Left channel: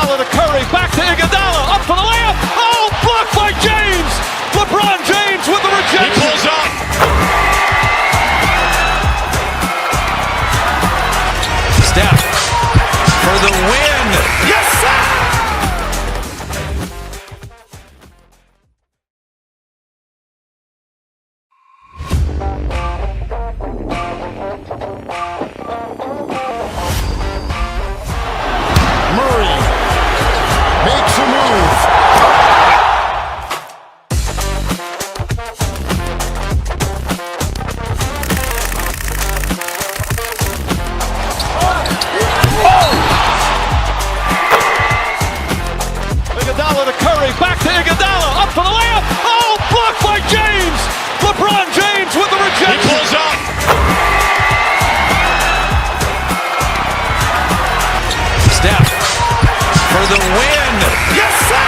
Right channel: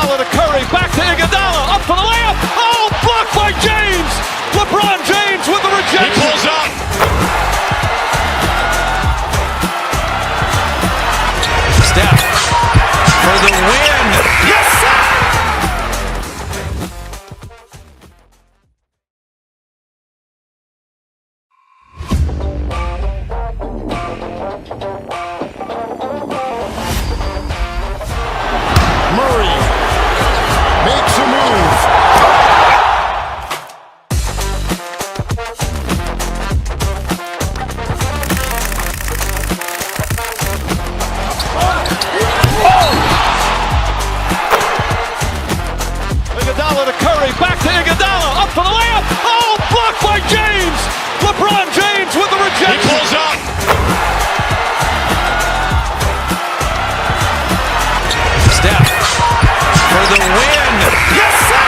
Iguodala to Curry, back to Iguodala, up for the layup. Oh, blocked by James. LeBron James with the rejection. He pulls up. Steph for the win. Yes, sir! Murray makes a move. Iguodala to Curry, back to Iguodala, up for the layup. Oh, blocked by James. LeBron James with the He rejection. pulls up. Steph for the win. Yes, sir!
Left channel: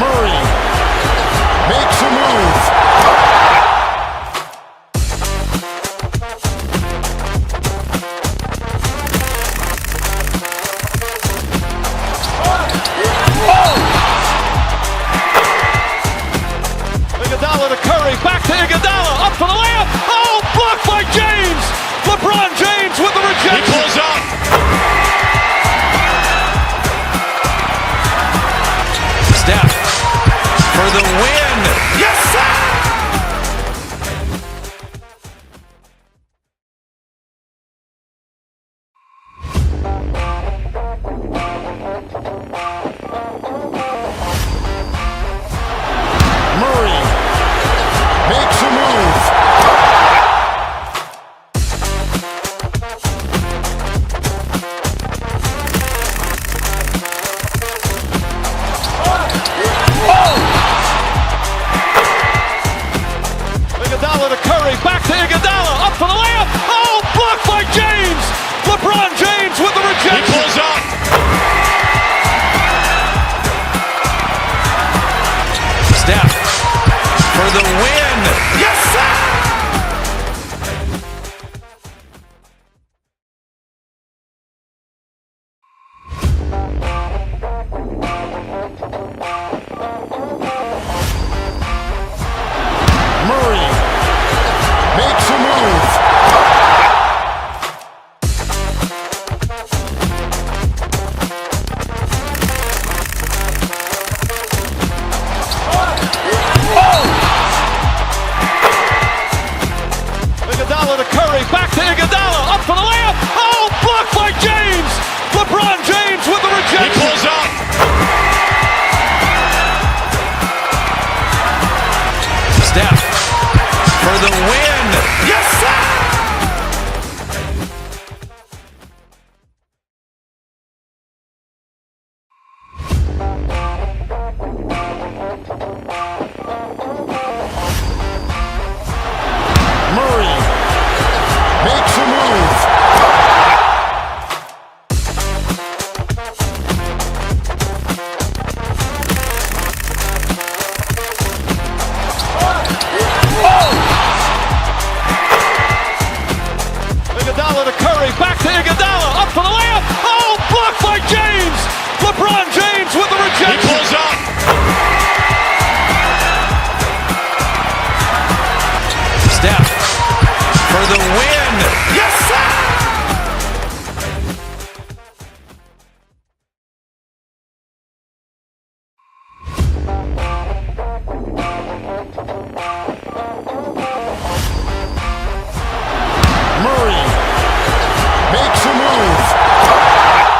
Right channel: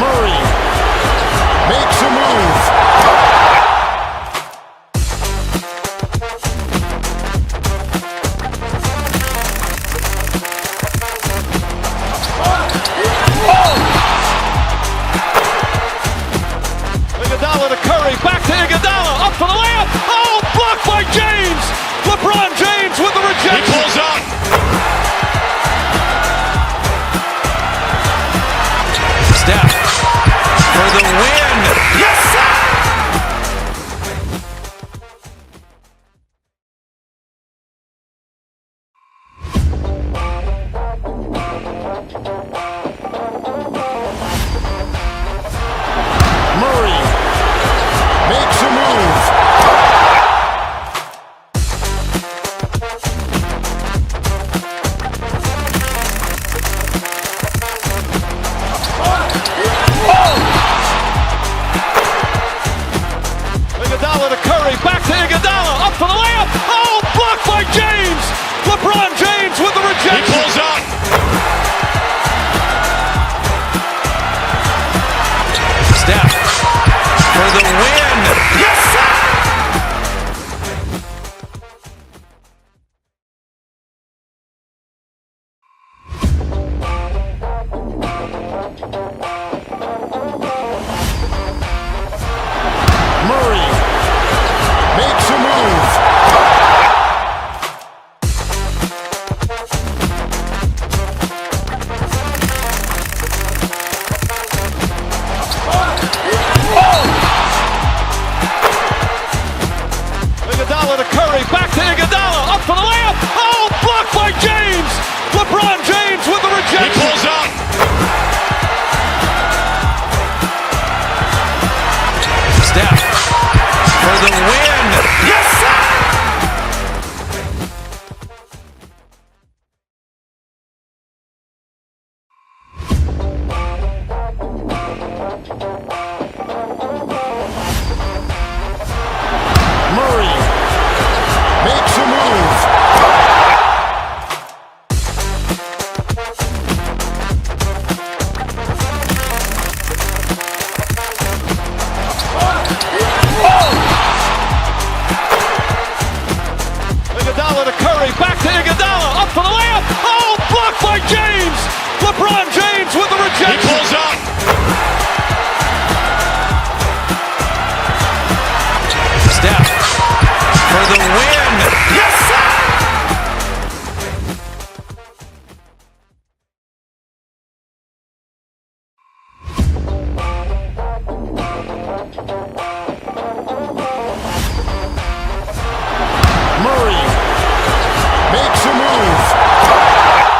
Murray makes a move. Iguodala to Curry, back to Iguodala, up for the layup. Oh, blocked by James. LeBron James with the He rejection. pulls up. Steph for the win. Yes, sir! Murray makes a move. Iguodala to Curry, back to Iguodala, up for the layup. Oh, blocked by James. LeBron James with the He rejection. pulls up. Steph for the win. Yes, sir! Murray makes a move. Iguodala to Curry, back to Iguodala, up for the layup. Oh, blocked by James. LeBron James with the He rejection. pulls up. Steph for the win. Yes, sir! Murray makes a move. Iguodala to Curry, back to Iguodala, up for the layup. Oh, blocked by James. LeBron James with the He rejection. pulls up. Steph for the win. Yes, sir! Murray makes a move.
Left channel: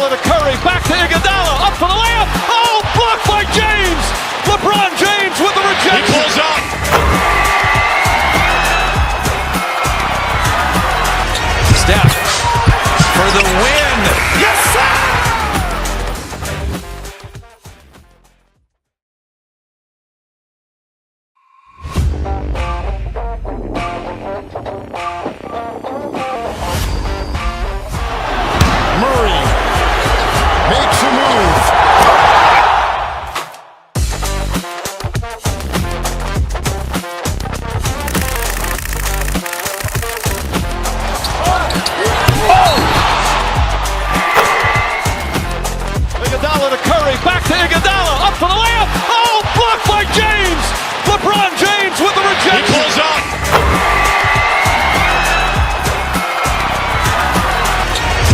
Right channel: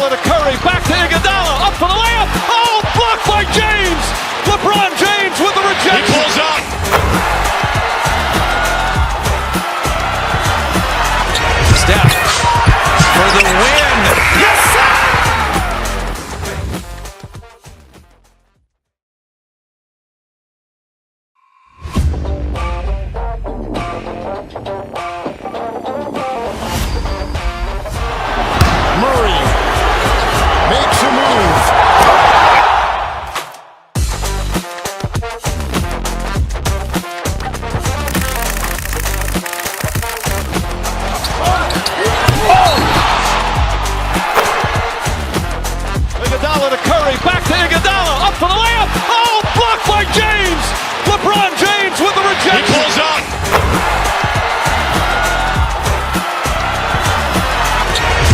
Iguodala to Curry, back to Iguodala, up for the layup. Oh, blocked by James. LeBron James with the rejection. He pulls up. Steph for the win. Yes, sir! Murray makes a move. Iguodala to Curry, back to Iguodala, up for the layup. Oh, blocked by James. LeBron James with the He rejection. pulls up.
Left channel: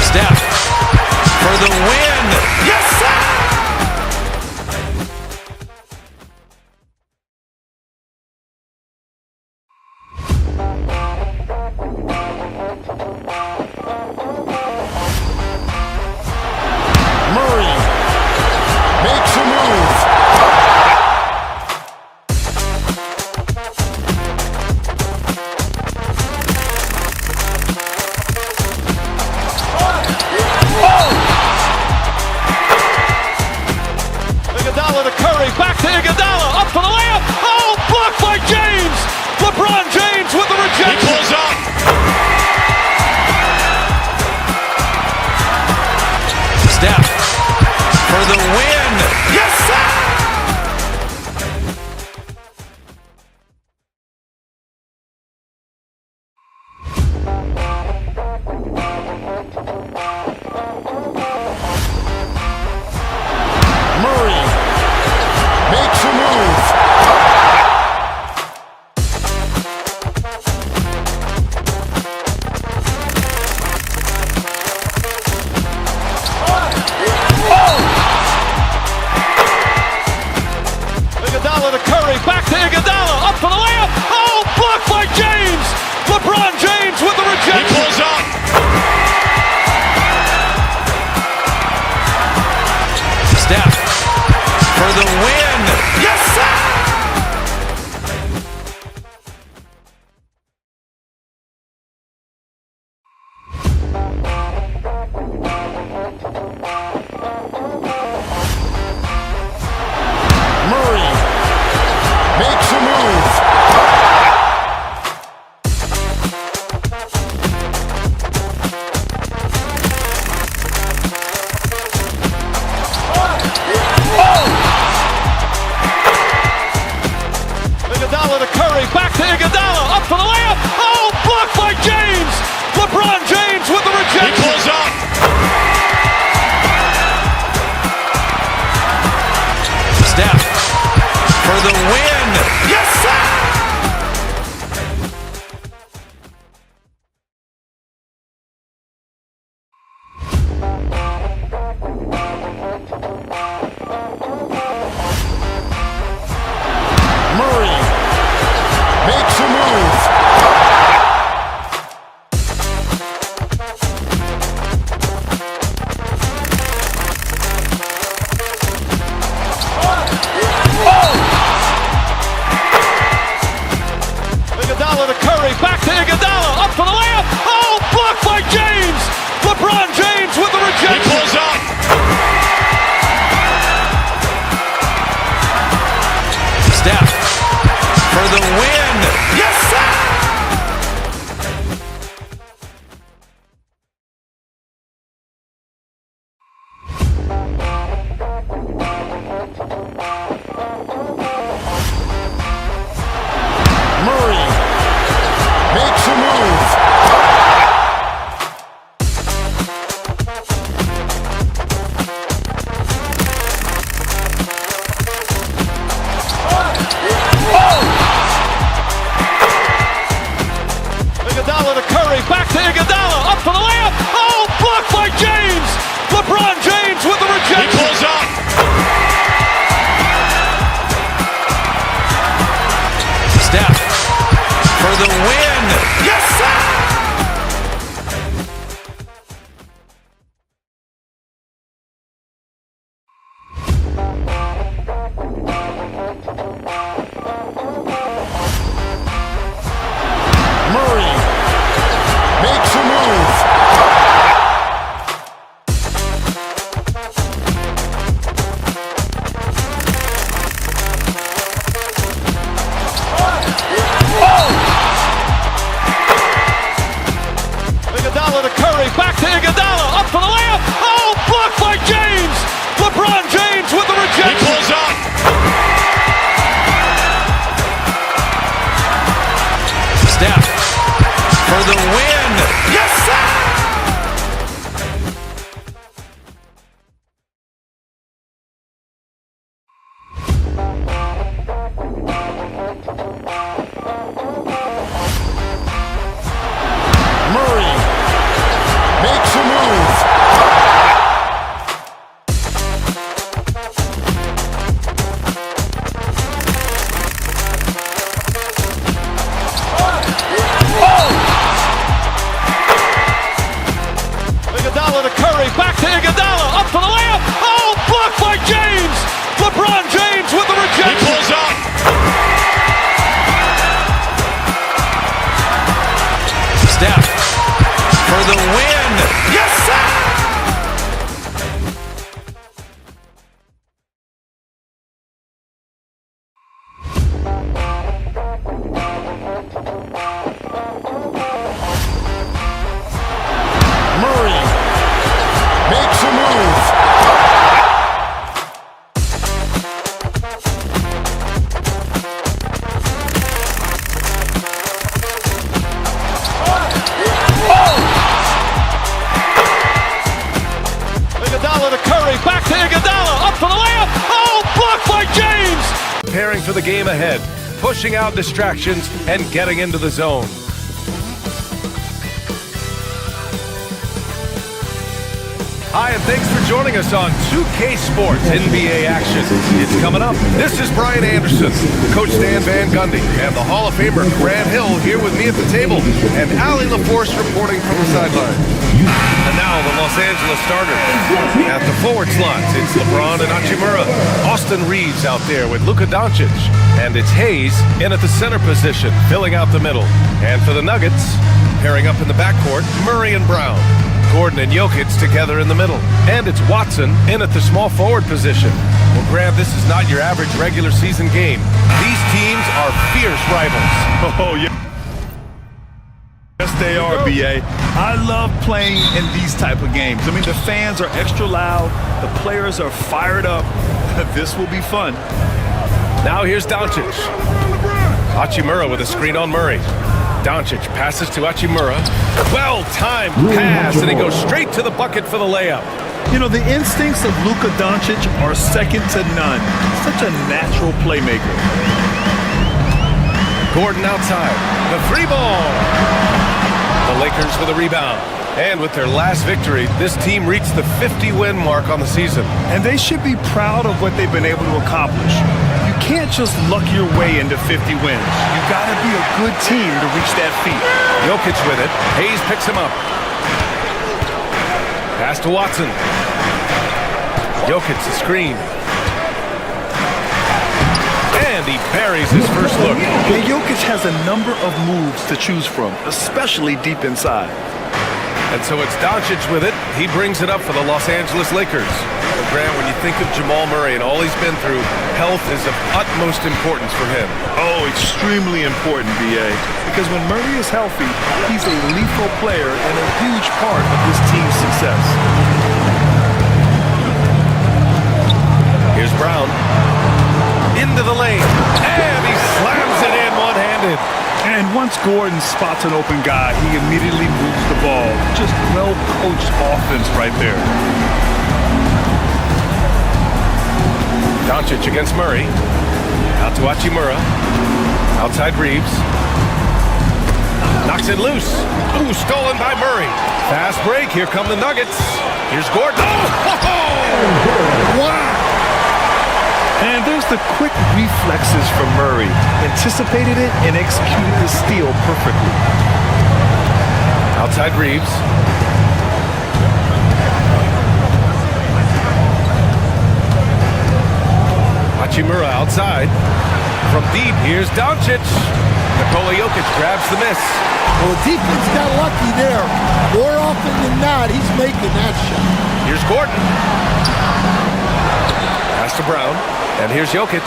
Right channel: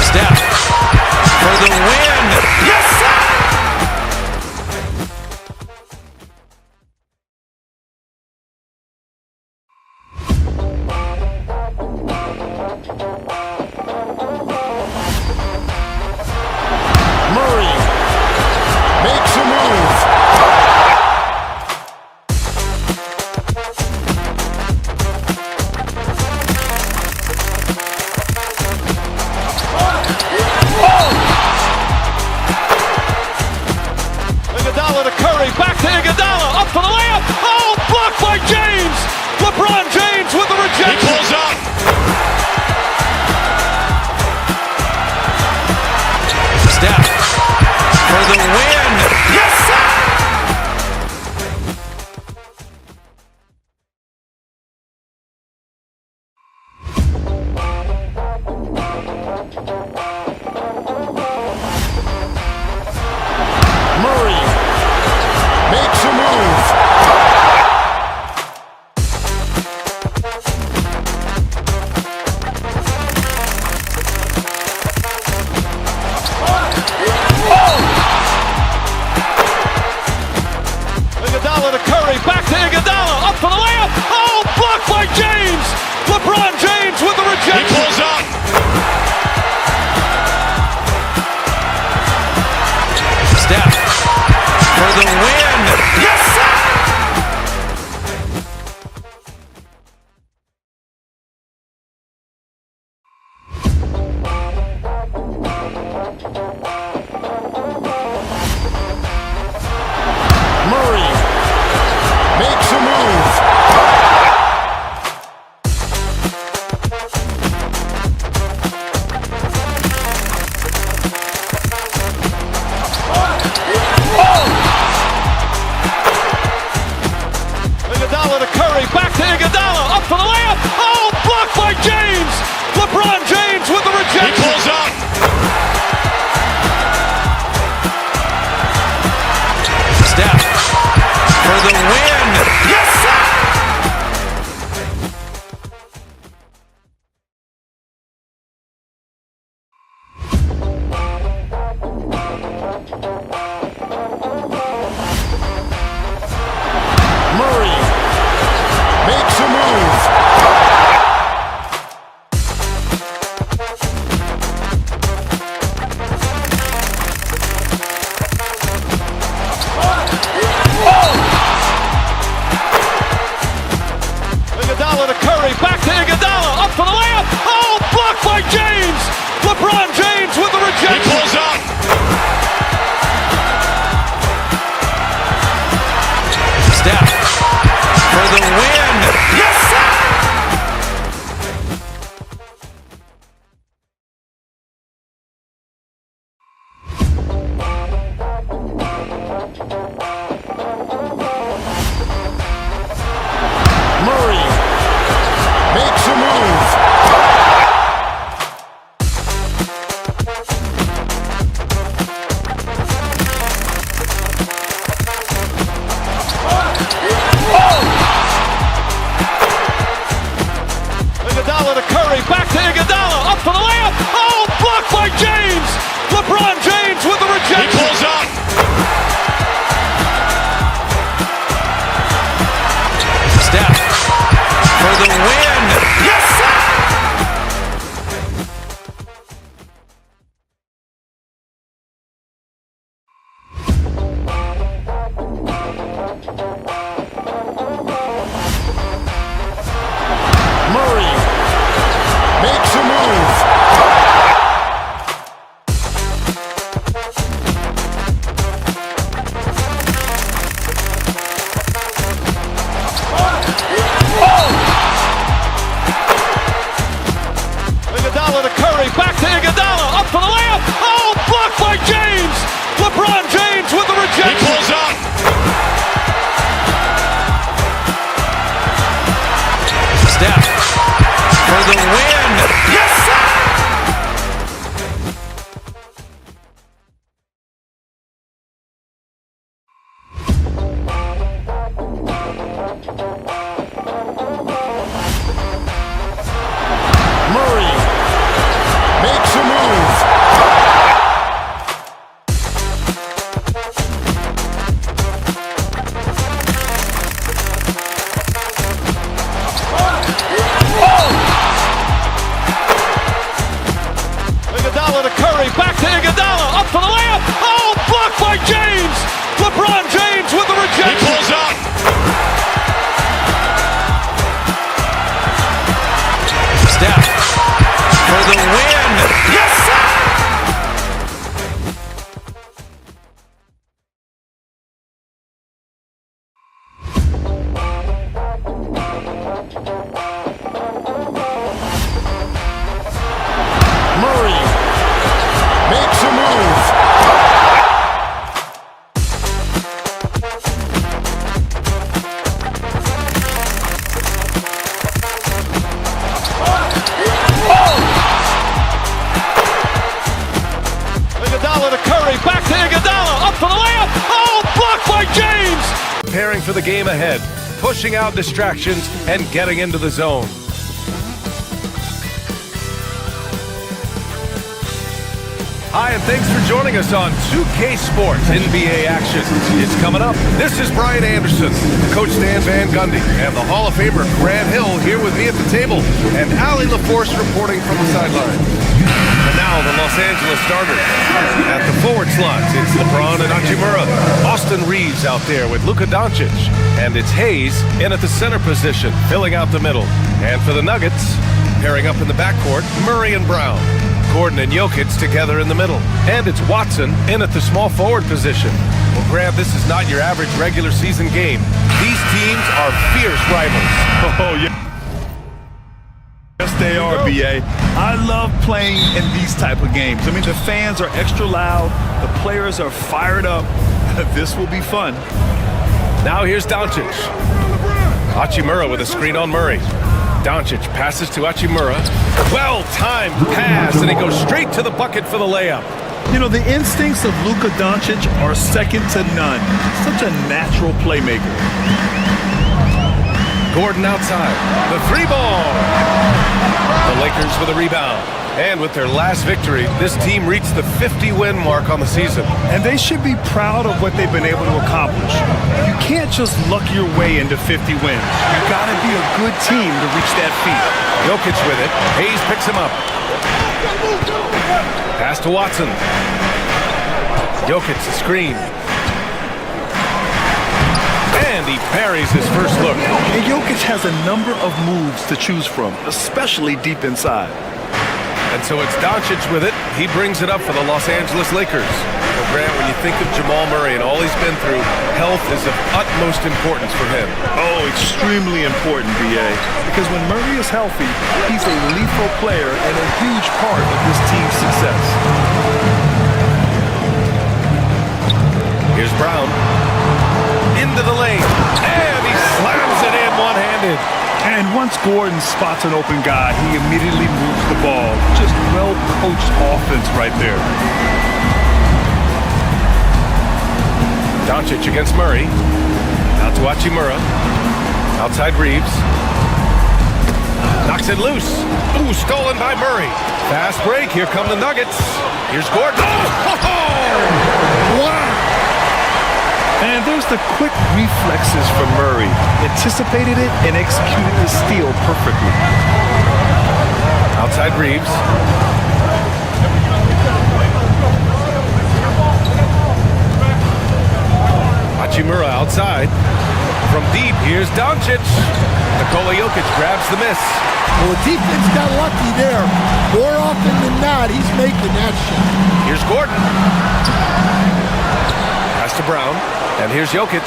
Steph for the win. Yes, sir! Murray makes a move. Iguodala to Curry, back to Iguodala, up for the layup. Oh, blocked by James. LeBron James with the He rejection. pulls up. Steph for the win. Yes, sir! Murray makes a move. Iguodala to Curry, back to Iguodala, up for the layup. Oh, blocked by James. LeBron James with the He rejection. pulls up. Steph for the win. Yes, sir! Murray makes a move. Iguodala to Curry, back to Iguodala, up for the layup. Oh, blocked by James. LeBron James with the He rejection. pulls up. Steph for the win. Yes, sir! Murray makes a move. Iguodala to Curry, back to Iguodala, up for the layup. Oh, blocked by James. LeBron James with the He rejection. pulls up. Steph for the win. Yes, sir! Murray makes a move. Iguodala to Curry, back to Iguodala, up for the layup. Oh, blocked by James. LeBron James with the He rejection. pulls up. Steph for the win. Yes, sir! for the layup. Oh, blocked by James. LeBron James with the rejection. He pulls up. Steph for the win. Yes, sir! Murray makes a move. Iguodala to Curry, back to Iguodala, up for the layup. Oh, blocked by James. LeBron James with the He rejection. pulls up. Steph for the win. Yes, sir! Murray makes a move. Iguodala to Curry, back to Iguodala, up for the layup. Oh, blocked by James. Preparing for the game ahead, pushing out distractions and getting into the zone. Hi, and thanks for joining us on 2K Sports NBA action. It's coming up. This is Brian Anderson, Coach Stan Van Gundy, and the Hall of Famer Grant Hill here with me at the table, and Allie LaForce reporting from the sideline. And now the Los Angeles starters. At the forward slots, it's LeBron and Hachimura. Austin Reeves out there with Luka Doncic. And it's Hayes in at the center position, filling out the middle. And for the Nuggets, pairing up in the backcourt, Murray and Brown. Gordon and Jokic together in the middle. And it's Watson in at the small forward position. Well, Grant, this is not your average regular season game. These teams are fierce rivals. Oh, yeah. Yes, they are, B.A. I love playing in these type of games. I mean, the fans are extra loud. The players are fired up. This will be fun. Now here's Doncic. Hachimura with a screen on Murray. Doncic passes to Hachimura. Well-timed pass, and he goes straight to the bucket for the layup. You know, the instincts of Luka Doncic are second to none. Such a natural playmaker. Gordon outside. The three ball. The Lakers with a rebound. And with their last victory, this team reached the 50-win mark on the season. And they should be proud of what they've been able to accomplish. You can't just luck your way into 50 wins. You got to be a good team to reach that feat. Jokic with it. Hayes picks him up. Pass to Watson. Jokic, the screen. And he buries his first look. And Jokic has a number of moves to choose from, especially deep inside. And so it's Doncic with it. He brings it up for the Los Angeles Lakers. Well, Grant, when you think of Jamal Murray and all he's been through, health is of utmost importance for him. Oh, extremely important, B.A. Because when Murray is healthy, he's a lethal player and a huge part of this team's success. Here's Brown. Into the lane. And he slams it in one-handed. And once Gordon spots an open guy, he immediately moves the ball. Just well-coached offense right there. Doncic against Murray. Out to Hachimura. Outside Reeves. Knocks it loose. Ooh, stolen by Murray. Fast break. Here come the Nuggets. Here's Gordon. Oh! Wow! And there's the quick reflexes from Murray. Anticipated it and executed the steal perfectly. Outside Reeves. Hachimura outside. From deep, here's Doncic. Nikola Jokic grabs the miss. Well, the defense got lucky there. More often than not, he's making that shot. Here's Gordon. Pass to Brown. And here's Jokic.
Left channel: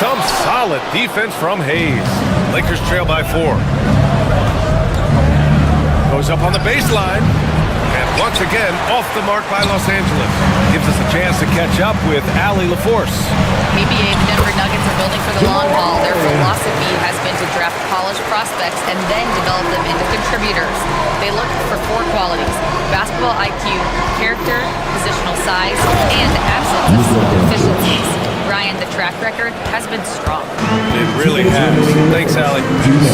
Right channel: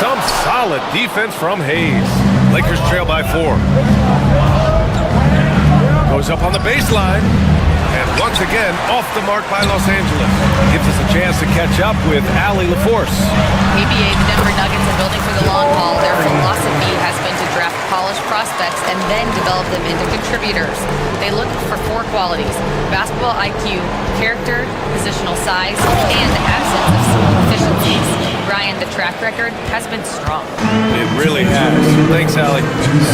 Some Solid defense from Hayes. Lakers trail by 4. Goes up on the baseline. And once again, off the mark by Los Angeles. Gives us a chance to catch up with Allie LaForce. ABA, the Denver Nuggets are building for the long haul. Their philosophy has been to draft polished prospects and then develop them into contributors. They look for 4 qualities: basketball IQ, character, positional size, and absence of small deficiencies. Brian, the track record has been strong. It really has. Thanks, Allie.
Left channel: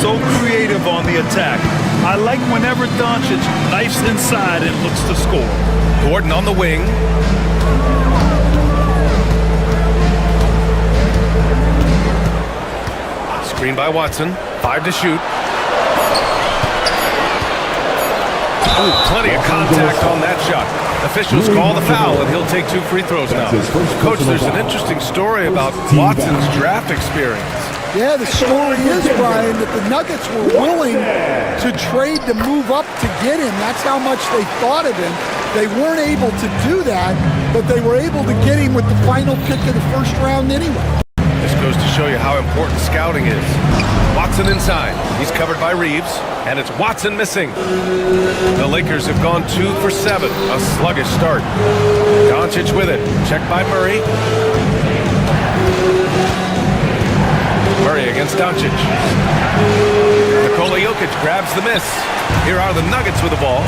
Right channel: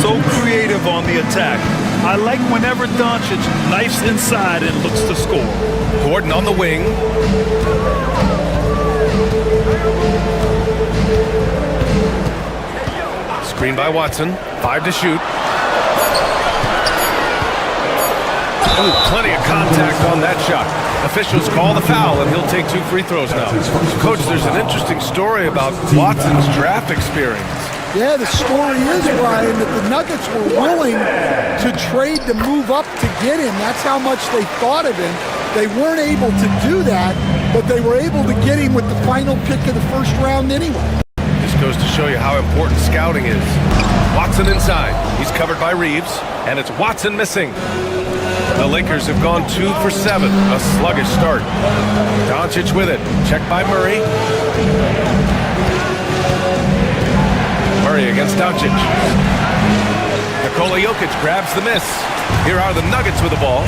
So creative on the attack. I like whenever Doncic knifes inside and looks to score. Gordon on the wing. Screen by Watson. 5 to shoot. Ooh, plenty of contact on that shot. Officials call the foul, and he'll take 2 free throws now. Coach, there's an interesting story about Watson's draft experience. Yeah, the story is, Brian, that the Nuggets were willing to trade to move up to get him. That's how much they thought of him. They weren't able to do that, but they were able to get him with the final pick of the first round anyway. This goes to show you how important scouting is. Watson inside. He's covered by Reeves, and it's Watson missing. The Lakers have gone 2 for 7. A sluggish start. Doncic with it. Checked by Murray. Murray against Doncic. Nikola Jokic grabs the miss. Here are the Nuggets with the ball.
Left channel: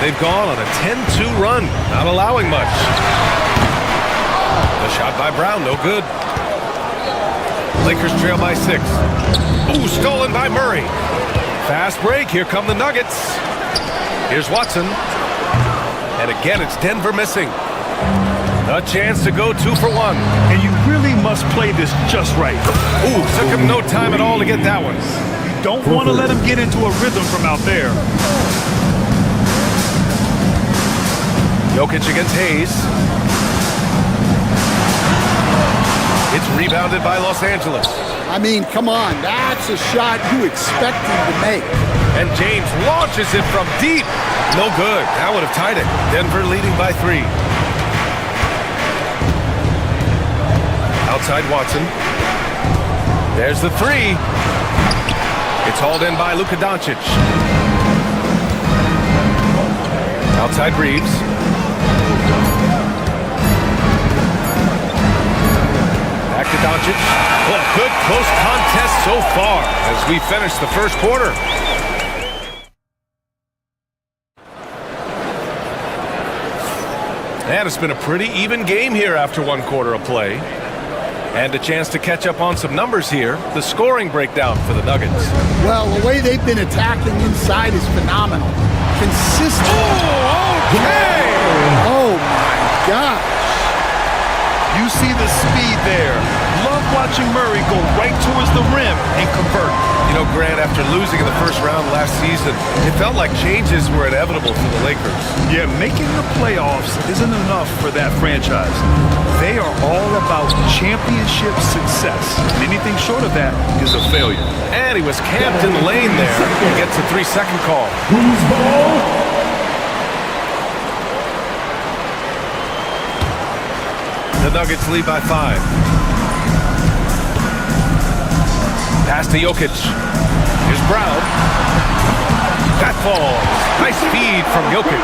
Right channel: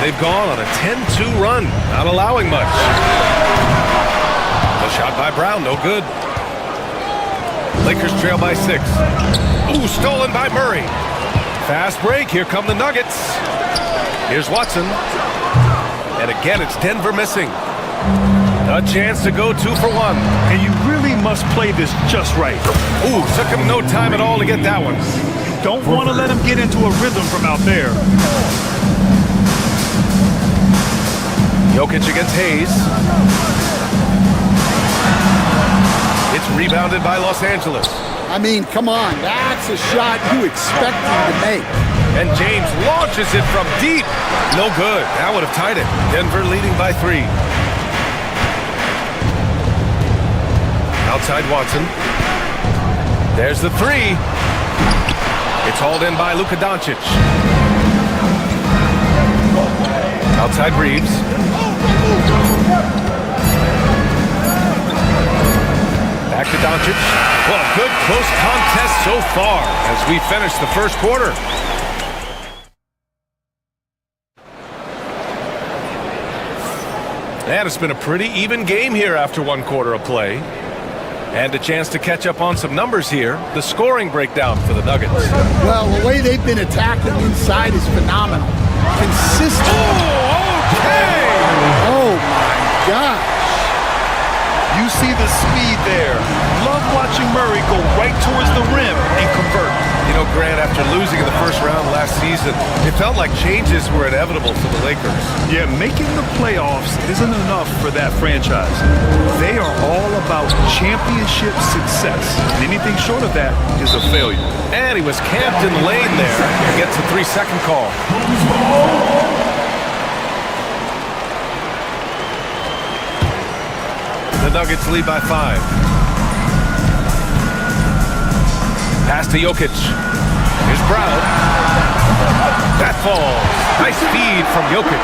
They've gone on a 10-2 run, not allowing much. The shot by Brown, no good. Lakers trail by 6. Ooh, stolen by Murray. Fast break, here come the Nuggets. Here's Watson. And again, it's Denver missing. A chance to go 2 for 1. And you really must play this just right. Ooh, took him no time at all to get that one. You don't want to let him get into a rhythm from out there. Jokic against Hayes. It's rebounded by Los Angeles. I mean, come on, that's a shot you expect him to make. And James launches it from deep. No good. That would have tied it. Denver leading by 3. Outside Watson. There's the 3. It's hauled in by Luka Doncic. Outside Reeves. Back to Doncic. Well, a good close contest so far as we finish the first quarter. And it's been a pretty even game here after 1 quarter of play. And a chance to catch up on some numbers here. The scoring breakdown for the Nuggets. Well, the way they've been attacking inside is phenomenal. Consistent. Oh, okay! Oh, my gosh. You see the speed there. Love watching Murray go right towards the rim and convert. You know, Grant, after losing in the first round last season, it felt like changes were inevitable for the Lakers. Yeah, making the playoffs isn't enough for that franchise. They are all about championship success. And anything short of that is a failure. And he was camped in the lane there. He gets a 3-second call. The Nuggets lead by 5. Pass to Jokic. Here's Brown. That falls. Nice feed from Jokic.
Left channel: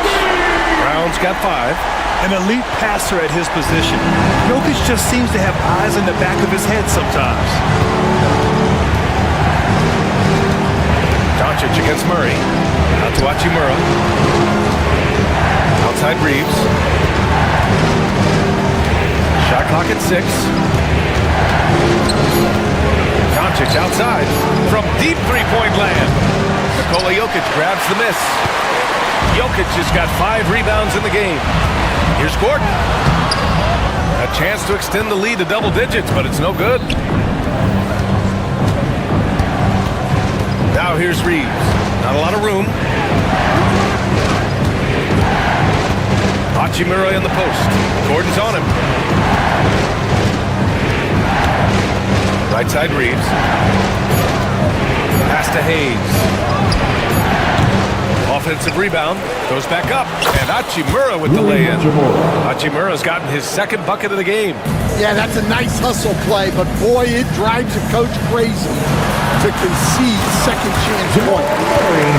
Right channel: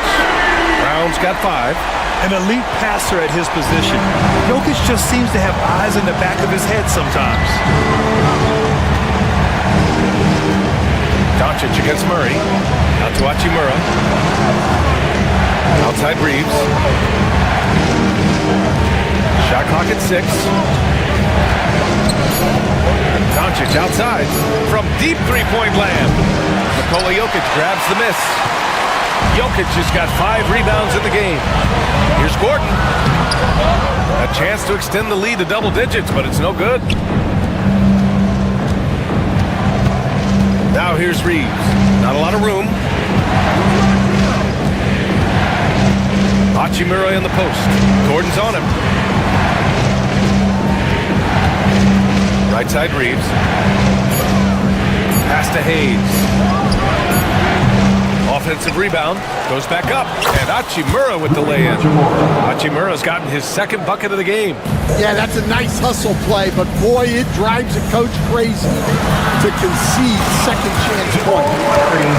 Brown's got 5. An elite passer at his position. Jokic just seems to have eyes in the back of his head sometimes. Doncic against Murray. Out to Hachimura. Outside Reeves. Shot clock at 6. Doncic outside from deep three-point land. Nikola Jokic grabs the miss. Jokic has got 5 rebounds in the game. Here's Gordon. A chance to extend the lead to double digits, but it's no good. Now here's Reeves. Not a lot of room. Hachimura in the post. Gordon's on him. Right side Reeves. Pass to Hayes. Offensive rebound, goes back up, and Hachimura with the lay-in. Hachimura's gotten his second bucket of the game. Yeah, that's a nice hustle play, but boy, it drives a coach crazy to concede second chance point.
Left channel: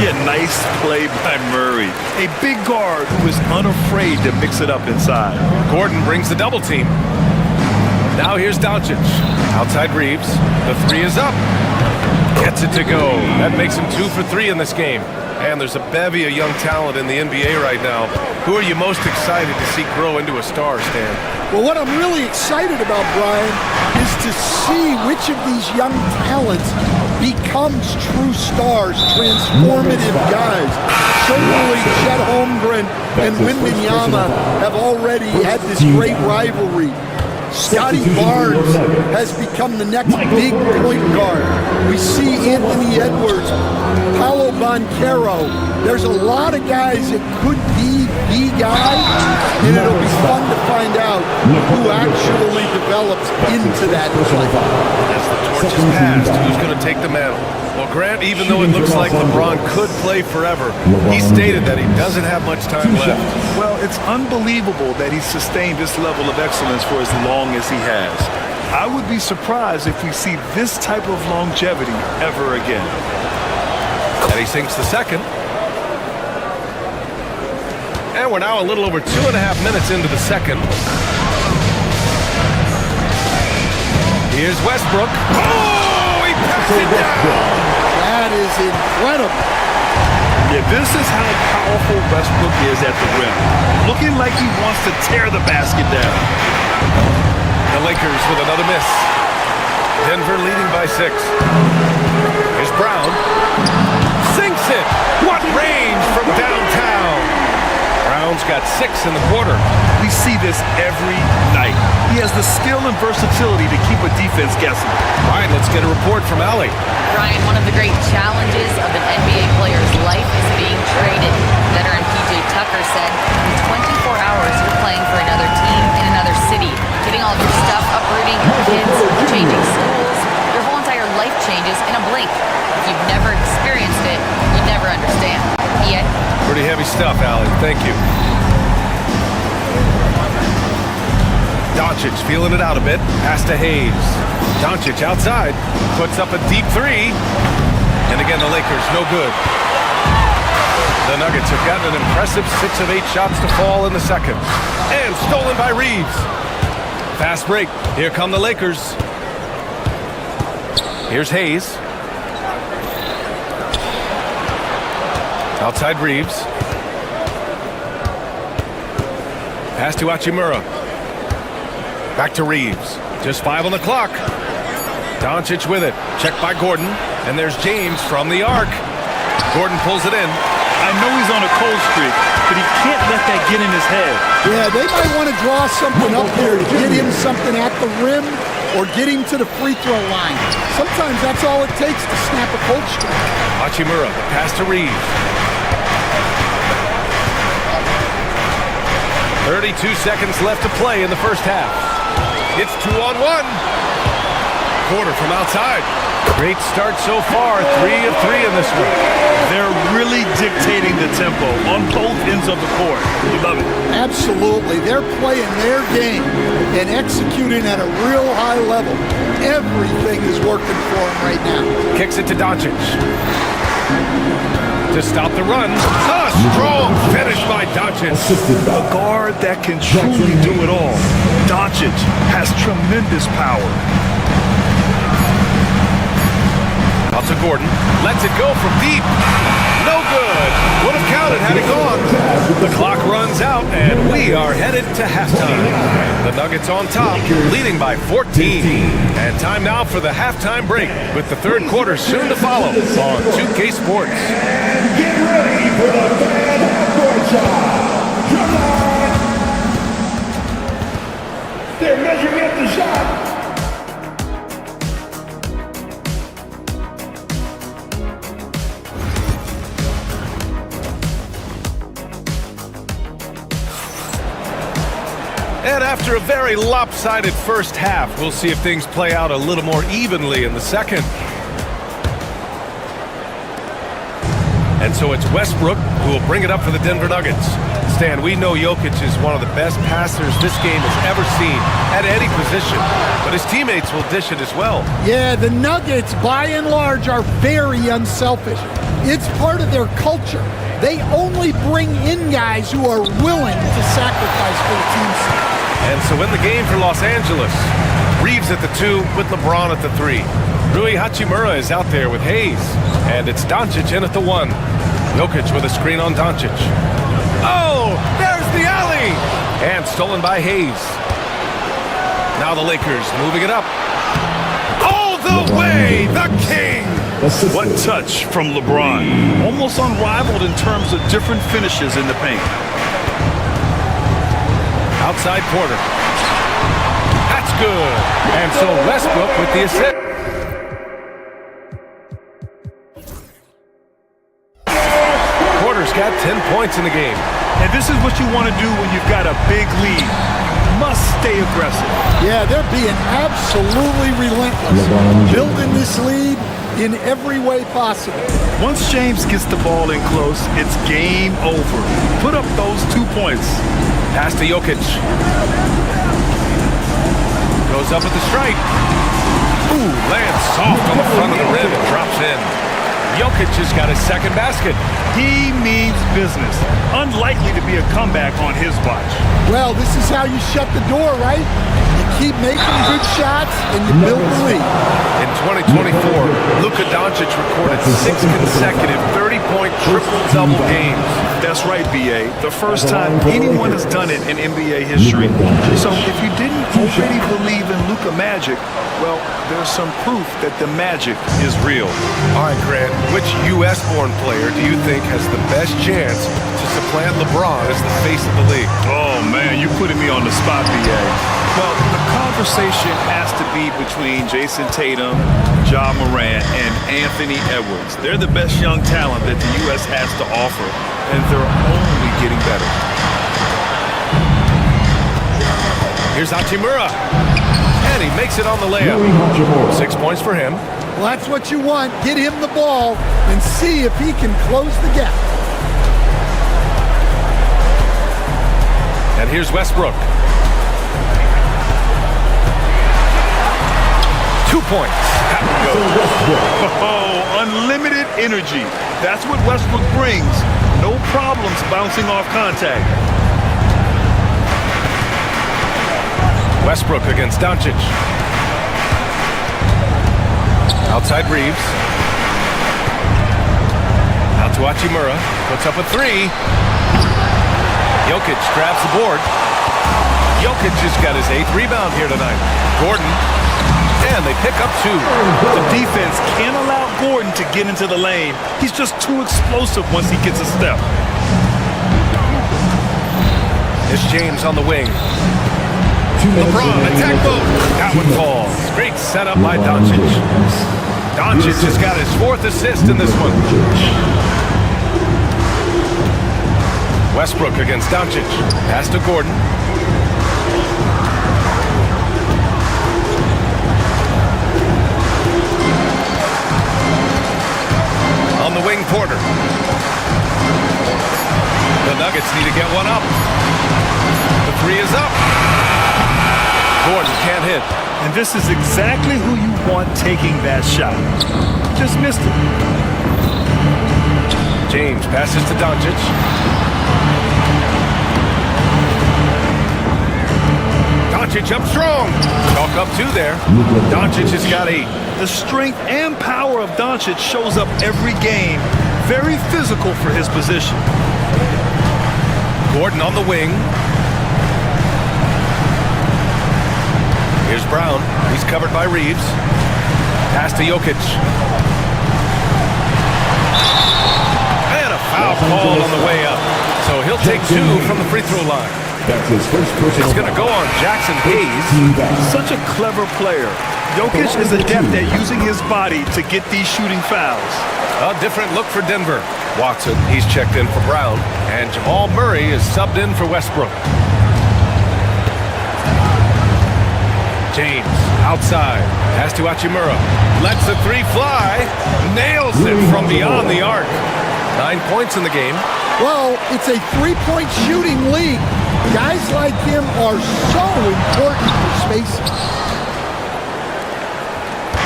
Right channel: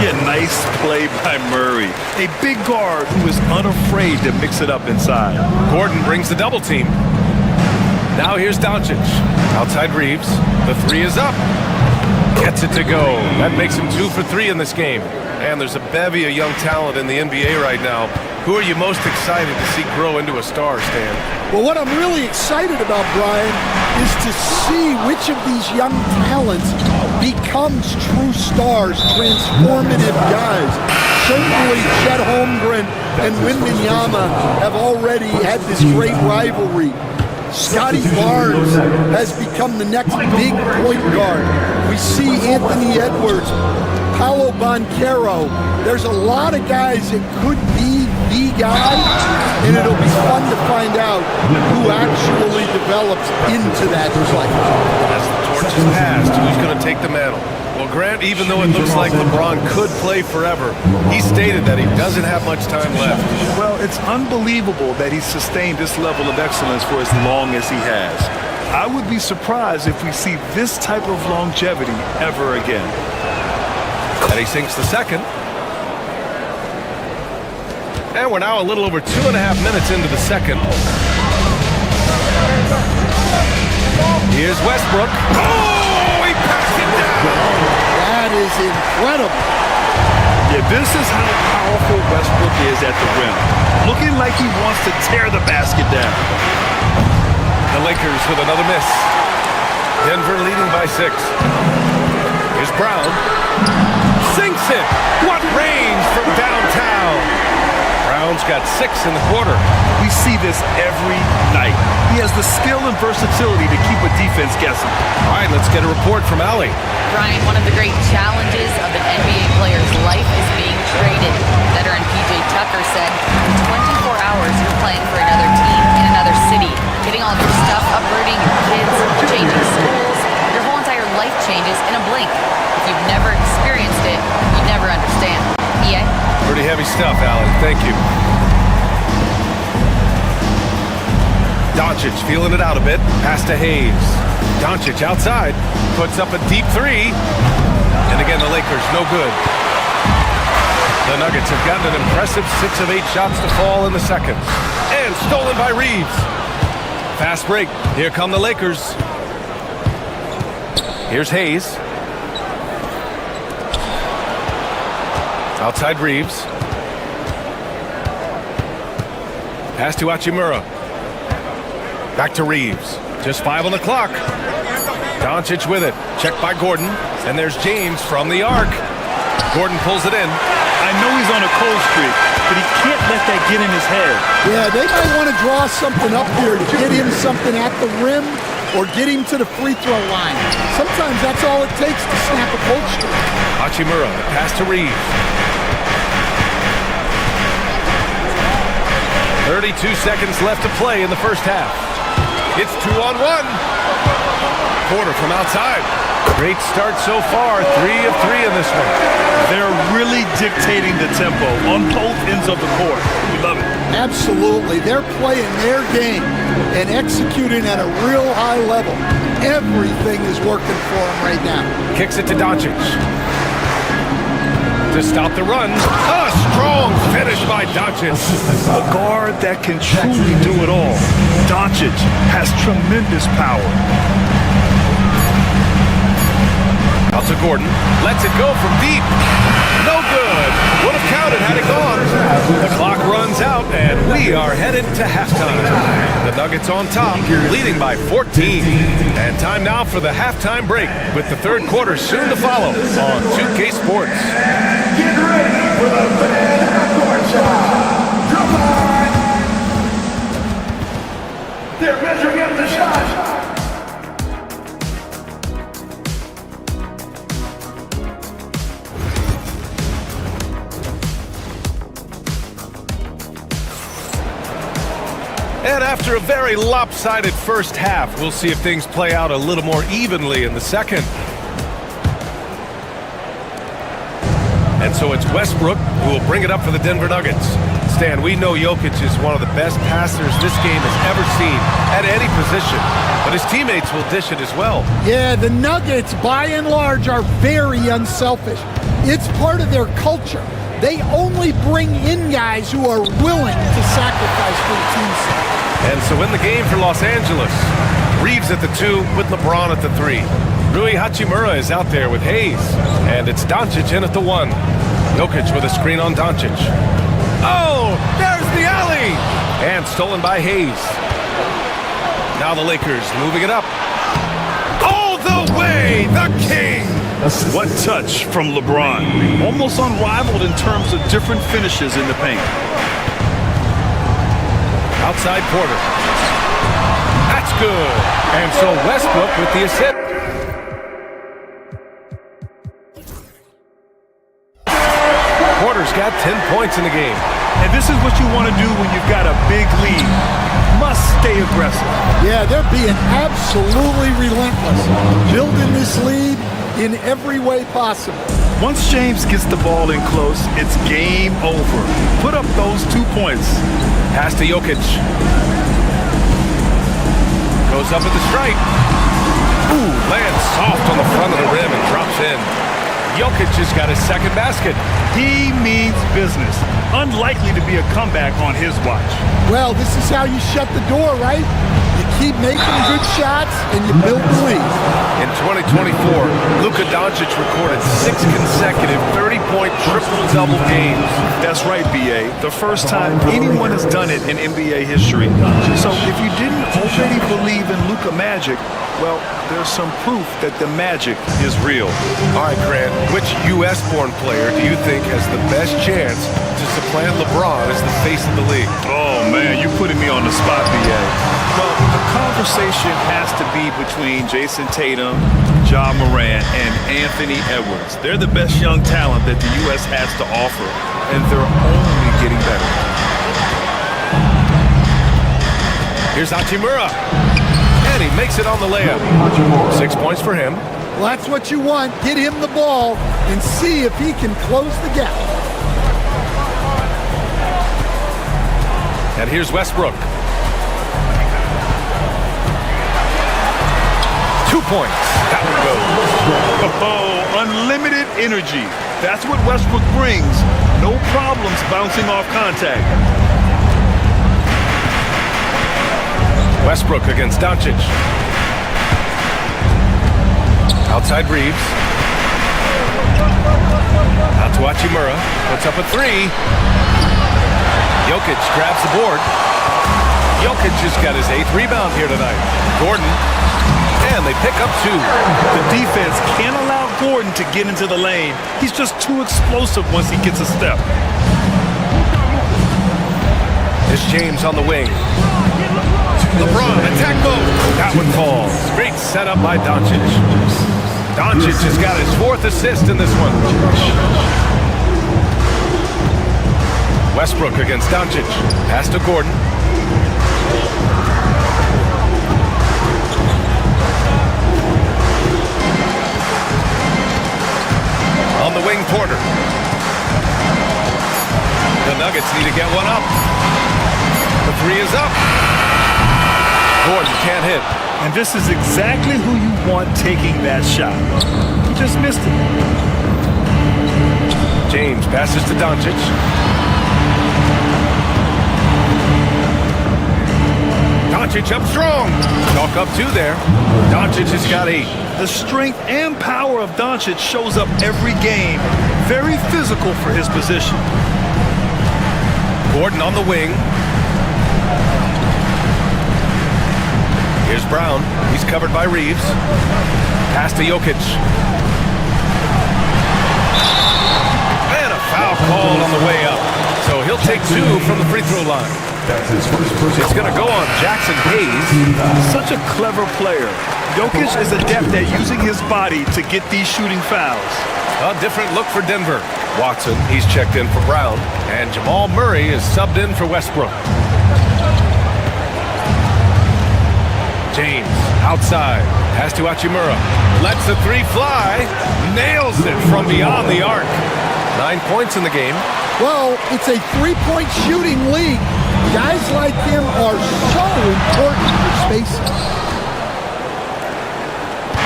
Yeah, nice play by Murray. A big guard who is unafraid to mix it up inside. Gordon brings the double team. Now here's Doncic. Outside Reeves. The three is up. Gets it to go. That makes him 2 for 3 in this game. And there's a bevy of young talent in the NBA right now. Who are you most excited to see grow into a star, Stan? Well, what I'm really excited about, Brian, is to see which of these young talents becomes true stars, transformative guys. Certainly Chet Holmgren and Wembanyama have already had this great rivalry. Scotty Barnes has become the next big point guard. We see Anthony Edwards, Paolo Banchero. There's a lot of guys that could be the guy, and it'll be fun to find out who actually develops into that play. As the torch is passed, who's going to take the mantle? Well, Grant, even though it looks like LeBron could play forever, he stated that he doesn't have much time left. Well, it's unbelievable that he's sustained this level of excellence for as long as he has. I would be surprised if we see this type of longevity ever again. And he sinks the second. And we're now a little over 2.5 minutes into the second. Here's Westbrook. Oh, he passed it down. That is incredible. Yeah, this is how powerful Westbrook is at the rim. Looking like he wants to tear the basket down. The Lakers with another miss. Denver leading by 6. Here's Brown. Sinks it. What range from downtown. Brown's got 6 in the quarter. We see this every night. He has the skill and versatility to keep a defense guessing. All right, let's get a report from Allie. Brian, one of the great challenges of an NBA player's life is being traded. Veteran PJ Tucker said, in 24 hours, you're playing for another team in another city, getting all of your stuff, uprooting your kids, changing schools. Your whole entire life changes in a blink. If you've never experienced it, you'd never understand. EA? Pretty heavy stuff, Allie. Thank you. Doncic feeling it out a bit. Pass to Hayes. Doncic outside. Puts up a deep 3. And again, the Lakers, no good. The Nuggets have gotten an impressive 6 of 8 shots to fall in the second. And stolen by Reeves. Fast break. Here come the Lakers. Here's Hayes. Outside Reeves. Pass to Hachimura. Back to Reeves. Just 5 on the clock. Doncic with it. Checked by Gordon. And there's James from the arc. Gordon pulls it in. I know he's on a cold streak, but he can't let that get in his head. Yeah, they might want to draw something up here to get him something at the rim or get him to the free throw line. Sometimes that's all it takes to snap a cold streak. Hachimura, the pass to Reeves. 32 seconds left to play in the first half. It's 2-on-1. Quarter from outside. Great start so far. 3 of 3 in this one. They're really dictating the tempo on both ends of the court. You love it. Absolutely. They're playing their game and executing at a real high level. Everything is working for them right now. Kicks it to Doncic. To stop the run. A strong finish by Doncic. A guard that can truly do it all. Doncic has tremendous power. Out to Gordon. Lets it go from deep. No good. Would have counted had it gone. The clock runs out, and we are headed to halftime. The Nuggets on top, leading by 14. And time now for the halftime break, with the third quarter soon to follow on 2K Sports. Get ready for the Van Court shot. Come on. They're measuring up the shot. And after a very lopsided first half, we'll see if things play out a little more evenly in the second. And so it's Westbrook who will bring it up for the Denver Nuggets. Stan, we know Jokic is one of the best passers this game has ever seen at any position, but his teammates will dish it as well. Yeah, the Nuggets, by and large, are very unselfish. It's part of their culture. They only bring in guys who are willing to sacrifice for the team's sake. And so in the game for Los Angeles, Reeves at the 2 with LeBron at the 3. Rui Hachimura is out there with Hayes. And it's Doncic in at the 1. Jokic with a screen on Doncic. Oh, there's the alley! And stolen by Hayes. Now the Lakers moving it up. All the way, the king! What touch from LeBron. Almost unrivaled in terms of different finishes in the paint. Outside Porter. That's good. And so Westbrook with the assist. Porter's got 10 points in the game. And this is what you want to do when you've got a big lead. Must stay aggressive. Yeah, they're being absolutely relentless. Building this lead in every way possible. Once James gets the ball in close, it's game over. Put up those 2 points. Pass to Jokic. Goes up at the stripe. Ooh, lands soft on the front of the rim and drops in. Jokic has got his second basket. He means business. Unlikely to be a comeback on his watch. Well, this is how you shut the door, right? You keep making good shots and you build the lead. In 2024, Luka Doncic recorded 6 consecutive 30-point triple-double games. That's right, B.A. The first time anyone has done it in NBA history. So if you didn't already believe in Luka magic, well, there's some proof that the magic is real. All right, Grant, which U.S.-born player do you think has the best chance to supplant LeBron as the face of the league? Oh, man, you're putting me on the spot, B.A. Well, the conversation has to be between Jason Tatum, Ja Morant, and Anthony Edwards. They're the best young talent that the U.S. has to offer, and they're only getting better. Here's Hachimura. And he makes it on the layup. 6 points for him. Well, that's what you want. Get him the ball and see if he can close the gap. And here's Westbrook. 2 points. That one goes. Oh, unlimited energy. That's what Westbrook brings. No problems bouncing off contact. Westbrook against Doncic. Outside Reeves. Out to Hachimura. Puts up a 3. Jokic grabs the board. Jokic has got his 8th rebound here tonight. Gordon. And they pick up 2. The defense can't allow Gordon to get into the lane. He's just too explosive once he gets a step. It's James on the wing. LeBron, attack mode. That one falls. Great setup by Doncic. Doncic has got his 4th assist in this one. Westbrook against Doncic. Pass to Gordon. On the wing, Porter. The Nuggets need to get one up. The 3 is up. Gordon can't hit. And this is exactly who you want taking that shot. He just missed it. James passes to Doncic. Doncic up strong. Chalk up 2 there. Doncic has got 8. The strength and power of Doncic shows up every game. Very physical for his position. Gordon on the wing. Here's Brown. He's covered by Reeves. Pass to Jokic. And a foul called on the way up. So he'll take 2 from the free throw line. That's his first personal. It's going to go on Jackson Hayes. Such a clever player. Jokic is adept at using his body to get these shooting fouls. A different look for Denver. Watson, he's checked in for Brown. And Jamal Murray is subbed in for Westbrook. James, outside. Pass to Hachimura. Lets the 3 fly. Nails it from beyond the arc. 9 points in the game. Well, it's a three-point shooting league. Guys like him are so important for spacing.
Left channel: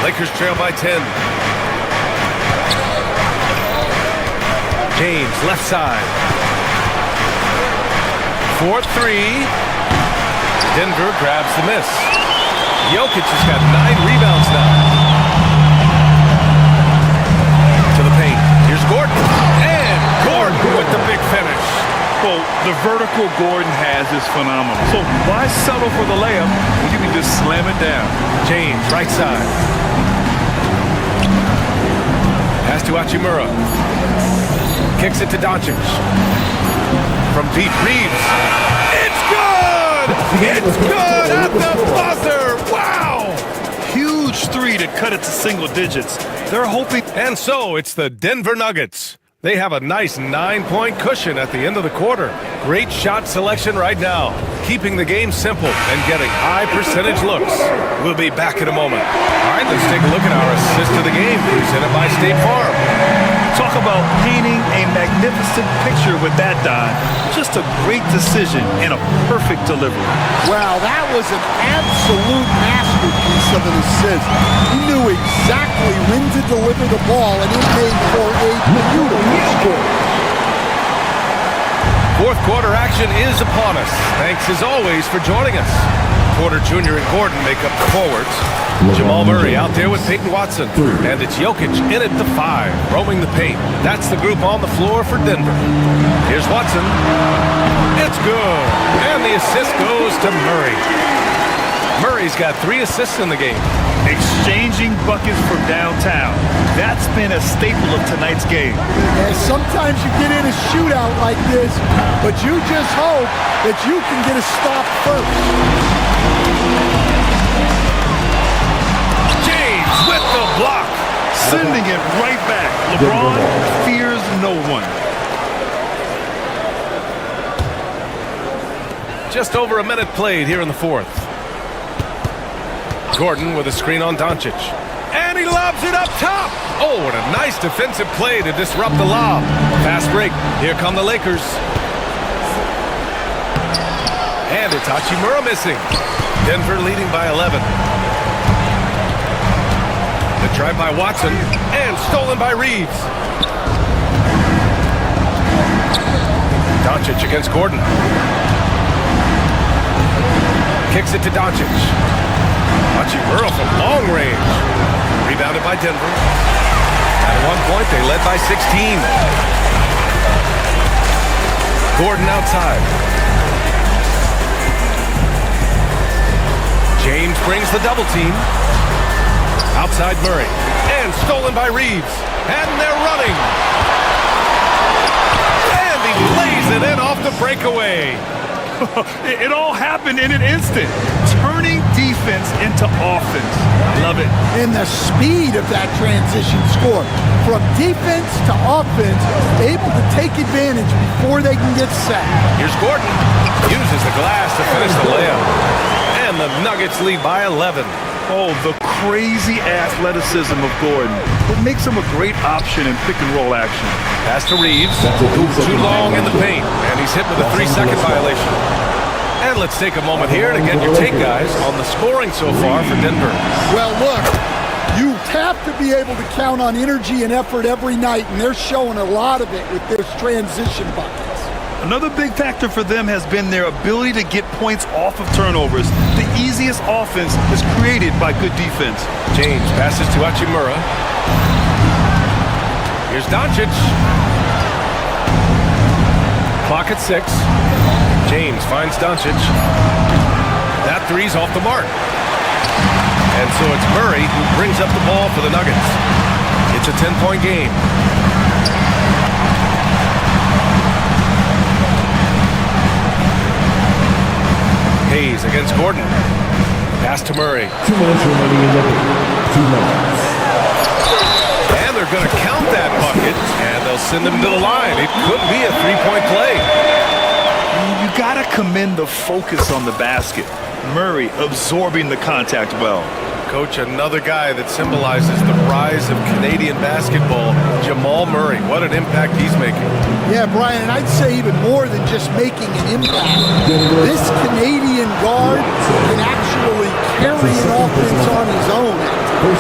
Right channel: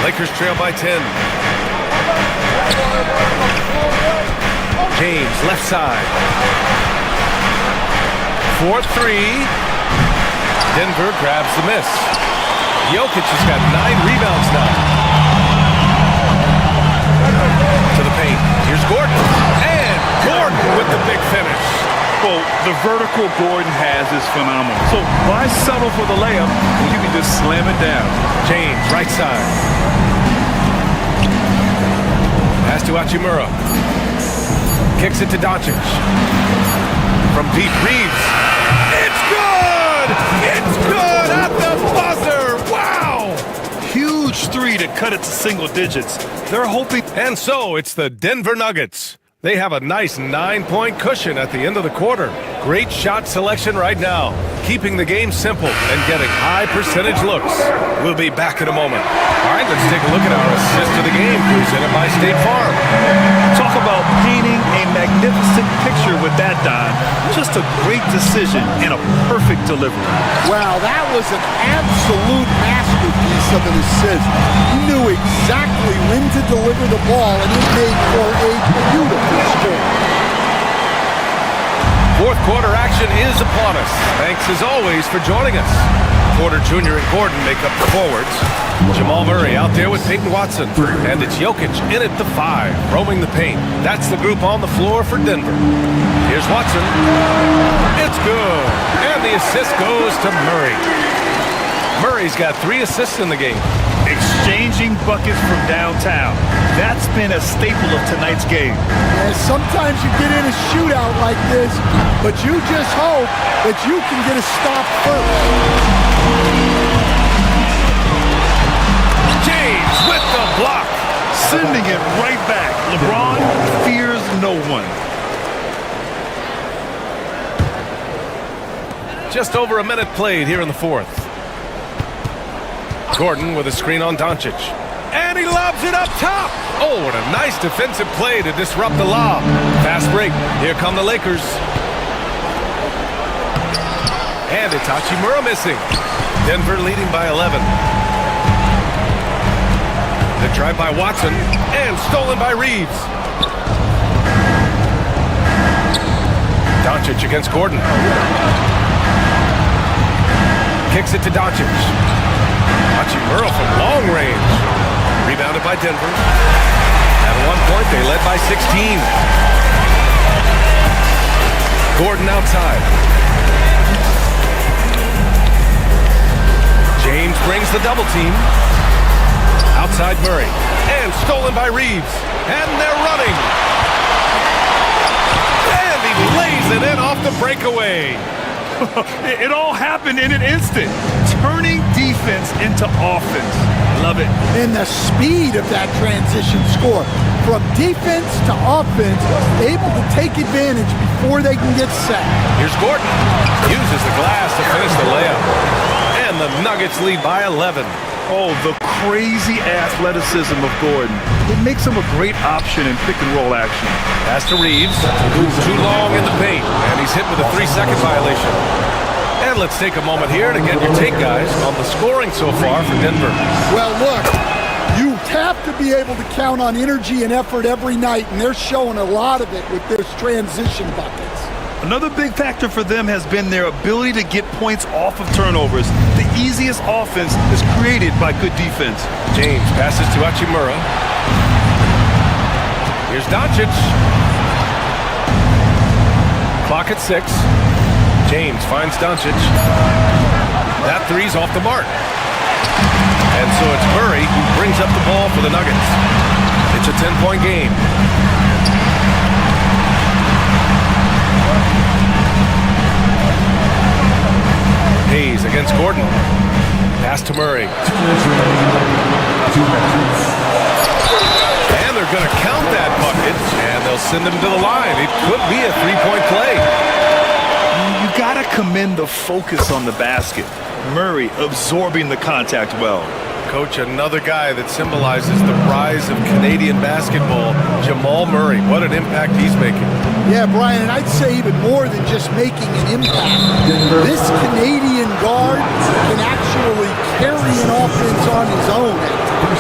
Lakers trail by 10. James, left side. 4-3. Denver grabs the miss. Jokic has got 9 rebounds now. To the paint. Here's Gordon. And Gordon with the big finish. Well, the vertical Gordon has is phenomenal. So why settle for the layup when you can just slam it down? James, right side. Pass to Hachimura. Kicks it to Doncic. From deep, Reeves. It's good! It's good at the buzzer! Wow! Huge three to cut it to single digits. They're hoping. And so it's the Denver Nuggets. They have a nice 9-point cushion at the end of the quarter. Great shot selection right now, keeping the game simple and getting high percentage looks. We'll be back in a moment. All right, let's take a look at our assist of the game, presented by State Farm. Talk about painting a magnificent picture with that, Don. Just a great decision and a perfect delivery. Wow, that was an absolute masterpiece of an assist. He knew exactly when to deliver the ball, and it made for a beautiful score. Fourth quarter action is upon us. Thanks as always for joining us. Porter Jr. and Gordon make up the forwards. Jamal Murray out there with Peyton Watson. And it's Jokic in at the 5, roaming the paint. That's the group on the floor for Denver. Here's Watson. It's good. And the assist goes to Murray. Murray's got 3 assists in the game. Exchanging buckets from downtown. That's been a staple of tonight's game. And sometimes you get in a shootout like this, but you just hope that you can get a stop first. James with the block. Sending it right back. LeBron fears no one. Just over a minute played here in the fourth. Gordon with a screen on Doncic. And he lobs it up top. Oh, what a nice defensive play to disrupt the lob. Fast break. Here come the Lakers. And it's Hachimura missing. Denver leading by 11. The drive by Watson. And stolen by Reeves. Doncic against Gordon. Kicks it to Doncic. Hachimura from long range. Rebounded by Denver. At one point, they led by 16. Gordon outside. James brings the double team. Outside Murray. And stolen by Reeves. And they're running. And he lays it in off the breakaway. It all happened in an instant. Turning defense into offense. Love it. And the speed of that transition score. From defense to offense, able to take advantage before they can get set. Here's Gordon. Uses the glass to finish the layup. And the Nuggets lead by 11. Oh, the crazy athleticism of Gordon. It makes him a great option in pick-and-roll action. Pass to Reeves. Too long in the paint. And he's hit with a 3-second violation. And let's take a moment here to get your take, guys, on the scoring so far for Denver. Well, look, you have to be able to count on energy and effort every night, and they're showing a lot of it with their transition buckets. Another big factor for them has been their ability to get points off of turnovers. The easiest offense is created by good defense. James passes to Hachimura. Here's Doncic. Clock at 6. James finds Doncic. That three's off the mark. And so it's Murray who brings up the ball for the Nuggets. It's a 10-point game. Hayes against Gordon. Pass to Murray. 2 minutes remaining in the 2 minutes. And they're going to count that bucket, and they'll send him to the line. It could be a 3-point play. You got to commend the focus on the basket. Murray absorbing the contact well. Coach, another guy that symbolizes the rise of Canadian basketball, Jamal Murray. What an impact he's making. Yeah, Brian, and I'd say even more than just making an impact. This Canadian guard can actually carry an offense on his own at times.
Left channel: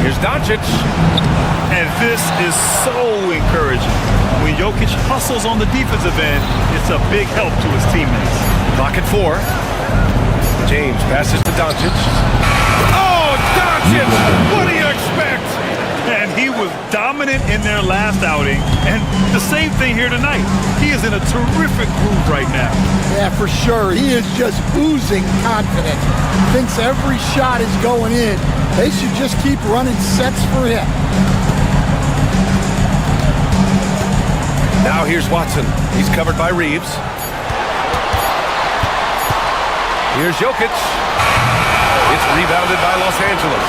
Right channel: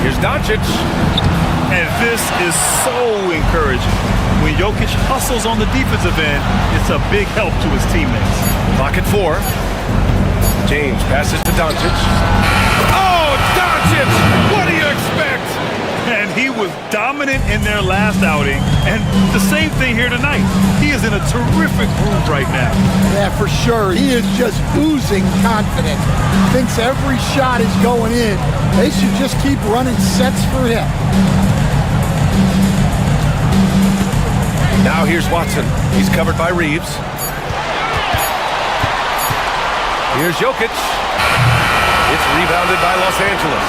Here's Doncic. And this is so encouraging. When Jokic hustles on the defensive end, it's a big help to his teammates. Clock at 4. James passes to Doncic. Oh, Doncic! What do you expect? And he was dominant in their last outing, and the same thing here tonight. He is in a terrific groove right now. Yeah, for sure. He is just oozing confidence. Thinks every shot is going in. They should just keep running sets for him. Now here's Watson. He's covered by Reeves. Here's Jokic. It's rebounded by Los Angeles.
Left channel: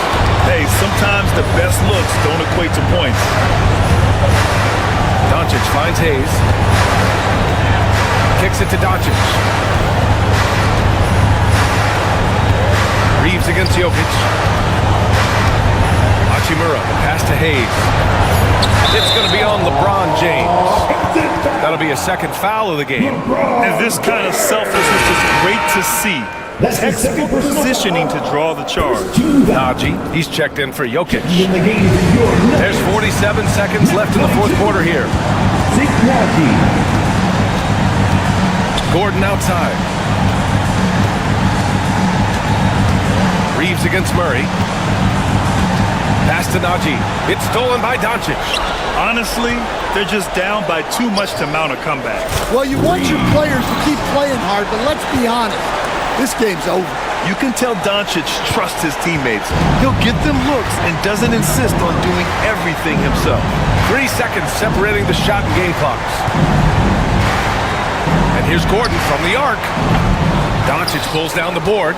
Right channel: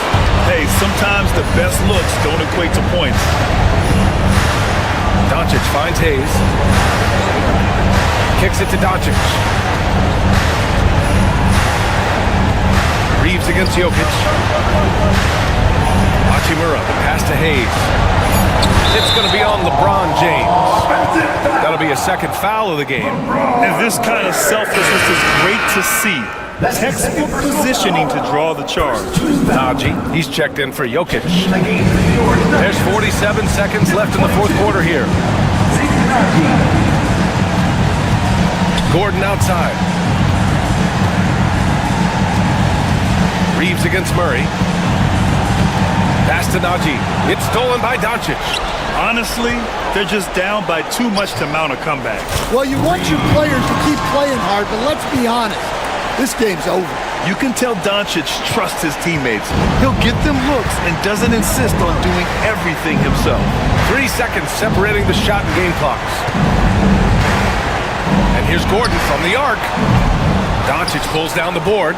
Hey, sometimes the best looks don't equate to points. Doncic finds Hayes. Kicks it to Doncic. Reeves against Jokic. Hachimura, the pass to Hayes. It's going to be on LeBron James. That'll be a second foul of the game. And this kind of selflessness is great to see. Textbook positioning to draw the charge. Najee, he's checked in for Jokic. There's 47 seconds left in the fourth quarter here. Gordon outside. Reeves against Murray. Pass to Najee. It's stolen by Doncic. Honestly, they're just down by too much to mount a comeback. Well, you want your players to keep playing hard, but let's be honest. This game's over. You can tell Doncic trusts his teammates. He'll get them looks and doesn't insist on doing everything himself. 3 seconds separating the shot and game clocks. And here's Gordon from the arc. Doncic pulls down the board.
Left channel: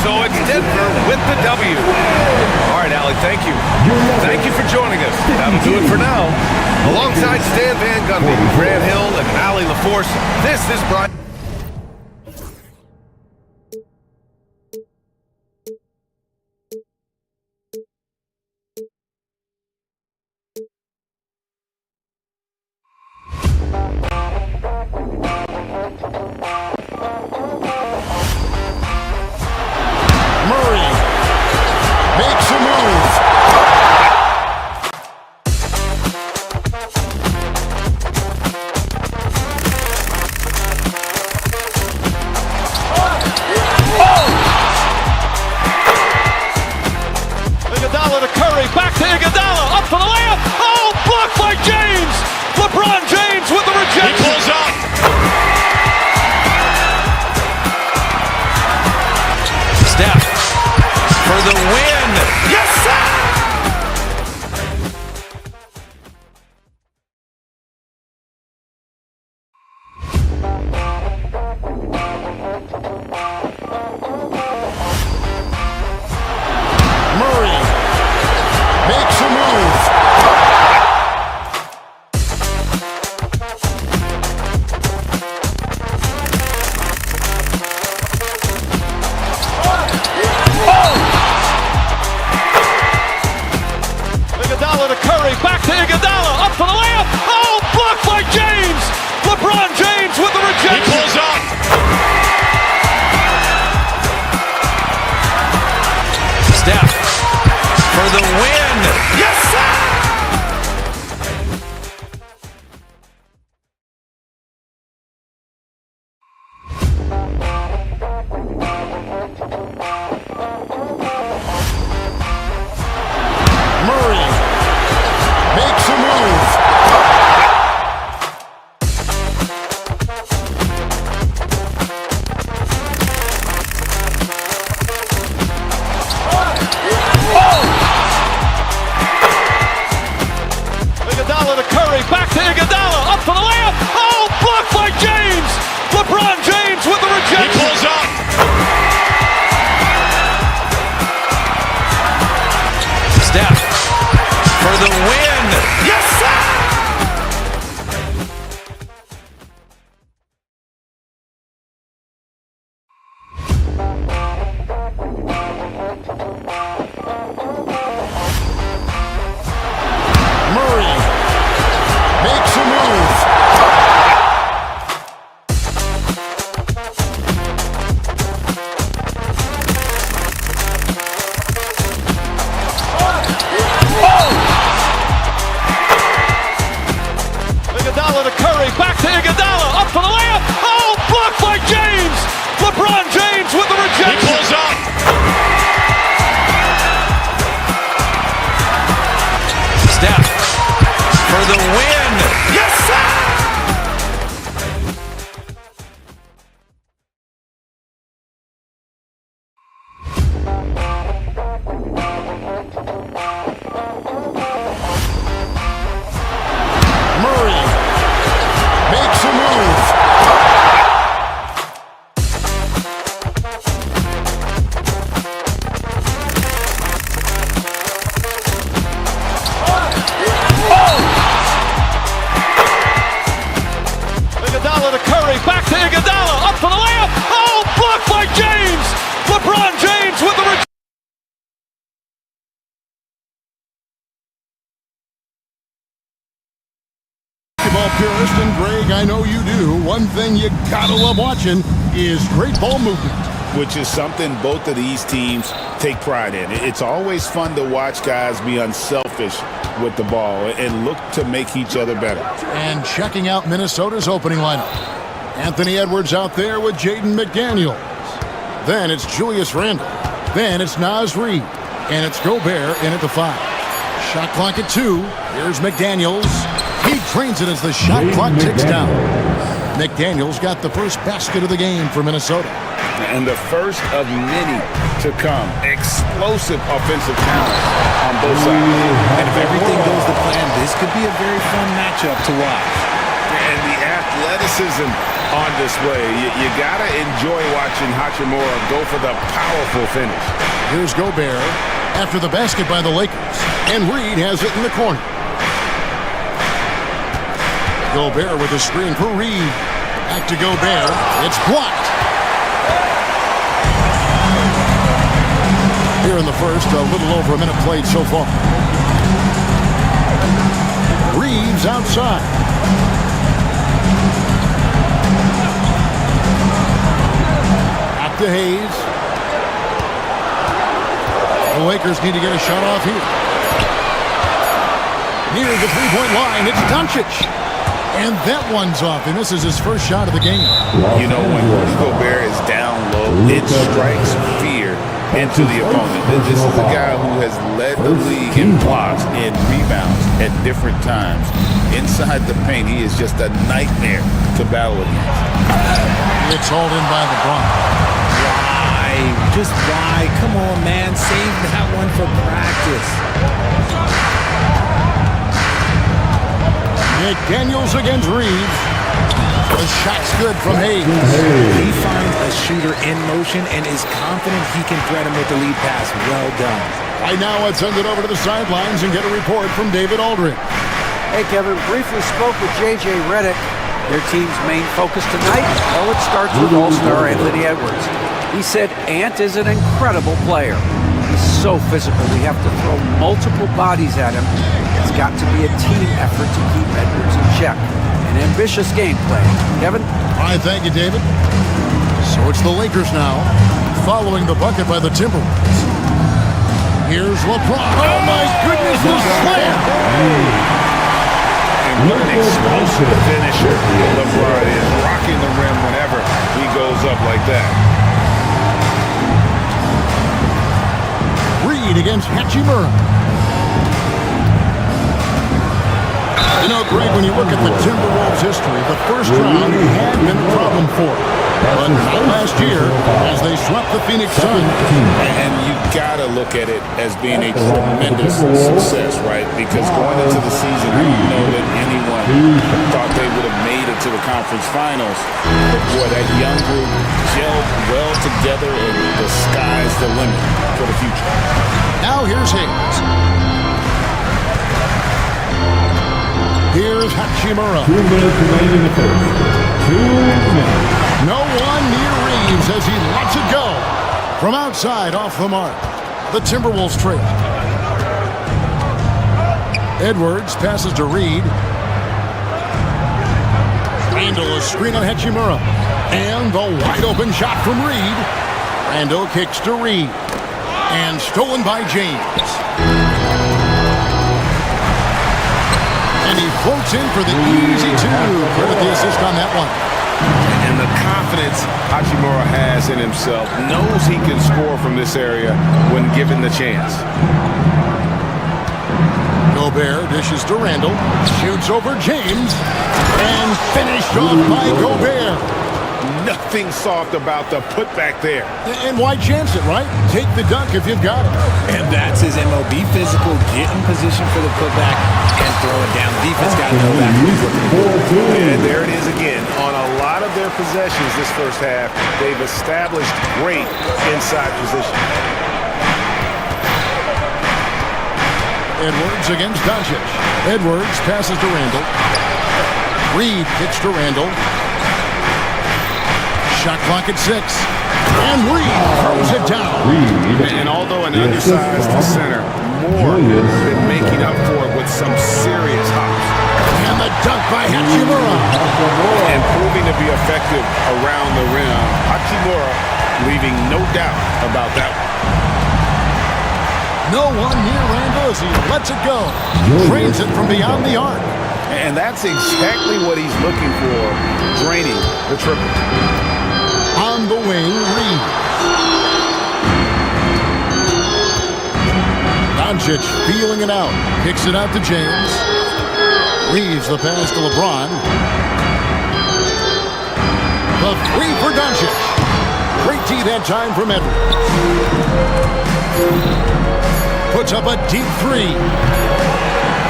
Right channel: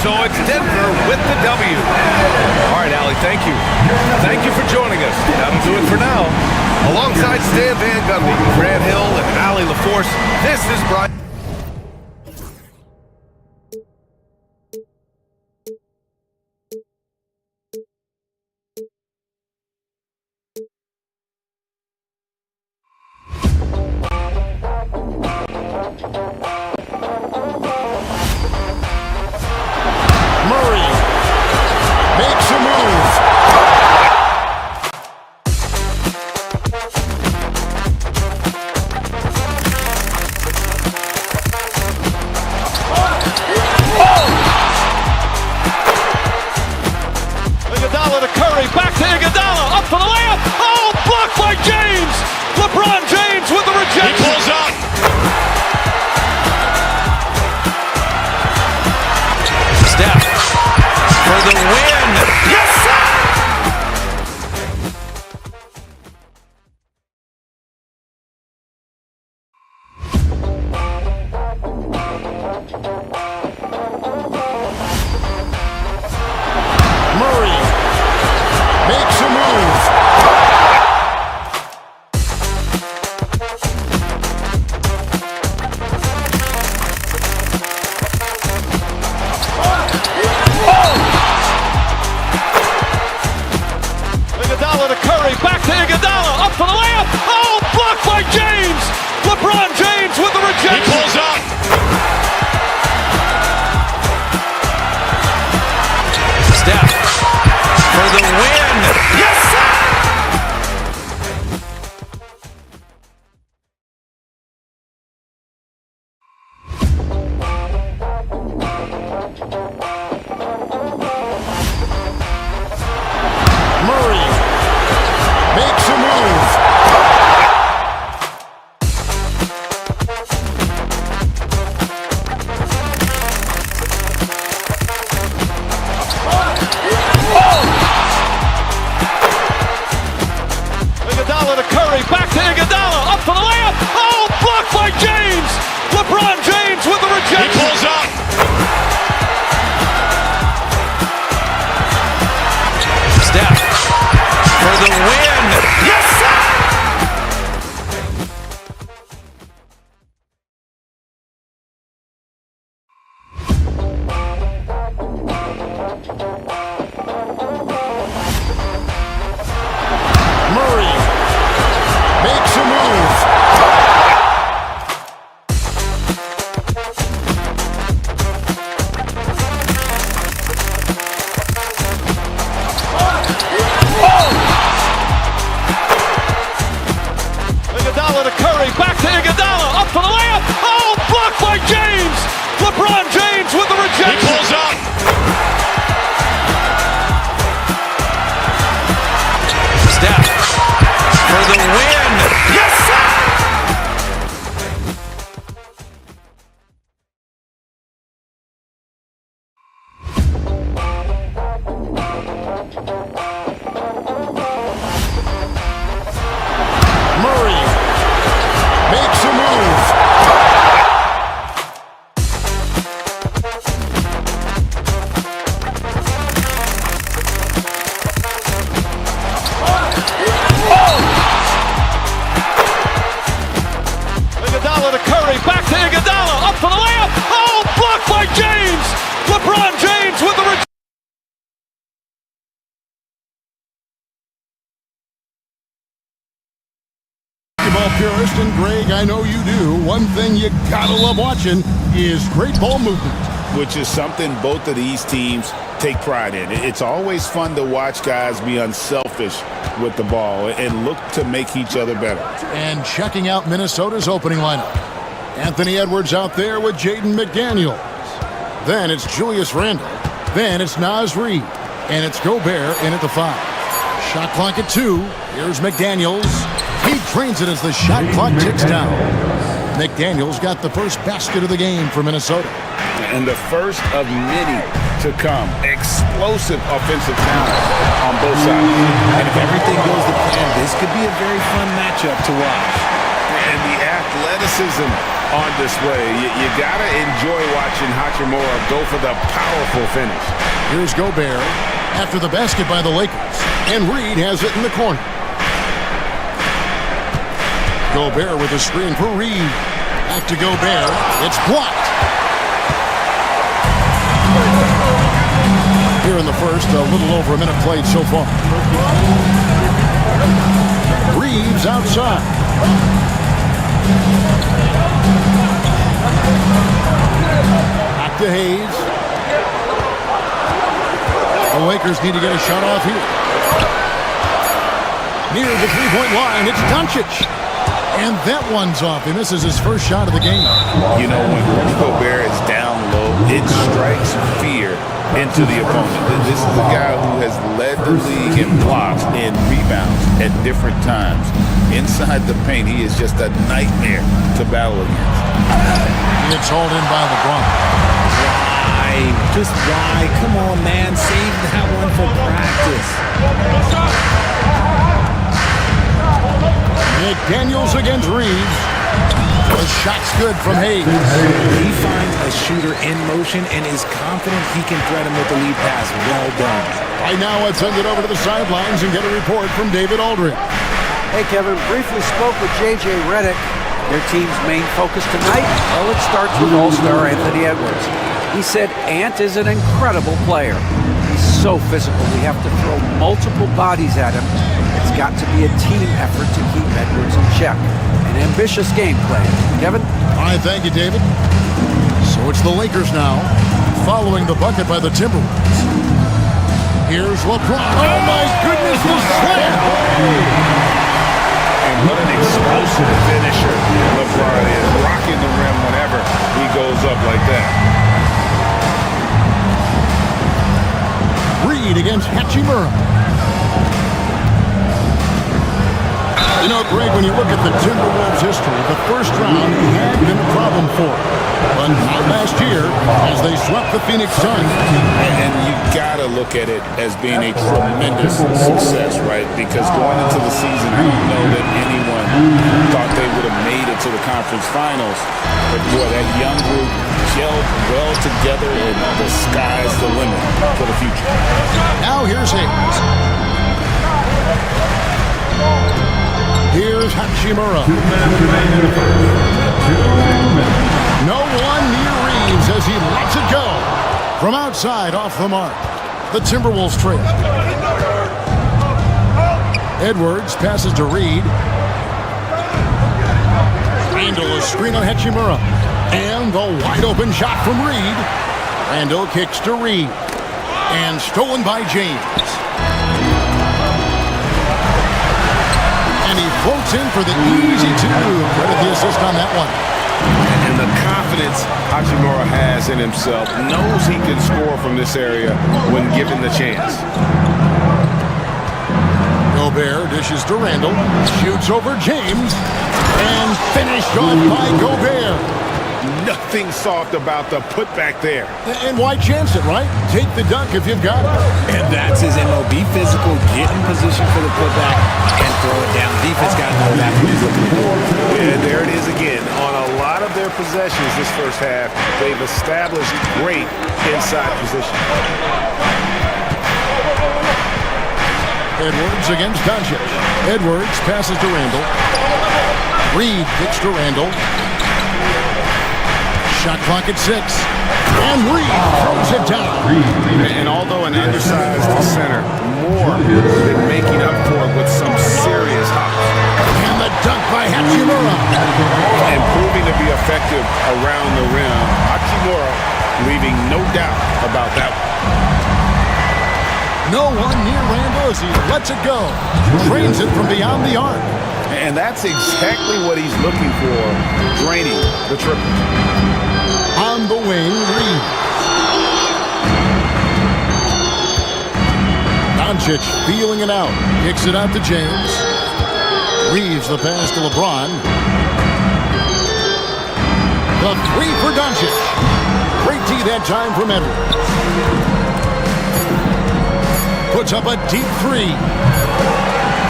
So it's Denver with the W. All right, Allie, thank you. Thank you for joining us. That'll do it for now. Alongside Stan Van Gundy, Grant Hill, and Allie LaForce, this is Brian. Murray makes a move. Iguodala to Curry, back to Iguodala, up for the layup. Oh, blocked by James. LeBron James with the rejection. He pulls up. Steph for the win. Yes, sir. Murray makes a move. Iguodala to Curry, back to Iguodala, up for the layup. Oh, blocked by James. LeBron James with the rejection. He pulls up. Steph for the win. Yes, sir. Murray makes a move. the win. Yes, sir! Murray makes a move. Iguodala to Curry, back to Iguodala, up for the layup. Oh, blocked by James. LeBron James with the rejection. He pulls up. Steph for the win. Yes, sir! Murray makes a move. Iguodala to Curry, back to Iguodala, up for the layup. Oh, blocked by James. LeBron James with the rejection. Basketball purist, and Greg, I know you do. One thing you gotta love watching is great ball movement. Which is something both of these teams take pride in. It's always fun to watch guys be unselfish with the ball and look to make each other better. And checking out Minnesota's opening lineup. Anthony Edwards out there with Jaden McDaniels. Then it's Julius Randle. Then it's Naz Reid. And it's Gobert in at the 5. Shot clock at 2. Here's McDaniels. He drains it as the shot clock ticks down. McDaniels got the first basket of the game for Minnesota. And the first of many to come. Explosive offensive talent on both sides. And if everything goes to plan, this could be a very fun matchup to watch. And the athleticism on display. You gotta enjoy watching Hachimura go for the powerful finish. Here's Gobert after the basket by the Lakers. And Reid has it in the corner. Gobert with a screen for Reid. Back to Gobert. It's blocked. Here in the first, a little over a minute played so far. Reeves outside. Back to Hayes. The Lakers need to get a shot off here. Near the three-point line, it's Doncic. And that one's off. He misses his first shot of the game. You know, when Rudy Gobert is down low, it strikes fear into the opponent. This is a guy who has led the league in blocks and rebounds at different times. Inside the paint, he is just a nightmare to battle against. It's hauled in by LeBron. Why? Just why? Come on, man. Save that one for practice. McDaniels against Reeves. The shot's good from Hayes. He finds a shooter in motion and is confident he can threat him with the lead pass. Well done. Right now, let's send it over to the sidelines and get a report from David Aldridge. Hey, Kevin, briefly spoke with J.J. Redick. Their team's main focus tonight, well, it starts with All-Star Anthony Edwards. He said Ant is an incredible player. He's so physical, we have to throw multiple bodies at him. It's got to be a team effort to keep Edwards in check. An ambitious game plan. Kevin? All right, thank you, David. So it's the Lakers now, following the bucket by the Timberwolves. Here's LeBron. Oh, my goodness, the slam! And what an explosive finisher LeBron is, rocking the rim whenever he goes up like that. Reid against Hachimura. You know, Greg, when you look at the Timberwolves' history, the first round had been a problem for them. But not last year, as they swept the Phoenix Suns. And you gotta look at it as being a tremendous success, right? Because going into the season, I don't know that anyone thought they would have made it to the conference finals. But boy, that young group gelled well together, and the sky's the limit for the future. Now here's Hayes. Here's Hachimura. 2 minutes remaining in the first. 2 minutes. No one near Reeves as he lets it go. From outside, off the mark. The Timberwolves trail. Edwards passes to Reed. Randall is screen on Hachimura. And the wide open shot from Reed. Randall kicks to Reed. And stolen by James. And he floats in for the easy two. Credit the assist on that one. And the confidence Hachimura has in himself, knows he can score from this area when given the chance. Gobert dishes to Randall, shoots over James, and finished off by Gobert. Nothing soft about the putback there. And why chance it, right? Take the dunk if you've got it. And that's his MO. Be physical, get in position for the putback, and throw it down. The defense got to know that's what he's looking to do. And there it is again. On a lot of their possessions this first half, they've established great inside position. Edwards against Doncic. Edwards passes to Randall. Reed kicks to Randall. Shot clock at 6. And Reed throws it down. And although an undersized center, more than making up for it with some serious hops. And the dunk by Hachimura. And proving to be effective around the rim. Hachimura leaving no doubt about that one. No one near Randall as he lets it go. Drains it from beyond the arc. And that's exactly what he's looking for, draining the triple. On the wing, Reeves. Doncic feeling it out. Kicks it out to James. Reeves the pass to LeBron. The three for Doncic. Great D that time from Edwards. Puts up a deep three.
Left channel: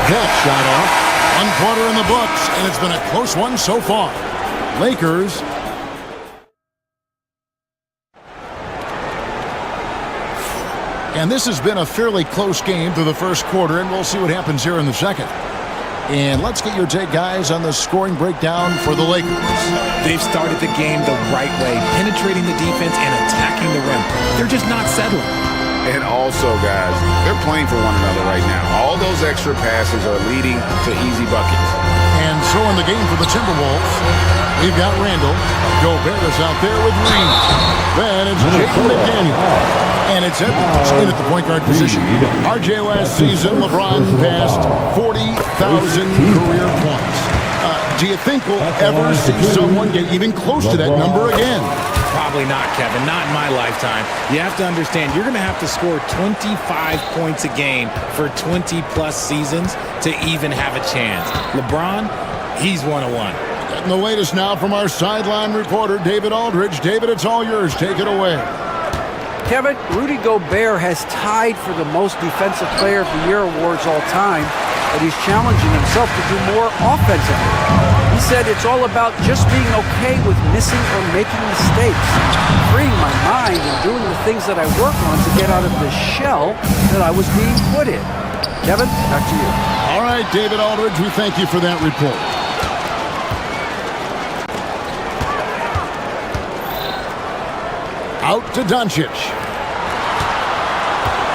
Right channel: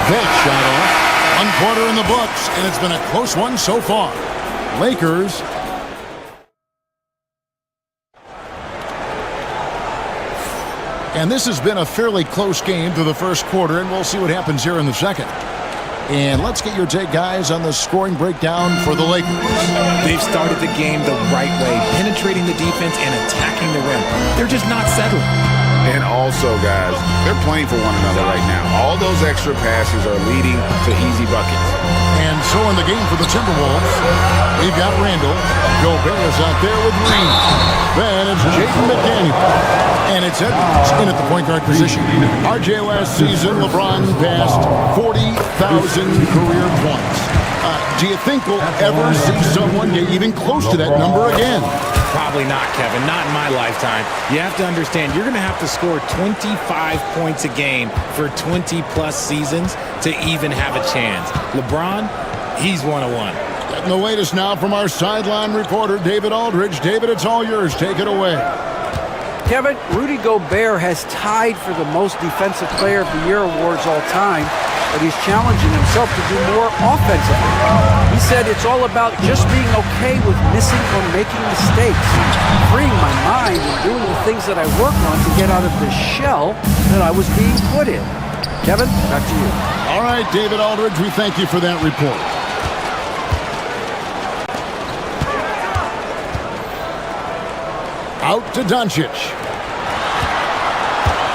That shot off. 1 quarter in the books, and it's been a close one so far. Lakers. And this has been a fairly close game through the first quarter, and we'll see what happens here in the second. And let's get your take, guys, on the scoring breakdown for the Lakers. They've started the game the right way, penetrating the defense and attacking the rim. They're just not settling. And also, guys, they're playing for one another right now. All those extra passes are leading to easy buckets. And so in the game for the Timberwolves, we've got Randall. Gobert is out there with Reed. Then it's Jaden McDaniel. And it's Edwards in at the point guard position. RJ last season, LeBron passed 40,000 career points. Do you think we'll ever see someone get even close to that number again? Probably not, Kevin. Not in my lifetime. You have to understand, you're going to have to score 25 points a game for 20-plus seasons to even have a chance. LeBron, he's 101. Getting the latest now from our sideline reporter, David Aldridge. David, it's all yours. Take it away. Kevin, Rudy Gobert has tied for the most Defensive Player of the Year awards all time, but he's challenging himself to do more offensively. He said it's all about just being okay with missing or making mistakes, freeing my mind and doing the things that I work on to get out of the shell that I was being put in. Kevin, back to you. All right, David Aldridge, we thank you for that report. Out to Doncic.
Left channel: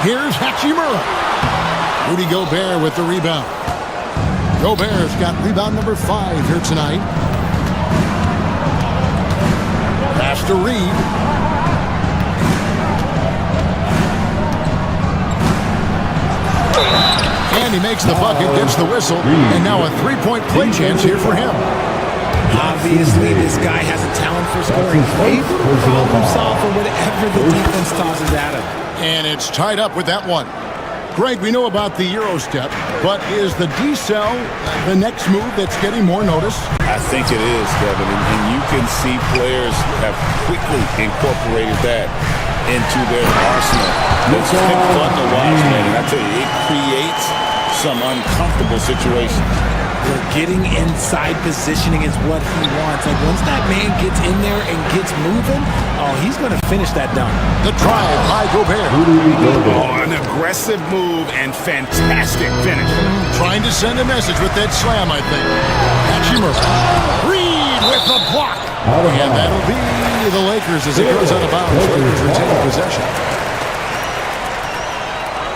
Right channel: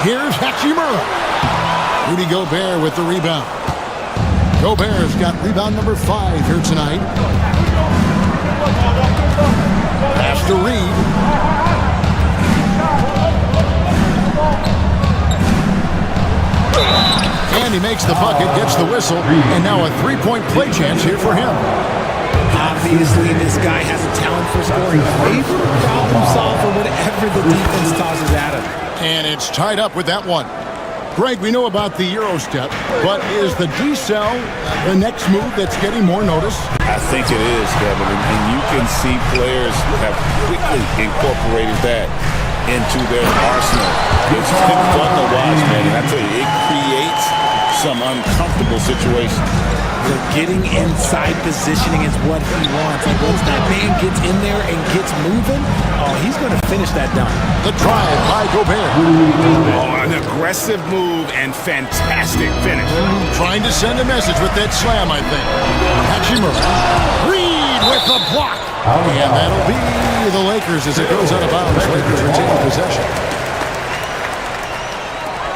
Here's Hachimura. Rudy Gobert with the rebound. Gobert's got rebound number 5 here tonight. Pass to Reed. And he makes the bucket, gets the whistle, and now a three-point play chance here for him. Obviously, this guy has a talent for scoring. Able to problem solve for whatever the defense tosses at him. And it's tied up with that one. Greg, we know about the Euro step, but is the D-cell the next move that's getting more notice? I think it is, Kevin, and you can see players have quickly incorporated that into their arsenal. It's been fun to watch, man, and I tell you, it creates some uncomfortable situations. Getting inside positioning is what he wants. Like, once that man gets in there and gets moving, oh, he's going to finish that dunk. The drive by Gobert. Oh, an aggressive move and fantastic finish. Trying to send a message with that slam, I think. Hachimura. Reed with the block. And that'll be the Lakers as it goes out of bounds. Lakers retaining possession.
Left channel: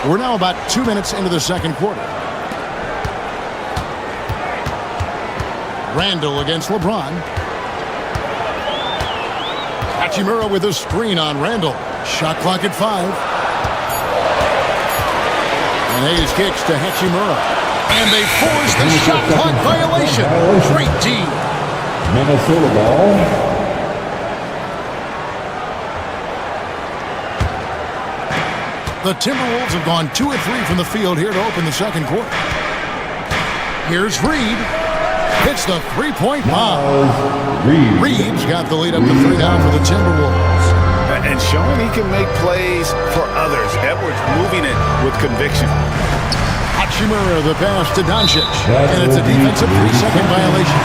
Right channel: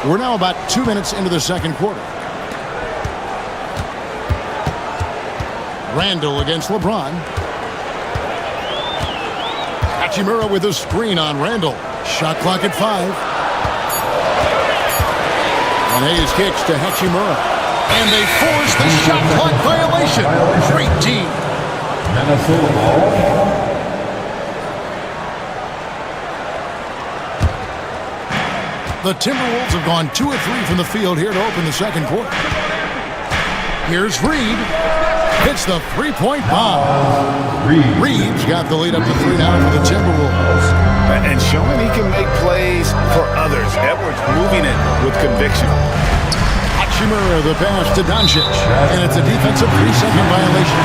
We're now about 2 minutes into the second quarter. Randall against LeBron. Hachimura with a screen on Randall. Shot clock at 5. And Hayes kicks to Hachimura. And they force the shot clock violation. Great D. Minnesota ball. The Timberwolves have gone 2 of 3 from the field here to open the second quarter. Here's Reed. Hits the three-point bomb. Reed's got the lead up to 3 now for the Timberwolves. And showing he can make plays for others. Edwards moving it with conviction. Hachimura the pass to Doncic. And it's a defensive 3-second violation.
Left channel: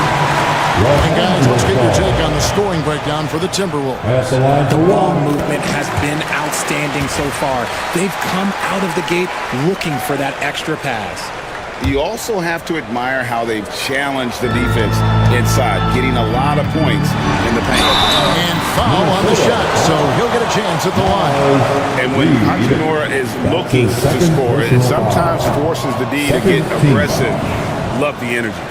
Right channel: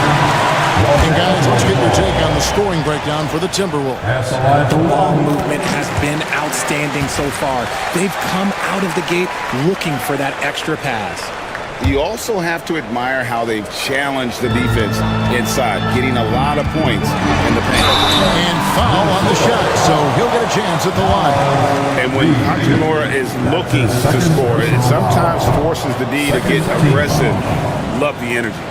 And guys, let's get your take on the scoring breakdown for the Timberwolves. The ball movement has been outstanding so far. They've come out of the gate looking for that extra pass. You also have to admire how they've challenged the defense inside, getting a lot of points in the paint. And foul on the shot, so he'll get a chance at the line. And when Hachimura is looking to score, it sometimes forces the D to get aggressive. Love the energy.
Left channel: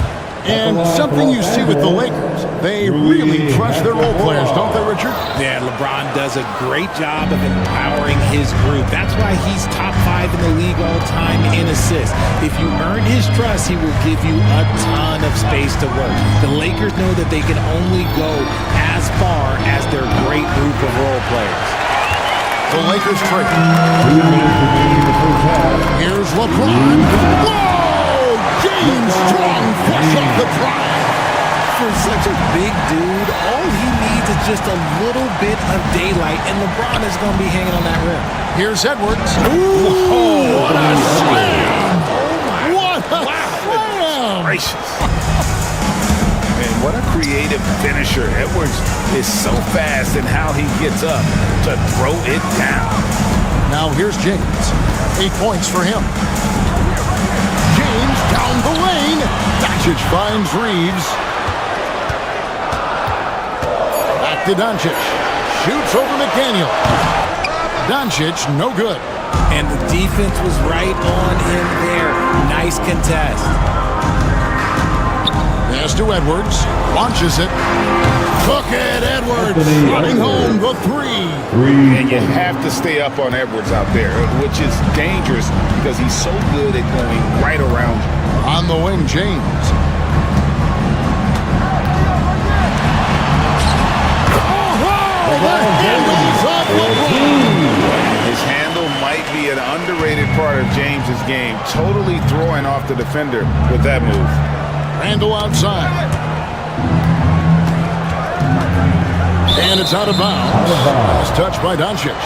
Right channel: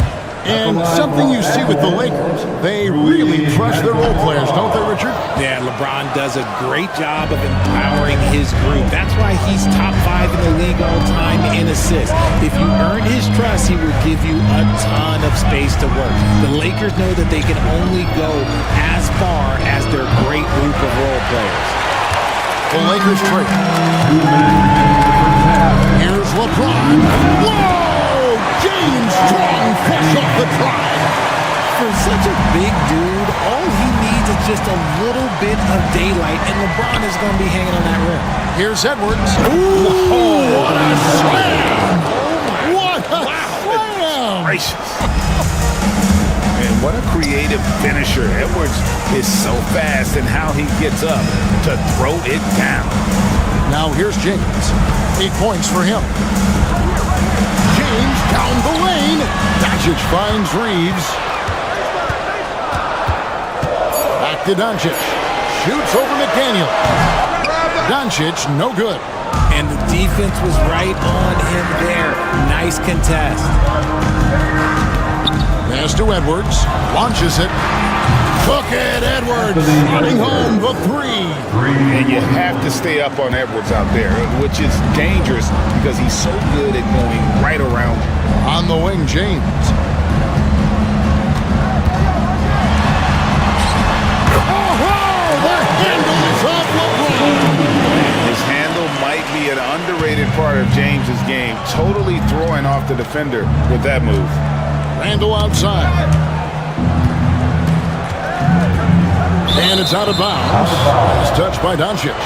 And something you see with the Lakers, they really trust their role players, don't they, Richard? Yeah, LeBron does a great job of empowering his group. That's why he's top 5 in the league all time in assists. If you earn his trust, he will give you a ton of space to work. The Lakers know that they can only go as far as their great group of role players. The Lakers trade. 2 minutes remaining in the first half. Here's LeBron. Whoa! James Strong flush off the drive. For such a big dude, all he needs is just a little bit of daylight, and LeBron is going to be hanging on that rim. Here's Edwards. Ooh, what a slam! Oh, my. What a slam! Gracious. And what a creative finisher. Edwards is so fast in how he gets up to throw it down. Now here's James. 8 points for him. James down the lane. Doncic finds Reeves. Back to Doncic. Shoots over McDaniel. Doncic, no good. And the defense was right on him there. Nice contest. Pass to Edwards. Launches it. Took it, Edwards. Running home the 3. And you have to stay up on Edwards out there, which is dangerous because he's so good at going right around you. On the wing, James. Oh, the handles of LeBron. His handle might be an underrated part of James's game. Totally throwing off the defender with that move. Randall outside. And it's out of bounds. Last touch by Doncic.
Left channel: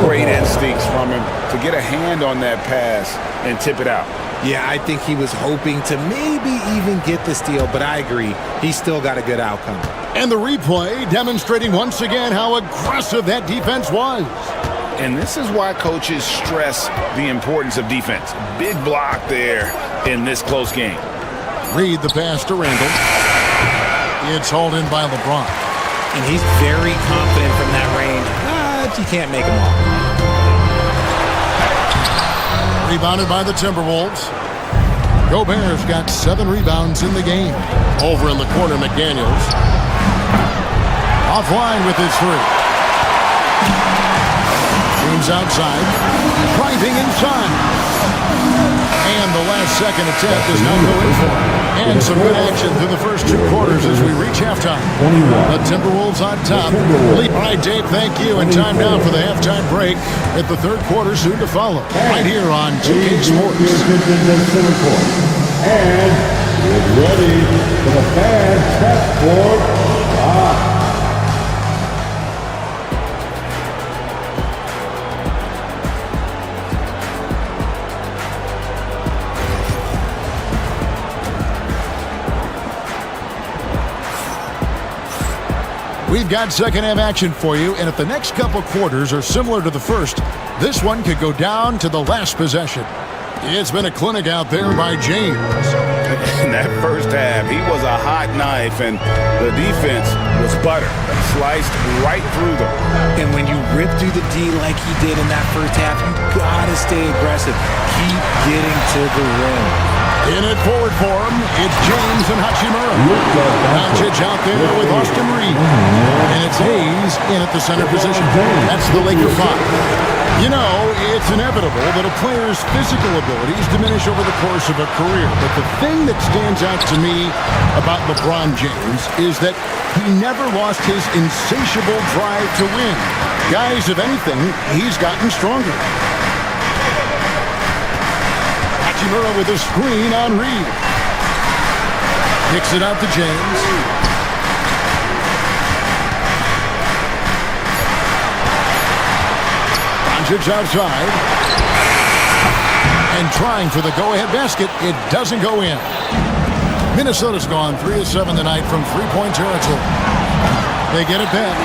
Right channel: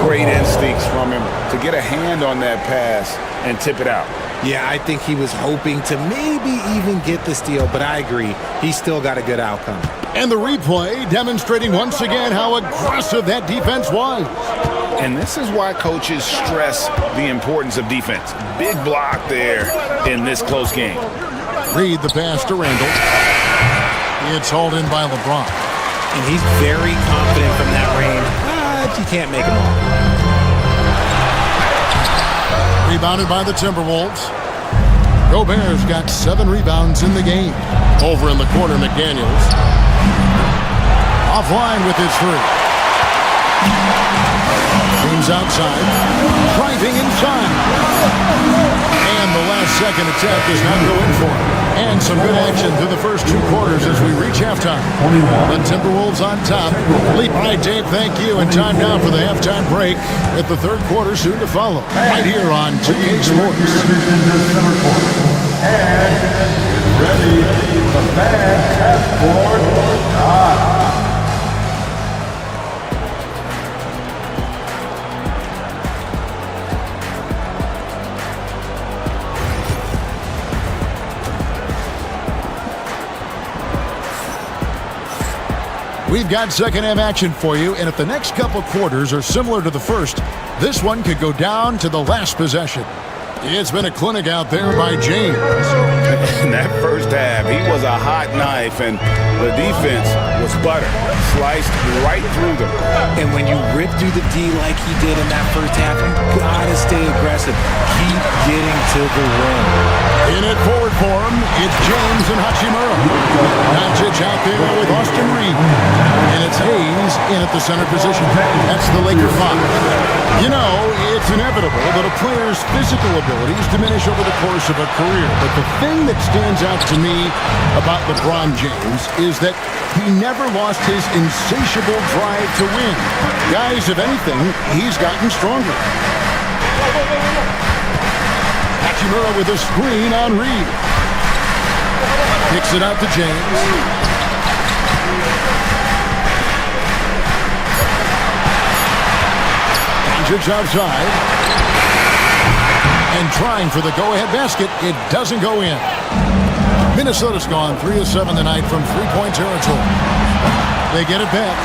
Great instincts from him to get a hand on that pass and tip it out. Yeah, I think he was hoping to maybe even get the steal, but I agree. He still got a good outcome. And the replay demonstrating once again how aggressive that defense was. And this is why coaches stress the importance of defense. Big block there in this close game. Reed the pass to Randall. It's hauled in by LeBron. And he's very confident from that range, but you can't make him all. Rebounded by the Timberwolves. Gobert's got 7 rebounds in the game. Over in the corner, McDaniels. Offline with his 3. James outside. Driving inside. And the last second attempt does not go in for him. And some good action through the first 2 quarters as we reach halftime. The Timberwolves on top. All right, Dave, thank you. And time now for the halftime break with the third quarter soon to follow. Right here on 2K Sports. And get ready for the fan passport shot. We've got second half action for you, and if the next couple quarters are similar to the first, this one could go down to the last possession. It's been a clinic out there by James. In that first half, he was a hot knife, and the defense was butter, sliced right through them. And when you rip through the D like he did in that first half, you gotta stay aggressive. Keep getting to the rim. In it forward for him, it's James and Hachimura. Doncic out there with Austin Reed. And it's Hayes in at the center position. That's the Laker 5. You know, it's inevitable that a player's physical abilities diminish over the course of a career. But the thing that stands out to me about LeBron James is that he never lost his insatiable drive to win. Guys, if anything, he's gotten stronger. Hachimura with a screen on Reed. Kicks it out to James. Doncic outside. And trying for the go-ahead basket. It doesn't go in. Minnesota's gone 3 of 7 tonight from three-point territory. They get it back.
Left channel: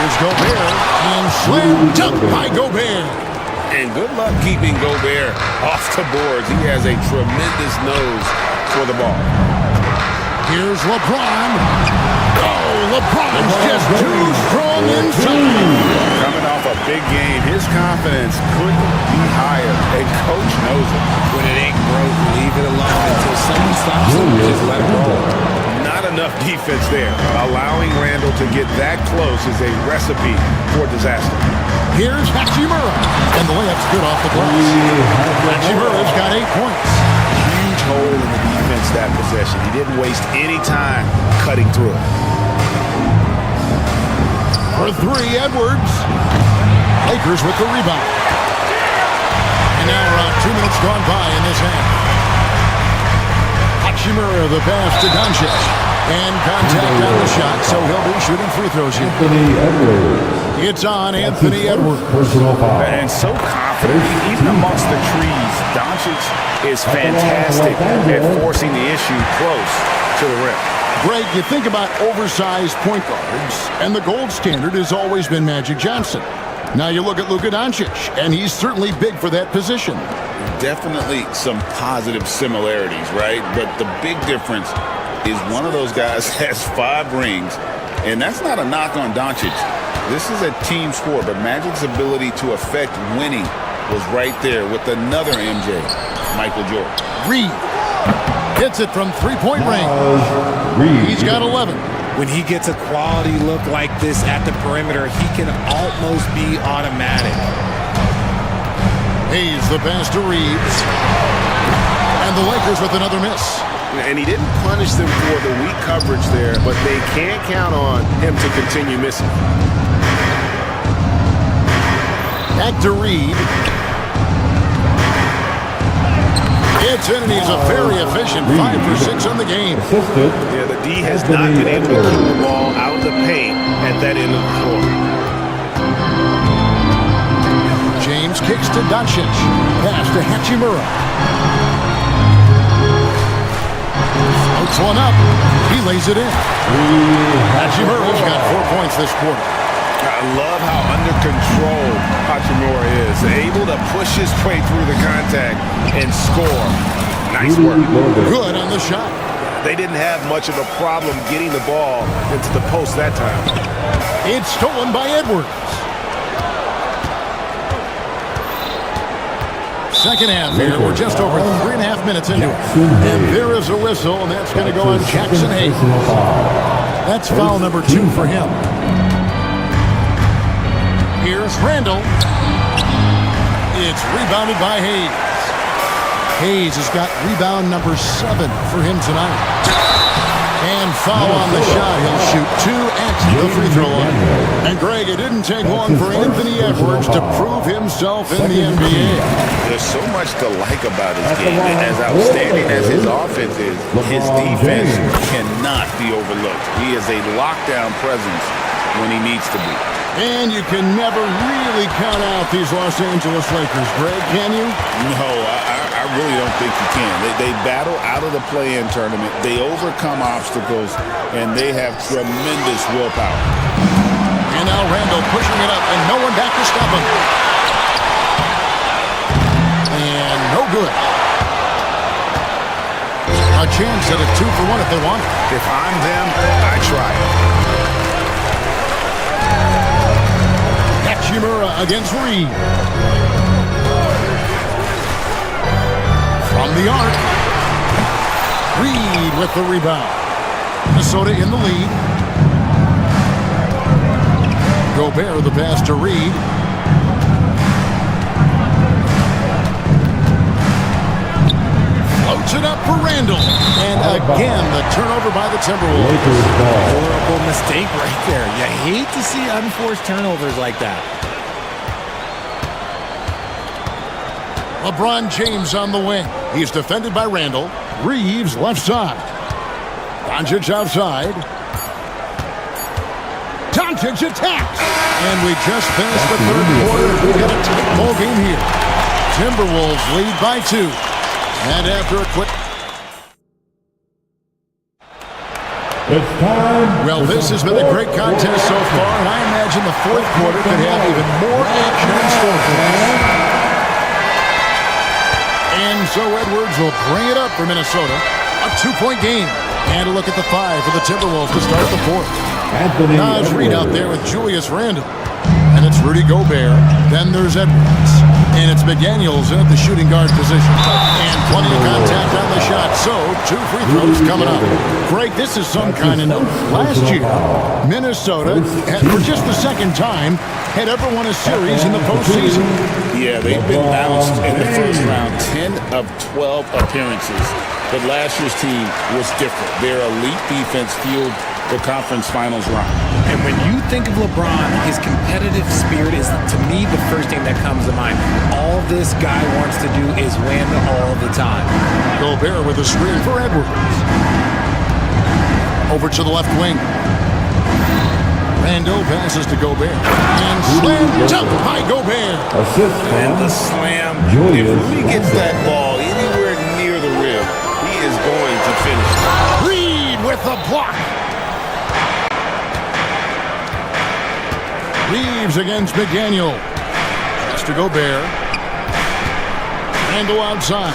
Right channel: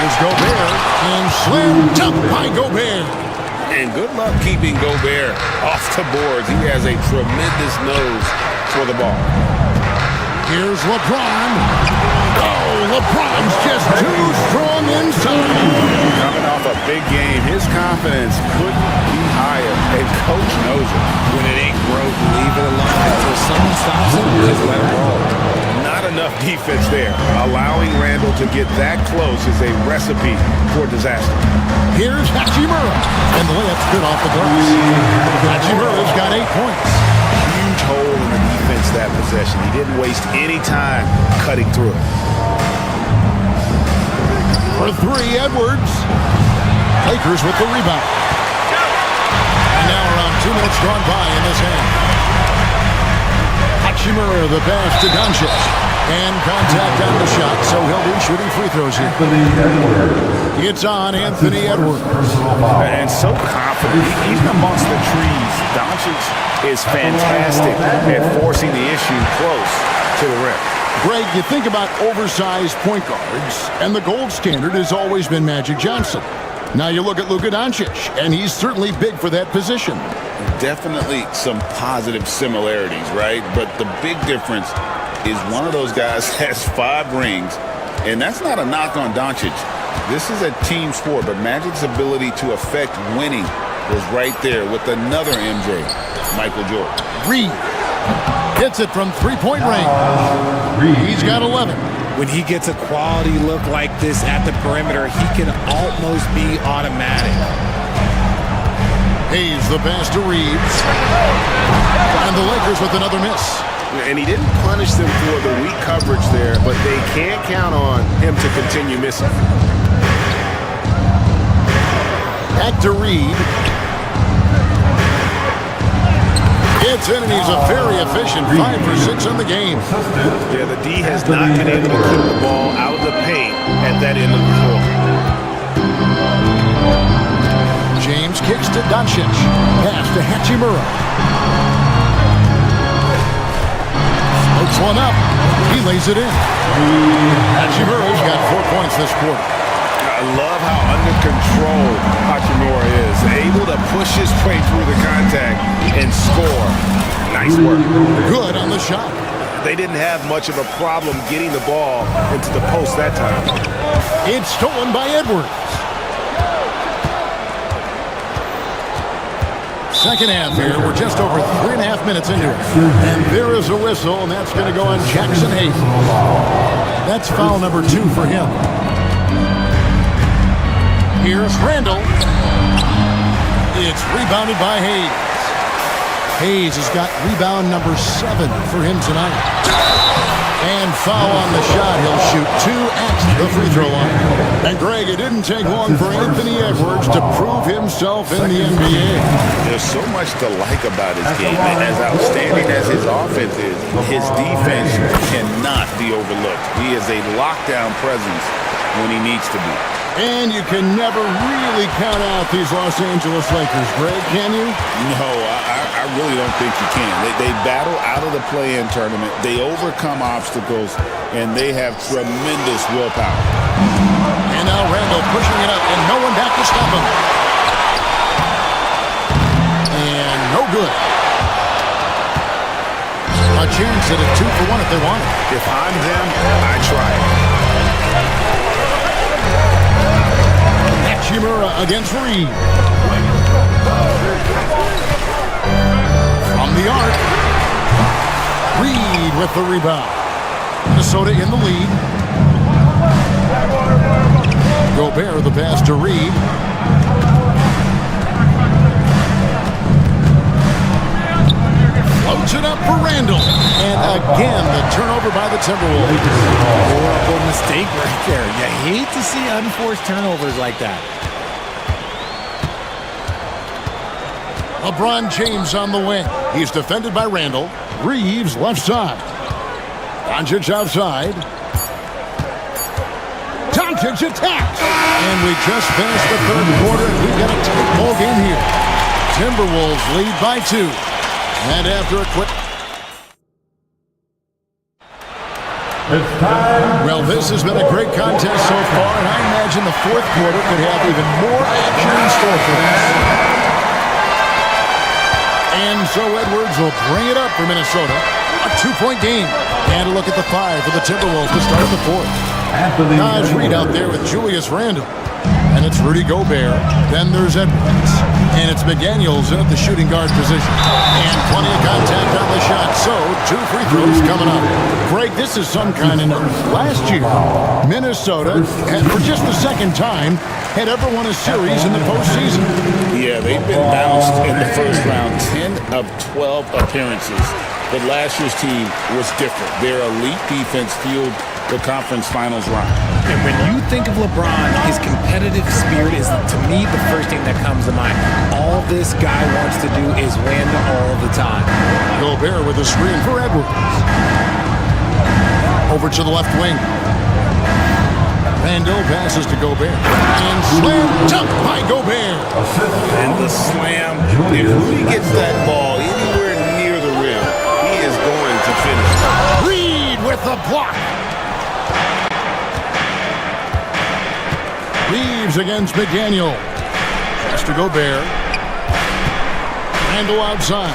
Here's Gobert. And slam dunk by Gobert. And good luck keeping Gobert off the boards. He has a tremendous nose for the ball. Here's LeBron. Oh, LeBron's just too strong inside. Coming off a big game, his confidence couldn't be higher, and Coach knows it. When it ain't broke, leave it alone until someone stops him. Just let him roll. Not enough defense there. Allowing Randall to get that close is a recipe for disaster. Here's Hachimura. And the layup's good off the glass. Hachimura's got 8 points. Huge hole in the defense that possession. He didn't waste any time cutting through it. For 3, Edwards. Lakers with the rebound. And now around 2 minutes gone by in this half. Hachimura the pass to Doncic. And contact on the shot, so he'll be shooting free throws here. It's on Anthony Edwards. And so confident, even amongst the trees, Doncic is fantastic at forcing the issue close to the rim. Greg, you think about oversized point guards, and the gold standard has always been Magic Johnson. Now you look at Luka Doncic, and he's certainly big for that position. Definitely some positive similarities, right? But the big difference is one of those guys has 5 rings, and that's not a knock on Doncic. This is a team sport, but Magic's ability to affect winning was right there with another MJ, Michael Jordan. Reed hits it from three-point range. He's got 11. When he gets a quality look like this at the perimeter, he can almost be automatic. Hayes the pass to Reeves. And the Lakers with another miss. And he didn't punish them for the weak coverage there, but they can't count on him to continue missing. Back to Reed. It's in, and he's a very efficient 5 for 6 on the game. Yeah, the D has not been able to keep the ball out of the paint at that end of the floor. James kicks to Doncic. Pass to Hachimura. Floats one up. He lays it in. Hachimura's got 4 points this quarter. I love how under control Hachimura is. Able to push his way through the contact and score. Nice work. Good on the shot. They didn't have much of a problem getting the ball into the post that time. It's stolen by Edwards. Second half here. We're just over 3.5 minutes into it. And there is a whistle, and that's going to go on Jackson Hayes. That's foul number 2 for him. Here's Randall. It's rebounded by Hayes. Hayes has got rebound number 7 for him tonight. And foul on the shot. He'll shoot 2 at the free throw line. And Greg, it didn't take long for Anthony Edwards to prove himself in the NBA. There's so much to like about his game. As outstanding as his offense is, his defense cannot be overlooked. He is a lockdown presence when he needs to be. And you can never really count out these Los Angeles Lakers, Greg, can you? No, I really don't think you can. They battle out of the play-in tournament. They overcome obstacles, and they have tremendous willpower. And now Randall pushing it up, and no one back to stop him. And no good. A chance at a 2-for-1 if they want it. If I'm them, I try it. Hachimura against Reed. From the arc. Reed with the rebound. Minnesota in the lead. Gobert the pass to Reed. Floats it up for Randall. And again, the turnover by the Timberwolves. Horrible mistake right there. You hate to see unforced turnovers like that. LeBron James on the wing. He's defended by Randall. Reeves left side. Doncic outside. Doncic attacks. And we just finished the third quarter, and we've got a tight ball game here. Timberwolves lead by 2. And after a quick... It's time. Well, this has been a great contest so far, and I imagine the fourth quarter could have even more action in store for us. And so Edwards will bring it up for Minnesota. A 2-point game. And a look at the 5 for the Timberwolves to start the fourth. Naz Reid out there with Julius Randle. And it's Rudy Gobert. Then there's Edwards. And it's McDaniels in at the shooting guard position. And plenty of contact on the shot. So 2 free throws coming up. Greg, this is some kind of note. Last year, Minnesota, for just the second time, had ever won a series in the postseason. Yeah, they've been bounced in the first round, 10 of 12 appearances. But last year's team was different. Their elite defense fueled the conference finals run. And when you think of LeBron, his competitive spirit is, to me, the first thing that comes to mind. All this guy wants to do is win all the time. Gobert with a screen for Edwards. Over to the left wing. Randall passes to Gobert. And slam dunk by Gobert. Assist. And the slam. If Rudy gets that ball anywhere near the rim, he is going to finish. Reed with the block. Reeves against McDaniel. Pass to Gobert. Randall outside.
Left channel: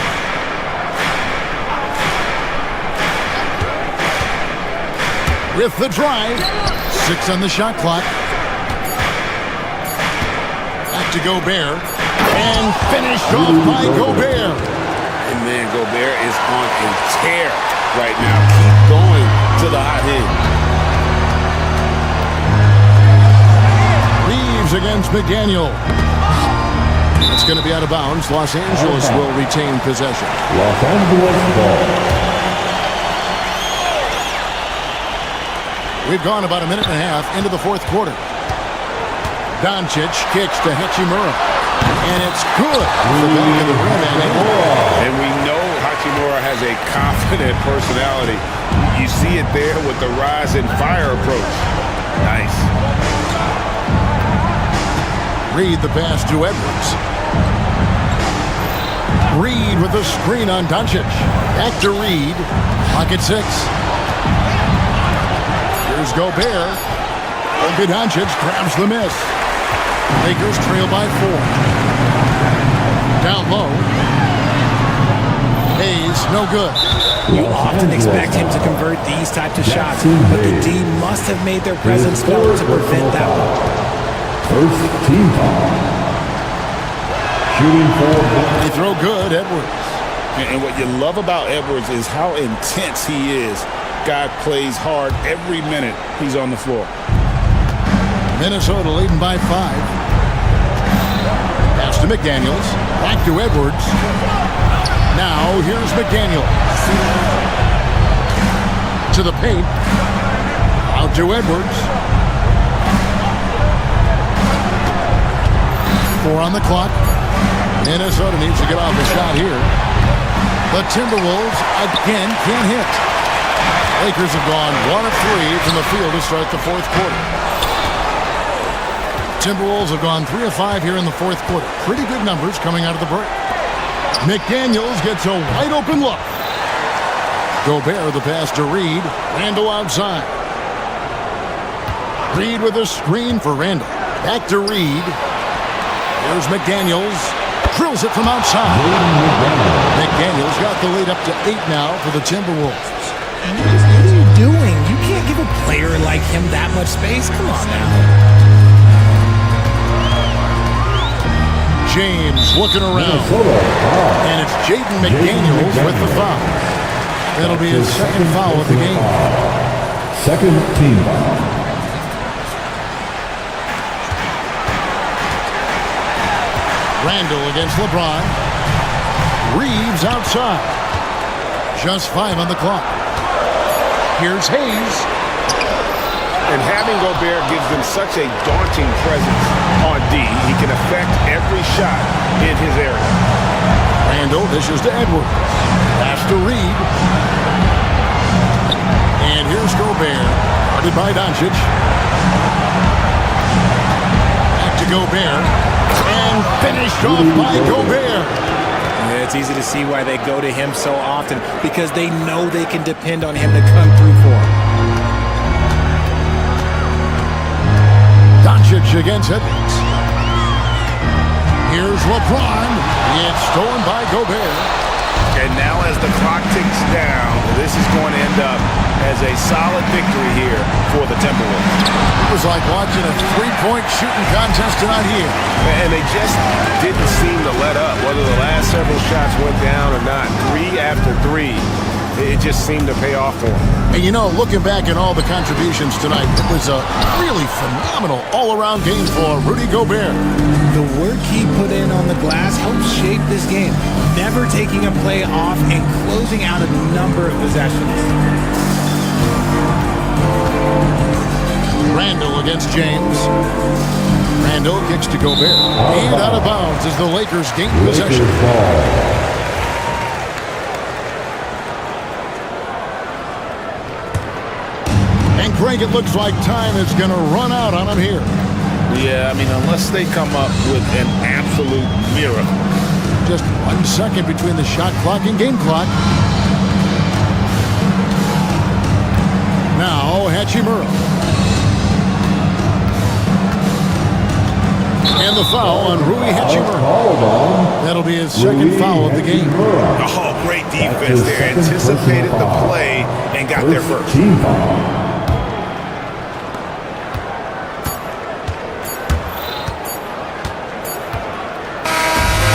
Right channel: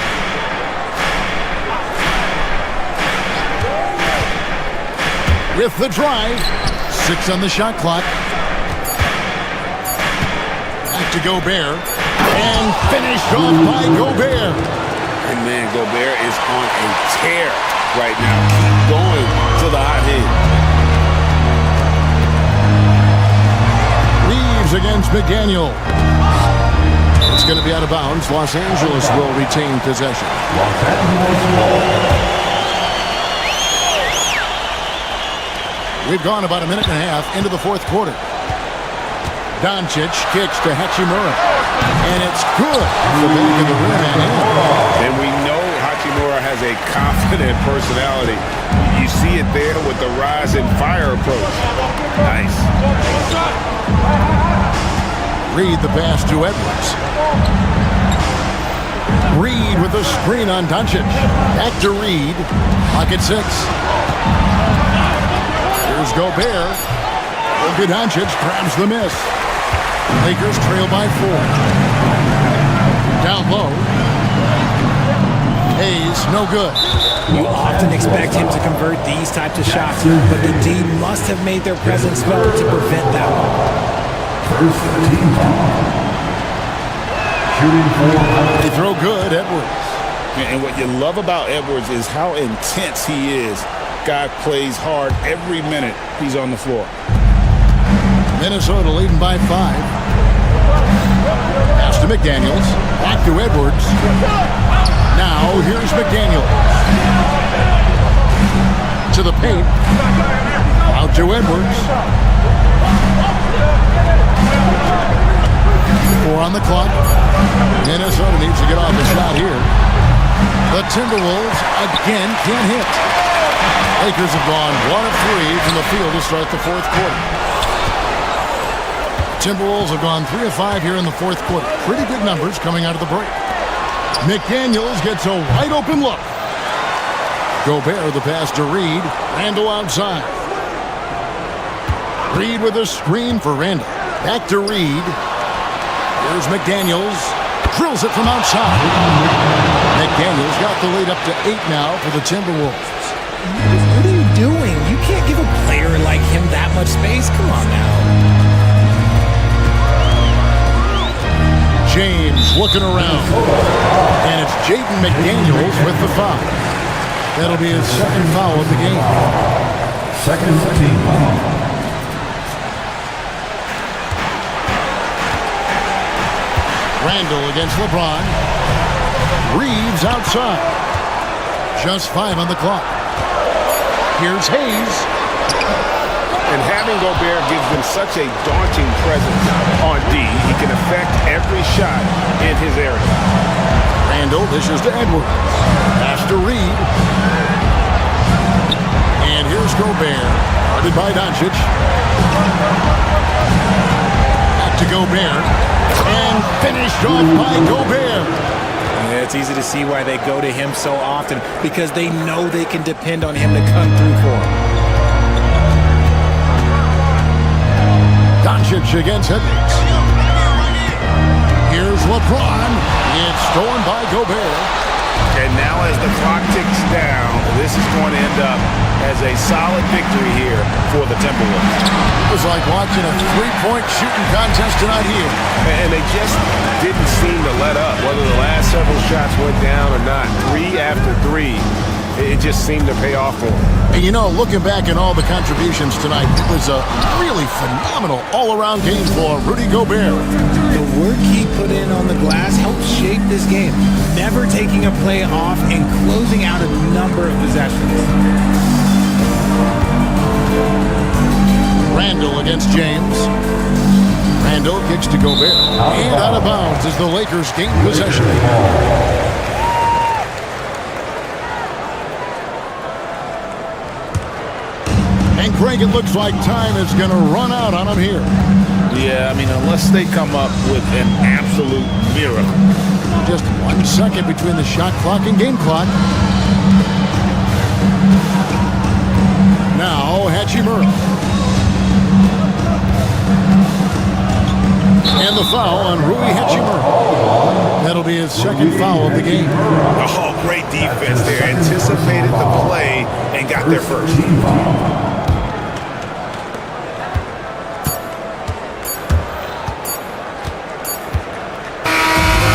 With the drive. 6 on the shot clock. Back to Gobert. And finished off by Gobert. And man, Gobert is on a tear right now. Keep going to the hot hand. Reeves against McDaniel. It's going to be out of bounds. Los Angeles will retain possession. Los Angeles ball. We've gone about a minute and a half into the fourth quarter. Doncic kicks to Hachimura. And it's good off the back of the rim and in. And we know Hachimura has a confident personality. You see it there with the rise and fire approach. Nice. Reed the pass to Edwards. Reed with a screen on Doncic. Back to Reed. Pocket 6. Here's Gobert. Luka Doncic grabs the miss. Lakers trail by 4. Down low. Hayes, no good. You often expect him to convert these types of shots, but the D must have made their presence felt to prevent that one. First team foul. Shooting for. They throw good, Edwards. And what you love about Edwards is how intense he is. Guy plays hard every minute he's on the floor. Minnesota leading by 5. Pass to McDaniels. Back to Edwards. Now here's McDaniels. To the paint. Out to Edwards. 4 on the clock. Minnesota needs to get off a shot here. The Timberwolves again can't hit. Lakers have gone 1 of 3 from the field to start the fourth quarter. Timberwolves have gone 3 of 5 here in the fourth quarter. Pretty good numbers coming out of the break. McDaniels gets a wide open look. Gobert the pass to Reed. Randall outside. Reed with a screen for Randall. Back to Reed. Here's McDaniels. Drills it from outside. McDaniels got the lead up to 8 now for the Timberwolves. What are you doing? You can't give a player like him that much space. Come on now. James looking around. And it's Jaden McDaniels with the foul. That'll be his second foul of the game. Second team foul. Randall against LeBron. Reeves outside. Just 5 on the clock. Here's Hayes. And having Gobert gives them such a daunting presence on D. He can affect every shot in his area. Randall dishes to Edwards. Pass to Reed. And here's Gobert. Guarded by Doncic. Back to Gobert. And finished off by Gobert. Yeah, it's easy to see why they go to him so often, because they know they can depend on him to come through for them. Doncic against Edwards. Here's LeBron. It's stolen by Gobert. And now as the clock ticks down, this is going to end up as a solid victory here for the Timberwolves. It was like watching a three-point shooting contest tonight here. And they just didn't seem to let up. Whether the last several shots went down or not, 3 after 3, it just seemed to pay off for them. And you know, looking back at all the contributions tonight, it was a really phenomenal all-around game for Rudy Gobert. The work he put in on the glass helped shape this game, never taking a play off and closing out a number of possessions. Randall against James. Randall kicks to Gobert. And out of bounds as the Lakers gain possession. And Greg, it looks like time is going to run out on him here. Yeah, I mean, unless they come up with an absolute miracle. Just 1 second between the shot clock and game clock. Now, Hachimura. And the foul on Rui Hachimura. That'll be his second foul of the game. Oh, great defense there. Anticipated the play and got there first. Team foul.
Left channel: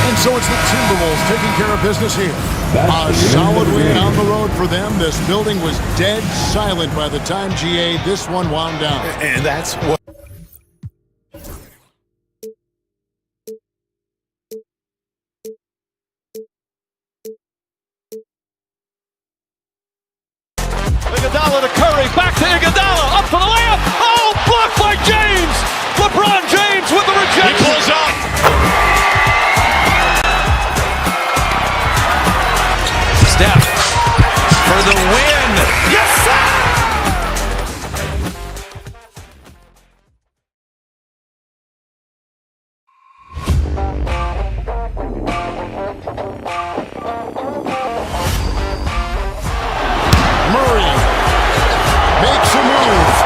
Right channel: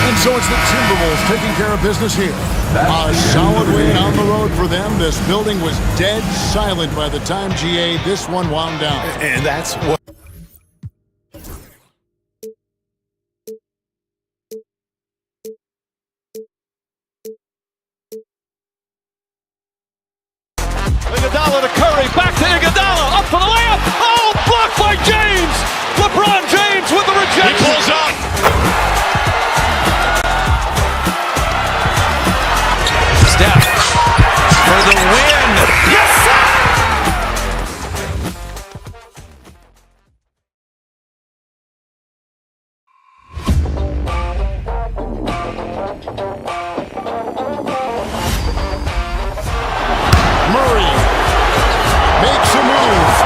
And so it's the Timberwolves taking care of business here. A solid win on the road for them. This building was dead silent by the time, GA, this one wound down. And that's what... Iguodala to Curry, back to Iguodala, up for the layup. Oh, blocked by James. LeBron James with the rejection. He pulls up. Steph for the win. Yes, sir! Murray makes a move.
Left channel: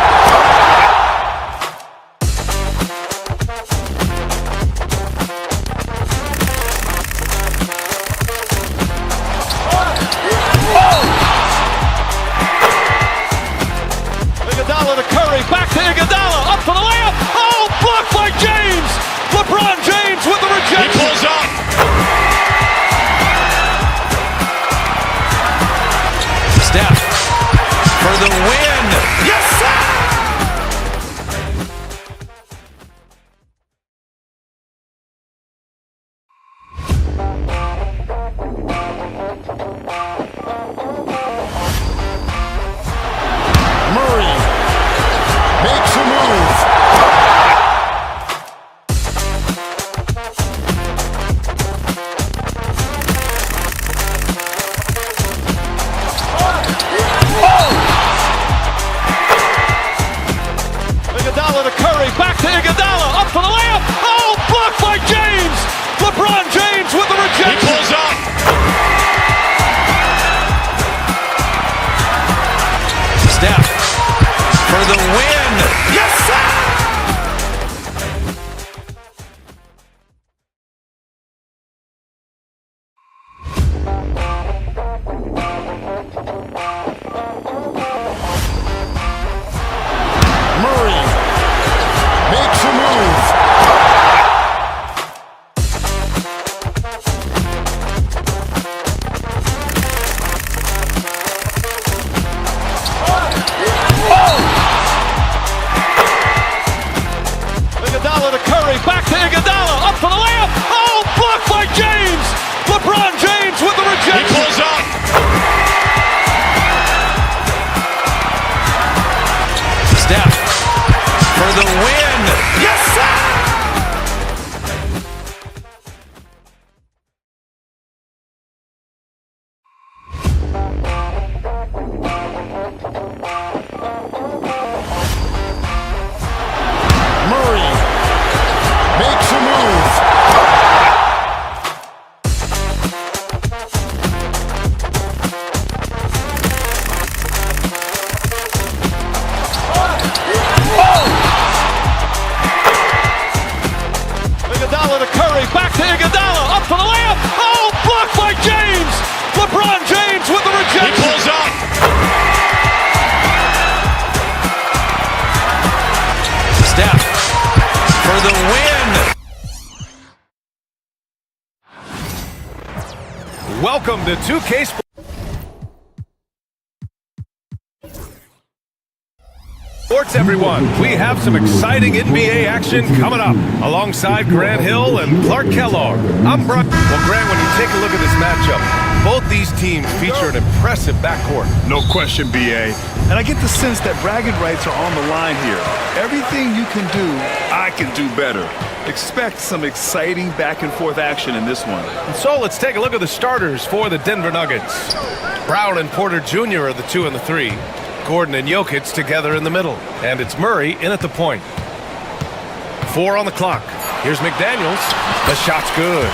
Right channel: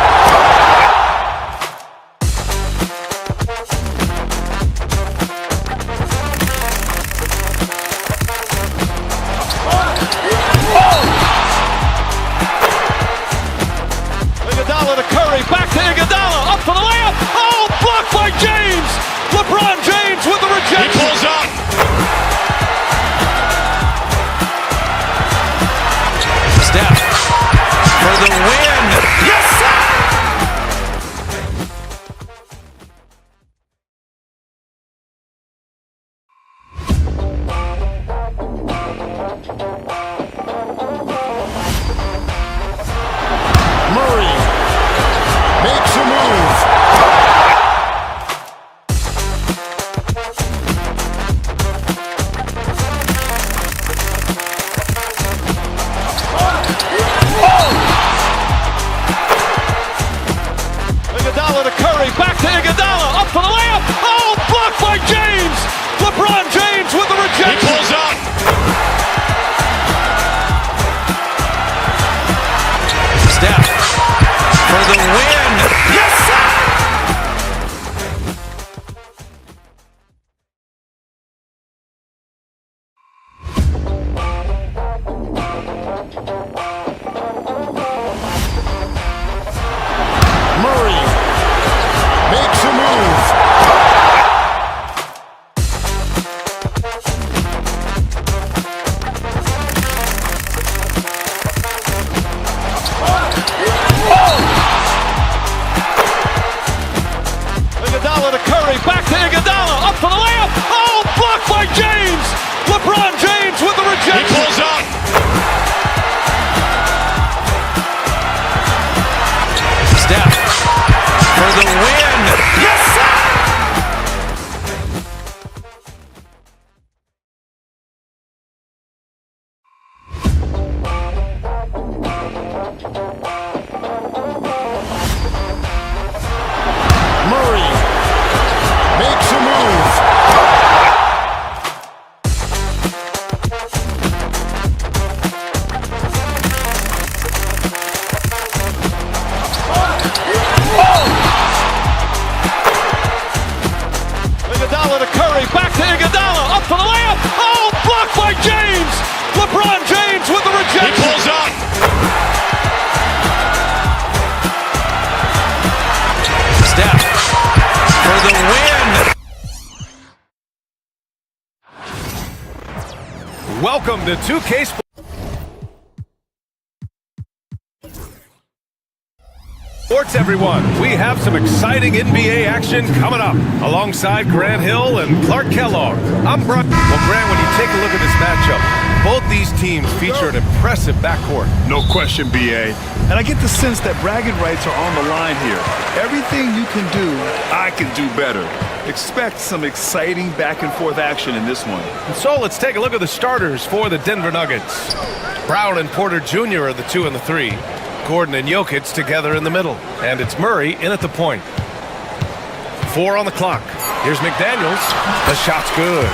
Iguodala to Curry, back to Iguodala, up for the layup. Oh, blocked by James. LeBron James with the rejection. He pulls up. Steph for the win. Yes, sir! Murray makes a move. LeBron James with the rejection. He pulls up. Steph for the win. Yes, sir! Murray makes a move. Iguodala to Curry, back to Iguodala, up for the layup. Oh, blocked by James. LeBron James with the rejection. He pulls up. Steph for the win. Welcome to 2K Sports, everyone. We have some exciting NBA action coming up alongside Grant Hill and Clark Kellogg. I'm Brian. Well, Grant, when you take a look at this matchup, both these teams feature an impressive backcourt. No question, BA. And I get the sense that bragging rights are on the line here. Everything you can do, I can do better. Expect some exciting back-and-forth action in this one. And so let's take a look at the starters for the Denver Nuggets. Brown and Porter Jr. are the 2 and the 3. Gordon and Jokic together in the middle. And it's Murray in at the point. 4 on the clock. Here's McDaniels. The shot's good.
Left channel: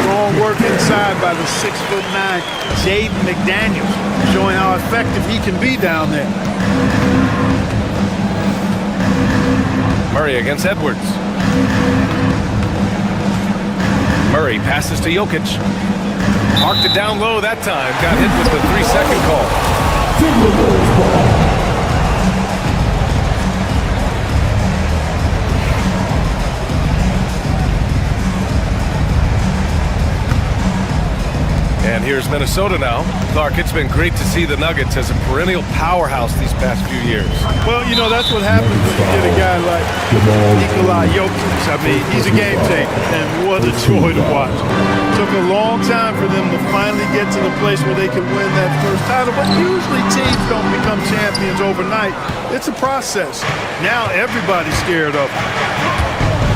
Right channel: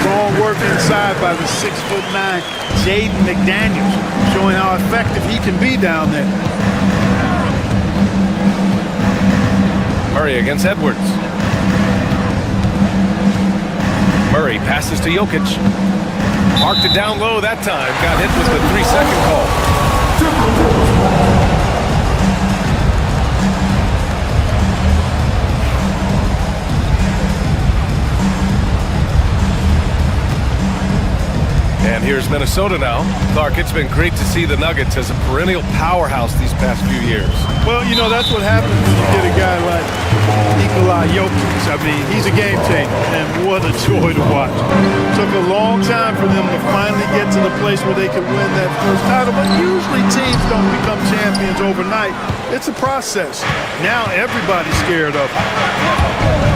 Strong work inside by the 6'9" Jaden McDaniels, showing how effective he can be down there. Murray against Edwards. Murray passes to Jokic. Parked it down low that time. Got hit with the 3-second call. And here's Minnesota now. Clark, it's been great to see the Nuggets as a perennial powerhouse these past few years. Well, you know, that's what happens when you get a guy like Nikola Jokic. I mean, he's a game changer, and what a joy to watch. Took a long time for them to finally get to the place where they could win that first title, but usually teams don't become champions overnight. It's a process. Now everybody's scared of him.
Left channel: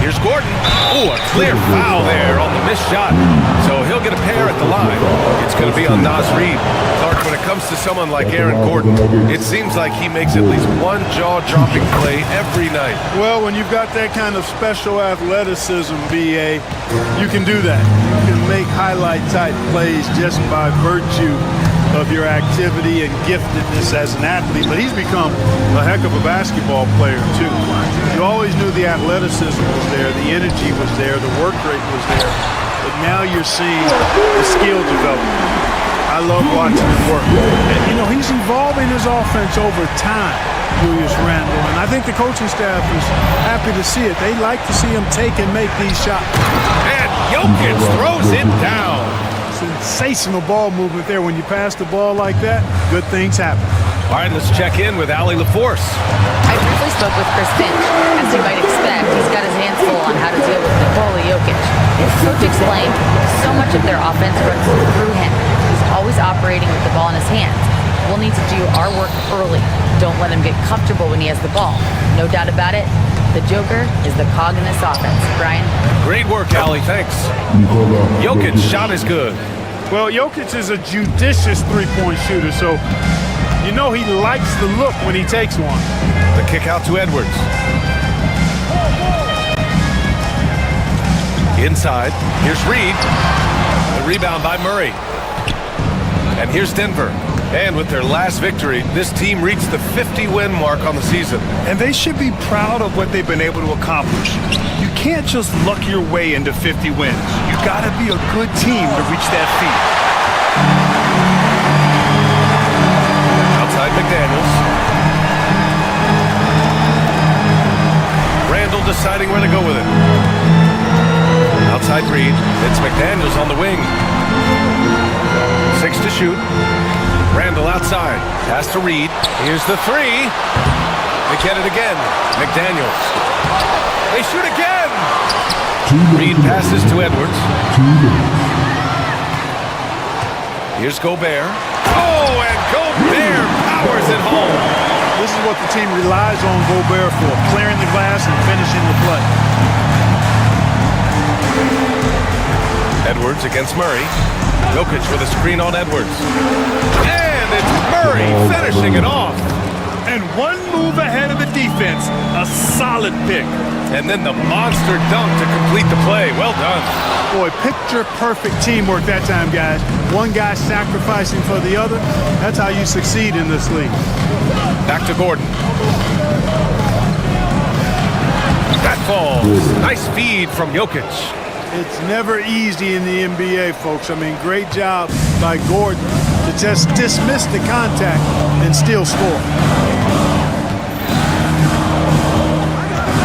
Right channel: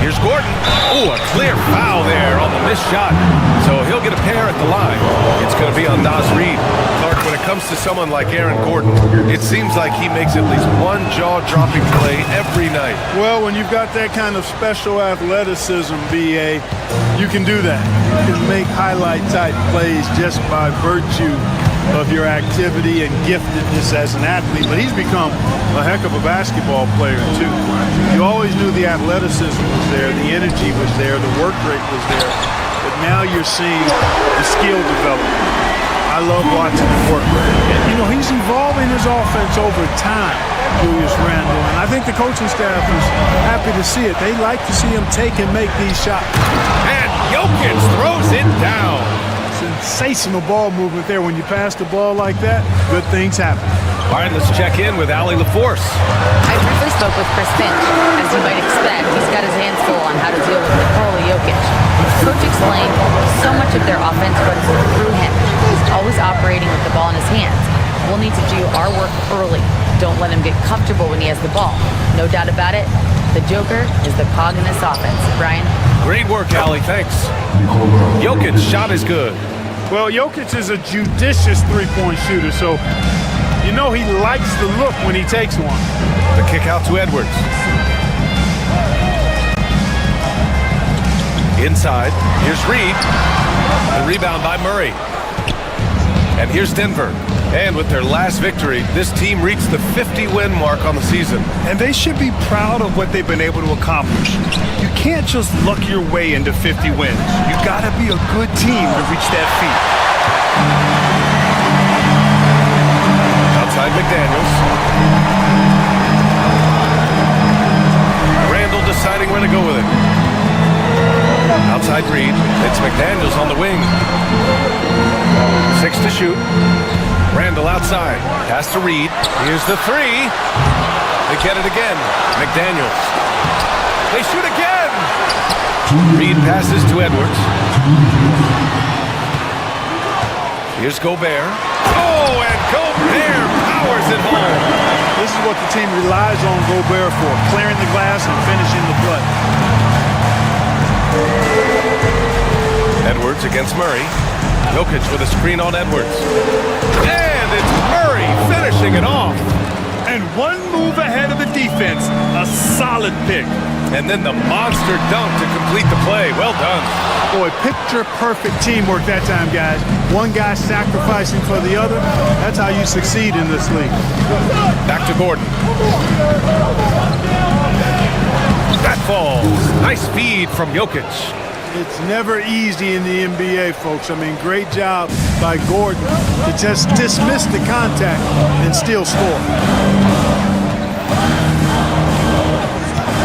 Here's Gordon. Oh, a clear foul there on the missed shot. So he'll get a pair at the line. It's going to be on Naz Reid. Clark, when it comes to someone like Aaron Gordon, it seems like he makes at least one jaw-dropping play every night. Well, when you've got that kind of special athleticism, BA, you can do that. You can make highlight-type plays just by virtue of your activity and giftedness as an athlete, but he's become a heck of a basketball player too. You always knew the athleticism was there, the energy was there, the work rate was there, but now you're seeing the skill development. I love watching him work. And, you know, he's evolving his offense over time, Julius Randle, and I think the coaching staff is happy to see it. They like to see him take and make these shots. And Jokic throws it down. Sensational ball movement there. When you pass the ball like that, good things happen. All right, let's check in with Allie LaForce. I briefly spoke with Chris Finch. As you might expect, he's got his hands full on how to deal with Nikola Jokic. Coach explained so much of their offense runs through him. He's always operating with the ball in his hands. We'll need to do our work early. Don't let him get comfortable when he has the ball. No doubt about it, the Joker is the cog in this offense. Brian? Great work, Allie. Thanks. Jokic's shot is good. Well, Jokic is a judicious three-point shooter, so you know he likes the look when he takes one. The kick out to Edwards. Inside, here's Reid. The rebound by Murray. And here's Denver. And with their last victory, this team reached the 50-win mark on the season. And they should be proud of what they've been able to accomplish. You can't just luck your way into 50 wins. You gotta be a good team to reach that feat. Outside McDaniels. Randle deciding where to go with it. Outside Reid. It's McDaniels on the wing. 6 to shoot. Randle outside. Pass to Reid. Here's the 3. They get it again. McDaniels. They shoot again. Reid passes to Edwards. Here's Gobert. Oh, and Gobert powers it home. This is what the team relies on Gobert for, clearing the glass and finishing the play. Edwards against Murray. Jokic with a screen on Edwards. And it's Murray finishing it off. And one move ahead of the defense. A solid pick. And then the monster dunk to complete the play. Well done. Boy, picture-perfect teamwork that time, guys. One guy sacrificing for the other. That's how you succeed in this league. Back to Gordon. That falls. Nice feed from Jokic. It's never easy in the NBA, folks. I mean, great job by Gordon to just dismiss the contact and still score.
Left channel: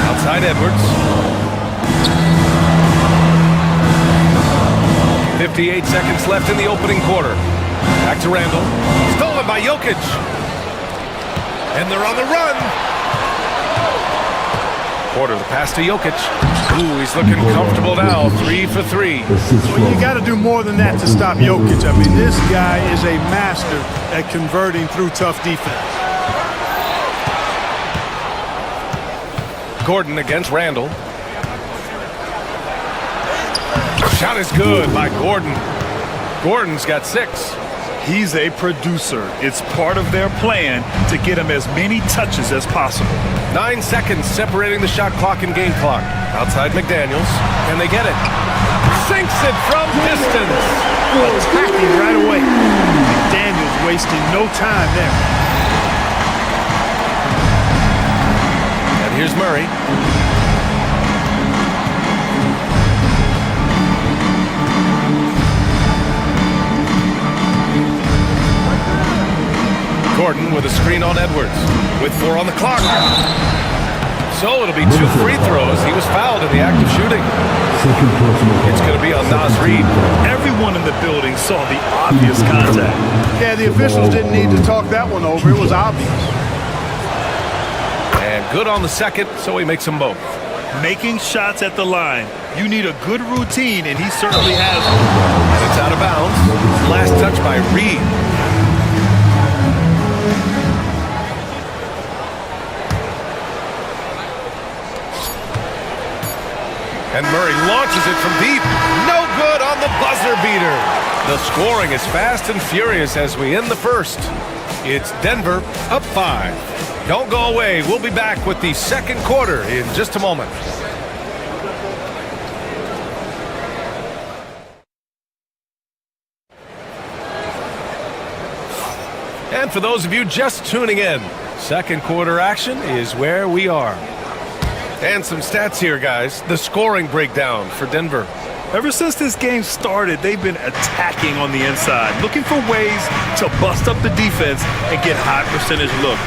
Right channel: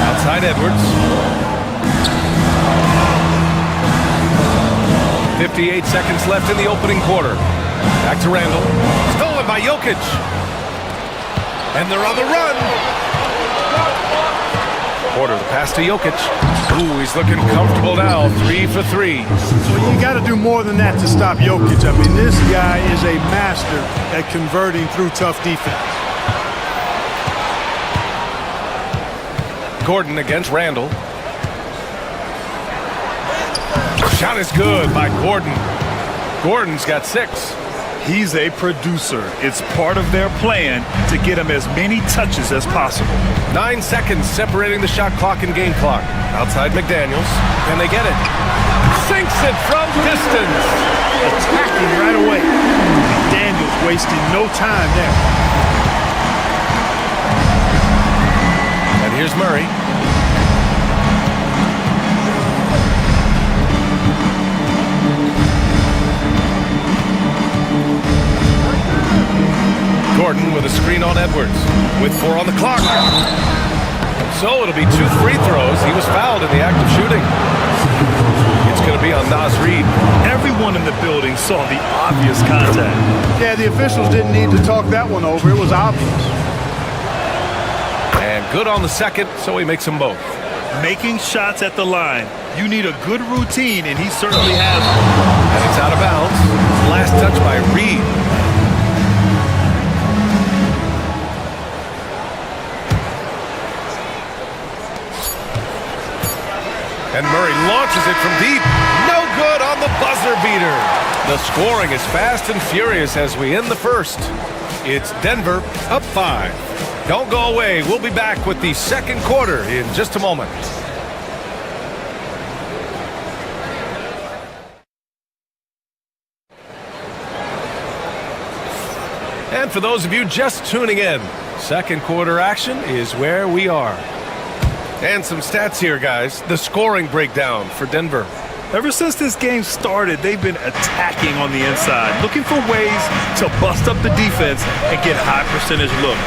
Outside Edwards. 58 seconds left in the opening quarter. Back to Randall. Stolen by Jokic. And they're on the run. Quarter the pass to Jokic. Ooh, he's looking comfortable now. 3 for 3. Well, you got to do more than that to stop Jokic. I mean, this guy is a master at converting through tough defense. Gordon against Randall. Shot is good by Gordon. Gordon's got 6. He's a producer. It's part of their plan to get him as many touches as possible. 9 seconds separating the shot clock and game clock. Outside McDaniels. Can they get it? Sinks it from distance. Attacking right away. McDaniels wasting no time there. And here's Murray. Gordon with a screen on Edwards with 4 on the clock. So it'll be 2 free throws. He was fouled in the act of shooting. It's going to be on Naz Reid. Everyone in the building saw the obvious contact. Yeah, the officials didn't need to talk that one over. It was obvious. And good on the second, so he makes them both. Making shots at the line. You need a good routine, and he certainly has one. And it's out of bounds. Last touch by Reid. And Murray launches it from deep. No good on the buzzer beater. The scoring is fast and furious as we end the first. It's Denver up 5. Don't go away. We'll be back with the second quarter in just a moment. And for those of you just tuning in, second quarter action is where we are. And some stats here, guys. The scoring breakdown for Denver. Ever since this game started, they've been attacking on the inside, looking for ways to bust up the defense and get high percentage looks.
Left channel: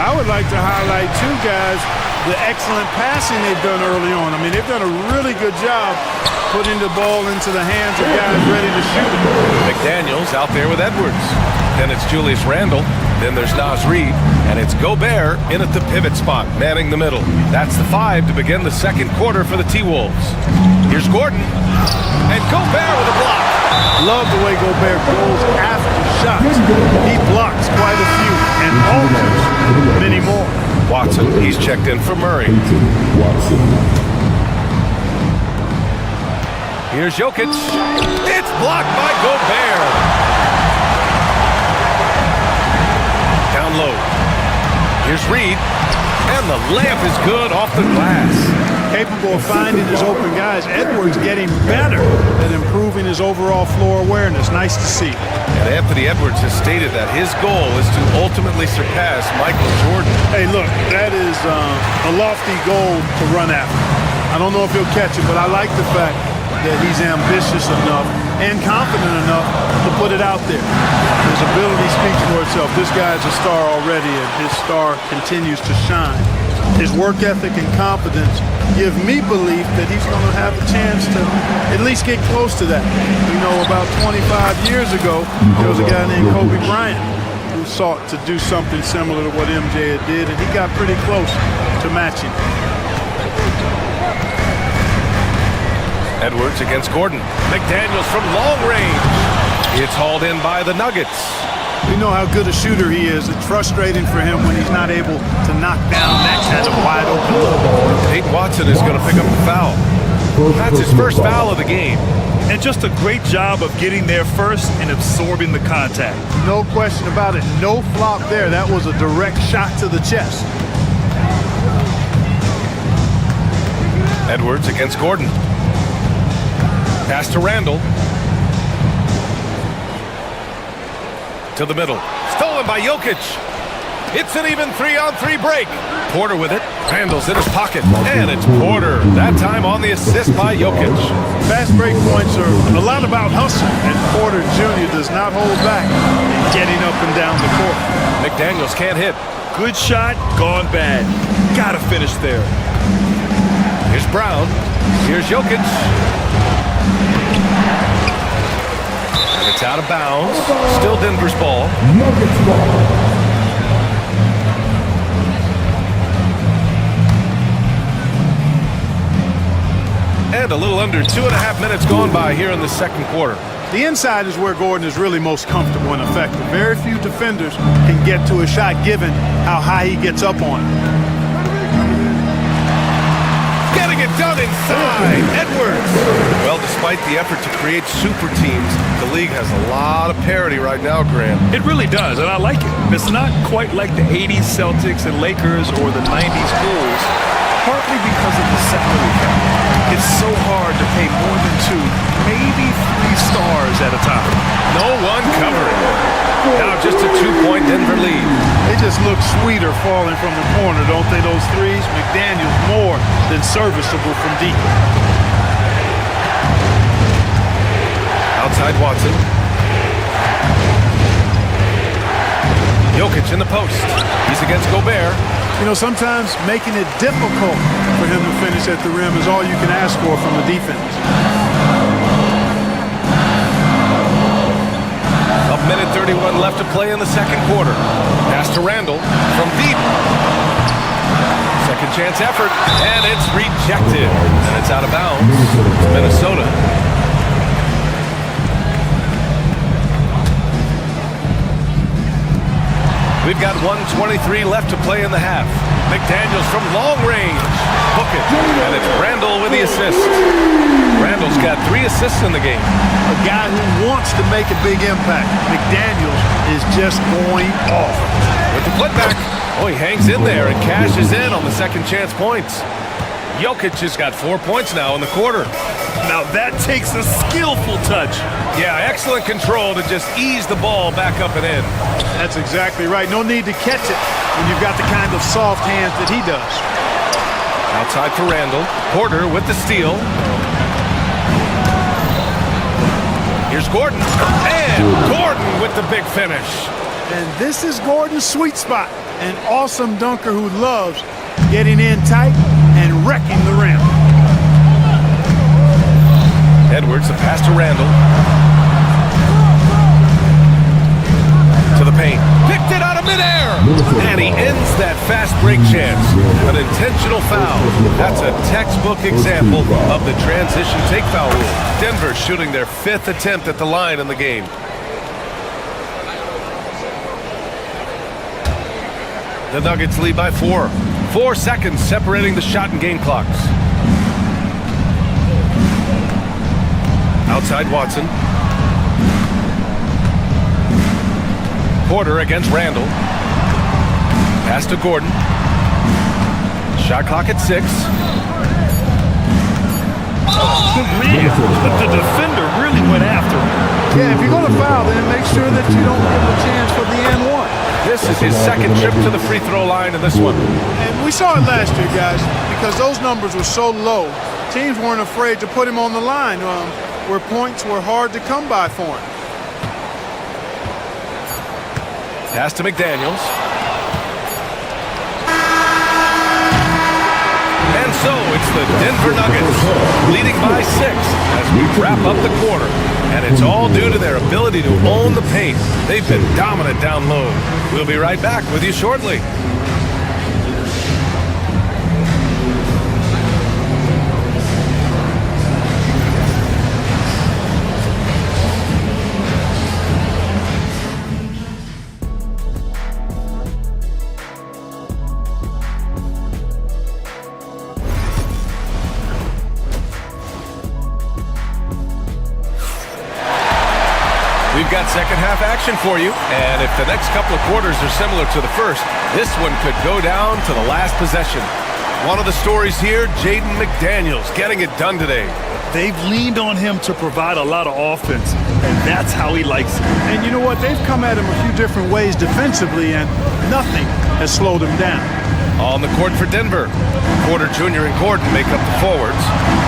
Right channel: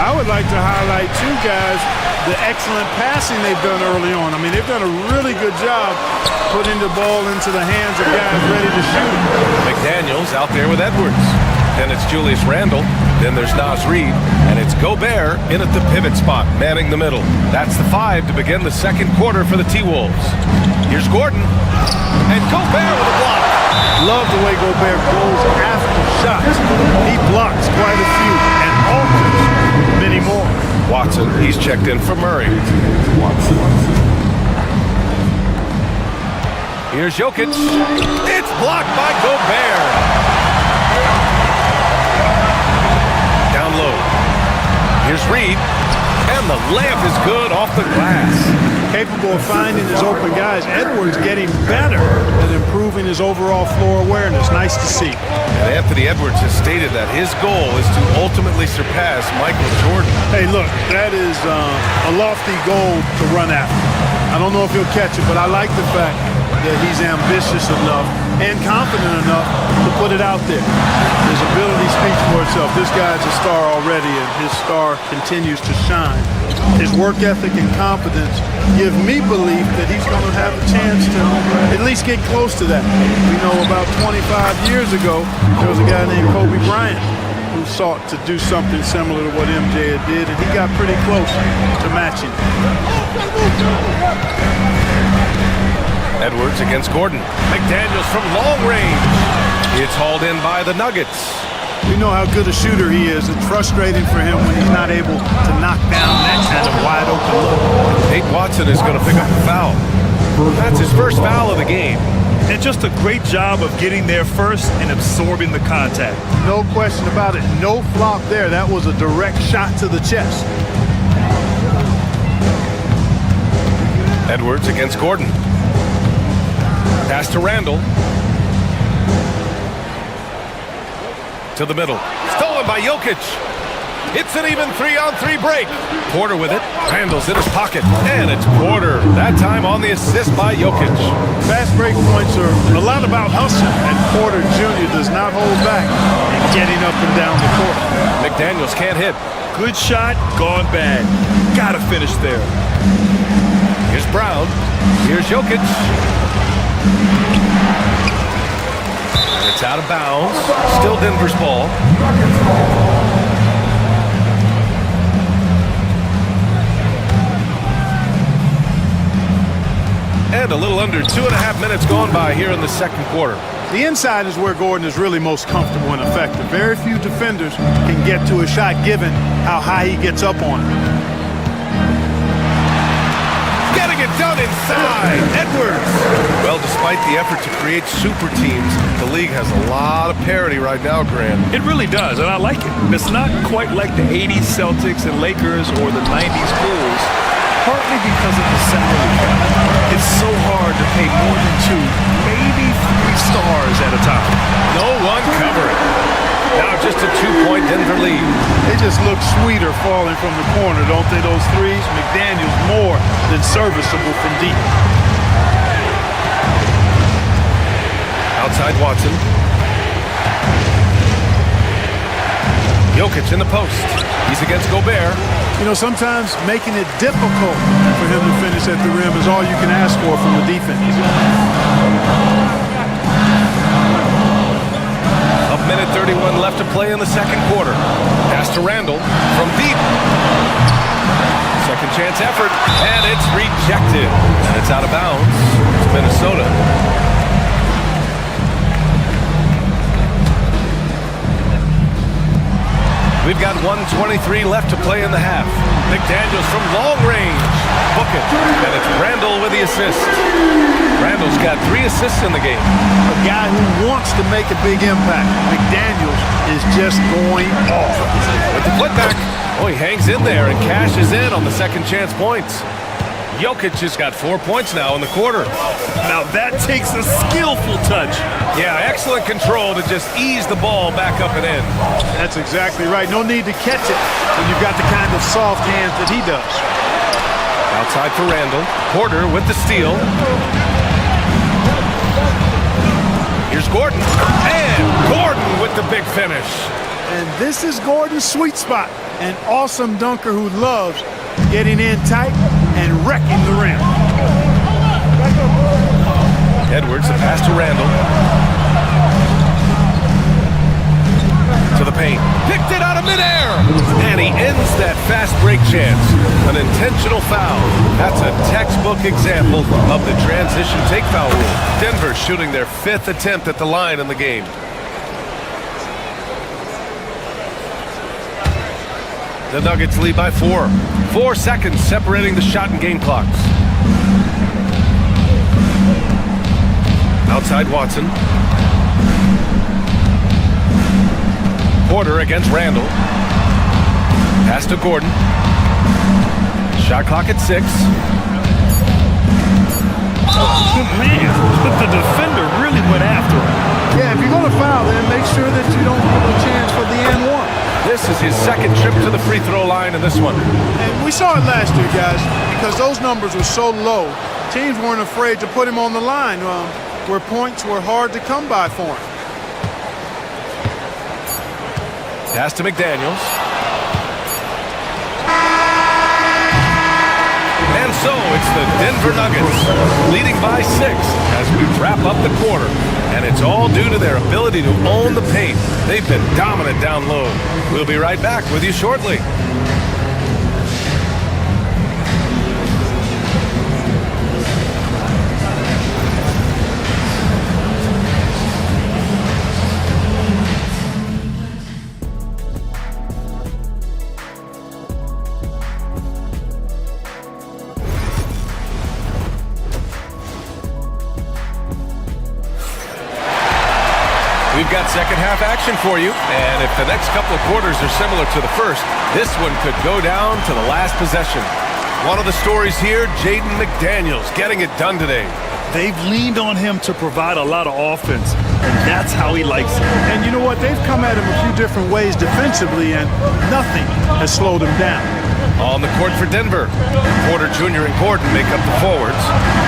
I would like to highlight, too, guys, the excellent passing they've done early on. I mean, they've done a really good job putting the ball into the hands of guys ready to shoot it. McDaniels out there with Edwards. Then it's Julius Randle. Then there's Naz Reid. And it's Gobert in at the pivot spot, manning the middle. That's the 5 to begin the second quarter for the T-Wolves. Here's Gordon. And Gobert with a block. Love the way Gobert goes after shots. He blocks quite a few and alters many more. Watson, he's checked in for Murray. Here's Jokic. It's blocked by Gobert. Down low. Here's Reid. And the layup is good off the glass. Capable of finding his open guys. Edwards getting better at improving his overall floor awareness. Nice to see. And Anthony Edwards has stated that his goal is to ultimately surpass Michael Jordan. Hey, look, that is a lofty goal to run after. I don't know if he'll catch it, but I like the fact that he's ambitious enough and confident enough to put it out there. His ability speaks for itself. This guy's a star already, and his star continues to shine. His work ethic and confidence give me belief that he's going to have a chance to at least get close to that. We know about 25 years ago, there was a guy named Kobe Bryant who sought to do something similar to what MJ did, and he got pretty close to matching it. Edwards against Gordon. McDaniels from long range. It's hauled in by the Nuggets. We know how good a shooter he is. It's frustrating for him when he's not able to knock down that kind of wide open look. Peyton Watson is going to pick up the foul. That's his first foul of the game. And just a great job of getting there first and absorbing the contact. No question about it. No flop there. That was a direct shot to the chest. Edwards against Gordon. Pass to Randall. To the middle. Stolen by Jokic. It's an even 3-on-3 break. Porter with it. Randall's in his pocket. And it's Porter. That time on the assist by Jokic. Fast break points are a lot about hustle, and Porter Jr. does not hold back in getting up and down the court. McDaniels can't hit. Good shot, gone bad. Gotta finish there. Here's Brown. Here's Jokic. And it's out of bounds. Still Denver's ball. And a little under 2.5 minutes gone by here in the second quarter. The inside is where Gordon is really most comfortable and effective. Very few defenders can get to a shot given how high he gets up on it. Getting it done inside. Edwards. Well, despite the effort to create super teams, the league has a lot of parity right now, Graham. It really does, and I like it. It's not quite like the 80s Celtics and Lakers or the 90s Bulls, partly because of the salary cap. It's so hard to pay more than 2, maybe 3 stars at a time. No one covering. Now just a 2-point Denver lead. They just look sweeter falling from the corner, don't they, those threes? McDaniels more than serviceable from deep. Outside Watson. Jokic in the post. He's against Gobert. You know, sometimes making it difficult for him to finish at the rim is all you can ask for from the defense. A minute 31 left to play in the second quarter. Pass to Randall from deep. Second chance effort, and it's rejected. And it's out of bounds. It's Minnesota. We've got 1:23 left to play in the half. McDaniels from long range. Book it. And it's Randall with the assist. Randall's got 3 assists in the game. A guy who wants to make a big impact. McDaniels is just going off. With the putback. Oh, he hangs in there and cashes in on the second chance points. Jokic has got 4 points now in the quarter. Now that takes a skillful touch. Yeah, excellent control to just ease the ball back up and in. That's exactly right. No need to catch it when you've got the kind of soft hands that he does. Outside for Randall. Porter with the steal. Here's Gordon. And Gordon with the big finish. And this is Gordon's sweet spot. An awesome dunker who loves getting in tight and wrecking the rim. Edwards, the pass to Randall. To the paint. Picked it out of midair. And he ends that fast break chance. An intentional foul. That's a textbook example of the transition take foul rule. Denver shooting their 5th attempt at the line in the game. The Nuggets lead by 4. 4 seconds separating the shot and game clocks. Outside Watson. Porter against Randall. Pass to Gordon. Shot clock at 6. Oh, man, the defender really went after him. Yeah, if you're going to foul, then make sure that you don't give a chance for the and one. This is his second trip to the free throw line in this one. And we saw it last year, guys, because those numbers were so low. Teams weren't afraid to put him on the line where points were hard to come by for him. Pass to McDaniels. And so it's the Denver Nuggets leading by 6 as we wrap up the quarter. And it's all due to their ability to own the paint. They've been dominant down low. We'll be right back with you shortly. We've got second half action for you, and if the next couple of quarters are similar to the first, this one could go down to the last possession. One of the stories here, Jaden McDaniels getting it done today. They've leaned on him to provide a lot of offense, and that's how he likes it. And you know what? They've come at him a few different ways defensively, and nothing has slowed him down. On the court for Denver, Porter Jr. and Gordon make up the forwards.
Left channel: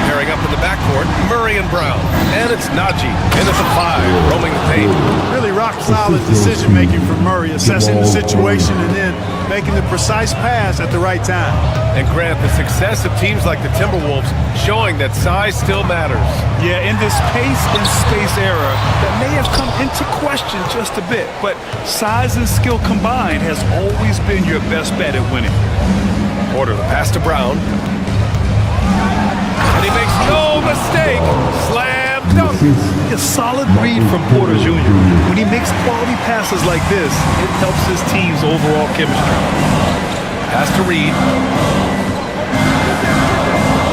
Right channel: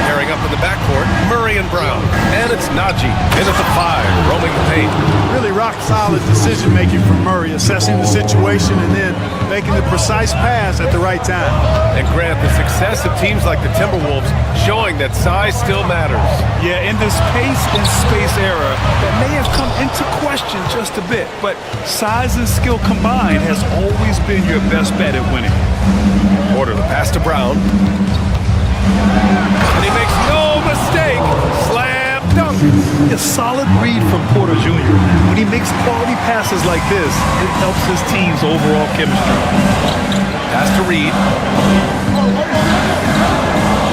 Pairing up in the backcourt, Murray and Brown. And it's Najee in at the 5, roaming the paint. Really rock-solid decision-making from Murray, assessing the situation and then making the precise pass at the right time. And Grant, the success of teams like the Timberwolves showing that size still matters. Yeah, in this pace and space era, that may have come into question just a bit, but size and skill combined has always been your best bet at winning. Porter, the pass to Brown. And he makes no mistake. Slam dunk. A solid read from Porter Jr. When he makes quality passes like this, it helps his team's overall chemistry. Pass to Reed.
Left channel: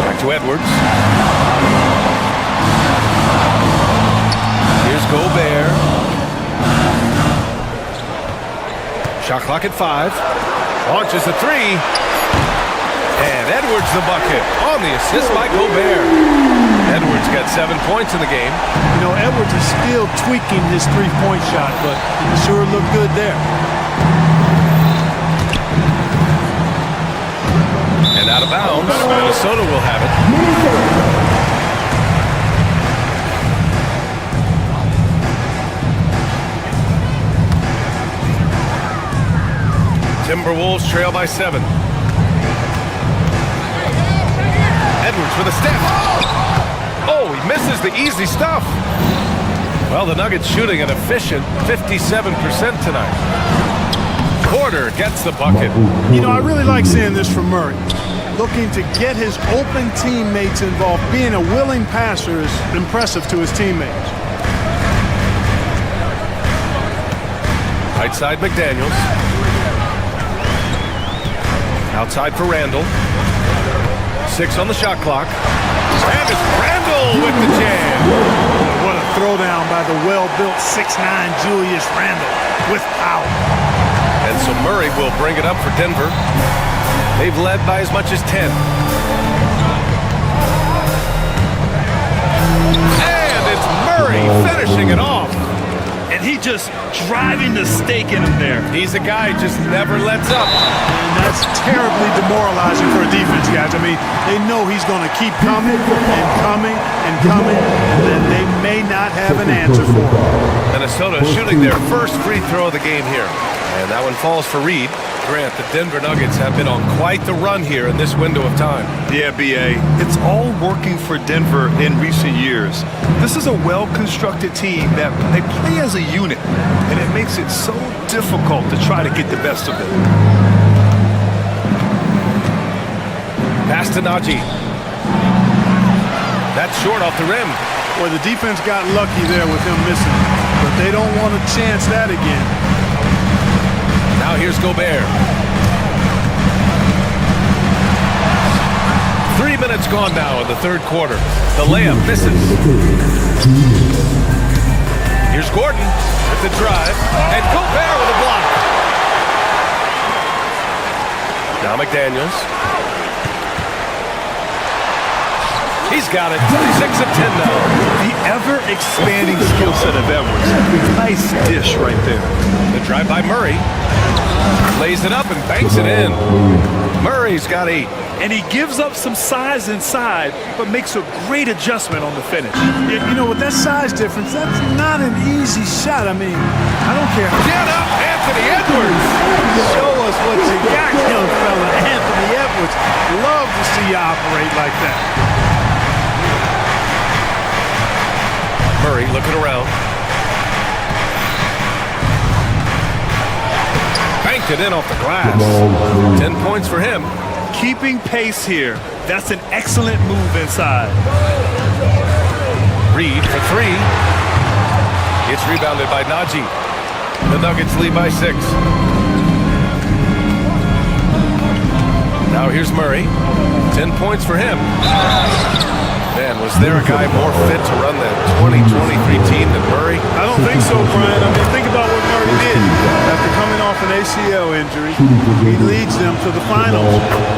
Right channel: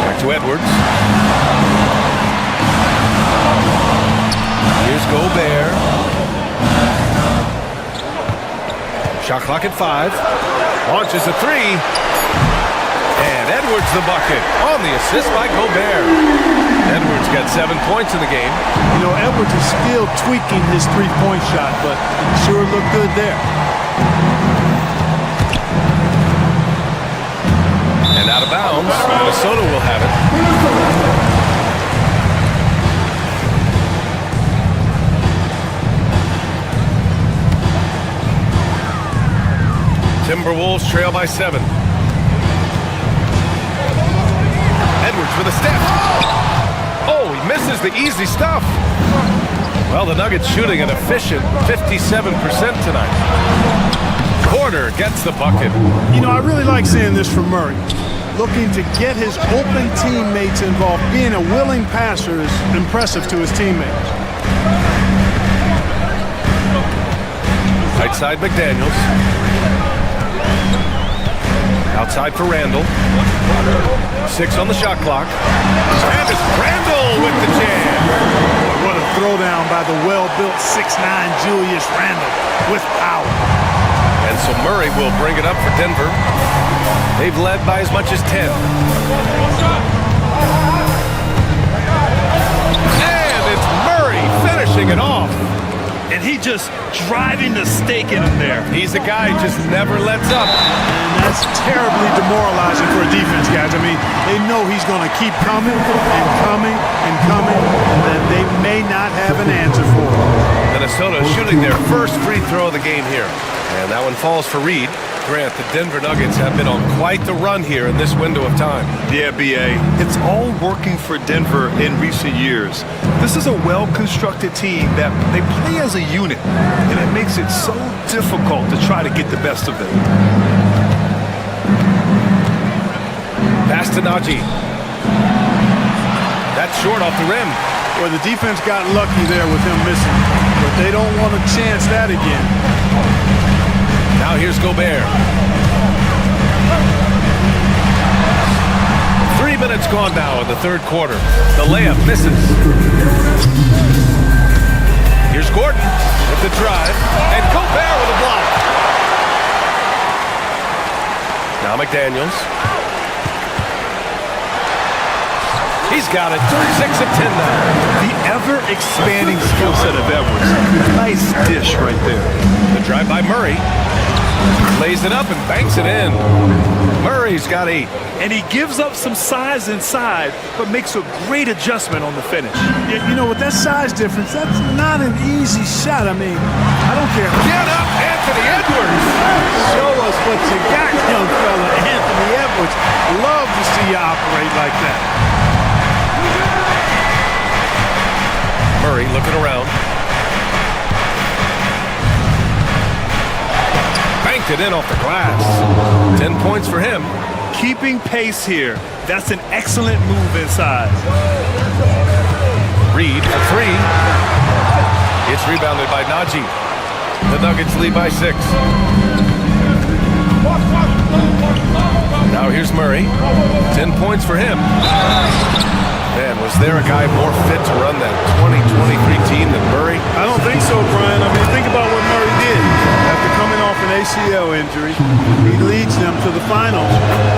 Back to Edwards. Here's Gobert. Shot clock at 5. Launches a 3. And Edwards the bucket on the assist by Gobert. Edwards got 7 points in the game. You know, Edwards is still tweaking his three-point shot, but it sure looked good there. And out of bounds, Minnesota will have it. Timberwolves trail by 7. Edwards with a step. Oh, he misses the easy stuff. Well, the Nuggets shooting an efficient 57% tonight. Porter gets the bucket. You know, I really like seeing this from Murray. Looking to get his open teammates involved. Being a willing passer is impressive to his teammates. Right side McDaniels. Outside for Randall. 6 on the shot clock. And it's Randall with the jam. Boy, what a throwdown by the well-built 6'9" Julius Randall with power. And so Murray will bring it up for Denver. They've led by as much as 10. And it's Murray finishing it off. And he just driving the stake in him there. He's a guy who just never lets up. And that's terribly demoralizing for a defense, guys. I mean, they know he's going to keep coming and coming and coming, and then they may not have an answer for him. Minnesota shooting their first free throw of the game here. And that one falls for Reed. Grant, the Denver Nuggets have been on quite the run here in this window of time. Yeah, B.A. It's all working for Denver in recent years. This is a well-constructed team that they play as a unit, and it makes it so difficult to try to get the best of them. Pass to Najee. That's short off the rim. Well, the defense got lucky there with him missing, but they don't want to chance that again. Now here's Gobert. 3 minutes gone now in the third quarter. The layup misses. Here's Gordon with the drive. And Gobert with a block. Now McDaniels. He's got it. 6 of 10 now. The ever-expanding skill set of Edwards. Nice dish right there. The drive by Murray. Lays it up and banks it in. Murray's got 8. And he gives up some size inside, but makes a great adjustment on the finish. You know, with that size difference, that's not an easy shot. I mean, I don't care. Get up, Anthony Edwards. Show us what you got, young fella. Anthony Edwards. Love to see you operate like that. Murray looking around. Banked it in off the glass. 10 points for him. Keeping pace here. That's an excellent move inside. Reed for 3. It's rebounded by Najee. The Nuggets lead by 6. Now here's Murray. 10 points for him. Man, was there a guy more fit to run that 2023 team than Murray? I don't think so, Brian. I mean, think about what Murray did. After coming off an ACL injury, he leads them to the finals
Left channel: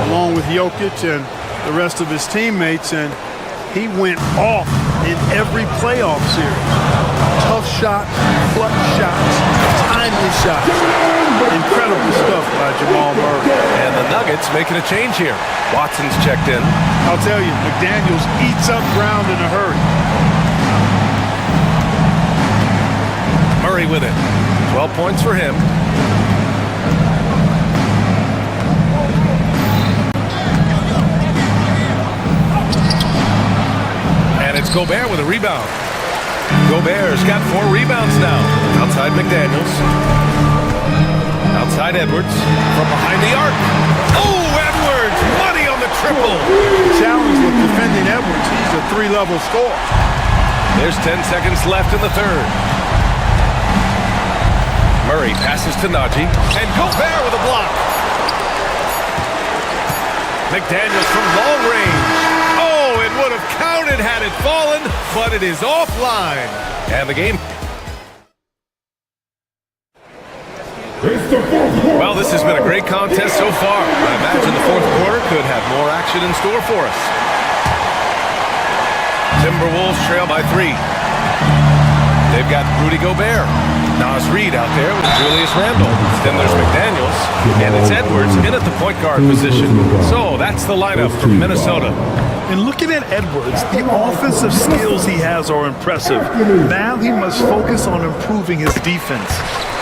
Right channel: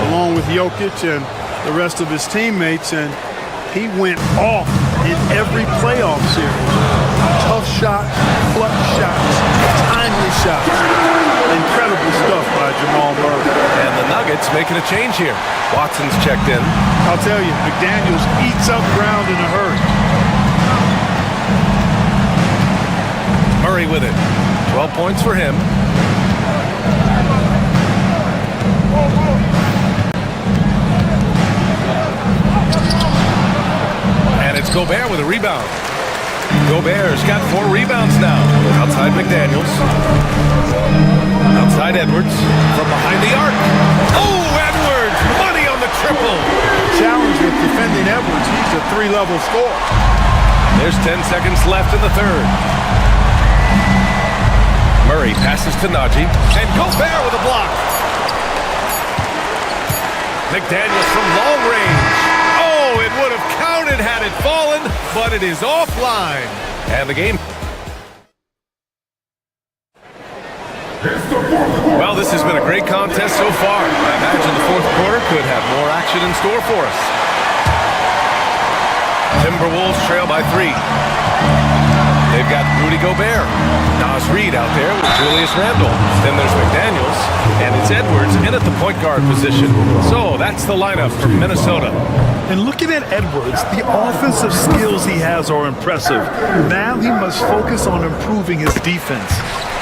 along with Jokic and the rest of his teammates, and he went off in every playoff series. Tough shots, clutch shots, timely shots. Incredible stuff by Jamal Murray. And the Nuggets making a change here. Watson's checked in. I'll tell you, McDaniels eats up ground in a hurry. Murray with it. 12 points for him. And it's Gobert with a rebound. Gobert's got 4 rebounds now. Outside McDaniels. Outside Edwards. From behind the arc. Oh, Edwards! Money on the triple. Challenge with defending Edwards. He's a 3-level scorer. There's 10 seconds left in the third. Murray passes to Najee. And Gobert with a block. McDaniels from long range. Oh, it would have counted had it fallen, but it is offline. And the game. Well, this has been a great contest so far. I imagine the fourth quarter could have more action in store for us. Timberwolves trail by 3. They've got Rudy Gobert. Naz Reid out there with Julius Randle. Then there's McDaniels, and it's Edwards in at the point guard position. So that's the lineup for Minnesota. And looking at Edwards, the offensive skills he has are impressive. Now he must focus on improving his defense.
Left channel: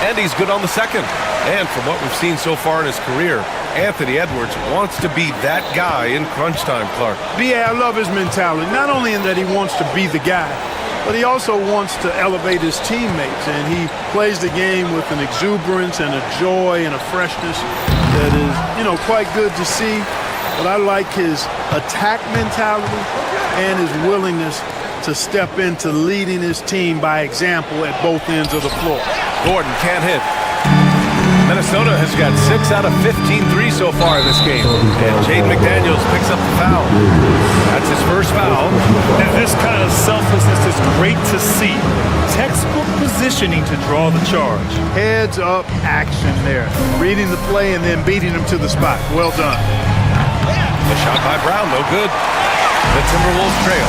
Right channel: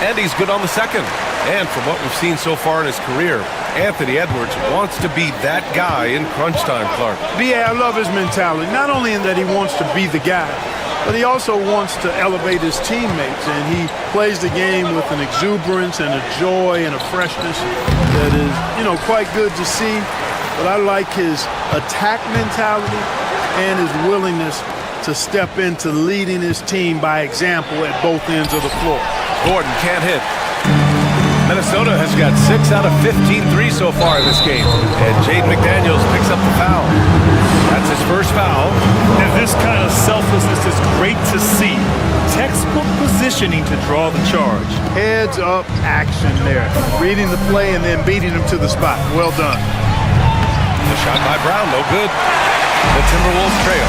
And he's good on the second. And from what we've seen so far in his career, Anthony Edwards wants to be that guy in crunch time, Clark. B.A., I love his mentality, not only in that he wants to be the guy, but he also wants to elevate his teammates, and he plays the game with an exuberance and a joy and a freshness that is, quite good to see. But I like his attack mentality and his willingness to step into leading his team by example at both ends of the floor. Gordon can't hit. Minnesota has got 6 out of 15 threes so far in this game. And Jaden McDaniels picks up the foul. That's his first foul. And this kind of selflessness is great to see. Textbook positioning to draw the charge. Heads up action there. Reading the play and then beating him to the spot. Well done. The shot by Brown, no good. The Timberwolves trail.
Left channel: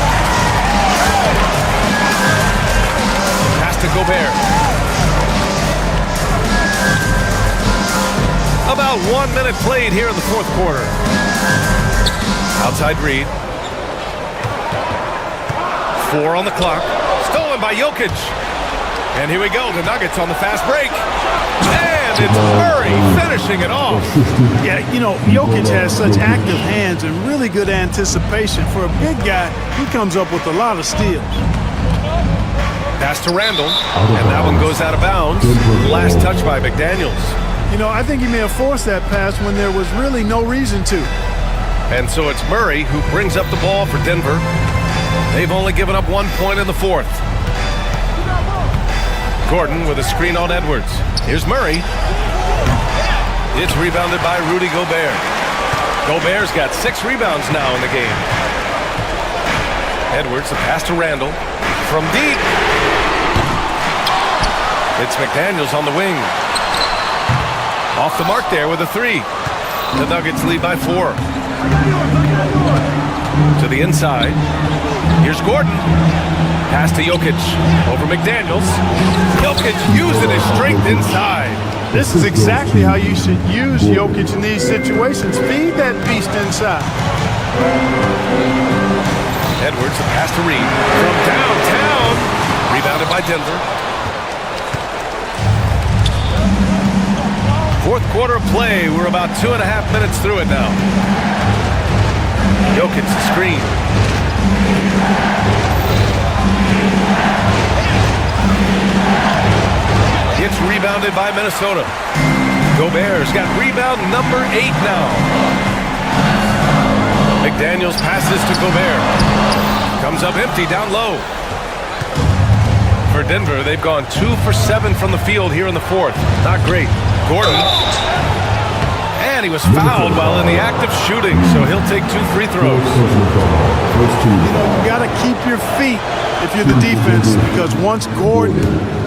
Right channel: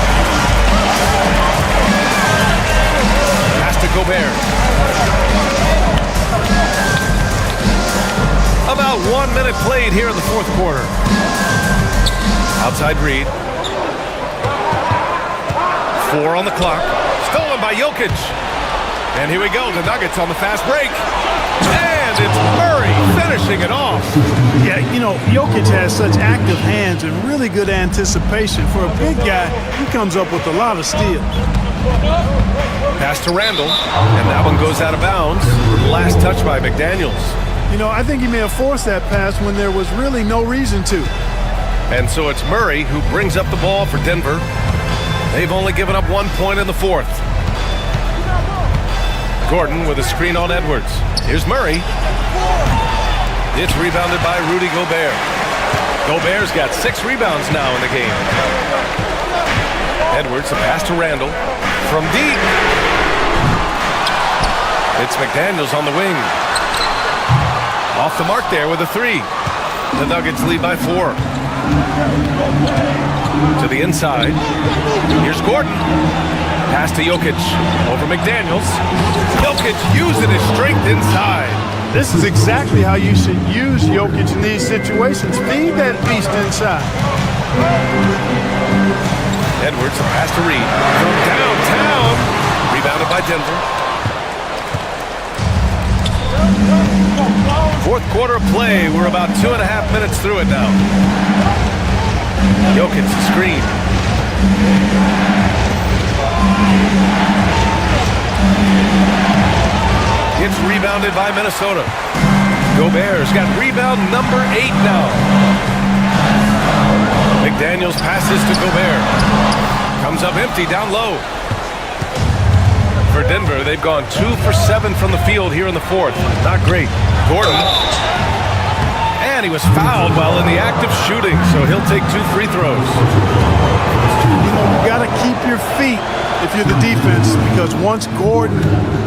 Pass to Gobert. About 1 minute played here in the fourth quarter. Outside Reid. 4 on the clock. Stolen by Jokic. And here we go, the Nuggets on the fast break. And it's Murray finishing it off. Yeah, Jokic has such active hands and really good anticipation. For a big guy, he comes up with a lot of steals. Pass to Randle, and that one goes out of bounds. Last touch by McDaniels. I think he may have forced that pass when there was really no reason to. And so it's Murray who brings up the ball for Denver. They've only given up 1 point in the fourth. Gordon with a screen on Edwards. Here's Murray. It's rebounded by Rudy Gobert. Gobert's got 6 rebounds now in the game. Edwards, the pass to Randle. From deep. It's McDaniels on the wing. Off the mark there with a 3. The Nuggets lead by 4. To the inside. Here's Gordon. Pass to Jokic. Over McDaniels. Jokic using his strength inside. This is exactly how you should use Jokic in these situations. Feed that beast inside. Edwards, the pass to Reid. From downtown. Rebounded by Denver. Fourth quarter of play. We're about 2.5 minutes through it now. Jokic, the screen. It's rebounded by Minnesota. Gobert's got rebound number 8 now. McDaniels passes to Gobert. Comes up empty down low. For Denver, they've gone 2 for 7 from the field here in the fourth. Not great. Gordon. And he was fouled while in the act of shooting, so he'll take 2 free throws. You know, you got to keep your feet if you're the defense, because once Gordon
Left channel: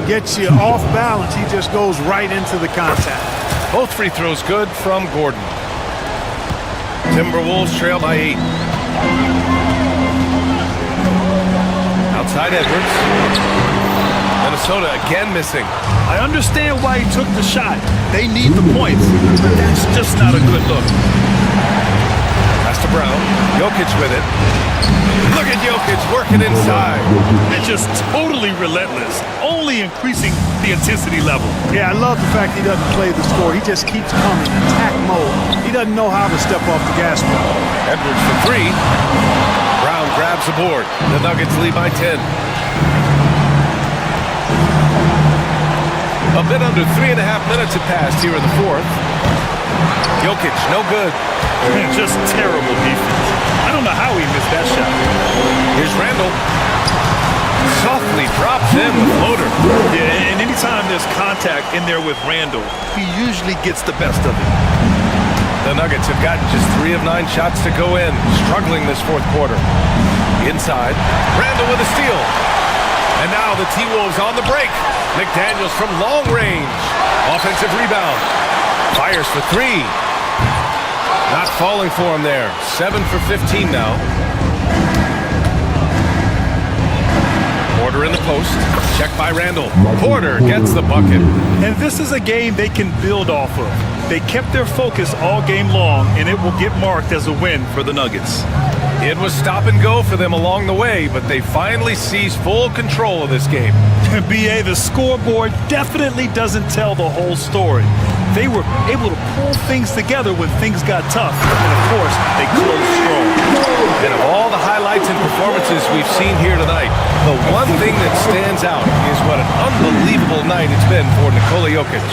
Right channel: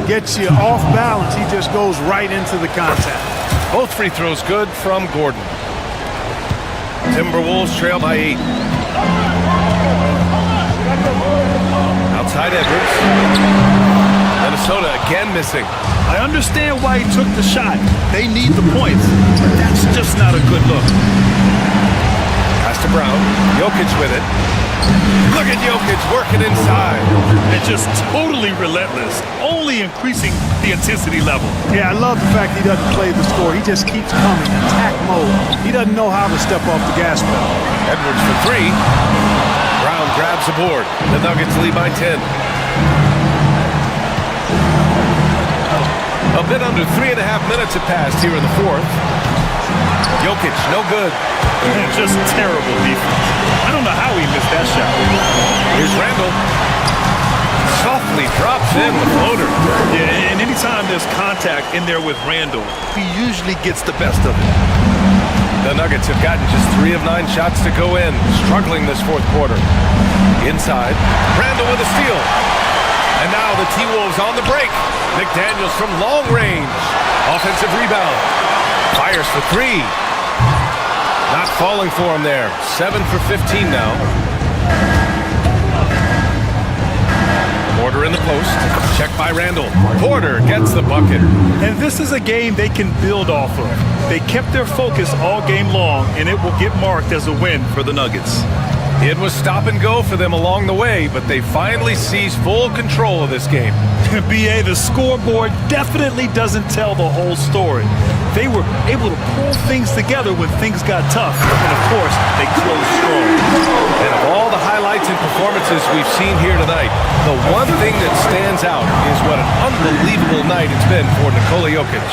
gets you off balance, he just goes right into the contact. Both free throws good from Gordon. Timberwolves trail by 8. Outside Edwards. Minnesota again missing. I understand why he took the shot. They need the points, but that's just not a good look. Pass to Brown. Jokic with it. Look at Jokic working inside. And just totally relentless, only increasing the intensity level. Yeah, I love the fact he doesn't play the score. He just keeps coming, attack mode. He doesn't know how to step off the gas pedal. Edwards for 3. Brown grabs the board. The Nuggets lead by 10. A bit under 3.5 minutes have passed here in the fourth. Jokic, no good. Just terrible defense. I don't know how he missed that shot. Here's Randall. Softly drops in the floater. Yeah, and anytime there's contact in there with Randall, he usually gets the best of it. The Nuggets have gotten just 3 of 9 shots to go in, struggling this fourth quarter. Inside, Randall with a steal. And now the T-Wolves on the break. McDaniels from long range. Offensive rebound. Fires for 3. Not falling for him there. 7 for 15 now. Porter in the post. Checked by Randall. Porter gets the bucket. And this is a game they can build off of. They kept their focus all game long, and it will get marked as a win for the Nuggets. It was stop and go for them along the way, but they finally seized full control of this game. BA, the scoreboard definitely doesn't tell the whole story. They were able to pull things together when things got tough, and of course, they closed strong. And of all the highlights and performances we've seen here tonight, the one thing that stands out is what an unbelievable night it's been for Nikola Jokic.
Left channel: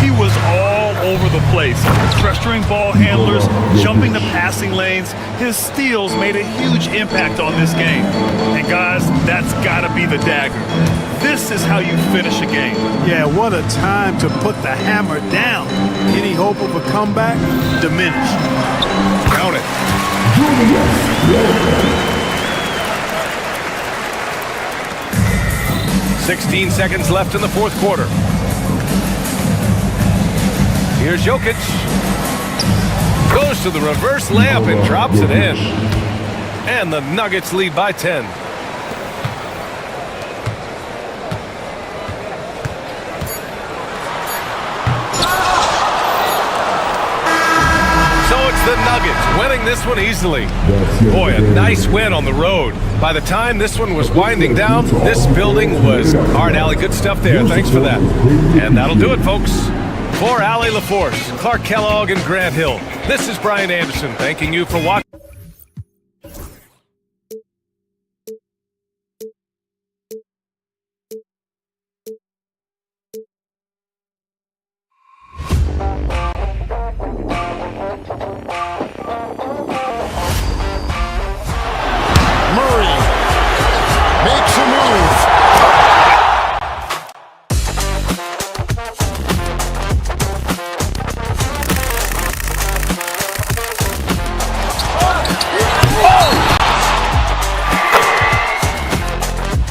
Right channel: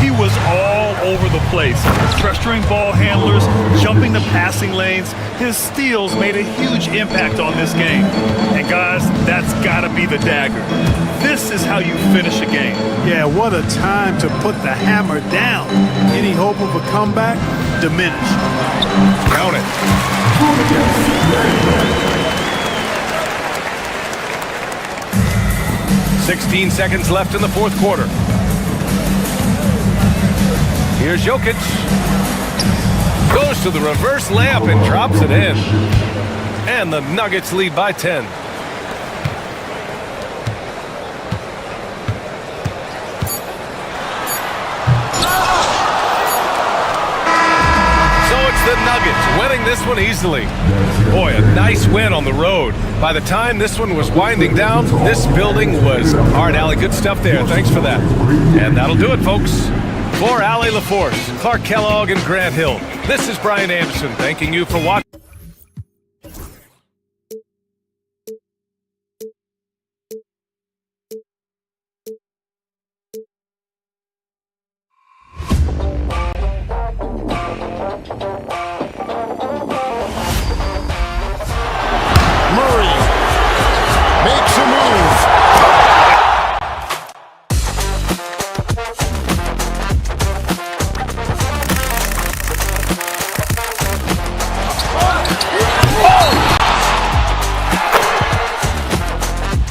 He was all over the place, pressuring ball handlers, jumping the passing lanes. His steals made a huge impact on this game. And guys, that's gotta be the dagger. This is how you finish a game. Yeah, what a time to put the hammer down. Any hope of a comeback? Diminished. Count it. 16 seconds left in the fourth quarter. Here's Jokic. Goes to the reverse layup and drops it in. And the Nuggets lead by 10. So it's the Nuggets winning this one easily. Boy, a nice win on the road. By the time this one was winding down, this building was hard. Allie, good stuff there. Thanks for that. And that'll do it, folks. For Allie LaForce, Clark Kellogg, and Grant Hill, this is Brian Anderson thanking you for watching. Murray makes a move.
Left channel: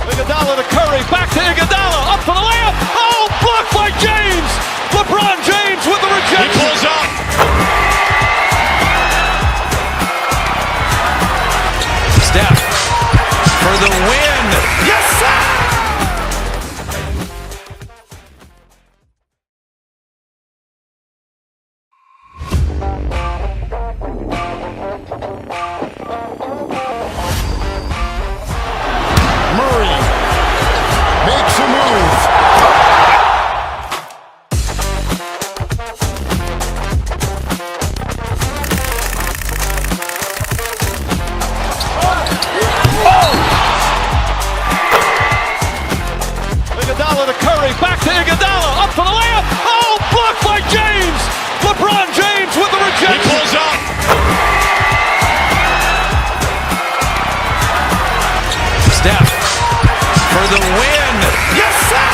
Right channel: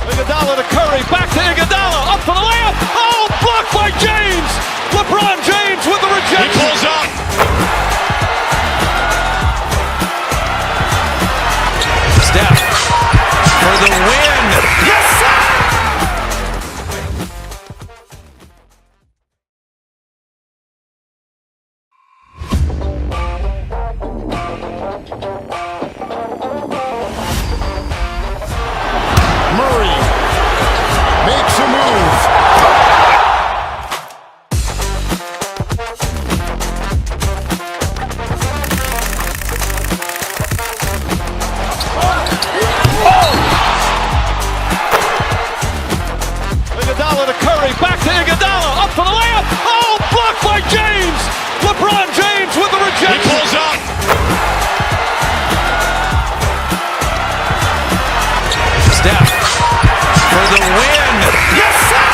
Iguodala to Curry, back to Iguodala, up for the layup. Oh, blocked by James. LeBron James with the rejection. He pulls up. Steph for the win. Yes, sir. Murray makes a move. Iguodala to Curry, back to Iguodala, up for the layup. Oh, blocked by James. LeBron James with the rejection. He pulls up. Steph for the win. Yes, sir.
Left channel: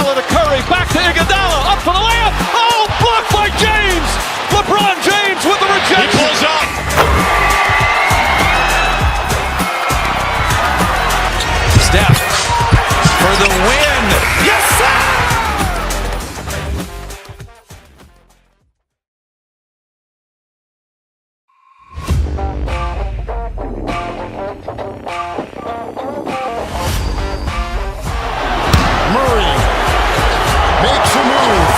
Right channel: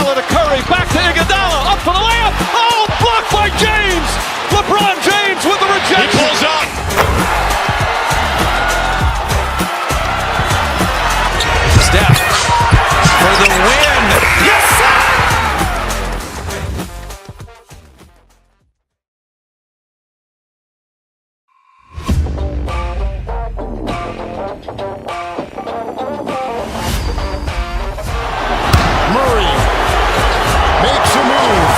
Iguodala to Curry, back to Iguodala, up for the layup. Oh, blocked by James. LeBron James with the rejection. He pulls up. Steph for the win. Yes, sir. Murray makes a move.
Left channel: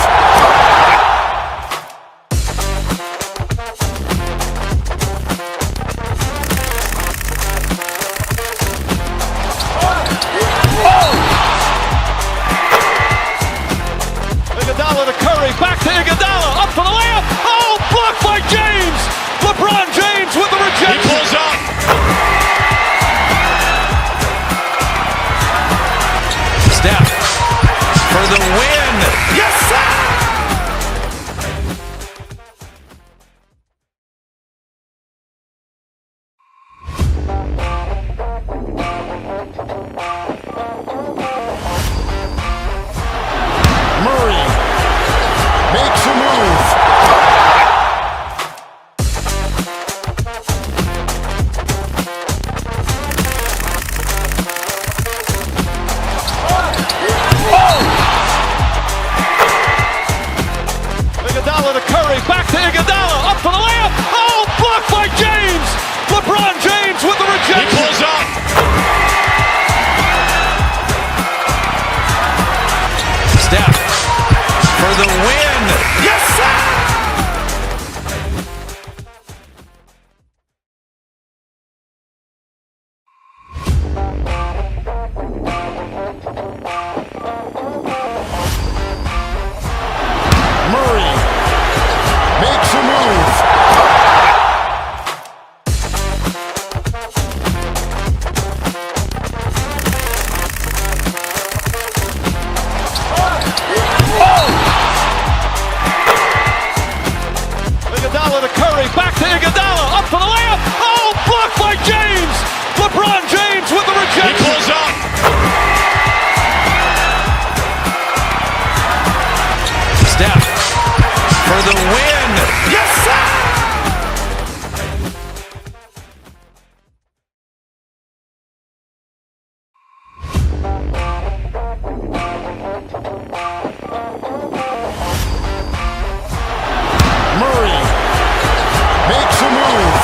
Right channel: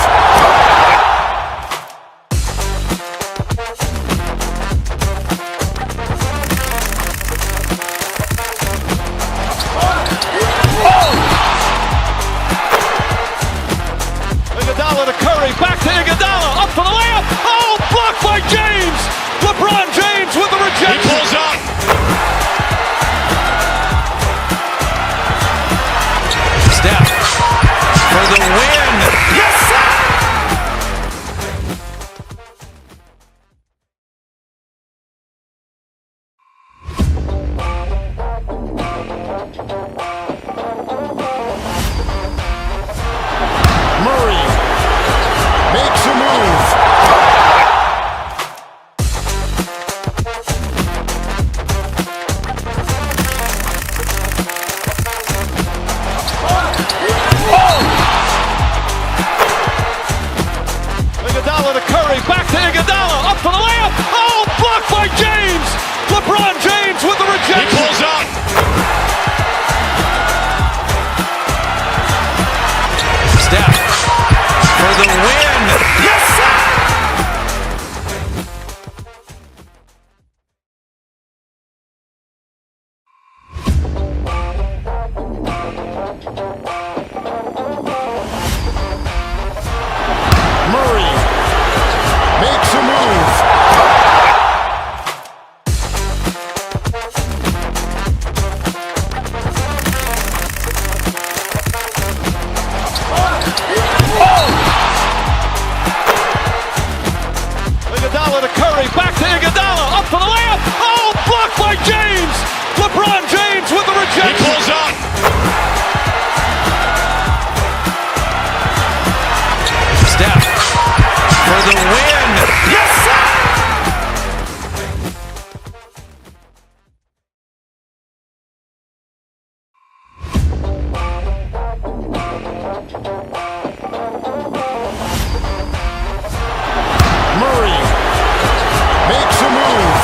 Iguodala to Curry, back to Iguodala, up for the layup. Oh, blocked by James. LeBron James with the rejection. He pulls up. Steph for the win. Yes, sir. Murray makes a move. Iguodala to Curry, back to Iguodala, up for the layup. Oh, blocked by James. LeBron James with the rejection. He pulls up. Steph for the win. Yes, sir. Murray makes a move. Iguodala to Curry, back to Iguodala, up for the layup. Oh, blocked by James. LeBron James with the rejection. He pulls up. Steph for the win. Yes, sir. Murray makes a move.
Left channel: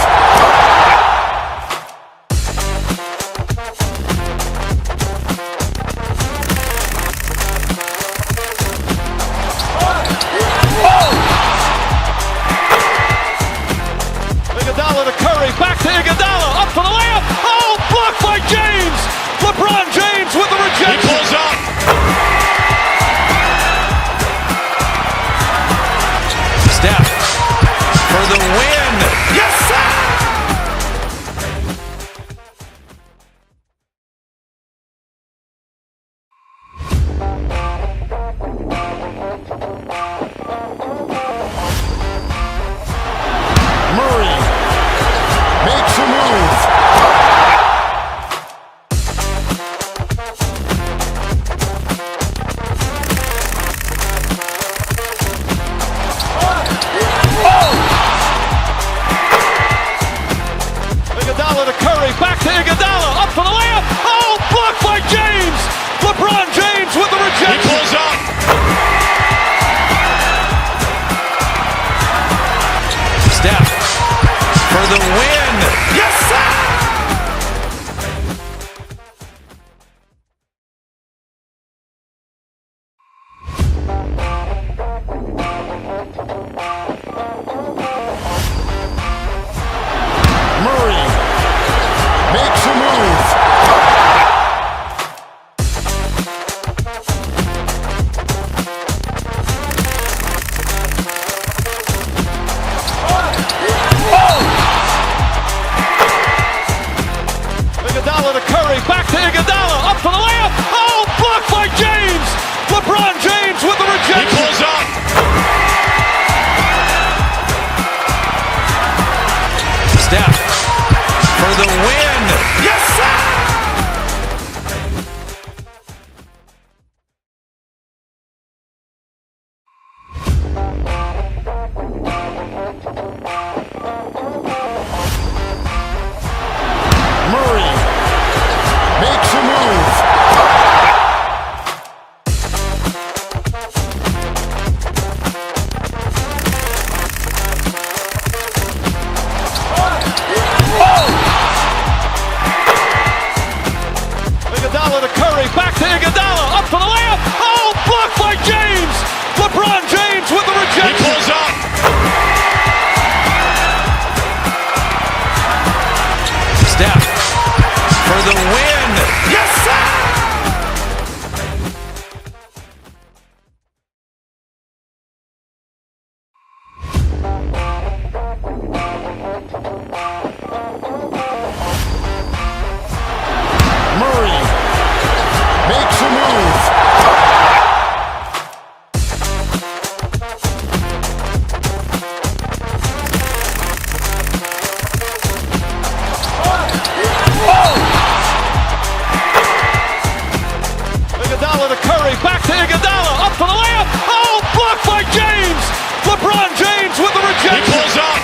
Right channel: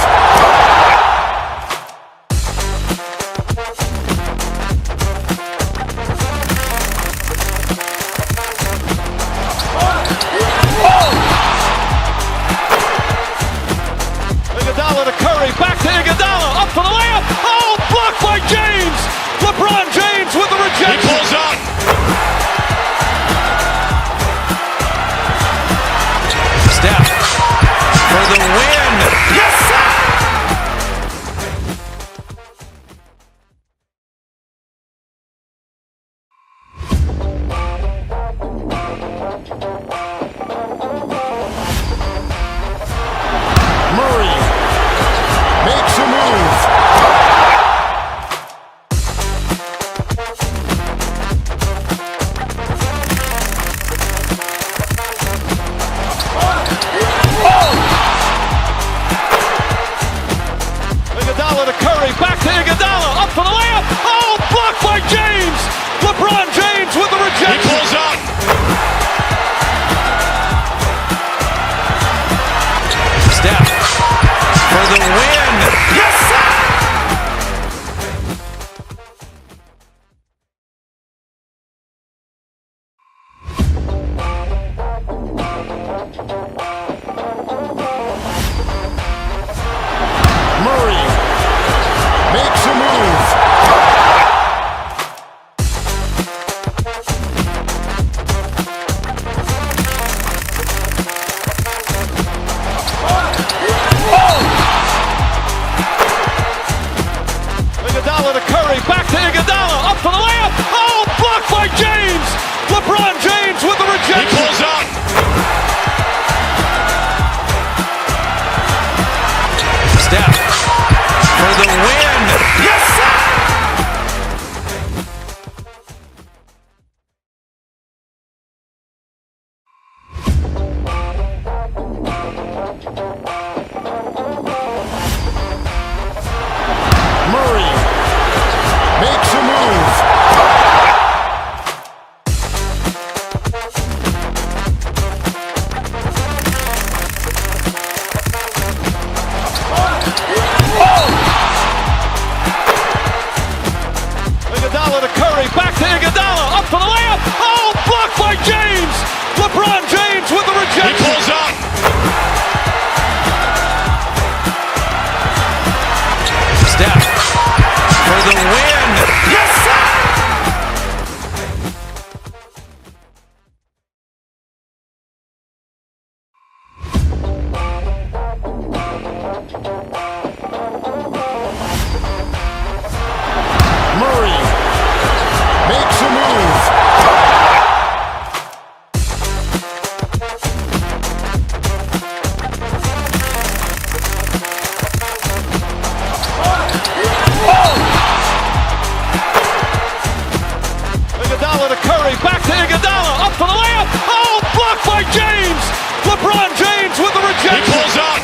back to Iguodala, up for the layup. Oh, blocked by James. LeBron James with the rejection. He pulls up.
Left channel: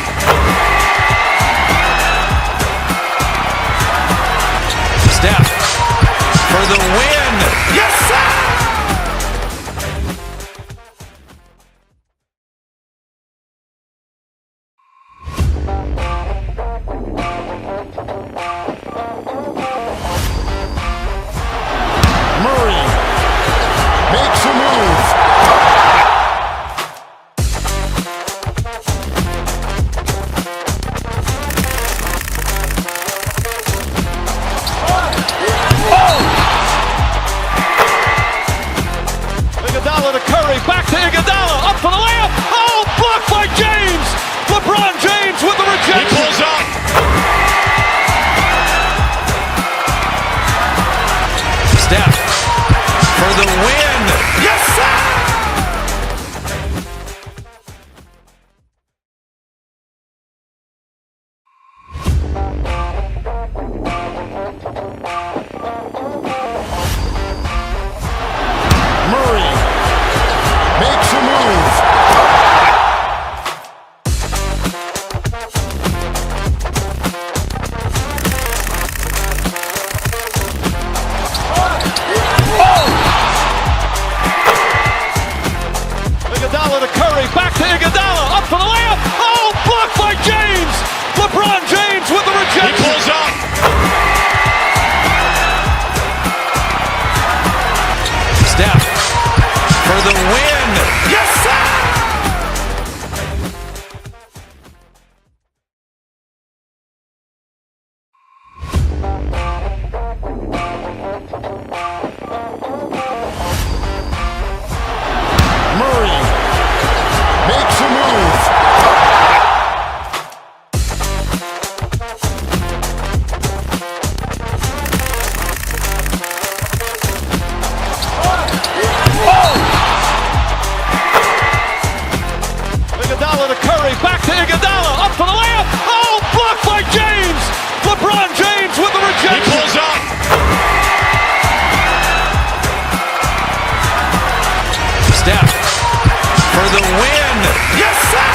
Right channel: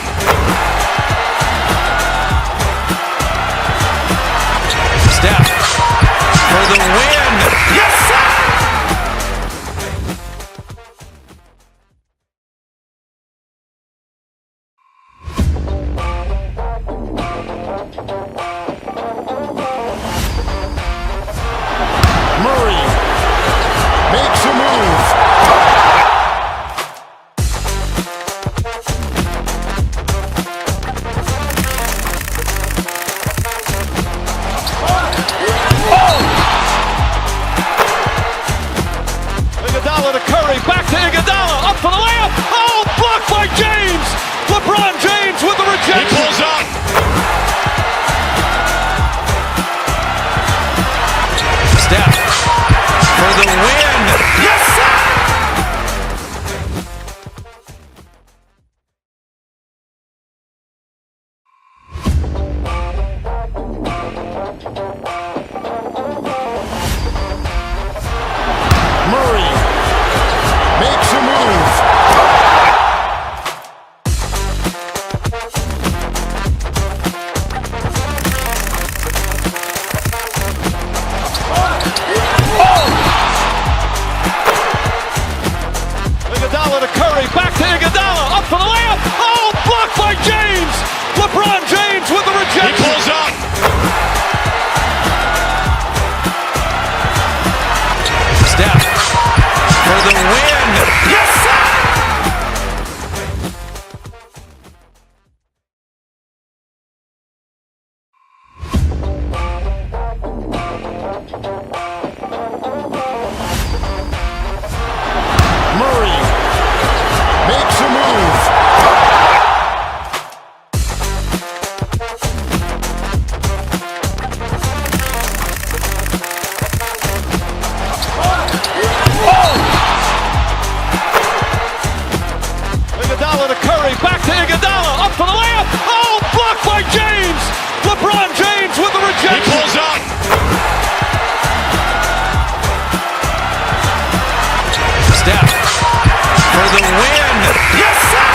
Steph for the win. Yes, sir. Murray makes a move. Iguodala to Curry, back to Iguodala, up for the layup. Oh, blocked by James. LeBron James with the rejection. He pulls up. Steph for the win. Yes, sir. Murray makes a move. Iguodala to Curry, back to Iguodala, up for the layup. Oh, blocked by James. LeBron James with the rejection. He pulls up. Steph for the win. Yes, sir. Murray makes a move. Iguodala to Curry, back to Iguodala, up for the layup. Oh, blocked by James. LeBron James with the rejection. He pulls up. Steph for the win. Yes, sir.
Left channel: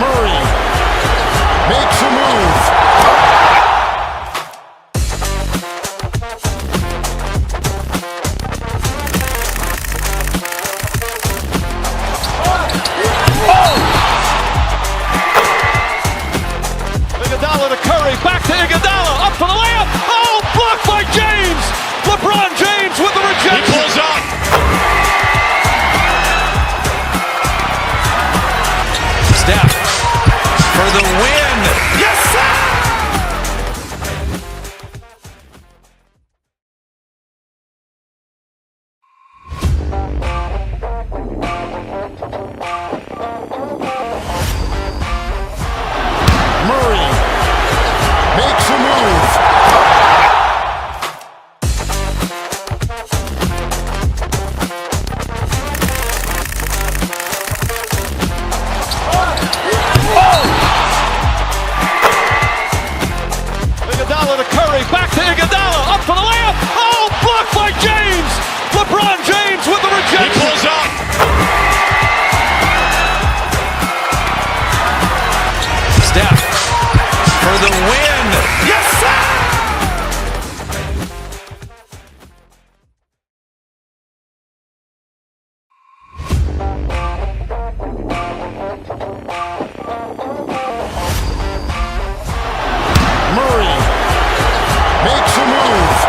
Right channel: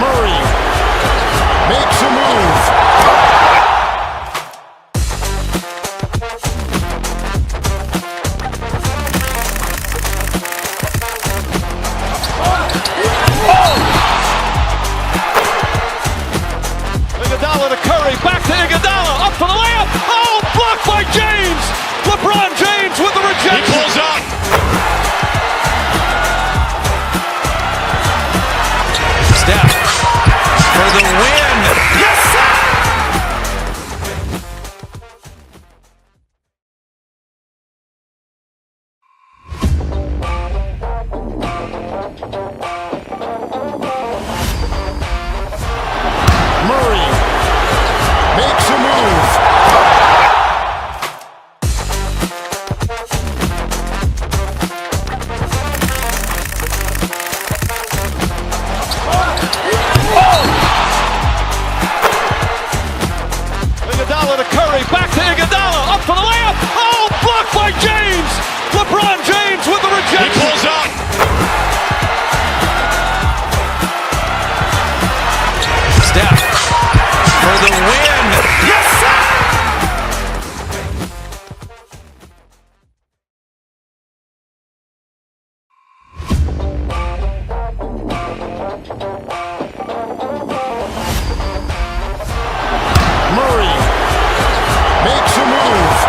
Murray makes a move. Iguodala to Curry, back to Iguodala, up for the layup. Oh, blocked by James. LeBron James with the rejection. He pulls up. Steph for the win. Yes, sir. Murray makes a move. Iguodala to Curry, back to Iguodala, up for the layup. Oh, blocked by James. LeBron James with the rejection. He pulls up. Steph for the win. Yes, sir. Murray makes a move.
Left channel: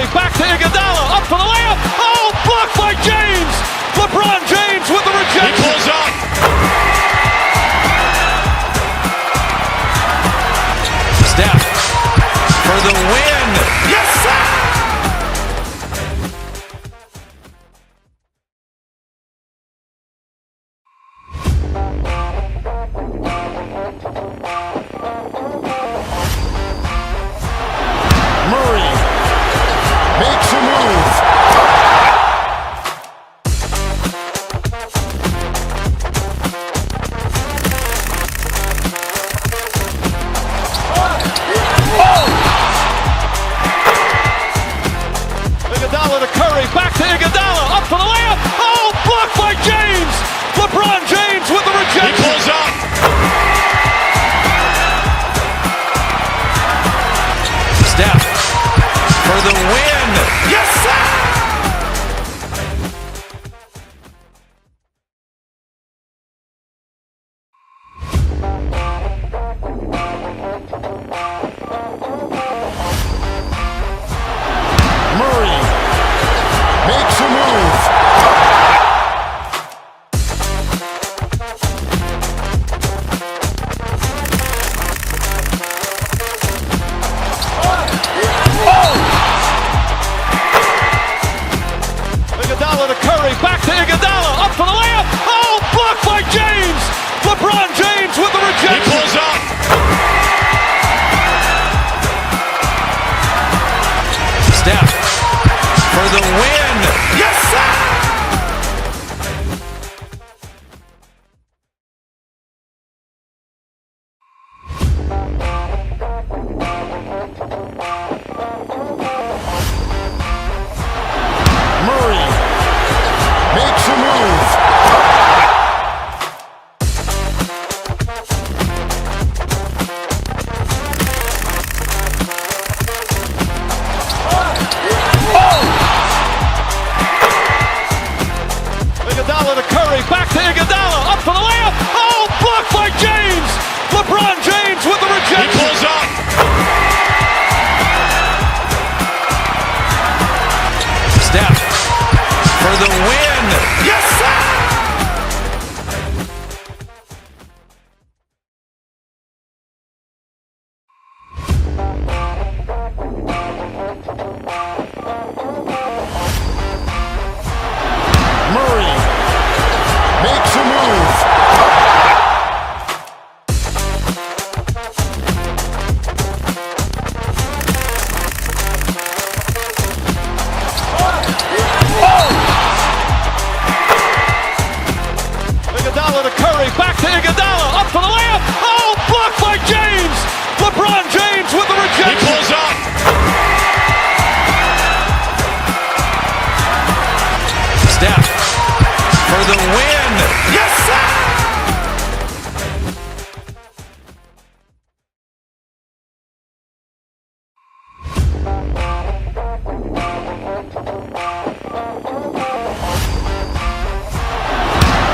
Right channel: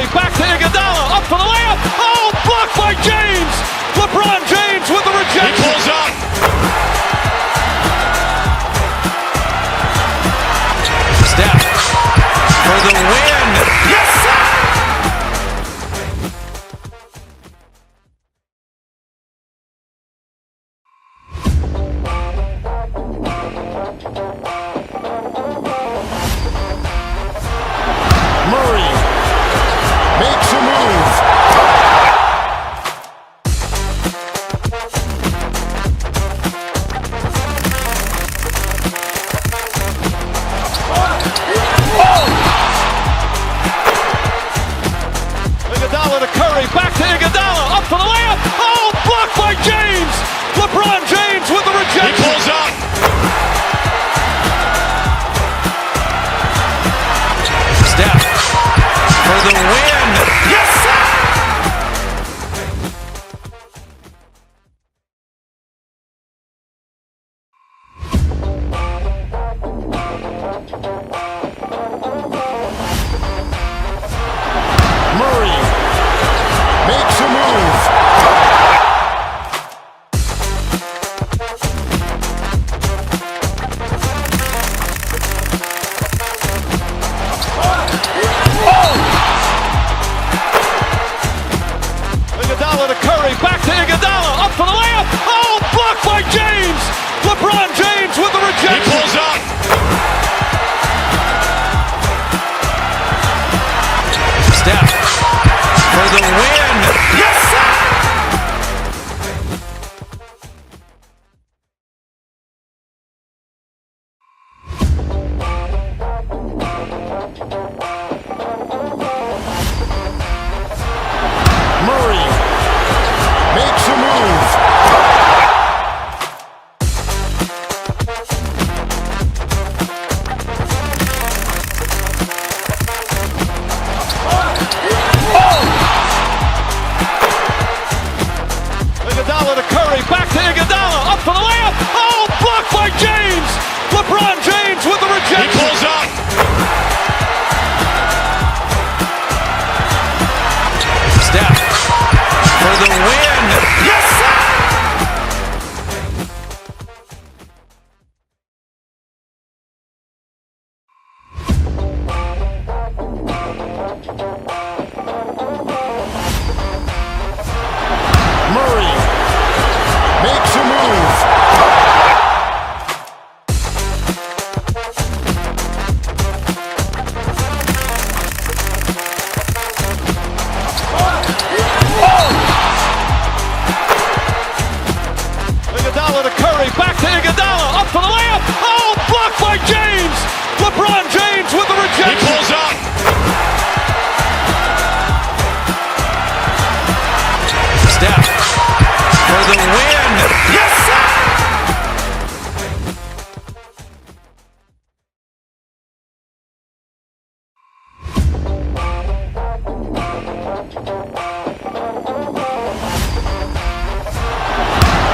Curry, back to Iguodala, up for the layup. Oh, blocked by James. LeBron James with the rejection. He pulls up. Steph for the win. Yes, sir. Murray makes a move. Iguodala to Curry, back to Iguodala, up for the layup. Oh, blocked by James. LeBron James with the rejection. He pulls up. Steph for the win. Yes, sir. Murray makes a move. Iguodala to Curry, back to Iguodala, up for the layup. Oh, blocked by James. LeBron James with the rejection. He pulls up. Steph for the win. Yes, sir. Murray makes a move. Iguodala to Curry, back to Iguodala, up for the layup. Oh, blocked by James. LeBron James with the rejection. He pulls up. Steph for the win. Yes, sir. Murray makes a move. Iguodala to Curry, back to Iguodala, up for the layup. Oh, blocked by James. LeBron James with the rejection. He pulls up. Steph for the win. Yes, sir.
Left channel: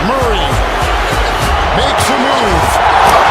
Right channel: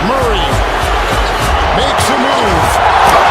Murray makes a move.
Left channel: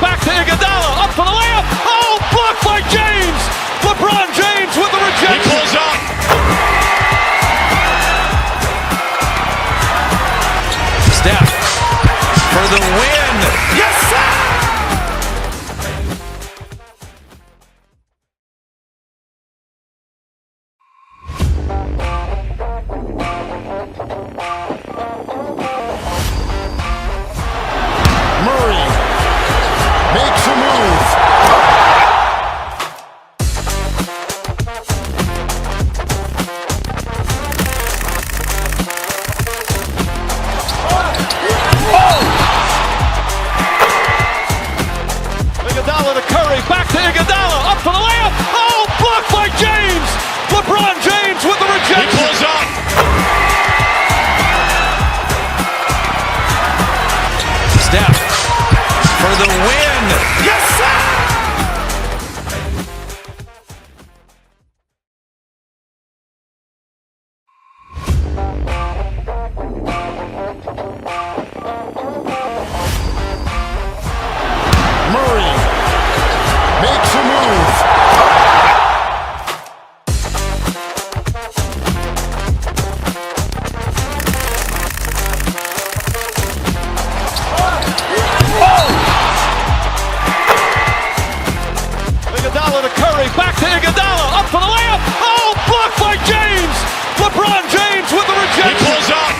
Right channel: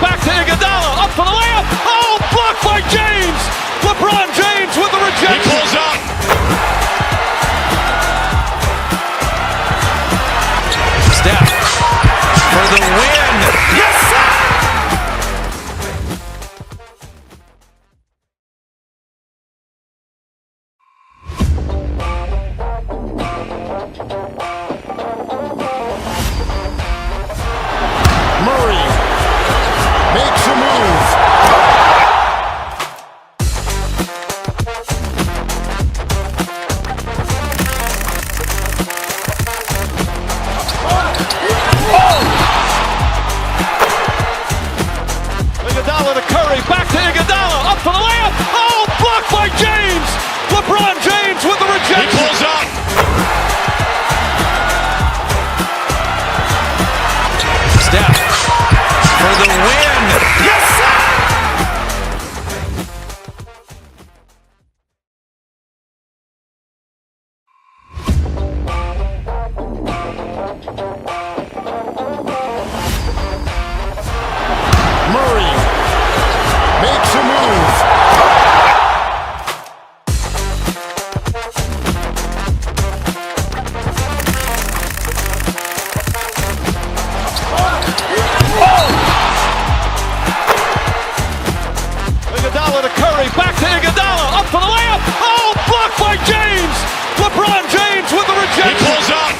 back to Iguodala, up for the layup. Oh, blocked by James. LeBron James with the rejection. He pulls up. Steph for the win. Yes, sir. Murray makes a move. Iguodala to Curry, back to Iguodala, up for the layup. Oh, blocked by James. LeBron James with the rejection. He pulls up. Steph for the win. Yes, sir. Murray makes a move. Iguodala to Curry, back to Iguodala, up for the layup. Oh, blocked by James. LeBron James with the rejection. He pulls up.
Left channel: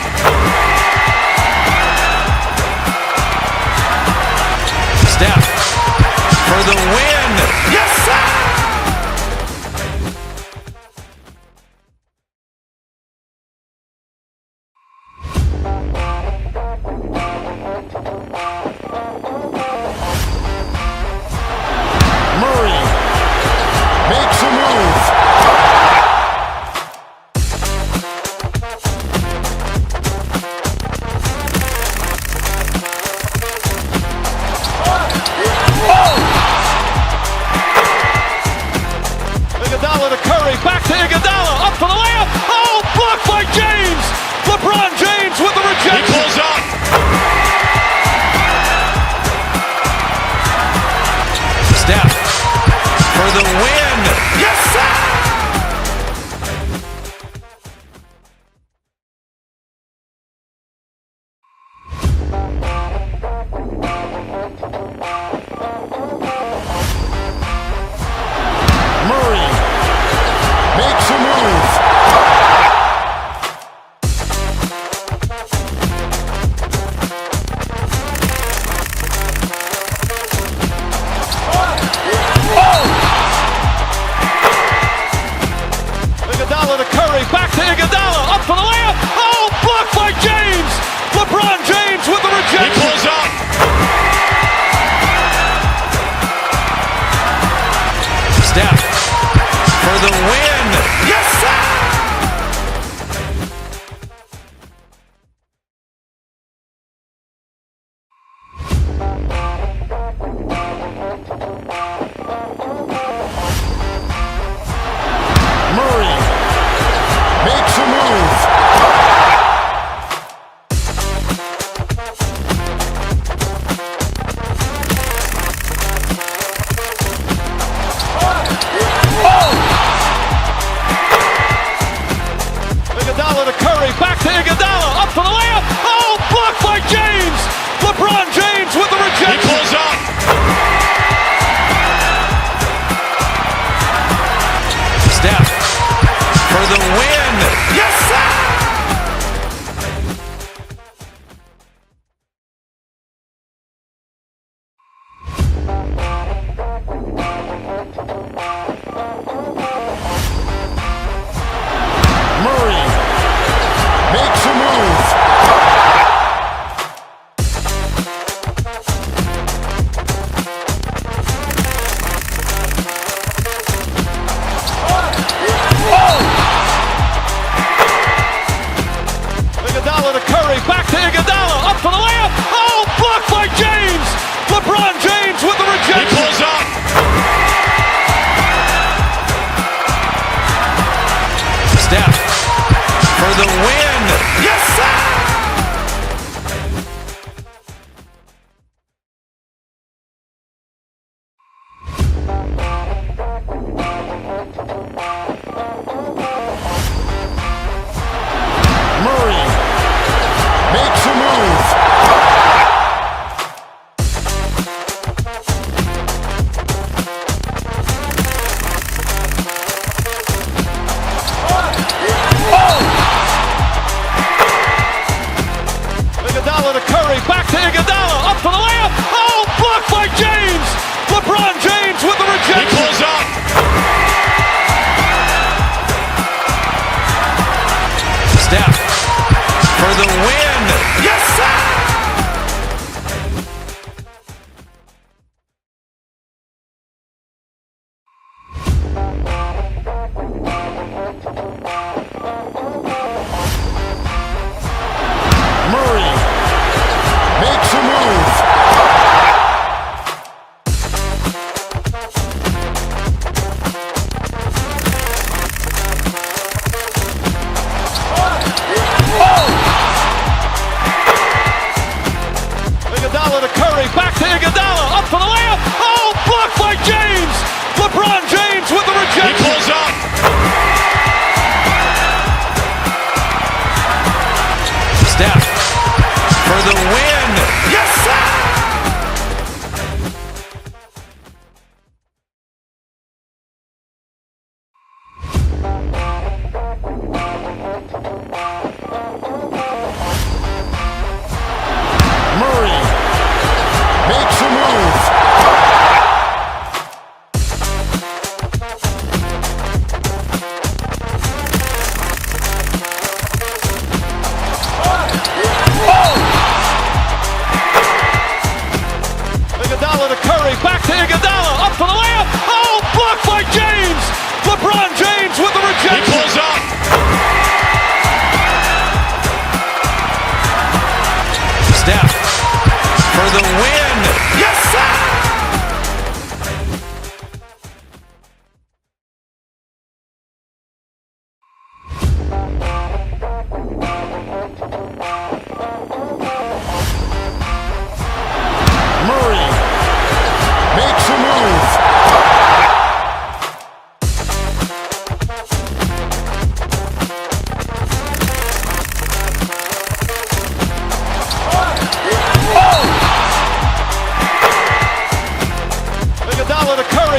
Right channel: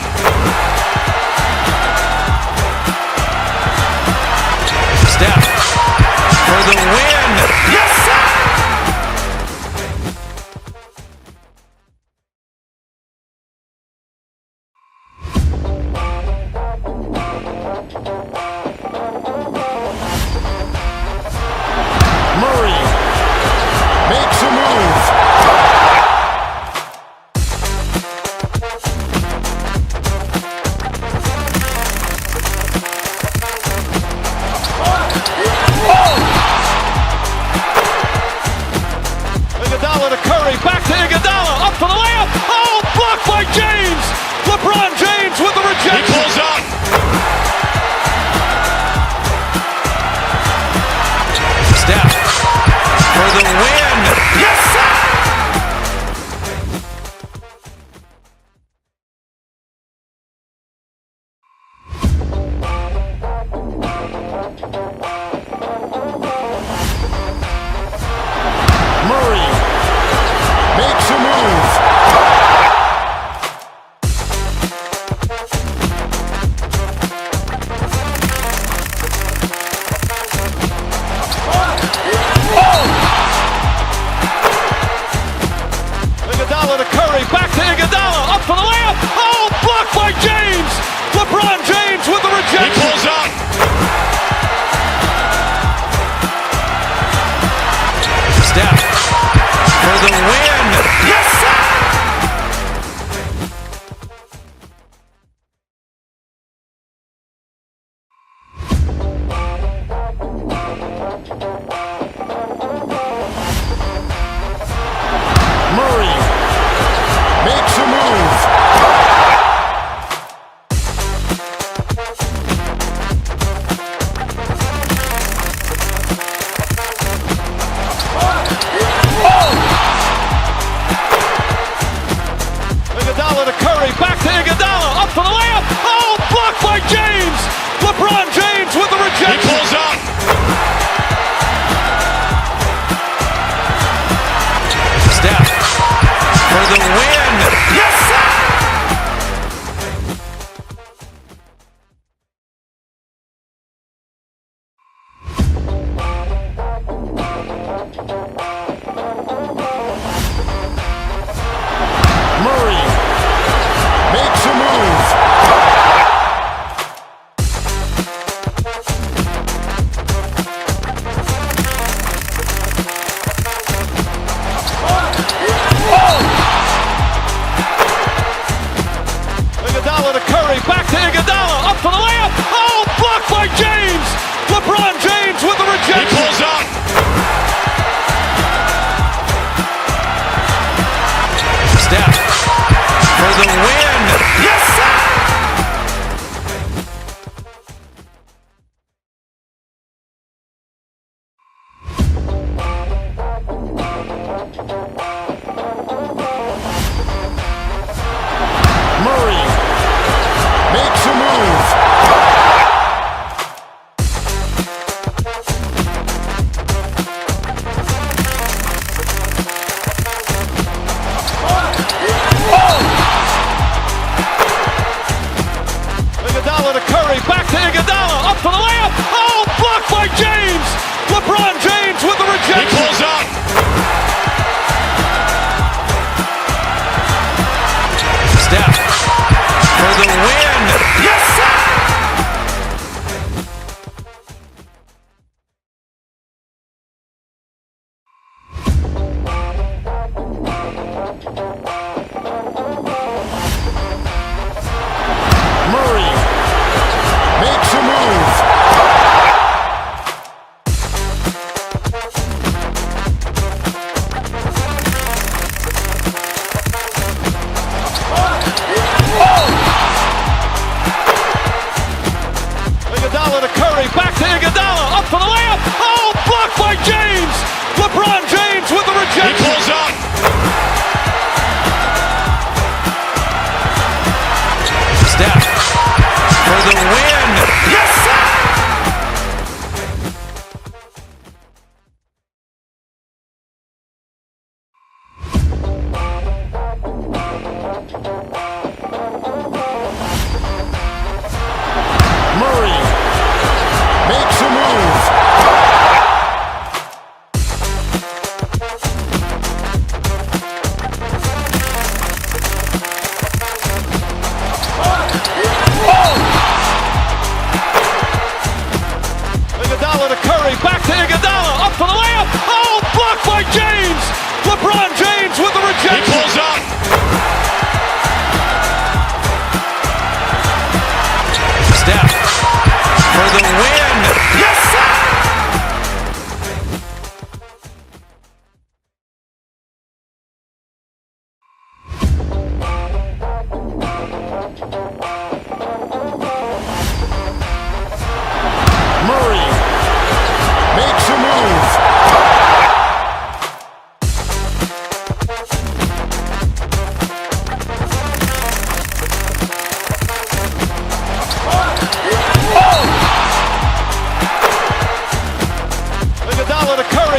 Steph for the win. Yes, sir. Murray makes a move. Iguodala to Curry, back to Iguodala, up for the layup. Oh, blocked by James. LeBron James with the rejection. He pulls up. Steph for the win. Yes, sir. Murray makes a move. Iguodala to Curry, back to Iguodala, up for the layup. Oh, blocked by James. LeBron James with the rejection. He pulls up. Steph for the win. Yes, sir. Murray makes a move. Iguodala to Curry, back to Iguodala, up for the layup. Oh, blocked by James. LeBron James with the rejection. He pulls up. Steph for the win. Yes, sir. Murray makes a move. Iguodala to Curry, back to Iguodala, up for the layup. Oh, blocked by James. LeBron James with the rejection. He pulls up. Steph for the win. Yes, sir.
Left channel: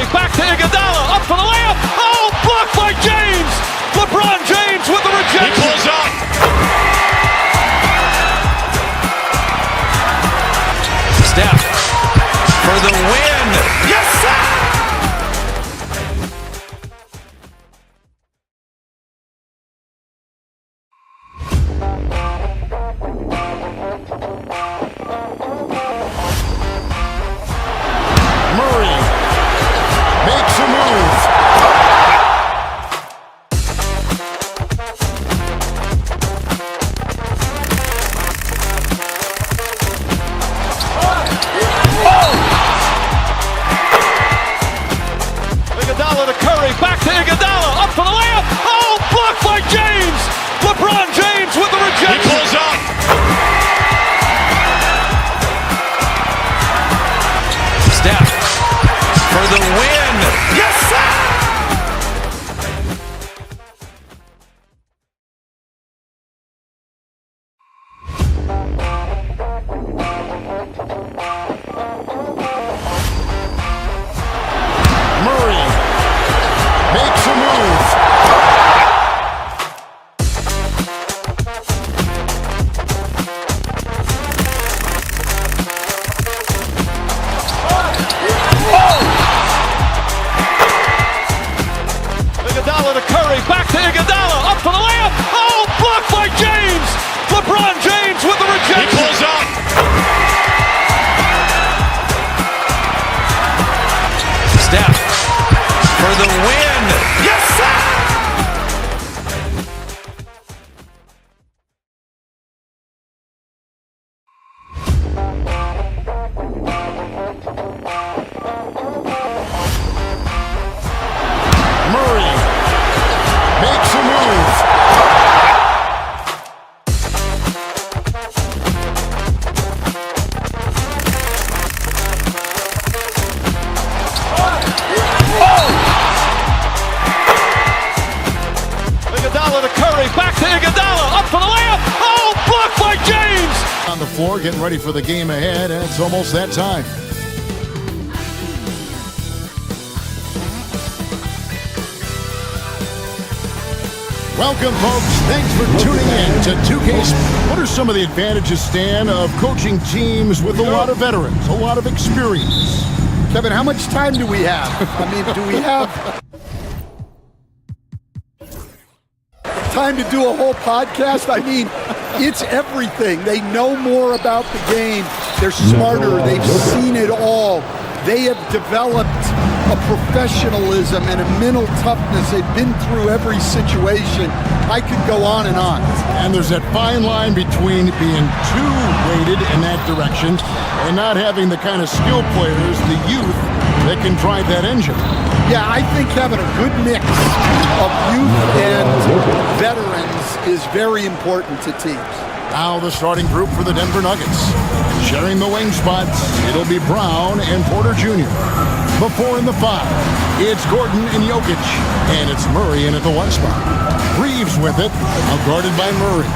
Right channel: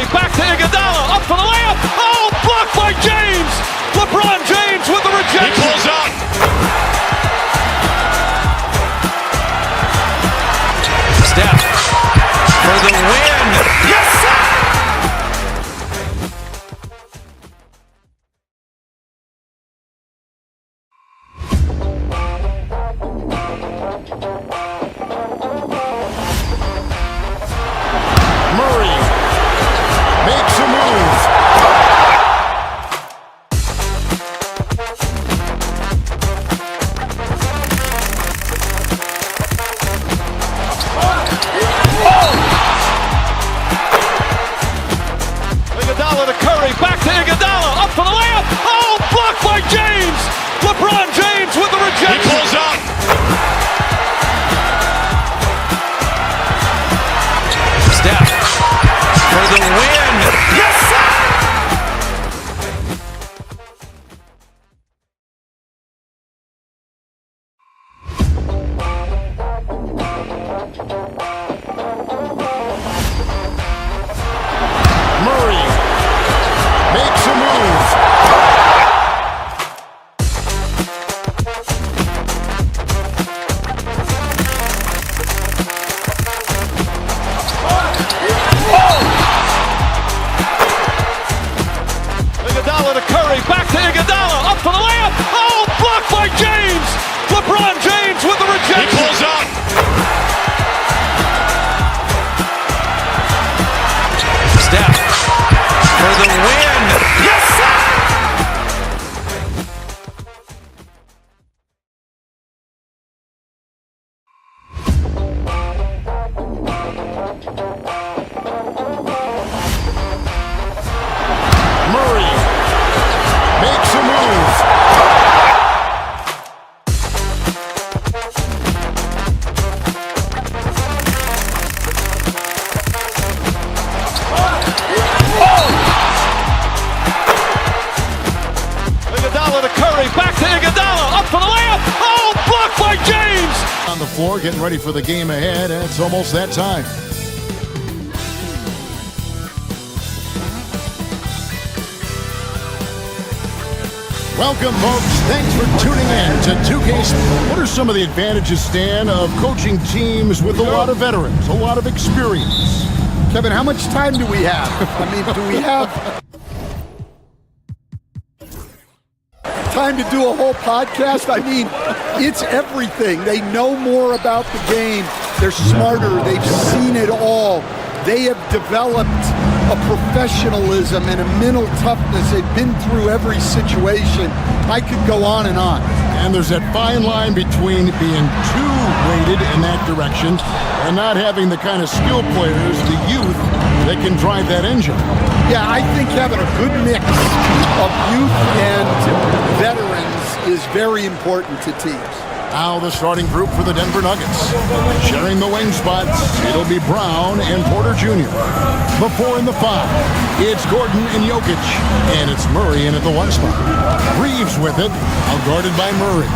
Curry, back to Iguodala, up for the layup. Oh, blocked by James. LeBron James with the rejection. He pulls up. Steph for the win. Yes, sir. Murray makes a move. Iguodala to Curry, back to Iguodala, up for the layup. Oh, blocked by James. LeBron James with the rejection. He pulls up. Steph for the win. Yes, sir. Murray makes a move. Iguodala to Curry, back to Iguodala, up for the layup. Oh, blocked by James. LeBron James with the rejection. He pulls up. Steph for the win. Yes, sir. Murray makes a move. Iguodala to Curry, back to Iguodala, up for the layup. Oh, blocked by James. On the floor, getting ready for the game ahead, and it's almost that time. Welcome, folks. Thanks for tuning in to 2K. What are some of the advantages, Stan, of coaching teams with a lot of veterans, a lot of experience? Kevin, how much time do we have? I mean, do we have time to do a whole podcast? I mean, it's everything. They know more about the game. They're smarter. They've seen it all. They have developed a professionalism and a mental toughness. They've been through every situation. I could go on and on. And there's that fine line between being too weighted in that direction and not having the kind of skill players, the youth, that can drive that engine. Yeah, I think having a good mix of youth and veterans is very important to teams. Now the starting group for the Denver Nuggets. Sharing the wing spots, it'll be Brown and Porter Jr. Before in the 5, it's Gordon and Jokic. And it's Murray in at the 1 spot. Reeves with it, outguarded by Murray.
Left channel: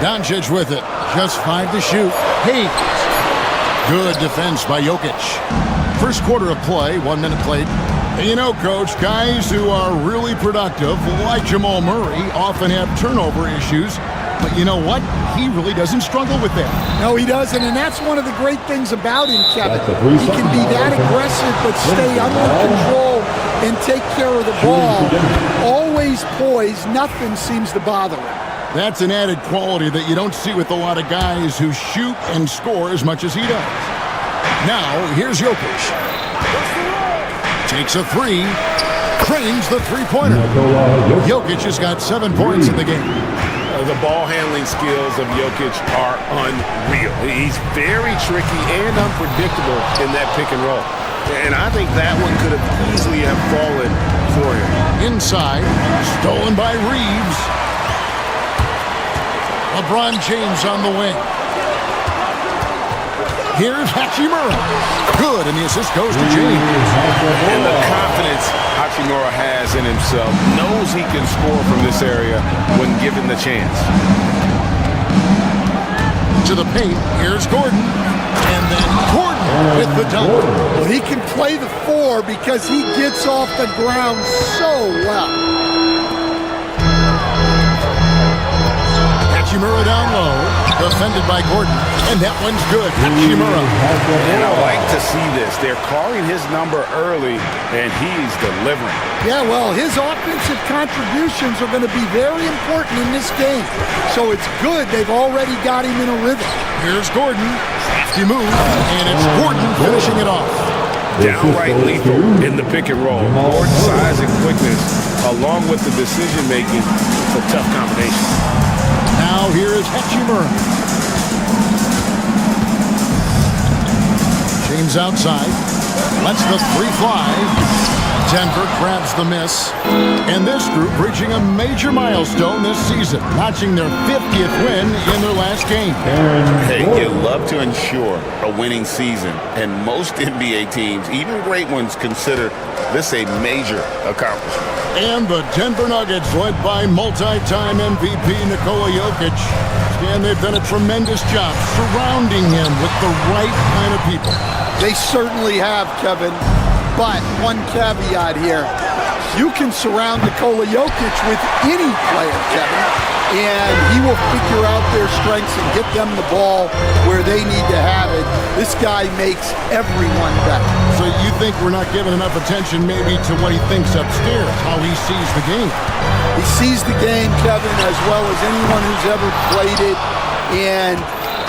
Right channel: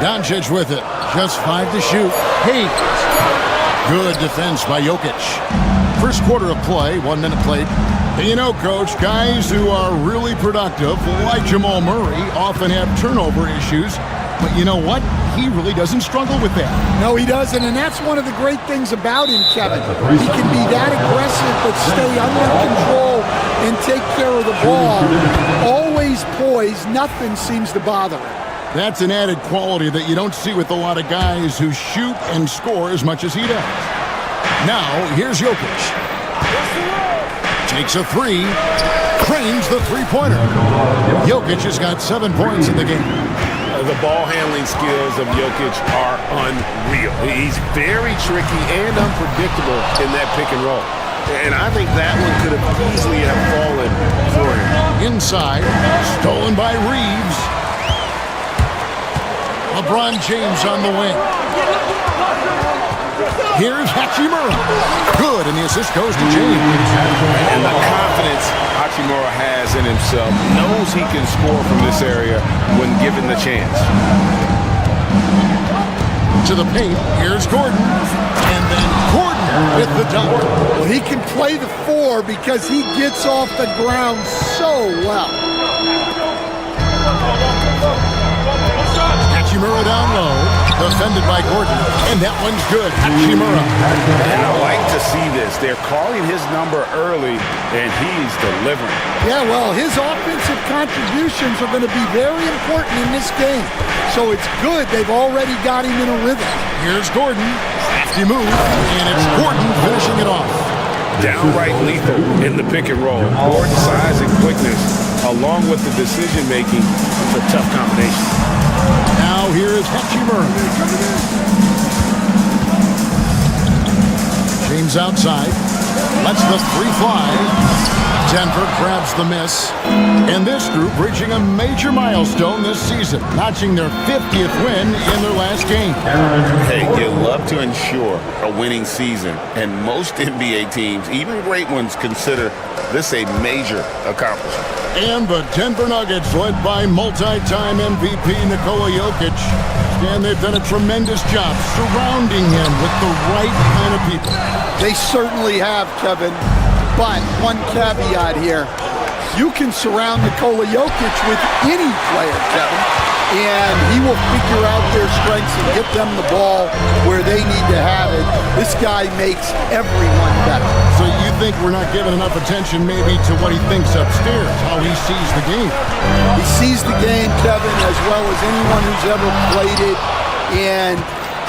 Doncic with it, just 5 to shoot. Hayes. Good defense by Jokic. First quarter of play, 1 minute played. And you know, Coach, guys who are really productive, like Jamal Murray, often have turnover issues. But you know what? He really doesn't struggle with that. No, he doesn't, and that's one of the great things about him, Kevin. He can be that aggressive but stay under control and take care of the ball. Always poised, nothing seems to bother him. That's an added quality that you don't see with a lot of guys who shoot and score as much as he does. Now, here's Jokic. Takes a 3, cranes the three-pointer. Jokic has got 7 points in the game. The ball handling skills of Jokic are unreal. He's very tricky and unpredictable in that pick and roll. And I think that one could have easily have fallen for him. Inside, stolen by Reeves. LeBron James on the wing. Here's Hachimura. Good, and the assist goes to James. And the confidence Hachimura has in himself, knows he can score from this area when given the chance. To the paint, here's Gordon. And then Gordon with the dunk. Well, he can play the 4 because he gets off the ground so well. Hachimura down low, defended by Gordon, and that one's good. Hachimura. And I like to see this. They're calling his number early, and he's delivering. Yeah, well, his offensive contributions are going to be very important in this game. So it's good they've already got him in a rhythm. Here's Gordon. Safety move, and it's Gordon finishing it off. Downright lethal in the pick and roll. Gordon's size and quickness, along with the decision making, it's a tough combination. Now here is Hachimura. James outside. Lets the 3 fly. Denver grabs the miss. And this group reaching a major milestone this season, notching their 50th win in their last game. Hey, you love to ensure a winning season, and most NBA teams, even great ones, consider this a major accomplishment. And the Denver Nuggets, led by multi-time MVP Nikola Jokic, and they've done a tremendous job surrounding him with the right kind of people. They certainly have, Kevin. But one caveat here. You can surround Nikola Jokic with any player, Kevin, and he will figure out their strengths and get them the ball where they need to have it. This guy makes everyone better. So you think we're not giving enough attention maybe to what he thinks upstairs, how he sees the game? He sees the game, Kevin, as well as anyone who's ever played it, and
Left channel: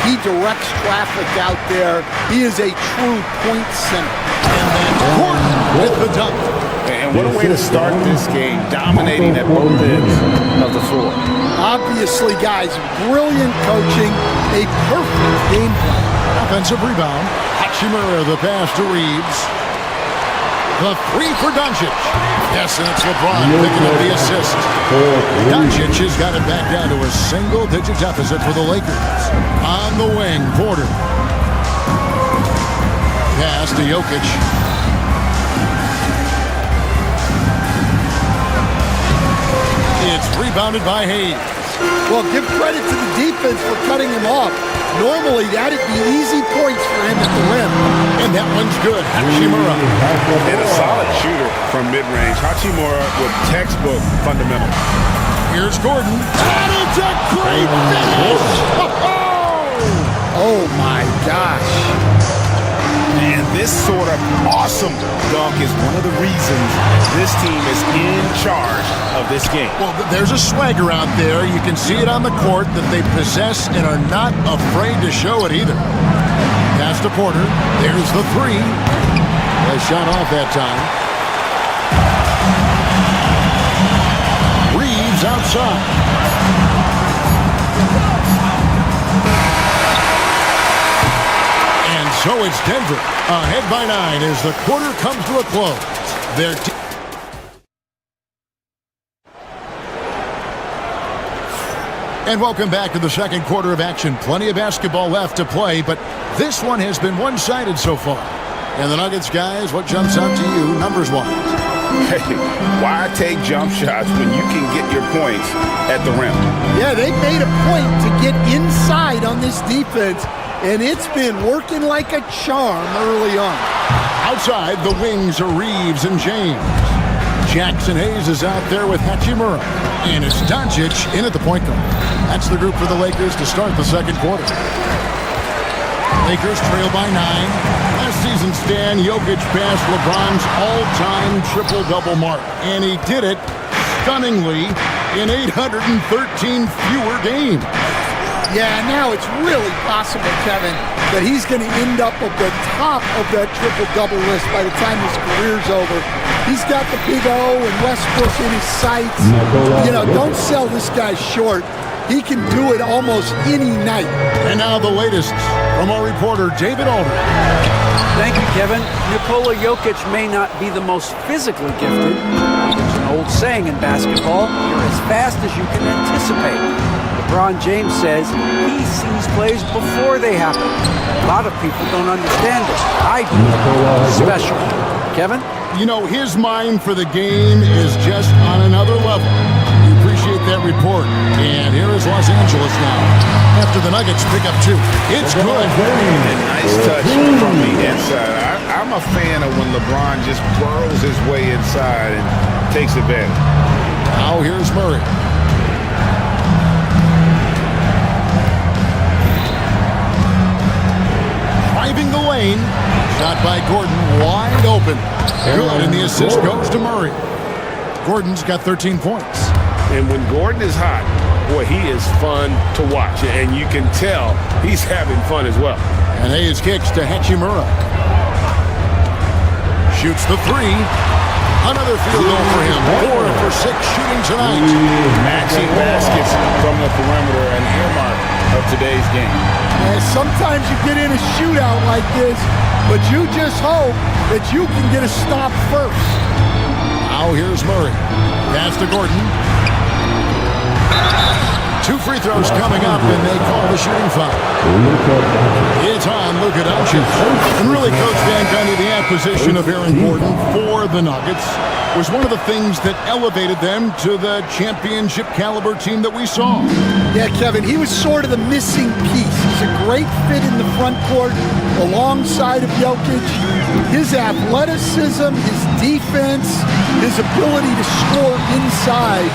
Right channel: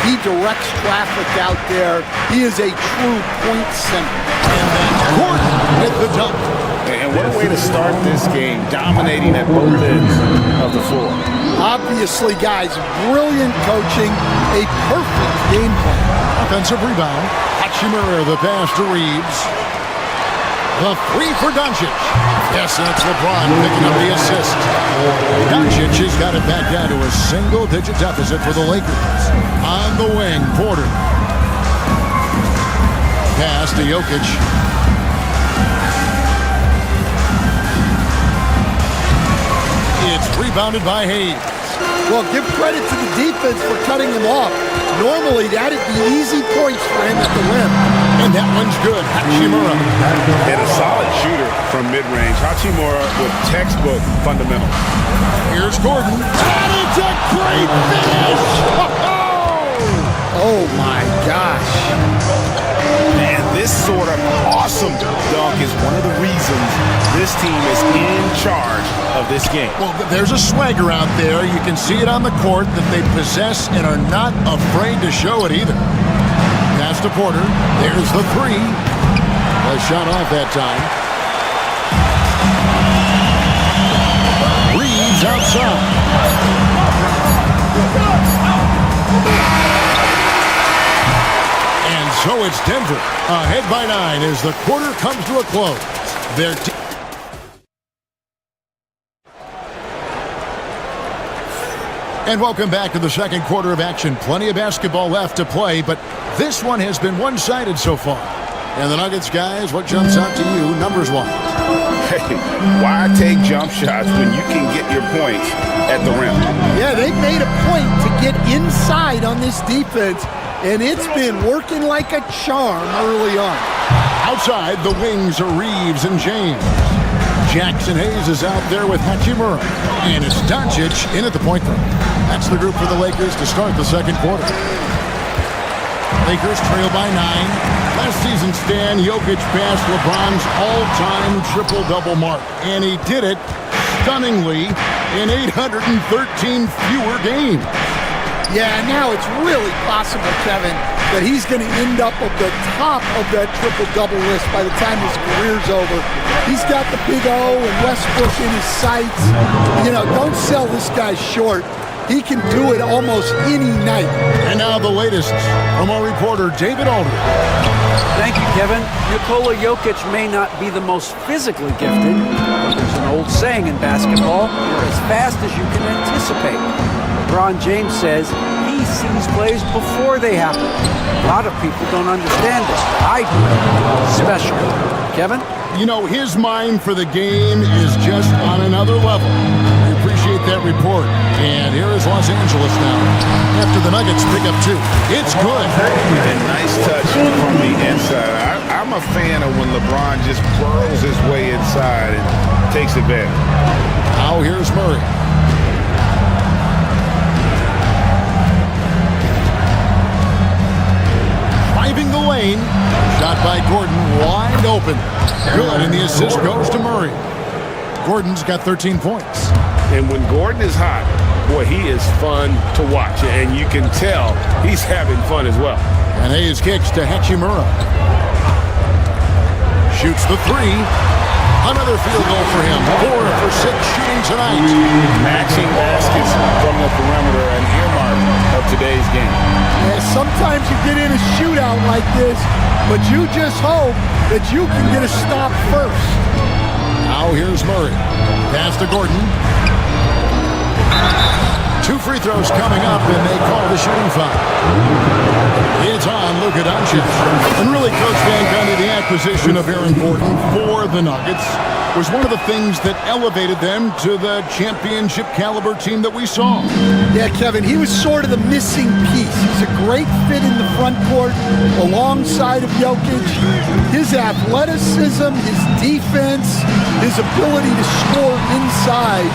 he directs traffic out there. He is a true point center. And then Gordon with the dunk. And what a way to start this game, dominating at both ends of the floor. Obviously, guys, brilliant coaching, a perfect game plan. Offensive rebound. Hachimura, the pass to Reeves. The 3 for Doncic. Yes, and it's LeBron picking up the assist. Doncic has got it back down to a single-digit deficit for the Lakers. On the wing, Porter. Pass to Jokic. It's rebounded by Hayes. Well, give credit to the defense for cutting him off. Normally, that'd be easy points for him at the rim. And that one's good. Hachimura. And a solid shooter from mid-range. Hachimura with textbook fundamentals. Here's Gordon. And it's a great finish! Oh, my gosh. And this sort of awesome dunk is one of the reasons this team is in charge of this game. Well, there's a swagger out there. You can see it on the court that they possess and are not afraid to show it either. Pass to Porter. There's the 3. A shot off that time. Reeves outside. And so it's Denver, ahead by 9 as the quarter comes to a close. And welcome back to the second quarter of action. Plenty of basketball left to play, but this one has been one-sided so far. And the Nuggets, guys, what jumps out to you numbers-wise? Hey, why take jump shots when you can get your points at the rim? Yeah, they've made a point to get inside on this defense, and it's been working like a charm early on. Outside, the wings are Reeves and James. Jackson Hayes is out there with Hachimura. And it's Doncic in at the point guard. That's the group for the Lakers to start the second quarter. Lakers trail by 9. Last season, Stan, Jokic passed LeBron's all-time triple-double mark. And he did it stunningly in 813 fewer games. Yeah, now it's really possible, Kevin, that he's going to end up at the top of that triple-double list by the time his career's over. He's got the big O and Westbrook in his sights. You know, don't sell this guy short. He can do it almost any night. And now the latest from our reporter, David Aldridge. Thank you, Kevin. Nikola Jokic may not be the most physically gifted, but there's an old saying in basketball, you're as fast as you can anticipate. LeBron James says he sees plays before they happen. A lot of people don't understand it. I do. Special. Kevin? You know, his mind for the game is just on another level. We appreciate that report. And here is Los Angeles now. After the Nuggets pick up 2. It's good. And nice Nice touch from the inside. I'm a fan of when LeBron just burrows his way inside and takes advantage. Now here's Murray. Driving the lane. Shot by Gordon, wide open. Good, and the assist goes to Murray. Gordon's got 13 points. And when Gordon is hot, boy, he is fun to watch. And you can tell he's having fun as well. And Hayes kicks to Hachimura. Shoots the three. Another field goal for him. 4 for 6 shooting tonight. Matching baskets from the perimeter, an earmark of today's game. Yeah, sometimes you get in a shootout like this, but you just hope that you can get a stop first. Now here's Murray. Pass to Gordon. 2 free throws coming up, and they call the shooting foul. It's on Luka Doncic. And really, Coach Van Gundy, the acquisition of Aaron Gordon for the Nuggets was one of the things that elevated them to the championship caliber team that we saw. Yeah, Kevin, he was sort of the missing piece. He's a great fit in the front court alongside of Jokic. His athleticism, his defense, his ability to score inside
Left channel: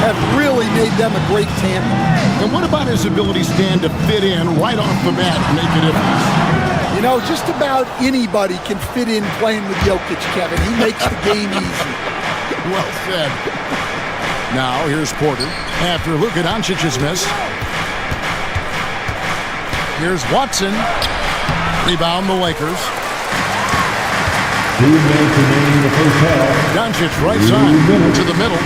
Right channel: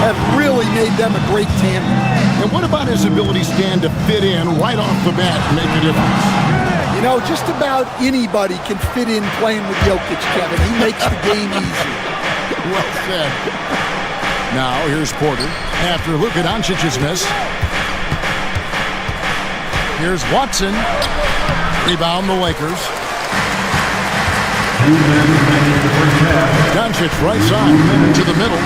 have really made them a great tandem. And what about his ability, Stan, to fit in right off the bat and make a difference? You know, just about anybody can fit in playing with Jokic, Kevin. He makes the game easy. Well said. Now, here's Porter after Luka Doncic's miss. Here's Watson. Rebound the Lakers. 2 minutes remaining in the first half. Doncic right side to the middle.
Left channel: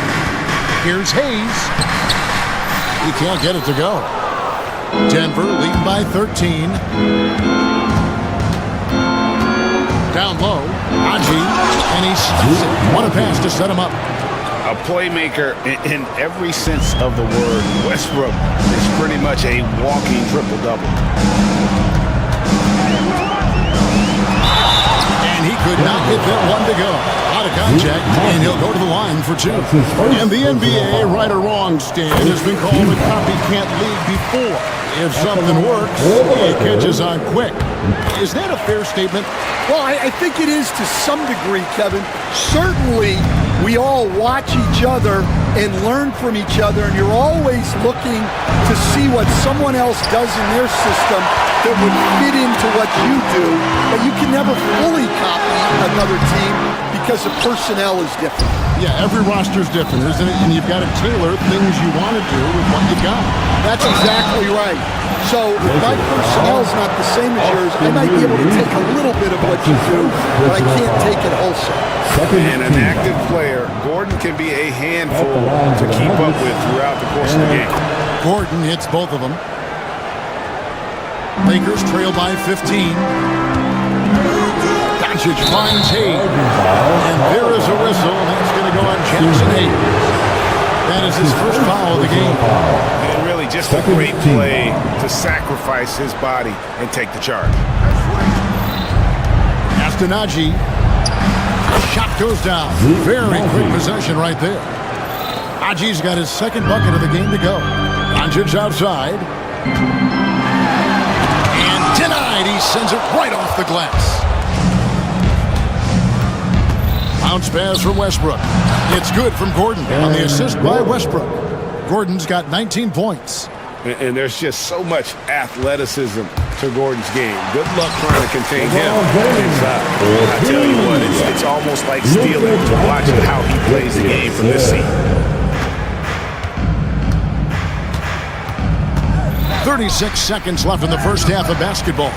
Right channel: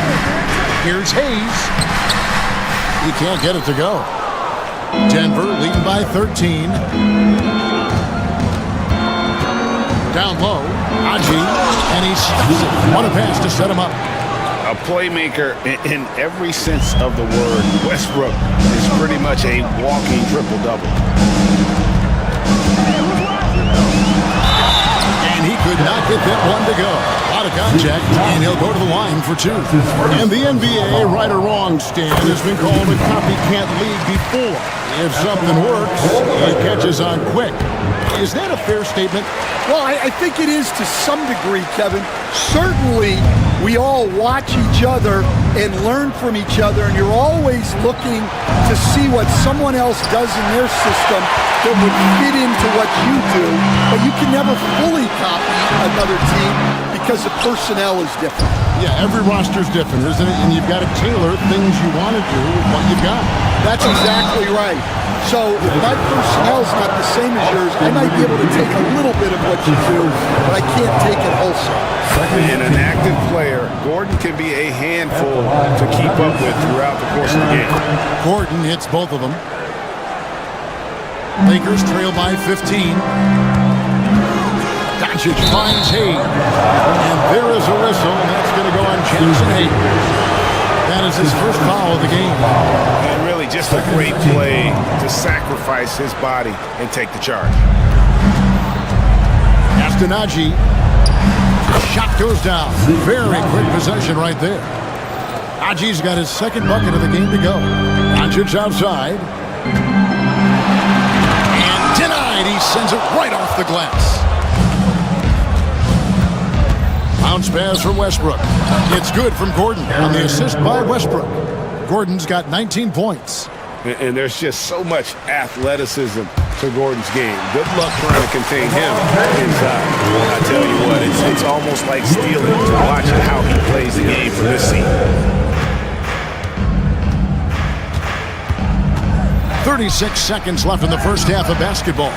Here's Hayes. He can't get it to go. Denver leading by 13. Down low, Aji, and he stops it. What a pass to set him up. A playmaker in every sense of the word. Westbrook is pretty much a walking triple-double. And he could not get that one to go. A lot of contact, and he'll go to the line for 2. And the NBA, right or wrong, Stan, has been called a copycat league before. If something works, it catches on quick. Is that a fair statement? Well, I think it is to some degree, Kevin. Certainly, we all watch each other and learn from each other, and you're always looking to see what someone else does in their system that would fit into what you do, but you can never fully copy another team because the personnel is different. Yeah, every roster's different, isn't it? And you've got to tailor things you want to do with what you've got. That's exactly right. So if my personnel's not the same as yours, I might be able to take a little bit of what you do, but I can't take it wholesale. And an active player, Gordon can be a handful to keep up with throughout the course of the game. Gordon hits both of them. Lakers trail by 15. Doncic finds Hayes. And there is a whistle, and that's going to go on Jackson Hayes. That is his first foul of the game. And really just a great play to sacrifice his body and take the charge. Astanaji. Shot goes down. Very quick possession right there. Aji's got his second bucket of the game to go. Doncic outside. And denied. He sends it right off the glass. Bounce pass from Westbrook. It's good from Gordon on the assist by Westbrook. Gordon's got 19 points. And there's just so much athleticism to Gordon's game. Good luck trying to contain him inside. I tell you what, it's almost like stealing to watch how he plays the game from this seat. 36 seconds left in the first half of basketball.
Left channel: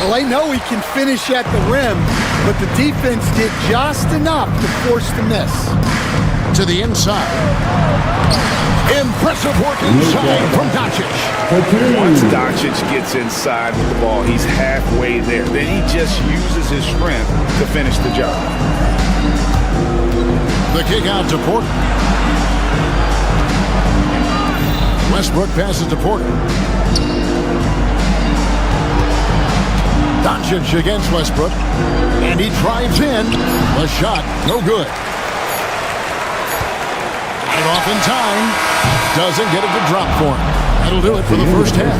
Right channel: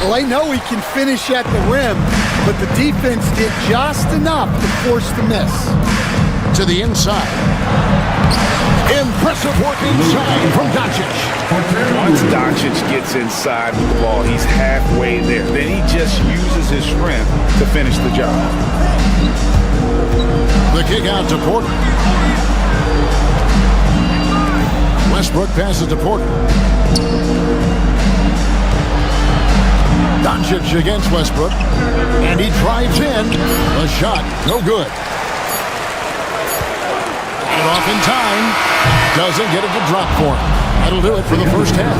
Well, I know he can finish at the rim, but the defense did just enough to force the miss. To the inside. Impressive work inside from Doncic. Once Doncic gets inside with the ball, he's halfway there. Then he just uses his strength to finish the job. The kick out to Porter. Westbrook passes to Porter. Doncic against Westbrook. And he drives in. The shot, no good. Got it off in time. Doesn't get it to drop for him. That'll do it for the first half.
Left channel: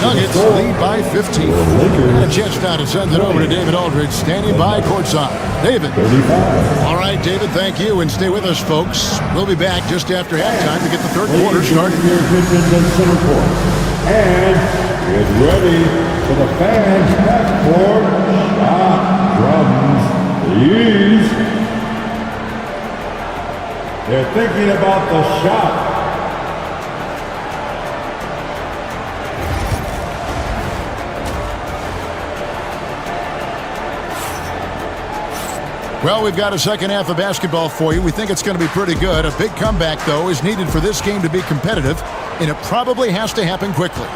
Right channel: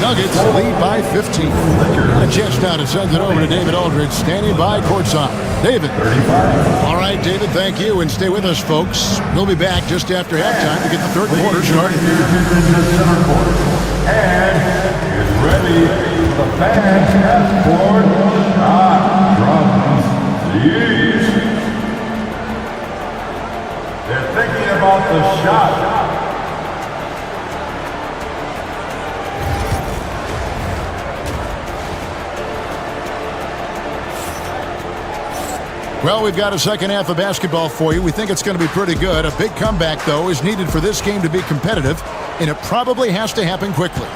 Nuggets lead by 15. Got a chance now to send it over to David Aldridge, standing by courtside. David. 35. All right, David, thank you, and stay with us, folks. We'll be back just after halftime to get the third quarter started. Center court. And is ready for the fans half court shot from the East. They're thinking about the shot. Well, we've got a second half of basketball for you. We think it's going to be pretty good. A big comeback, though, is needed for this game to be competitive, and it probably has to happen quickly.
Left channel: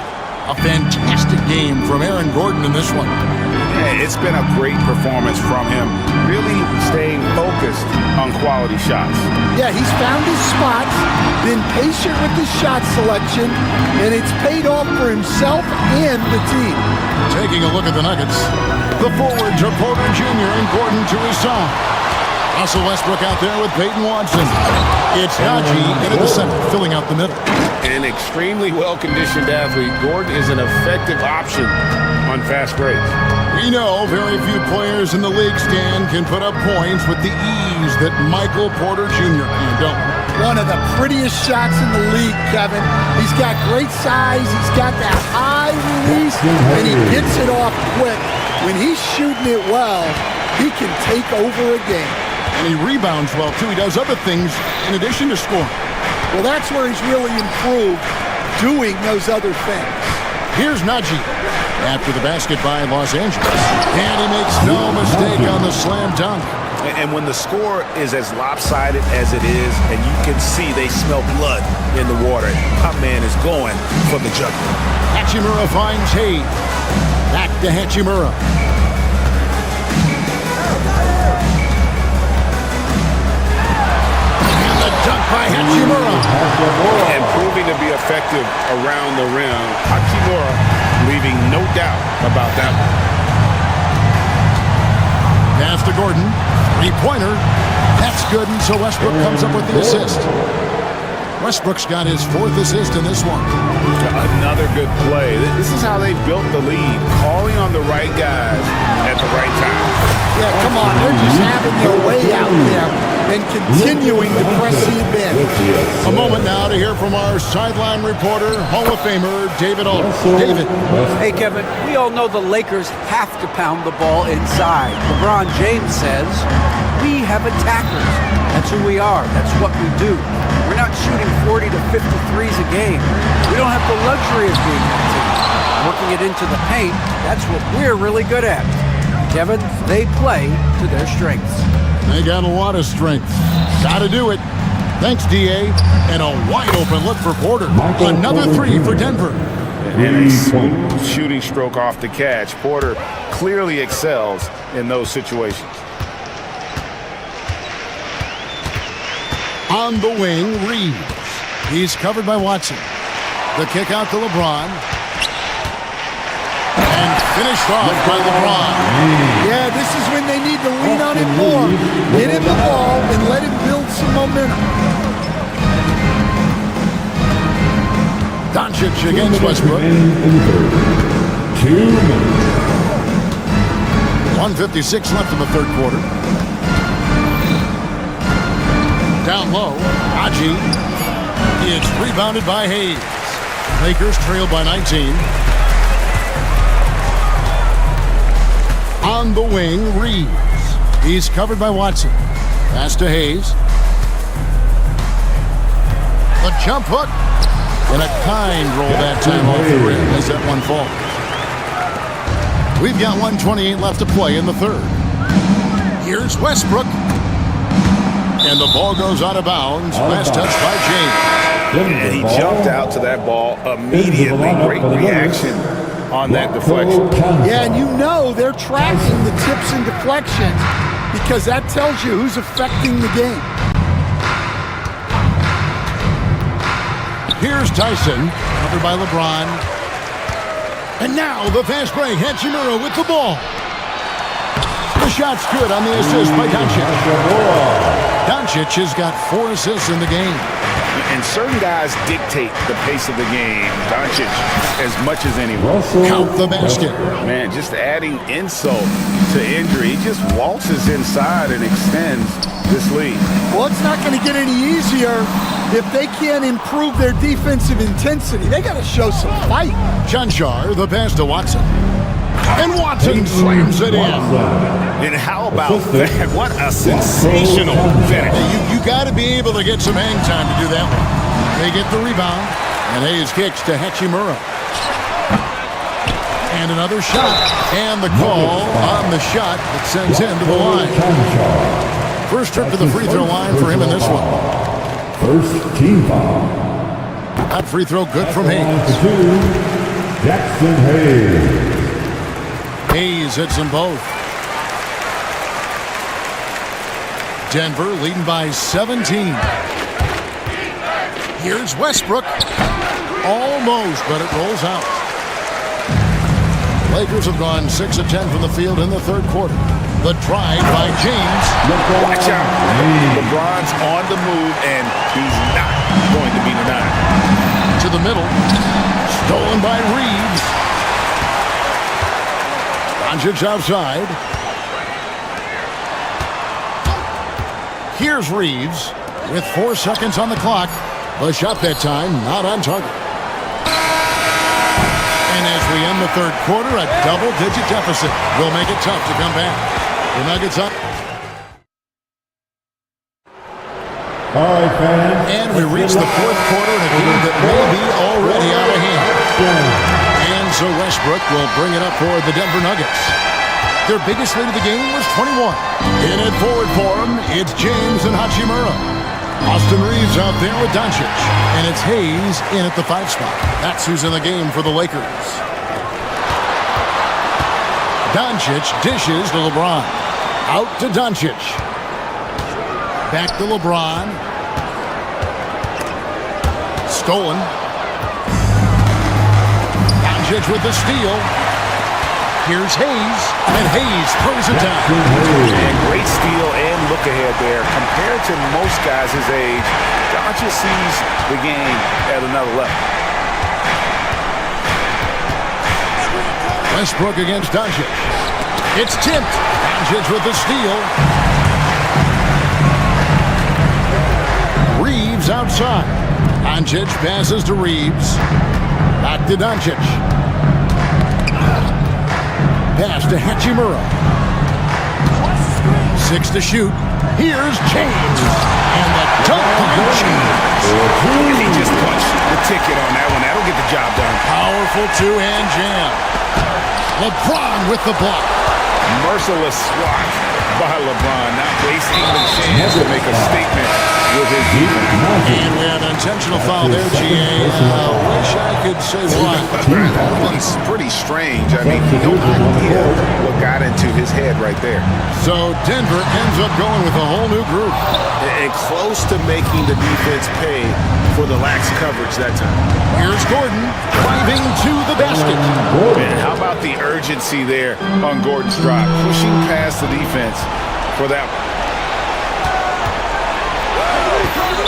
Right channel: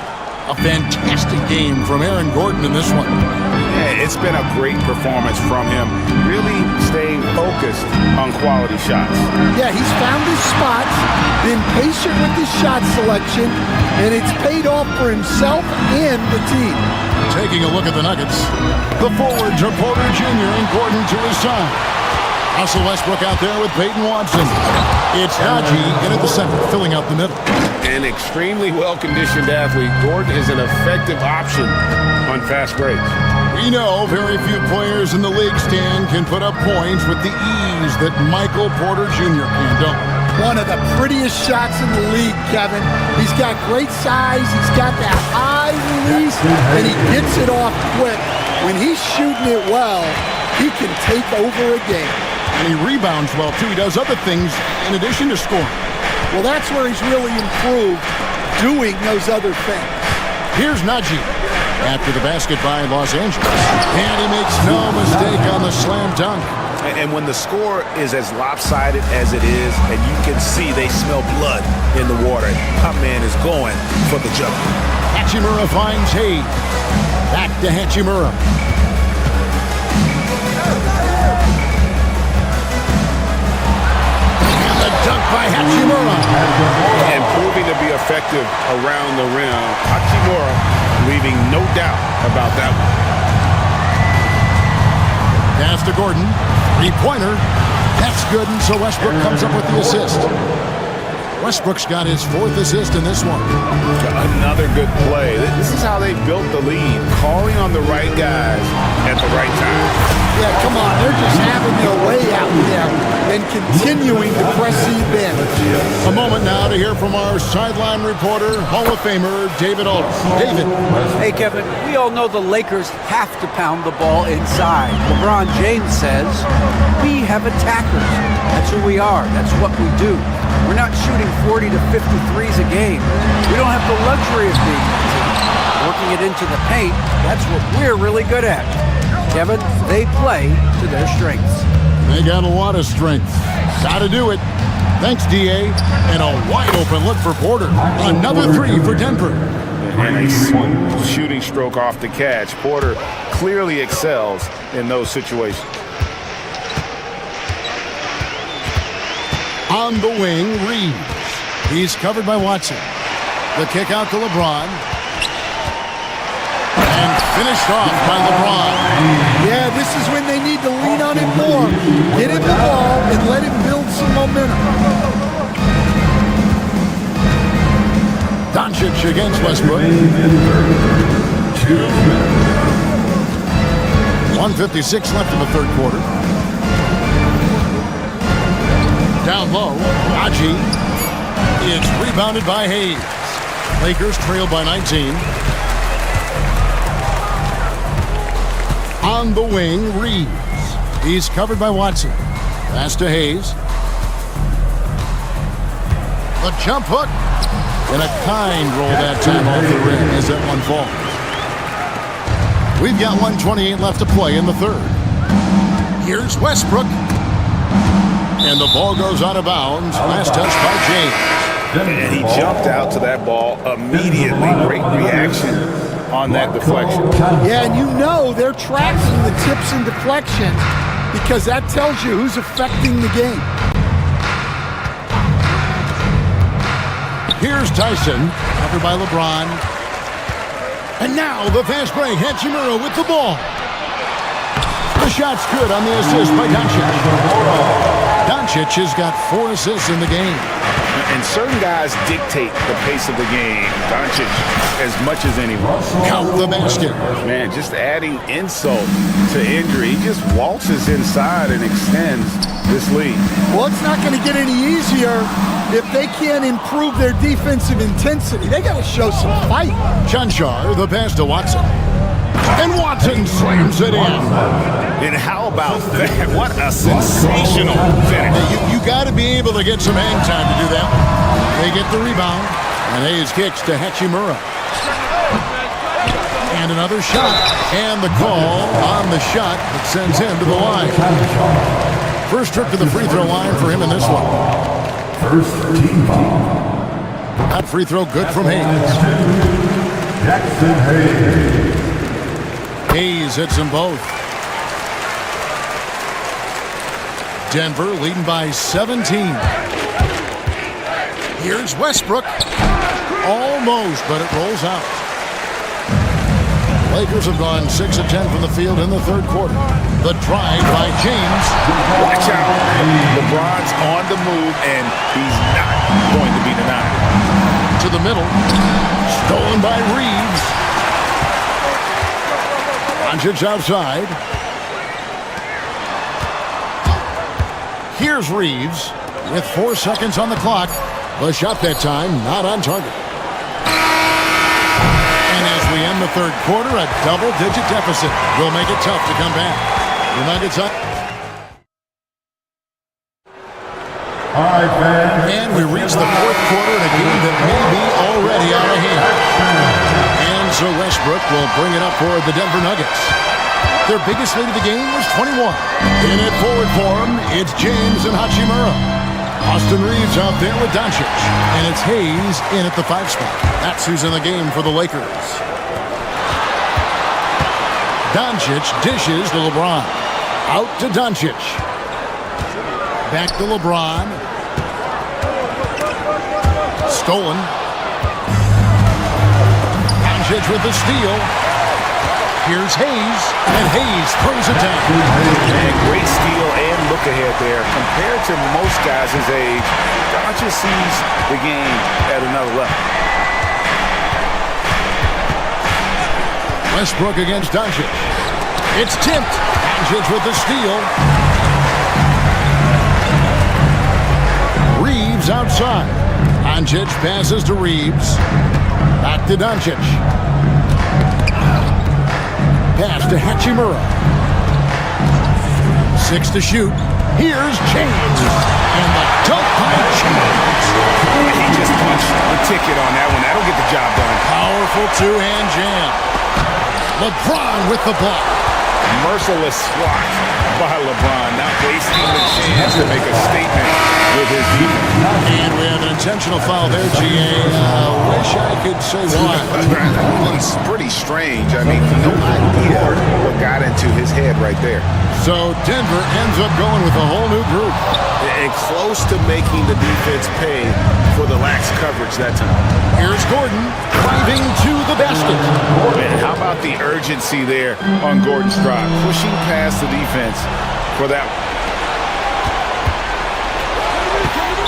A fantastic game from Aaron Gordon in this one. Yeah, it's been a great performance from him, really staying focused on quality shots. Yeah, he's found his spots, been patient with his shot selection, and it's paid off for himself and the team. Taking a look at the Nuggets. The forwards are Porter Jr. and Gordon to his side. Russell Westbrook out there with Peyton Watson. It's Najee in at the center, filling out the middle. An extremely well-conditioned athlete, Gordon is an effective option on fast breaks. We know very few players in the league, Stan, can put up points with the ease that Michael Porter Jr. can, don't we? One of the prettiest shots in the league, Kevin. He's got great size, he's got that high release, and he gets it off quick. When he's shooting it well, he can take over a game. And he rebounds well, too. He does other things in addition to scoring. Well, that's where he's really improved, doing those other things. Here's Najee after the basket by Los Angeles. And he makes no mistake on the slam dunk. And when the score is as lopsided as it is, and you can see they smell blood in the water, my man is going for the jugular. Hachimura finds Hayes. Back to Hachimura. And the dunk by Hachimura. And proving to be effective around the rim. Hachimura leaving no doubt about that one. Pass to Gordon. Three-pointer. That's good, and so Westbrook comes up with the assist. Westbrook's got his fourth assist in this one. Another good play. This is how they built the lead, calling on the right guys at the right time. Yeah, come on. They're just having their way out there and continuing to press the advantage. A moment now to hear from our sideline reporter, Hall of Famer David Aldridge. David. Hey, Kevin, we all know the Lakers have to pound the ball inside. LeBron James says, we have attackers. That's who we are. That's what we do. We're not shooting 40 to 53s a game. We don't have the luxury of being that team. Working it into the paint, that's what we're really good at. Kevin, they play to their strengths. They got a lot of strength. Got to do it. Thanks, D.A. And a wide-open look for Porter. Another three for Denver. And a smooth shooting stroke off the catch. Porter clearly excels in those situations. On the wing, Reeves. He's covered by Watson. The kick out to LeBron. And finished off by LeBron. Yeah, this is when they need to lean on him more. Get him the ball and let him build some momentum. Doncic against Westbrook. 2 minutes. 1:56 left in the third quarter. Down low, Najee. It's rebounded by Hayes. Lakers trail by 19. On the wing, Reeves. He's covered by Watson. Pass to Hayes. The jump hook. And a kind roll that time off the rim as that one falls. We've got 1:28 left to play in the third. Here's Westbrook. And the ball goes out of bounds. Last touch by James. And he jumped out to that ball immediately. Great reaction on that deflection. Yeah, and you know they're tracking the tips and deflections because that tells you who's affecting the game. Here's Tyson, covered by LeBron. And now the fast break. Hachimura with the ball. The shot's good on the assist by Doncic. Doncic has got 4 assists in the game. And certain guys dictate the pace of the game. Doncic as much as anyone. Count the basket. Man, just adding insult to injury. He just waltzes inside and extends this lead. Well, it's not going to get any easier if they can't improve their defensive intensity. They got to show some fight. Chanchar, the pass to Watson. And Watson slams it in. And how about that? What a sensational finish. Hey, you got to be able to get some hang time to do that one. They get the rebound, and Hayes kicks to Hachimura. And another shot, and the call on the shot that sends him to the line. First trip to the free throw line for him in this one. First team foul. That free throw good from Hayes. Jackson Hayes. Hayes hits them both. Denver leading by 17. Here's Westbrook. Almost, but it rolls out. Lakers have gone 6 of 10 from the field in the third quarter. The drive by James. Watch out. LeBron's on the move, and he's not going to be denied. To the middle. Stolen by Reeves. Doncic outside. Here's Reeves with 4 seconds on the clock. The shot that time not on target. And as we end the third quarter, a double-digit deficit will make it tough to come back. The Nuggets up. All right, fans. And we reach the fourth quarter in a game that may be already out of hand. And so Westbrook will bring it up for the Denver Nuggets. Their biggest lead of the game was 21. In it forward for him, it's James and Hachimura. Austin Reeves out there with Doncic. And it's Hayes in at the 5 spot. That's who's in the game for the Lakers. Doncic dishes to LeBron. Out to Doncic. Back to LeBron. Stolen. Doncic with the steal. Here's Hayes, and Hayes throws it down. And great steal and look ahead there. Compared to most guys his age, Doncic sees the game at another level. Westbrook against Doncic. It's tipped. Doncic with the steal. Reeves outside. Doncic passes to Reeves. Back to Doncic. Pass to Hachimura. 6 to shoot. Here's James. And the dunk by James. He just punched the ticket on that one. That'll get the job done. Powerful two-hand jam. LeBron with the block. Merciless swat by LeBron, not wasting the chance to make a statement with his defense. And we have an intentional foul there, GA. Wish I could say why. That one's pretty strange. I mean, no idea what got into his head right there. So Denver ends up going with a whole new group. And close to making the defense pay for the lax coverage that time. Here's Gordon driving to the basket. Man, how about the urgency there on Gordon's drive? Pushing past the defense for that one.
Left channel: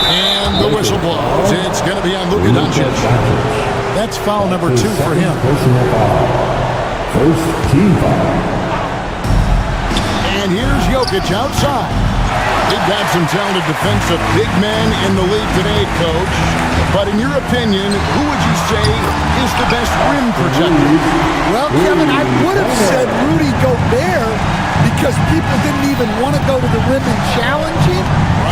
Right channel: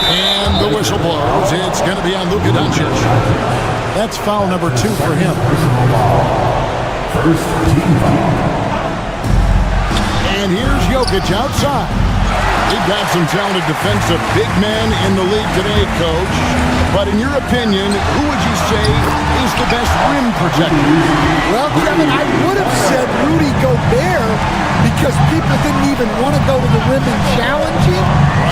And the whistle blows. It's going to be on Luka Doncic. That's foul number 2 for him. First team foul. And here's Jokic outside. We've got some talented defensive big men in the league today, Coach. But in your opinion, who would you say is the best rim protector? Well, Kevin, I would have said Rudy Gobert because people didn't even want to go to the rim and challenge him.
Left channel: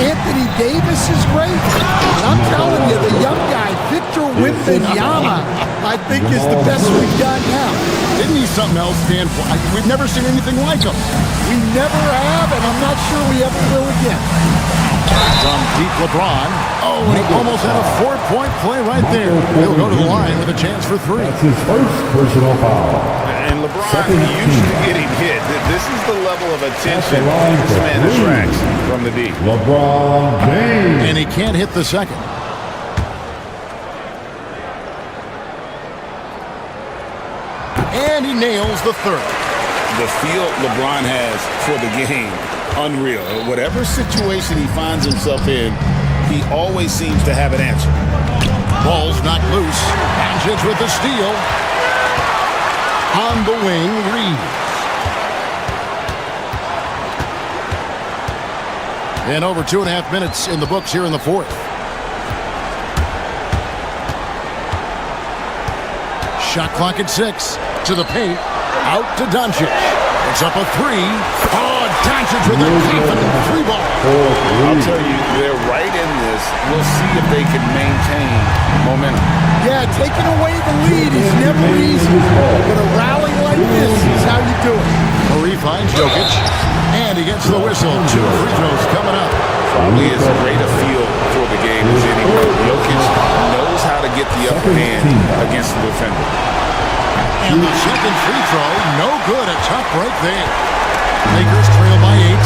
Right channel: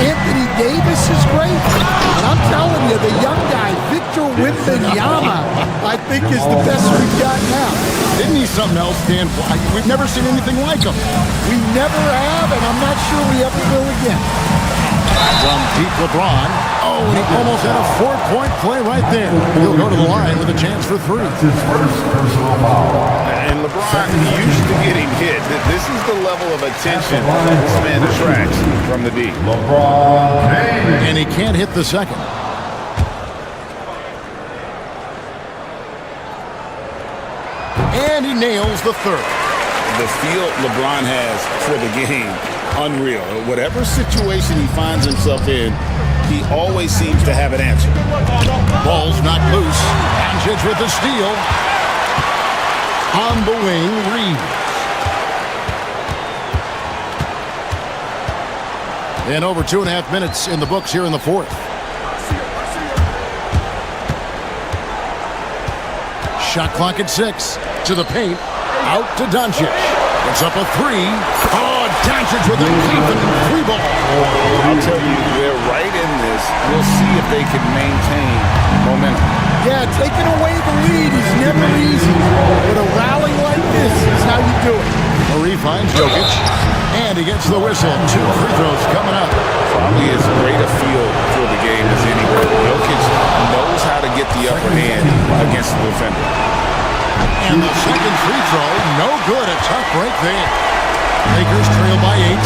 Anthony Davis is great. And I'm telling you, the young guy, Victor Wembanyama, I think is the best we've got now. Isn't he something else, Dan? We've never seen anything like him. We never have, and I'm not sure we ever will again. From deep LeBron. Oh, and he almost had a 4-point play right there. He'll go to the line with a chance for 3. That's his first personal foul. And LeBron used to getting hit. This is the level of attention this man attracts from the D. LeBron James. And he can't hit the second. And he nails the third. The feel LeBron has for the game, unreal. Whatever situation he finds himself in, he always seems to have an answer. Ball's knocked loose. Doncic with the steal. On the wing, Reeves. And over 2.5 minutes in the books here in the fourth. Shot clock at 6. To the paint. Out to Doncic. It's up a 3. Oh, Doncic with a confident 3-ball. I'll tell you, they're right in this. We'll see if they can maintain momentum. Yeah, taking away the lead is never easy, but a rally like this is how you do it. Murray finds Jokic, and he gets the whistle. 2 free throws coming up. Probably as great a feel for the game as anyone. Jokic knows how to get the upper hand against the defender. And the second free throw, no good. A tough break there. Lakers trail by 8.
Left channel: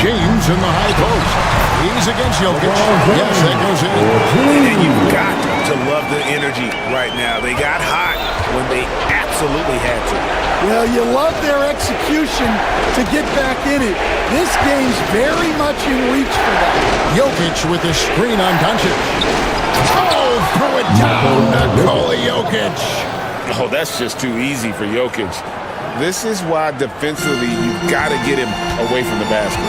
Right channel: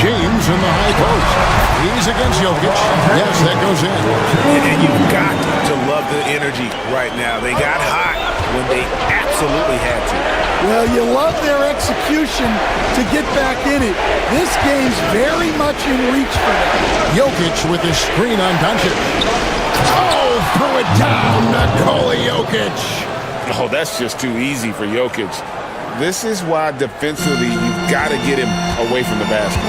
James in the high post. He's against Jokic. Yes, that goes in. And you've got to love the energy right now. They got hot when they absolutely had to. Well, you love their execution to get back in it. This game's very much in reach for them. Jokic with the screen on Doncic. Oh, throw it down, Nikola Jokic. Oh, that's just too easy for Jokic. This is why defensively you've got to get him away from the basket.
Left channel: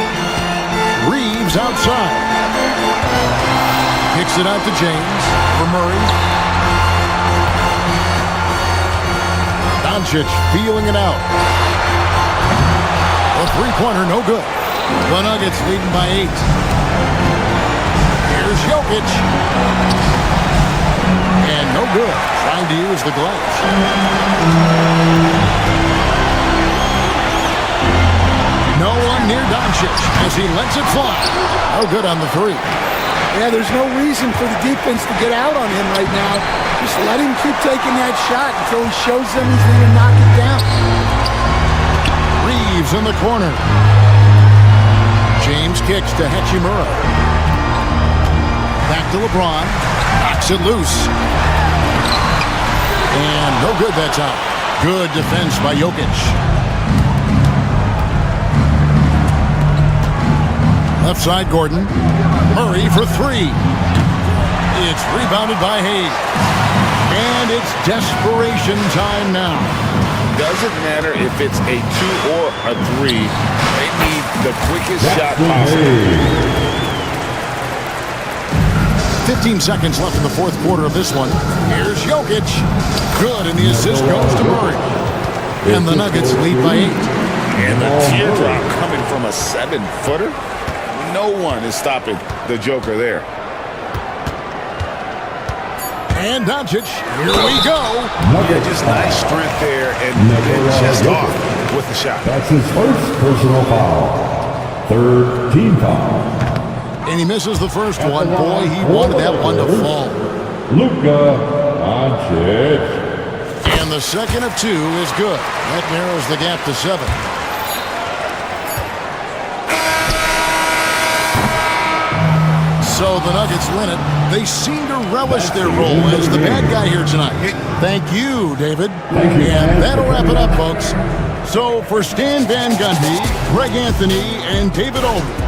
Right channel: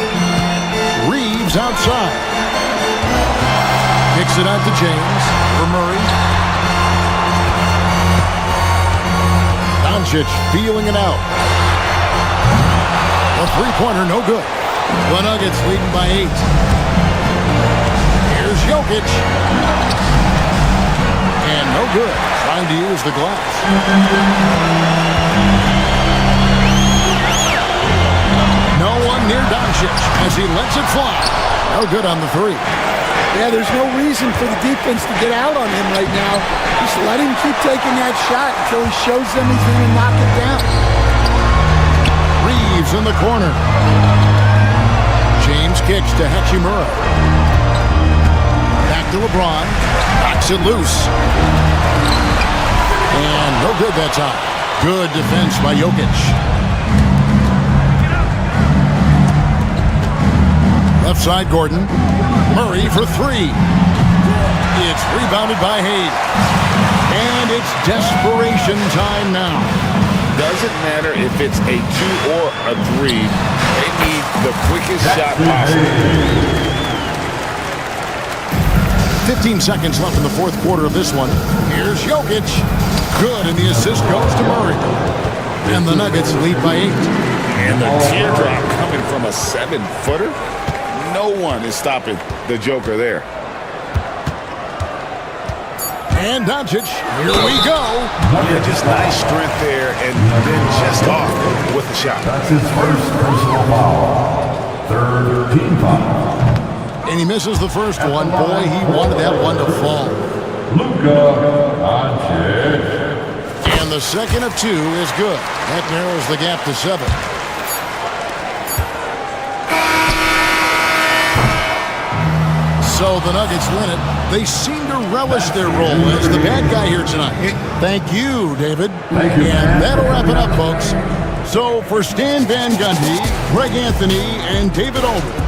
Reeves outside. Kicks it out to James for Murray. Doncic feeling it out. A three-pointer, no good. The Nuggets leading by 8. Here's Jokic. And no good. Trying to use the glass. No one near Doncic as he lets it fly. No good on the 3. Yeah, there's no reason for the defense to get out on him right now. Just let him keep taking that shot until he shows them he's going to knock it down. Reeves in the corner. James kicks to Hachimura. Back to LeBron. Knocks it loose. And no good that time. Good defense by Jokic. Left side, Gordon. Murray for 3. It's rebounded by Hayes. And it's desperation time now. Doesn't matter if it's a 2 or a 3. They need the quickest shot possible. 15 seconds left in the fourth quarter of this one. Here's Jokic. Good, and the assist goes to Murray. And the Nuggets lead by 8. And the teardrop coming from a 7-footer. No one is stopping the Joker there. And Doncic, here we go. Yeah, just nice strength there, and then just off with the shot. That's his first personal foul. Third team foul. And he misses the first one. Boy, he wanted that one to fall. Luka Doncic. And the second of 2 is good. That narrows the gap to 7. So the Nuggets win it. They seem to relish their role as the bad guy here tonight. Thank you, David. Thank you. And that'll wrap it up, folks. So for Stan Van Gundy, Greg Anthony, and David Aldridge.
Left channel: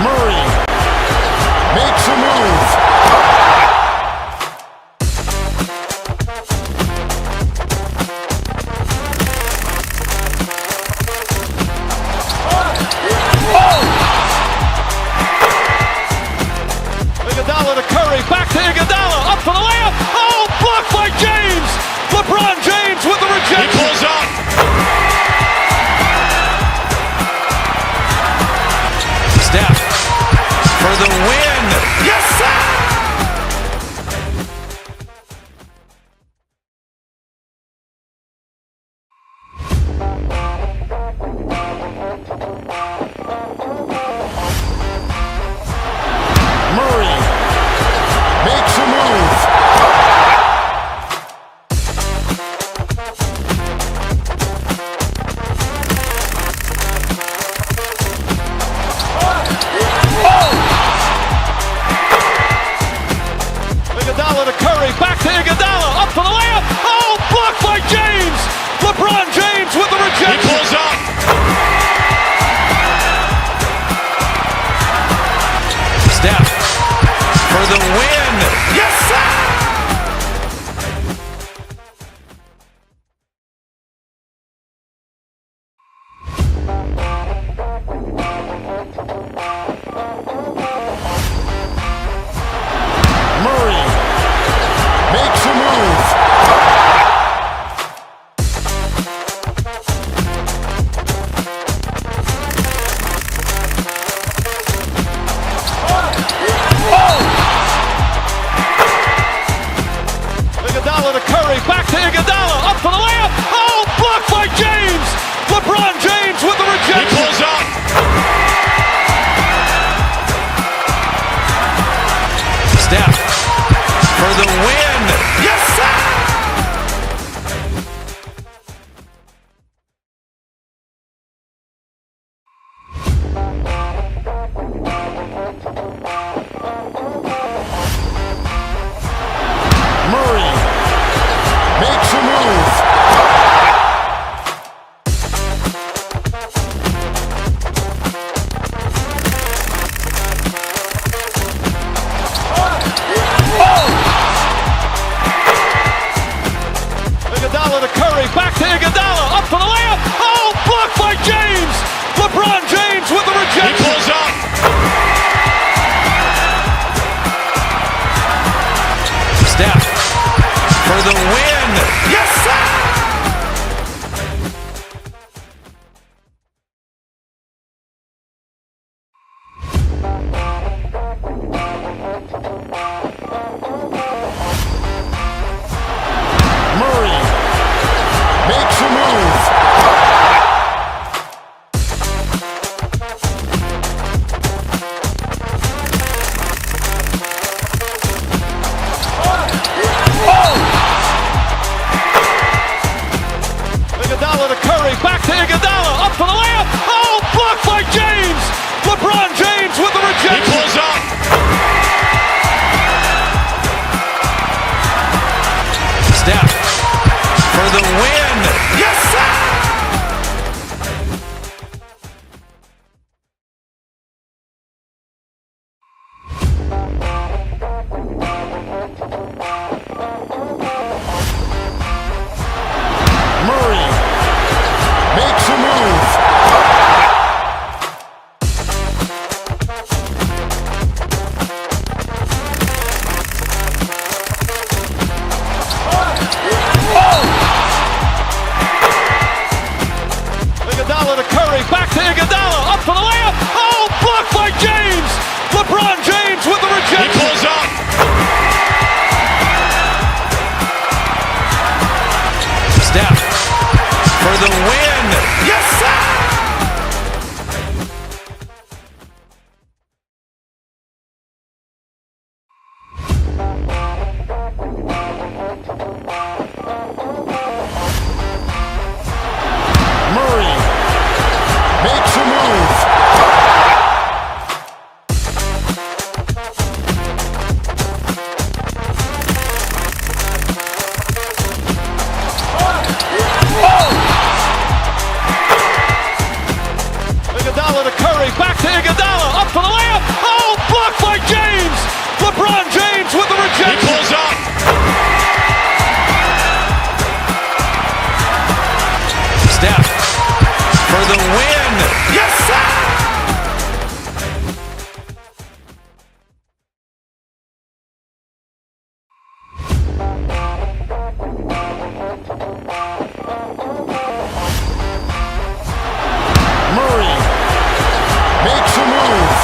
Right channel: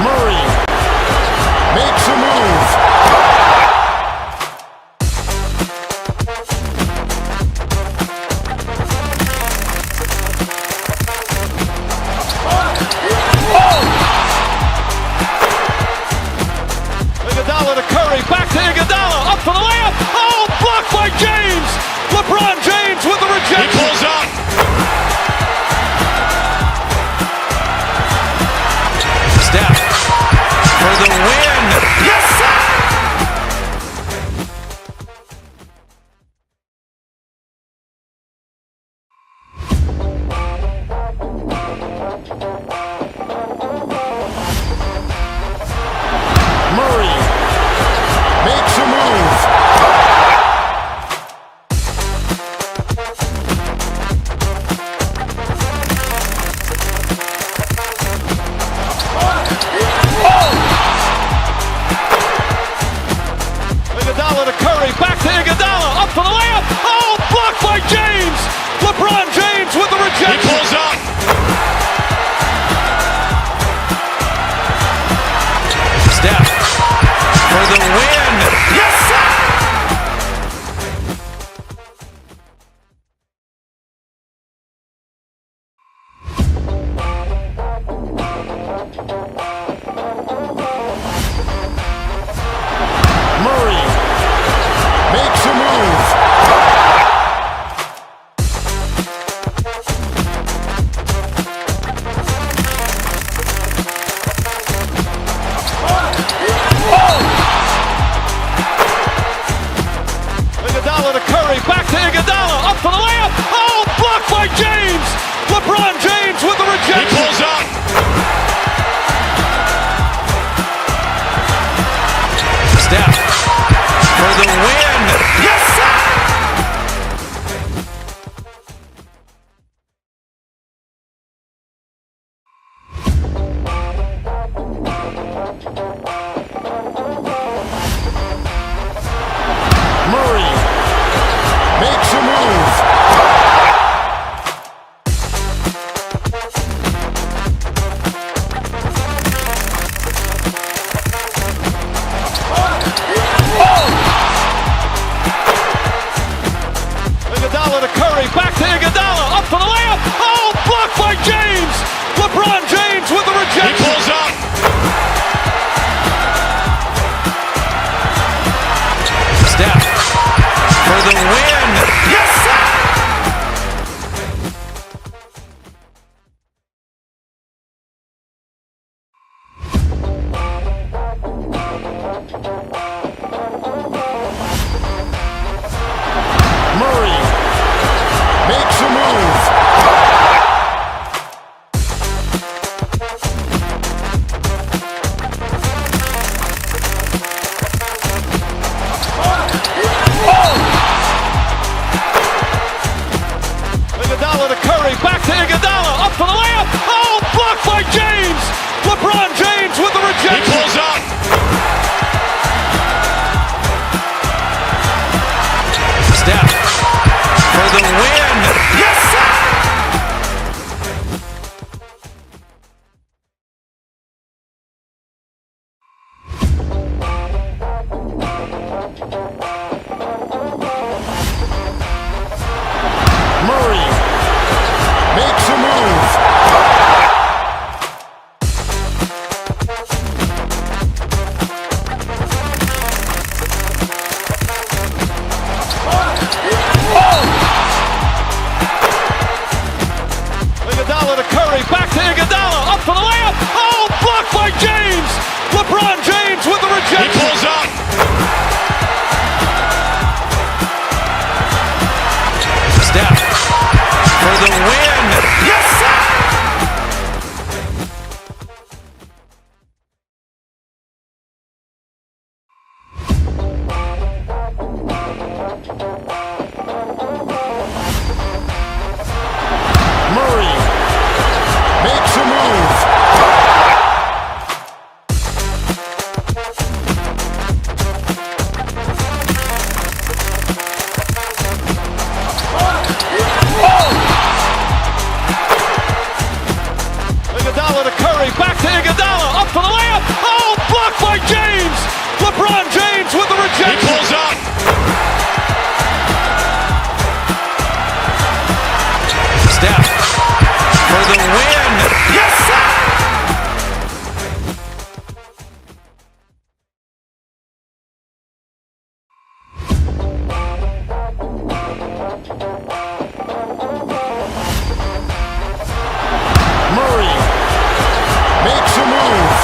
Murray makes a move. Iguodala to Curry, back to Iguodala, up for the layup. Oh, blocked by James. LeBron James with the rejection. He pulls up. Steph for the win. Yes, sir! Murray makes a move. Iguodala to Curry, back to Iguodala, up for the layup. Oh, blocked by James. LeBron James with the rejection. He pulls up. Steph for the win. Yes, sir. Murray makes a move. Iguodala to Curry, back to Iguodala, up for the layup. Oh, blocked by James. LeBron James with the rejection. He pulls up. Steph for the win. Yes, sir. Murray makes a move. Iguodala to Curry, back to Iguodala, up for the layup. Oh, blocked by James. LeBron James with the rejection. He pulls up. Steph for the win. Yes, sir. Murray makes a move. Iguodala to Curry, back to Iguodala, up for the layup. Oh, blocked by James. LeBron James with the rejection. He pulls up. Steph for the win. Yes, sir. Murray makes a move. Iguodala to Curry, back to Iguodala, up for the layup. Oh, blocked by James. LeBron James with the rejection. He pulls up. Steph for the win. Yes, sir. Murray makes a move.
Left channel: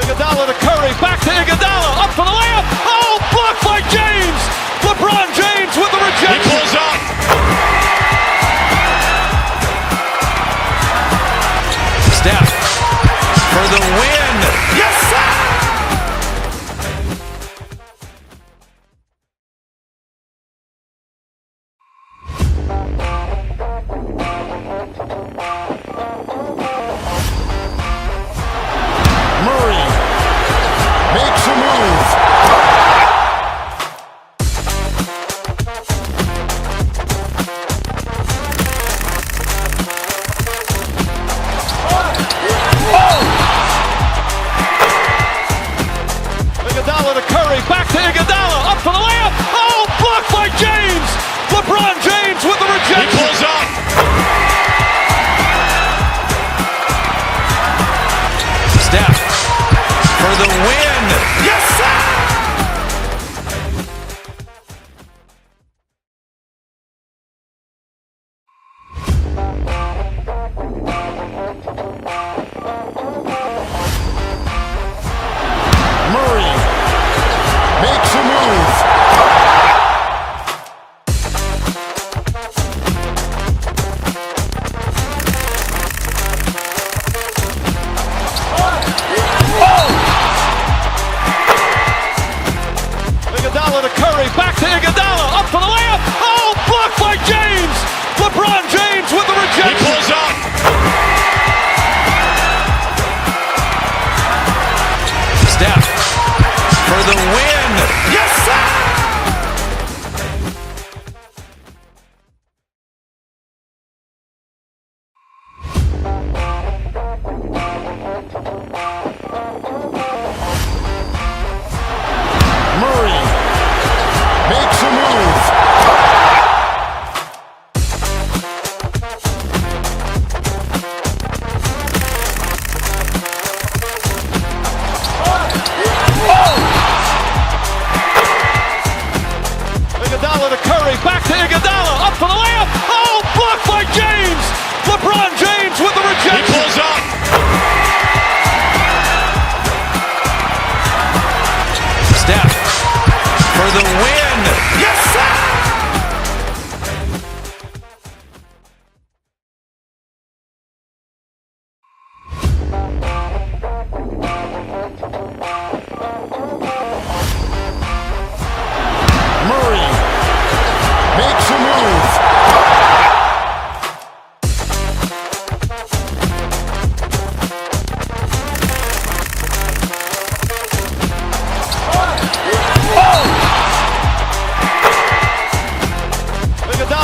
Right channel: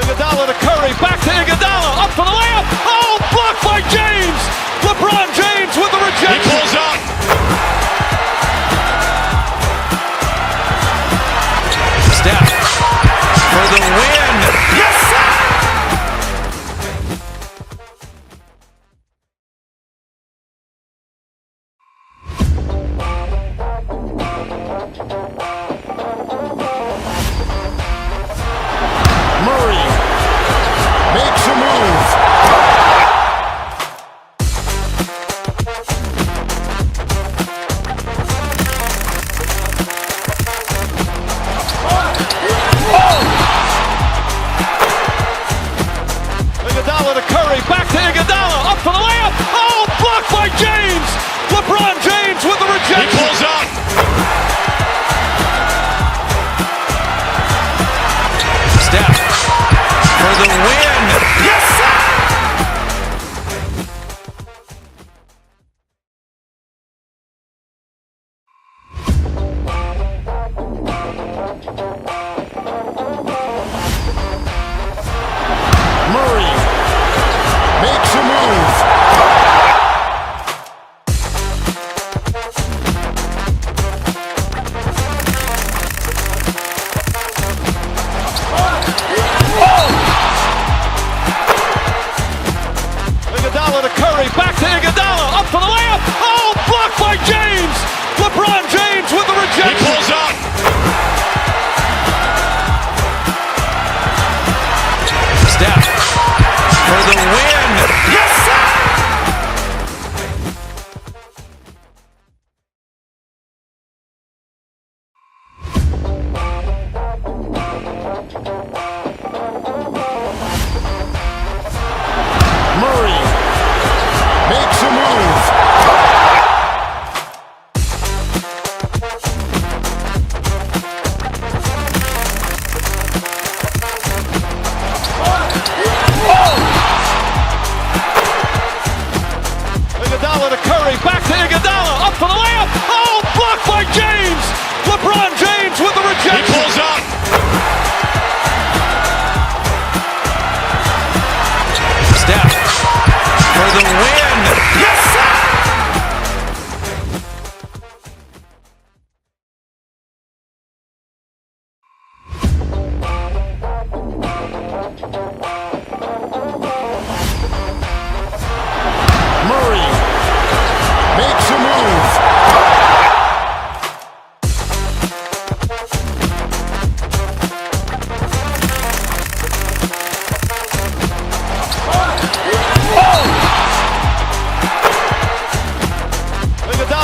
Iguodala to Curry, back to Iguodala, up for the layup. Oh, blocked by James. LeBron James with the rejection. He pulls up. Steph for the win. Yes, sir. Murray makes a move.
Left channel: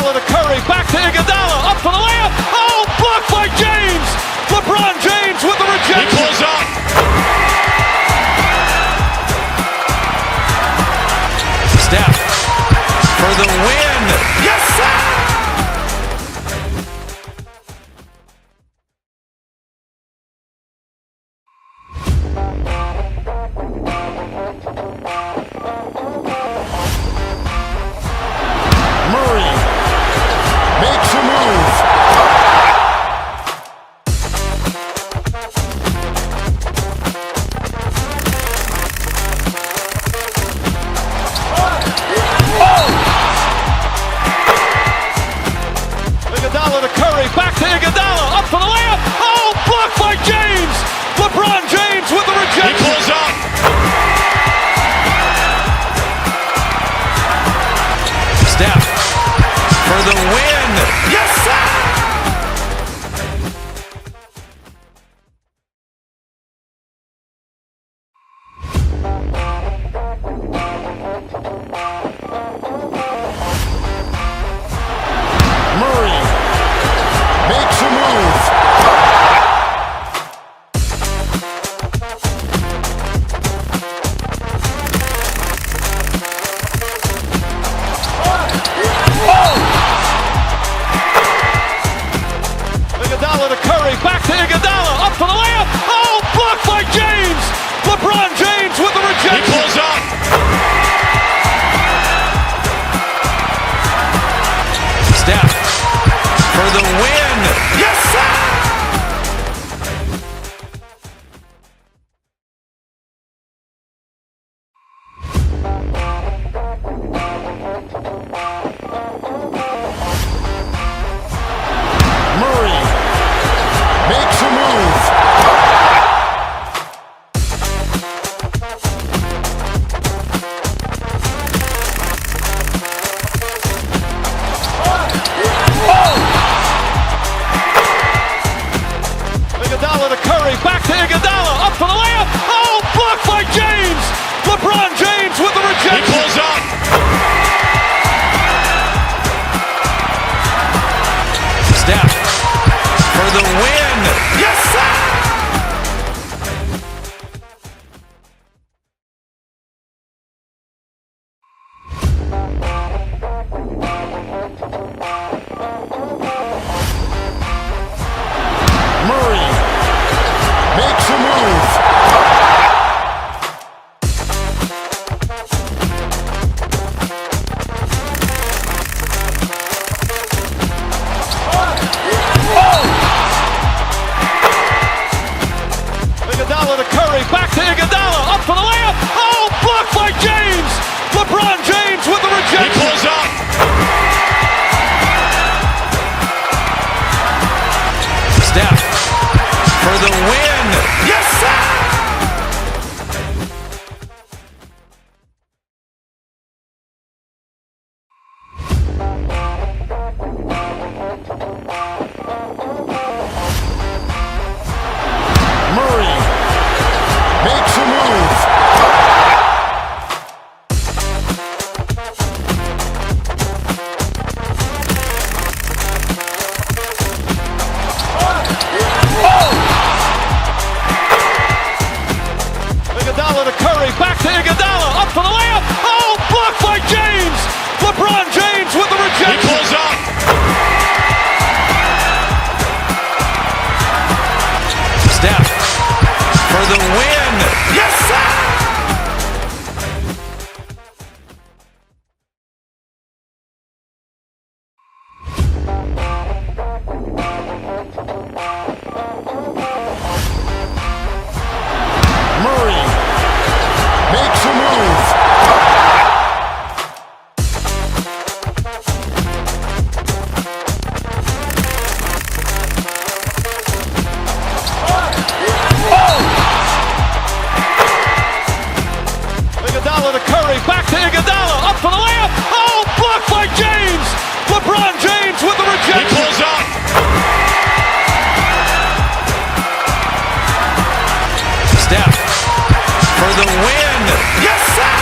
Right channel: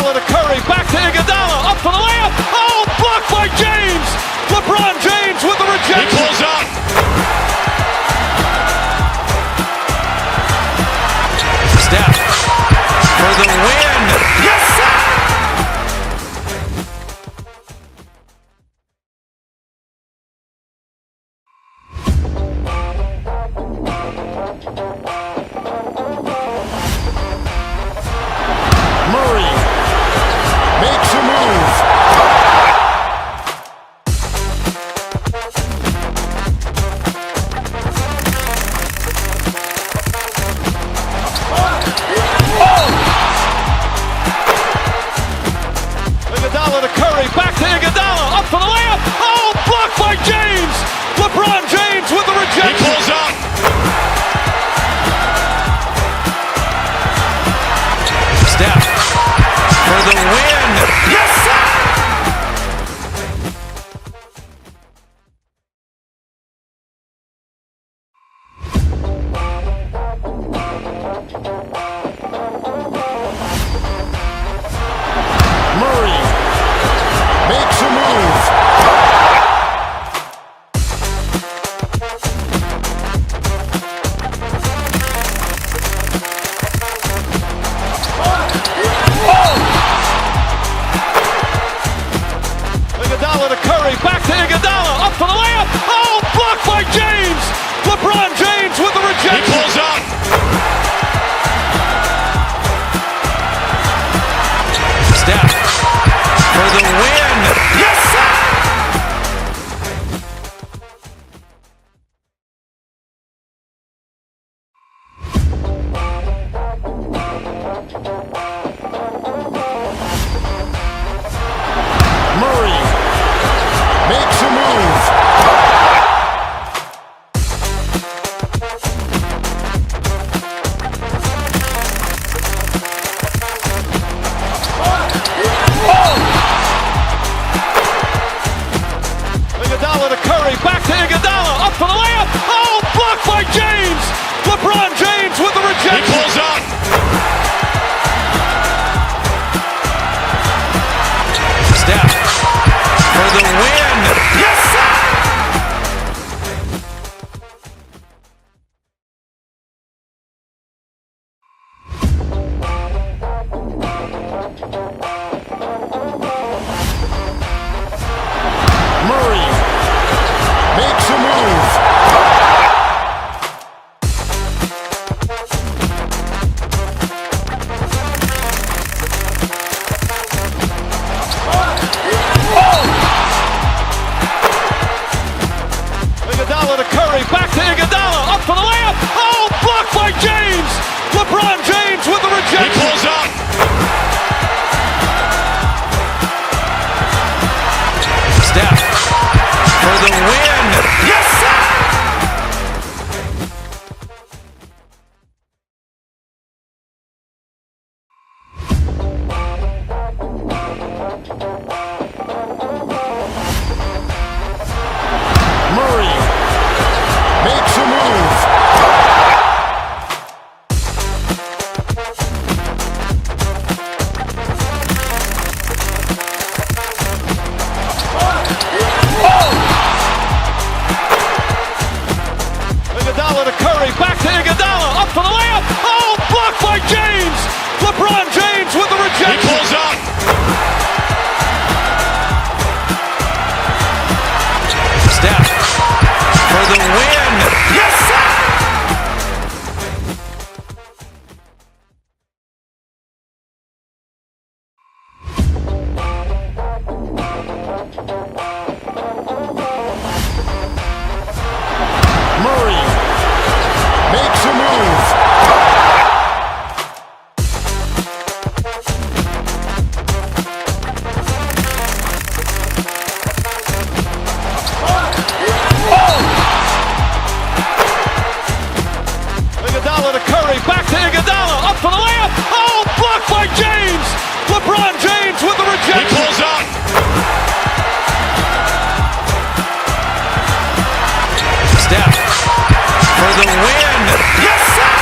Iguodala to Curry, back to Iguodala, up for the layup. Oh, blocked by James. LeBron James with the rejection. He pulls up. Steph for the win. Yes, sir. Murray makes a move. Iguodala to Curry, back to Iguodala, up for the layup. Oh, blocked by James. LeBron James with the rejection. He pulls up. Steph for the win. Yes, sir. Murray makes a move. Iguodala to Curry, back to Iguodala, up for the layup. Oh, blocked by James. LeBron James with the rejection. He pulls up. Steph for the win. Yes, sir. Murray makes a move. Iguodala to Curry, back to Iguodala, up for the layup. Oh, blocked by James. LeBron James with the rejection. He pulls up. Steph for the win. Yes, sir. Murray makes a move. Iguodala to Curry, back to Iguodala, up for the layup. Oh, blocked by James. LeBron James with the rejection. He pulls up. Steph for the win. Yes, sir. Murray makes a move. Iguodala to Curry, back to Iguodala, up for the layup. Oh, blocked by James. LeBron James with the rejection. He pulls up. Steph for the win. Yes, sir. Murray makes a move. Iguodala to Curry, back to Iguodala, up for the layup. Oh, blocked by James. LeBron James with the rejection. He pulls up. Steph for the win. Yes, sir.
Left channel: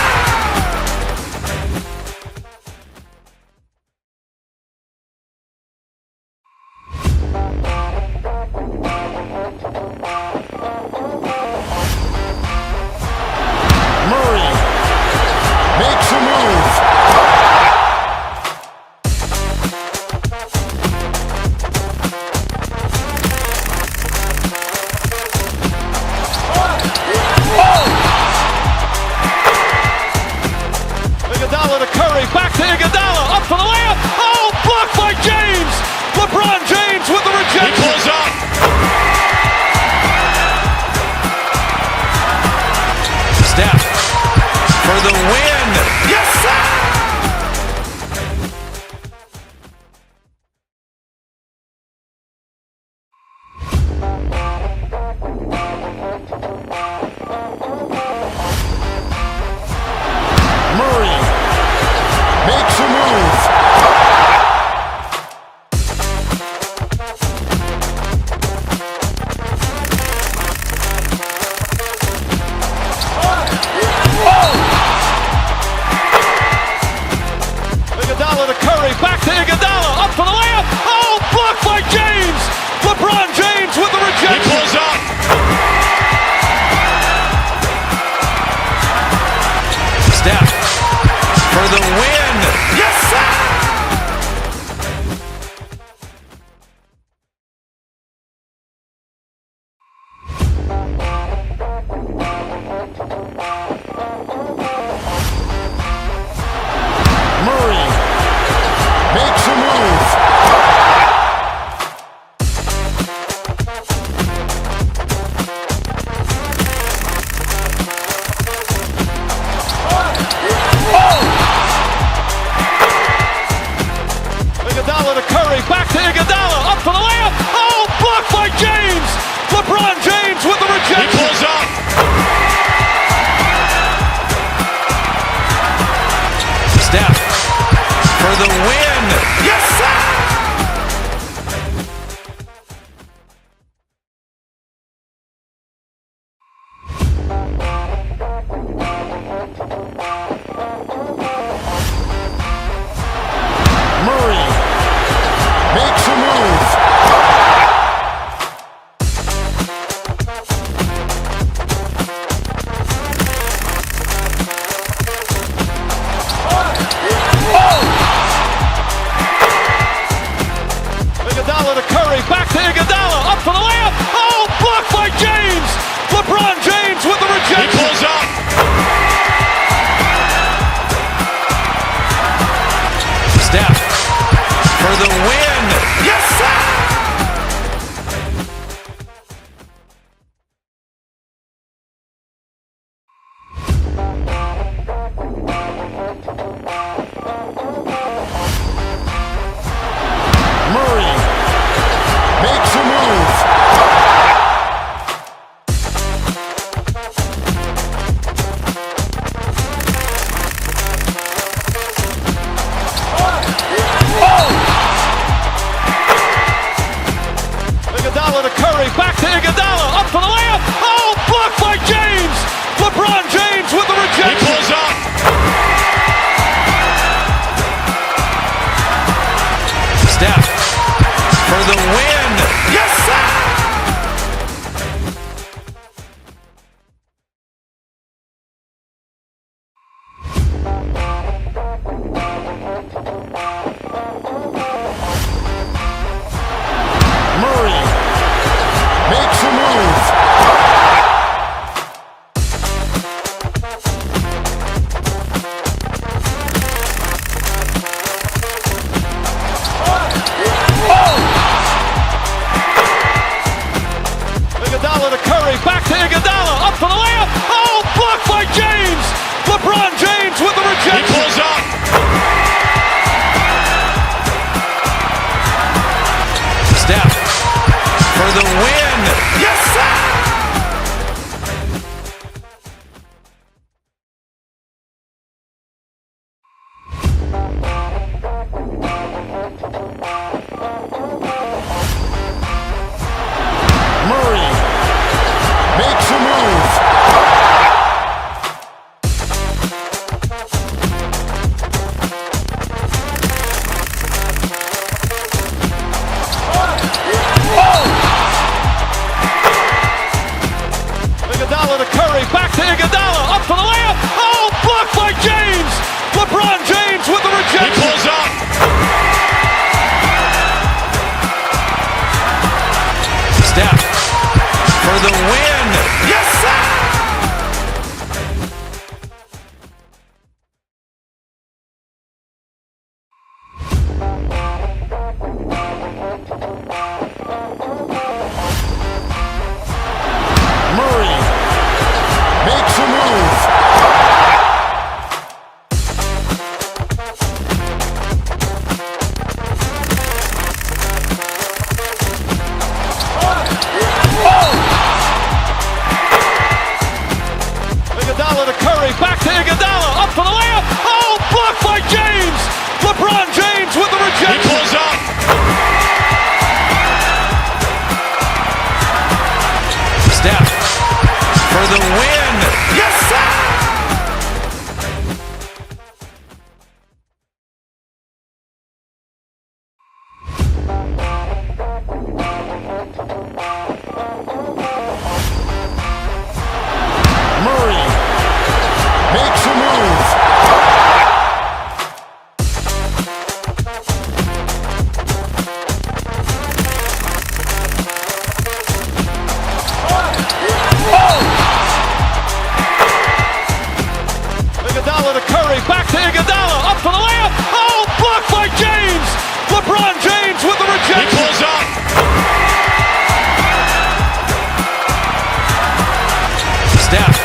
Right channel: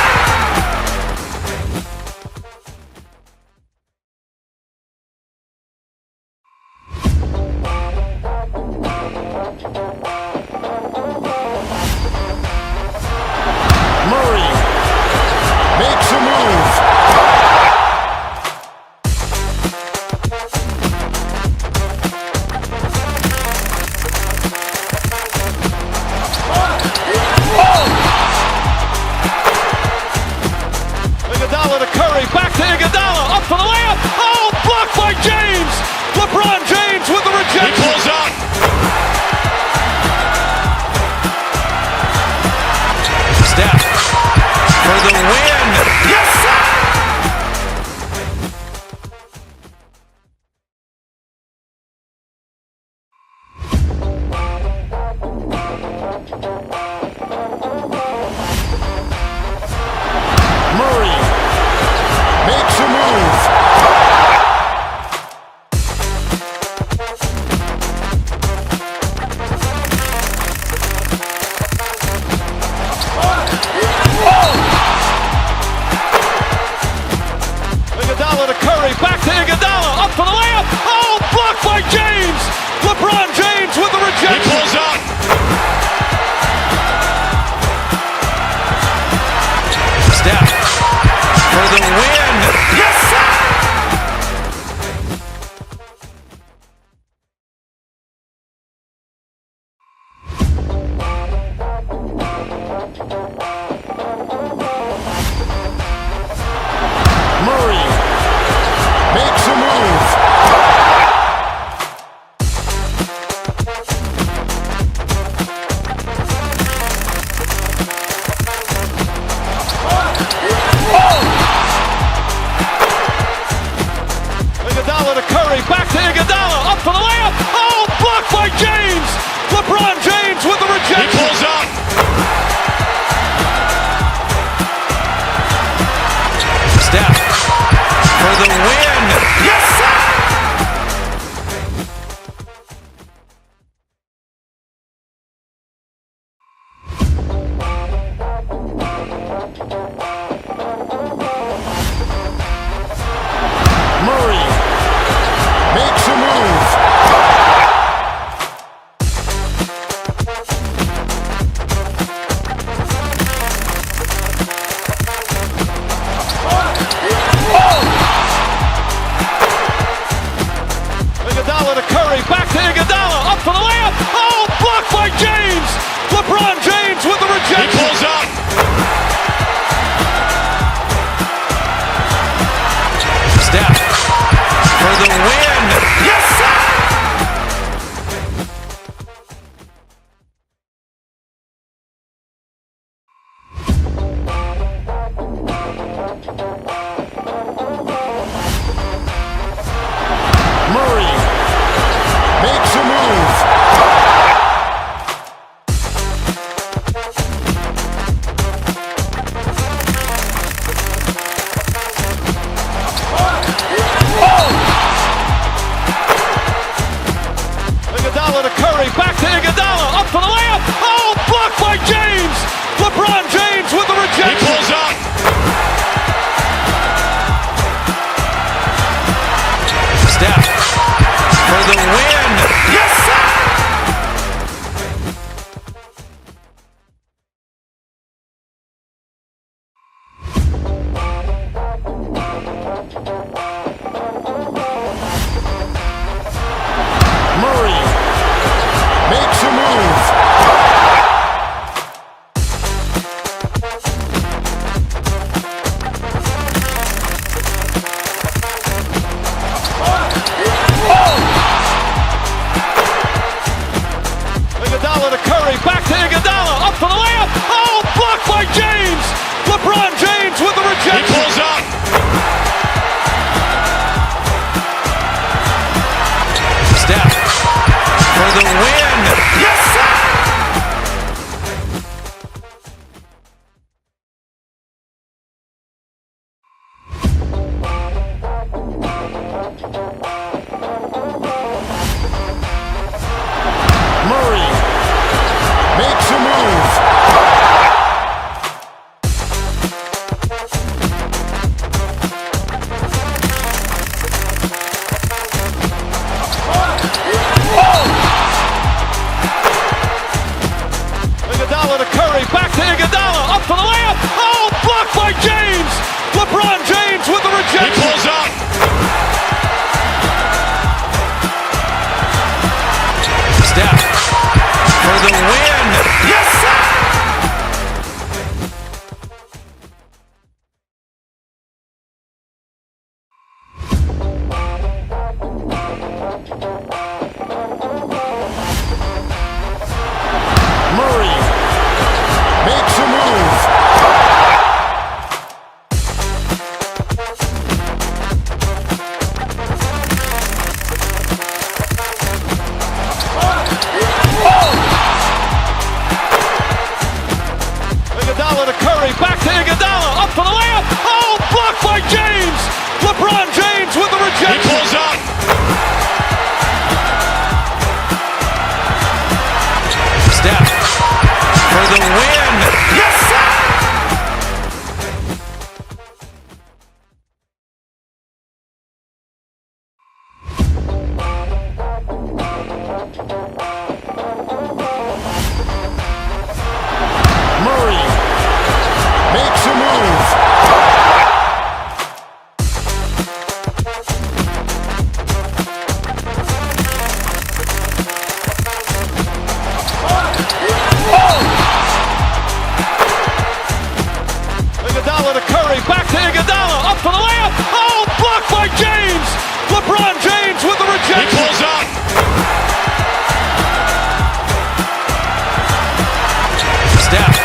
Iguodala to Curry, back to Iguodala, up for the layup. Oh, blocked by James. LeBron James with the rejection. He pulls up. Steph for the win. Yes, sir. Murray makes a move. Iguodala to Curry, back to Iguodala, up for the layup. Oh, blocked by James. LeBron James with the rejection. He pulls up. Steph for the win. Yes, sir. Murray makes a move. Iguodala to Curry, back to Iguodala, up for the layup. Oh, blocked by James. LeBron James with the rejection. He pulls up. Steph for the win. Yes, sir. Murray makes a move. Iguodala to Curry, back to Iguodala, up for the layup. Oh, blocked by James. LeBron James with the rejection. He pulls up. Steph for the win. Yes, sir. Murray makes a move. Iguodala to Curry, back to Iguodala, up for the layup. Oh, blocked by James. LeBron James with the rejection. He pulls up. Steph for the win. Yes, sir. Murray makes a move. Iguodala to Curry, back to Iguodala, up for the layup. Oh, blocked by James. LeBron James with the rejection. He pulls up. Steph for the win. Yes, sir. Murray makes a move. Iguodala to Curry, back to Iguodala, up for the layup. Oh, blocked by James. LeBron James with the rejection. He pulls up. Steph for the win. Yes, sir. Curry, back to Iguodala, up for the layup. Oh, blocked by James. LeBron James with the rejection. He pulls up. Steph for the win. Yes, sir. Murray makes a move. Iguodala to Curry, back to Iguodala, up for the layup. Oh, blocked by James. LeBron James with the rejection. He pulls up. Steph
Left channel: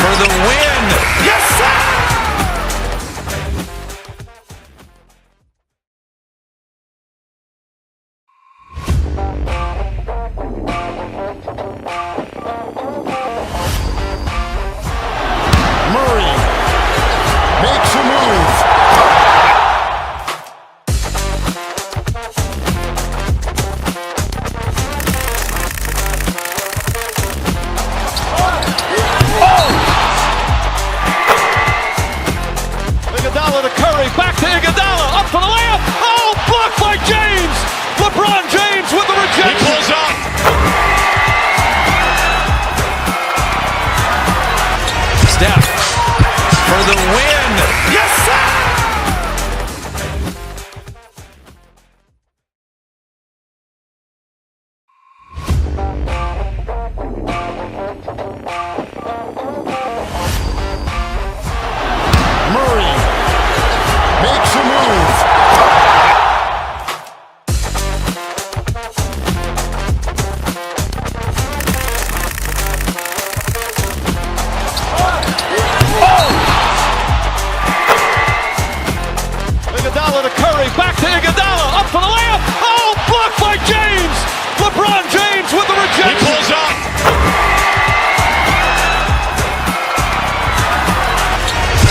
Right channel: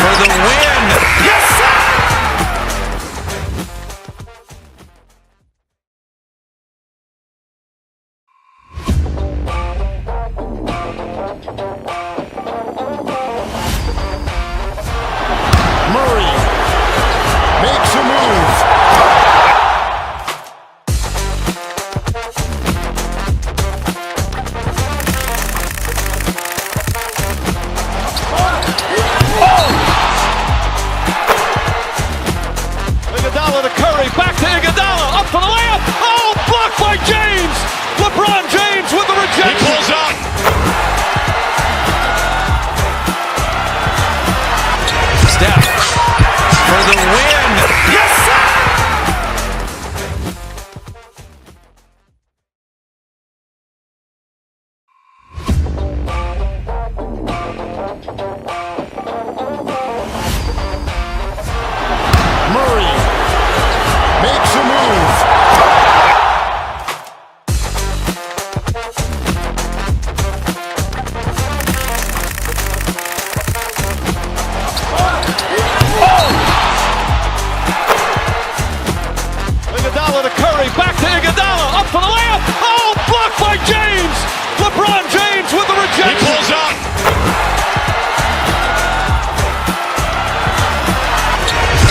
for the win. Yes, sir. Murray makes a move. Iguodala to Curry, back to Iguodala, up for the layup. Oh, blocked by James. LeBron James with the rejection. He pulls up. Steph for the win. Yes, sir. Murray makes a move. Iguodala to Curry, back to Iguodala, up for the layup. Oh, blocked by James. LeBron James with the rejection. He pulls up.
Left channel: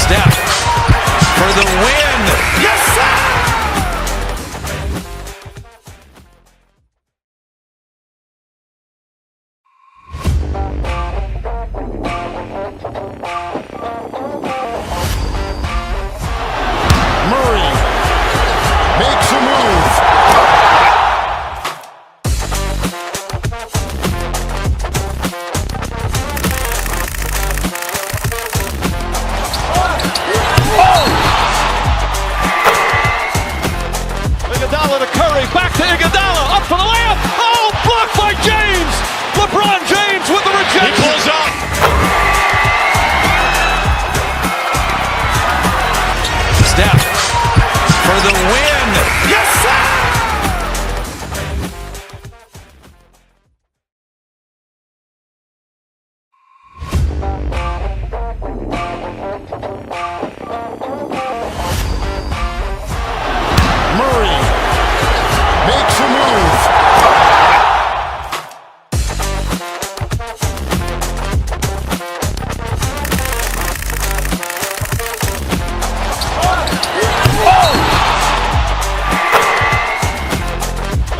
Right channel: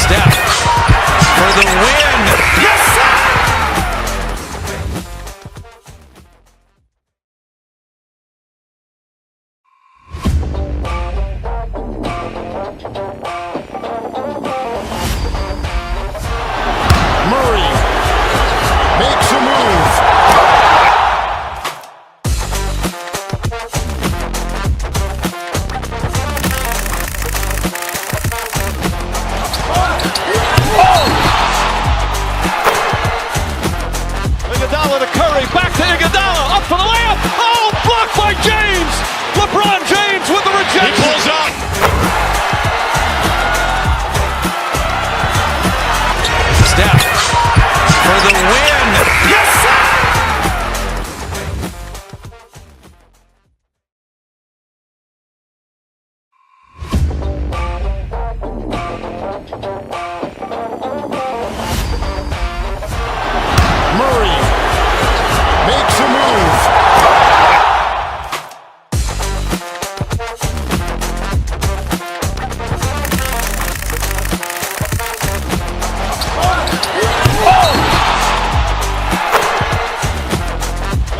Steph for the win. Yes, sir. Murray makes a move. Iguodala to Curry, back to Iguodala, up for the layup. Oh, blocked by James. LeBron James with the rejection. He pulls up. Steph for the win. Yes, sir. Murray makes a move.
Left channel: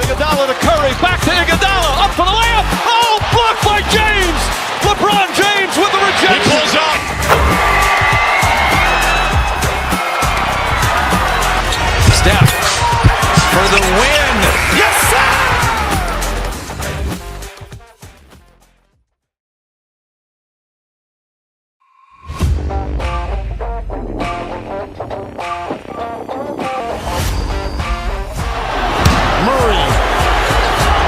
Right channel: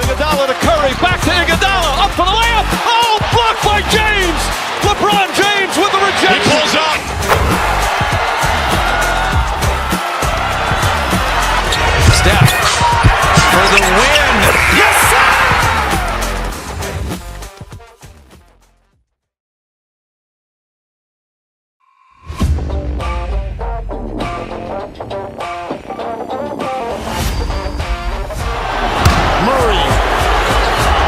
Iguodala to Curry, back to Iguodala, up for the layup. Oh, blocked by James. LeBron James with the rejection. He pulls up. Steph for the win. Yes, sir. Murray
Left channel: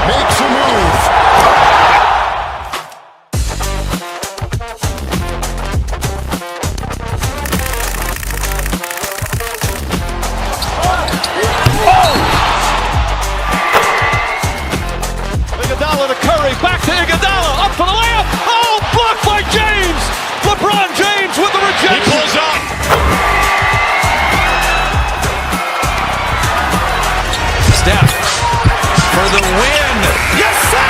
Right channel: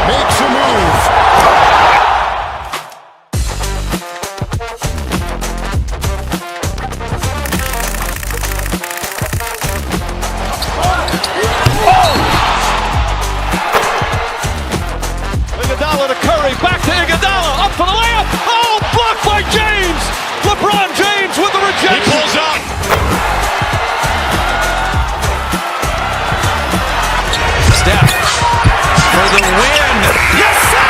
makes a move. Iguodala to Curry, back to Iguodala, up for the layup. Oh, blocked by James. LeBron James with the rejection. He pulls up. Steph for the win. Yes, sir.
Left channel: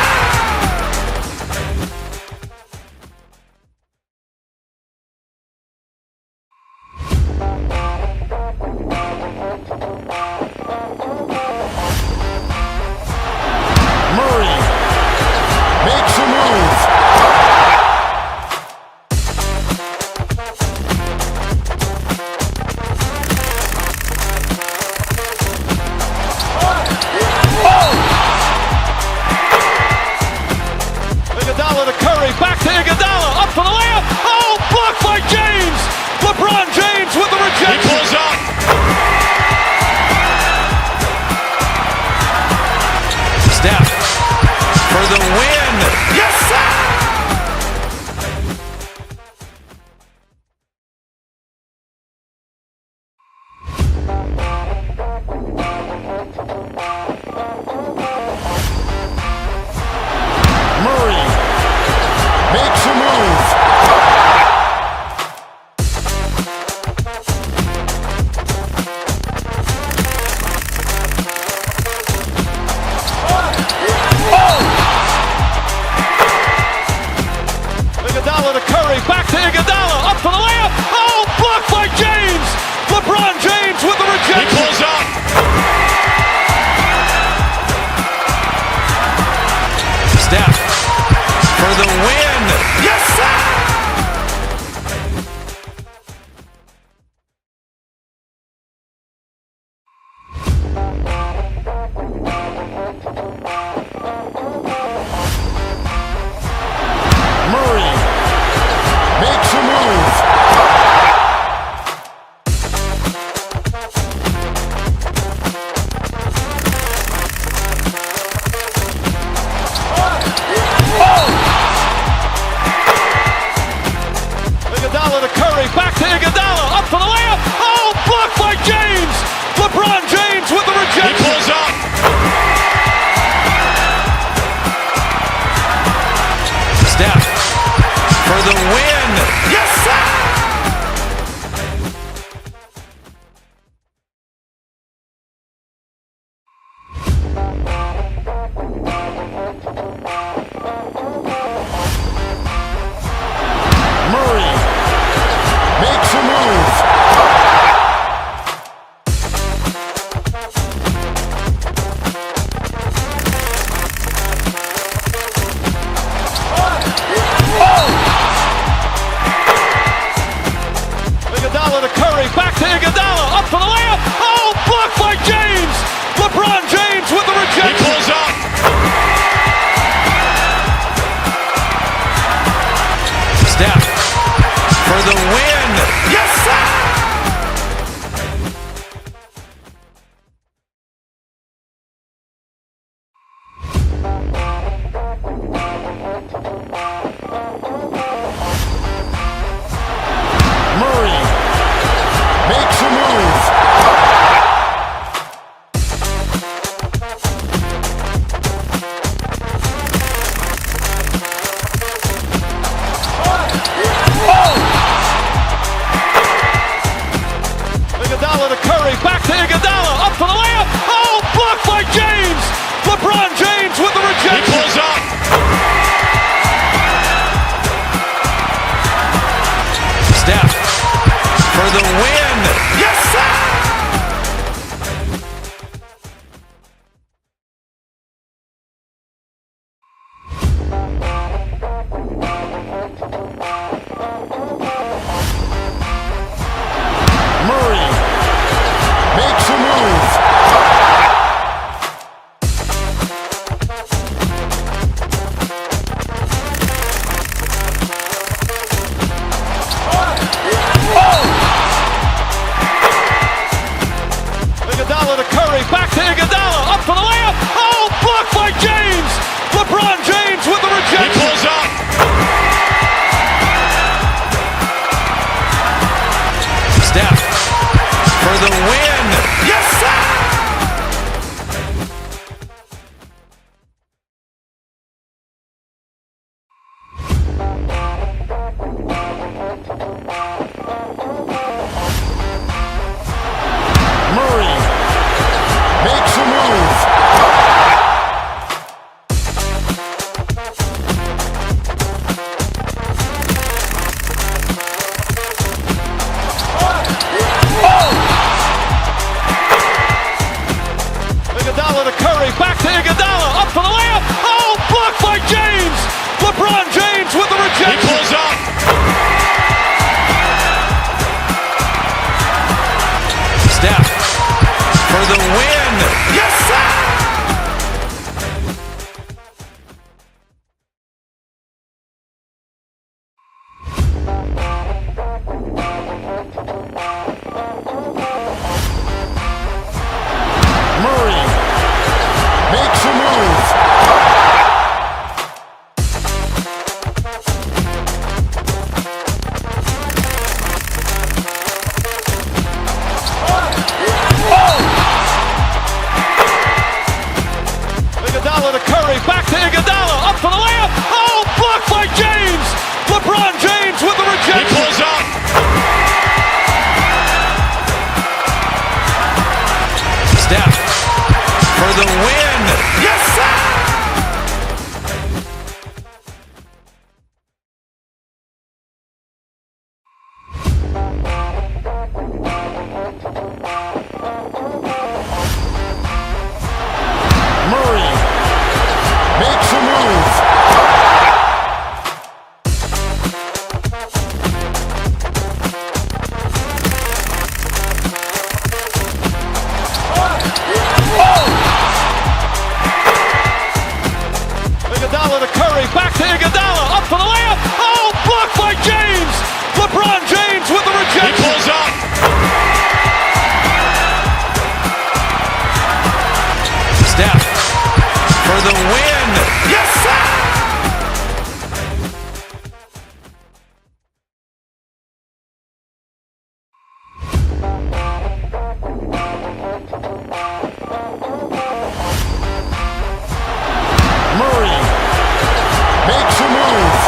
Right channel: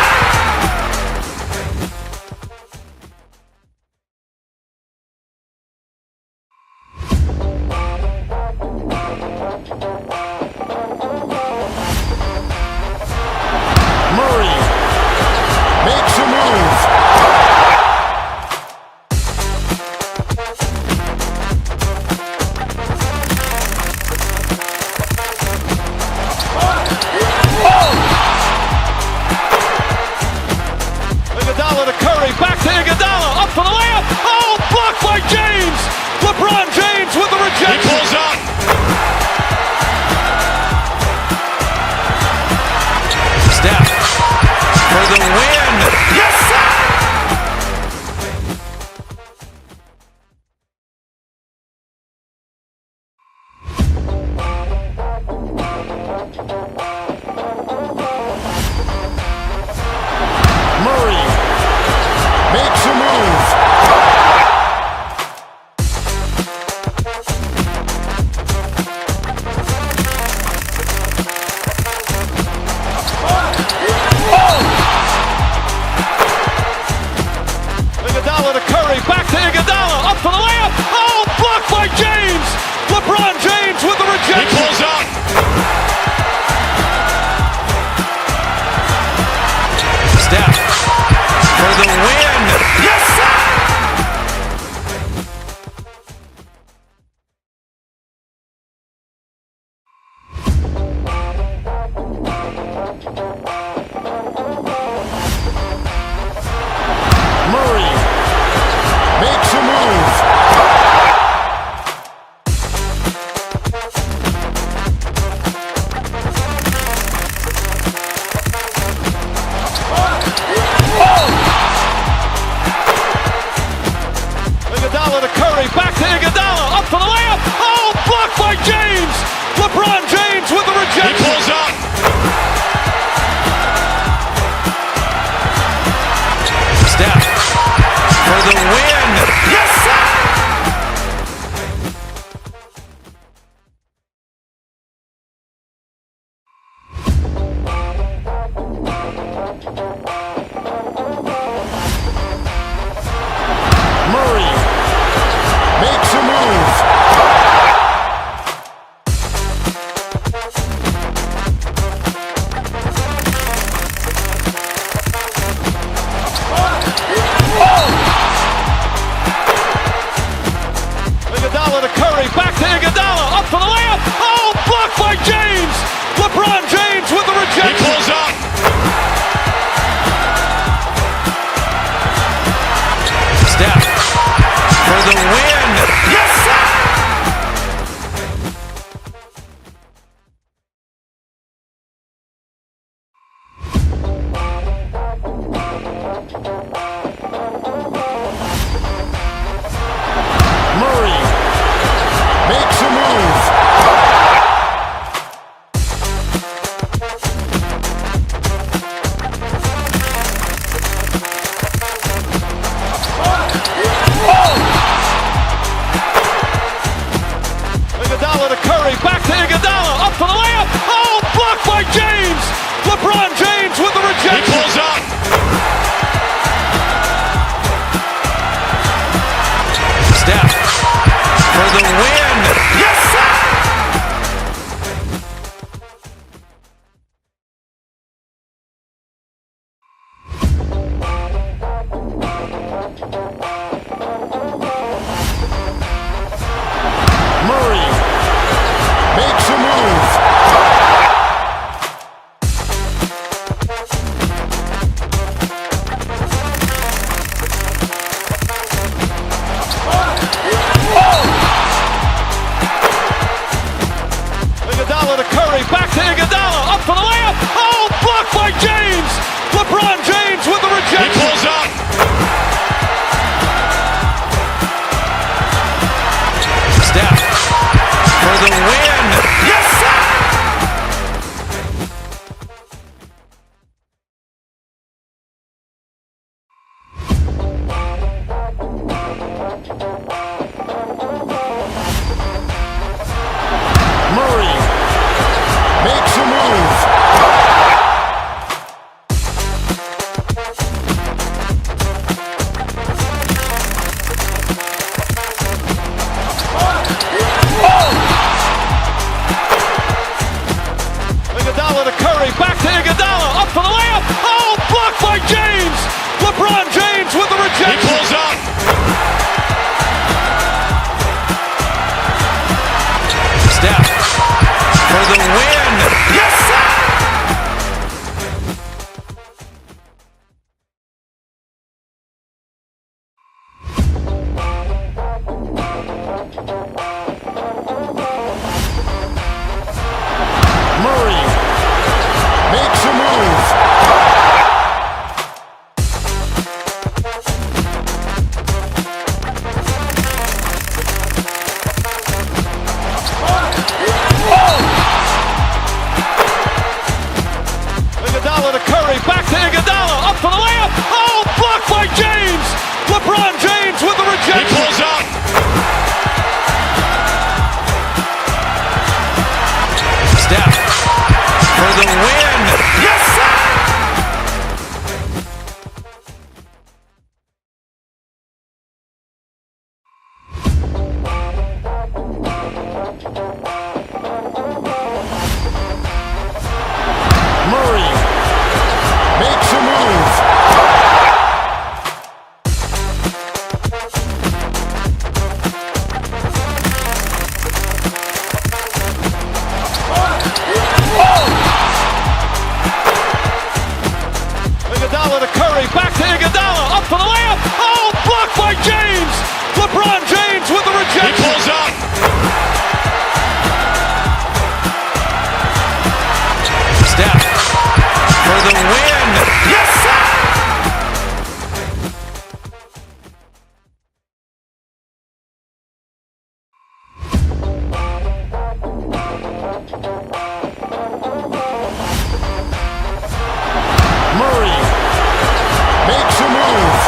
for the layup. Oh, blocked by James. LeBron James with the rejection. He pulls up. Steph for the win. Yes, sir. Murray makes a move. Iguodala to Curry, back to Iguodala, up for the layup. Oh, blocked by James. LeBron James with the rejection. He pulls up. Steph for the win. Yes, sir. Murray makes a move. Iguodala to Curry, back to Iguodala, up for the layup. Oh, blocked by James. LeBron James with the rejection. He pulls up. Steph for the win. Yes, sir. Murray makes a move. Iguodala to Curry, back to Iguodala, up for the layup. Oh, blocked by James. LeBron James with the rejection. He pulls up. Steph for the win. Yes, sir. Murray makes a move. Iguodala to Curry, back to Iguodala, up for the layup. Oh, blocked by James. LeBron James with the rejection. He pulls up. Steph for the win. Yes, sir. Murray makes a move. Iguodala to Curry, back to Iguodala, up for the layup. Oh, blocked by James. LeBron James with the rejection. He pulls up. Steph for the win. Yes, sir. Murray makes a move. Iguodala to Curry, back to Iguodala, up for the layup. Oh, blocked by James. LeBron James with the rejection. He pulls up. Steph for the win. Yes, sir. makes a move. Iguodala to Curry, back to Iguodala, up for the layup. Oh, blocked by James. LeBron James with the rejection. He pulls up. Steph for the win. Yes, sir. Murray makes a move. Iguodala to Curry, back to Iguodala, up for the layup. Oh, blocked by James. LeBron James with the rejection. He pulls up. Steph for the win. Yes, sir. Murray makes a move.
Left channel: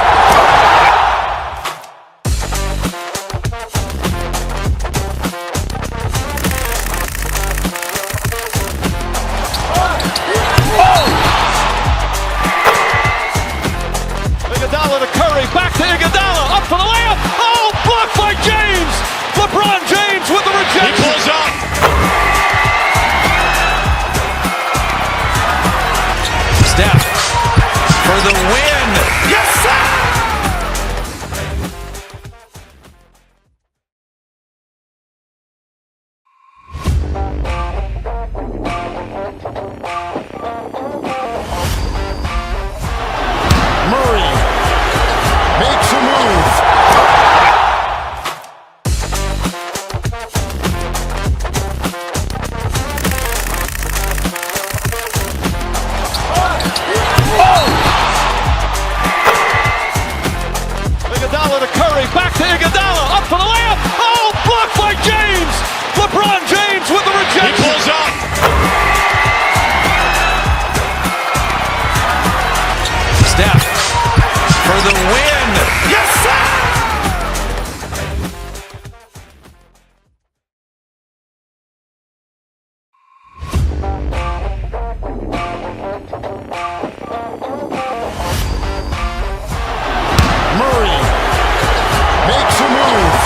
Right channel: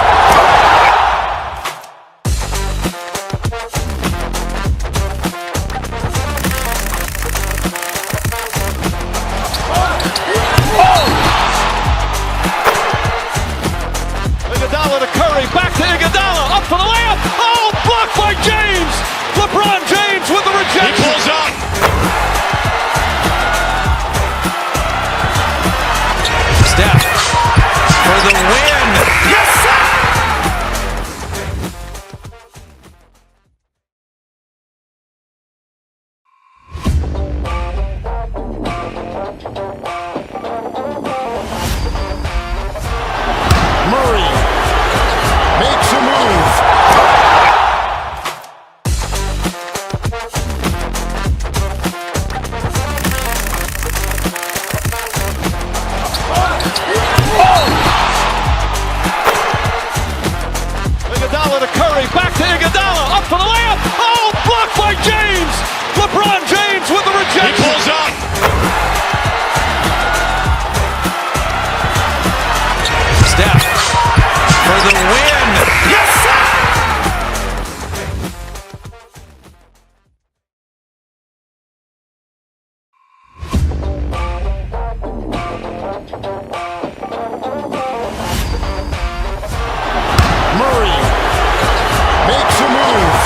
Iguodala to Curry, back to Iguodala, up for the layup. Oh, blocked by James. LeBron James with the rejection. He pulls up. Steph for the win. Yes, sir. Murray makes a move. Iguodala to Curry, back to Iguodala, up for the layup. Oh, blocked by James. LeBron James with the rejection. He pulls up. Steph for the win. Yes, sir. Murray makes a move.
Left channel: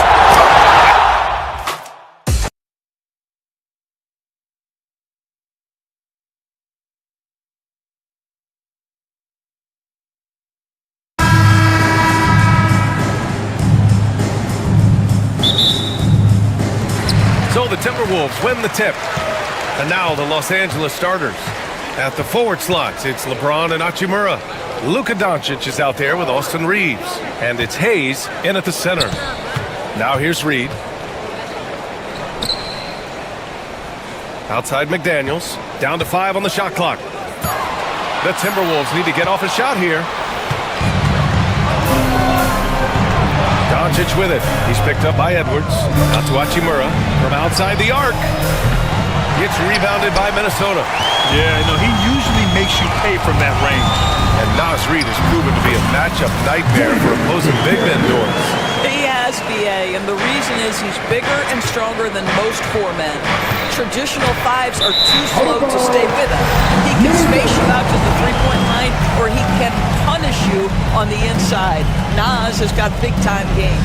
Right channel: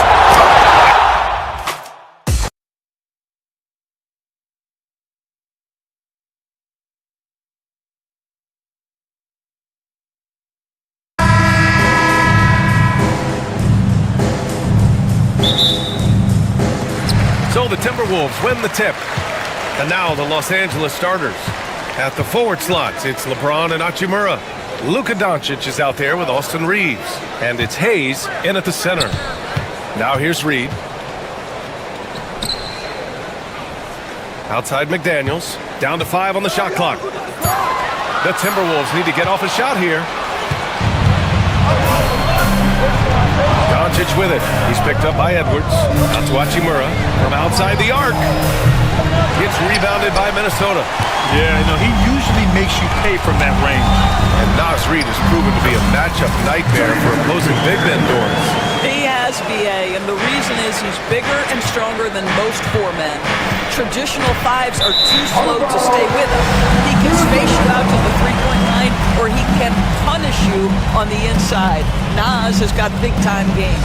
So the Timberwolves win the tip. And now the Los Angeles starters. At the forward slots, it's LeBron and Hachimura. Luka Doncic is out there with Austin Reeves. And it's Hayes in at the center. Now here's Reed. Outside McDaniels. Down to 5 on the shot clock. The Timberwolves need to get off a shot here. Doncic with it. He's picked up by Edwards. Out to Hachimura from outside the arc. Gets rebounded by Minnesota. Yeah, he usually makes you pay from that range. And Naz Reid has proven to be a matchup nightmare for opposing big men doors. He has, BA, and the reason is he's bigger and stronger than most 4 men. Traditional 5s are too slow to stay with him. He can space you out to the three-point line, or he can punish you on the inside. Naz has got big-time game.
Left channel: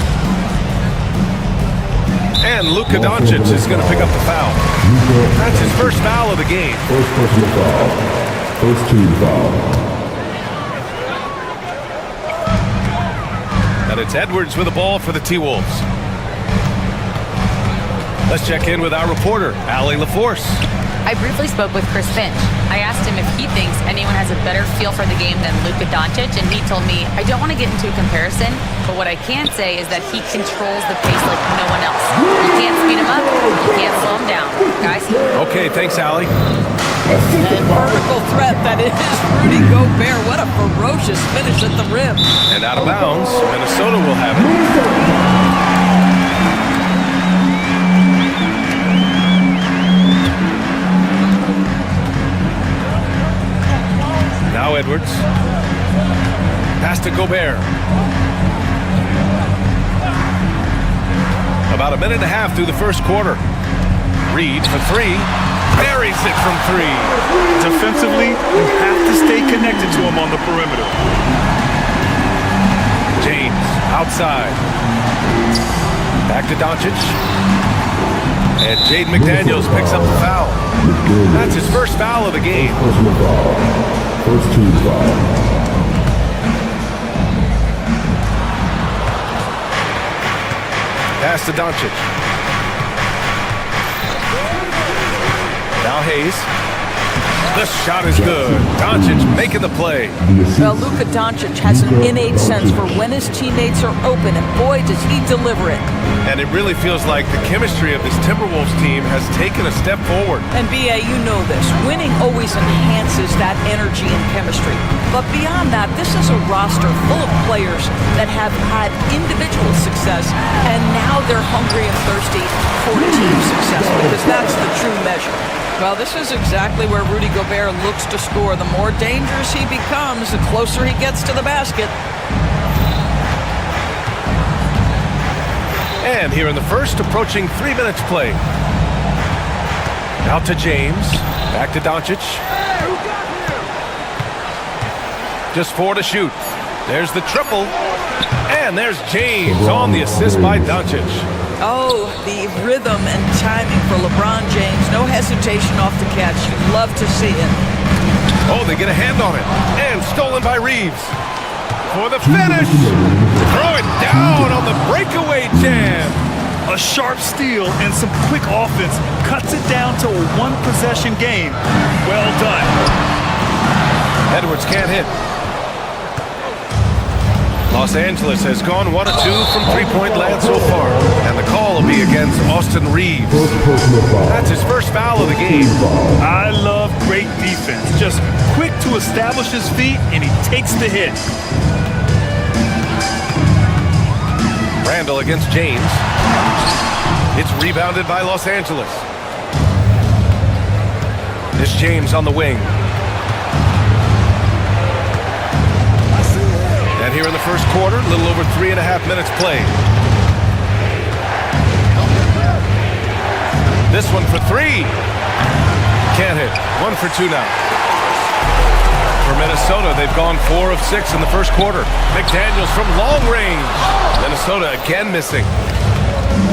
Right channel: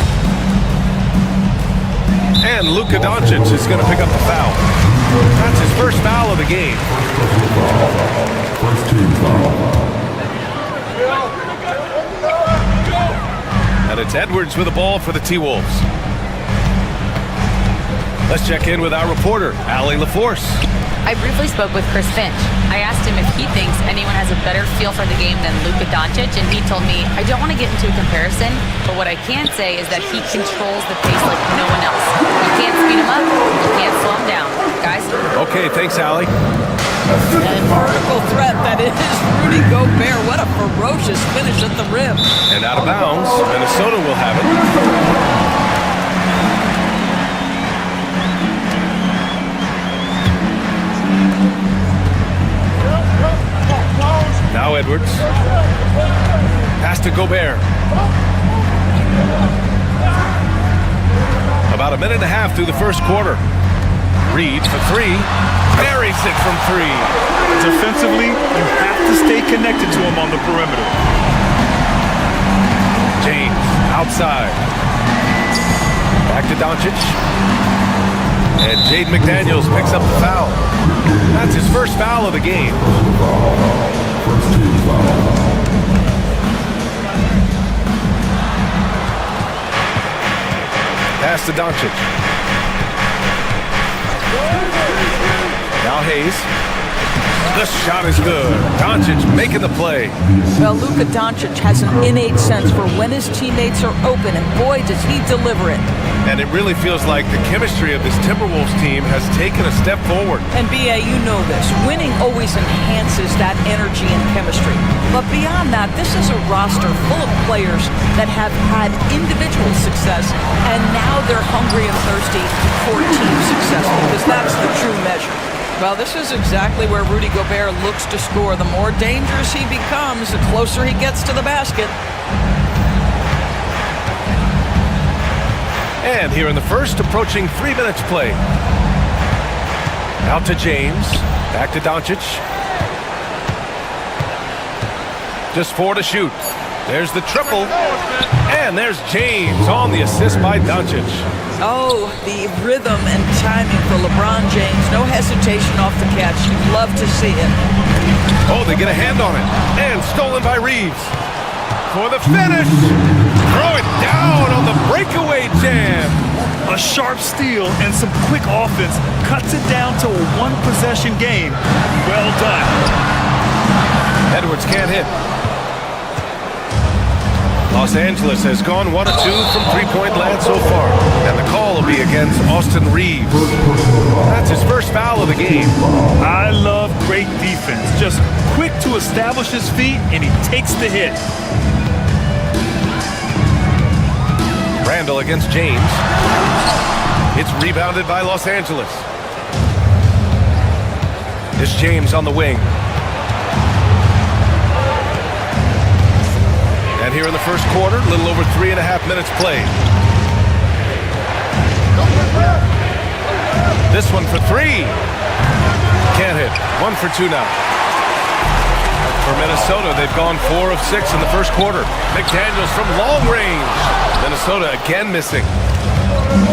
And Luka Doncic is going to pick up the foul. That's his first foul of the game. First personal foul. First team foul. And it's Edwards with the ball for the T-Wolves. Let's check in with our reporter, Allie LaForce. I briefly spoke with Chris Finch. I asked him if he thinks anyone has a better feel for the game than Luka Doncic, and he told me, I don't want to get into a comparison, but what I can say is that he controls the pace like no one else. You can't speed him up, you can't slow him down. Guys? Okay, thanks, Allie. And vertical threat that is Rudy Gobert. What a ferocious finish at the rim. And out of bounds, Minnesota will have it. Now Edwards. Pass to Gobert. About a minute and a half through the first quarter. Reed for three. Buries it from three. Defensively, you have to stay connected to him on the perimeter. James outside. Back to Doncic. And Jaden McDaniels picks up the foul. That's his first foul of the game. First team foul. Pass to Doncic. Now Hayes. The shot is good. Doncic making the play. Well, Luka Doncic has an innate sense for when his teammates are open, and boy, does he deliver it. And it really feels like the chemistry of this Timberwolves team has taken a step forward. And B.A., you know this. Winning always enhances that energy and chemistry. But beyond that, this is a roster full of players that have had individual success, and now they're hungry and thirsty for team success, because that's the true measure. Well, this is exactly where Rudy Gobert looks to score. The more dangerous he becomes, the closer he gets to the basket. And here in the first, approaching 3 minutes play. Out to James. Back to Doncic. Just 4 to shoot. There's the triple. And there's James on the assist by Doncic. Oh, the rhythm and timing for LeBron James. No hesitation off the catch. You'd love to see it. Oh, they get a hand on it. And stolen by Reeves. For the finish. Throw it down on the breakaway jam. A sharp steal and some quick offense cuts it down to a one-possession game. Well done. Edwards can't hit. Los Angeles has gone 1 of 2 from three-point land so far. And the call will be against Austin Reeves. That's his first foul of the game. I love great defense. Just quick to establish his feet, and he takes the hit. Randall against James. It's rebounded by Los Angeles. It's James on the wing. And here in the first quarter, a little over 3.5 minutes played. This one for three. Can't hit. 1 for 2 now. For Minnesota, they've gone 4 of 6 in the first quarter. McDaniels from long range. Minnesota again missing.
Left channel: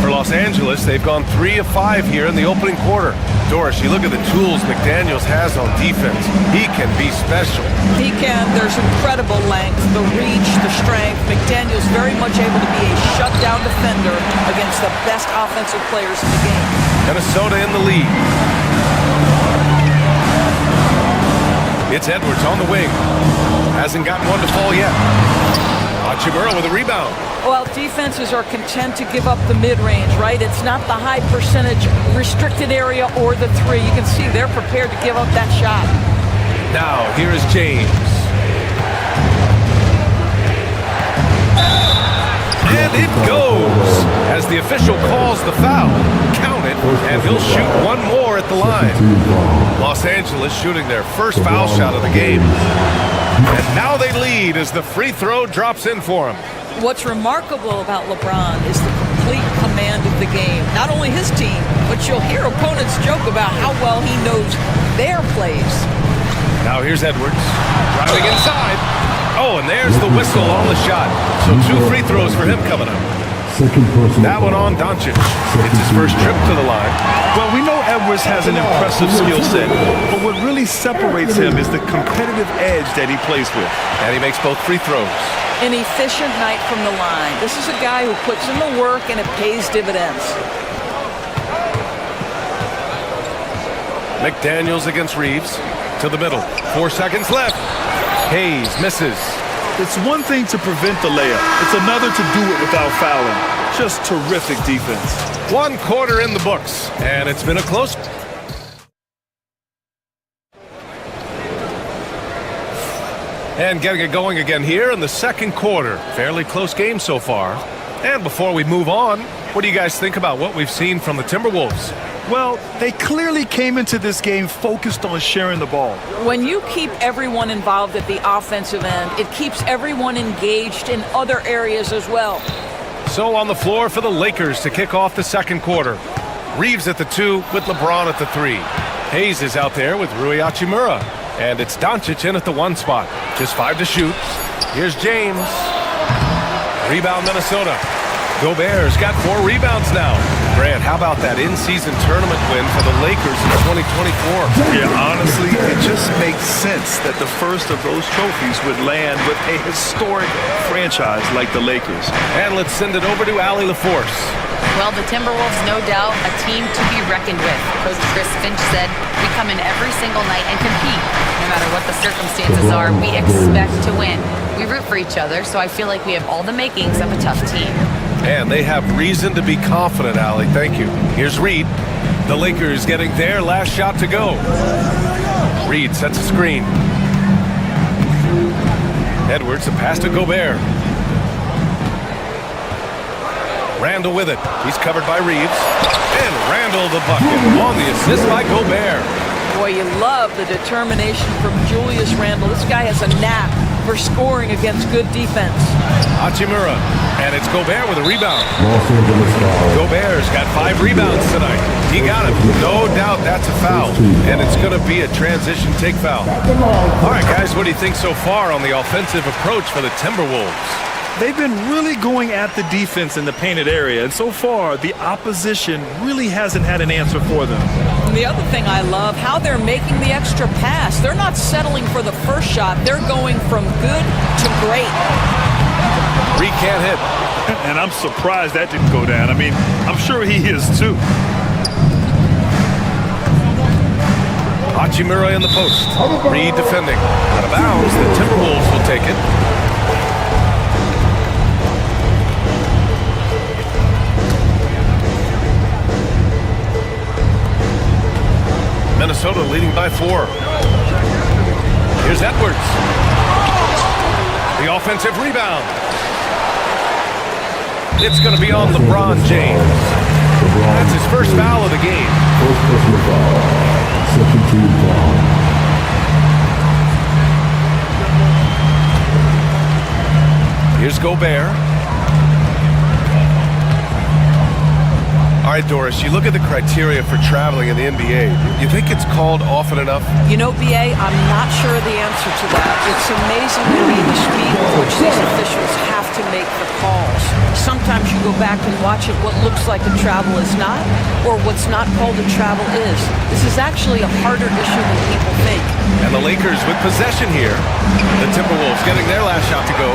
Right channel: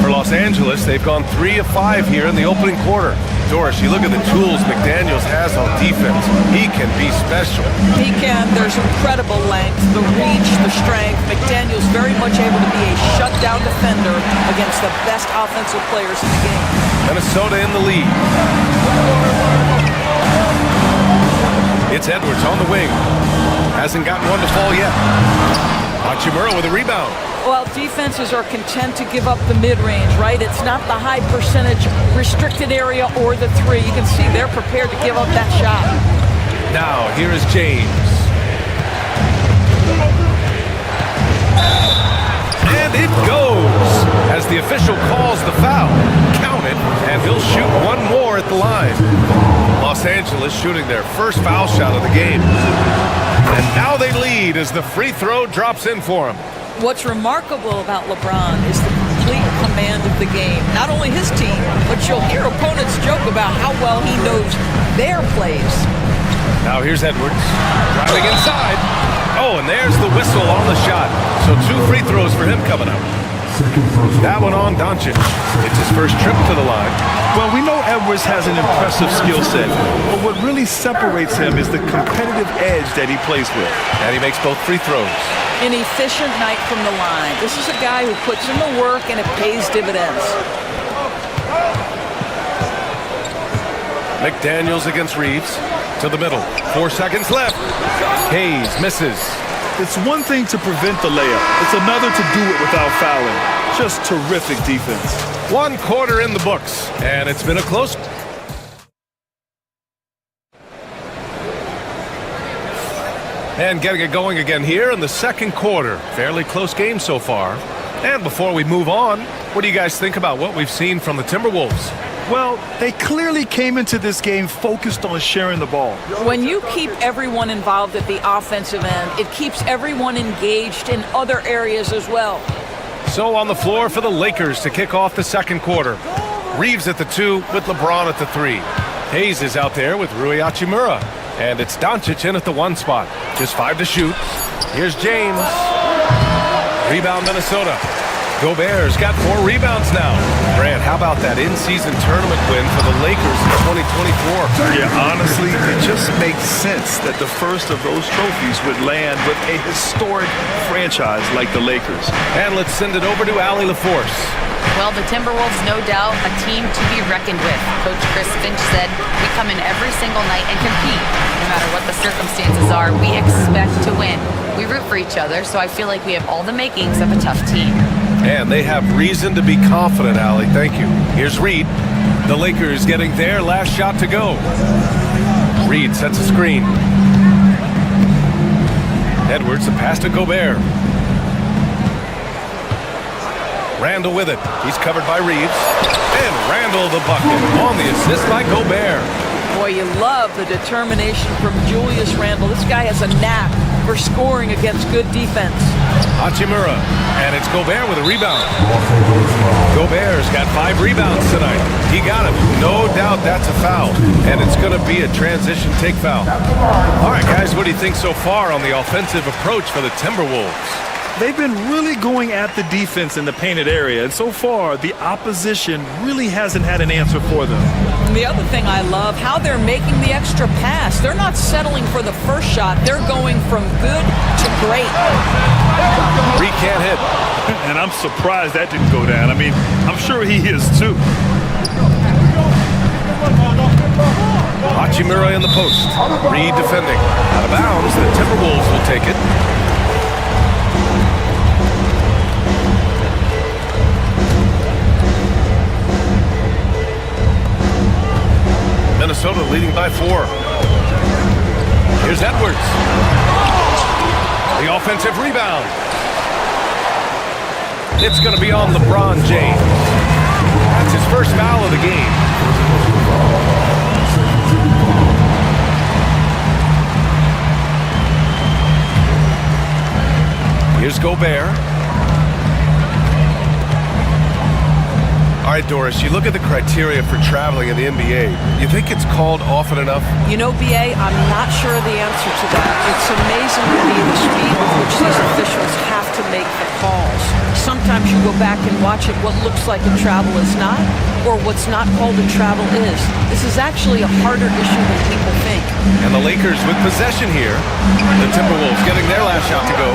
For Los Angeles, they've gone 3 of 5 here in the opening quarter. Doris, you look at the tools McDaniels has on defense. He can be special. He can. There's incredible length, the reach, the strength. McDaniels very much able to be a shutdown defender against the best offensive players in the game. Minnesota in the lead. It's Edwards on the wing. Hasn't gotten one to fall yet. Hachimura with a rebound. Well, defenses are content to give up the mid-range, right? It's not the high percentage restricted area or the three. You can see they're prepared to give up that shot. Now, here is James. And it goes as the official calls the foul. Count it, and he'll shoot one more at the line. Los Angeles shooting their first foul shot of the game. And now they lead as the free throw drops in for him. What's remarkable about LeBron is the complete command of the game. Not only his team, but you'll hear opponents joke about how well he knows their plays. Now here's Edwards, driving inside. Oh, and there's the whistle on the shot. So 2 free throws for him coming up. That one on Doncic. It's his first trip to the line. Well, we know Edwards has an impressive skill set, but what really separates him is the competitive edge that he plays with. And he makes both free throws. An efficient night from the line. This is a guy who puts in the work and it pays dividends. McDaniels against Reeves. To the middle. 4 seconds left. Hayes misses. It's one thing to prevent the layup. It's another to do it without fouling. Just terrific defense. 1 quarter in the books, and it's been a close. And getting it going again here in the second quarter. Fairly close game so far. And before we move on, what do you guys think about what we've seen from the Timberwolves? Well, they clearly came into this game focused on sharing the ball. When you keep everyone involved at the offensive end, it keeps everyone engaged in other areas as well. So on the floor for the Lakers to kick off the second quarter. Reeves at the 2 with LeBron at the 3. Hayes is out there with Rui Hachimura. And it's Doncic in at the 1 spot. Just 5 to shoot. Here's James. Rebound Minnesota. Gobert's got 4 rebounds now. Grant, how about that in-season tournament win for the Lakers in 2024? Yeah, honestly, it just makes sense that the first of those trophies would land with a historic franchise like the Lakers. And let's send it over to Allie LaForce. Well, the Timberwolves, no doubt, a team to be reckoned with. Coach Chris Finch said, we come in every single night and compete. No matter what the circumstances are, we expect to win. We root for each other, so I feel like we have all the makings of a tough team. And they have reason to be confident, Allie. Thank you. Here's Reed. The Lakers getting their last shot to go. Reed sets a screen. Edwards, a pass to Gobert. Randall with it. He's covered by Reeves. And Randall the bucket on the assist by Gobert. Boy, you love the determination from Julius Randle. This guy has a knack for scoring against good defense. Hachimura. And it's Gobert with a rebound. Gobert's got 5 rebounds tonight. He got him. No doubt that's a foul. And it's going to be a transition take foul. All right, guys, what do you think so far on the offensive approach for the Timberwolves? They've been really going at the defense in the painted area, and so far, the opposition really hasn't had an answer for them. And the other thing I love, how they're making the extra pass. They're not settling for the first shot. They're going from good to great. Reed can't hit. And I'm surprised that didn't go down. I mean, I'm sure he is too. Hachimura in the post. Reed defending. Out of bounds, the Timberwolves will take it. Minnesota leading by 4. Here's Edwards. The offensive rebound. It's going to be on LeBron James. That's his first foul of the game. Here's Gobert. All right, Doris, you look at the criteria for traveling in the NBA. You think it's called often enough? You know, B.A., I'm not sure of the answer to that. It's amazing to me the speed with which these officials have to make the calls. Sometimes you go back and watch it, what looks like a travel is not, or what's not called a travel is. This is actually a harder issue than people think. And the Lakers with possession here. The Timberwolves getting their last shot to go.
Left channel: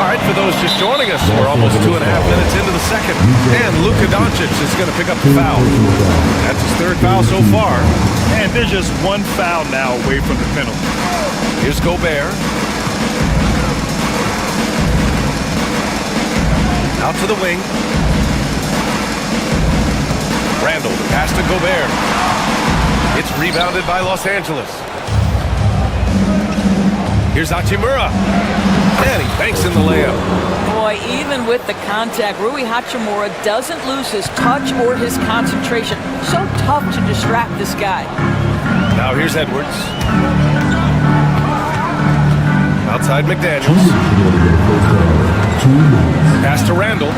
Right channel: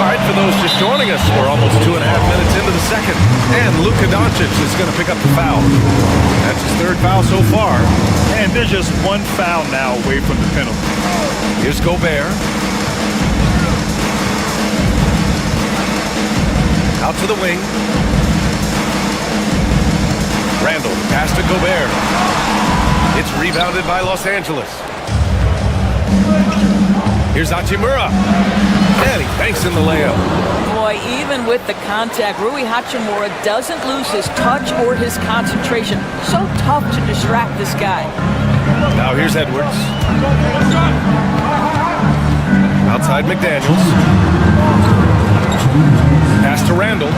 All right, for those just joining us, we're almost 2.5 minutes into the second. And Luka Doncic is going to pick up the foul. That's his 3rd foul so far. And they're just 1 foul now away from the penalty. Here's Gobert. Out to the wing. Randall, the pass to Gobert. It's rebounded by Los Angeles. Here's Hachimura. And he banks in the layup. Boy, even with the contact, Rui Hachimura doesn't lose his touch or his concentration. So tough to distract this guy. Now here's Edwards. Outside McDaniels. Pass to Randall.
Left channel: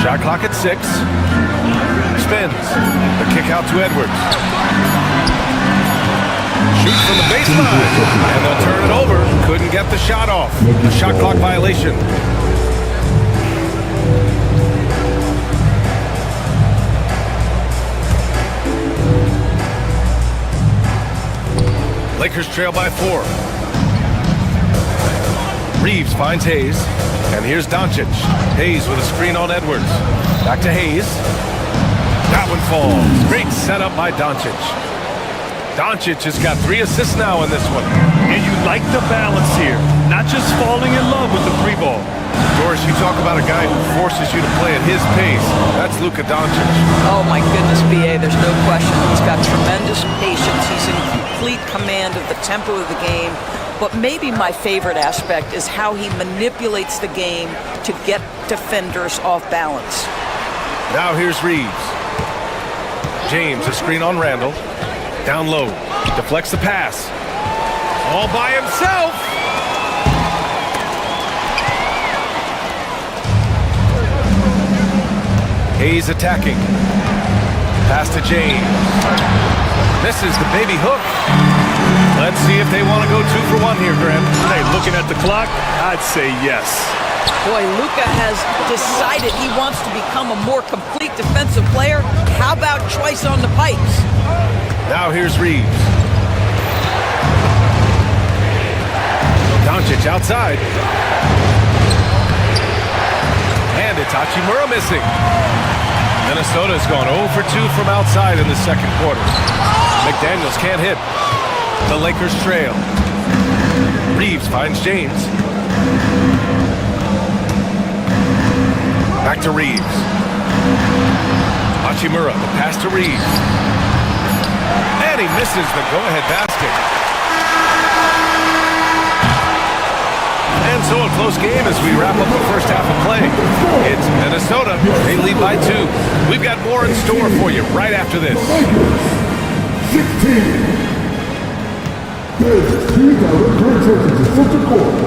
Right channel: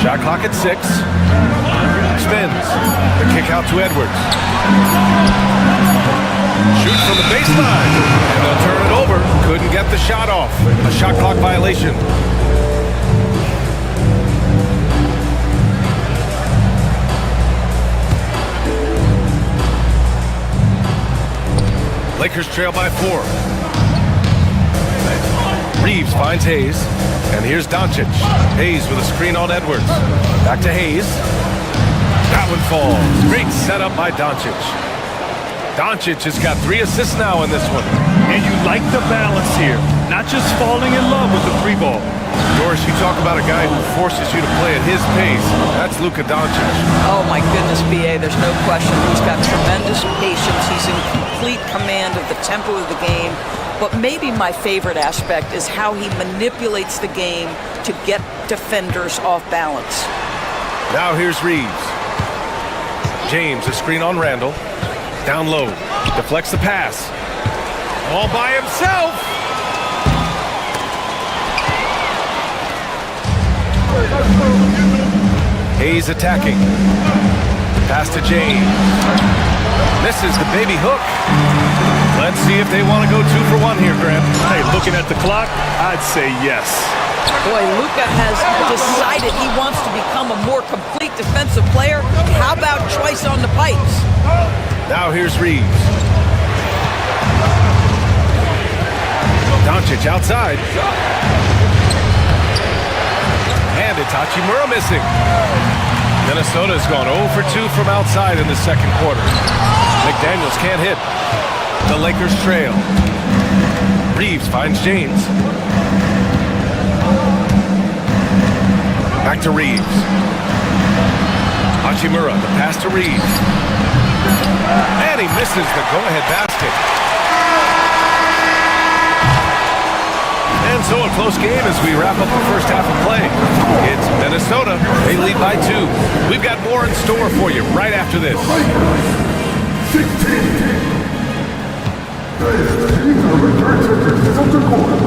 Shot clock at 6. Spins. The kick out to Edwards. Shoot from the baseline, and they'll turn it over. Couldn't get the shot off. A shot clock violation. Lakers trail by 4. Reeves finds Hayes. And here's Doncic. Hayes with a screen on Edwards. Back to Hayes. That one falls. Great setup by Doncic. Doncic has got 3 assists now in this one. And you like the balance here. Not just falling in love with the 3 ball. Doris, you talk about a guy who forces you to play at his pace. That's Luka Doncic. Oh, my goodness, B.A., there's no question. He's got tremendous patience. He's in complete command of the tempo of the game. But maybe my favorite aspect is how he manipulates the game to get defenders off balance. Now here's Reeves. James, a screen on Randall. Down low. Deflects the pass. All by himself. Hayes attacking. Pass to James. Misses the baby hook. Let's see if they want to go 2 for 1 here, Graham. Hey, looking at the clock, I'd say yes. Boy, Luka has decided he wants to become a more complete defensive player. How about choice on the pipes? Now here's Reeves. Doncic outside. And it's Hachimura missing. Minnesota's gone 0 for 2 from outside in the second quarter. McDaniels can't hit. The Lakers trail. Reeves finds James. Back to Reeves. Hachimura, the pass to Reeves. And he misses the go-ahead basket. And so a close game as we wrap up the first half of play. It's Minnesota. They lead by 2. We've got more in store for you right after this. 16. Players, choose to return to center court.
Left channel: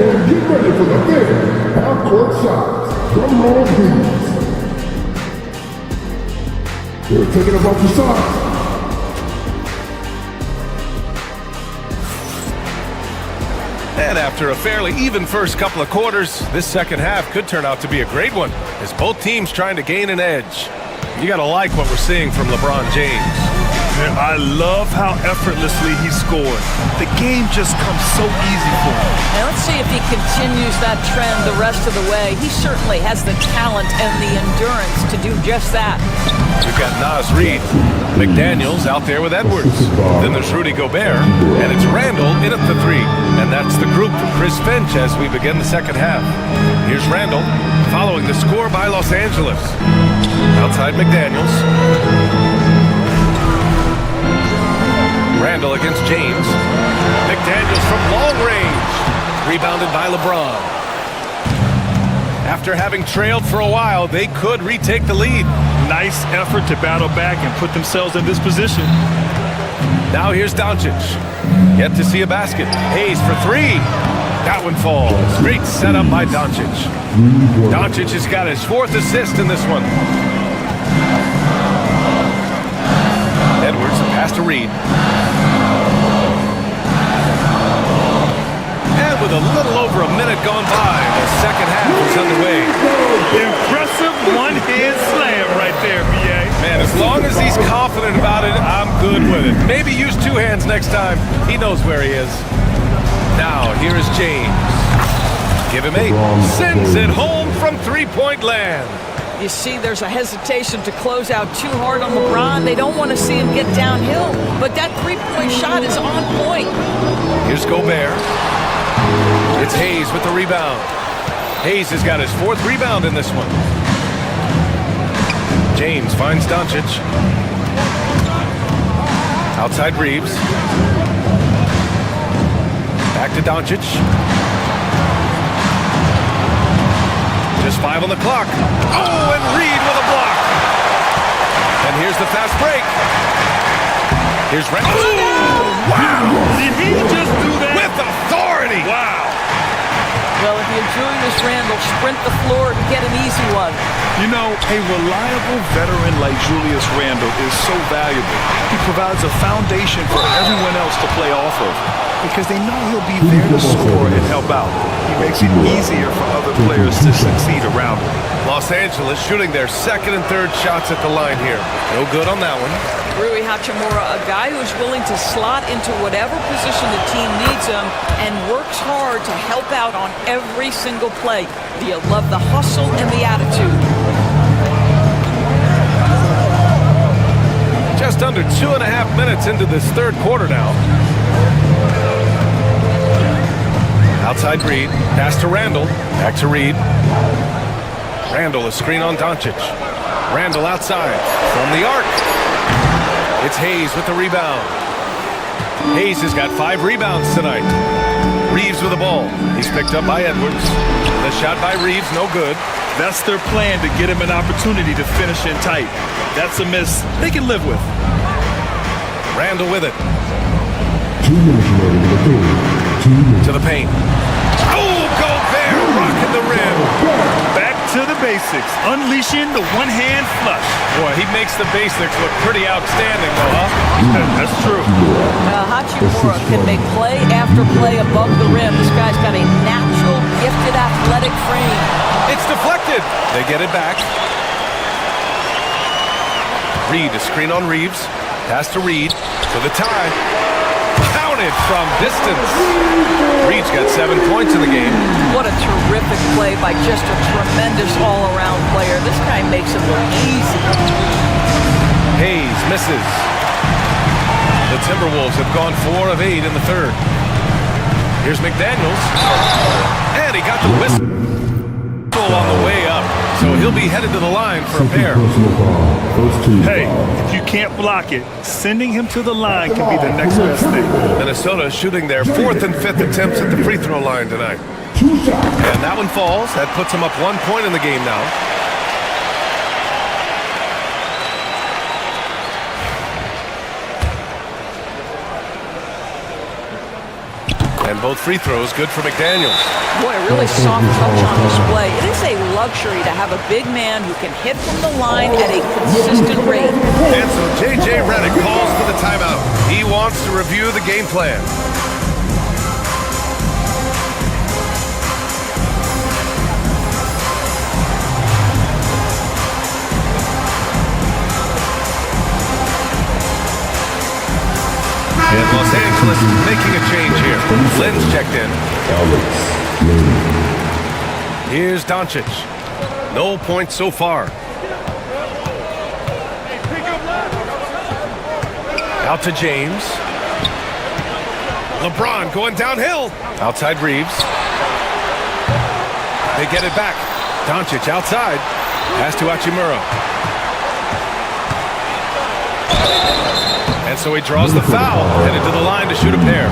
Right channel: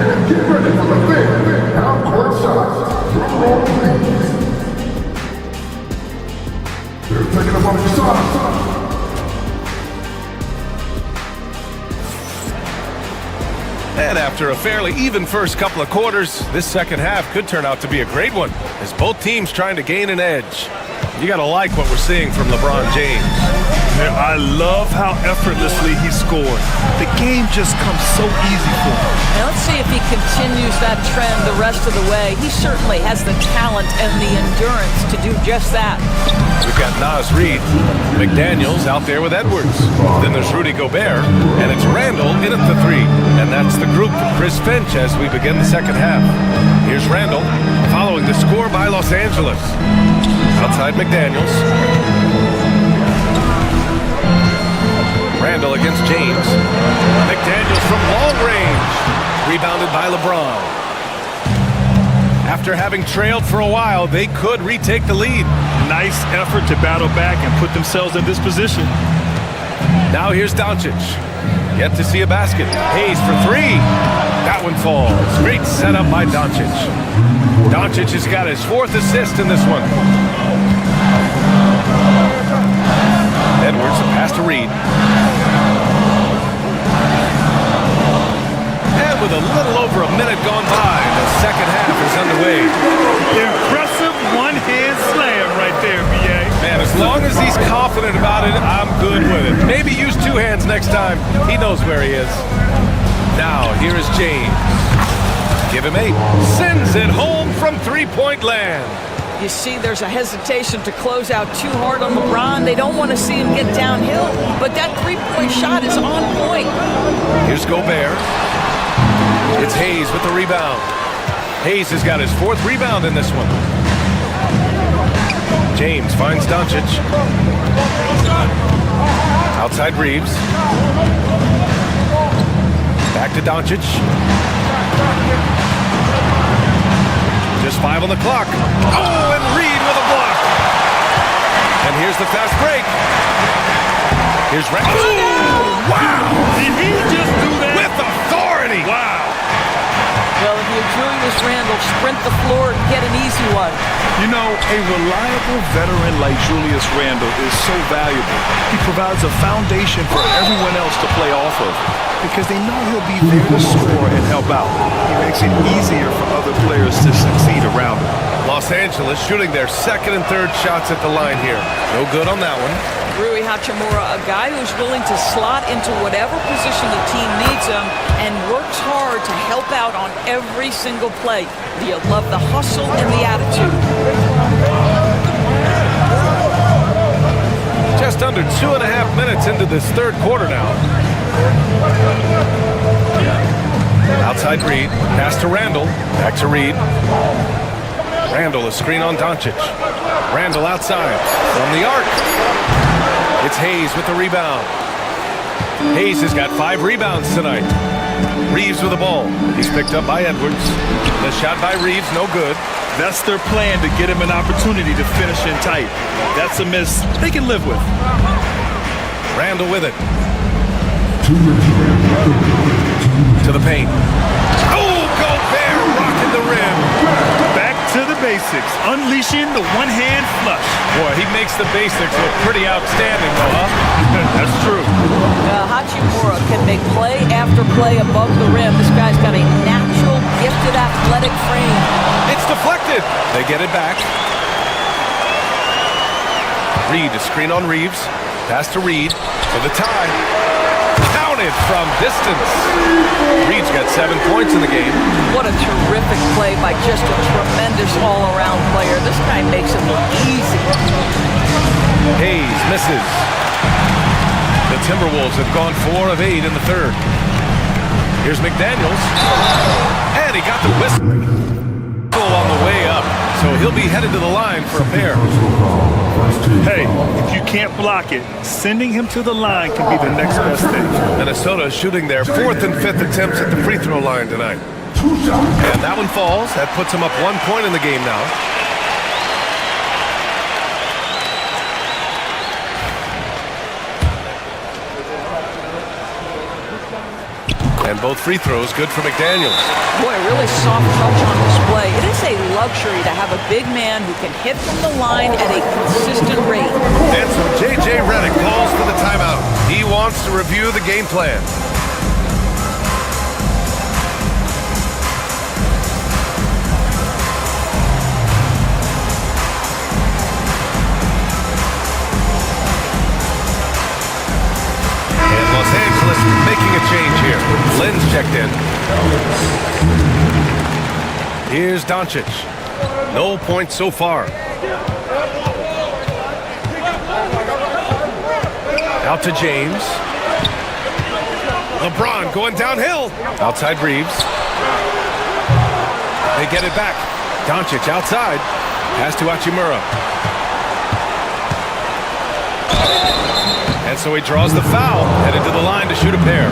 And get ready for the big half-court shots. Drum roll, please. They're taking them off the shots. And after a fairly even first couple of quarters, this second half could turn out to be a great one as both teams trying to gain an edge. You got to like what we're seeing from LeBron James. Man, I love how effortlessly he scored. The game just comes so easy for him. And let's see if he continues that trend the rest of the way. He certainly has the talent and the endurance to do just that. We've got Naz Reid, McDaniels out there with Edwards. Then there's Rudy Gobert, and it's Randall in at the 3. And that's the group for Chris Finch as we begin the second half. Here's Randall, following the score by Los Angeles. Outside McDaniels. Randall against James. McDaniels from long range. Rebounded by LeBron. After having trailed for a while, they could retake the lead. Nice effort to battle back and put themselves in this position. Now here's Doncic. Yet to see a basket. Hayes for 3. That one falls. Great setup by Doncic. Doncic has got his 4th assist in this one. Edwards, a pass to Reed. And with a little over a minute gone by, the second half is underway. Impressive one-hand slam right there, B.A. Man, as long as he's confident about it, I'm good with it. Maybe use 2 hands next time. He knows where he is. Now, here is James. Give him 8. Sends it home from 3-point land. You see, there's a hesitation to close out too hard on LeBron. They don't want to see him get downhill, but that 3-point shot is on point. Here's Gobert. It's Hayes with the rebound. Hayes has got his 4th rebound in this one. James finds Doncic. Outside Reeves. Back to Doncic. Just 5 on the clock. Oh, and Reed with a block. And here's the fast break. Here's Randall. Oh, wow! Did he just do that? With authority! Wow! Well, if you're Julius Randle, sprint the floor and get an easy one. You know, a reliable veteran like Julius Randle is so valuable. He provides a foundation for everyone else to play off of because they know he'll be there to score and help out. He makes it easier for other players to succeed around him. Los Angeles shooting their 2nd and 3rd shots at the line here. No good on that one. Rui Hachimura, a guy who's willing to slot into whatever position the team needs him and works hard to help out on every single play. You love the hustle and the attitude. Just under 2.5 minutes into this third quarter now. Outside Reed, pass to Randall, back to Reed. Randall, a screen on Doncic. Randall outside, from the arc. It's Hayes with the rebound. Hayes has got 5 rebounds tonight. Reeves with the ball. He's picked up by Edwards. The shot by Reeves, no good. That's their plan, to get him an opportunity to finish in tight. That's a miss they can live with. Randall with it. 2 minutes remaining. To the paint. Oh, Gobert rocking the rim. Back to the basics, unleashing the one-hand flush. Boy, he makes the basics look pretty outstanding, though, huh? That's true. Hachimura can make play after play above the rim. This guy's got a natural, gifted, athletic frame. It's deflected. They get it back. Reed, a screen on Reeves. Pass to Reed for the tie. Counted from distance. Reed's got 7 points in the game. What a terrific play by just a tremendous all-around player. This guy makes it look easy. Hayes misses. The Timberwolves have gone 4 of 8 in the third. Here's McDaniels. And he got the whistle on the way up. So he'll be headed to the line for a pair. Hey, if you can't block it, sending him to the line can be the next best thing. Minnesota shooting their 4th and 5th attempts at the free throw line tonight. And that one falls. That puts them up 1 point in the game now. And both free throws good for McDaniels. Boy, a really soft touch on display. It is a luxury to have a big man who can hit from the line at a consistent rate. And so J.J. Redick calls for the timeout. He wants to review the game plan. And Los Angeles making a change here. Lynn's checked in. Here's Doncic. No points so far. Out to James. LeBron going downhill. Outside Reeves. They get it back. Doncic outside. Pass to Hachimura. And so he draws the foul, headed to the line to shoot a pair.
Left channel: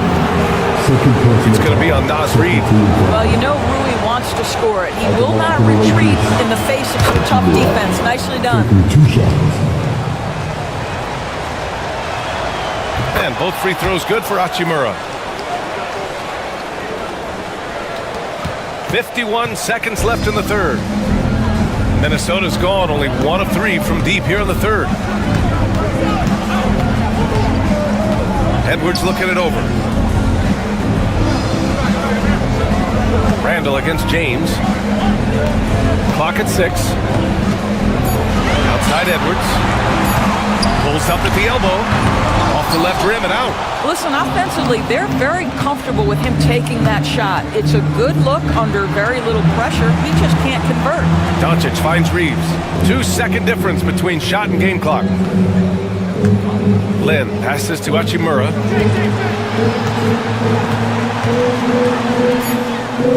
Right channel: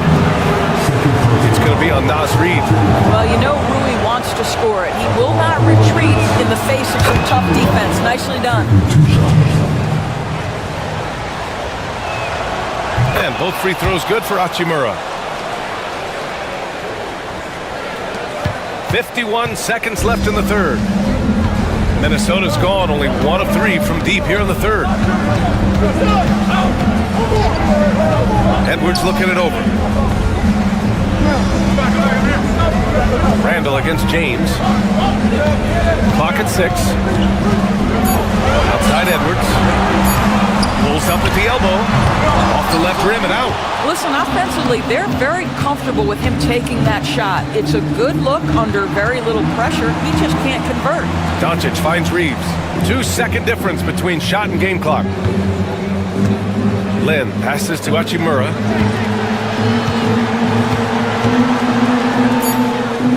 It's going to be on Naz Reid. Well, you know Rui wants to score it. He will not retreat in the face of some tough defense. Nicely done. And both free throws good for Hachimura. 51 seconds left in the third. Minnesota's gone only 1 of 3 from deep here in the third. Edwards looking it over. Randall against James. Clock at 6. Outside Edwards. Pulls up at the elbow. Off the left rim and out. Listen, offensively, they're very comfortable with him taking that shot. It's a good look under very little pressure. He just can't convert. Doncic finds Reeves. 2-second difference between shot and game clock. Lynn passes to Hachimura.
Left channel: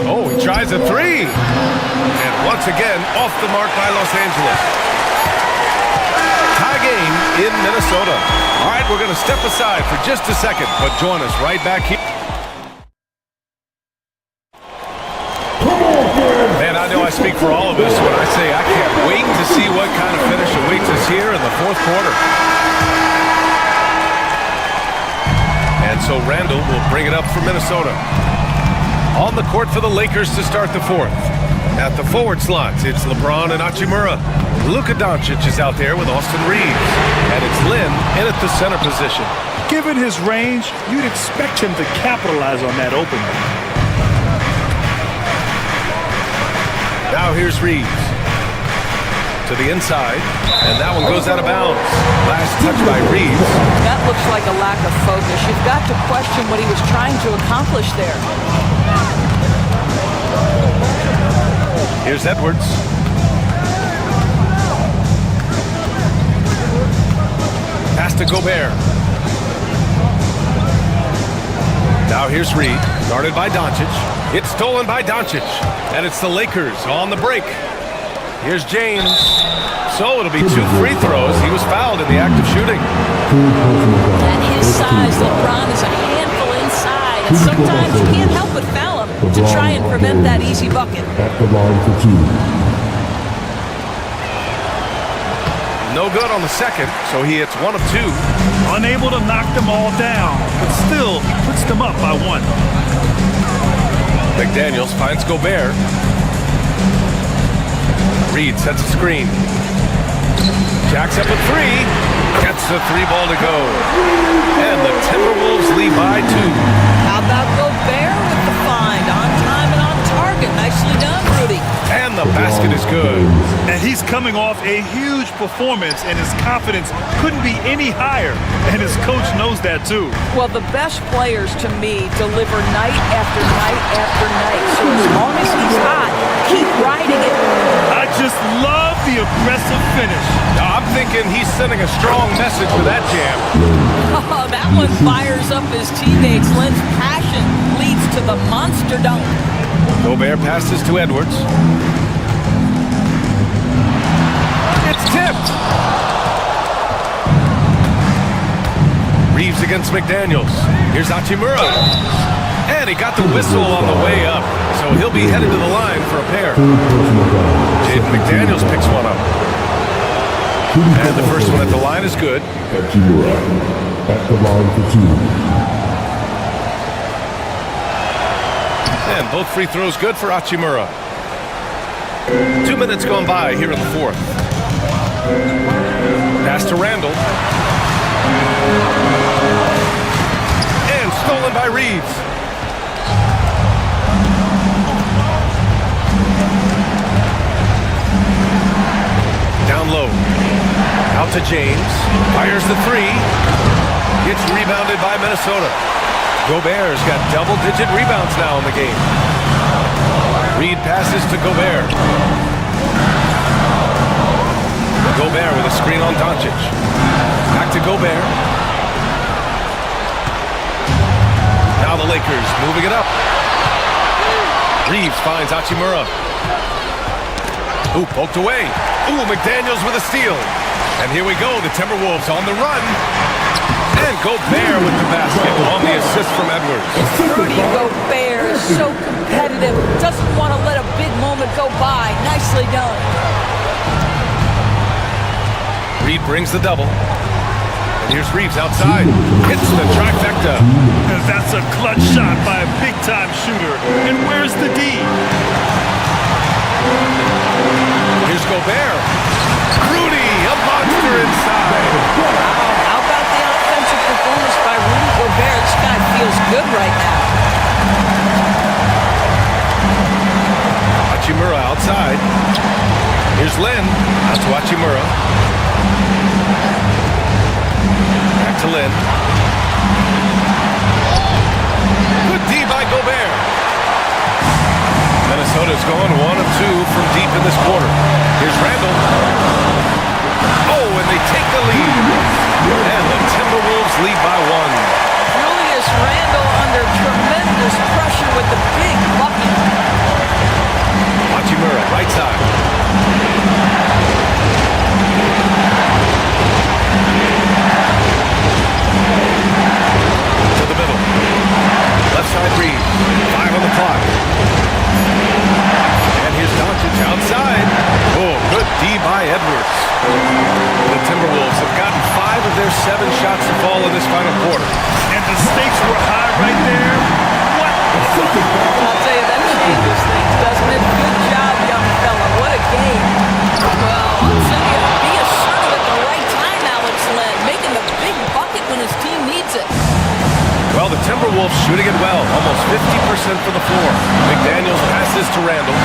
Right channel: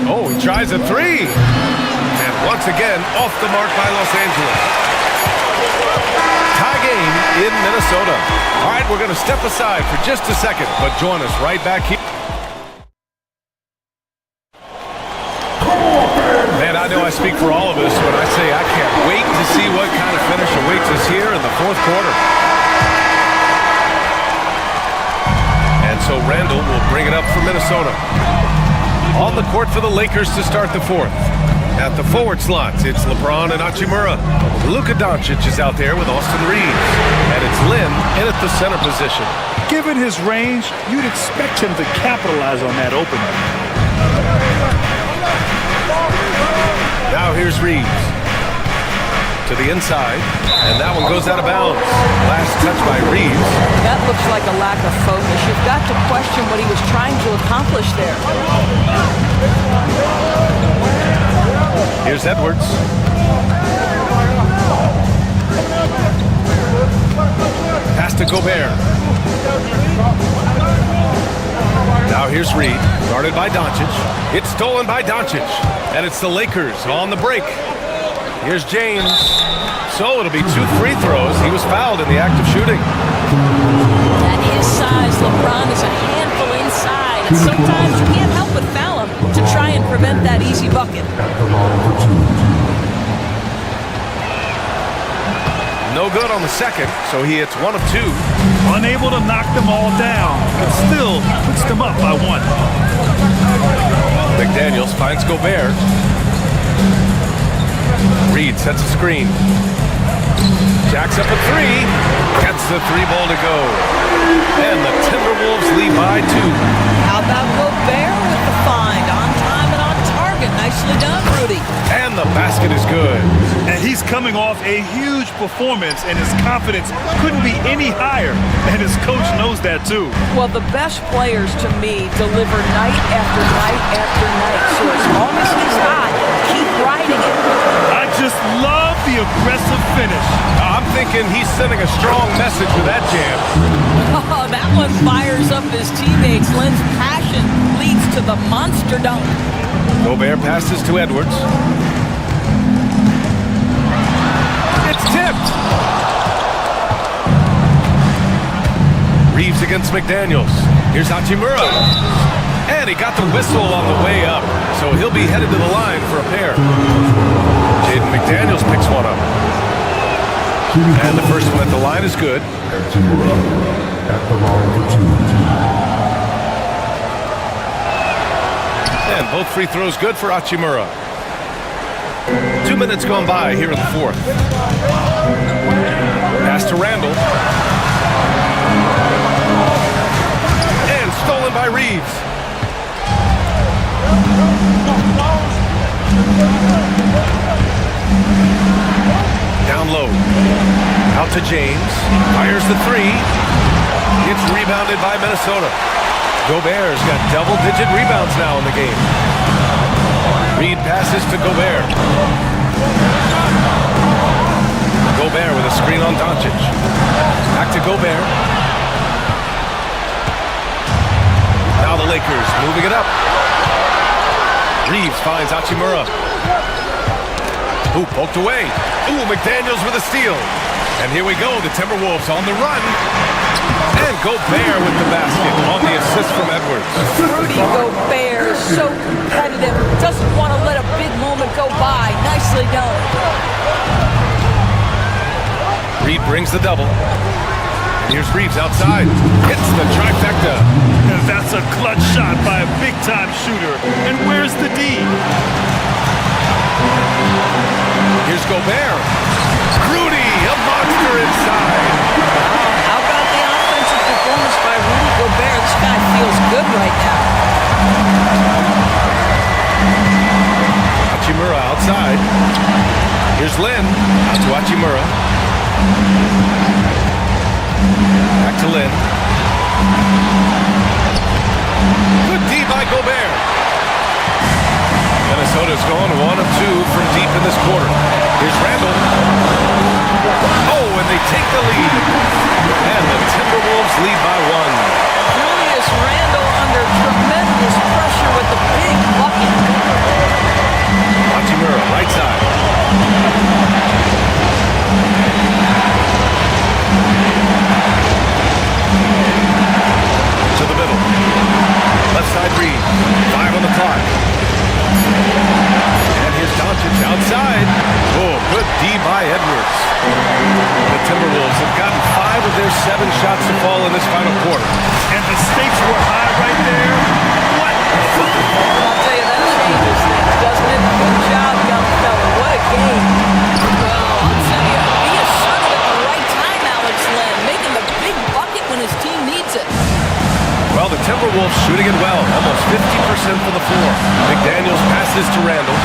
Oh, he tries a 3. And once again, off the mark by Los Angeles. Tie game in Minnesota. All right, we're going to step aside for just a second, but join us right back here. Man, I know I speak for all of us when I say I can't wait to see what kind of finish awaits us here in the fourth quarter. And so Randall will bring it up for Minnesota. On the court for the Lakers to start the fourth. At the forward slots, it's LeBron and Hachimura. Luka Doncic is out there with Austin Reeves. And it's Lynn in at the center position. Given his range, you'd expect him to capitalize on that opening. Now here's Reeves. To to the inside, and that one goes out of bounds. Last touch by Reeves. That looks like a lack of focus. You've got to question what he was trying to accomplish there. Here's Edwards. Pass to Gobert. Now here's Reed, guarded by Doncic. It's stolen by Doncic, and it's the Lakers on the break. Here's James. So it'll be 2 free throws. He was fouled in the act of shooting. At his size, LeBron is a handful inside, and sometimes you can't help but foul him to try and prevent that easy bucket. At the line for 2. No good on the second, so he hits 1 of 2. Unable to knock them all down, but still puts them up by 1. McDaniels finds Gobert. Reed sets a screen. Jacks up a 3. Gets the 3 ball to go. And the Timberwolves lead by 2. How about Gobert with the find? On time and on target. Nicely done, Rudy. And the basket is good. And he's coming off a huge performance, and his confidence couldn't be any higher. And his coach knows that, too. Well, the best players, to me, deliver night after night after night. So as long as he's hot, keep riding it. I just love the aggressive finish. I'm thinking he's sending a strong message with that jam. Oh, that one fires up his teammates. Len's passion leads to the monster dunk. Gobert passes to Edwards. It's tipped. Reeves against McDaniels. Here's Hachimura. And he got the whistle on the way up, so he'll be headed to the line for a pair. Jaden McDaniels picks one up. And the first one at the line is good. Hachimura at the line for 2. And both free throws good for Hachimura. 2 minutes gone by here in the fourth. Pass to Randall. And stolen by Reeves. Down low. Out to James. Fires the 3. Gets rebounded by Minnesota. Gobert's got double-digit rebounds now in the game. Reed passes to Gobert. Gobert with a screen on Doncic. Back to Gobert. Now the Lakers moving it up. Reeves finds Hachimura. Ooh, poked away. Ooh, McDaniels with a steal. And here we go, the Timberwolves on the run. And Gobert with the basket on the assist from Edwards. Rudy Gobert is so competitive. Doesn't want to let a big moment go by. Nicely done. Reed brings the double. And here's Reeves outside. Hits the trifecta. That's a clutch shot by a big-time shooter. And where's the D? Here's Gobert. Rudy, a monster inside. Wow, how about the offensive performance by Rudy Gobert? This guy feels good right now. Hachimura outside. Here's Lin. Out to Hachimura. Back to Lin. Good D by Gobert. Minnesota's going 1 of 2 from deep in this quarter. Here's Randall. Oh, and they take the lead. And the Timberwolves lead by 1. Julius Randle under tremendous pressure with the big bucket. Hachimura, right side. To the middle. Left side Reed. 5 on the clock. And here's Doncic outside. Oh, good D by Edwards. The Timberwolves have gotten 5 of their 7 shots to fall in this final quarter. And the stakes were high right there. What? I'll tell you, that changes things, doesn't it? Good job, young fella. What a game. Well, I'll tell you, be assertive at the right time, Alex Len. Making the big bucket when his team needs it. Well, the Timberwolves shooting it well. Almost 50% from the floor. McDaniels passes to Randall.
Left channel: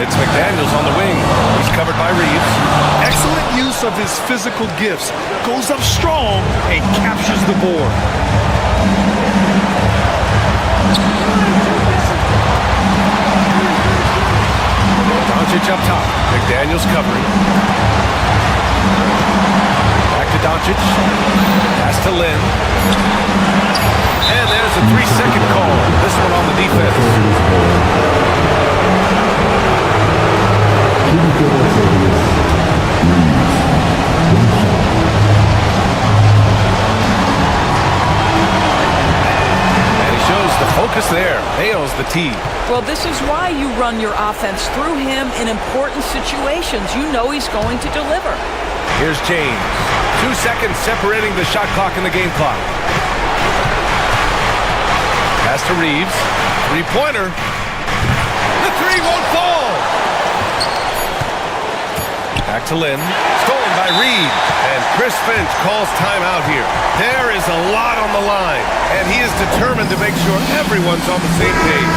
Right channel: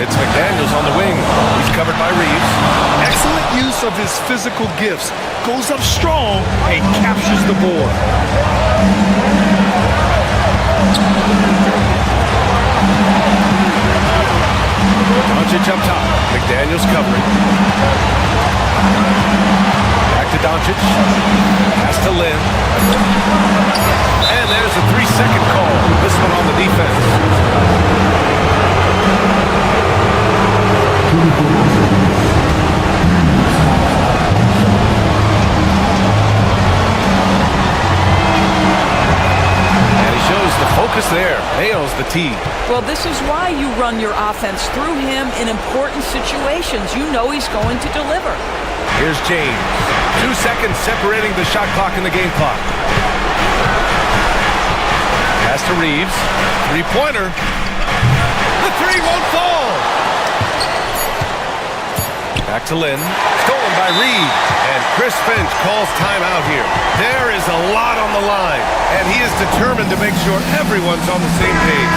It's McDaniels on the wing. He's covered by Reeves. Excellent use of his physical gifts. Goes up strong and captures the board. Doncic up top. McDaniels covering. Back to Doncic. Pass to Lynn. And there's a 3-second call. This one on the defense. And he shows the focus there. Nails the tee. Well, this is why you run your offense through him in important situations. You know he's going to deliver. Here's James. 2 seconds separating the shot clock and the game clock. Pass to Reeves. Three-pointer. The three won't fall. Back to Lynn. Stolen by Reed. And Chris Finch calls timeout here. There is a lot on the line, and he is determined to make sure everyone's on the same page.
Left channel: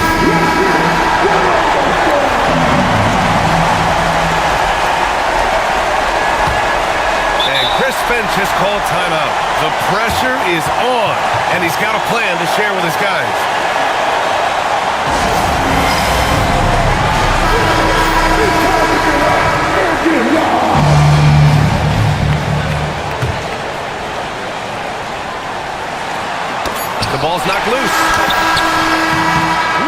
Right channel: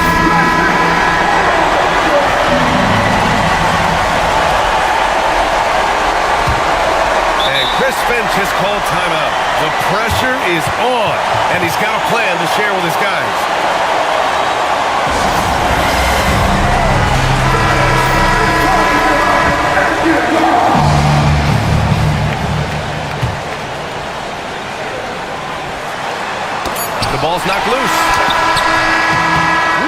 And Chris Finch has called timeout. The pressure is on, and he's got a plan to share with his guys. The ball's knocked loose.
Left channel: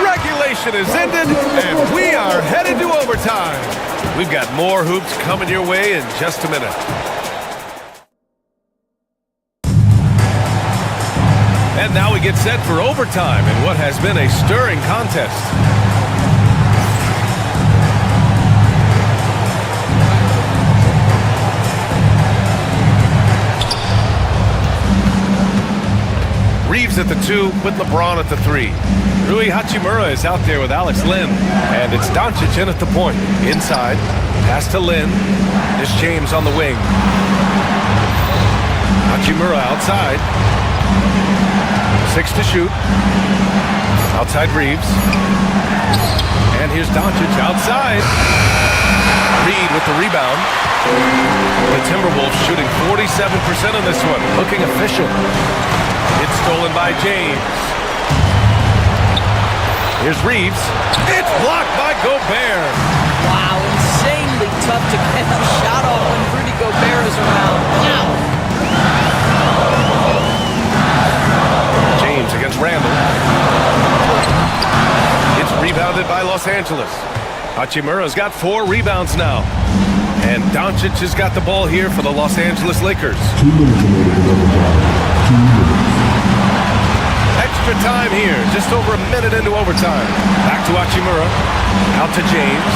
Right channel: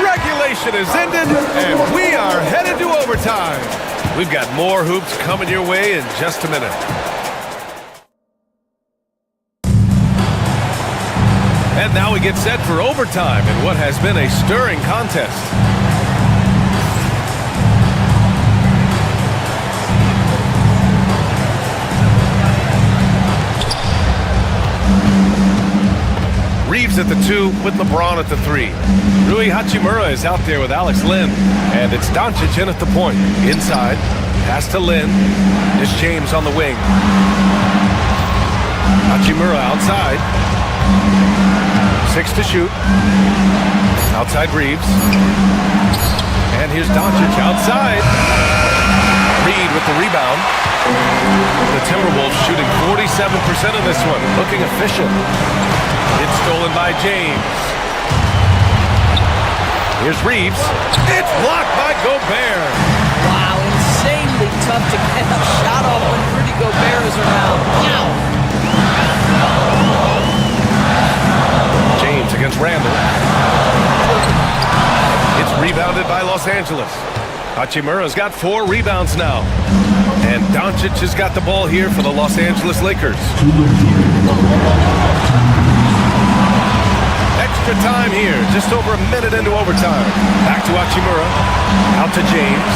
Regulation is ended, and we are headed to overtime. We've got more hoops coming your way in just a minute. And now we get set for overtime in what has been a stirring contest. Reeves at the 2 with LeBron at the 3. Rui Hachimura is out there with Alex Len. And it's Doncic in at the point. Inside. Pass to Lynn. It's James on the wing. Hachimura outside. 6 to shoot. Outside Reeves. And here's Doncic outside. Reed with the rebound. The Timberwolves shooting 47% in this one. Looking efficient. It's stolen by James. Here's Reeves. It's blocked by Gobert. Wow, insanely tough to get a shot off when Rudy Gobert is around. Wow. James against Randall. It's rebounded by Los Angeles. Hachimura's got 4 rebounds now. And Doncic has got the ball here for the Los Angeles Lakers. Extra time here, just over a minute into overtime. Back to Hachimura. Out to James.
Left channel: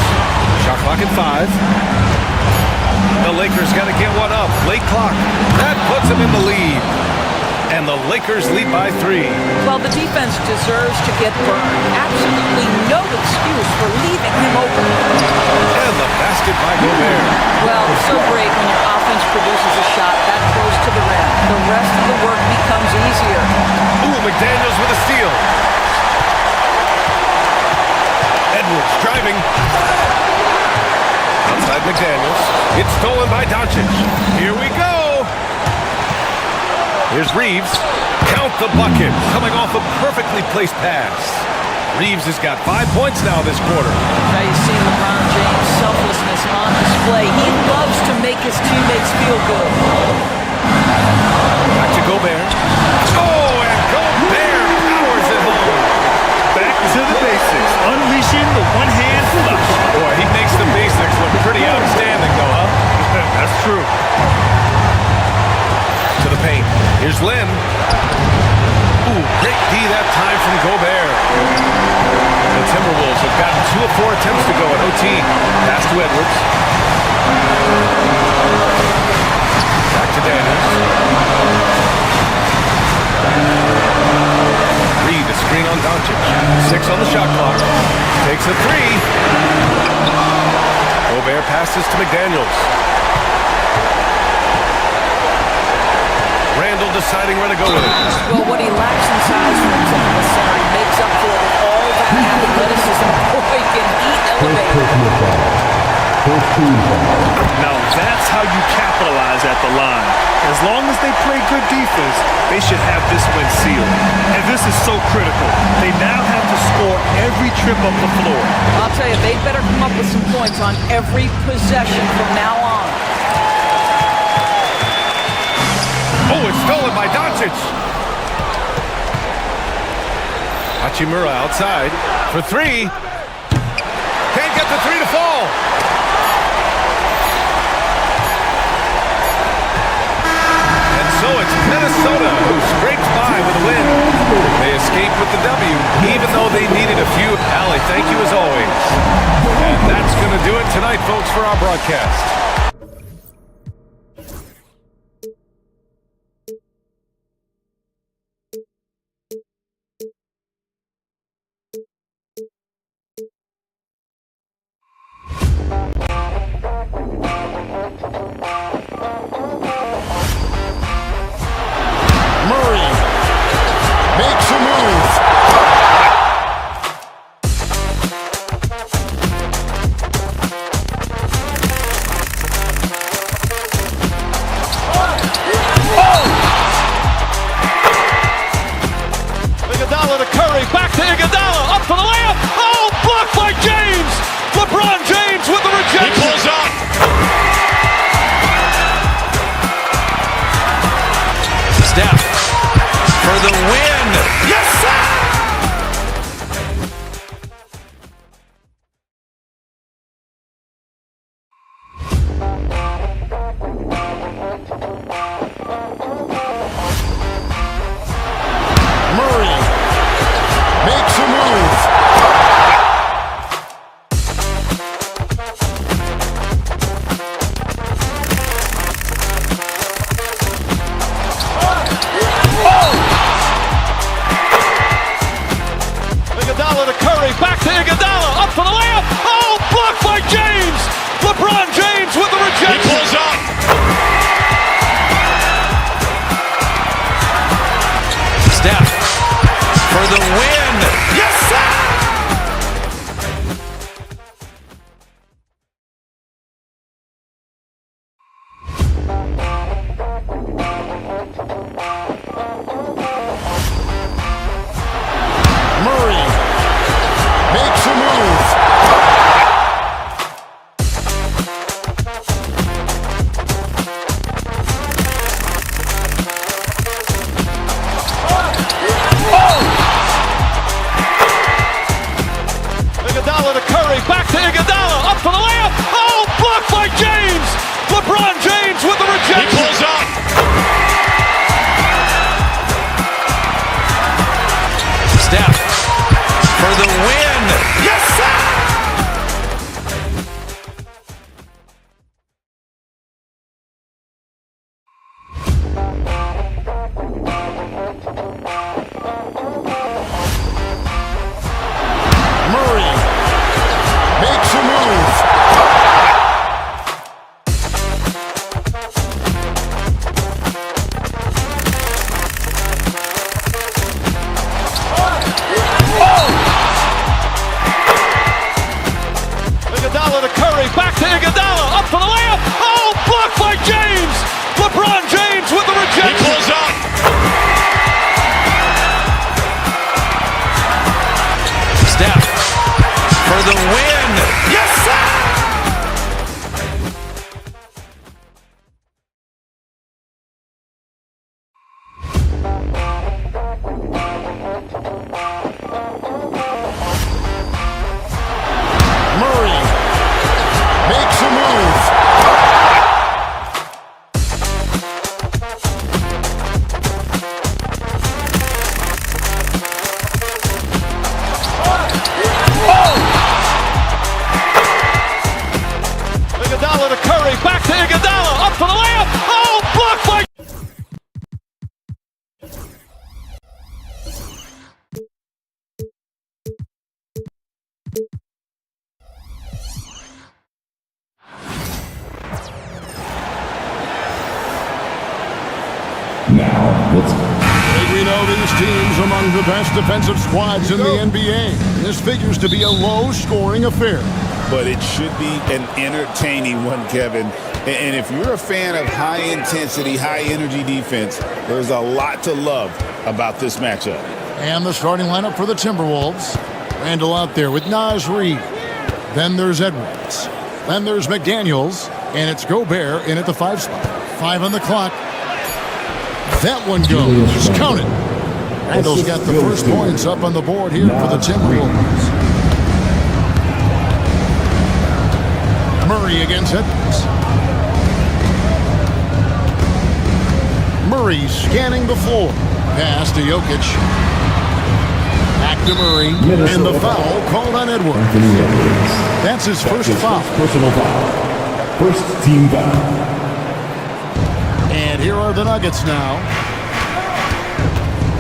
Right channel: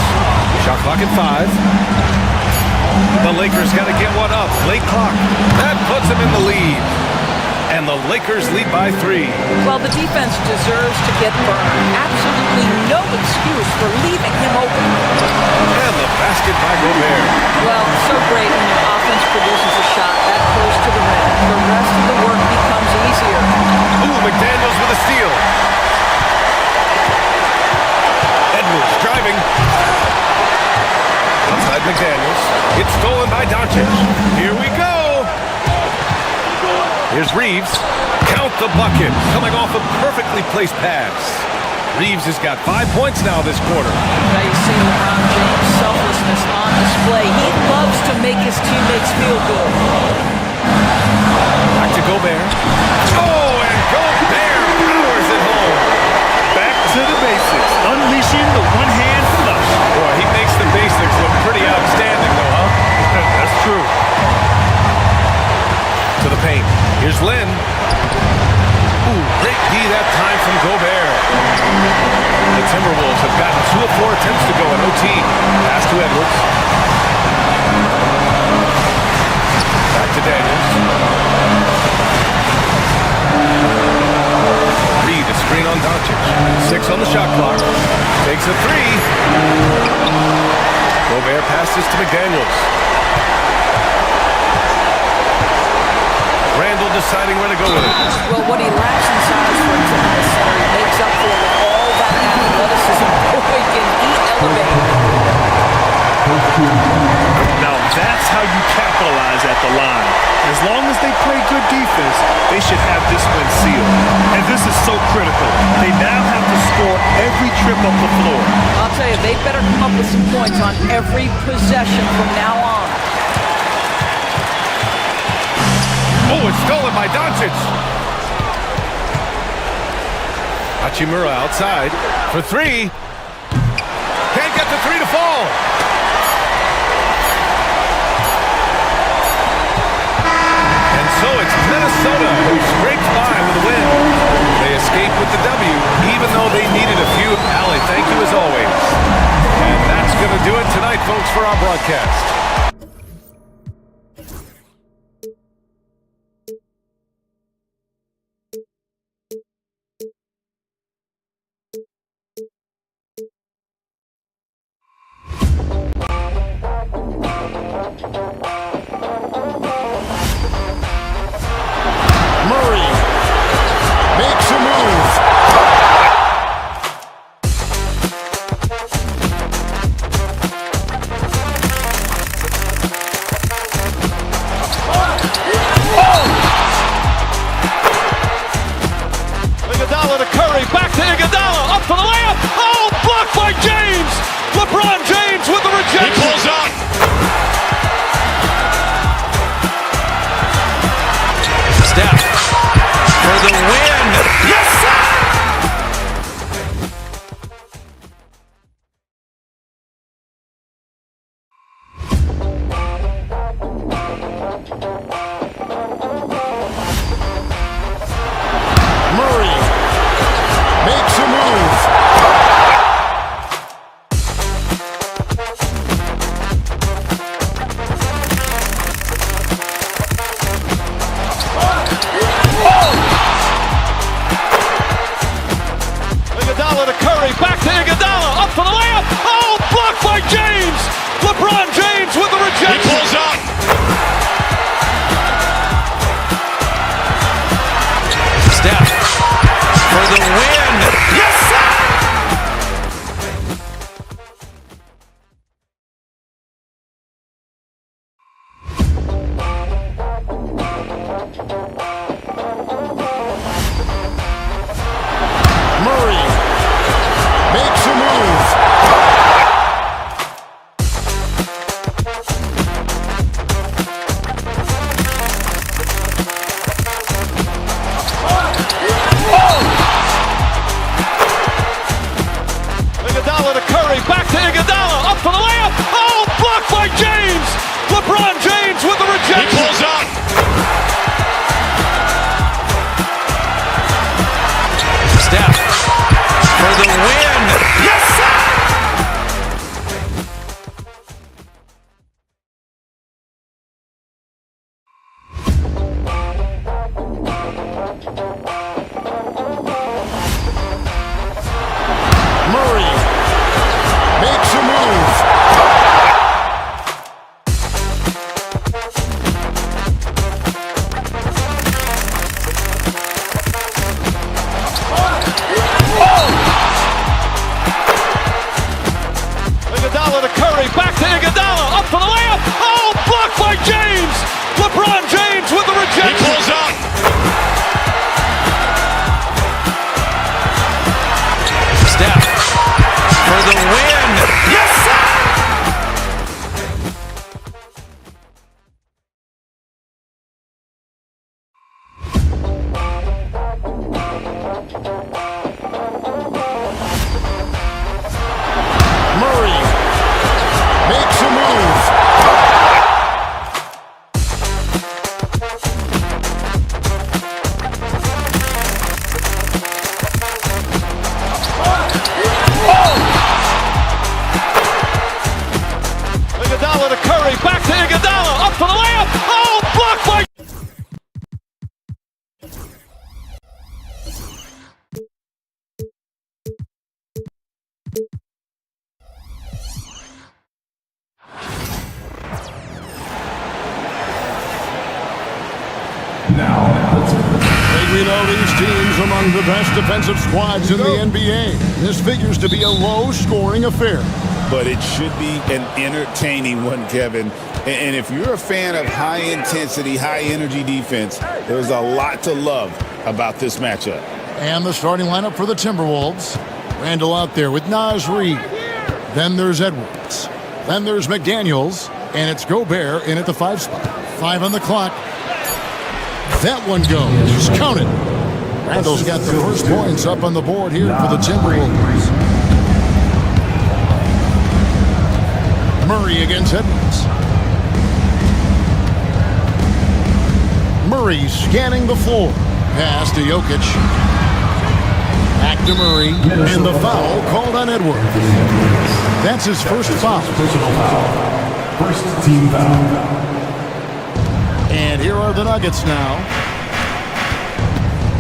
Shot clock at 5. The Lakers got to get one up. Late clock. That puts them in the lead. And the Lakers lead by 3. Well, the defense deserves to get burned. Absolutely no excuse for leaving him open. And the basket by Gobert. Well, so great when your offense produces a shot that close to the rim. The rest of the work becomes easier. Ooh, McDaniels with a steal. Edwards driving. Outside McDaniels. It's stolen by Doncic. Here we go. Here's Reeves. Count the bucket. Coming off a perfectly placed pass. Reeves has got 5 points now this quarter. Now you see LeBron James' selflessness on display. He loves to make his teammates feel good. Back to Gobert. Oh, and Gobert powers it home. Back to the basics. Unleashing the one-hand flush. Boy, he makes the basics look pretty outstanding, though, huh? That's true. To the paint. Here's Lynn. Ooh, great D that time from Gobert. The Timberwolves have gotten 2 of 4 attempts to go in OT. Pass to Edwards. Back to Daniels. Reed, a screen on Doncic. 6 on the shot clock. Takes a 3. Gobert passes to McDaniels. Randall deciding where to go with it. Well, what he lacks in size for a typical center, he makes up for with all that athleticism. Boy, can he elevate. Now, that's how you capitalize at the line. As long as they play good defense, they should have this win sealed. And this is so critical. They now have to score every trip up the floor. I'll tell you, they'd better come up with some points on every possession from now on. Oh, it's stolen by Doncic. Hachimura outside for three. Can't get the three to fall. And so it's Minnesota who scrapes by with a win. They escape with the W, even though they needed a few. Allie, thank you as always. And that's going to do it tonight, folks, for our broadcast. Murray makes a move. Iguodala to Curry, back to Iguodala, up for the layup. Oh, blocked by James. LeBron James with the rejection. He pulls up. Steph for the win. Yes, sir. Murray makes a move. Iguodala to Curry, back to Iguodala, up for the layup. Oh, blocked by James. LeBron James with the rejection. He pulls up. Steph for the win. Yes, sir. Murray makes a move. Iguodala to Curry, back to Iguodala, up for the layup. Oh, blocked by James. LeBron James with the rejection. He pulls up. Steph for the win. Yes, sir. Murray makes a move. Iguodala to Curry, back to Iguodala, up for the layup. Oh, blocked by James. LeBron James with the rejection. He pulls up. Steph for the win. Yes, sir. Murray makes a move. Iguodala to Curry, back to Iguodala, up for the layup. Oh, blocked by. Now, let's go. We know these teams are among the best defensive squads in the NBA. This figures to be a low-scoring affair. But it should be an entertaining one, Kevin. And if you're a fan of high-intensity, high-energy defense, there's a lot to love about this matchup. And the starting lineup for the Timberwolves. Randall out there with Naz Reid. Then there's Edwards. Then there's McDaniels. And it's Gobert in at the 5 spot. 5 on the clock. That one goes. Count it. Randall's got the first points up on the board here for the Timberwolves. Murray against Edwards. Murray scanning the floor. Pass to Jokic. Back to Murray. And the foul called on Edwards. That's his first foul. Personal foul. First team foul. And here are the Nuggets now.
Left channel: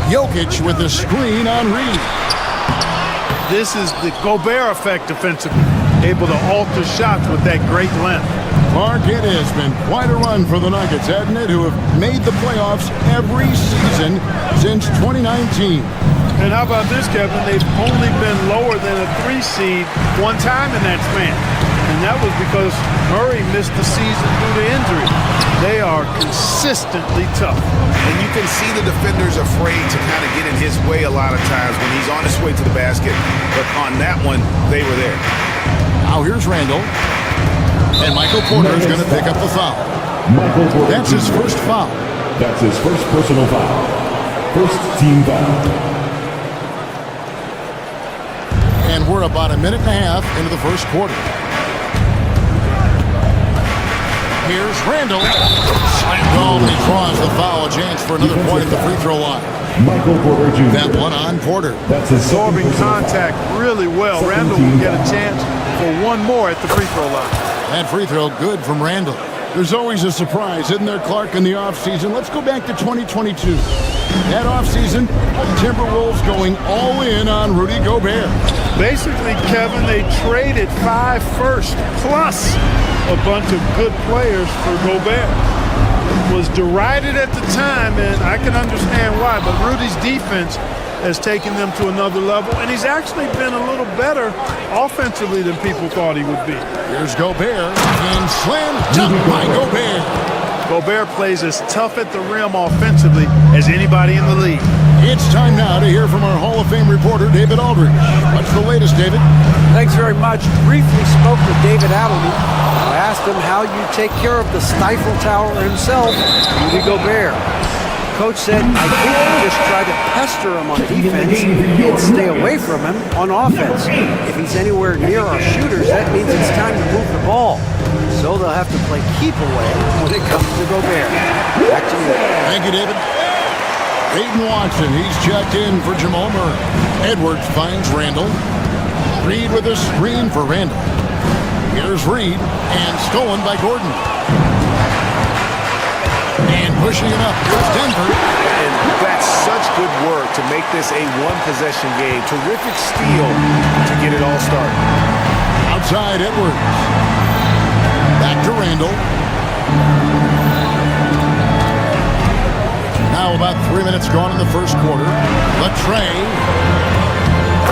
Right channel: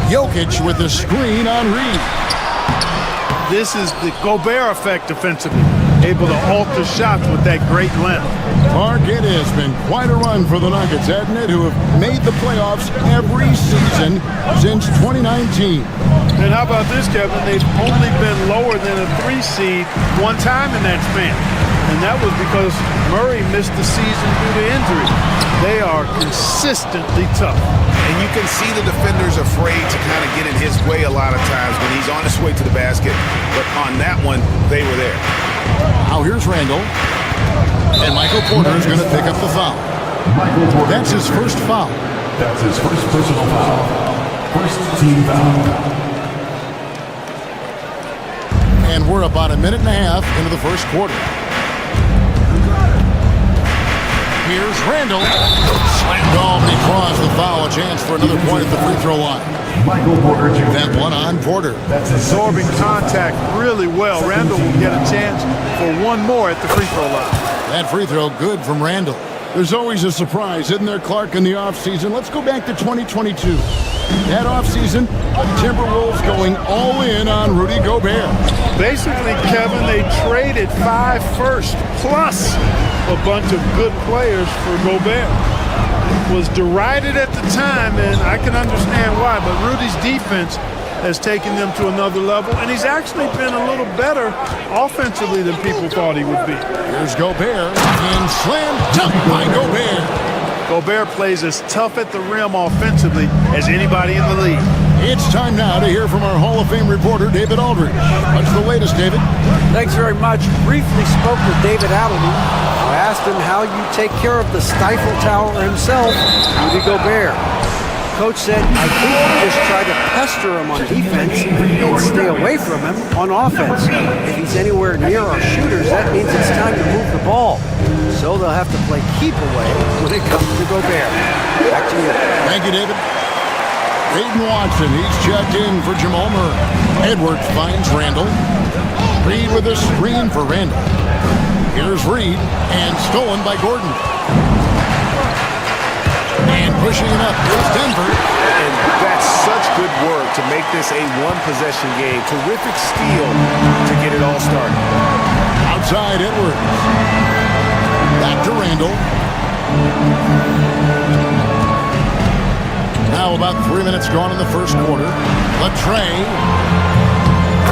Jokic with the screen on Reed. This is the Gobert effect defensively. Able to alter shots with that great length. Mark, it has been quite a run for the Nuggets, hasn't it, who have made the playoffs every season since 2019. And how about this, Kevin? They've only been lower than a 3 seed one time in that span. And that was because Murray missed the season due to injury. They are consistently tough. And you can see the defenders afraid to kind of get in his way a lot of times when he's on his way to the basket. But on that one, they were there. Now here's Randall. And Michael Porter is going to pick up the foul. Michael Porter. That's his first foul. That's his first personal foul. First team foul. And we're about a minute and a half into the first quarter. Here's Randall. Slammed home, and he draws the foul. A chance for another point at the free throw line. Michael Porter Jr. That one on Porter. That's absorbing contact really well. Randall will get a chance for one more at the free throw line. That free throw good from Randall. There's always a surprise, isn't there, Clark, in the offseason? Let's go back to 2022. That offseason, the Timberwolves going all in on Rudy Gobert. Basically, Kevin, they traded 5 firsts plus a bunch of good players for Gobert. It was derided at the time, and I can understand why, but Rudy's defense has taken them to another level, and he's actually been a little better offensively than people thought he would be. Here's Gobert, and slam dunk by Gobert. Gobert plays as tough at the rim offensively as anybody in the league. It's time now to hear from our Hall of Fame reporter, David Aldridge. What's the latest, David? Thanks very much. Briefly spoke with David Adelman. I asked him how you take care of the Stifle Tower himself, Rudy Gobert. Coach said, I think you just try to pester him on defense and stay away from him on offense. If he's anywhere near our shooters, that means it's time to move the ball. So they'll have to play keep away when it comes to Gobert. Back to you. Thank you, David. Peyton Watson, he's checked in for Jamal Murray. Edwards finds Randall. Reed with a screen for Randall. Here's Reed, and stolen by Gordon. And pushing it up, here's Denver. And that's such good work to make this a one-possession game. Terrific steal to get it all started. Outside Edwards. Back to Randall. Now about 3 minutes gone in the first quarter. The tray.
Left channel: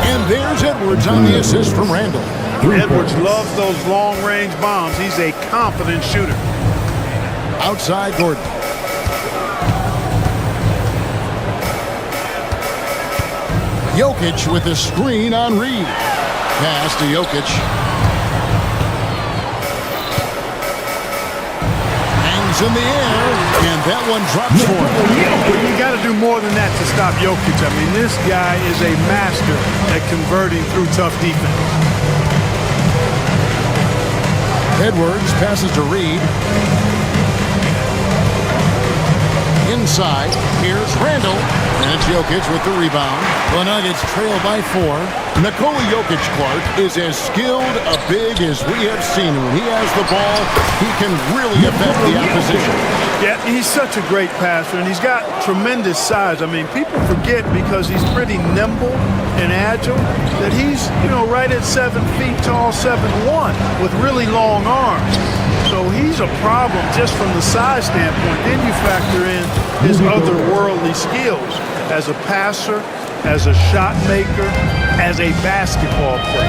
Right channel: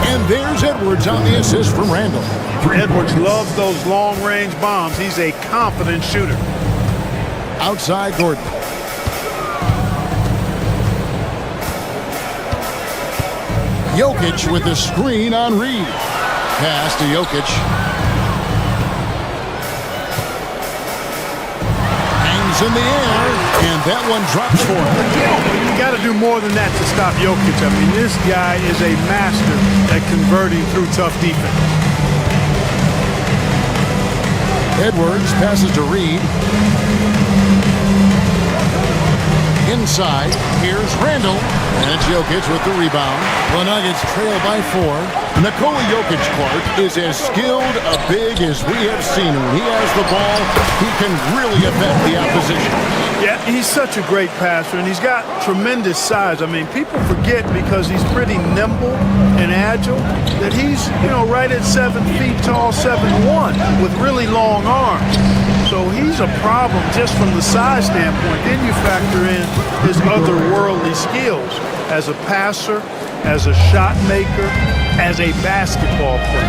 And there's Edwards on the assist from Randall. Edwards loves those long-range bombs. He's a confident shooter. Outside Gordon. Jokic with the screen on Reed. Pass to Jokic. Hangs in the air, and that one drops for him. But you got to do more than that to stop Jokic. I mean, this guy is a master at converting through tough defense. Edwards passes to Reed. Inside, here's Randall. And it's Jokic with the rebound. The Nuggets trail by 4. Nikola Jokic, Clark, is as skilled a big as we have seen. When he has the ball, he can really affect the opposition. Yeah, he's such a great passer, and he's got tremendous size. I mean, people forget because he's pretty nimble and agile that he's, right at 7 feet tall, 7'1", with really long arms. So he's a problem just from the size standpoint. Then you factor in his otherworldly skills as a passer, as a shot maker, as a basketball player.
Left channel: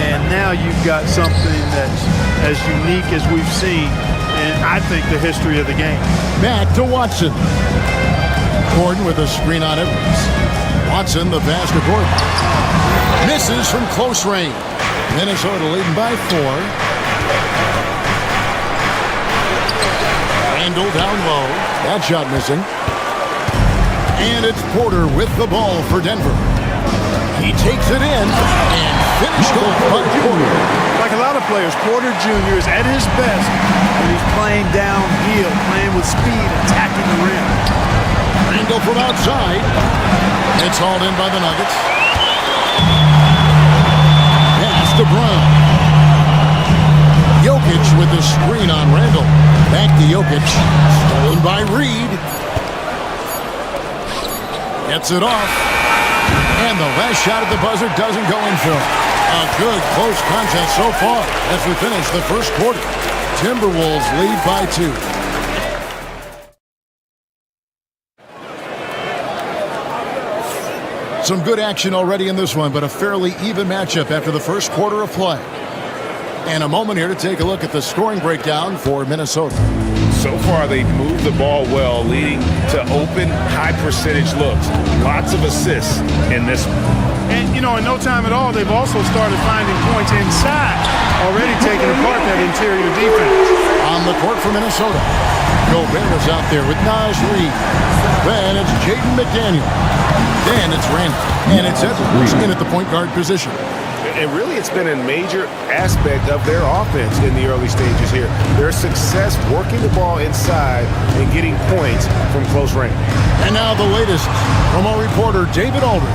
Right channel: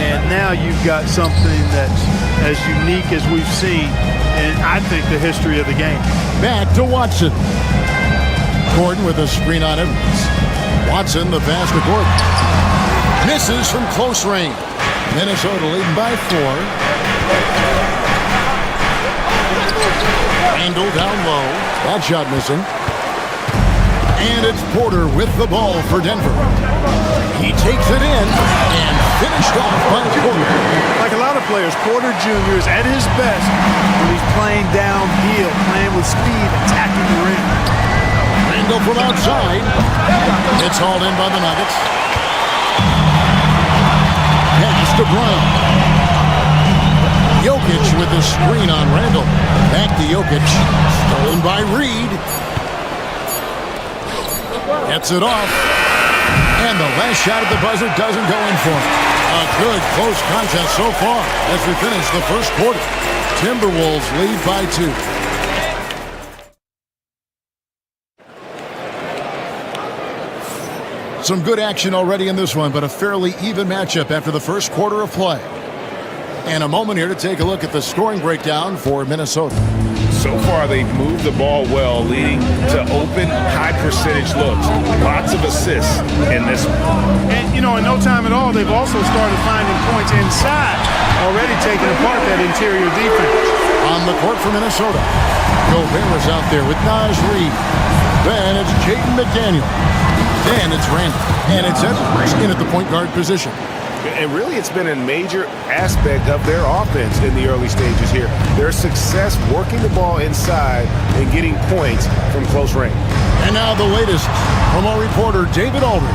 And now you've got something that's as unique as we've seen in, I think, the history of the game. Back to Watson. Gordon with a screen on Edwards. Watson, the pass to Gordon. Misses from close range. Minnesota leading by 4. Randall down low. That shot missing. And it's Porter with the ball for Denver. He takes it in and finished off by Porter. Like a lot of players, Porter Jr. is at his best when he's playing downhill, playing with speed, attacking the rim. Randall from outside. It's hauled in by the Nuggets. Pass to Brown. Jokic with the screen on Randall. Back to Jokic. Stolen by Reed. Gets it off. And the last shot at the buzzer doesn't go in for him. A good close contest so far as we finish the first quarter. Timberwolves lead by 2. Some good action already in this one, but a fairly even matchup after the first quarter of play. And a moment here to take a look at the scoring breakdown for Minnesota. So far, they've moved the ball well, leading to open, high-percentage looks. Lots of assists in this one. And, you know, in no time at all, they've also started finding points inside, already taking apart that interior defense. On the court for Minnesota, Gobert is out there with Naz Reid. Then it's Jaden McDaniel. Then it's Randall. And it's Edwards in at the point guard position. And really, it's been a major aspect of their offense in the early stages here. Their success working the ball inside and getting points from close range. And now the latest from our reporter, David Aldridge.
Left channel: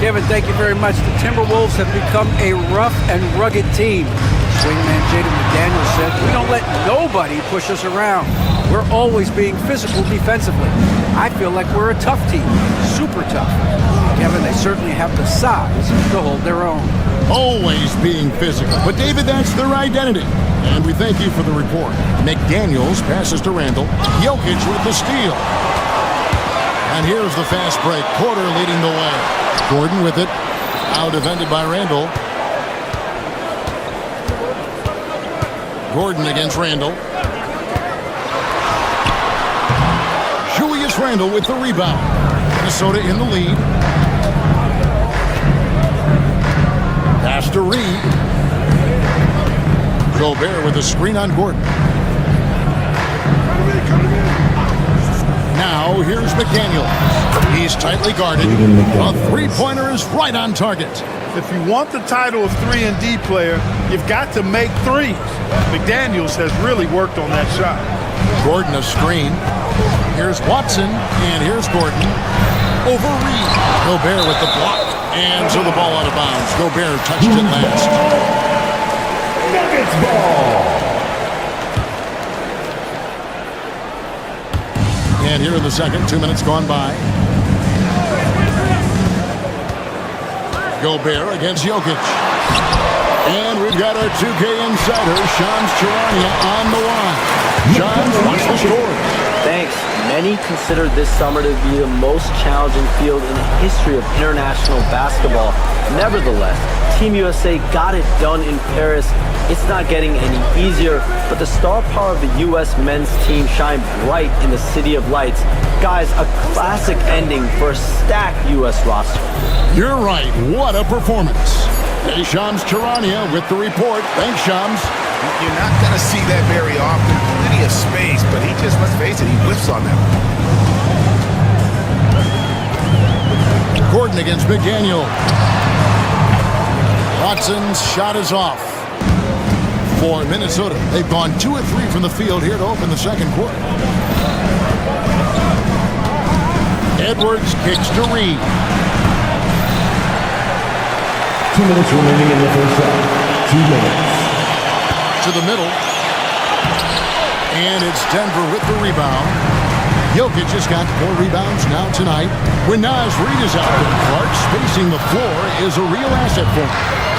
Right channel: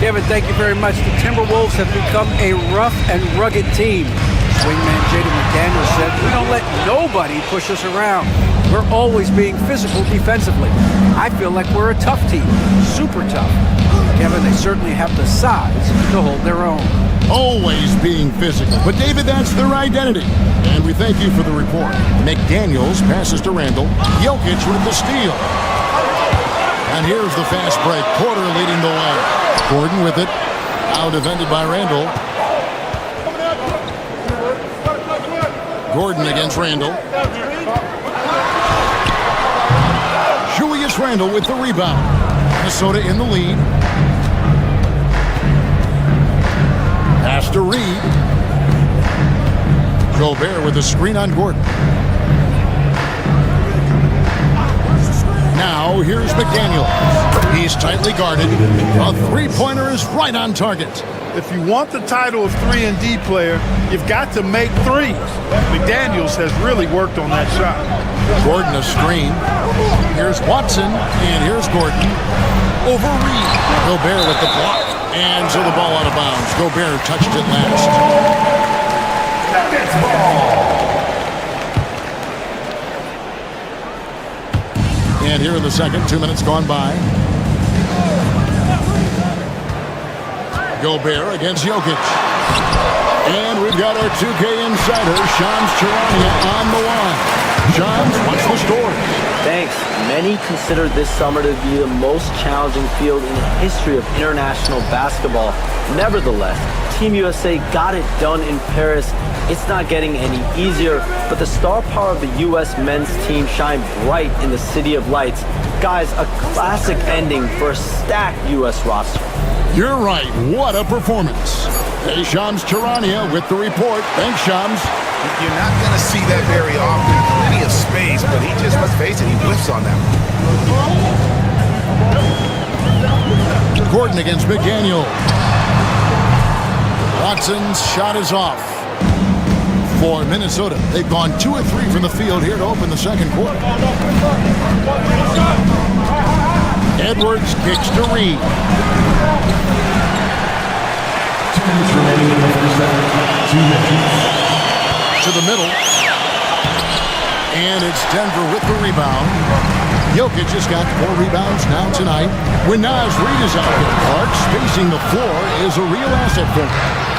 Kevin, thank you very much. The Timberwolves have become a rough and rugged team. Swingman Jaden McDaniel said, "We don't let nobody push us around. We're always being physical defensively. I feel like we're a tough team, super tough." Kevin, they certainly have the size to hold their own. Always being physical. But, David, that's their identity. And we thank you for the report. McDaniels passes to Randall. Jokic with the steal. And here's the fast break. Porter leading the way. Gordon with it. Out defended by Randall. Gordon against Randall. Julius Randall with the rebound. Minnesota in the lead. Pass to Reed. Gobert with a screen on Gordon. Now here's McDaniel. He's tightly guarded. A three-pointer is right on target. If you want the title of 3-and-D player, you've got to make threes. McDaniels has really worked on that shot. Gordon a screen. Here's Watson, and here's Gordon. Over Reed. Gobert with the block. And so the ball out of bounds. Gobert touched it last. Nuggets ball. And here in the second, 2 minutes gone by. Gobert against Jokic. And we've got our 2K insider, Shams Charania, on the line. Shams, what's the story? Thanks. Many consider this summer to be the most challenging field in the history of international basketball. Nevertheless, Team USA got it done in Paris. It's not getting any easier, but the star power of the U.S. men's team shined bright in the City of Lights. Guys, a classic ending for a stacked U.S. roster. You're right. What a performance. Hey, Shams Charania with the report. Thanks, Shams. You're not going to see that very often. Plenty of space, but he just, let's face it, he whiffs on that one. Gordon against McDaniel. Watson's shot is off for Minnesota. They've gone 2 of 3 from the field here to open the second quarter. Edwards kicks to Reed. 2 minutes remaining in the first half. 2 minutes. To the middle. And it's Denver with the rebound. Jokic has got 4 rebounds now tonight. When Naz Reid is out there, Clark spacing the floor is a real asset for him.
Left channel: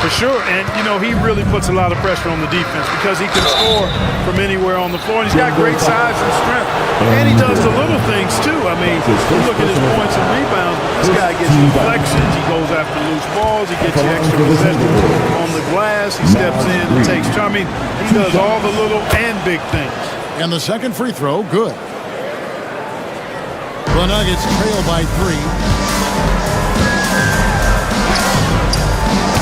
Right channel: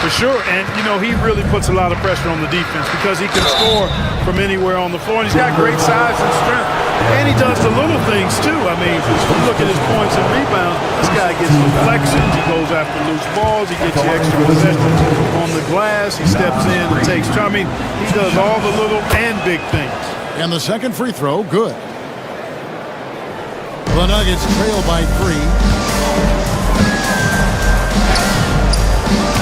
For sure, and he really puts a lot of pressure on the defense because he can score from anywhere on the floor, and he's got great size and strength. And he does the little things too. I mean, you look at his points and rebounds, but this guy gets deflections, he goes after loose balls, he gets you extra possessions on the glass, he steps in and takes charge. I mean, he does all the little and big things. And the second free throw, good. The Nuggets trail by 3.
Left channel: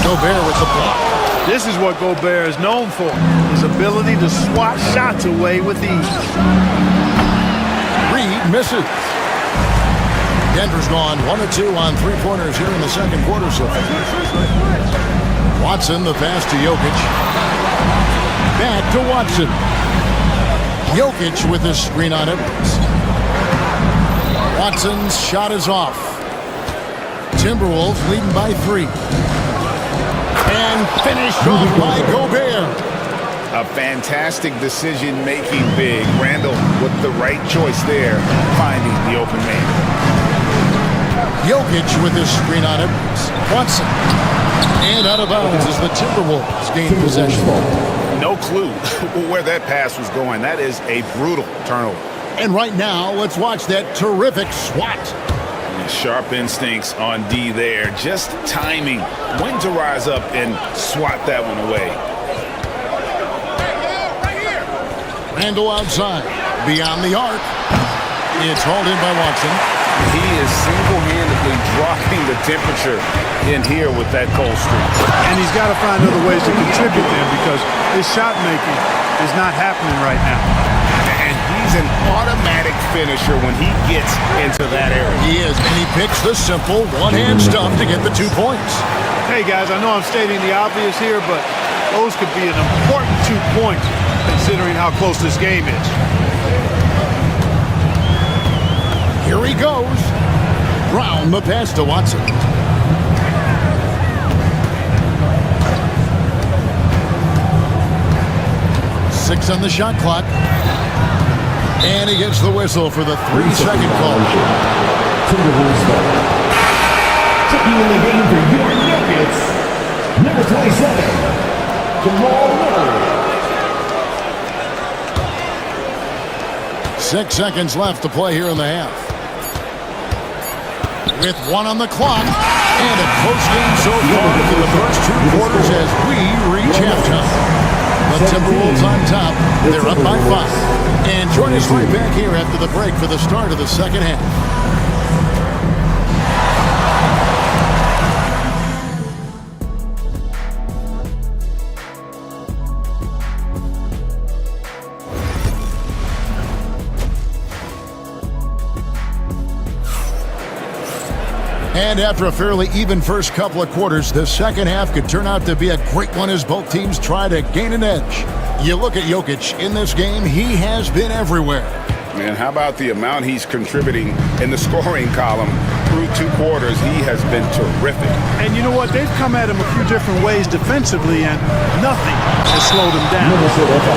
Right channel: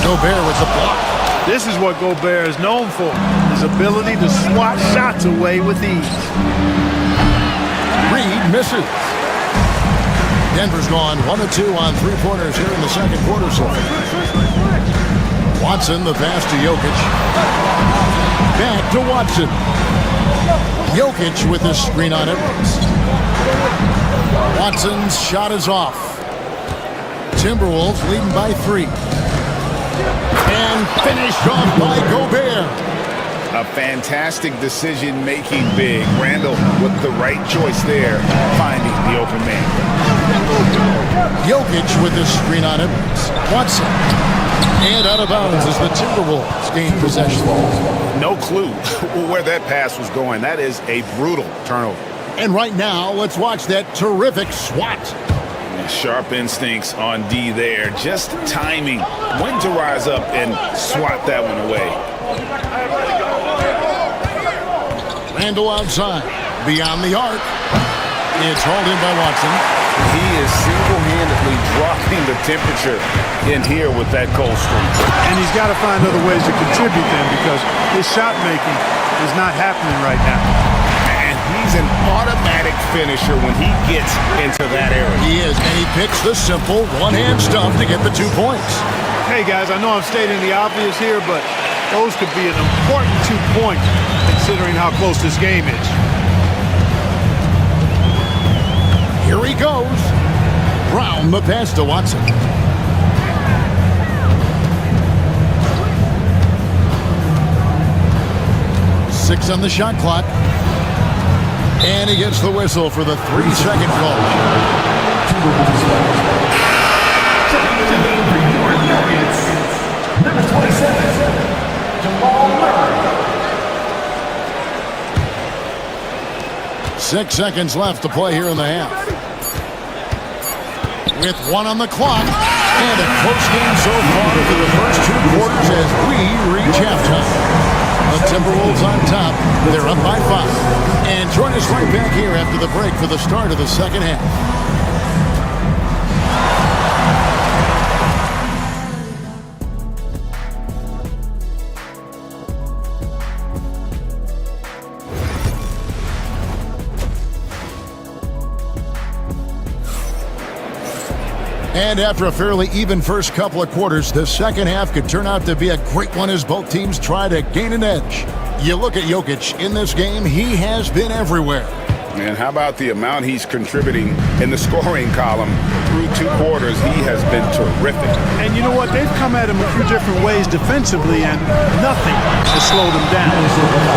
Gobert with the block. This is what Gobert is known for, his ability to swat shots away with ease. Reed misses. Denver's gone 1 of 2 on three-pointers here in the second quarter so far. Watson, the pass to Jokic. Back to Watson. Jokic with the screen on Edwards. Watson's shot is off. Timberwolves leading by 3. And finished off by Gobert. A fantastic decision-making big. Randall with the right choice there, finding the open man. Jokic with the screen on Edwards. Watson. And out of bounds as the Timberwolves gain possession. No clue where that pass was going. That is a brutal turnover. And right now, let's watch that terrific swat. Sharp instincts on D there. Just timing when to rise up and swat that one away. Randall outside. Beyond the arc. It's hauled in by Watson. He is single-handedly dropping the temperature in here with that cold streak. And he's got to find other ways to contribute then because his shot making is not happening right now. And he's an automatic finisher when he gets into that area. He is, and he picks the simple one-hand stuff to get the 2 points. Hey, guys, I know I'm stating the obvious here, but those could be an important 2 points considering how close this game is. Here he goes. Brown, the pass to Watson. Six on the shot clock. And he gets the whistle for the 3-second call. Checking in the game for your Nuggets, number 27, Jamal Murray. 6 seconds left to play here in the half. With 1 on the clock. And a close game so far through the first 2 quarters as we reach halftime. The Timberwolves on top. They're up by 5. And join us right back here after the break for the start of the second half. And after a fairly even first couple of quarters, the second half could turn out to be a great one as both teams try to gain an edge. You look at Jokic in this game, he has been everywhere. And how about the amount he's contributing in the scoring column through 2 quarters? He has been terrific. And you know what? They've come at him a few different ways defensively, and nothing has slowed him down.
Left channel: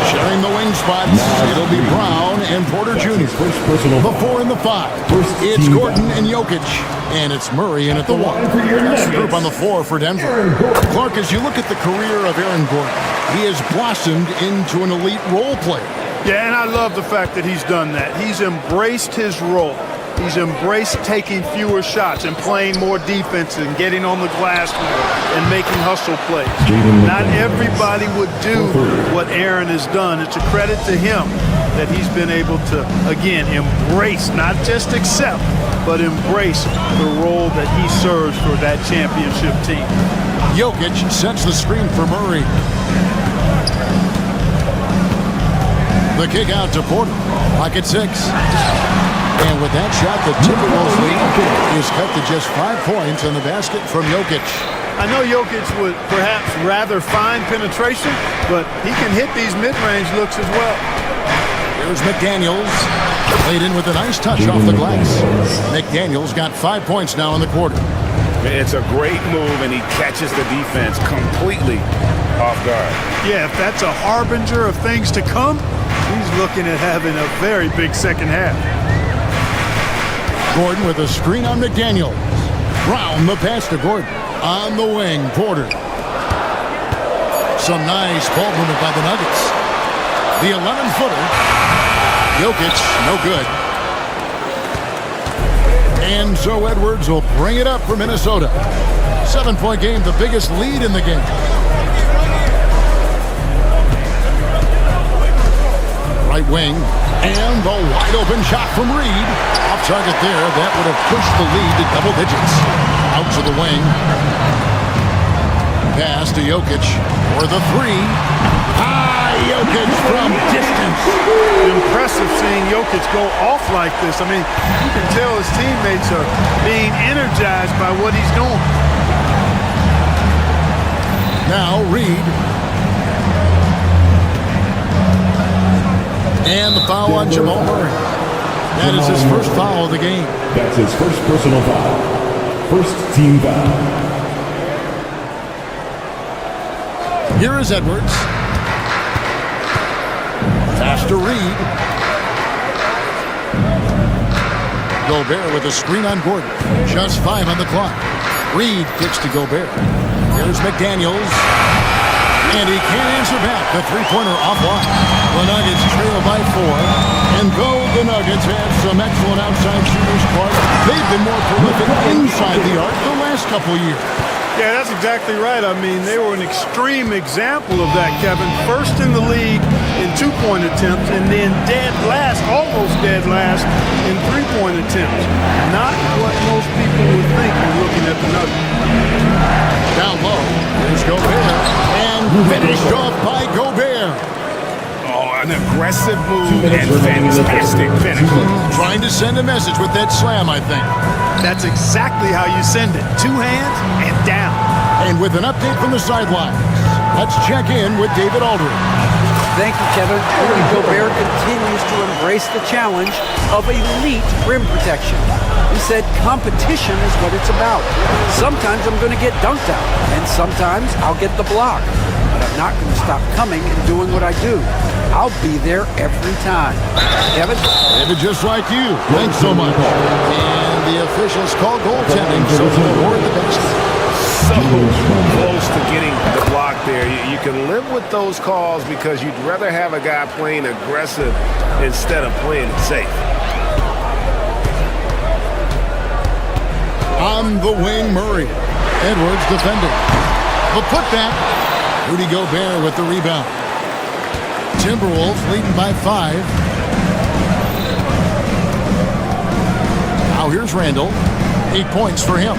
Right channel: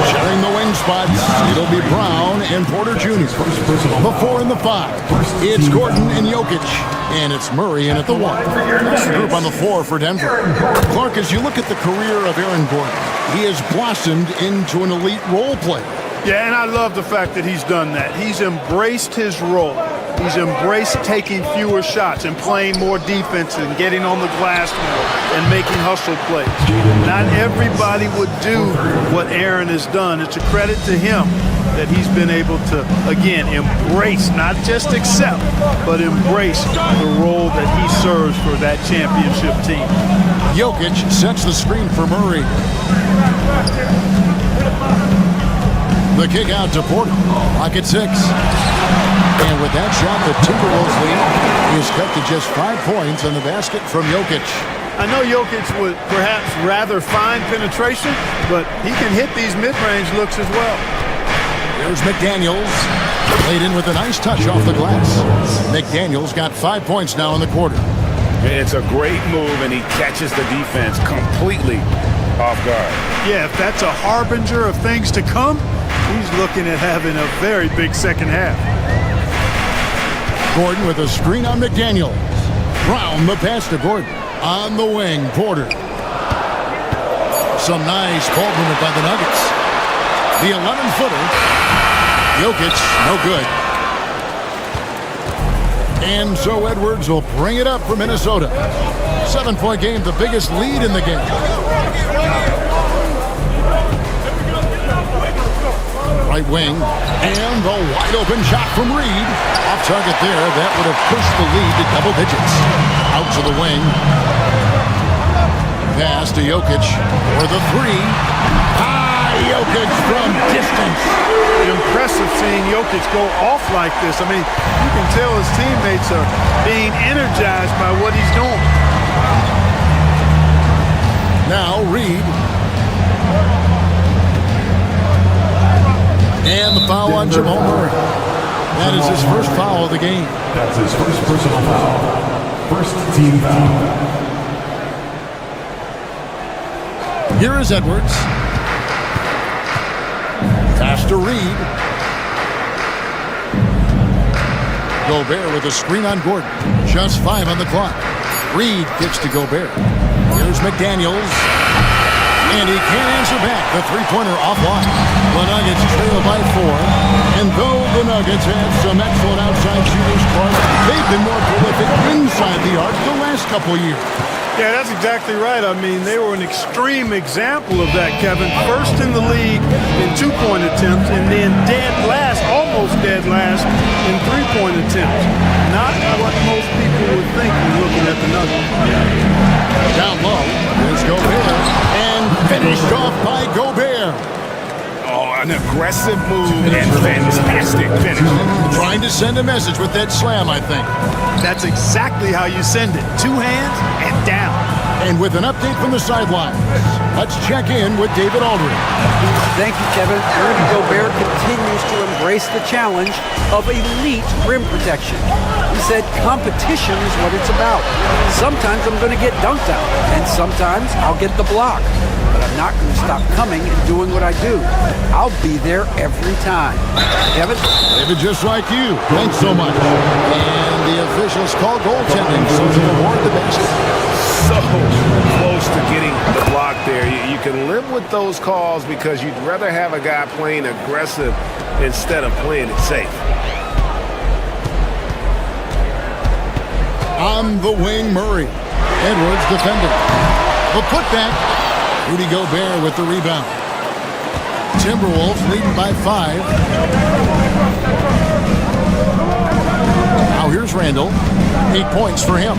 Sharing the wing spots, it'll be Brown and Porter Jr. The 4 and the 5. It's Gordon and Jokic. And it's Murray in at the 1. That's the group on the floor for Denver. Clark, as you look at the career of Aaron Gordon, he has blossomed into an elite role player. Yeah, and I love the fact that he's done that. He's embraced his role. He's embraced taking fewer shots and playing more defense and getting on the glass more and making hustle plays. Not everybody would do what Aaron has done. It's a credit to him that he's been able to, again, embrace, not just accept, but embrace the role that he serves for that championship team. Jokic sets the screen for Murray. The kick out to Porter. Clock at 6. And with that shot, the Timberwolves lead is cut to just 5 points on the basket from Jokic. I know Jokic would perhaps rather find penetration, but he can hit these mid-range looks as well. Here's McDaniels. Played in with a nice touch off the glass. McDaniels got 5 points now in the quarter. It's a great move, and he catches the defense completely off guard. Yeah, if that's a harbinger of things to come, he's looking at having a very big second half. Gordon with a screen on McDaniels. Brown the pass to Gordon. On the wing, Porter. Some nice ball movement by the Nuggets. The 11-footer. Jokic, no good. And so Edwards will bring it up for Minnesota. 7-point game, the biggest lead in the game. Right wing, and the wide open shot from Reed. Off target there, that would have pushed the lead to double digits. Out to the wing. Pass to Jokic for the three. Jokic from distance. Impressive seeing Jokic go off like this. I mean, you can tell his teammates are being energized by what he's doing. Now Reed. And the foul on Jamal Murray. That is his first foul of the game. That's his first personal foul. First team foul. Here is Edwards. Pass to Reed. Gobert with a screen on Gordon. Just 5 on the clock. Reed kicks to Gobert. Here's McDaniels. And he can't answer back. The three-pointer offline. The Nuggets trail by 4. And though the Nuggets have some excellent outside shooters, Clark, they've been more prolific inside the arc the last couple years. Yeah, that's exactly right. I mean, they were an extreme example of that, Kevin. First in the league in two-point attempts, and then dead last, almost dead last, in three-point attempts. Not what most people would think when looking at the Nuggets. Down low, here's Gobert, and finished off by Gobert. Oh, an aggressive move and fantastic finish. Trying to send a message with that slam, I think. That's exactly how you send it. 2 hands and down. And with an update from the sidelines, let's check in with David Aldridge. Thank you, Kevin. Rudy Gobert continues to embrace the challenge of elite rim protection. He said competition is what it's about. Sometimes I'm going to get dunked out, and sometimes I'll get the block. But I'm not going to stop coming and doing what I do. I'll be there every time. Kevin? David, just like you. Thanks so much. And the officials call goaltending, so to award the basket. So close to getting the block there. You can live with those calls because you'd rather have a guy playing aggressive instead of playing it safe. On the wing, Murray. Edwards defending. The putback. Rudy Gobert with the rebound. Timberwolves leading by 5. Now here's Randall. 8 points for him.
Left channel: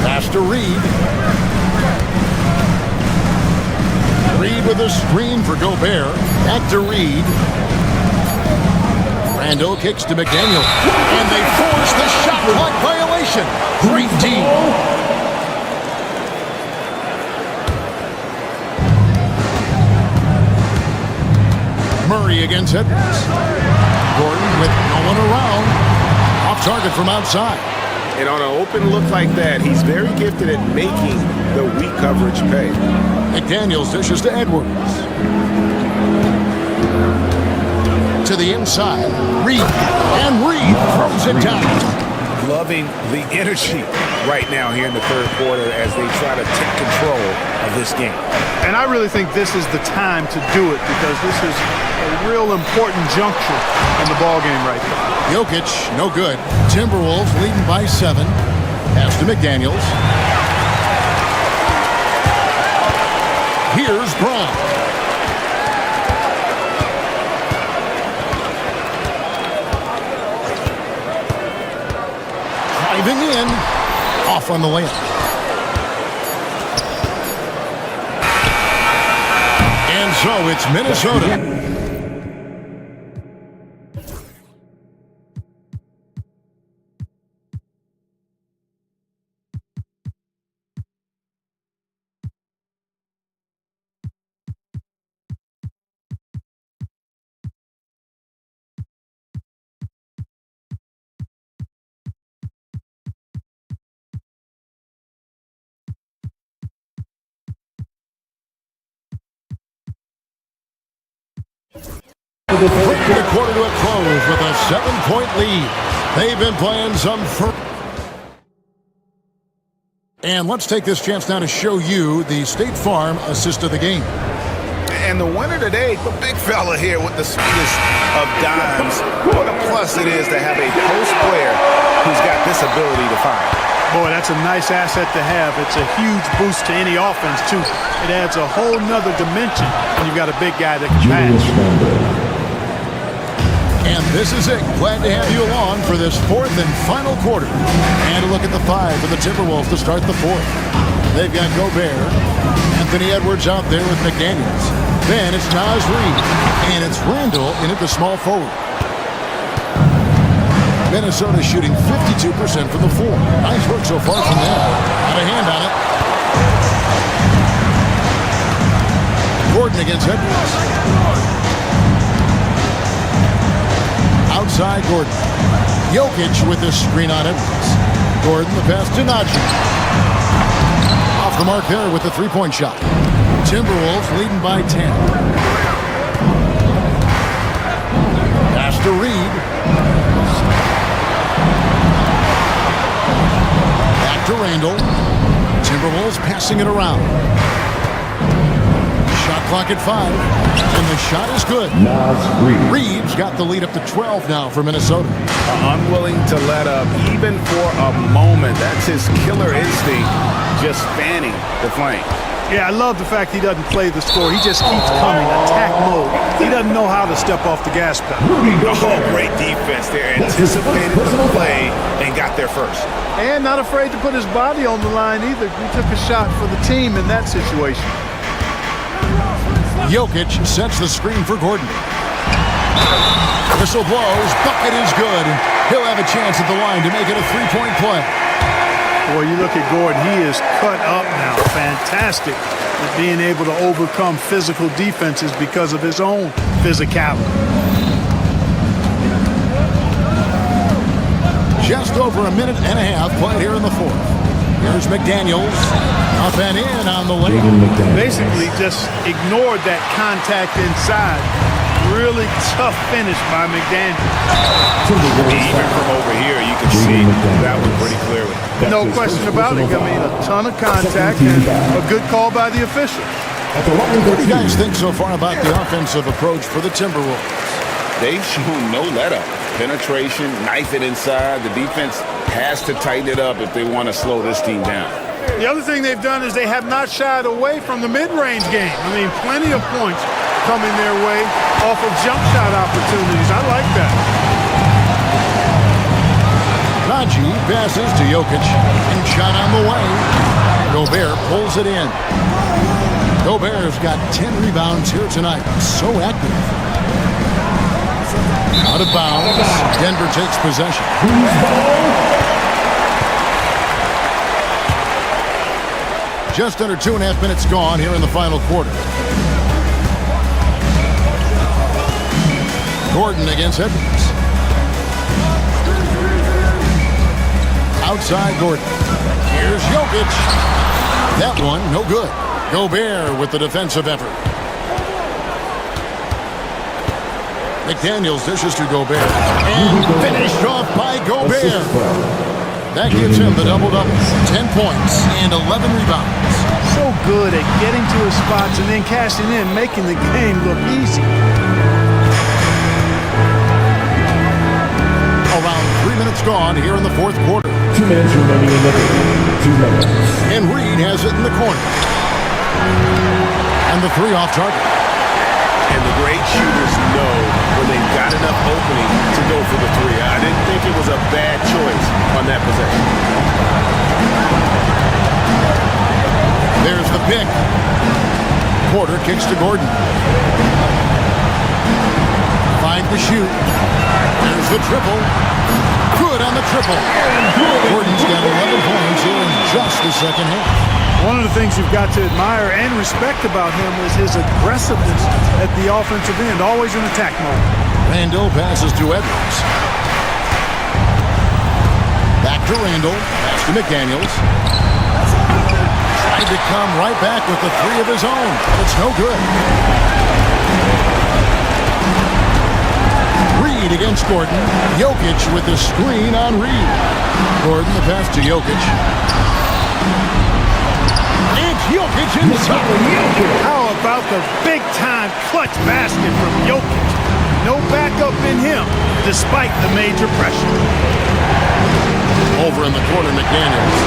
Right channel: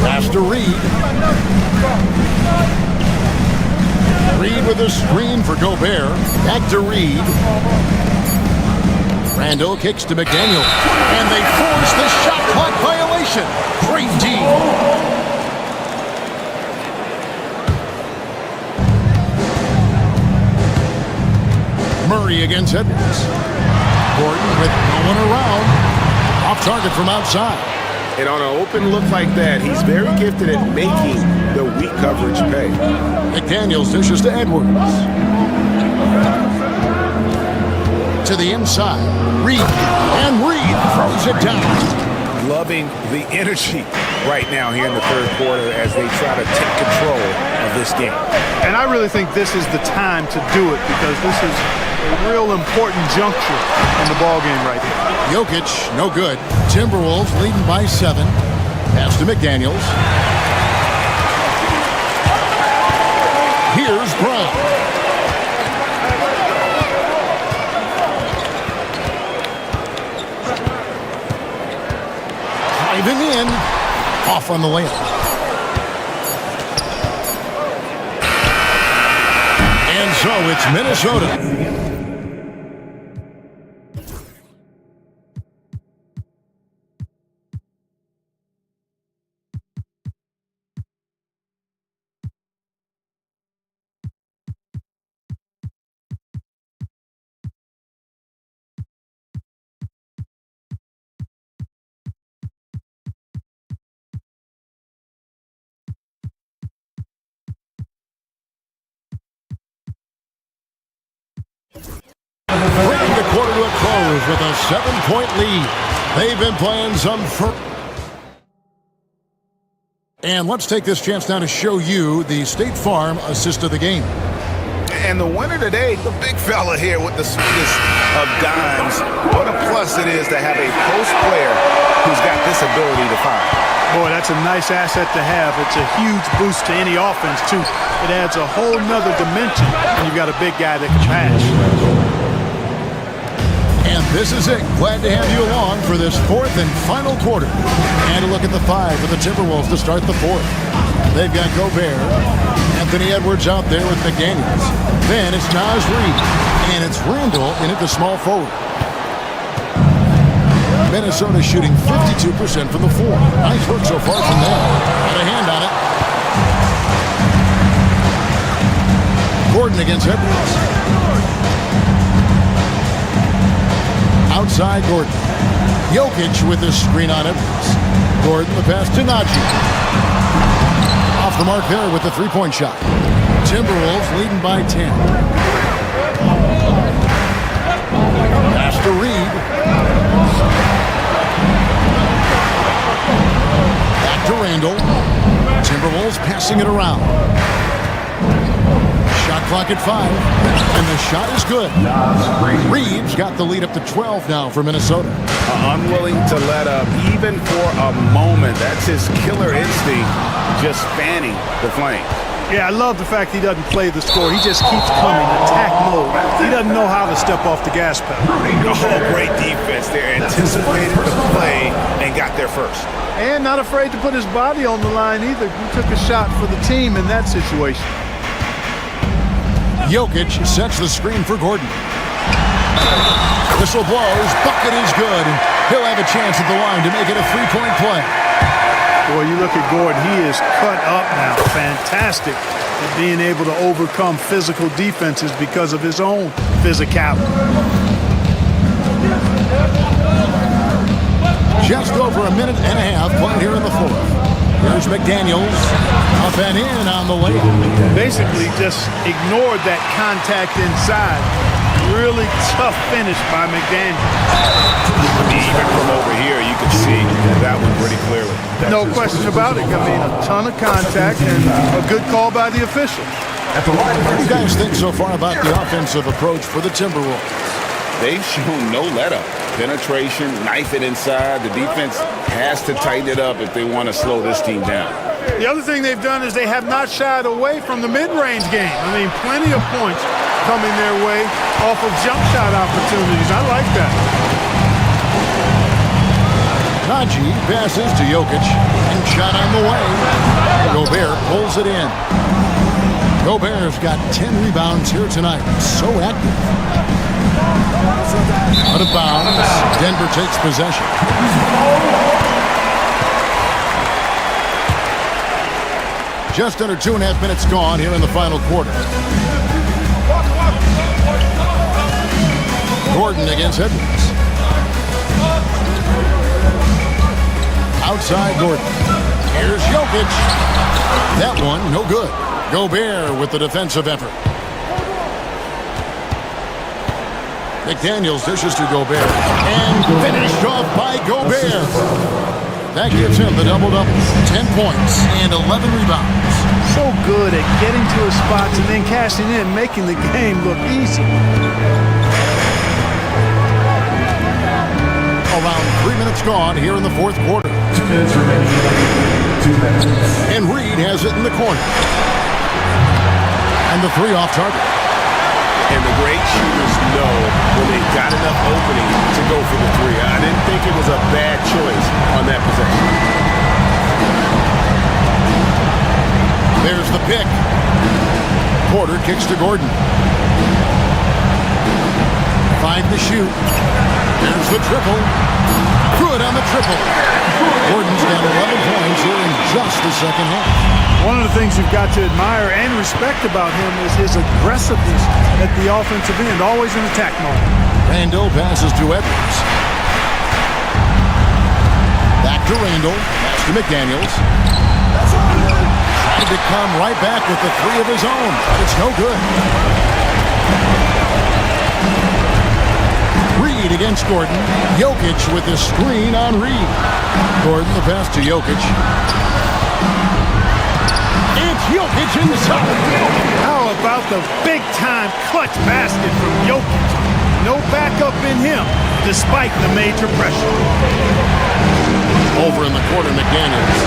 Pass to Reed. Reed with a screen for Gobert. Back to Reed. Randall kicks to McDaniel. And they force the shot clock violation. Great D. Murray against Edwards. Gordon with no one around. Off target from outside. And on an open look like that, he's very gifted at making the weak coverage pay. McDaniels dishes to Edwards. To the inside. Reed. And Reed throws it down. Loving the energy right now here in the third quarter as they try to take control of this game. And I really think this is the time to do it because this is a real important juncture in the ball game right here. Jokic, no good. Timberwolves leading by 7. Pass to McDaniels. Here's Brown. Driving in. Off on the layup. And so it's Minnesota. Bringing the quarter to a close with a 7-point lead. They've been playing some And let's take this chance now to show you the State Farm assist of the game. And the winner today, the big fella here with the sweetest of dimes. What a plus it is to have a post player who's got this ability to find. Boy, that's a nice asset to have. It's a huge boost to any offense, too. It adds a whole nother dimension when you've got a big guy that can pass. And this is it. Glad to have you along for this fourth and final quarter. And a look at the 5 for the Timberwolves to start the fourth. They've got Gobert, Anthony Edwards out there with McDaniels. Then it's Naz Reid, and it's Randall in at the small forward. Minnesota shooting 52% from the floor. Nice work so far from them. Out of hand on it. Gordon against Edwards. Outside Gordon. Jokic with this screen on Edwards. Gordon the pass to Najee. Off the mark there with the three-point shot. Timberwolves leading by 10. Pass to Reid. Back to Randall. Timberwolves passing it around. Shot clock at 5. And the shot is good. Reid's got the lead up to 12 now for Minnesota. Unwilling to let up even for a moment. That's his killer instinct, just fanning the flames. Yeah, I love the fact he doesn't play the score. He just keeps coming, attack mode. He doesn't know how to step off the gas pedal. Oh, great defense there. Anticipated the play and got there first. And not afraid to put his body on the line either. He took a shot for the team in that situation. Jokic sets the screen for Gordon. Whistle blows, bucket is good, and he'll have a chance at the line to make it a three-point play. Boy, you look at Gordon, he is cut up now. Fantastic at being able to overcome physical defenses because of his own physicality. Just over a minute and a half played here in the fourth. Here's McDaniels, up and in on the layup. Basically just ignored that contact inside. Really tough finish by McDaniels. Even from over here, you can see that one pretty clearly. No question about it. I mean, a ton of contact and a good call by the officials. What do you guys think so far about the offensive approach for the Timberwolves? They've shown no let-up. Penetration, knife it inside. The defense has to tighten it up if they want to slow this team down. The other thing they've done is they have not shied away from the mid-range game. I mean, plenty of points coming their way off of jump shot opportunities. I like that. Najee passes to Jokic, and shot on the way. Gobert pulls it in. Gobert's got 10 rebounds here tonight. So active. Out of bounds. Denver takes possession. Just under 2.5 minutes gone here in the final quarter. Gordon against Edwards. Outside Gordon. Here's Jokic. That one, no good. Gobert with the defensive effort. McDaniels dishes to Gobert. And finished off by Gobert. That gives him the double-double. 10 points and 11 rebounds. So good at getting to his spots and then cashing in, making the game look easy. Around 3 minutes gone here in the fourth quarter. 2 minutes remaining in the 2 minutes. And Reid has it in the corner. And the three off target. And the great shooters know when they've got enough opening to go for the three. I didn't think it was a bad choice on that possession. There's the pick. Porter kicks to Gordon. 5 to shoot. There's the triple. Good on the triple. Gordon's got 11 points here in just the second half. One of the things you've got to admire and respect about him is his aggressiveness at the offensive end, always in attack mode. Randall passes to Edwards. Back to Randall. Pass to McDaniels. Tried to come right back with the three of his own, but it's no good. Reid against Gordon. Jokic with the screen on Reid. Gordon the pass to Jokic. It's Jokic inside. How about the big-time clutch basket from Jokic? No backup in him, despite the major pressure. Over in the corner, McDaniels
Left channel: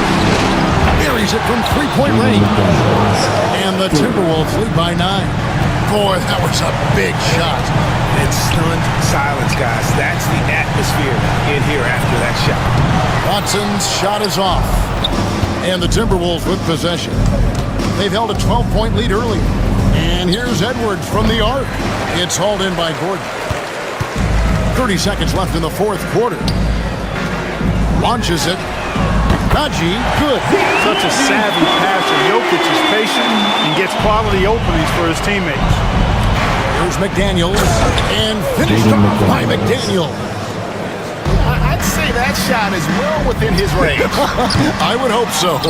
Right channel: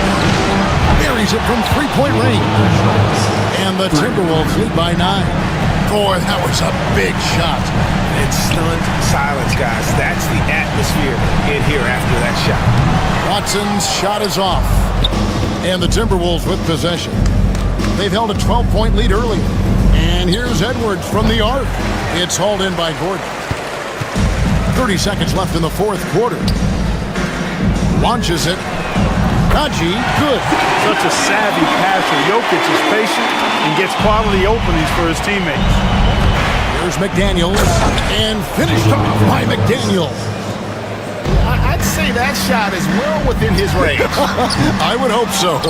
buries it from three-point range. And the Timberwolves lead by 9. Boy, that was a big shot. It's stunned silence, guys. That's the atmosphere in here after that shot. Watson's shot is off. And the Timberwolves with possession. They've held a 12-point lead earlier. And here's Edwards from the arc. It's hauled in by Gordon. 30 seconds left in the fourth quarter. Launches it. Najee, good. Such a savvy passer. Jokic is patient and gets quality openings for his teammates. Here's McDaniels. And finished off by McDaniels. I'd say that shot is well within his range. I would hope so.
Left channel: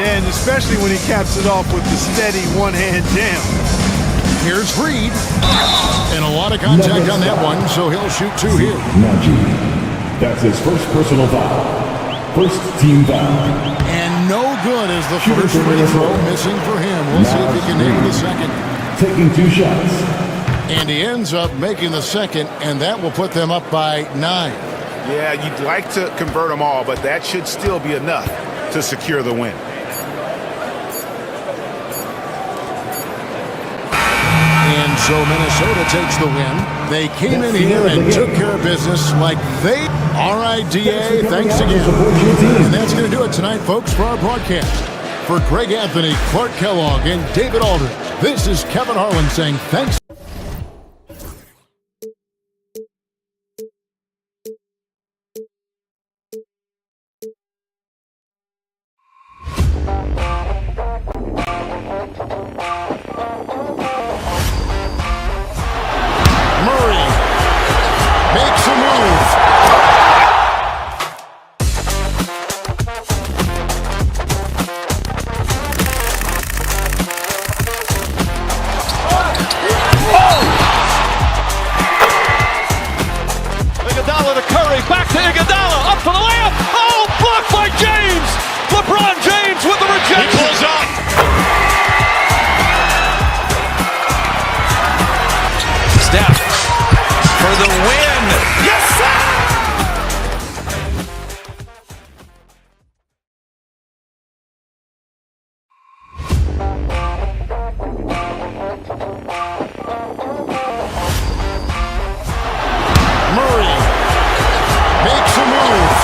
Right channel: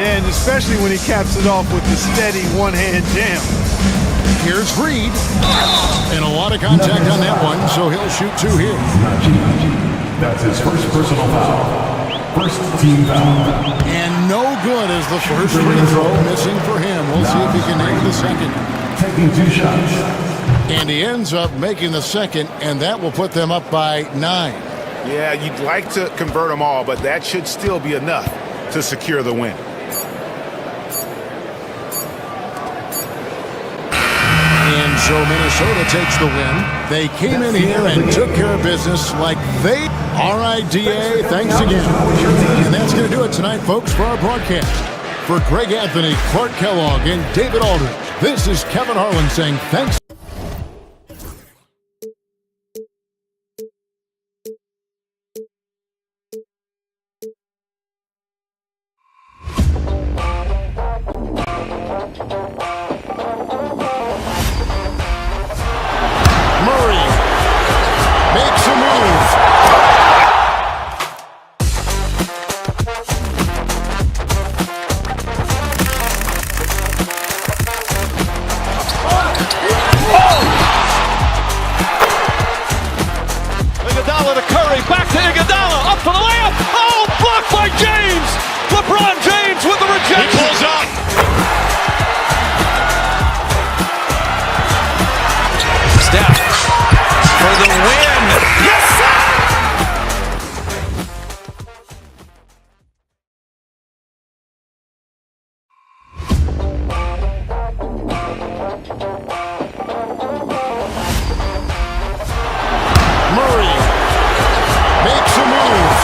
Yeah, and especially when he caps it off with the steady one-hand jam. Here's Reed. And a lot of contact on that one, so he'll shoot 2 here. That's his first personal foul. First team foul. And no good as the first free throw missing for him. We'll see if he can nail the second. Taking 2 shots. And he ends up making the second, and that will put them up by 9. Yeah, you'd like to convert them all, but that should still be enough to secure the win. And so Minnesota takes the win. They came in here and took care of business like they... All right, DA, thanks again. And that's going to do it tonight, folks, for our broadcast. For Greg Anthony, Clark Kellogg, and David Aldridge, this is Kevin Harlan saying thanks. Murray makes a move. Iguodala to Curry, back to Iguodala, up for the layup. Oh, blocked by James. LeBron James with the rejection. He pulls up. Steph for the win. Yes, sir! Murray makes a move.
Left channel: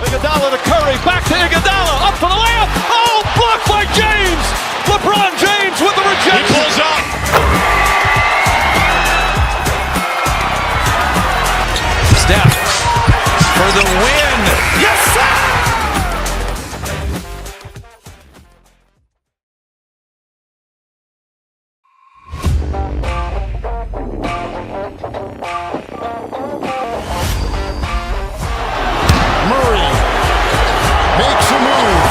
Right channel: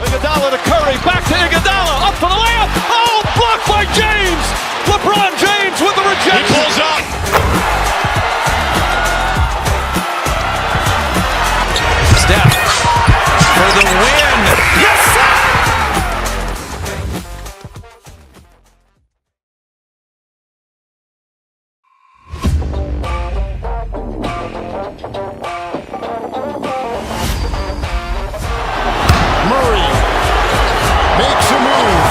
Iguodala to Curry, back to Iguodala, up for the layup. Oh, blocked by James. LeBron James with the rejection. He pulls up. Steph for the win. Yes, sir! Murray makes a move.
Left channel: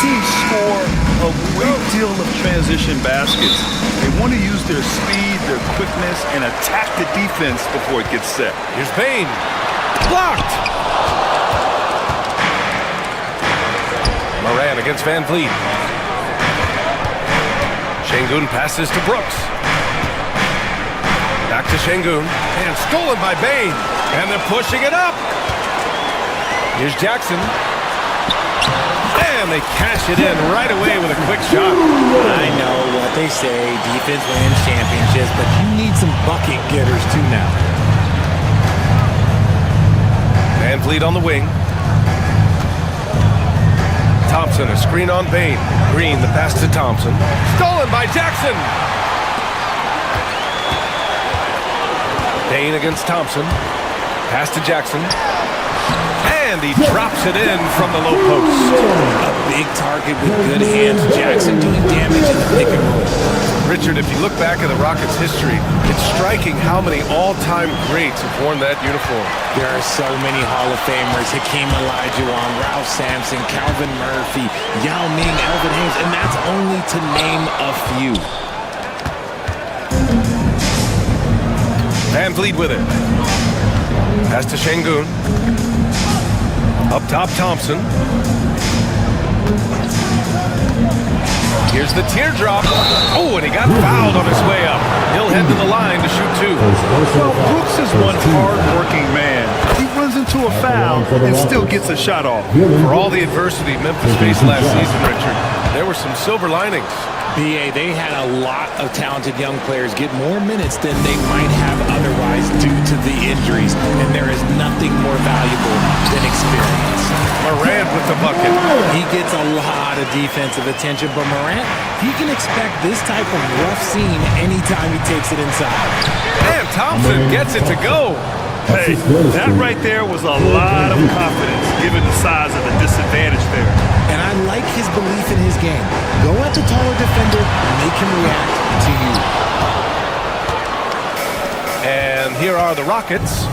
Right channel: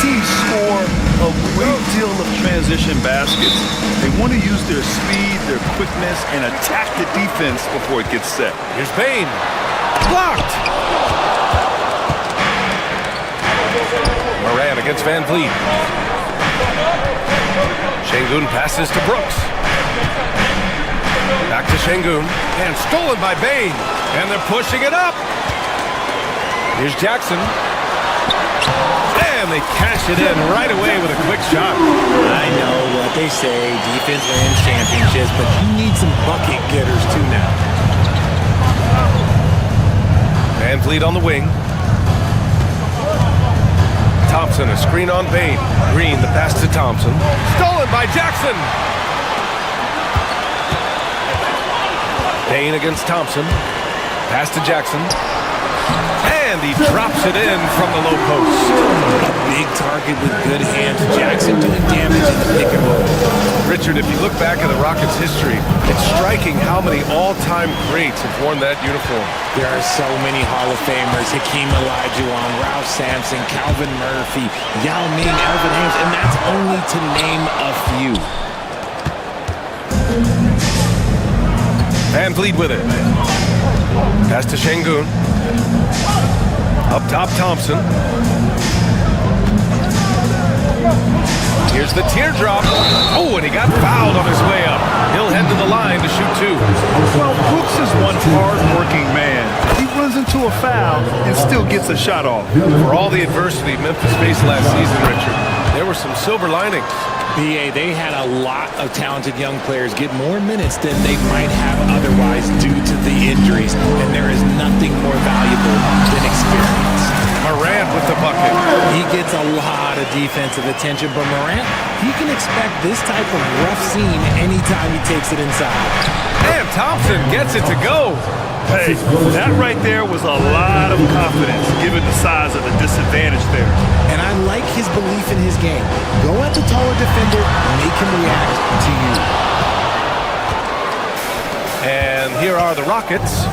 teams score a great deal of transition baskets. They want to use their speed, their quickness, and attack the defense before it gets set. Here's Bain. Blocked. Moran against Van Vliet. Şengün passes to Brooks. Back to Şengün. And stolen by Bain. And they're pushing it up. Here's Jackson. And they cash it in right away with a quick shot. I know what they say, defense wins championships, but you need some bucket getters too now. Van Vliet on the wing. Thompson, a screen on Bain. Green, the pass to Thompson. Stolen by Jackson. Bain against Thompson. Pass to Jackson. And he drops it in from the low post. A big target with good hands. Jackson doing damage in the pick and roll. Richard, if you look back at the Rockets' history, it's striking how many all-time greats have worn that uniform. There are so many Hall of Famers. Hakeem Olajuwon, Ralph Sampson, Calvin Murphy, Yao Ming, Elvin Hayes, and that's only to name a few. Van Vliet with it. Pass to Şengün. Up top, Thompson. Here's the teardrop. Oh, and he got fouled on his way up. He'll head to the line to shoot two. Well, Brooks is one hard-working man. He runs into a foul and still gets a shot off. For all the adversity Memphis faced last season, Richard, there were some silver linings. BA, they had a lot of talented young players get more minutes than they might have otherwise due to the injuries, and there is nothing more valuable than experience. Morant with the bucket. He gets a lot of defensive attention, but Morant, he can expect this type of rough scene anytime he takes it inside. And Thompson gets it to go. Hey, that right there was a lot of confidence, given the size of the disadvantage there. And I like his belief in his game. Go at the taller defender, make him react to you. And here are the Rockets.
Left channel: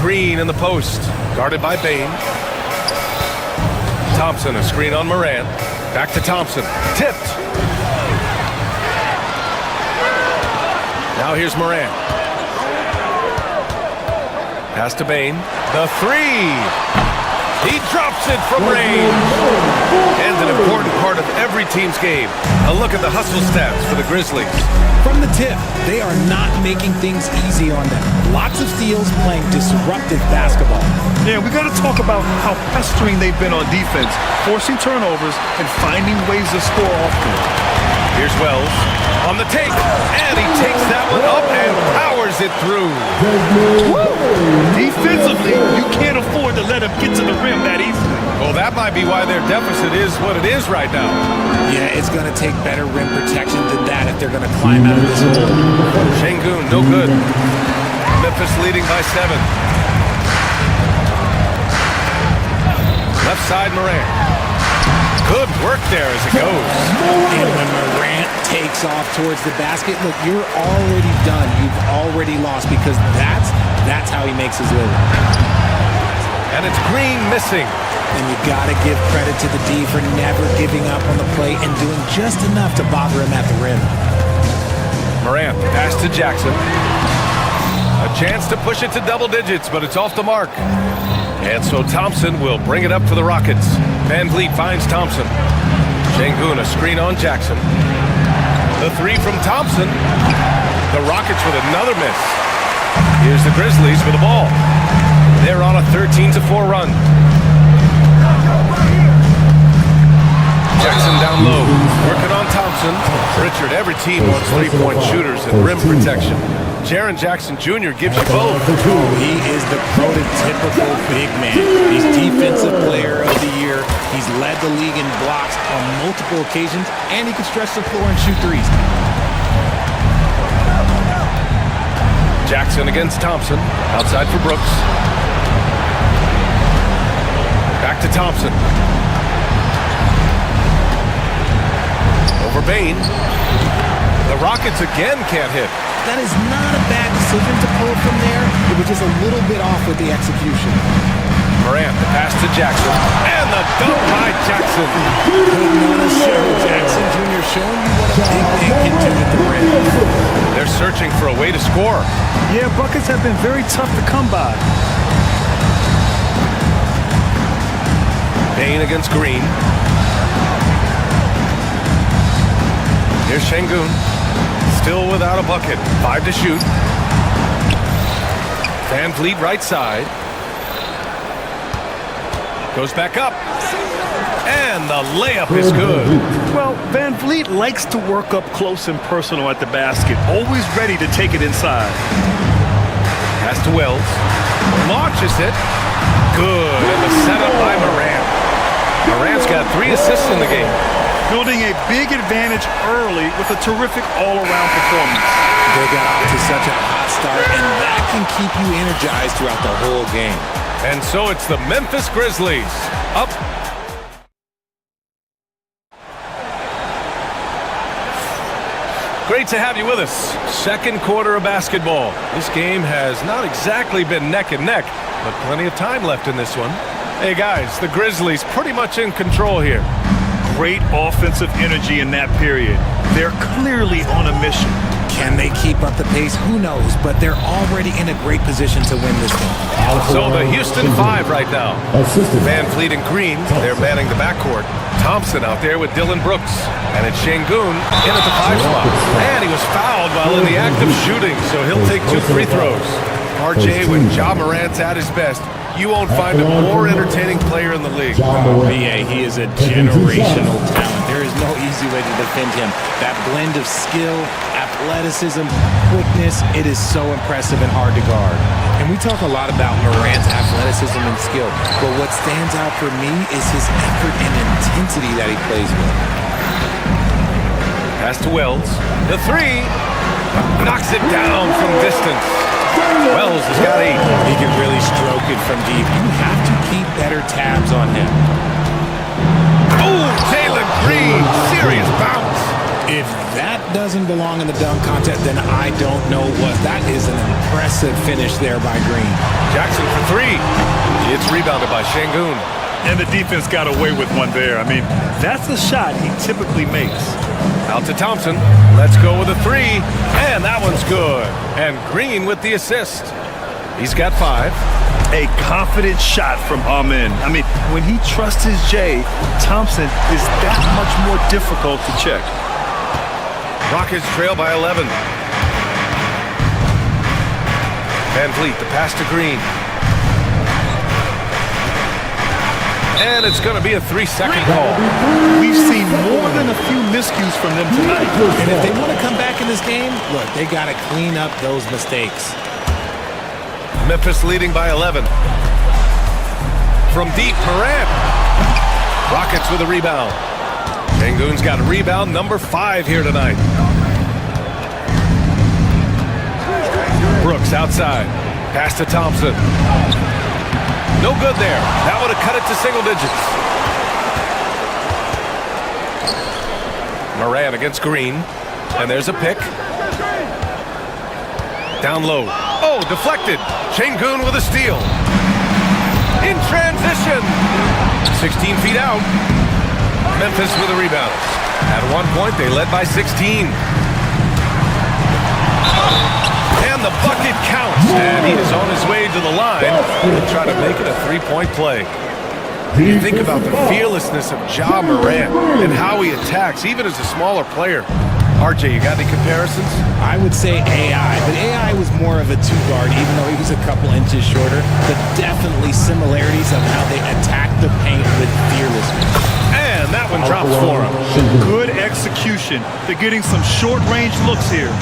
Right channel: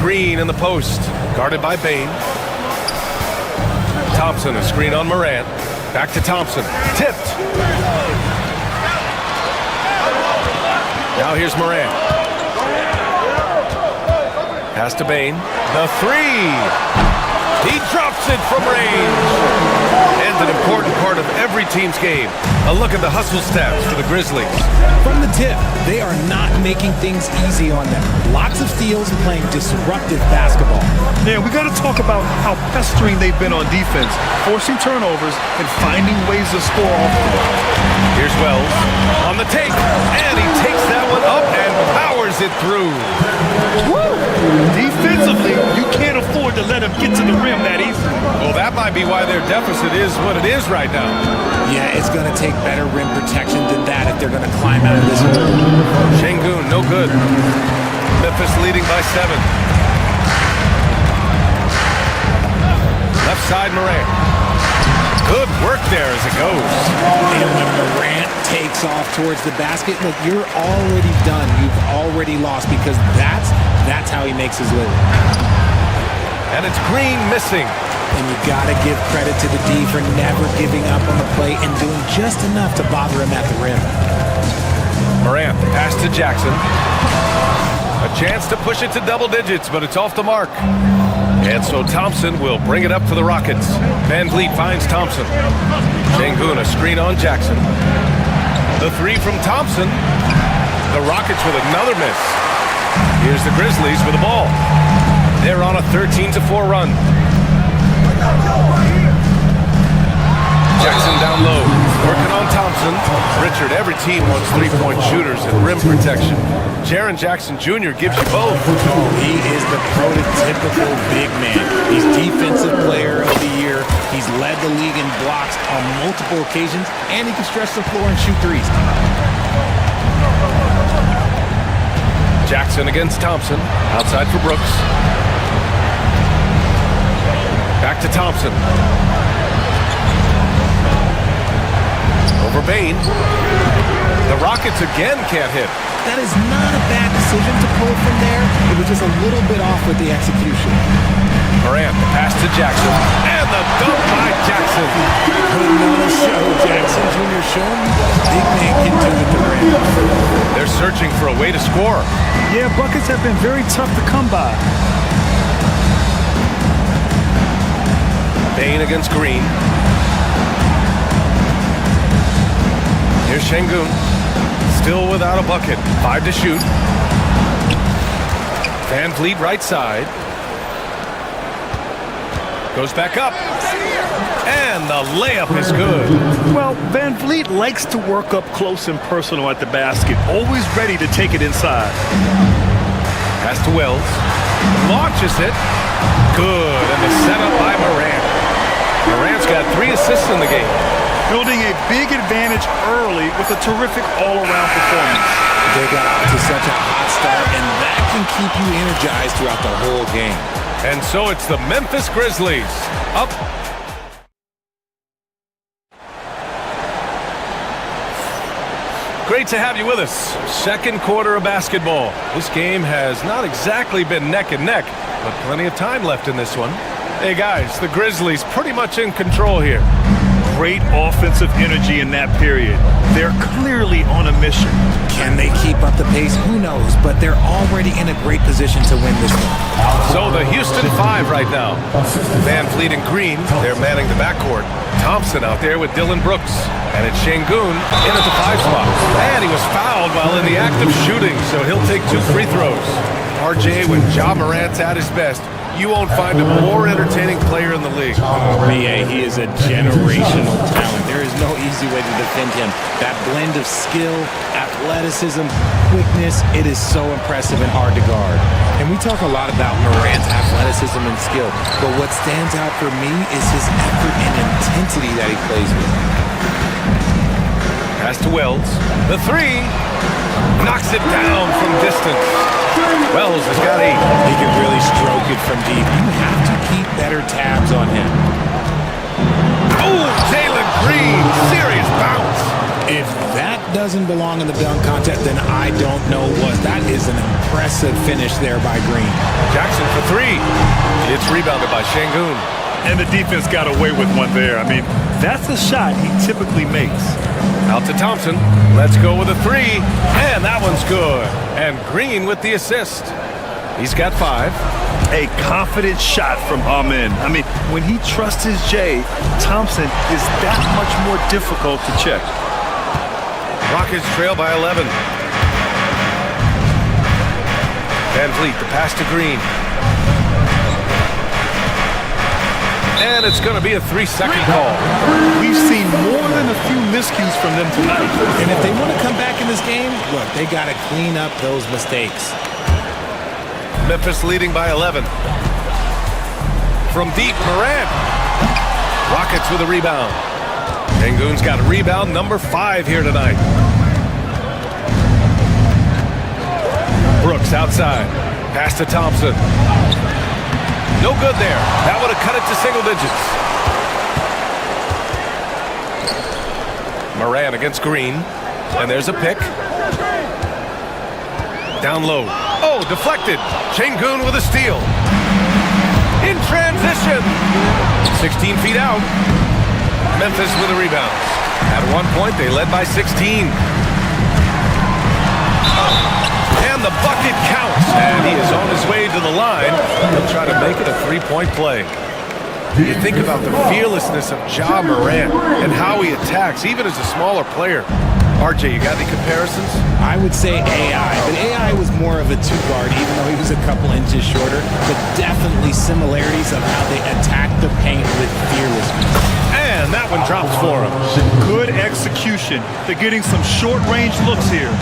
Green in the post, guarded by Bain. Thompson, a screen on Morant. Back to Thompson, tipped. Now here's Morant. Pass to Bain. The three. He drops it from range. And an important part of every team's game. A look at the hustle stats for the Grizzlies. From the tip, they are not making things easy on them. Lots of steals, playing disruptive basketball. Yeah, we got to talk about how pestering they've been on defense, forcing turnovers and finding ways to score off the ball. Here's Wells on the take, and he takes that one up and powers it through. Woo! Defensively, you can't afford to let him get to the rim that easily. Well, that might be why their deficit is what it is right now. Yeah, it's going to take better rim protection than that if they're going to climb out of this hole. Şengün, no good. Memphis leading by 7. Left side, Morant. Good work there as it goes. And when Morant takes off towards the basket, look, you're already done. You've already lost because that's how he makes his living. And it's Green missing. And you got to give credit to the D for never giving up on the play and doing just enough to bother him at the rim. Morant, pass to Jackson. A chance to push it to double digits, but it's off the mark. And so Thompson will bring it up for the Rockets. Van Vliet finds Thompson. Şengün, a screen on Jackson. The three from Thompson. The Rockets with another miss. Here's the Grizzlies with the ball. They're on a 13-4 run. Jackson down low, working on Thompson. Richard, every team wants three-point shooters and rim protection. Jaren Jackson Jr. gives you both. Oh, he is the prototypical big man. He's Defensive Player of the Year. He's led the league in blocks on multiple occasions, and he can stretch the floor and shoot threes. Jackson against Thompson, outside for Brooks. Back to Thompson. Over Bain. The Rockets again can't hit. That is not a bad decision to pull it from there. It was just a little bit off with the execution. Morant, the pass to Jackson, and the dunk by Jackson. Putting on a show, Jackson Jr. showing you what a big man can do at the rim. They're searching for a way to score. Yeah, buckets have been very tough to come by. Bain against Green. Here's Şengün. Still without a bucket. 5 to shoot. Van Vliet right side. Goes back up. And the layup is good. Well, Van Vliet likes to work up close and personal at the basket. Always ready to take it inside. Pass to Wells. Launches it. Good. And the setup by Morant. Morant's got 3 assists in the game. Building a big advantage early with a terrific all-around performance. They got off to such a hot start, and that can keep you energized throughout the whole game. And so it's the Memphis Grizzlies up. Great to have you with us. Second quarter of basketball. This game has not exactly been neck and neck, but plenty of time left in this one. Hey guys, the Grizzlies pretty much in control here. Great offensive energy in that period. They're clearly on a mission. Can they keep up the pace? Who knows, but they're already in a great position to win this one. So the Houston 5 right now. Van Vliet and Green, they're manning the backcourt. Thompson out there with Dylan Brooks. And it's Şengün in at the 5 spot. And he was fouled while in the act of shooting, so he'll take 2 free throws. RJ, when Ja Morant's at his best, you won't find a more entertaining player in the league. BA, he is a generational talent. There is no easy way to defend him. That blend of skill, athleticism, quickness, it is so impressive and hard to guard. And we talk a lot about Morant's athleticism and skill, but what stands out for me is his effort and intensity that he plays with. Pass to Wells. The 3 knocks it down from distance. Wells has got 8. He can really stroke it from deep. You have to keep better tabs on him. Oh, Jalen Green, serious bounce. If that doesn't belong in the dunk contest, then I don't know what. That is an impressive finish there by Green. Jackson for 3. It's rebounded by Şengün. And the defense got away with one there. I mean, that's a shot he typically makes. Out to Thompson. Let's go with a 3. And that one's good. And Green with the assist. He's got 5. A confident shot from Amin. I mean, when he trusts his J, Thompson is that much more difficult to check. Rockets trail by 11. Van Vliet, the pass to Green. And it's going to be a 3-second call. We've seen more than a few miscues from them tonight. And if they want to come back in this game, look, they got to clean up those mistakes. Memphis leading by 11. From deep, Morant. Rockets with a rebound. Şengün's got a rebound number 5 here tonight. Brooks outside. Pass to Thompson. No good there. That would have cut it to single digits. Morant against Green. And there's a pick. Down low. Oh, deflected. Şengün with a steal. In transition. 16 feet out. Memphis with a rebound. At one point, they led by 16. And the bucket counts. And he is on his way to the line. He'll try to make it a 3-point play. You think about the fearlessness of Ja Morant and how he attacks, even as a smaller player. RJ, you got any comparisons? I would say AI, but AI was more of a 2-guard, even though he was a couple inches shorter. But definitely similarities of how they attack the paint with fearlessness. And that one drops for him. Good execution. They're getting some short-range looks here.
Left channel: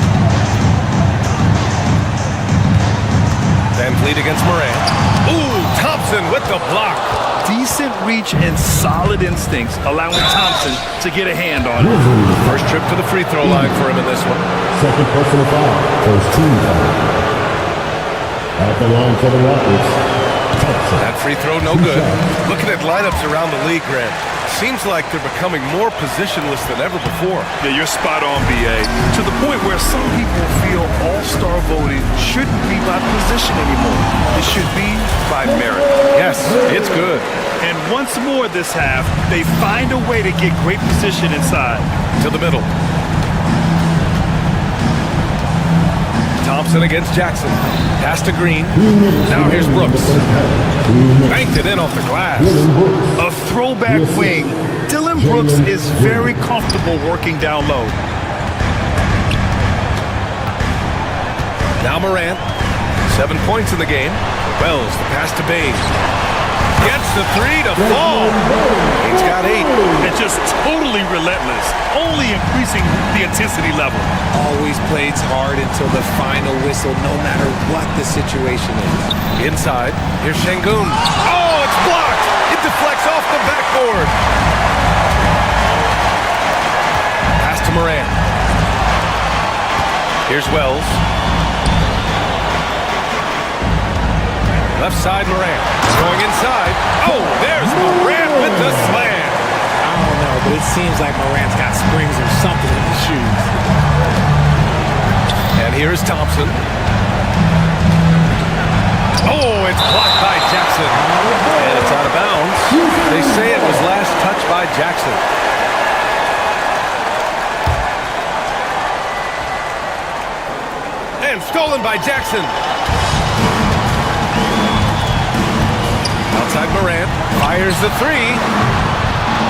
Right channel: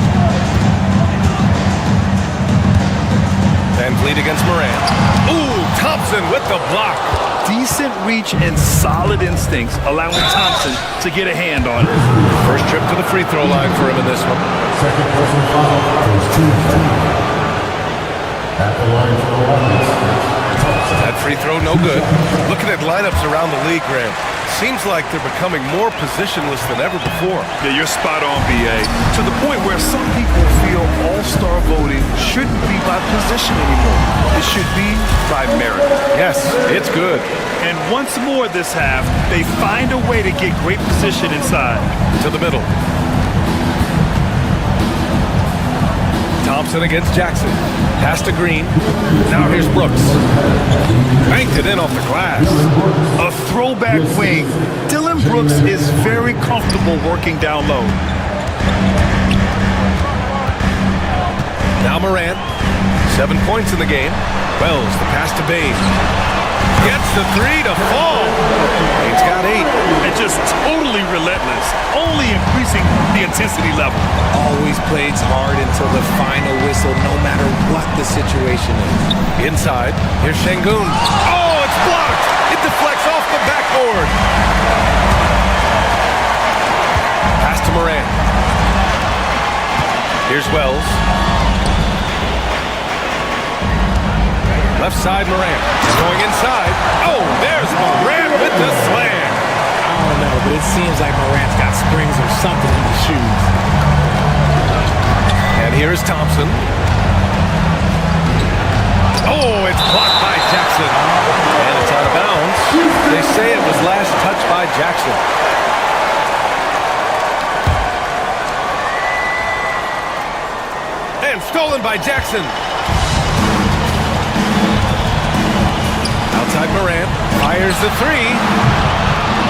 Van Vliet against Morant. Ooh, Thompson with the block. Decent reach and solid instincts, allowing Thompson to get a hand on it. First trip to the free throw line for him in this one. Second personal foul for his team. At the line for the Rockets, Thompson. That free throw no good. Looking at lineups around the league, Graham. seems like they're becoming more positionless than ever before. Yeah, you're spot on, B.A. To the point where some people feel all-star voting shouldn't be by position anymore. It should be by merit. Yes, it's good. And once more this half, they find a way to get great position inside. To the middle. Thompson against Jackson. Pass to Green. Now here's Brooks. Banked it in off the glass. A throwback wing. Dylan Brooks is very comfortable working down low. Now Morant. 7 points in the game. Wells, the pass to Bain. Gets the three to fall. Bain's got 8. And just totally relentless. Only increasing the intensity level. Always plays hard until the final whistle, no matter what the situation is. Inside, here's Şengün. Oh, it's blocked! It deflects off the backboard. Pass to Morant. Here's Wells. Left side, Morant. Going inside. Oh, there's Morant with the slam. I don't know, but it seems like Morant's got springs or something in his shoes. And here's Thompson. Oh, it's blocked by Jackson. And it's out of bounds. They say it was last touched by Jackson. And stolen by Jackson. Outside Morant. Fires the three.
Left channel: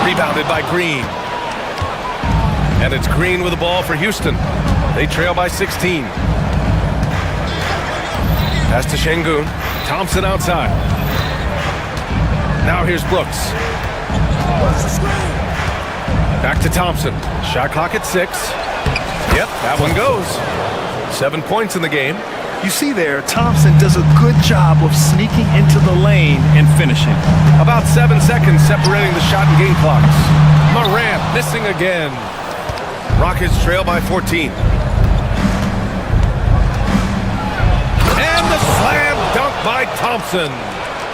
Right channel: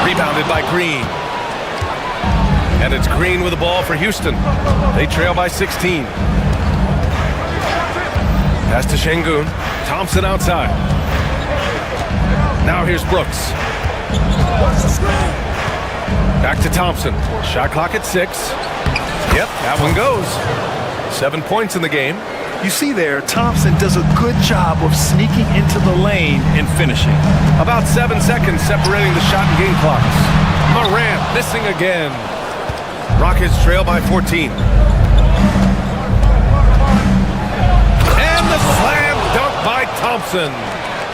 Rebounded by Green. And it's Green with the ball for Houston. They trail by 16. Pass to Şengün. Thompson outside. Now here's Brooks. Back to Thompson. Shot clock at 6. Yep, that one goes. 7 points in the game. You see there, Thompson does a good job of sneaking into the lane and finishing. About 7 seconds separating the shot and game clocks. Morant missing again. Rockets trail by 14. And the slam dunk by Thompson.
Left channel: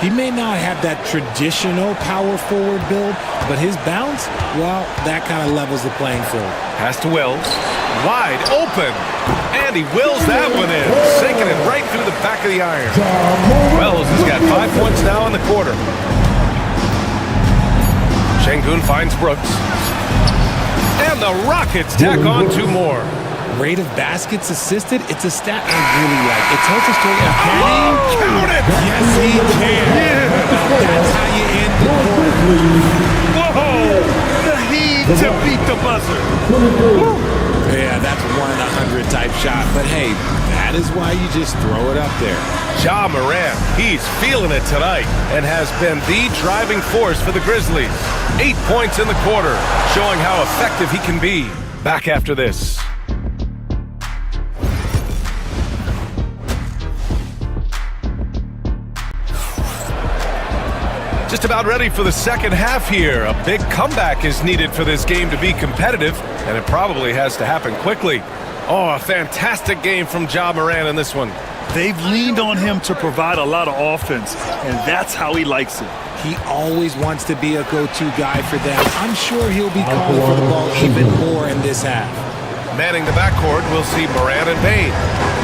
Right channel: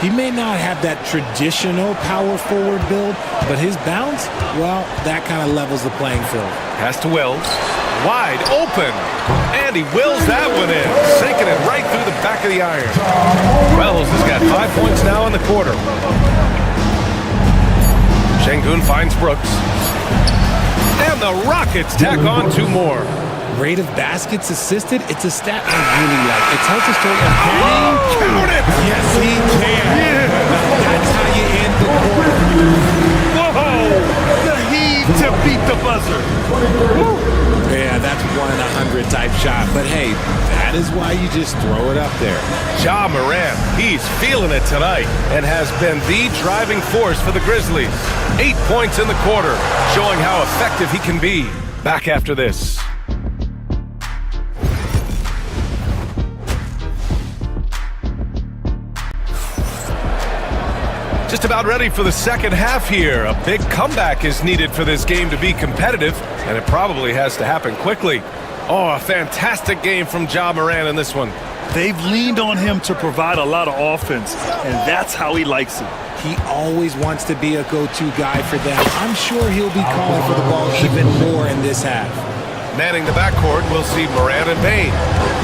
He may not have that traditional power forward build, but his bounce, well, that kind of levels the playing field. Pass to Wells. Wide open. And he wills that one in. Sinking it right through the back of the iron. Wells has got 5 points now in the quarter. Şengün finds Brooks. And the Rockets tack on 2 more. Rate of baskets assisted, it's a stat I really like. It tells the story of can he count it? Yes, he can. Yeah. Now that's how you end the quarter. Whoa! The heave to beat the buzzer. Woo. Yeah, that's 1 in 100 type shot. But hey, that is why you just throw it up there. Ja Morant, he's feeling it tonight and has been the driving force for the Grizzlies. 8 points in the quarter, showing how effective he can be. Back after this. Just about ready for the second half here. A big comeback is needed for this game to be competitive, and it probably has to happen quickly. Oh, a fantastic game from Ja Morant in this one. They've leaned on him to provide a lot of offense, and that's how he likes it. He always wants to be a go-to guy for them. I'm sure he'll be calling for the ball even more in this half. Manning the backcourt, we'll see Morant and Bain.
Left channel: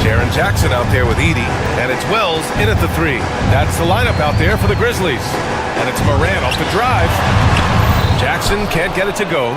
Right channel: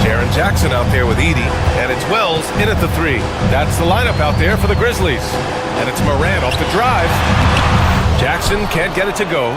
Jaren Jackson out there with Edey, and it's Wells in at the 3. That's the lineup out there for the Grizzlies. And it's Morant off the drive. Jackson can't get it to go.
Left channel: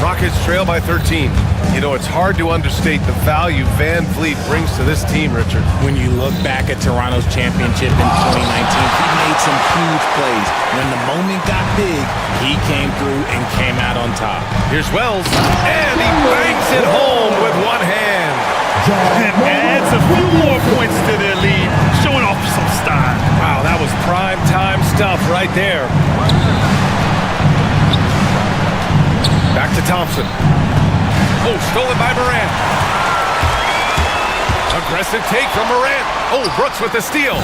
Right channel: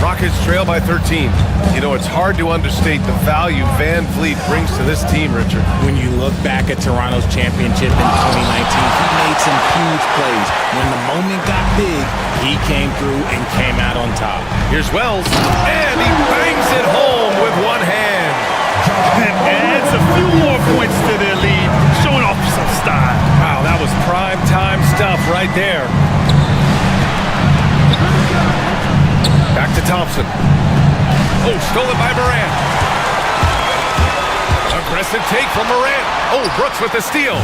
Rockets trail by 13. You know, it's hard to understate the value Van Vliet brings to this team, Richard. When you look back at Toronto's championship in 2019, he made some huge plays. When the moment got big, he came through and came out on top. Here's Wells, and he bangs it home with one hand. And adds a few more points to their lead, showing off some style. Wow, that was prime time stuff right there. Back to Thompson. Oh, stolen by Morant. Aggressive take from Morant. Oh, Brooks with the steal.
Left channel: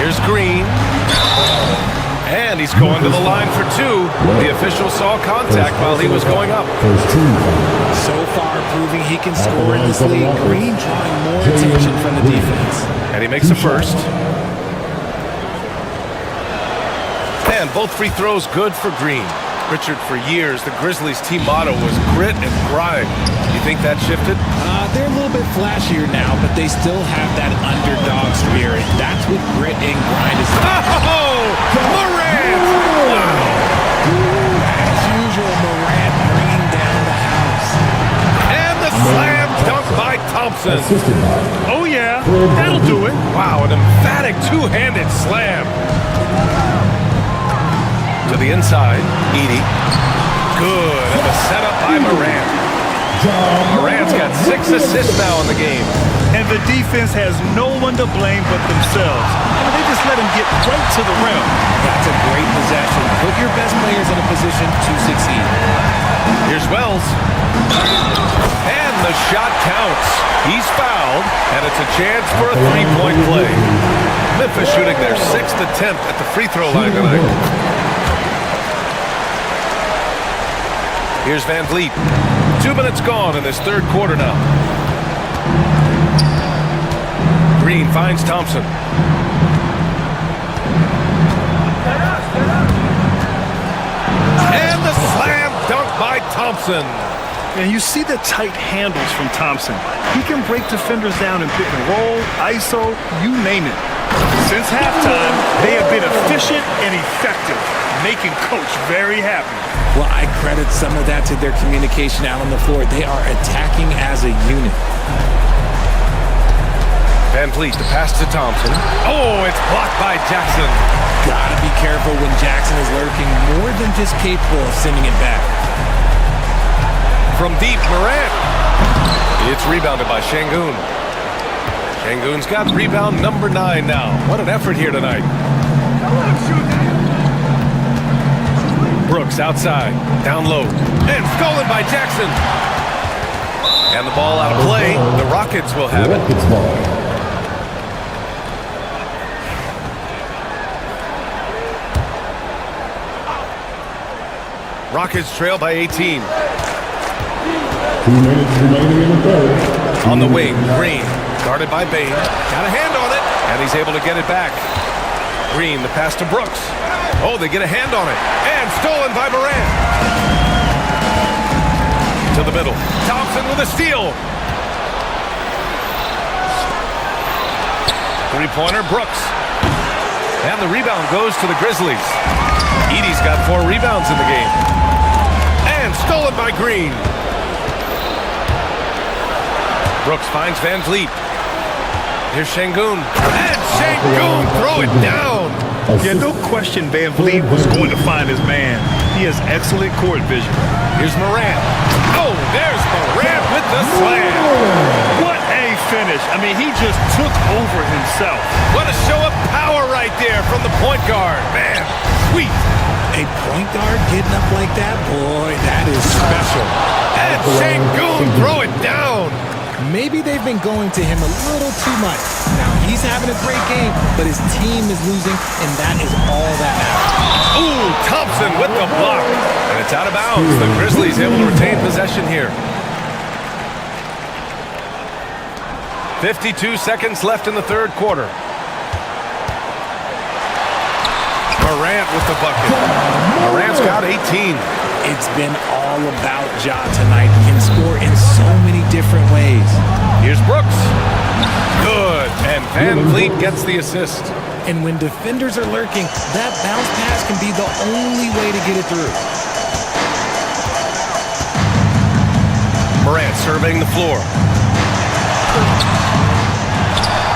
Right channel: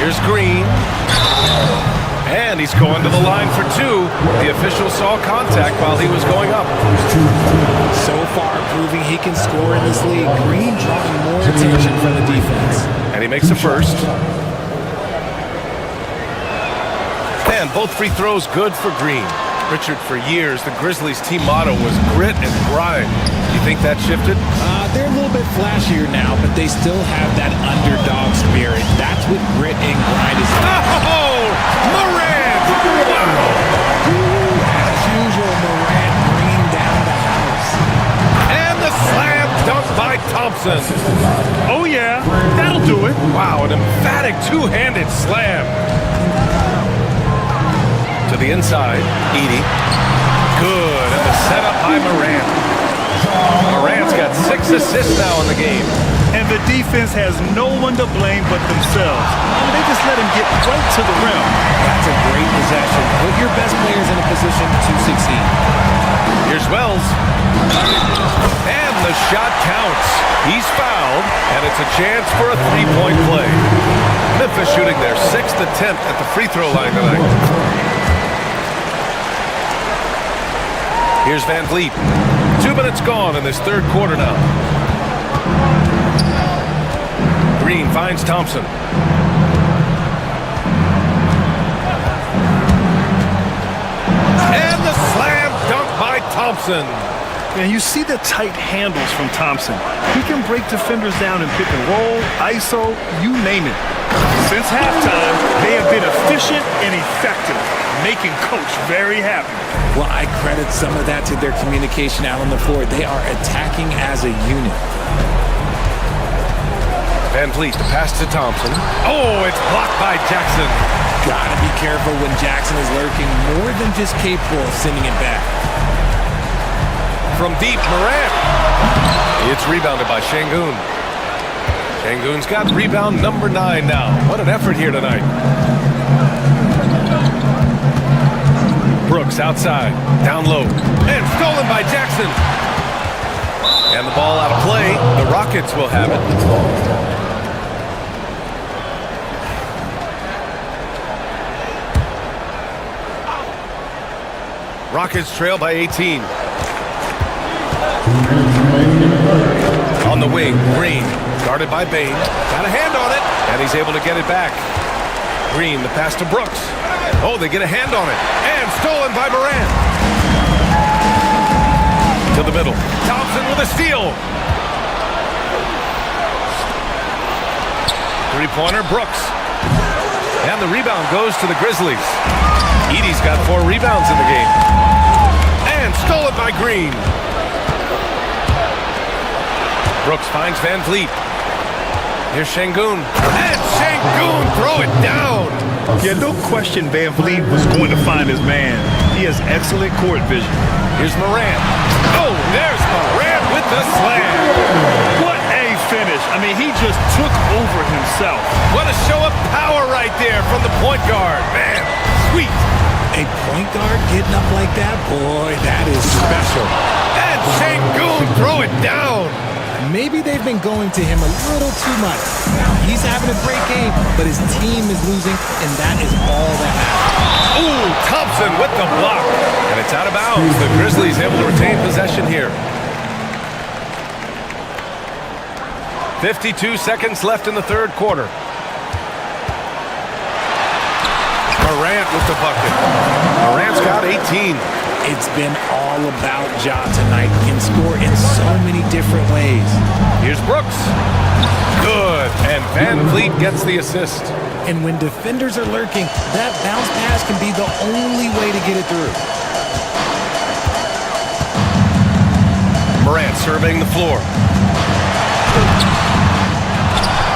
Here's Green. And he's going to the line for 2. The official saw contact while he was going up. So far, proving he can score in this league. Green drawing more attention from the defense. And he makes a first. And both free throws good for Green. Richard, for years, the Grizzlies' team motto was grit and grind. You think that shifted? They're a little bit flashier now, but they still have that underdog spirit. That's what grit and grind is. Oh, Morant! Wow! As usual, Morant bringing down the house. And the slam dunk by Thompson. Oh, yeah. That'll do it. Wow, an emphatic two-handed slam. To the inside, Edey. Good, and the setup by Morant. Morant's got 6 assists now in the game. And the defense has no one to blame but themselves. I mean, they just let him get right to the rim. That's a great possession. Put your best players in a position to succeed. Here's Wells. And the shot counts. He's fouled, and it's a chance for a three-point play. Memphis shooting their 6th attempt at the free throw line tonight. Here's Van Vliet. 2 minutes gone in this third quarter now. Green finds Thompson. And the slam dunk by Thompson. And you see the tight handles from Thompson. He can break defenders down in pick and roll, ISO, you name it. Since halftime, they have been efficient and effective, making Coach very happy. Well, I credit some of that to their communication out on the floor. They are attacking as a unit. Van Vliet, the pass to Thompson. Oh, it's blocked by Jackson. Gotta be careful when Jackson is lurking, more than just capable of sending it back. From deep, Morant. It's rebounded by Şengün. Şengün's got rebound number 9 now. What an effort here tonight. Brooks outside, down low, and stolen by Jackson. And the ball out of play. The Rockets will have it. Rockets trail by 18. 2 minutes remaining in the third. On the wing, Green, guarded by Bane. Got a hand on it, and he's able to get it back. Green, the pass to Brooks. Oh, they get a hand on it. And stolen by Morant. To the middle. Thompson with a steal. Three-pointer, Brooks. And the rebound goes to the Grizzlies. Edey's got 4 rebounds in the game. And stolen by Green. Brooks finds Van Vliet. Here's Şengün. And Şengün throw it down. Yeah, no question Van Vliet was going to find his man. He has excellent court vision. Here's Morant. Oh, there's Morant with the slam. What a finish. I mean, he just took over himself. What a show of power right there from the point guard. Man, sweet. A point guard getting up like that? Boy, that is special. And Şengün throw it down. Maybe they've been going to him a little too much. Now, he's having a great game, but his team is losing, and that is all that matters. Ooh, Thompson with the block. And it's out of bounds. The Grizzlies able to retain possession here. 52 seconds left in the third quarter. Morant with the bucket. Morant's got 18. It's been all about Ja tonight. Can score in so many different ways. Here's Brooks. Good. And Van Vliet gets the assist. And when defenders are lurking, that bounce pass can be the only way to get it through. Morant surveying the floor.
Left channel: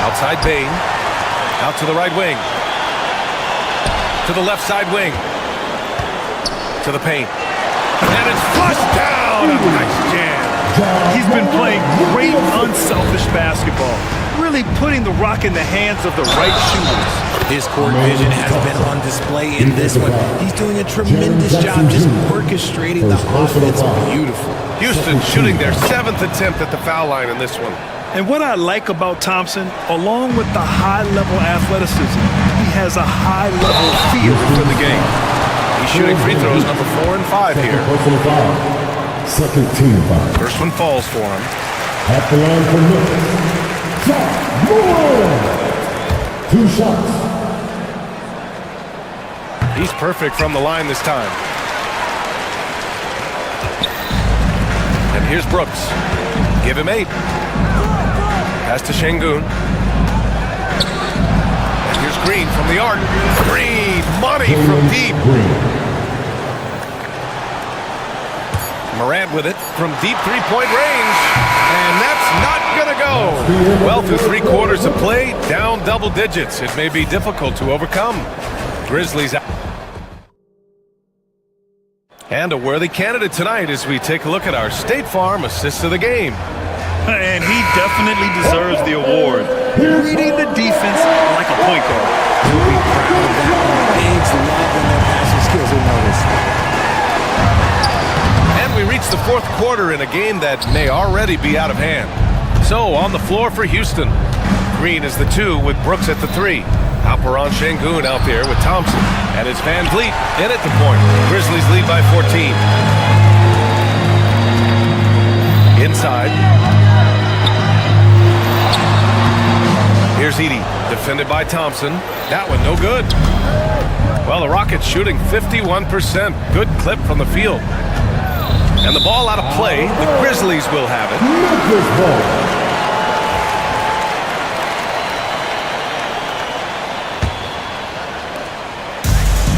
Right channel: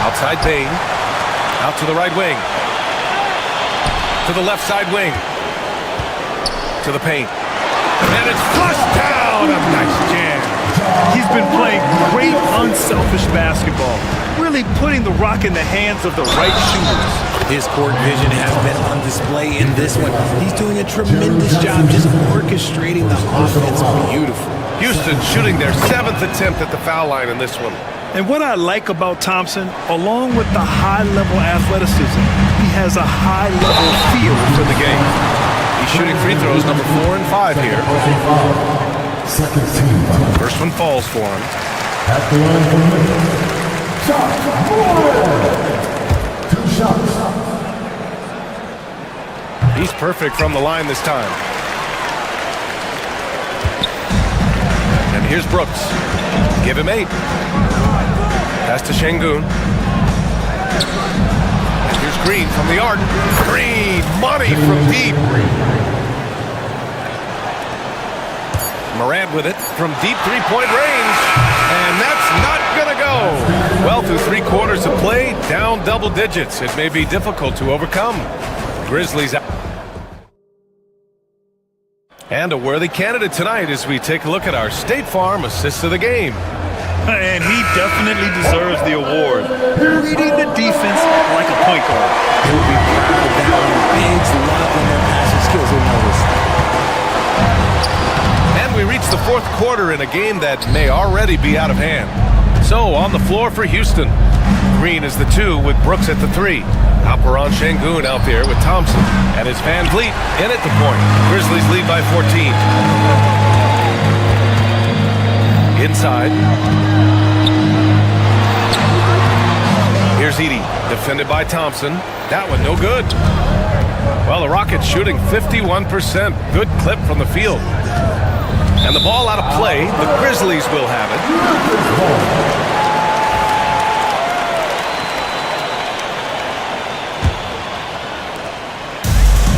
Outside Bane. Out to the right wing. To the left side wing. To the paint. And it's flushed down. A nice jam. He's been playing great unselfish basketball. Really putting the rock in the hands of the right shooters. His court vision has been on display in this one. He's doing a tremendous job just orchestrating the offense beautifully. Houston shooting their 7th attempt at the foul line in this one. And what I like about Thompson, along with the high-level athleticism, he has a high-level feel for the game. He's shooting free throws number 4 and 5 here. Second team foul. First one falls for him. At the line for Memphis. Shot, 2 shots. He's perfect from the line this time. And here's Brooks. Give him 8. Pass to Şengün. And here's Green from the arc. Green, money from deep. Morant with it from deep three-point range. And that's not going to go. Well, through 3 quarters of play, down double digits. It may be difficult to overcome. Grizzlies out. And a worthy candidate tonight as we take a look at our State Farm assist of the game. And he definitely deserves the award. Reading the defense like a point guard. He'll be proud of that one. Bigs love when their passing skills are noticed. And we reach the 4th quarter in a game that may already be out of hand. So on the floor for Houston. Green is the 2 with Brooks at the 3. Alperen Şengün out there with Thompson. And it's Van Vliet in at the point. Grizzlies lead by 14. Inside. Here's Edey, defended by Thompson. That one no good. Well, the Rockets shooting 51%. Good clip from the field. And the ball out of play. The Grizzlies will have it.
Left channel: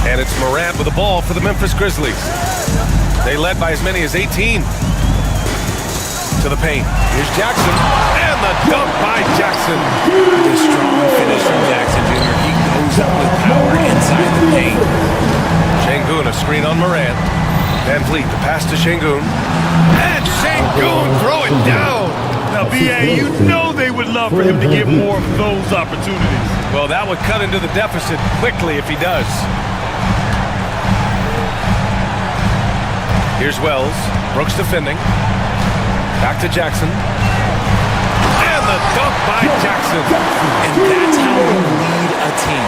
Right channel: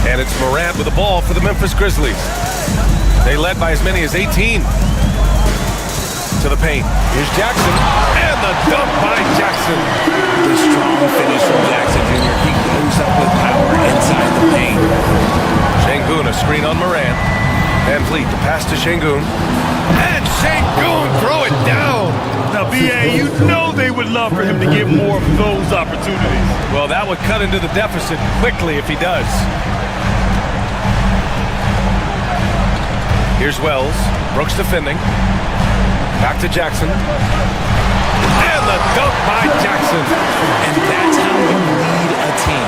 And it's Morant with the ball for the Memphis Grizzlies. They led by as many as 18. To the paint. Here's Jackson. And the dunk by Jackson. The strong finish from Jackson Jr. He goes up with power inside the paint. Şengün, a screen on Morant. Van Vliet, the pass to Şengün. And Şengün, throw it down. Now, B.A., you know they would love for him to get more of those opportunities. Well, that would cut into the deficit quickly if he does. Here's Wells. Brooks defending. Back to Jackson. And the dunk by Jackson. And that's how you lead a team.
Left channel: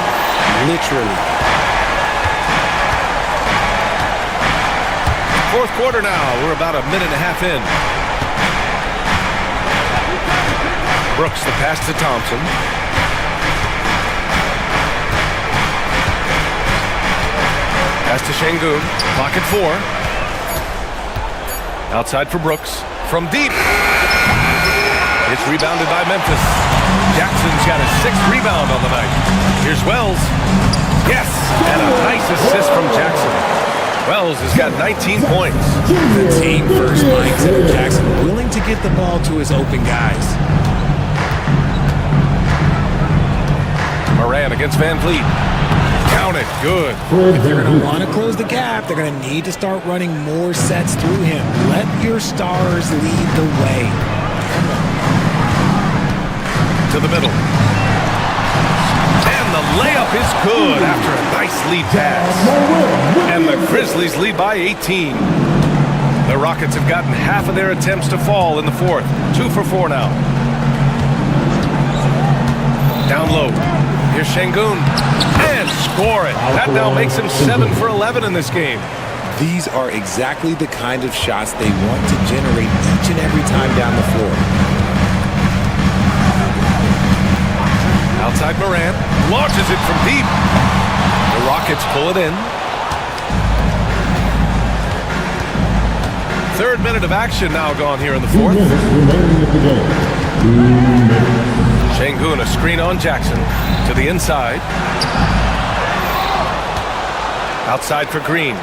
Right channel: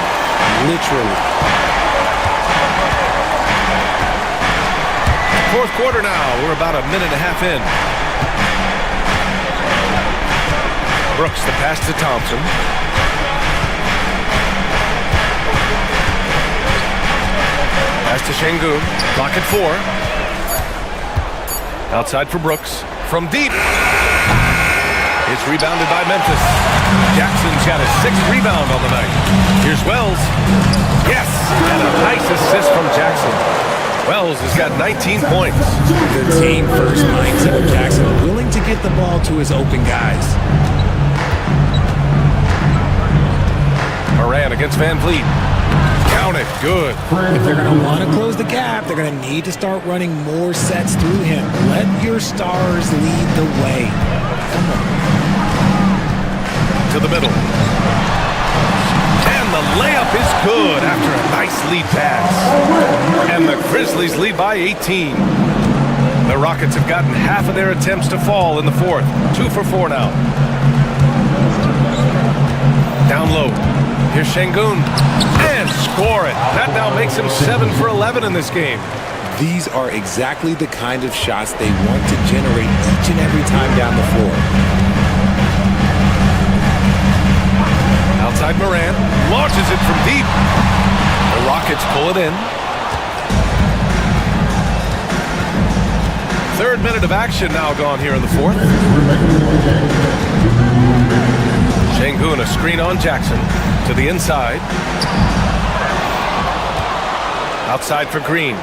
Literally. 4th quarter now. We're about a minute and a half in. Brooks, the pass to Thompson. Pass to Şengün. Clock at 4. Outside for Brooks. From deep. It's rebounded by Memphis. Jackson's got his 6th rebound on the night. Here's Wells. Yes, and a nice assist from Jackson. Wells has got 19 points. The team first mindset of Jackson, willing to get the ball to his open guys. Morant against Van Vliet. Count it. Good. If they're going to want to close the gap, they're going to need to start running more sets through him. Let your stars lead the way. Come on. To the middle. And the layup is good after a nice lead pass. And the Grizzlies lead by 18. The Rockets have gotten half of their attempts to fall in the 4th. 2 for 4 now. Down low. Here's Şengün. And score it. That now makes him 7 for 11 in this game. These are exactly the kind of shots they want to generate each and every time down the floor. Outside Morant. Launches it from deep. The Rockets pull it in. 3rd minute of action now gone here in the 4th. Şengün, a screen on Jackson. To the inside. Outside for Green.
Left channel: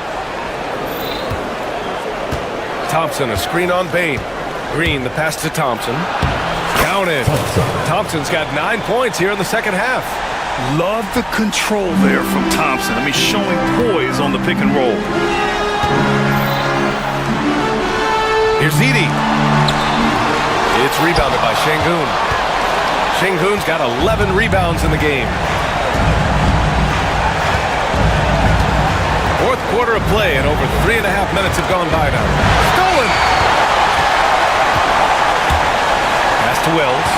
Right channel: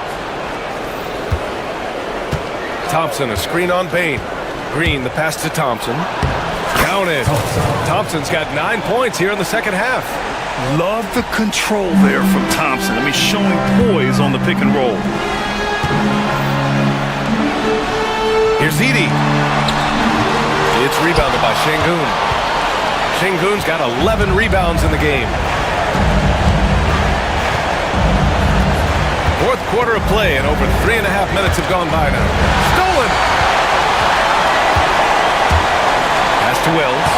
Thompson, a screen on Bane. Green, the pass to Thompson. Counted. Thompson's got 9 points here in the 2nd half. Love the control there from Thompson. I mean, showing poise on the pick and roll. Here's Edey. It's rebounded by Şengün. Şengün's got 11 rebounds in the game. 4th quarter of play, and over 3.5 minutes have gone by now. Stolen! Pass to Wells.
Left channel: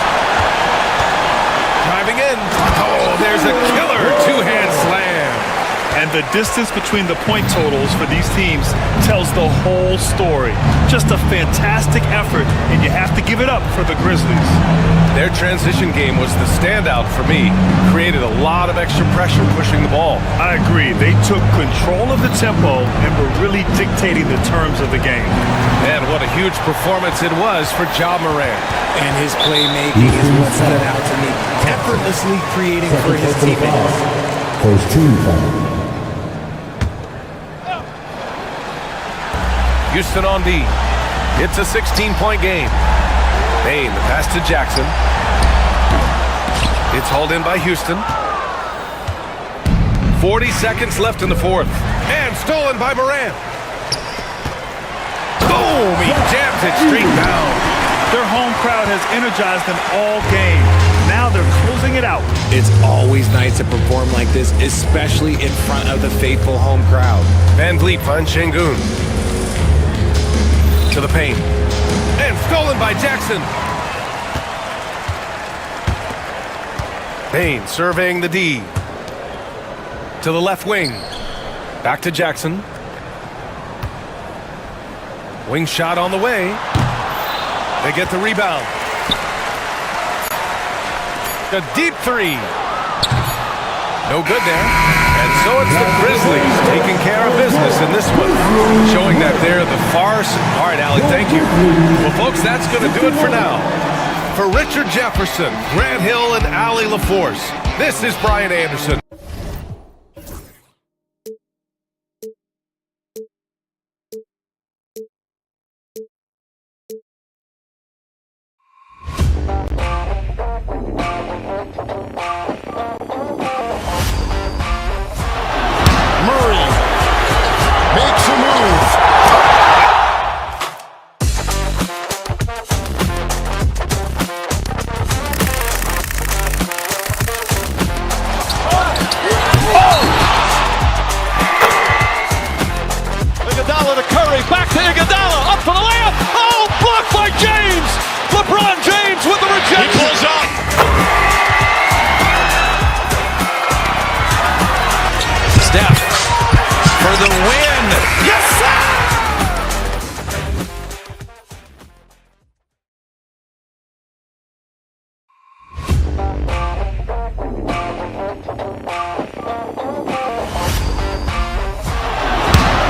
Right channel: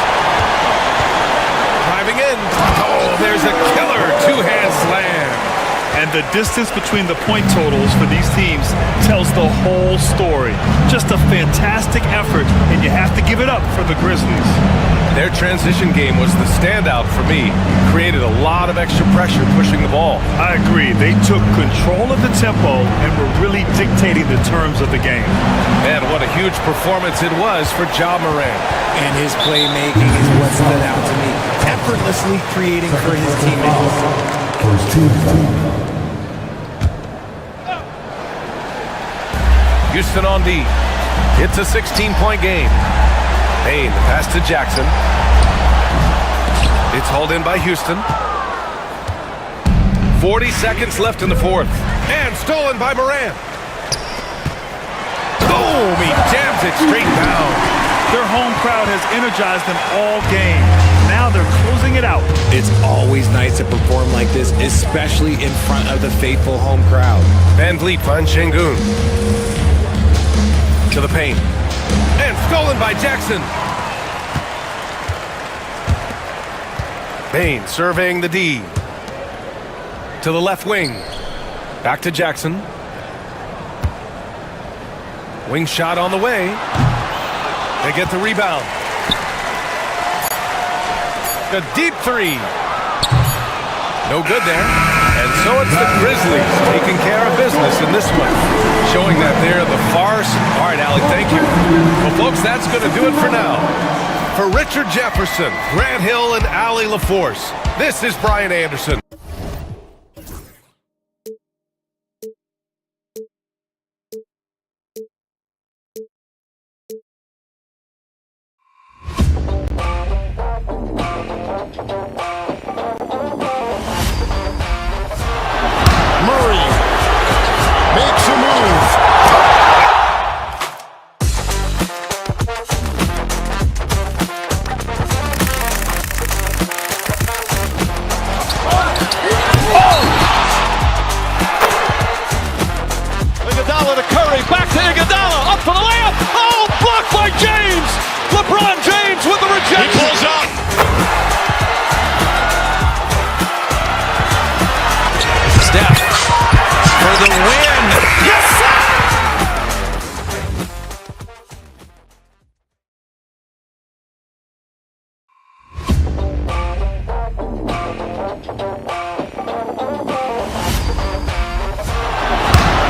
Driving in. Oh, there's a killer 2-hand slam. And the distance between the point totals for these teams tells the whole story. Just a fantastic effort, and you have to give it up for the Grizzlies. Their transition game was the standout for me. Created a lot of extra pressure pushing the ball. I agree. They took control of the tempo and were really dictating the terms of the game. And what a huge performance it was for Ja Morant. And his playmaking is what stood out to me. Effortlessly creating for his teammates. First team foul. Houston on D. It's a 16-point game. Payne, the pass to Jackson. It's hauled in by Houston. 40 seconds left in the fourth. And stolen by Morant. Boom! He jams it straight down. Their home crowd has energized them all game. Now they're closing it out. It's always nice to perform like this, especially in front of the faithful home crowd. Van Vliet finds Şengün. To the paint. And stolen by Jackson. Payne surveying the D. To the left wing. Back to Jackson. Wing shot on the way. They get the rebound. A deep three. No good there. And so it's the Grizzlies taking care of business in this one. Showing that they're the far... All right, Allie, thank you. Well, folks, that's going to do it for now. For Richard Jefferson, Grant Hill, and Allie LaForce, this is Brian Anderson. Murray makes a move. Iguodala to Curry, back to Iguodala, up for the layup. Oh, blocked by James. LeBron James with the rejection. He pulls up. Steph for the win. Yes, sir!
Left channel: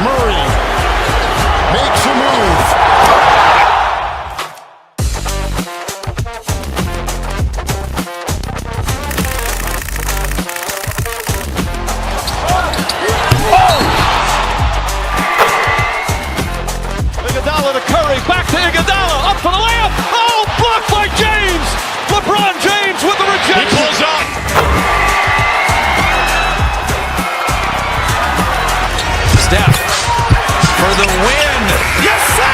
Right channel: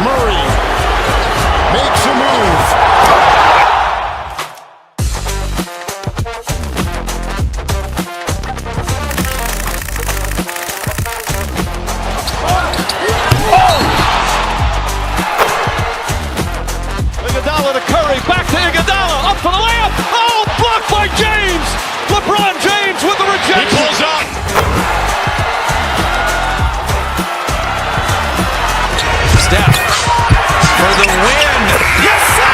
Murray makes a move. Iguodala to Curry, back to Iguodala, up for the layup. Oh, blocked by James. LeBron James with the rejection. He pulls up. Steph for the win. Yes, sir!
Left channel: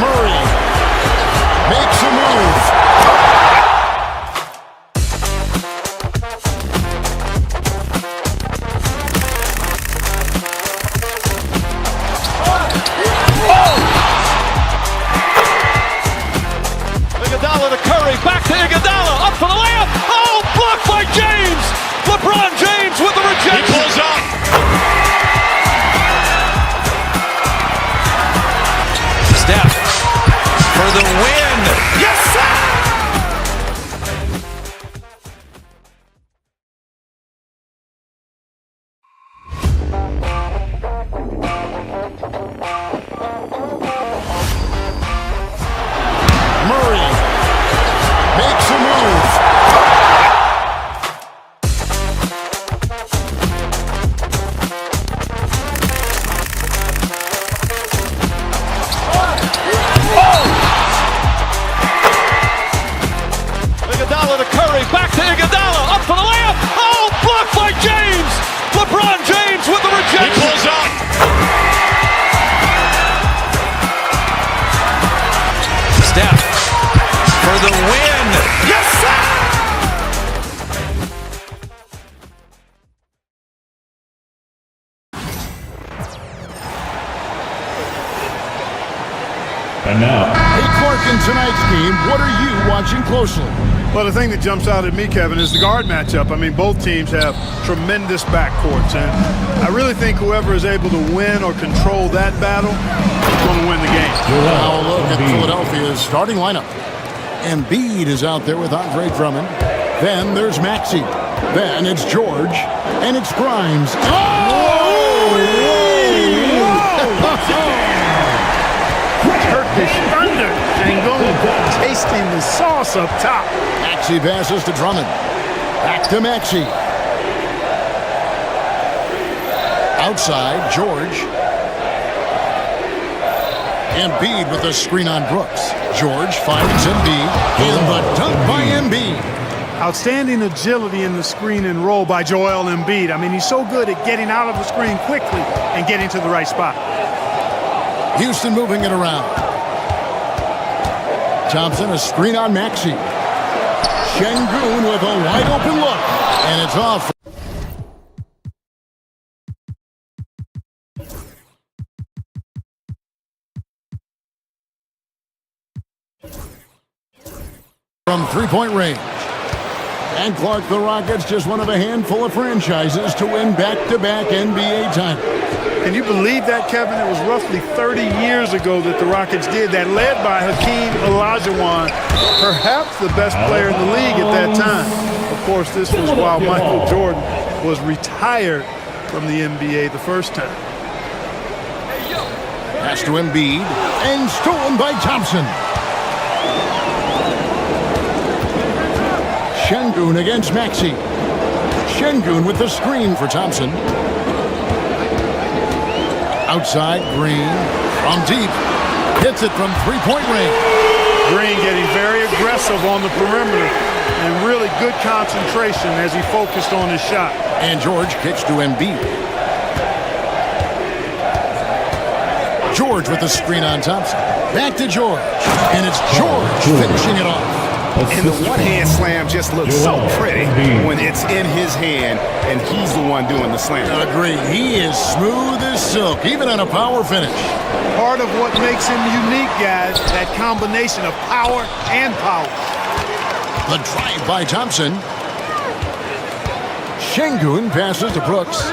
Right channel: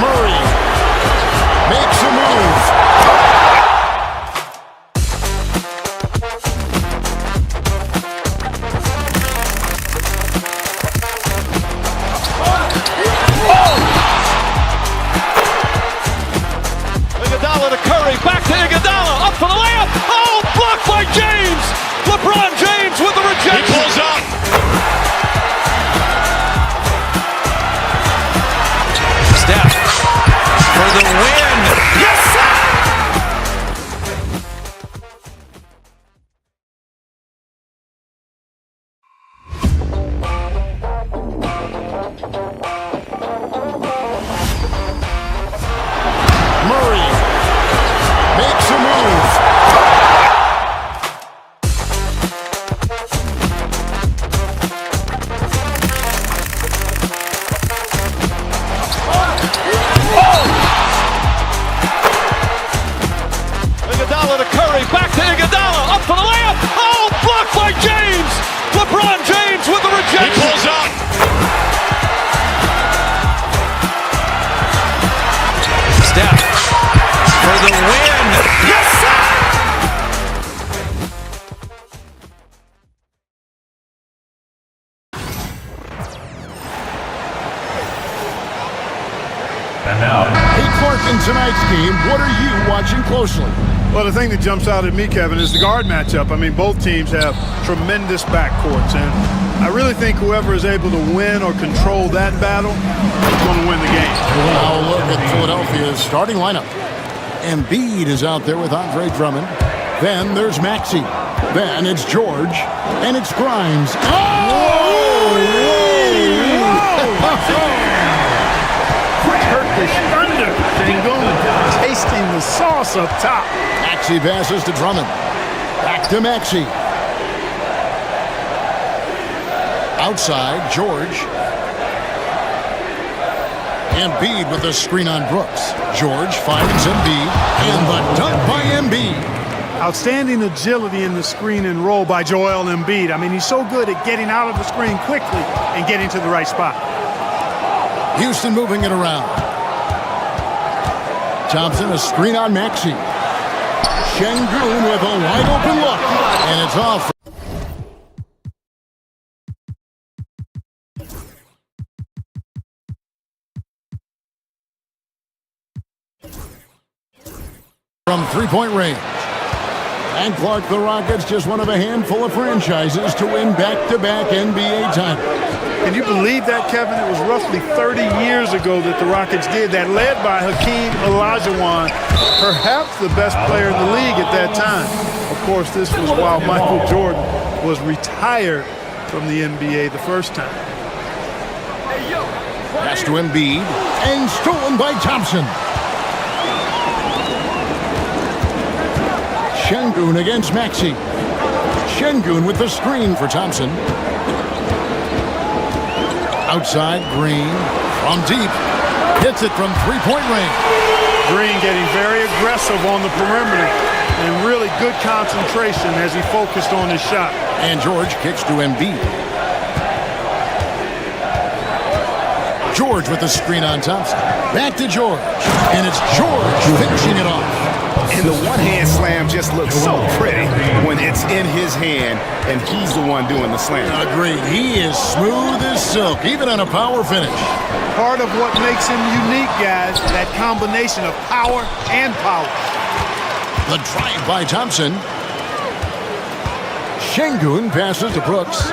Murray makes a move. Iguodala to Curry, back to Iguodala, up for the layup. Oh, blocked by James. LeBron James with the rejection. He pulls up. Steph for the win. Yes, sir! Murray makes a move. Iguodala to Curry, back to Iguodala, up for the layup. Oh, blocked by James. LeBron James with the rejection. He pulls up. Steph for the win. Yes, sir! And now, Hey, Clark, in tonight's game, what are you watching closely? Well, the thing that jumps out at me, Kevin, is the guard matchup. I mean, both teams have tremendous backcourts, and I really think whoever is able to win or control that battle is going to win the game. Now a look at Philadelphia's starting lineup. Embiid is out there with Andre Drummond. Then there's Maxey. Then it's George. And it's Grimes. Oh! Turkish thunder. Şengün tasting the sauce up top. Maxey passes to Drummond. Back to Maxey. Outside, George. Embiid with the screen on Brooks. George finds Embiid. And the dunk by Embiid. Outstanding agility in the screen and roll by Joel Embiid. I mean, he's so good at getting out of the screen quickly and getting to the right spot. Houston moving it around. Thompson, a screen on Maxey. Şengün with a wide open look. And it's off. From three-point range. And Clark, the Rockets, just one of a handful of franchises to win back-to-back NBA titles. Can you believe that, Kevin? It was roughly 30 years ago that the Rockets did that, led by Hakeem Olajuwon, perhaps the best player in the league at that time. Of course, this was while Michael Jordan was retired from the NBA the first time. Pass to Embiid, and stolen by Thompson. Şengün against Maxey. Şengün with the screen for Thompson. Outside, Green from deep. Hits it from three-point range. Green getting very aggressive on the perimeter and really good concentration as he focused on his shot. And George kicks to Embiid. George with the screen on Thompson. Back to George. And it's George finishing it off. And the one-hand slam just looks so pretty when it's in his hand and he's the one doing the slam. Agree. He is smooth as silk, even on a power finish. Part of what makes him unique, guys, that combination of power and polish. The drive by Thompson. Şengün passes to Brooks.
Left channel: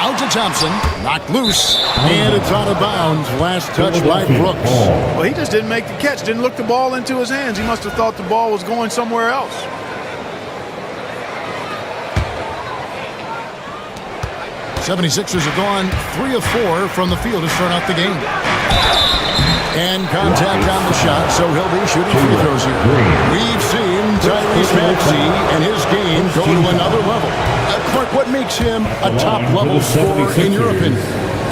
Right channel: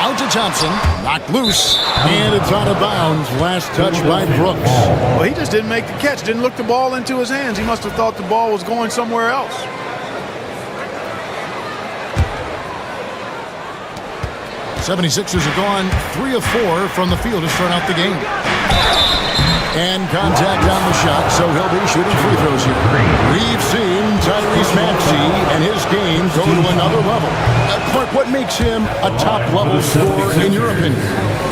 Out to Thompson, knocked loose, and it's out of bounds. Last touch by Brooks. Well, he just didn't make the catch, didn't look the ball into his hands. He must have thought the ball was going somewhere else. '76ers have gone 3 of 4 from the field to start out the game. And contact on the shot, so he'll be shooting free throws here. We've seen Tyrese Maxey and his game go to another level. Clark, what makes him a top-level scorer in your opinion?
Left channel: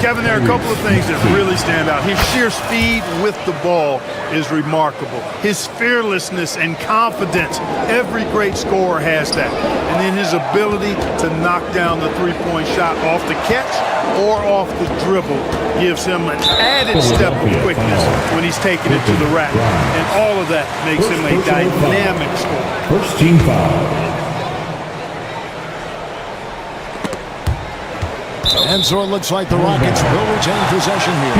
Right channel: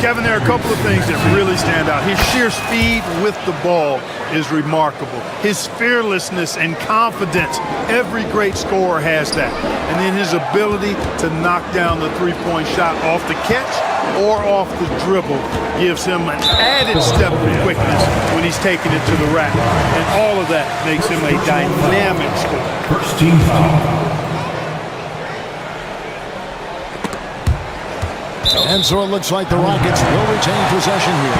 Kevin, there are a couple of things that really stand out. His sheer speed with the ball is remarkable. His fearlessness and confidence, every great scorer has that. And then his ability to knock down the three-point shot off the catch or off the dribble gives him an added step of quickness when he's taking it to the rack. And all of that makes him a dynamic scorer. First team foul. And so it looks like the Rockets will retain possession here.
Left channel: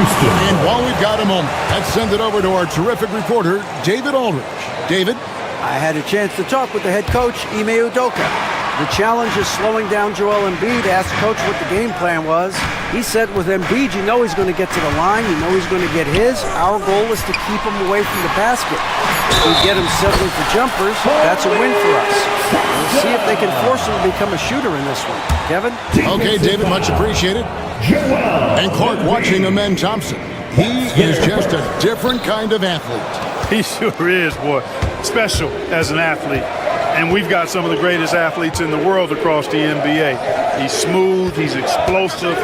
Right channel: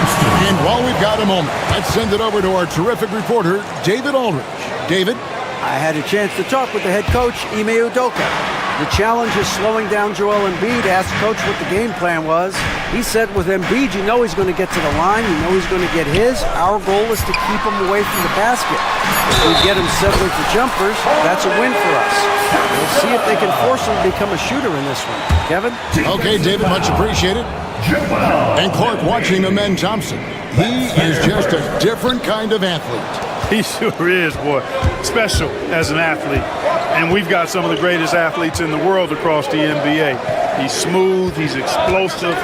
And while we've got a moment, let's send it over to our terrific reporter, David Aldridge. David? I had a chance to talk with the head coach, Ime Udoka. The challenge is slowing down Joel Embiid. Asked Coach what the game plan was. He said with Embiid, you know he's going to get to the line. You know he's going to get his. Our goal is to keep him away from the basket. If we get him settling for jumpers, that's a win for us. We'll see if they can force him to become a shooter in this one. Kevin? Okay, David, much appreciated. And Clark watching Amen Thompson. He is just a different kind of athlete. He sure is, boy. Special as an athlete. And we've got some of the greatest athletes in the world across the NBA. He's smooth, he's explosive,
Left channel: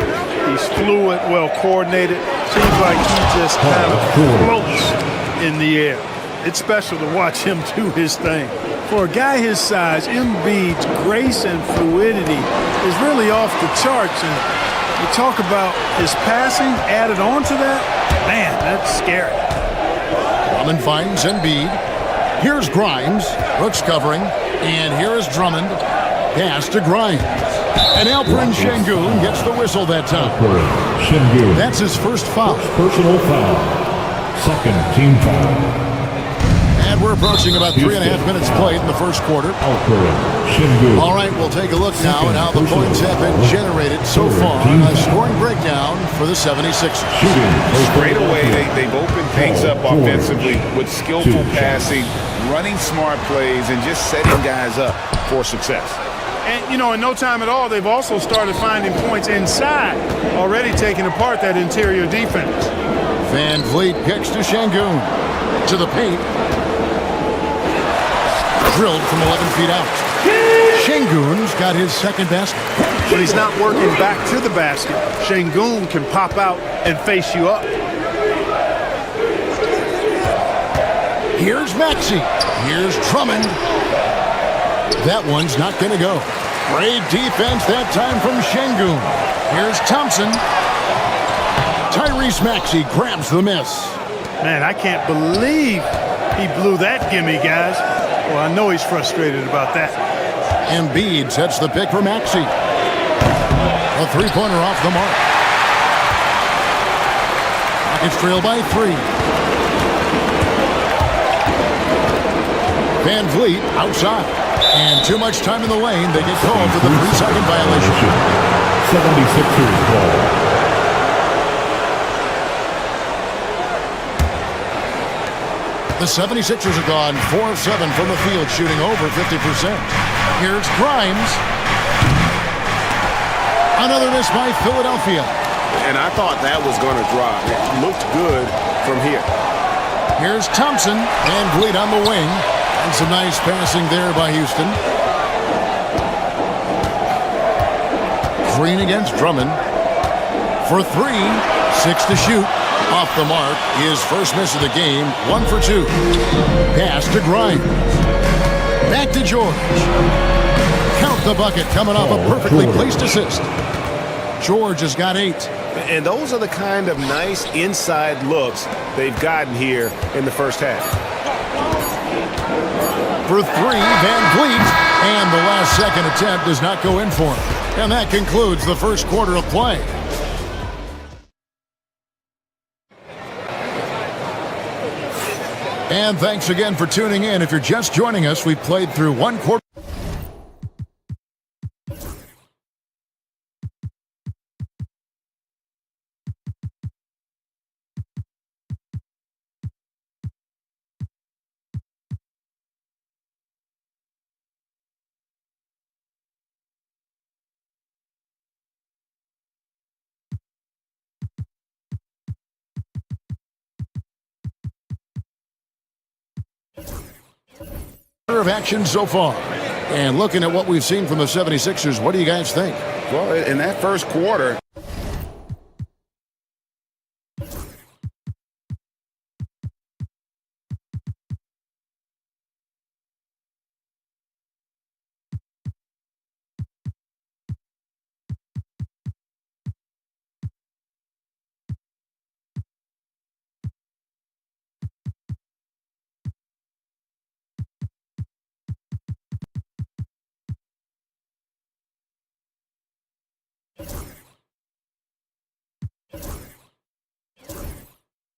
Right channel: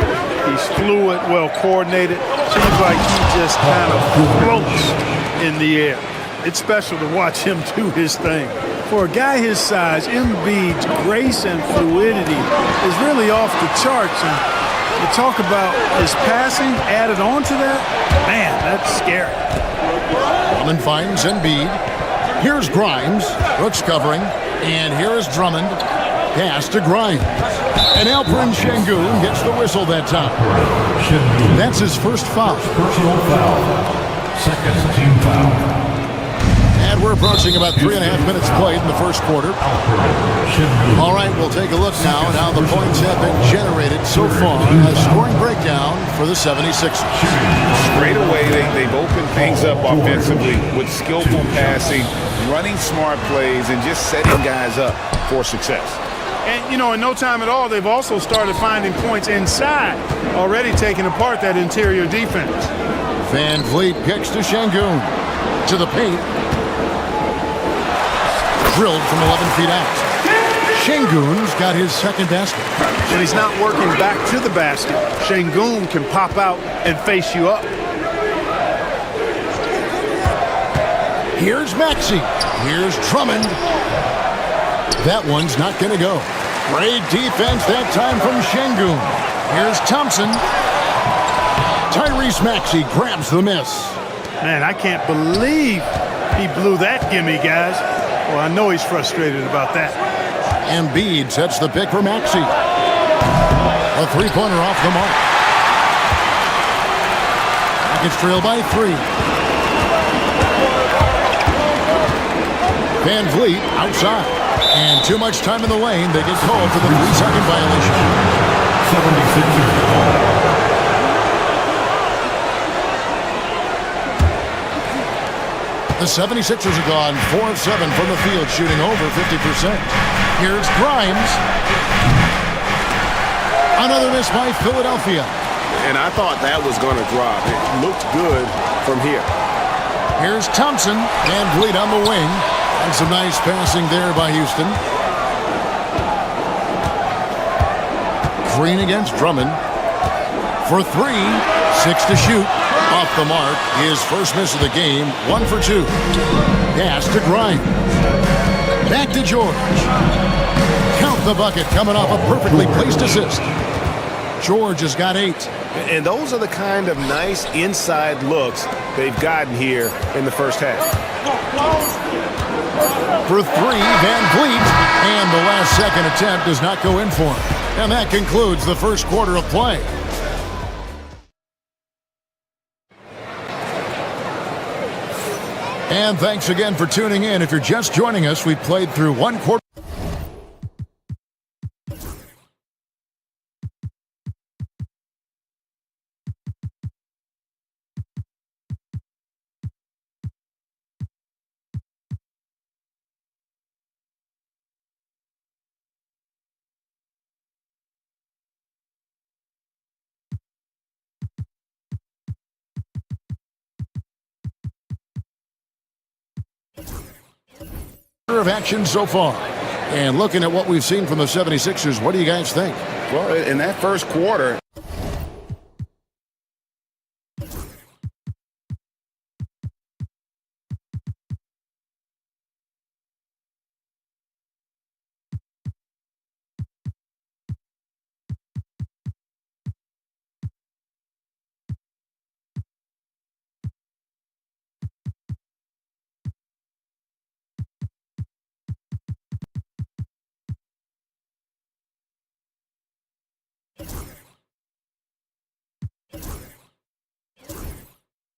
he's fluid, well coordinated. Seems like he just kind of floats in the air. It's special to watch him do his thing. For a guy his size, Embiid's grace and fluidity is really off the charts. And you talk about his passing added on to that, man, that's scary. Drummond finds Embiid. Here's Grimes. Brooks covering. And here is Drummond. Pass to Grimes. And Alperen Şengün gets the whistle that time. That's his first foul. Personal foul. Second team foul. And we're approaching about 3.5 minutes played in the first quarter. All right, we'll take a look now at how the points have been generated so far. A scoring breakdown for the 76ers. Straight away, they've opened things up offensively with skillful passing, running smart plays, and just setting guys up for success. And, you know, in no time at all, they've also started finding points inside, already taking apart that interior defense. Van Vliet kicks to Şengün. To the paint. Drilled from 11 feet out. Şengün's got his second basket. But he's not working back to the basket. Şengün can pop out and face you up. Here's Maxey. Here's Drummond. That one's not going to go. Great defense that time from Şengün. Here's Thompson. Tyrese Maxey grabs the miss. Man, I can't believe he blew that gimme, guys. Well, I know he's frustrated about that. Embiid sets the pick for Maxey. A three-pointer off the mark. Rockets trail by 3. Van Vliet outside. And too much time in the lane. They get called for the 3-second violation. 76ers ball. The 76ers are gone 4 of 7 from the field, shooting over 50%. Here's Grimes. Another miss by Philadelphia. And I thought that was going to drop. It looked good from here. Here's Thompson. Van Vliet on the wing. And some nice passing there by Houston. Green against Drummond. For 3. 6 to shoot. Off the mark. His first miss of the game. 1 for 2. Pass to Grimes. Back to George. Count the bucket coming off a perfectly placed assist. George has got 8. And those are the kind of nice inside looks they've gotten here in the first half. For 3, Van Vliet. And the last second attempt does not go in for him. And that concludes the first quarter of play. And thanks again for tuning in. If you're just joining us, we've played through one quarter. Of action so far. And looking at what we've seen from the 76ers, what do you guys think? Well, in that first quarter,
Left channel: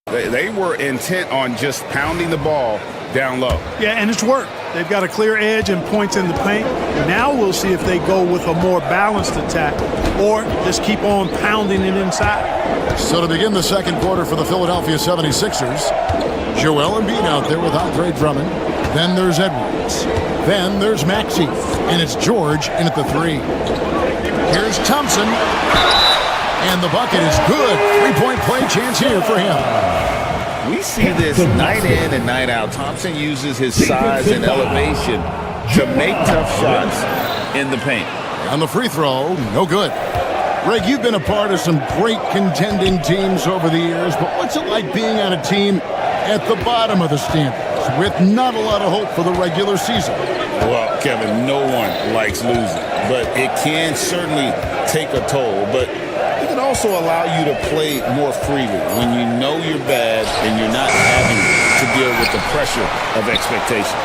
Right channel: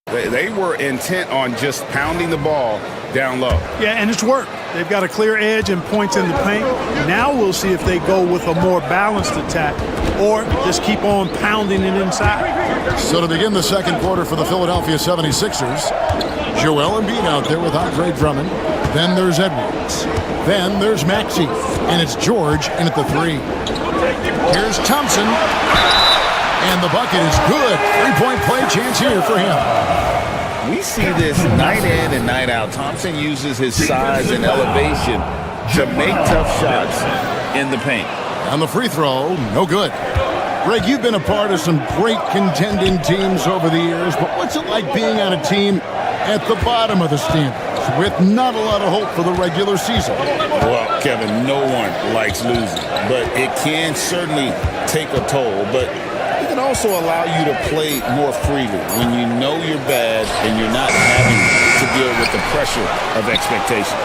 they were intent on just pounding the ball down low. Yeah, and it's worked. They've got a clear edge and points in the paint. Now we'll see if they go with a more balanced attack or just keep on pounding it inside. So to begin the second quarter for the Philadelphia 76ers, Joel Embiid out there with Andre Drummond. Then there's Edwards. Then there's Maxey. And it's George in at the 3. Here's Thompson. And the bucket is good. 3-point play chance here for him. We see this night in and night out. Thompson uses his size and elevation to make tough shots in the paint. On the free throw, no good. Greg, you've been a part of some great contending teams over the years, but what's it like being on a team at the bottom of the standings with not a lot of hope for the regular season? Well, Kevin, no one likes losing, but it can certainly take a toll. But it can also allow you to play more freely when you know you're bad and you're not having to deal with the pressure of expectation.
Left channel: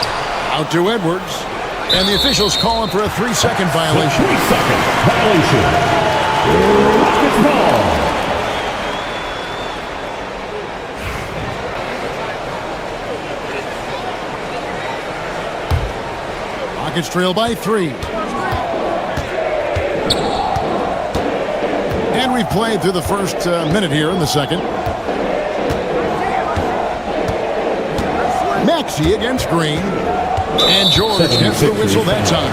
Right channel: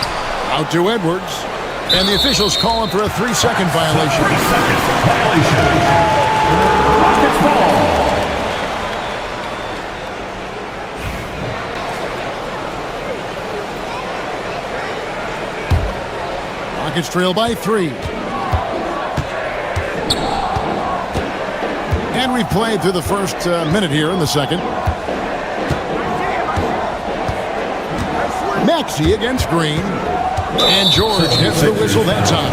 Out to Edwards. And the officials calling for a 3-second violation. 3-second violation. Rockets ball. Rockets trail by 3. And we've played through the first minute here in the second. Maxey against Green. And George gets the whistle that time.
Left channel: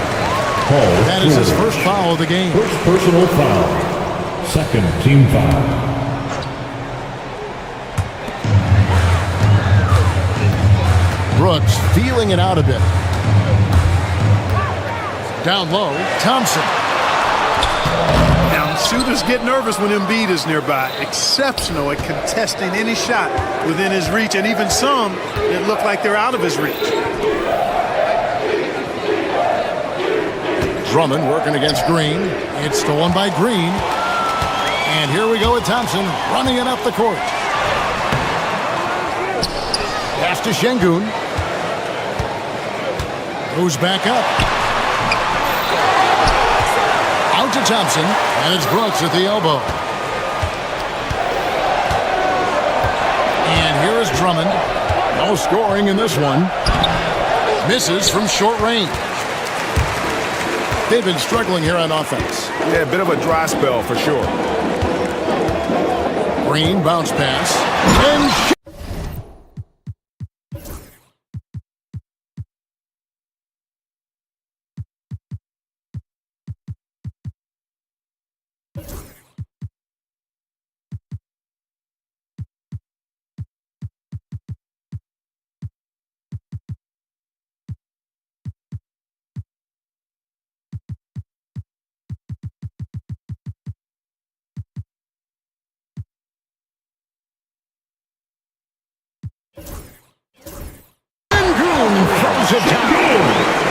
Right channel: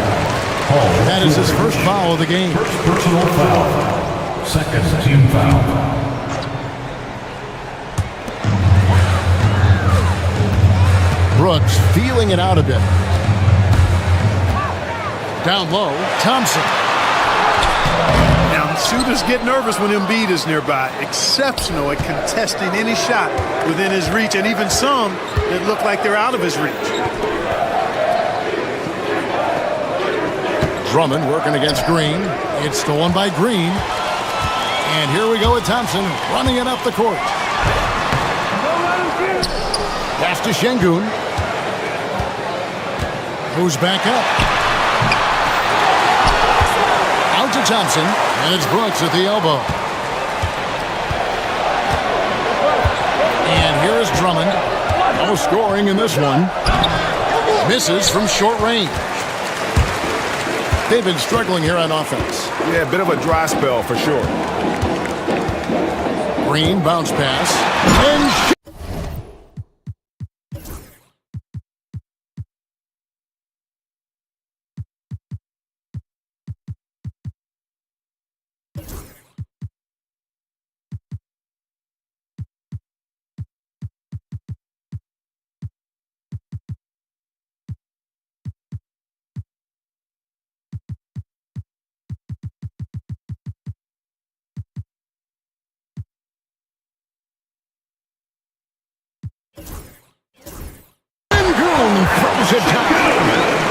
That is his first foul of the game. First personal foul. Second team foul. Brooks feeling it out a bit. Down low, Thompson. Now, shooters get nervous when Embiid is nearby. Exceptional at contesting any shot within his reach, and even some that look like they're out of his reach. Drummond working against Green. It's stolen by Green. And here we go with Thompson running it up the court. Pass to Şengün. Goes back up. Out to Thompson. And it's Brooks at the elbow. And here is Drummond. No scoring in this one. Misses from short range. They've been struggling here on offense. Yeah, a bit of a dry spell for sure. Green bounce pass. And throws it down.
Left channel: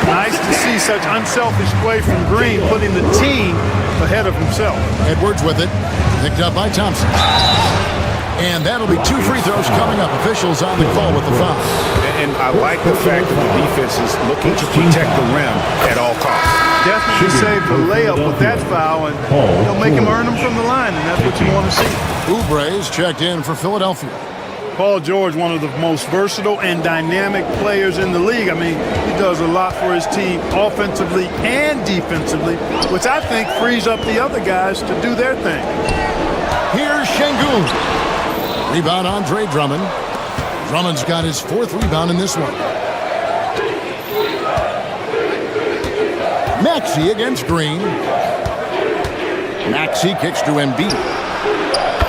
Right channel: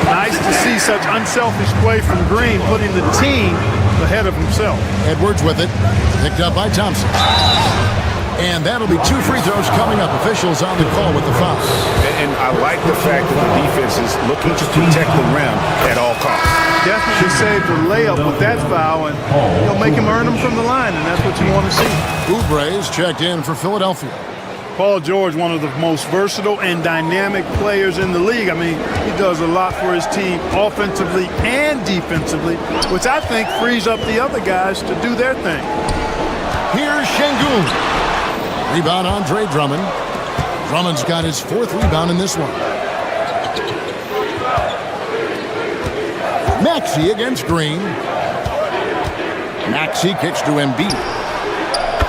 Nice to see such unselfish play from Green, putting the team ahead of himself. Edwards with it. Picked up by Thompson. And that'll be 2 free throws coming up. Officials on the call with the foul. And I like the fact that the defense is looking to protect the rim at all costs. Definitely saved the layup with that foul, and he'll make him earn them from the line, and that's what you want to see. Oubre's checked in for Philadelphia. Paul George, one of the most versatile and dynamic players in the league. I mean, he does a lot for his team offensively and defensively, which I think frees up the other guys to do their thing. Here's Şengün. Rebound Andre Drummond. Drummond's got his 4th rebound in this one. Maxey against Green. Maxey kicks to Embiid.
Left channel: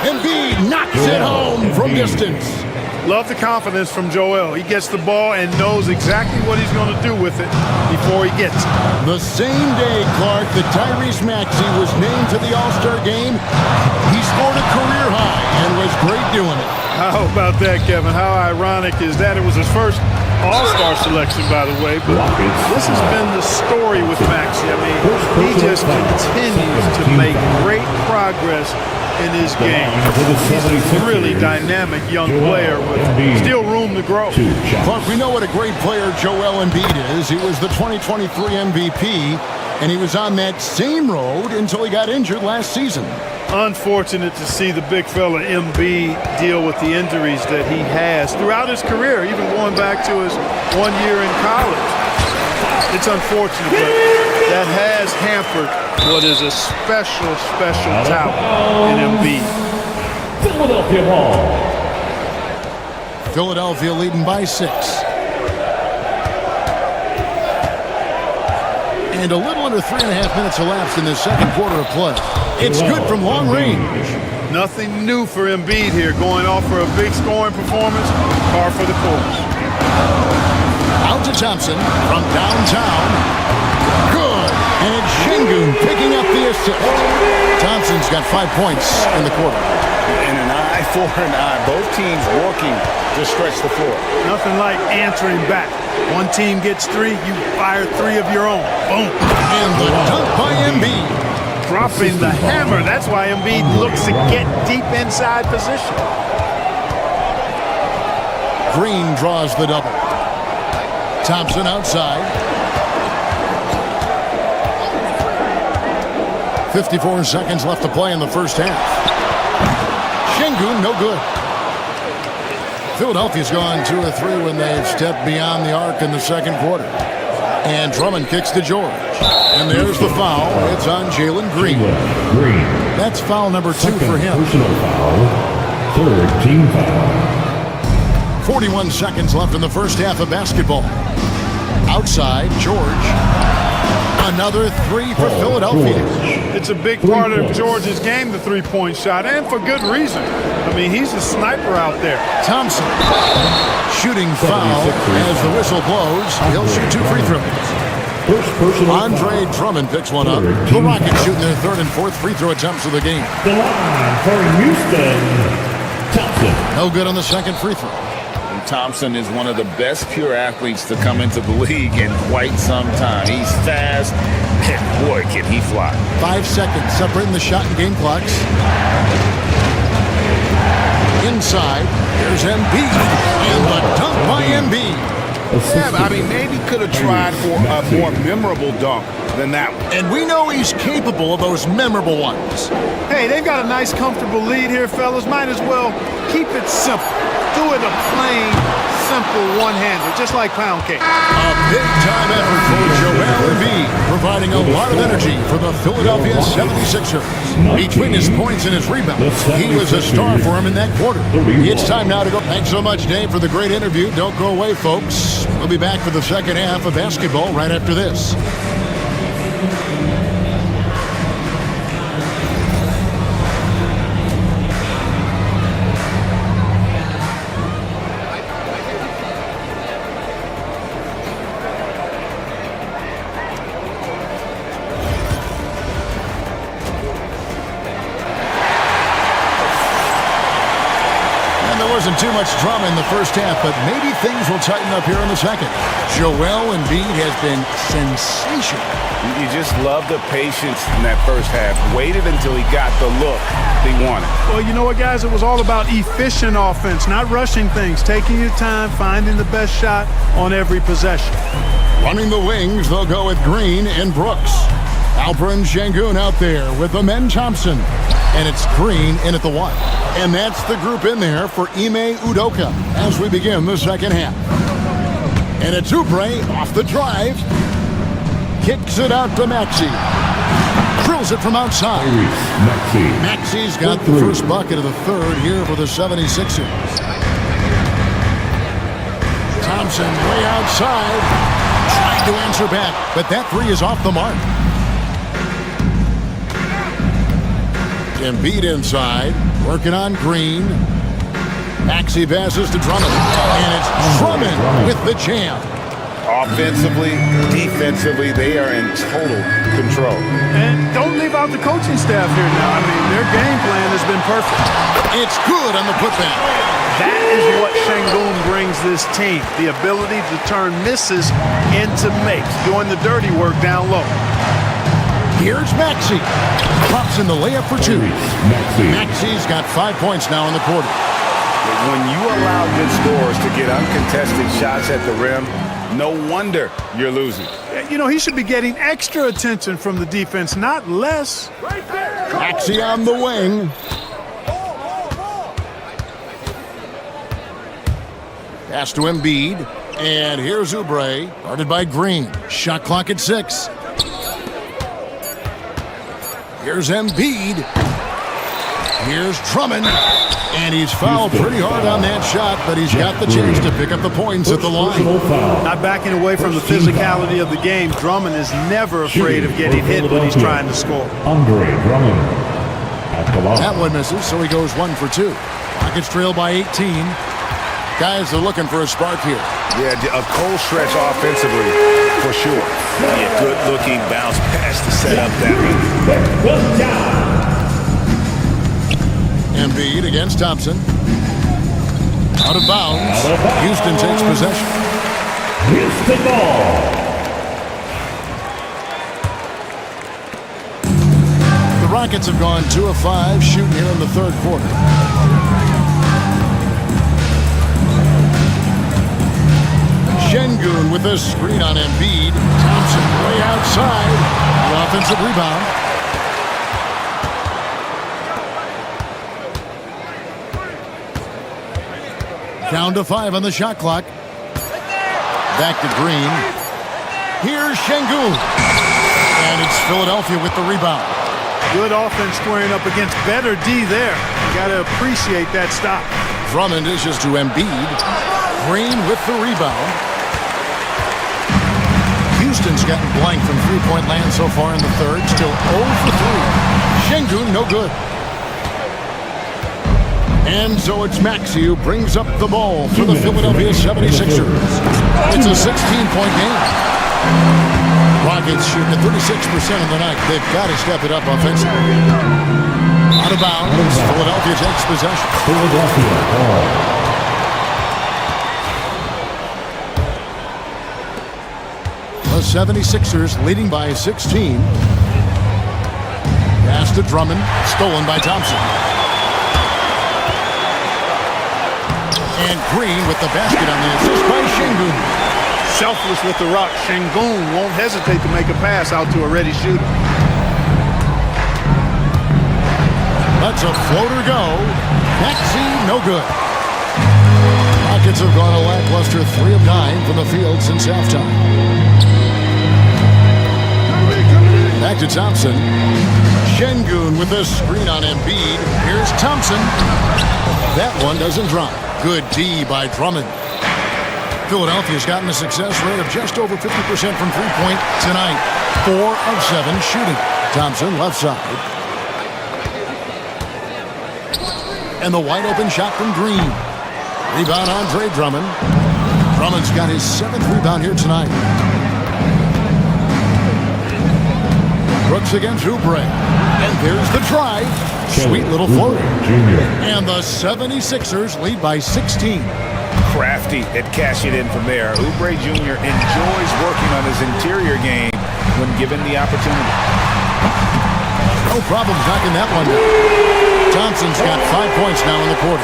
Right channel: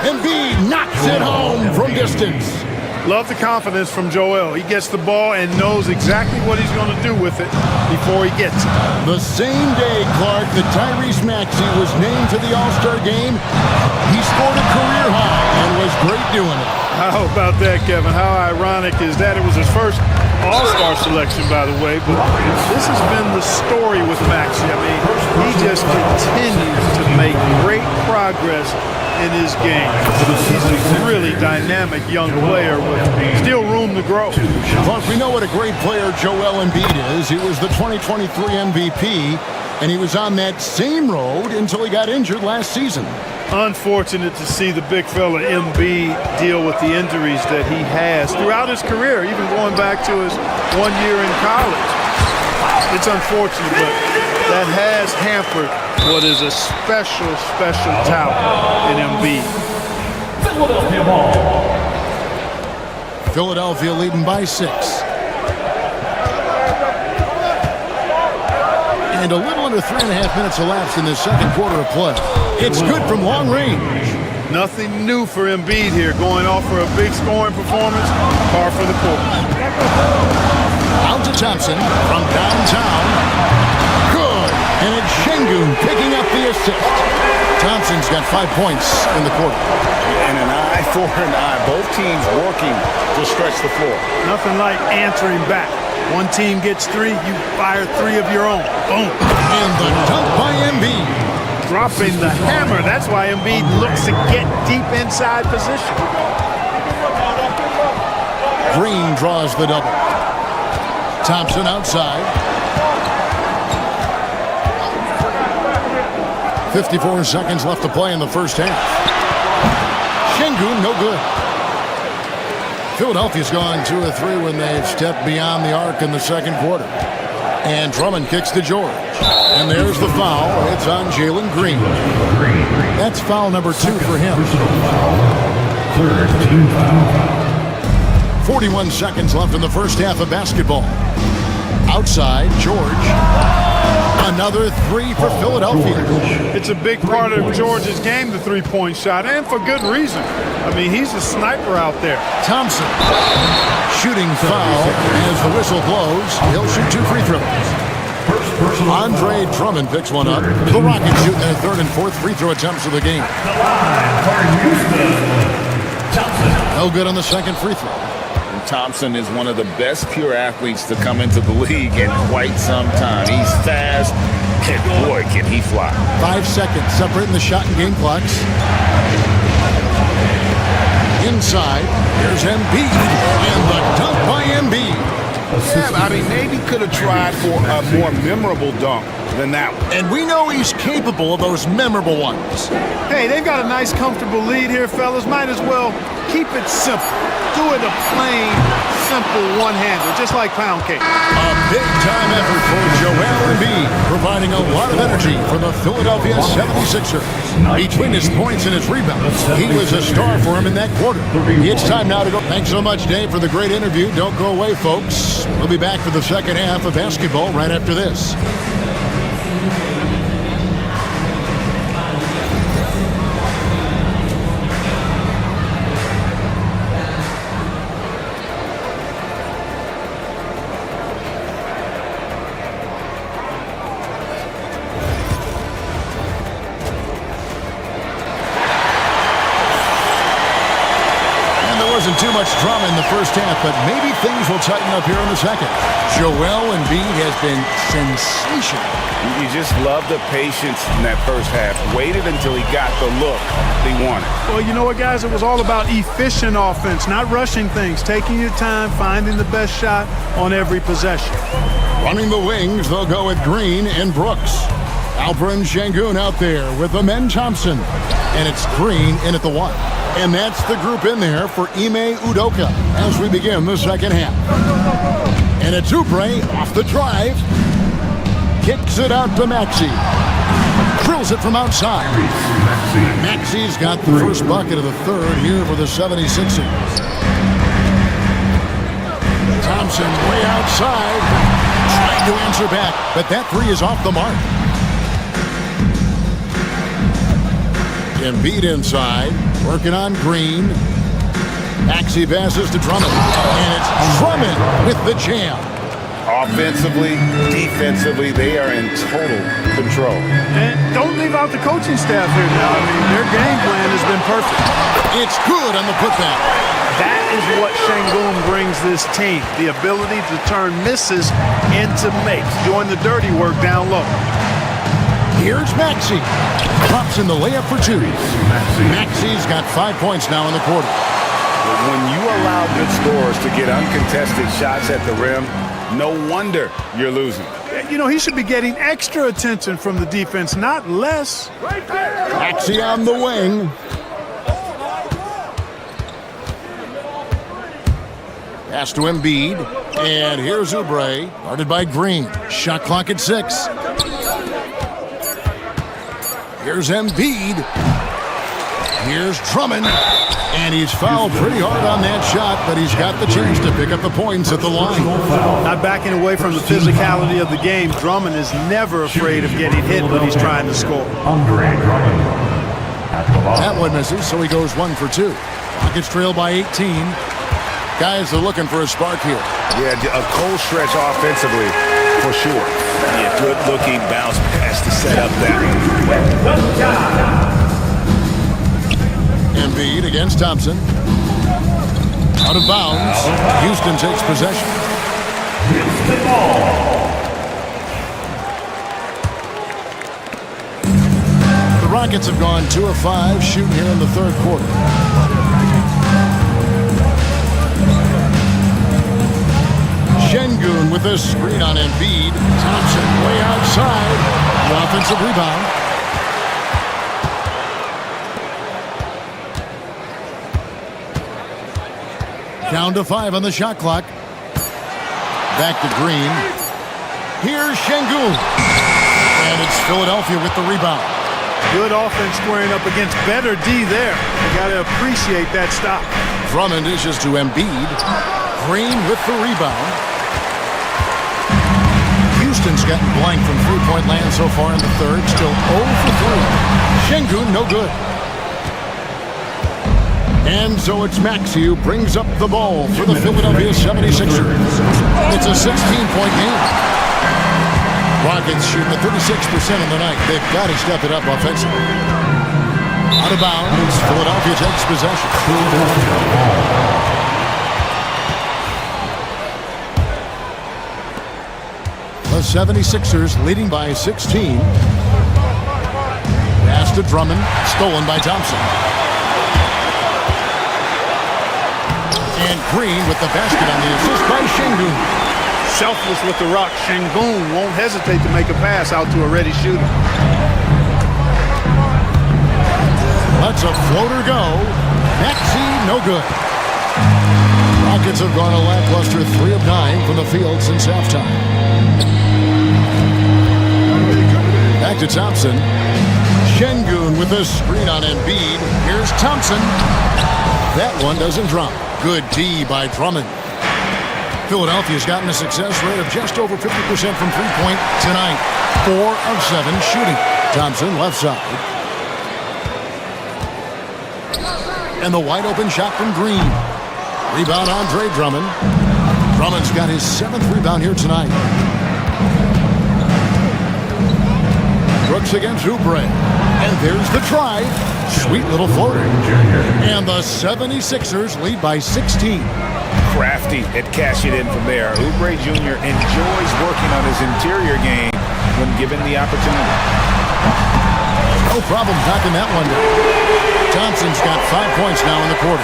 Embiid knocks it home from distance. Love the confidence from Joel. He gets the ball and knows exactly what he's going to do with it before he gets it. The same day, Clark, that Tyrese Maxey was named to the All-Star game, he scored a career high and was great doing it. How about that, Kevin? How ironic is that? It was his first All-Star selection, by the way, but this has been the story with Maxey. I mean, he just continues to make great progress in his game. He's a really dynamic young player with still room to grow. Clark, we know what a great player Joel Embiid is. He was the 2023 MVP, and he was on that same road until he got injured last season. Unfortunate to see the big fella Embiid deal with the injuries that he has throughout his career, even going back to his 1 year in college. It's unfortunate, but that has hampered what is a special talent in Embiid. Philadelphia ball. Philadelphia leading by 6. And a little under 3.5 minutes elapsed in this second quarter of play. It's good from long range. Nothing new for Embiid here, going off for a big scoring performance, par for the course. Out to Thompson from downtown. Good. And it's Şengün picking up the assist. Thompson's got 5 points in the quarter. And an eye for an eye. Both teams working to stretch the floor. Nothing like answering back. One team gets 3, you fire 3 of your own. Boom. And the dunk by Embiid. Dropping the hammer. That's why Embiid looks to get deep inside position. Green draws the double. Thompson outside. 54 seconds left to play in the first half. Şengün, no good. Philadelphia's gone 2 of 3 when they've stepped beyond the arc in the second quarter. And Drummond kicks to George. And there's the foul. It's on Jalen Green. That's foul number 2 for him. Personal foul. Third team foul. 41 seconds left in the first half of basketball. Outside, George. Another 3 for Philadelphia. It's a big part of George's game, the three-point shot, and for good reason. I mean, he's a sniper out there. Thompson. Shooting foul as the whistle blows. He'll shoot 2 free throws. Andre Drummond picks one up. The Rockets shooting their 3rd and 4th free throw attempts of the game. The line for Houston. Thompson. No good on the second free throw. And Thompson is one of the best pure athletes to come into the league in quite some time. He's fast, and boy, can he fly. 5 seconds separating the shot and game clocks. Inside, here's Embiid, and the dunk by Embiid. Yeah, I mean, maybe could have tried for a more memorable dunk than that one. And we know he's capable of those memorable ones. Hey, they've got a nice, comfortable lead here, fellas. Might as well keep it simple. Do it a plain, simple one-hander, just like pound cake. A big-time effort for Joel Embiid, providing a lot of energy for the Philadelphia 76ers. Between his points and his rebounds, he was a star for him in that quarter. It's time now to go. Thanks so much, Dave, for the great interview. Don't go away, folks. We'll be back for the second half of basketball right after this. Wasn't too much drama in the first half, but maybe things will tighten up here in the second. Joel Embiid has been sensational. You just love the patience in that first half. Waited until he got the look he wanted. Well, you know what, guys? It was all about efficient offense, not rushing things, taking your time, finding the best shot on every possession. Running the wings, they'll go with Green and Brooks. Alperen Şengün out there with Amen Thompson. And it's Green in at the 1. And that's the group in there for Ime Udoka as we begin the second half. And it's Oubre off the drive. Kicks it out to Maxey. Drills it from outside. Maxey's got the first bucket of the third here for the 76ers. Thompson way outside. Trying to answer back, but that 3 is off the mark. Embiid inside, working on Green. Maxey passes to Drummond, and it's Drummond with the jam. Offensively, defensively, they are in total control. And don't leave out the coaching staff here now. I mean, their game plan has been perfect. It's good on the putback. That is what Şengün brings this team, the ability to turn misses into makes, doing the dirty work down low. Here's Maxey. Drops in the layup for 2. Maxey's got 5 points now in the quarter. When you allow good scorers to get uncontested shots at the rim, no wonder you're losing. You know, he should be getting extra attention from the defense, not less. Maxey on the wing. Pass to Embiid. And here's Oubre, guarded by Green. Shot clock at 6. Here's Embiid. Here's Drummond. And he's fouled pretty hard on that shot, but he's got the chance to pick up the points at the line. Not backing away from the physicality of the game. Drummond is never afraid of getting hit when he's trying to score. Andre Drummond at the line. That one misses, so he goes 1 for 2. Rockets trail by 18. Guys are looking for a spark here. Yeah, a cold stretch offensively, for sure. Yeah, good-looking bounce pass to set up that one. Embiid against Thompson. Out of bounds. Houston takes possession. Houston ball. The Rockets have gone 2 of 5 shooting here in the third quarter. Şengün with a screen on Embiid. Thompson way outside. The offensive rebound. Down to 5 on the shot clock. Back to Green. Here's Şengün. And it's Philadelphia with the rebound. Good offense squaring up against better D there. You got to appreciate that stop. Drummond dishes to Embiid. Green with the rebound. Houston's gotten blank from three-point land so far in the third. Still 0 for 3. Şengün, no good. And so it's Maxey who brings up the ball for the Philadelphia 76ers. It's a 16-point game. Rockets shooting at 36% on the night. They've got to step it up offensively. Out of bounds, Philadelphia takes possession. The 76ers leading by 16. Pass to Drummond, stolen by Thompson. And Green with the basket on the assist by Şengün. Selfless with the rock. Şengün won't hesitate to make a pass out to a ready shooter. Let's a floater go. Maxey, no good. Rockets have gone a lackluster 3 of 9 from the field since halftime. Back to Thompson. Şengün with a screen on Embiid. Here's Thompson. That one doesn't drop. Good D by Drummond. Philadelphia's gotten a success rate of just over 50% from three-point tonight. 4 of 7 shooting. Thompson left side. And the wide-open shot from Green. Rebound Andre Drummond. Drummond's got his 7th rebound here tonight. Brooks against Oubre. And there's the drive. Sweet little floater. And the 76ers lead by 16. Crafty at cashing in from there. Oubre Jr. enjoys working on his interior game when given the opportunity. No problem knocking that one down. Thompson's got 5 points now in the quarter.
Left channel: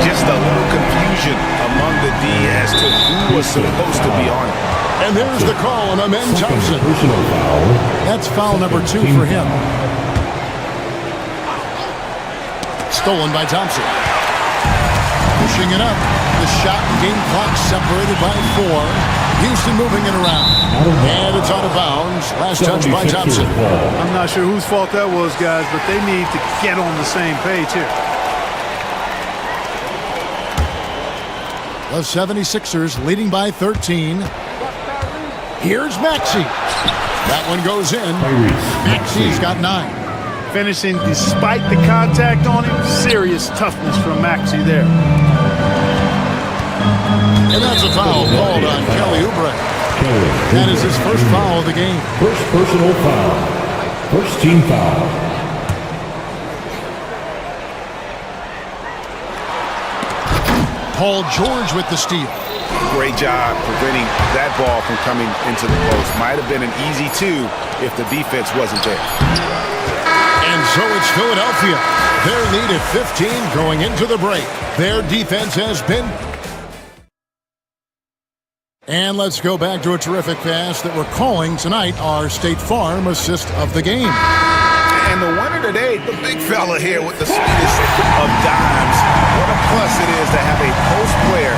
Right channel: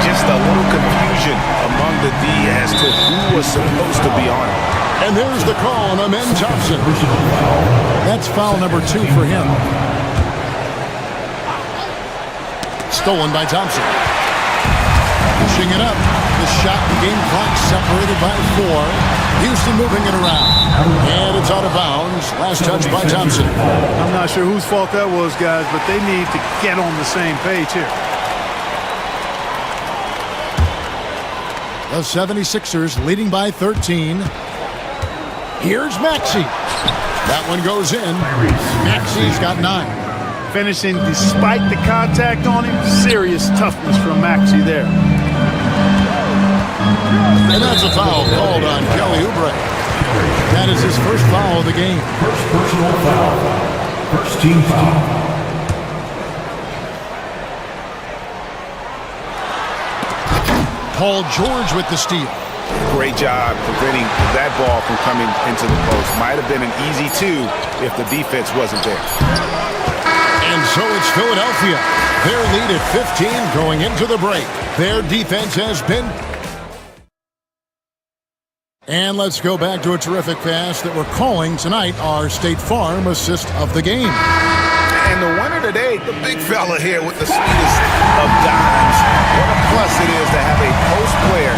Just a little confusion among the D as to who was supposed to be on it. And there's the call on Amen Thompson. That's foul number 2 for him. Stolen by Thompson. Pushing it up. The shot and game clock separated by 4. Houston moving it around. And it's out of bounds. Last touch by Thompson. I'm not sure whose fault that was, guys, but they need to get on the same page here. The 76ers leading by 13. Here's Maxey. That one goes in. Maxey's got 9. Finishing despite the contact on him. Serious toughness from Maxey there. And that's a foul called on Kelly Oubre. That is his first foul of the game. First personal foul. First team foul. Paul George with the steal. Great job preventing that ball from coming into the post. Might have been an easy 2 if the defense wasn't there. And so it's Philadelphia. Their lead at 15 going into the break. Their defense has been... And let's go back to a terrific pass that we're calling tonight our State Farm assist of the game. And the winner today, the big fella here with the sweetest of dimes. What a plus it is to have a post player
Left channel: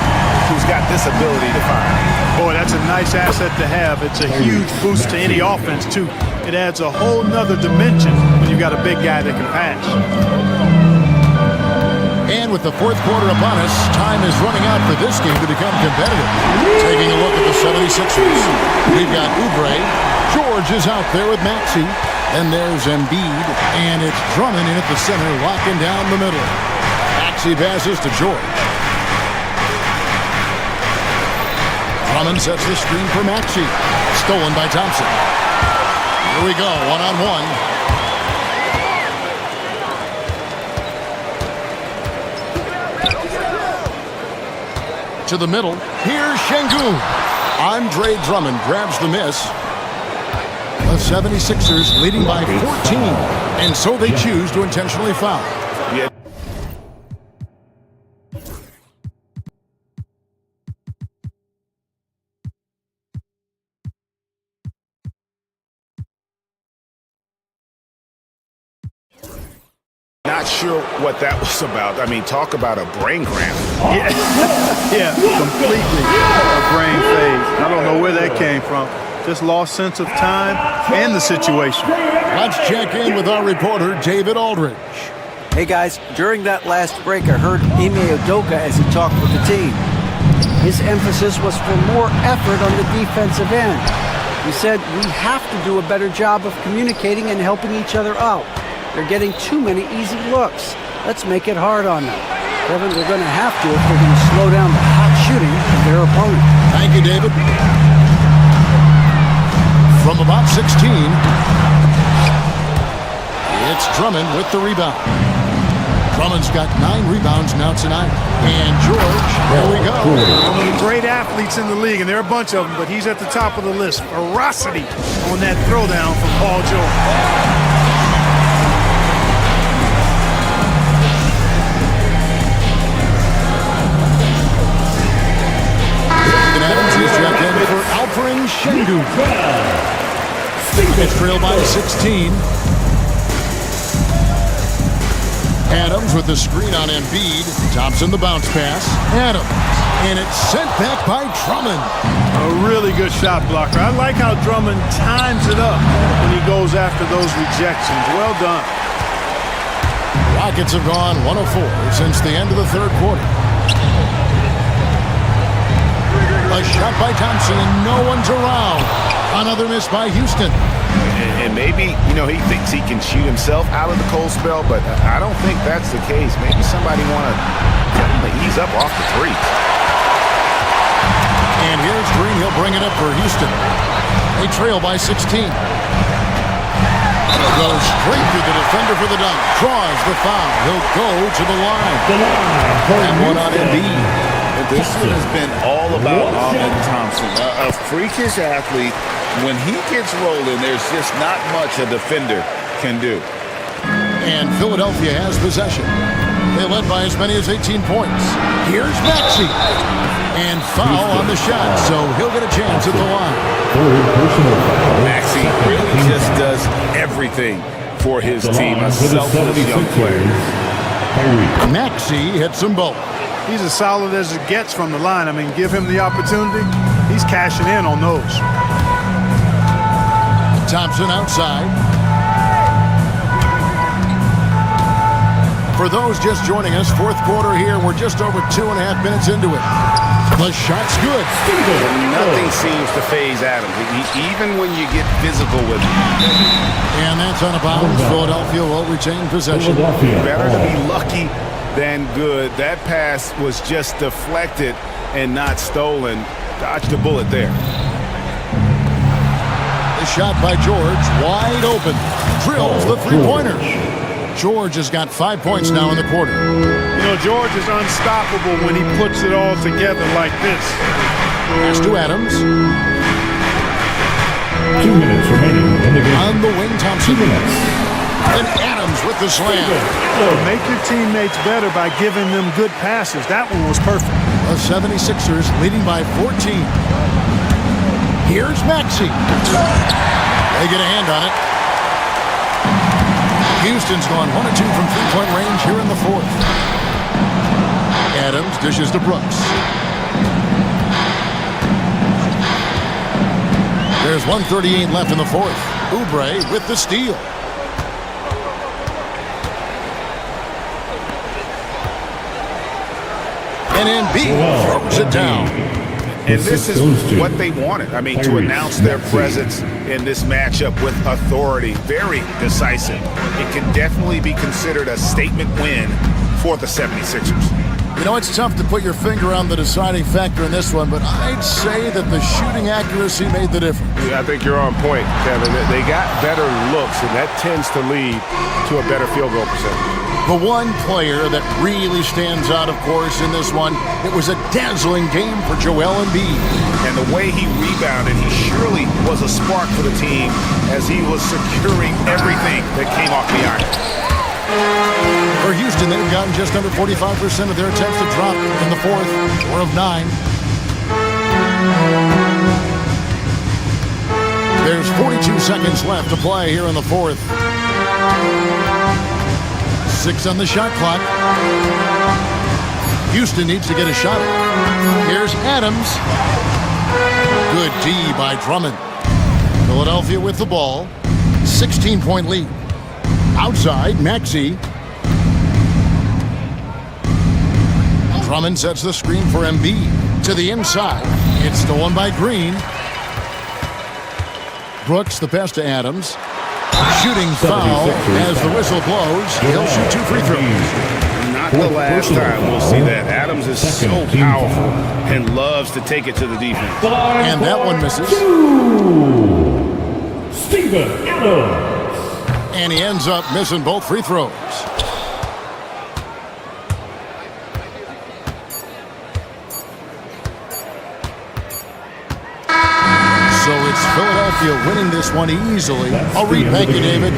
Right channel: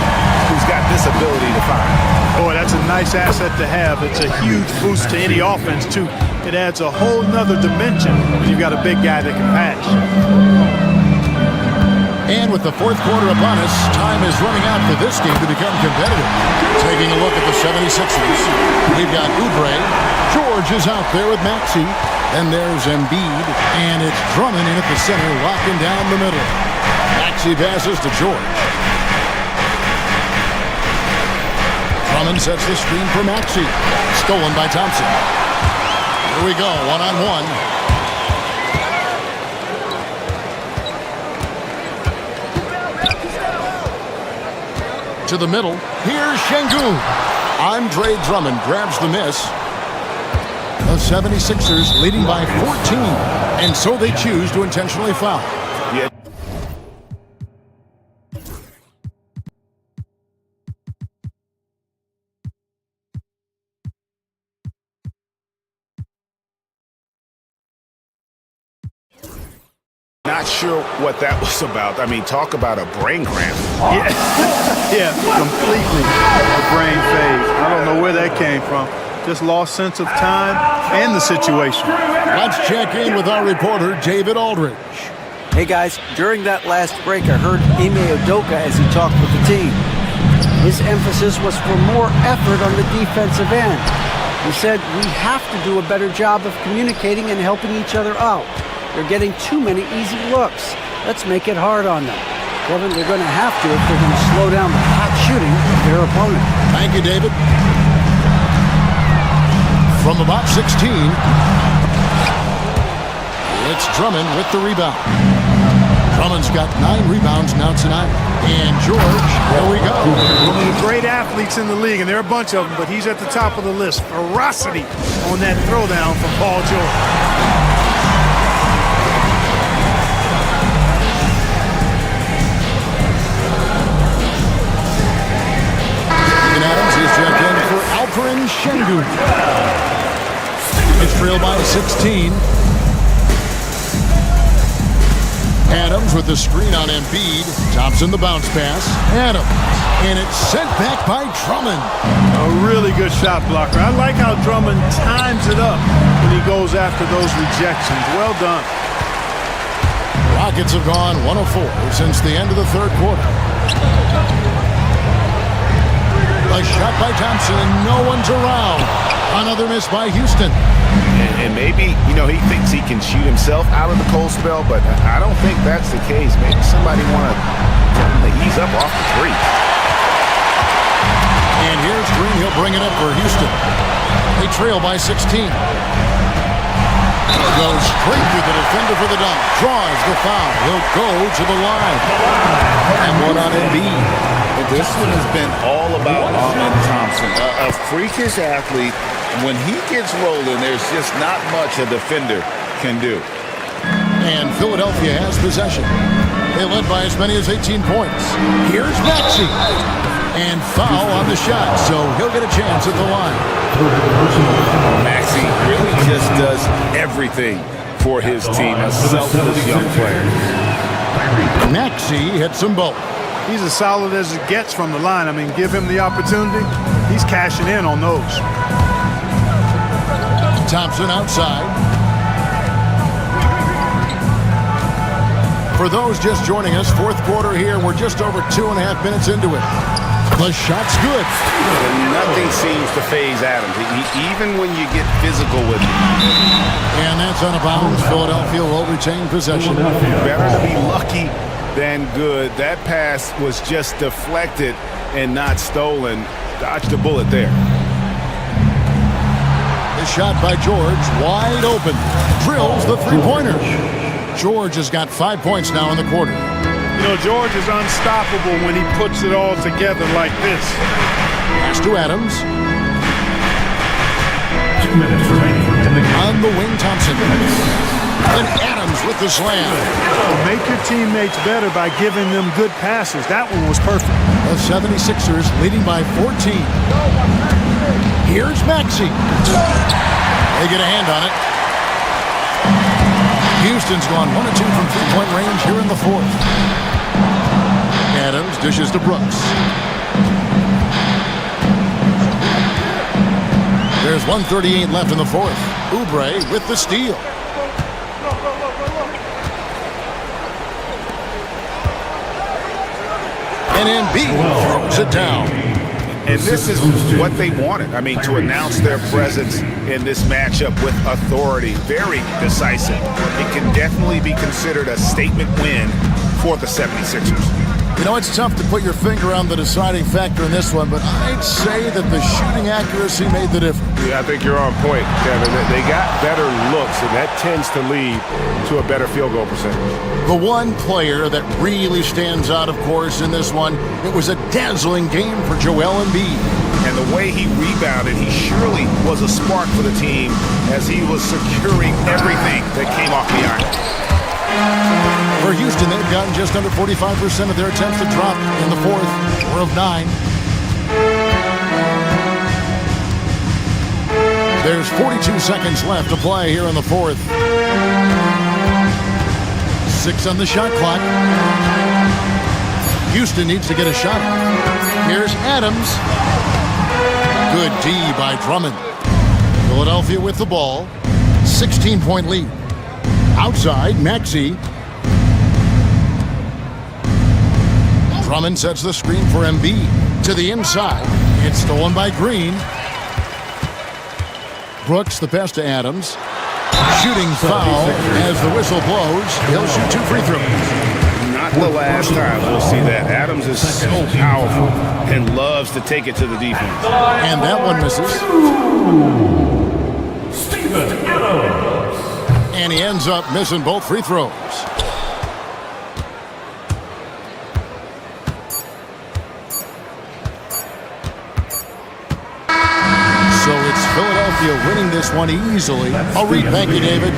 who's got this ability to find. Boy, that's a nice asset to have. It's a huge boost to any offense, too. It adds a whole nother dimension when you've got a big guy that can pass. And with the fourth quarter upon us, time is running out for this game to become competitive. Taking a look at the 76ers, we've got Oubre. George is out there with Maxey. Then there's Embiid, and it's Drummond in at the center, locking down the middle. Maxey passes to George. Drummond sets the screen for Maxey. Stolen by Thompson. Here we go, one-on-one. To the middle. Here's Şengün. Andre Drummond grabs the miss. The 76ers leading by 14. And so they choose to intentionally foul. Yeah. Not sure what that was about. I mean, talk about a brain cramp. Yeah, completely a brain phase. I don't know where that came from. Just lost sense of time and the situation. Let's check in with our reporter, David Aldridge. Hey guys, during that last break, I heard Ime Udoka as he talked with the team. His emphasis was for more effort on the defensive end. He said, we have to do a better job of communicating and helping each other out. They're getting too many easy looks. Let's make it hard on them. Kevin, they're going to have to if they're going to slow down the hot shooting of their opponent. Thank you, David. From about 16, it's Drummond with the rebound. Drummond's got 9 rebounds now tonight. And George, here we go. One of the great athletes in the league, and there are a bunch of them, but he's at the top of the list. Ferocity on that throwdown from Paul George. Adams is checked in for Alperen Şengün. It's trailed by 16. Adams with the screen on Embiid. Thompson the bounce pass. Adams. And it's sent back by Drummond. A really good shot blocker. I like how Drummond times it up when he goes after those rejections. Well done. Rockets have gone 1 of 4 since the end of the third quarter. A shot by Thompson, and no one's around. Another miss by Houston. And maybe, he thinks he can shoot himself out of the cold spell, but I don't think that's the case. Maybe somebody want to tell him to ease up off the three. And here's Green. He'll bring it up for Houston. They trail by 16. Goes straight through the defender for the dunk. Draws the foul. He'll go to the line. And one on Embiid. This one has been all about Ahmed Thompson, a freakish athlete. When he gets rolling, there's just not much a defender can do. And Philadelphia has possession. They led by as many as 18 points. Here's Maxey. And foul on the shot, so he'll get a chance at the line. Maxey really just does everything for his team, a selfless young player. Maxey hits them both. He's as solid as it gets from the line. I mean, give him the opportunity. He's cashing in on those. Thompson outside. For those just joining us, fourth quarter here. We're just over 2.5 minutes into it. The shot's good. And nothing seems to faze Adams, even when you get physical with him. And that's out of bounds. Philadelphia will retain possession. Better to be lucky than good. That pass was just deflected and not stolen. Dodged a bullet there. The shot by George, wide open. Drills the three-pointer. George has got 5 points now in the quarter. George is unstoppable when he puts it all together like this. Pass to Adams. 2 minutes remaining in the game. On the wing, Thompson. And Adams with the slam. Make your teammates better by giving them good passes. That one was perfect. The 76ers leading by 14. Here's Maxey. They get a hand on it. Houston's gone 1 of 2 from three-point range here in the fourth. Adams dishes to Brooks. There's 1:38 left in the fourth. Oubre with the steal. And Embiid throws it down. And this is what they wanted. I mean, to announce their presence in this matchup with authority. Very decisive. It can definitely be considered a statement win for the 76ers. It's tough to put your finger on the deciding factor in this one, but I'd say that the shooting accuracy made the difference. Yeah, I think you're on point, Kevin. They got better looks, and that tends to lead to a better field goal percentage. The one player that really stands out, of course, in this one, it was a dazzling game for Joel Embiid. And the way he rebounded, he surely was a spark for the team as he was securing everything that came off the iron. For Houston, they've gotten just under 45% of their attempts to drop in the fourth, 4 of 9. There's 42 seconds left to play here in the fourth. 6 on the shot clock. Houston needs to get a shot off. Here's Adams. Good D by Drummond. Philadelphia with the ball. 16-point lead. Outside, Maxey. Drummond sets the screen for Embiid. To the inside. It's stolen by Green. Brooks, the pass to Adams. Shooting foul as the whistle blows. He'll shoot 2 free throws. Not the last time we'll see that. Adams is so powerful and loves to take it to the defense. And that one misses. Steven Adams. And he ends up missing both free throws. So it's Philadelphia winning this one easily. I'll read. Thank you, David.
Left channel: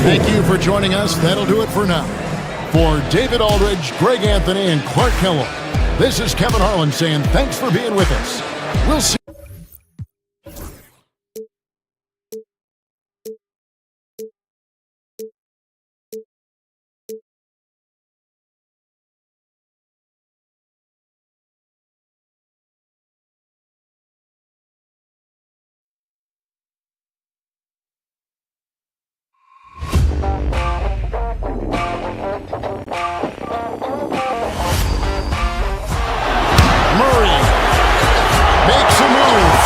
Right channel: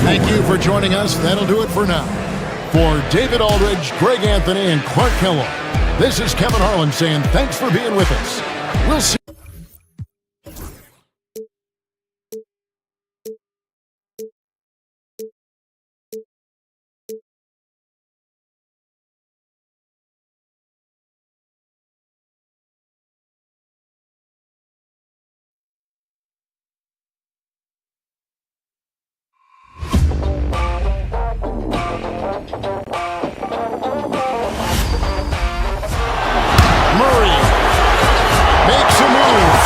Thank you for joining us. That'll do it for now. For David Aldridge, Greg Anthony, and Clark Kellogg, this is Kevin Harlan saying thanks for being with us. We'll see. Murray makes a move.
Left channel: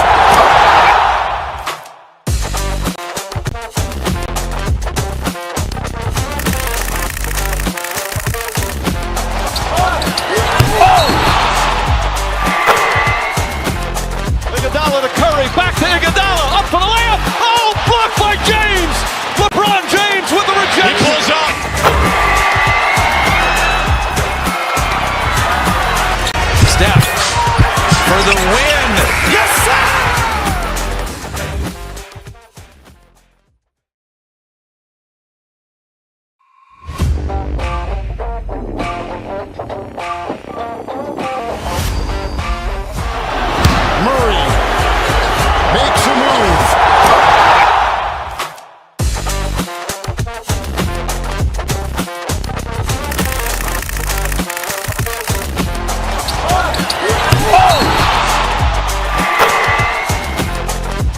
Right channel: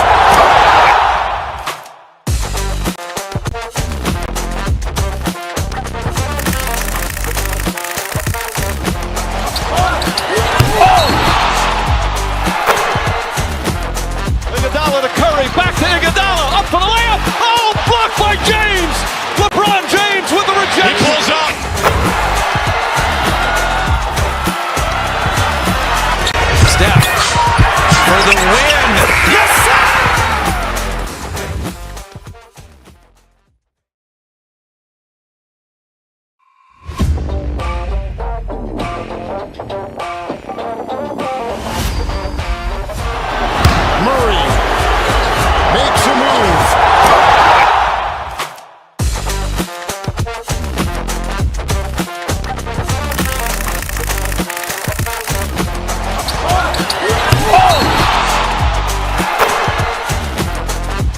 Iguodala to Curry, back to Iguodala, up for the layup. Oh, blocked by James. LeBron James with the rejection. He pulls up. Steph for the win. Yes, sir! Murray makes a move.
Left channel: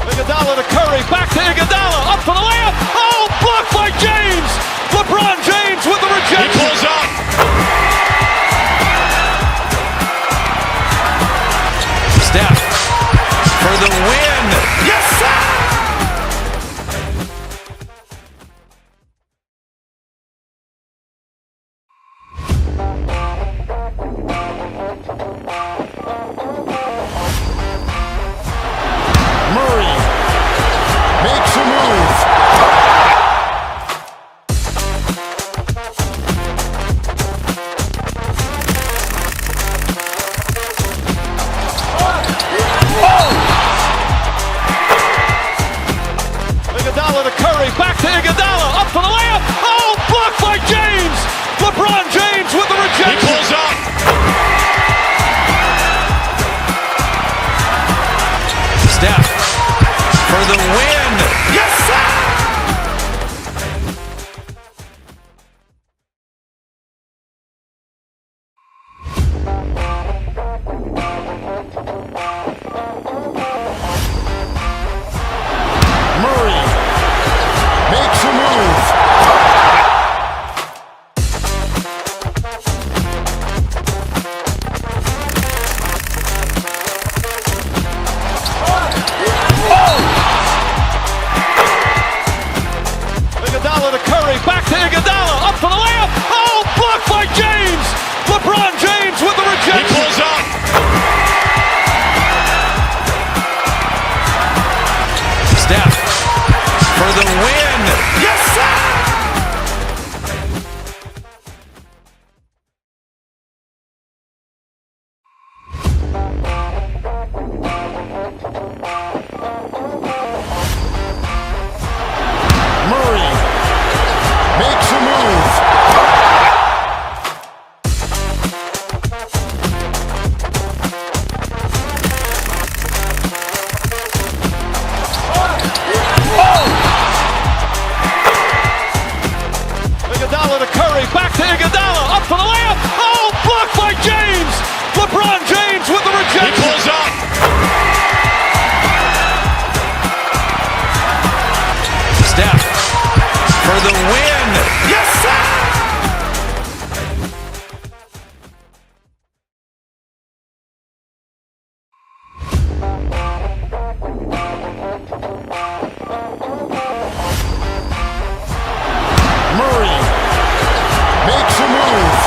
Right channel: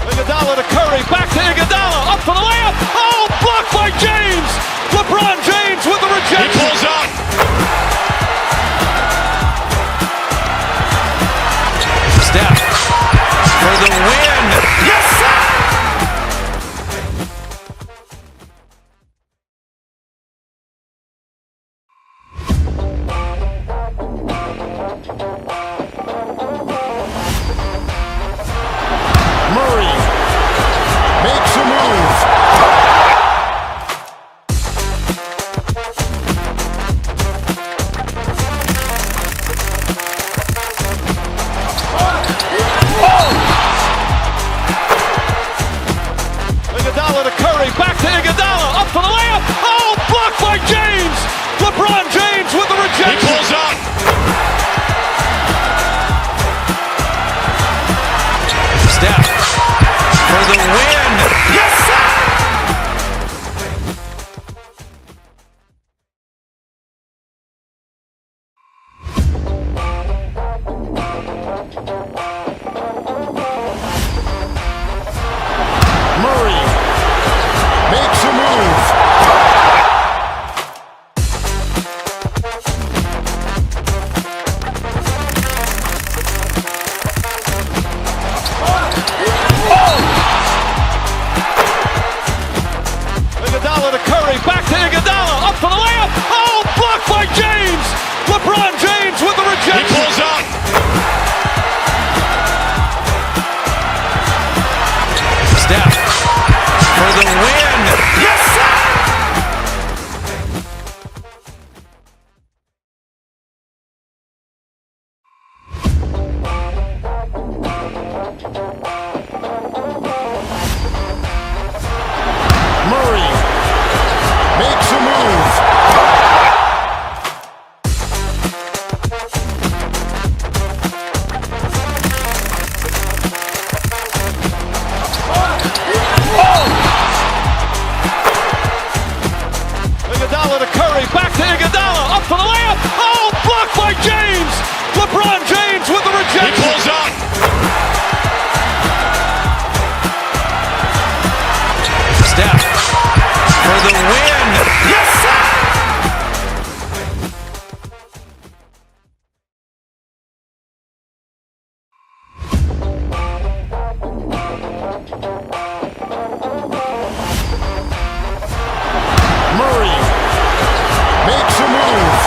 Iguodala to Curry, back to Iguodala, up for the layup. Oh, blocked by James. LeBron James with the rejection. He pulls up. Steph for the win. Yes, sir! Murray makes a move. Iguodala to Curry, back to Iguodala, up for the layup. Oh, blocked by James. LeBron James with the rejection. He pulls up. Steph for the win. Yes, sir! Murray makes a move. Iguodala to Curry, back to Iguodala, up for the layup. Oh, blocked by James. LeBron James with the rejection. He pulls up. Steph for the win. Yes, sir! Murray makes a move. Iguodala to Curry, back to Iguodala, up for the layup. Oh, blocked by James. LeBron James with the rejection. He pulls up. for the win. Yes, sir! Murray makes a move.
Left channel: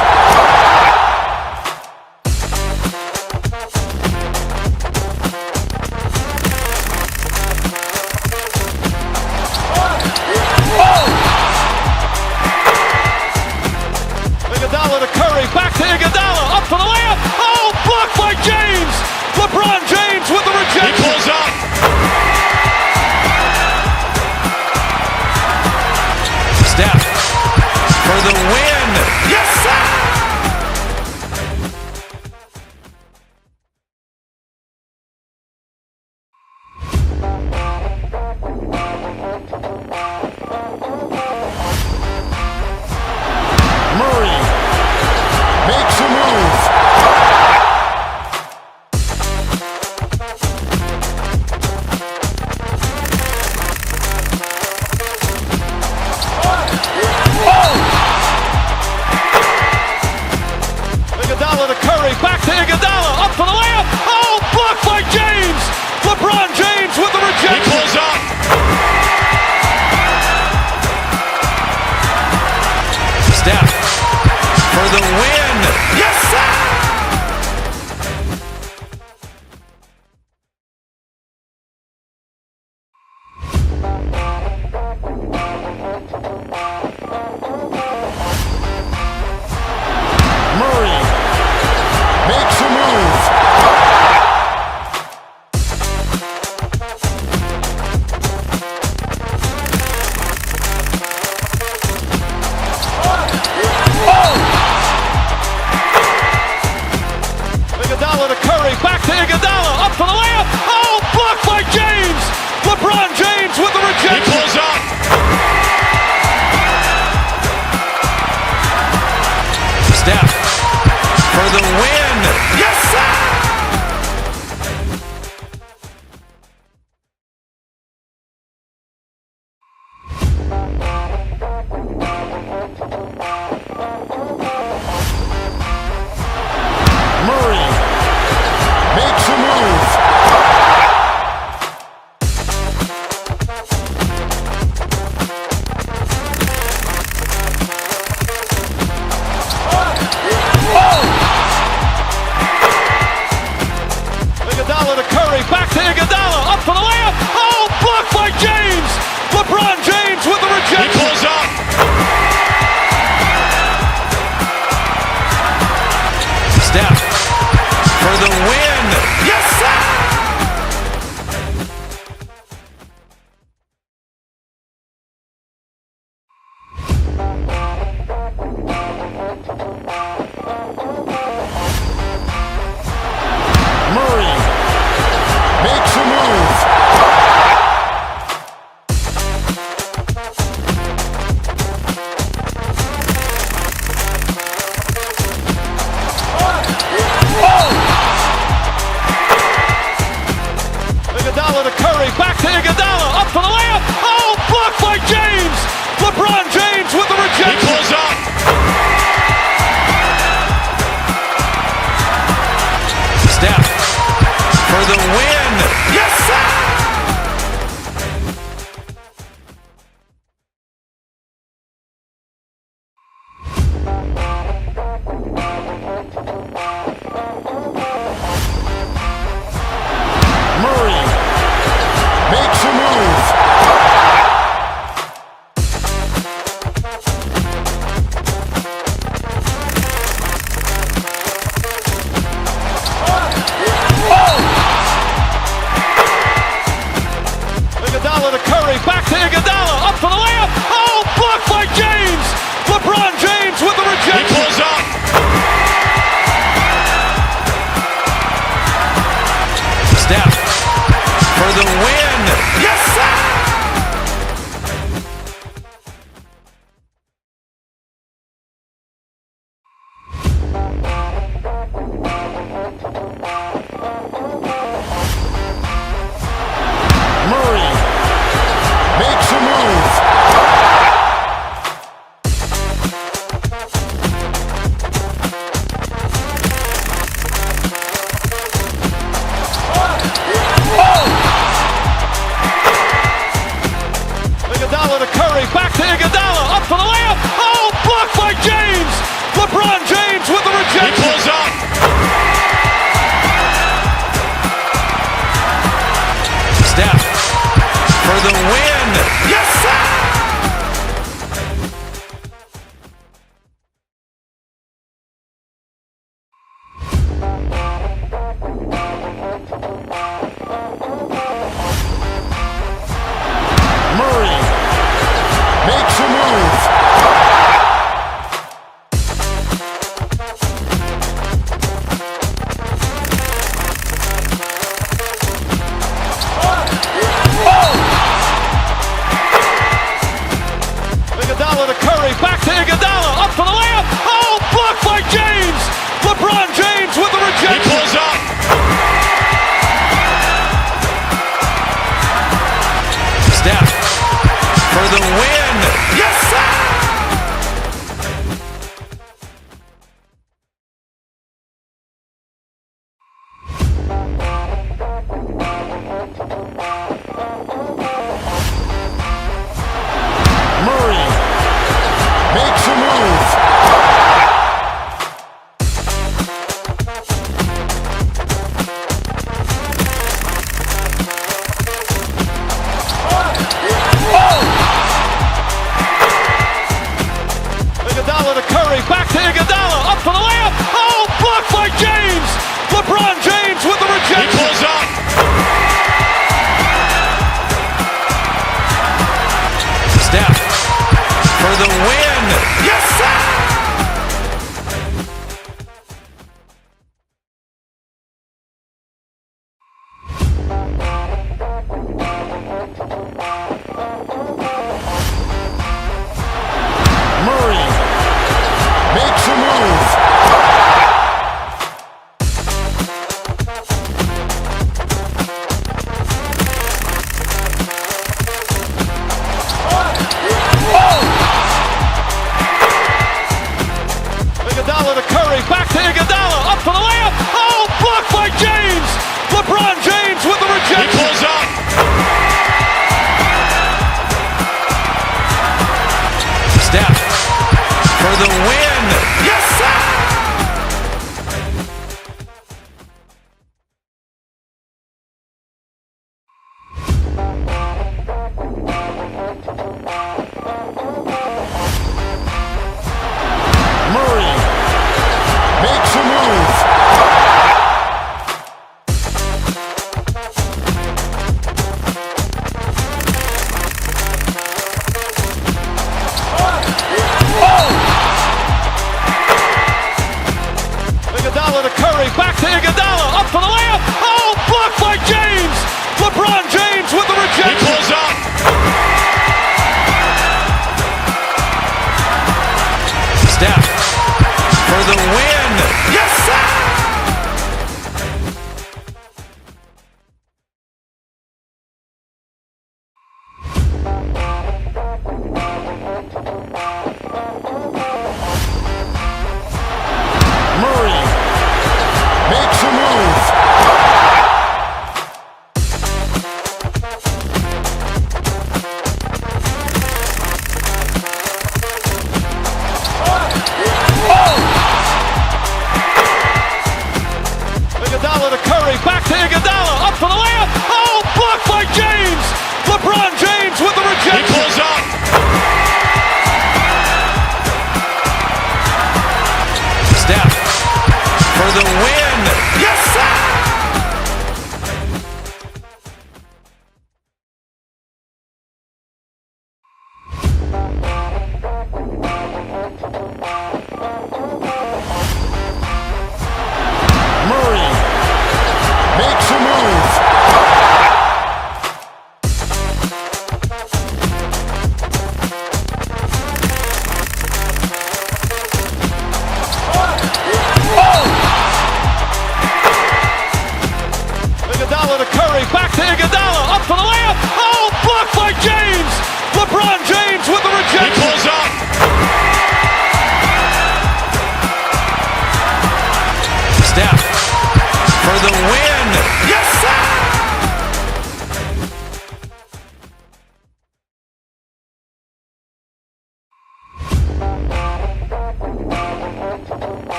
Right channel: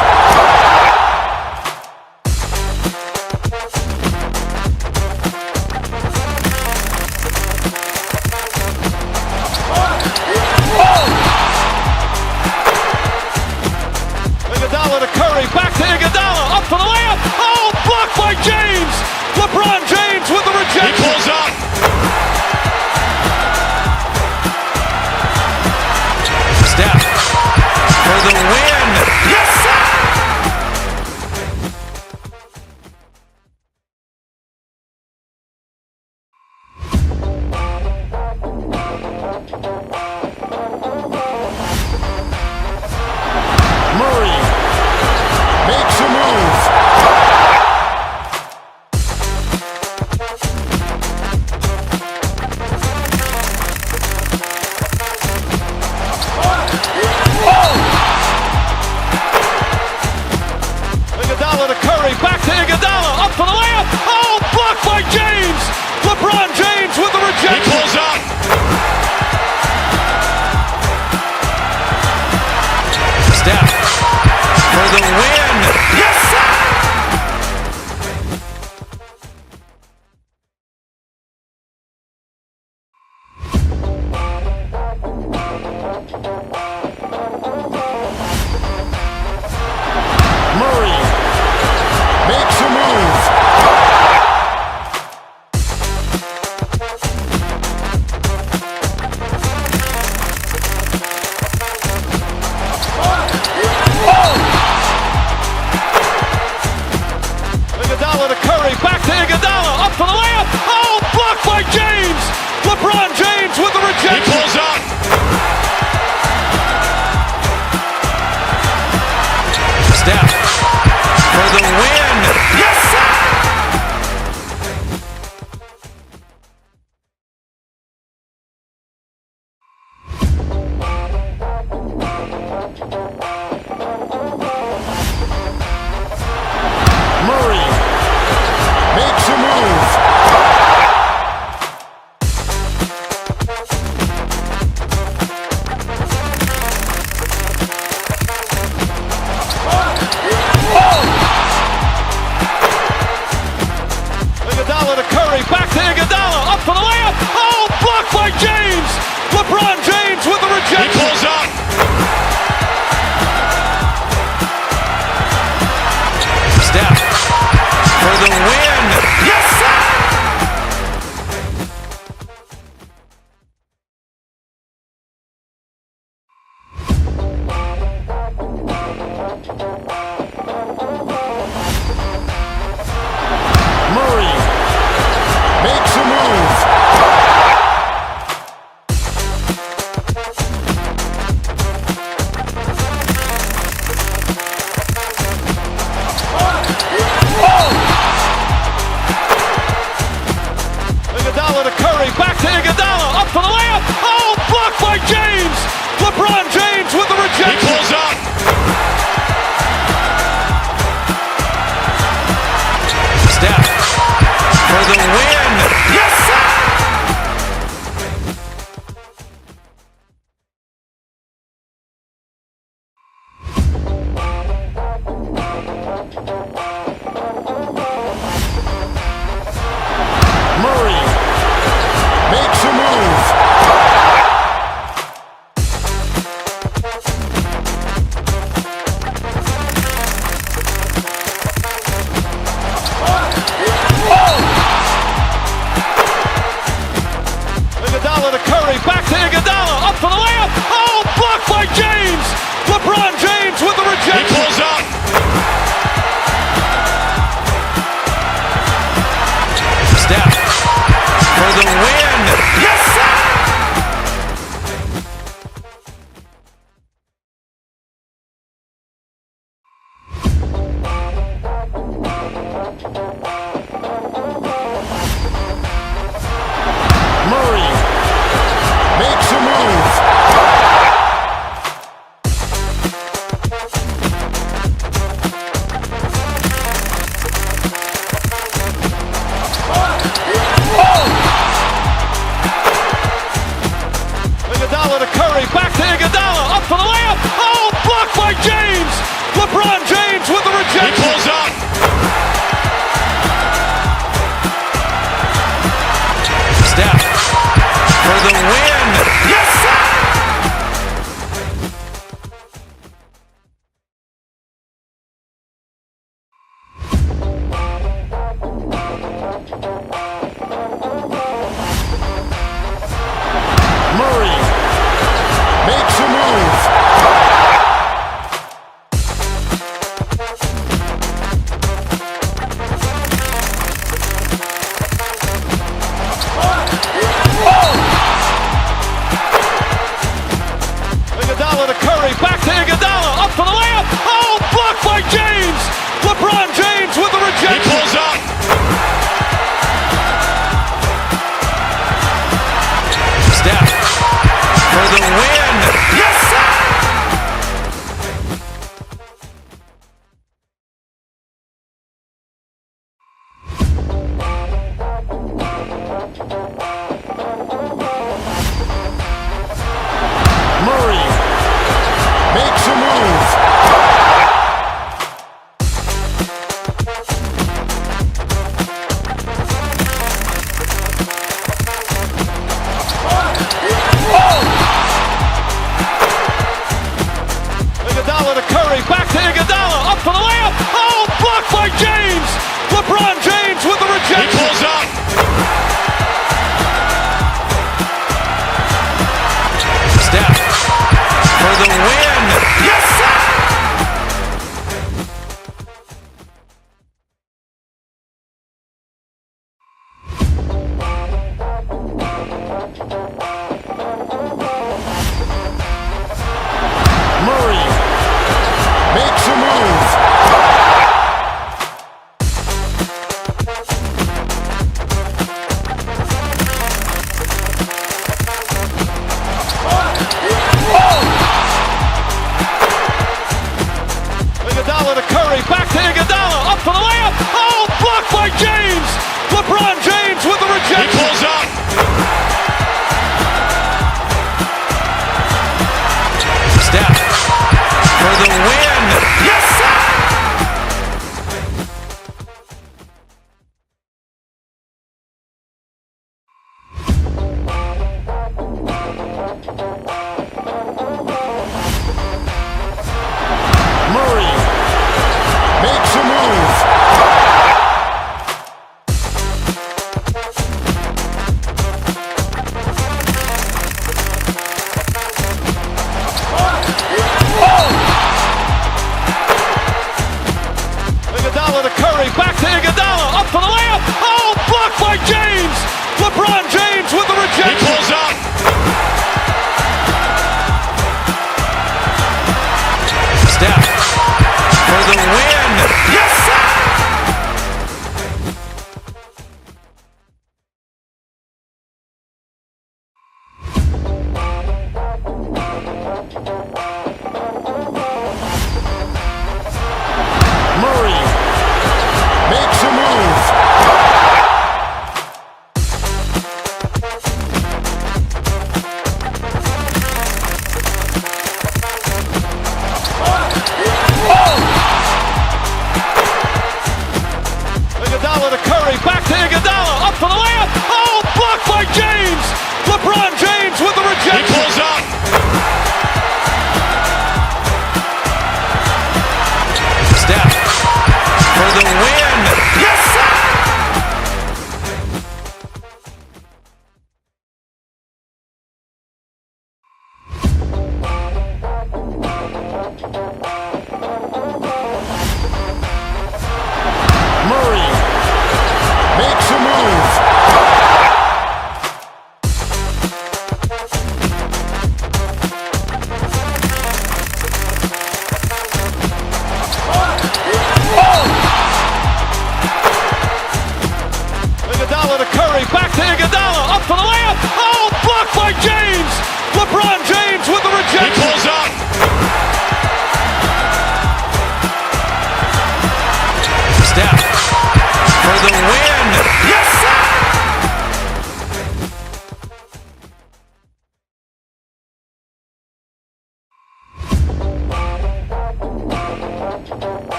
Iguodala to Curry, back to Iguodala, up for the layup. Oh, blocked by James. LeBron James with the rejection. He pulls up. Steph for the win. Yes, sir! Murray makes a move. Iguodala to Curry, back to Iguodala, up for the layup. Oh, blocked by James. LeBron James with the rejection. He pulls up. Steph for the win. Yes, sir! Murray makes a move. Iguodala to Curry, back to Iguodala, up for the layup. Oh, blocked by James. LeBron James with the rejection. He pulls up. Steph for the win. Yes, sir! Murray makes a move. Iguodala to Curry, back to Iguodala, up for the layup. Oh, blocked by James. LeBron James with the rejection. He pulls up. Steph for the win. Yes, sir! Murray makes a move. Iguodala to Curry, back to Iguodala, up for the layup. Oh, blocked by James. LeBron James with the rejection. He pulls up. Steph for the win. Yes, sir! Murray makes a move. Iguodala to Curry, back to Iguodala, up for the layup. Oh, blocked by James. LeBron James with the rejection. He pulls up. Steph for the win. Yes, sir! Murray makes a move. win. Yes, sir! Murray makes a move. Iguodala to Curry, back to Iguodala, up for the layup. Oh, blocked by James. LeBron James with the rejection. He pulls up. Steph for the win. Yes, sir! Murray makes a move. Iguodala to Curry, back to Iguodala, up for the layup. Oh, blocked by James. LeBron James with the rejection. He pulls up. Steph for the win. Yes, sir! Murray makes a move. Iguodala to Curry, back to Iguodala, up for the layup. Oh, blocked by James. LeBron James with the rejection. He pulls up. Steph for the win. Yes, sir! Murray makes a move.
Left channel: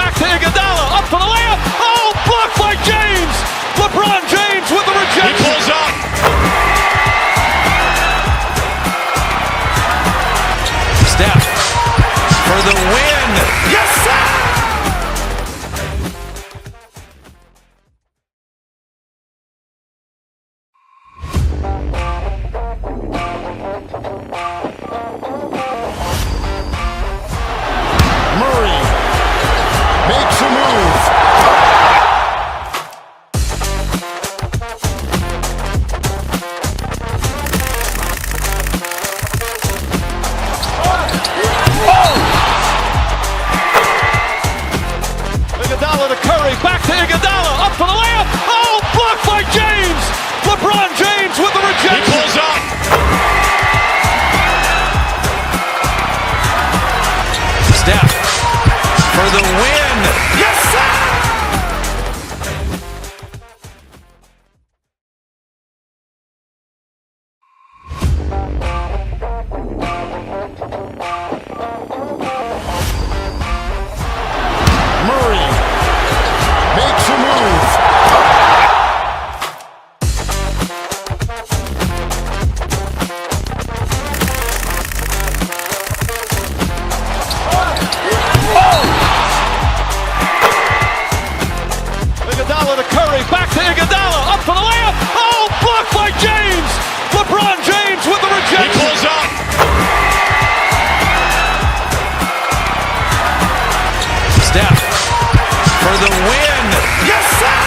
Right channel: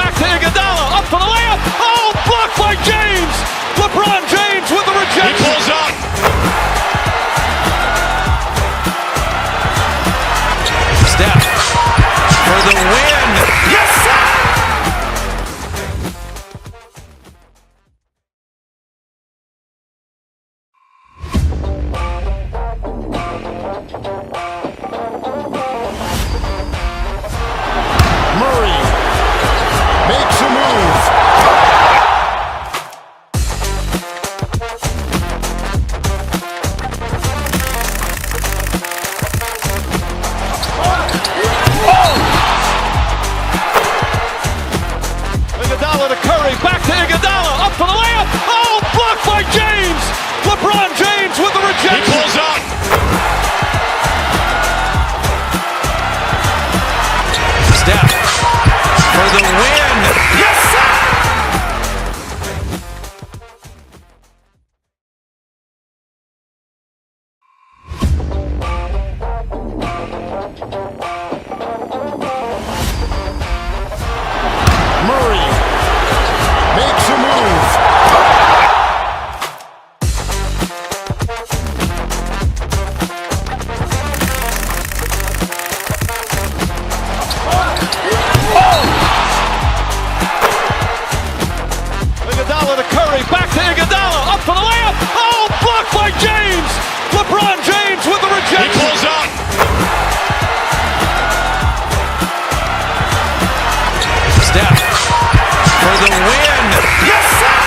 back to Iguodala, up for the layup. Oh, blocked by James. LeBron James with the rejection. He pulls up. Steph for the win. Yes, sir! Murray makes a move. Iguodala to Curry, back to Iguodala, up for the layup. Oh, blocked by James. LeBron James with the rejection. He pulls up. Steph for the win. Yes, sir! Murray makes a move. Iguodala to Curry, back to Iguodala, up for the layup. Oh, blocked by James. LeBron James with the rejection. He pulls up. Steph for the win. Yes, sir!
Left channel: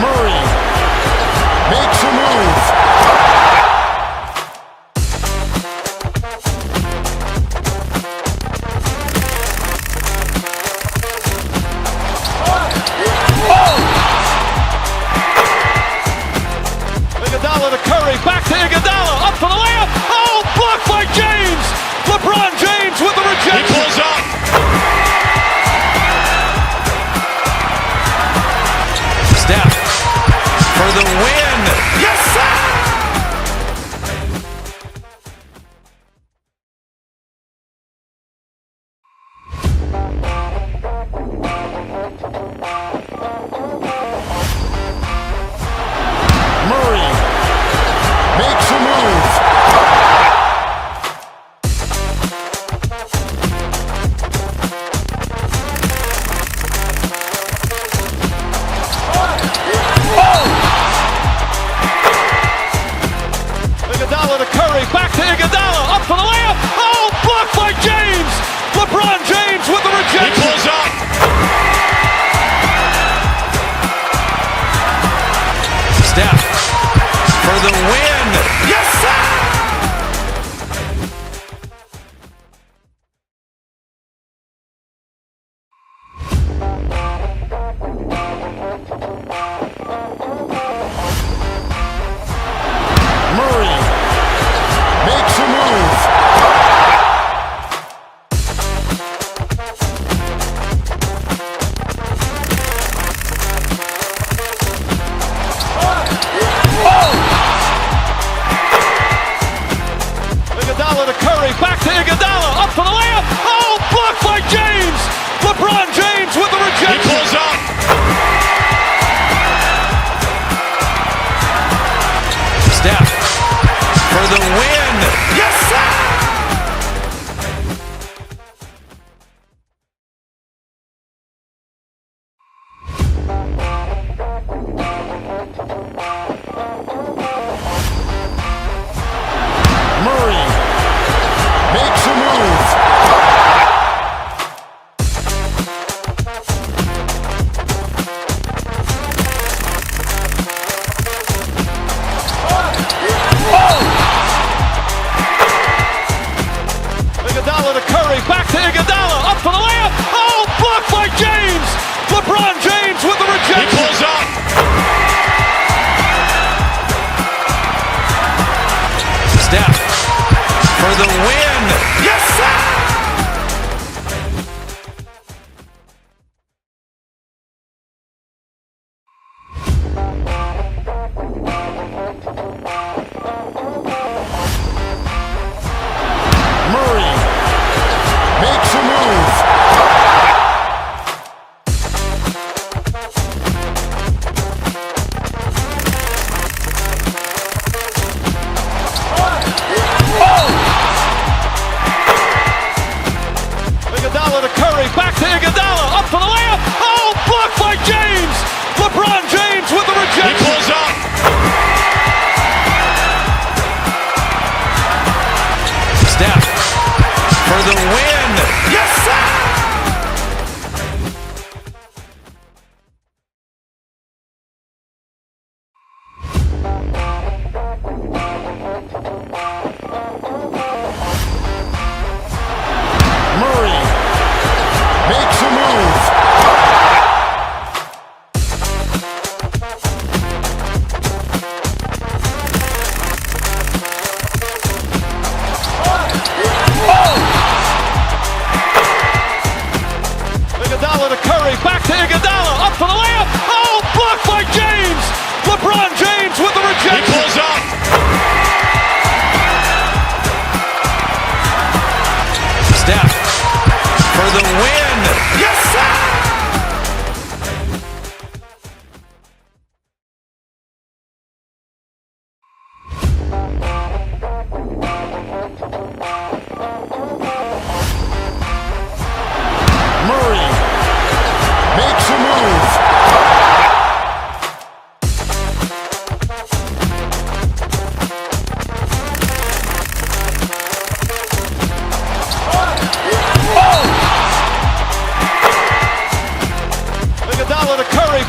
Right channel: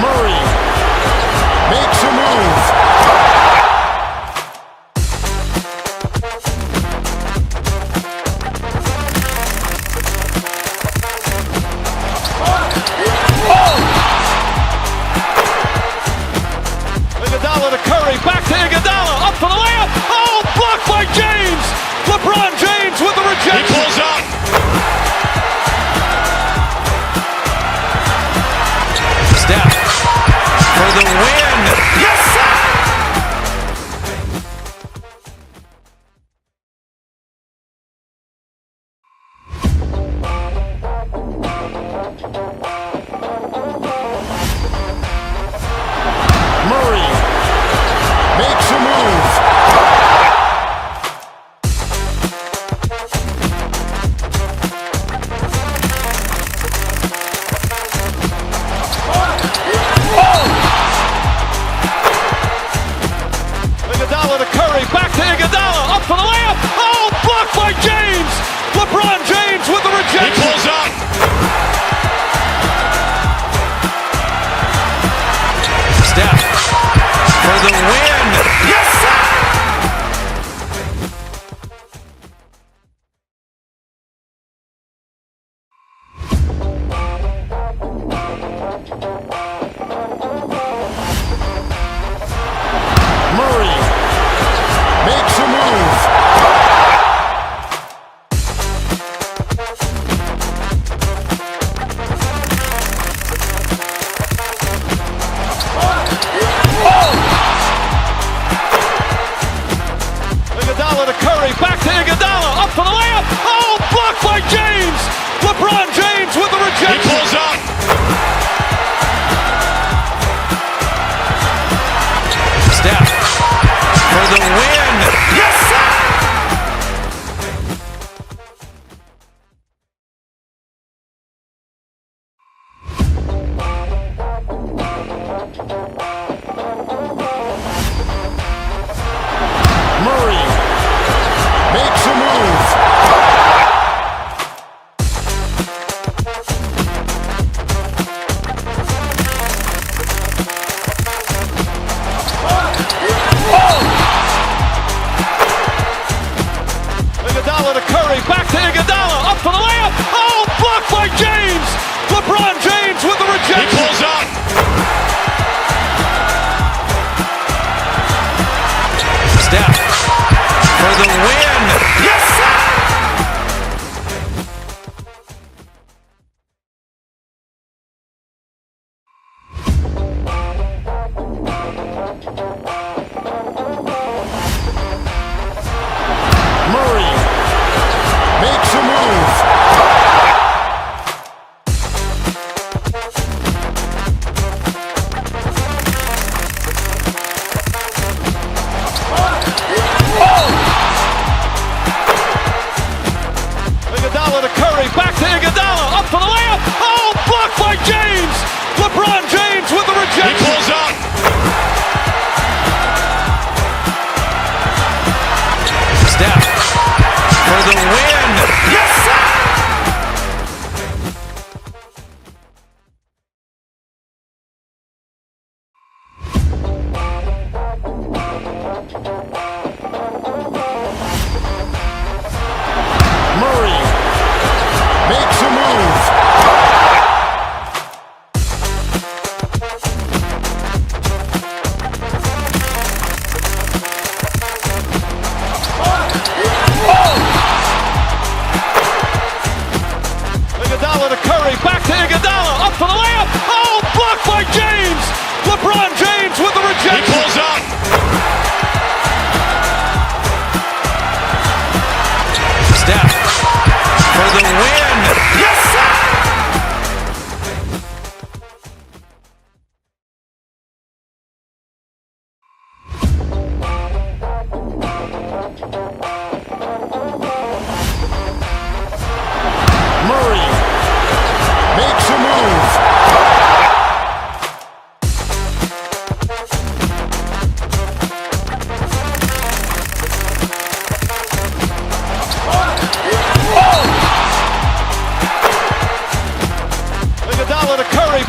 Murray makes a move. Iguodala to Curry, back to Iguodala, up for the layup. Oh, blocked by James. LeBron James with the rejection. He pulls up. Steph for the win. Yes, sir! Murray makes a move. Iguodala to Curry, back to Iguodala, up for the layup. Oh, blocked by James. LeBron James with the rejection. He pulls up. Steph for the win. Yes, sir! Murray makes a move. Iguodala to Curry, back to Iguodala, up for the layup. Oh, blocked by James. LeBron James with the rejection. He pulls up. Steph for the win. Yes, sir! Murray makes a move.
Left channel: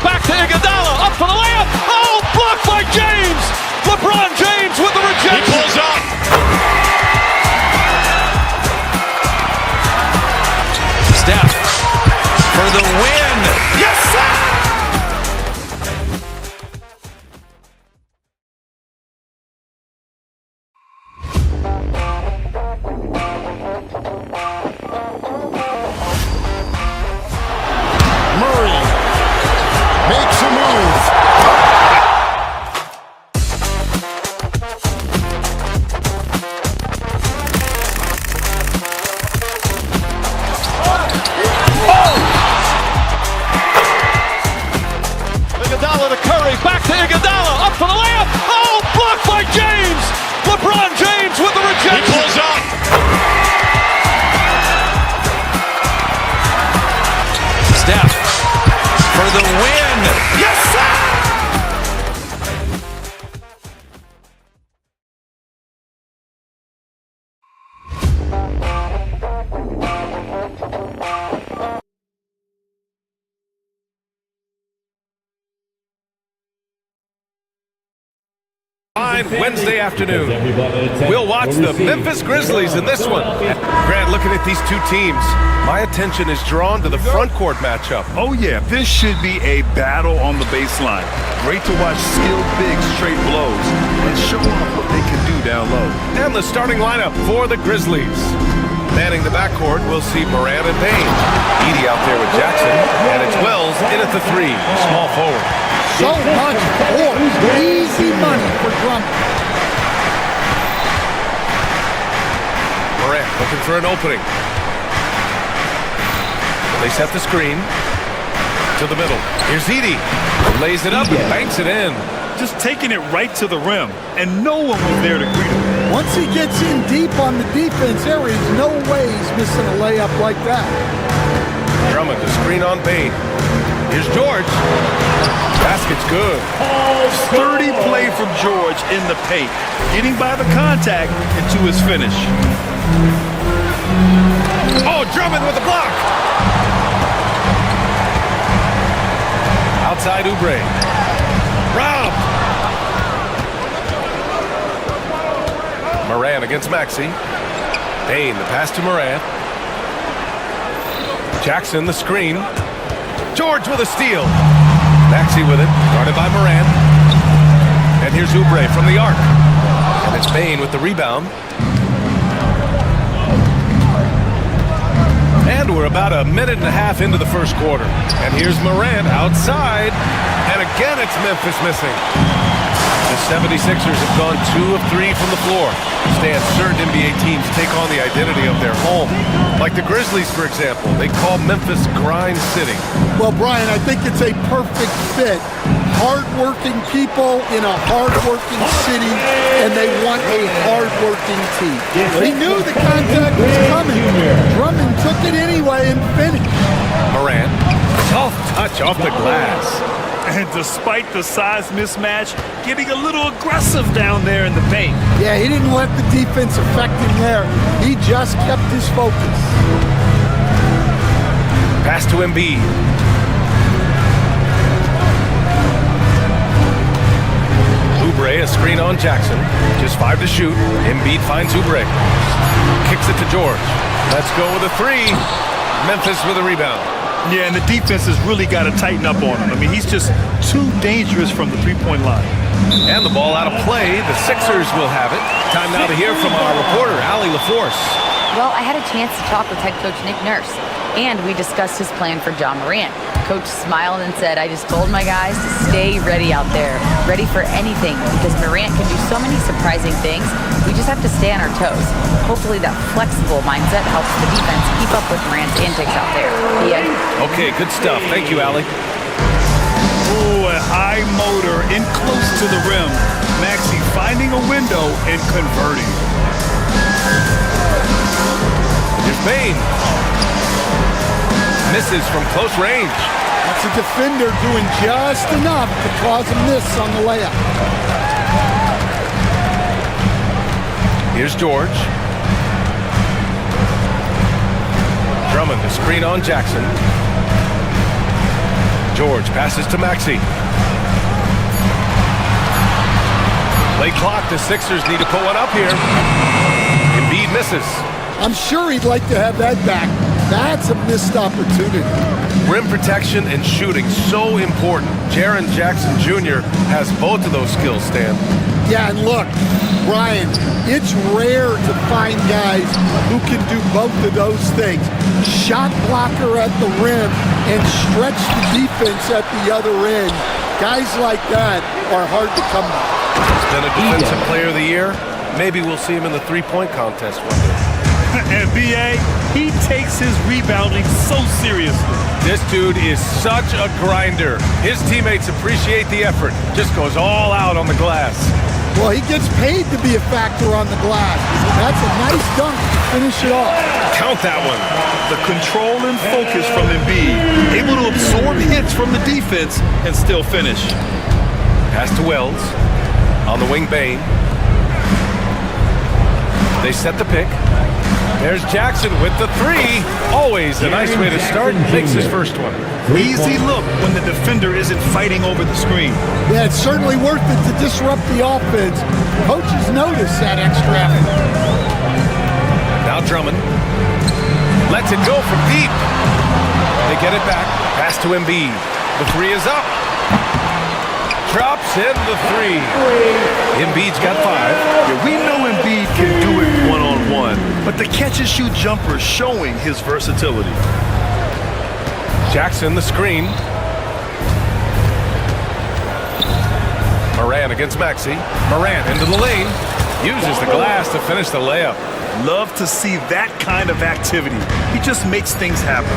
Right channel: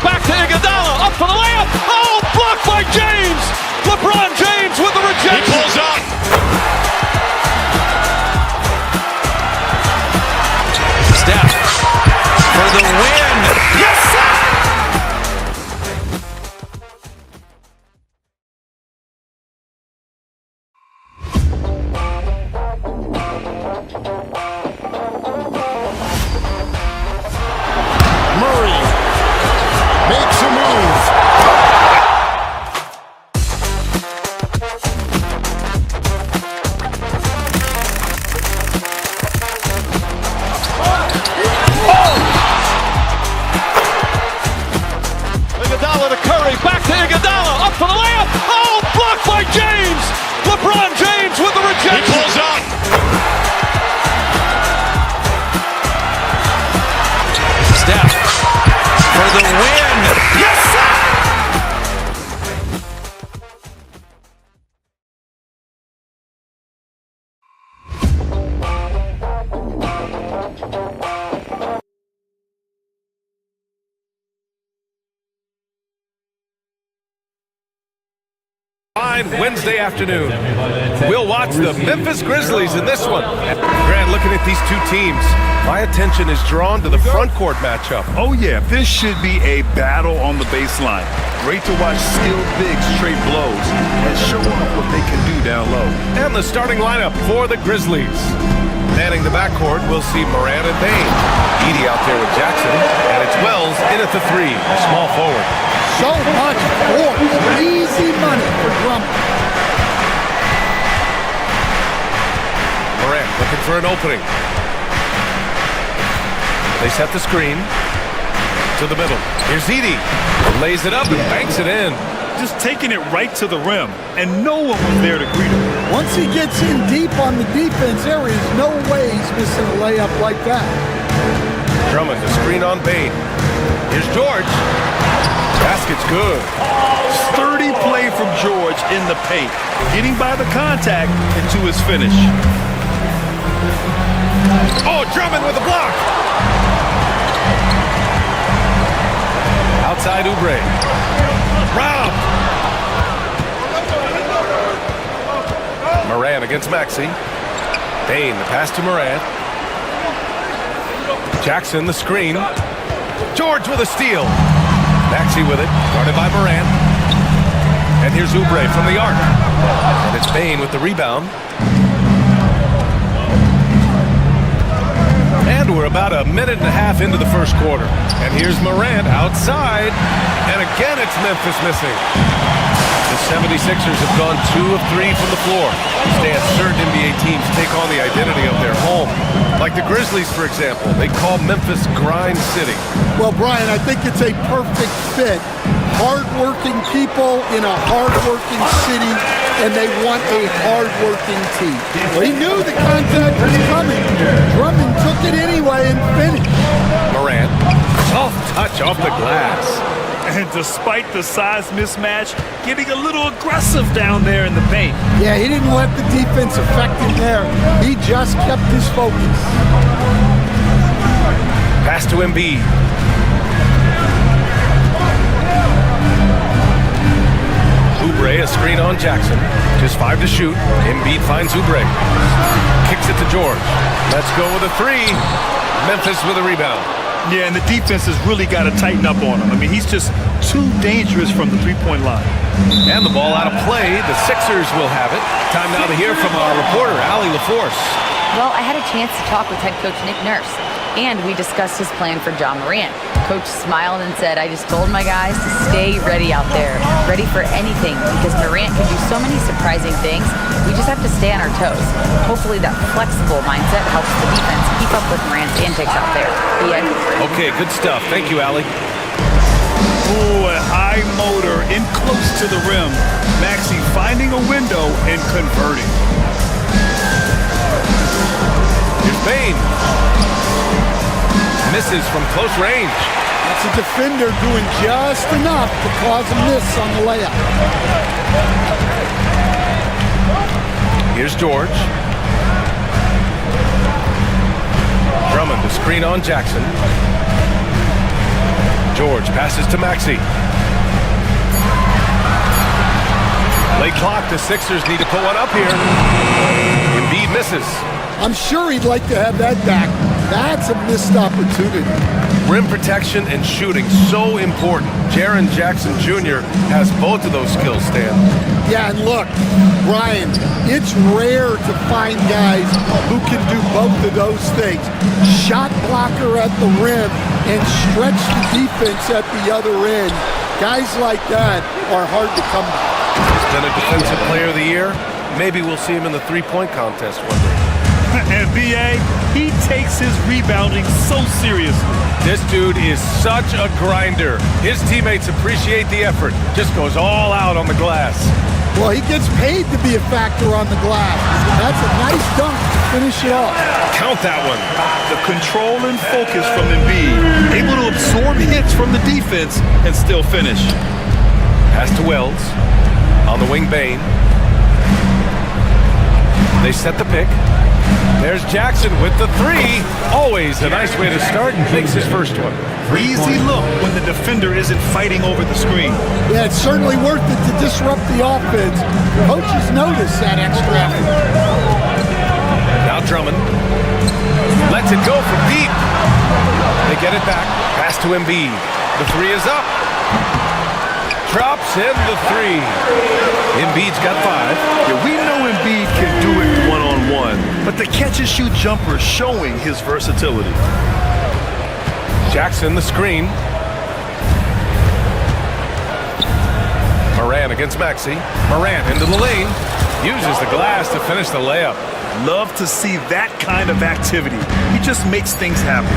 back to Iguodala, up for the layup. Oh, blocked by James. LeBron James with the rejection. He pulls up. Steph for the win. Yes, sir! Murray makes a move. Iguodala to Curry, back to Iguodala, up for the layup. Oh, blocked by James. LeBron James with the rejection. He pulls up. Steph for the win. Yes, sir! Fine Wednesday afternoon. We'll watch the Memphis Grizzlies in this one. Grant, looking at these two teams, my attention is drawn to the front court matchup. Oh yeah, this should be a battle on the baseline. Great to watch skilled bigs trade blows and show off what they can do down low. And the starting lineup for the Grizzlies. Manning the backcourt, we'll see Morant and Bain. Edey out there with Jackson, and it's Wells in at the three, a small forward. So much force. Easy money for Drummond. Morant looking for an opening. They set the screen to the middle. Here's Edey. Lays it up and banks it in. Just taking it right to the rim, and no one was there to greet him. Once he gets in deep on the defense, there is no way he's missing a layup like that. Drummond to screen on Bain. Here's George. Basket's good. Sturdy play from George in the paint, getting by the contact and to his finish. Oh, Drummond with a block. Outside Oubre. Robbed. Morant against Maxey. Bain, the pass to Morant. Jackson, the screen. George with a steal. Maxey with it, guarded by Morant. And here's Oubre from the arc. And it's Bain with the rebound. And we're about a minute and a half into the first quarter. And here's Morant outside. And again, it's Memphis missing. The 76ers have gone 2 of 3 from the floor. Stan, certain NBA teams take on the identity of their home. Like the Grizzlies, for example. They call Memphis Grind City. Well, Brian, I think it's a perfect fit. Hard-working people in a hard-working city, and they want a hard-working team. Well, he knew the contact was coming. Drummond took it anyway and finished. Morant, soft touch off the glass. And despite the size mismatch, getting a little aggressive down there in the paint. Yeah, he didn't let the defense affect him there. He just kept his focus. Pass to Embiid. Oubre, a screen on Jackson. Just 5 to shoot. Embiid finds Oubre. Kicks it to George. Let's go with a 3. Memphis with a rebound. Yeah, and the defense has really got to tighten up on him. I mean, he's just too dangerous from the three-point line. And the ball out of play. The Sixers will have it. Time now to hear from our reporter, Allie LaForce. Well, I had a chance to talk with head coach Nick Nurse, and we discussed his plan for John Morant. Coach smiled and said, I just told my guys to stay ready out there, ready for anything, because Morant can do so many surprising things. We just have to stay on our toes. Hopefully that flexible mindset helps the defense keep up with Morant's antics out there. The end. Okay, good stuff. Thank you, Allie. Ooh, a high motor in close to the rim. Maxey finding a window and converting. Here's Bain. Misses from close range. That's a defender doing just enough to cause a miss on the layup. Here's George. Drummond to screen on Jackson. George passes to Maxey. Late clock, the Sixers need to put one up here. Embiid misses. I'm sure he'd like to have that back. That's a missed opportunity. Rim protection and shooting, so important. Jaren Jackson Jr. has both of those skills, Stan. Yeah, and look, Brian, it's rare to find guys who can do both of those things. Shot blocker at the rim and stretch the defense at the other end. Guys like that are hard to come by. He's been a defensive player of the year. Maybe we'll see him in the three-point contest one day. And B.A., he takes his rebounding so seriously. This dude is such a grinder. His teammates appreciate the effort. Just goes all out on the glass. Well, he gets paid to be a factor on the glass. That's a nice dunk to finish it off. Count that one. The control and focus from Embiid, able to absorb hits from the defense and still finish. Pass to Wells. On the wing, Bane. They set the pick. There's Jackson with the three. Always a nice way to start. Makes his first one. Easy look when the defender isn't fighting over the screen. Yeah, it's certainly worth it to disrupt the offense. Coaches notice that extra effort. Now Drummond lets it go from deep. They get it back. Pass to Embiid. The three is up. Drops in the three. Embiid's got 5. Yeah, we know Embiid can do it one-on-one, but the catch-and-shoot jumper is showing his versatility. Jackson, the screen. Morant against Maxey. Morant into the lane. Uses the glass to finish the layup. Love to see that kind of activity. He just makes things happen.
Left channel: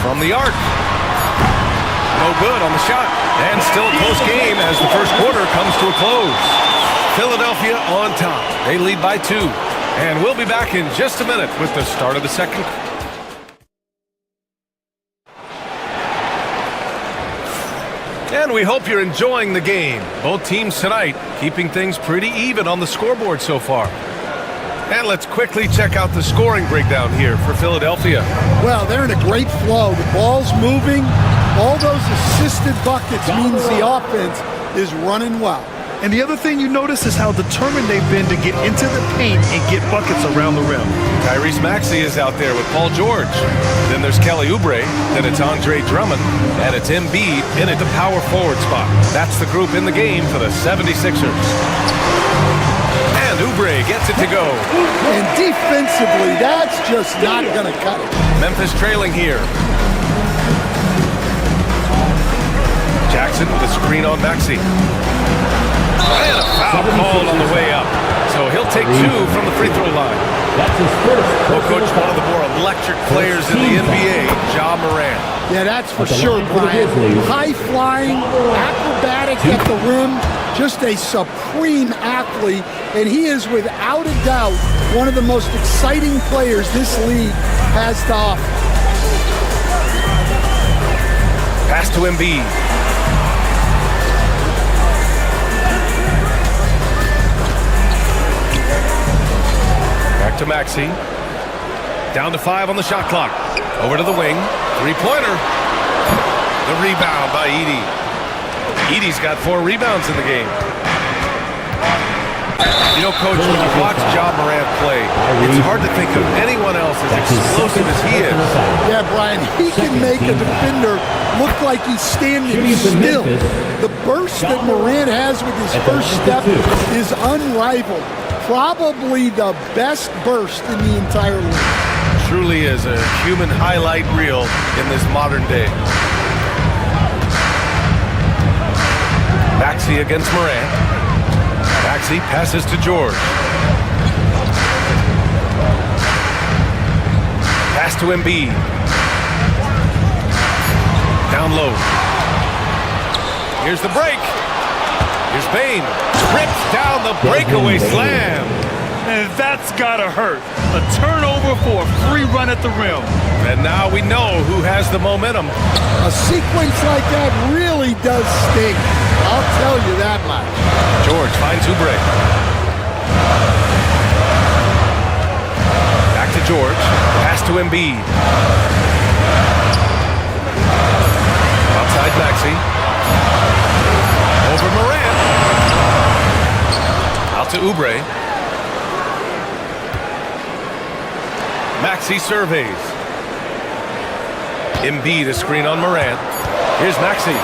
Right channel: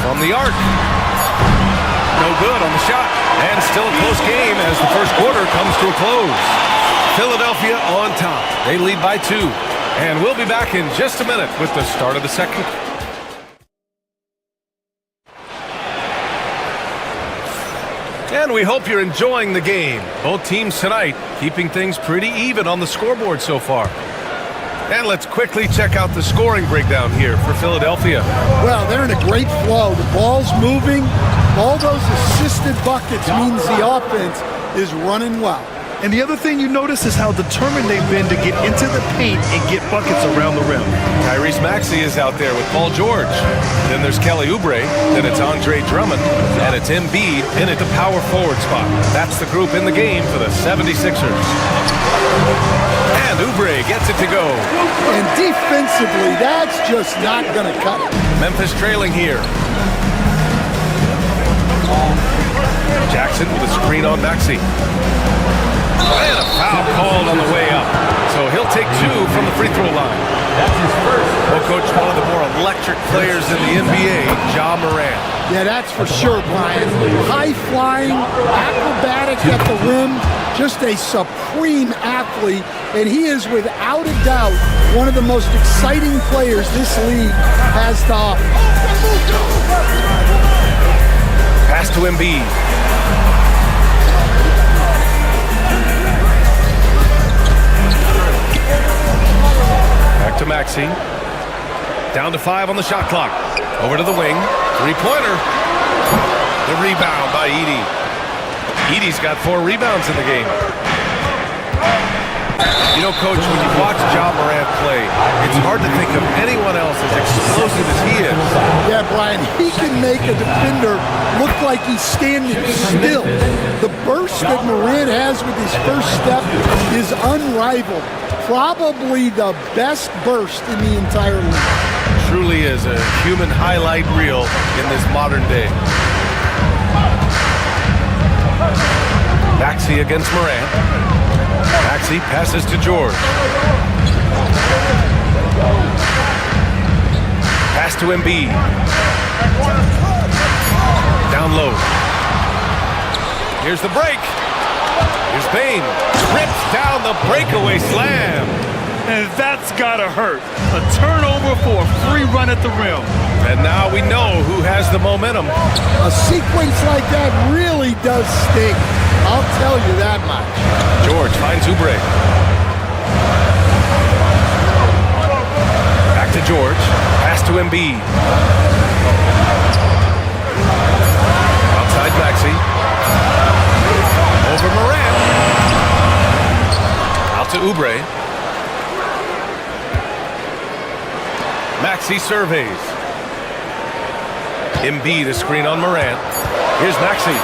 From the arc. No good on the shot. And still a close game as the first quarter comes to a close. Philadelphia on top. They lead by 2. And we'll be back in just a minute with the start of the second. And we hope you're enjoying the game. Both teams tonight keeping things pretty even on the scoreboard so far. And let's quickly check out the scoring breakdown here for Philadelphia. Well, they're in a great flow. The ball's moving. All those assisted buckets means the offense is running well. And the other thing you notice is how determined they've been to get into the paint and get buckets around the rim. Tyrese Maxey is out there with Paul George. Then there's Kelly Oubre. Then it's Andre Drummond. And it's Embiid in at the power forward spot. That's the group in the game for the 76ers. And Oubre gets it to go. And defensively, that's just not going to cut it. Memphis trailing here. Jackson with a screen on Maxey. And a foul called on the way up. So he'll take 2 from the free throw line. That's his first. Well, Coach, one of the more electric players in the NBA, Ja Morant. Yeah, that's for sure, Brian. High-flying, acrobatic at the rim, just a supreme athlete. And he is, without a doubt, one of the most exciting players this league has to offer. Pass to Embiid. Back to Maxey. Down to 5 on the shot clock. Over to the wing. Three-pointer. The rebound by Edey. Edey's got 4 rebounds in the game. You know, Coach, when you watch Ja Morant play, it's hard to think of anyone else as explosive as he is. Yeah, Brian, he can make a defender look like he's standing still. The burst that Morant has with his first step is unrivaled. Probably the best burst in the entire league. Truly is a human highlight reel in this modern day. Maxey against Morant. Maxey passes to George. Pass to Embiid. Down low. Here's the break. Here's Bane. Rips down the breakaway slam. And that's gotta hurt. A turnover for a free run at the rim. And now we know who has the momentum. A sequence like that really does sting. I'll tell you that much. George finds Oubre. Back to George. Pass to Embiid. On Maxey. Over Morant. Out to Oubre. Maxey surveys. Embiid a screen on Morant. Here's Maxey.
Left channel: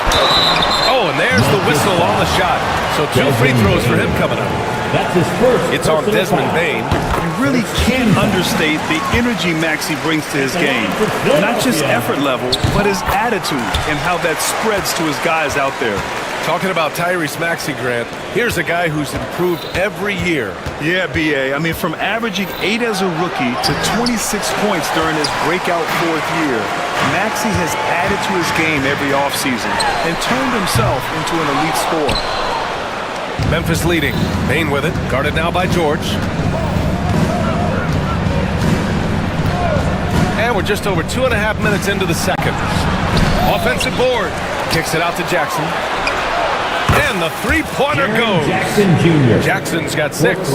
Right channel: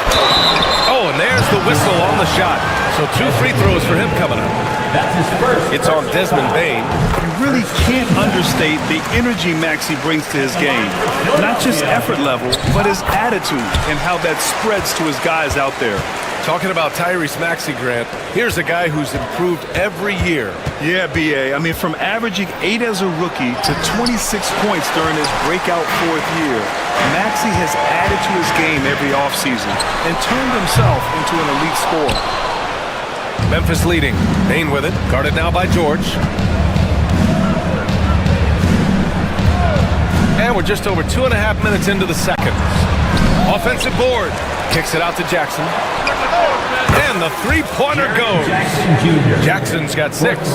Oh, and there's the whistle on the shot. So 2 free throws for him coming up. That's his first. It's on Desmond Bane. You really can't understate the energy Maxey brings to his game. Not just effort level, but his attitude and how that spreads to his guys out there. Talking about Tyrese Maxey, Grant, here's a guy who's improved every year. Yeah, B.A. I mean, from averaging 8 as a rookie to 26 points during his breakout 4th year, Maxey has added to his game every offseason and turned himself into an elite scorer. Memphis leading. Bane with it. Guarded now by George. And we're just over 2.5 minutes into the second. Offensive board. Kicks it out to Jackson. And the three-pointer goes. Jackson Jr. Jackson's got 6.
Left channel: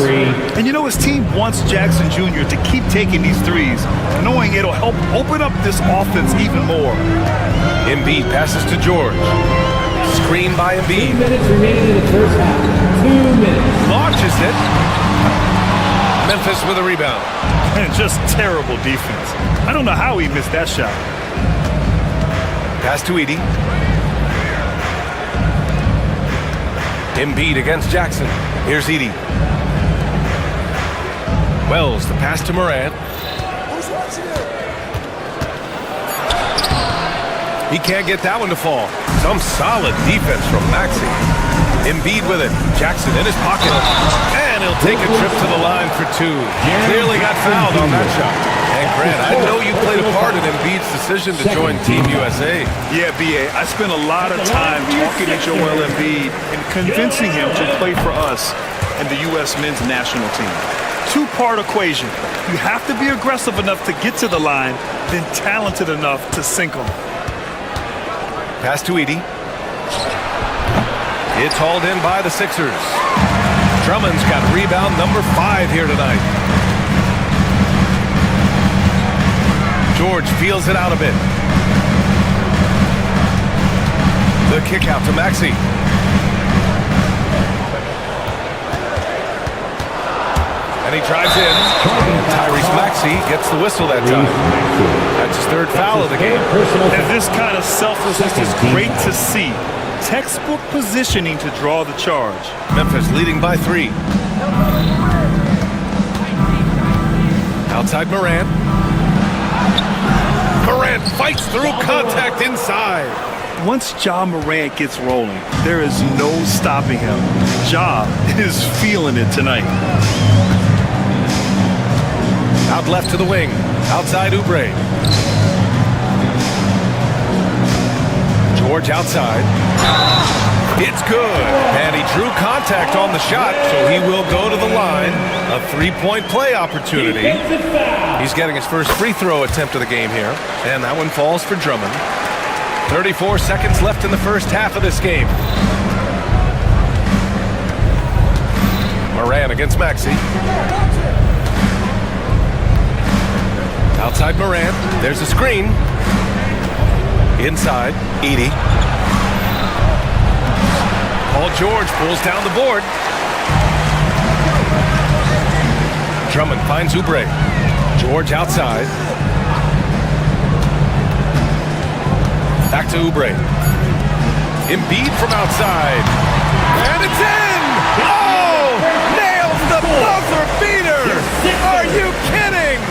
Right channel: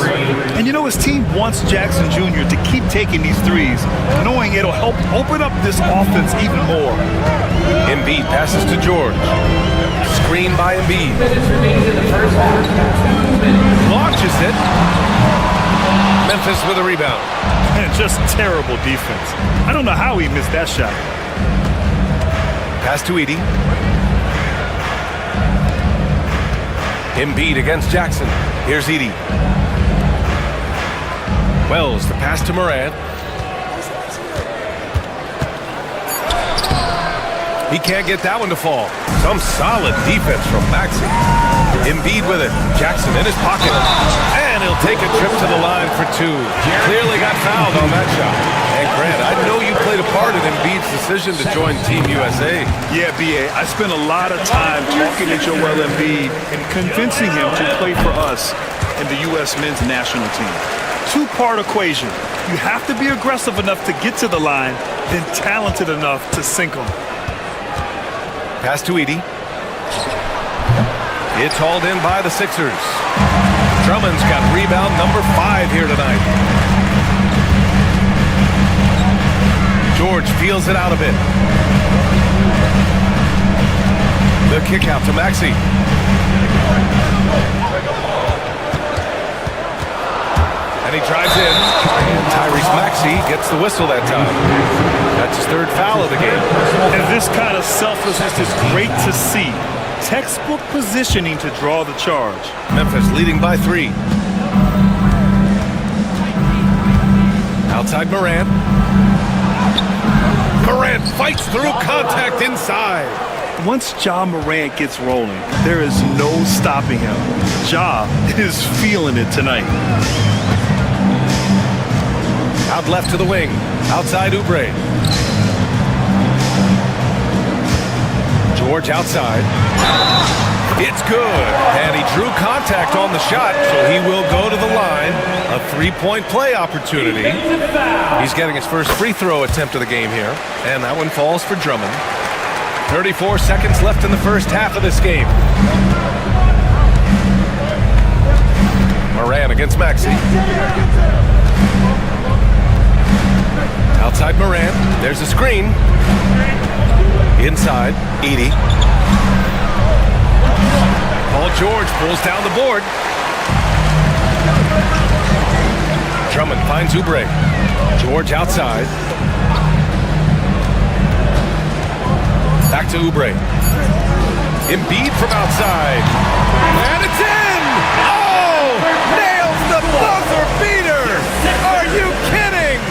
And you know his team wants Jackson Jr. to keep taking these threes, knowing it'll help open up this offense even more. Embiid passes to George. Screen by Embiid. 2 minutes remaining in the first half. 2 minutes. Launches it. Memphis with a rebound. And just terrible defense. I don't know how he missed that shot. Pass to Edey. Embiid against Jackson. Here's Edey. Wells, the pass to Morant. He can't get that one to fall. Some solid defense from Maxey. Embiid with it. Jackson in his pocket. And he'll take a trip to the line for 2. Clearly got fouled on that shot. And Grant, I know you played a part in Embiid's decision to join Team USA. Yeah, B.A., I spent a lot of time talking to Joel Embiid and convincing him to play for us and the U.S. men's national team. 2-part equation. You have to be aggressive enough to get to the line, then talented enough to sink them. Pass to Edey. It's hauled in by the Sixers. Drummond's got rebound number 5 here tonight. George feels it out a bit. The kick out to Maxey. And he drives in. And Tyrese Maxey gets the whistle that time. That's his 3rd foul of the game. And this kind of selflessness is great to see. Textbook positioning to draw the charge. Memphis leading by 3. Outside Morant. Morant fights through contact inside. Once Ja Morant gets rolling, there is no stopping him. Ja is feeling it tonight. Out left to the wing. Outside Oubre. George outside. It's good. And he drew contact on the shot, so he will go to the line. A 3-point play opportunity. He's getting his first free throw attempt of the game here. And that one falls for Drummond. 34 seconds left in the first half of this game. Morant against Maxey. Outside Morant. There's a screen. Inside, Edey. Paul George pulls down the board. Drummond finds Oubre. George outside. Back to Oubre. Embiid from outside. And it's in! Oh! Nails the buzzer beater! Are you kidding?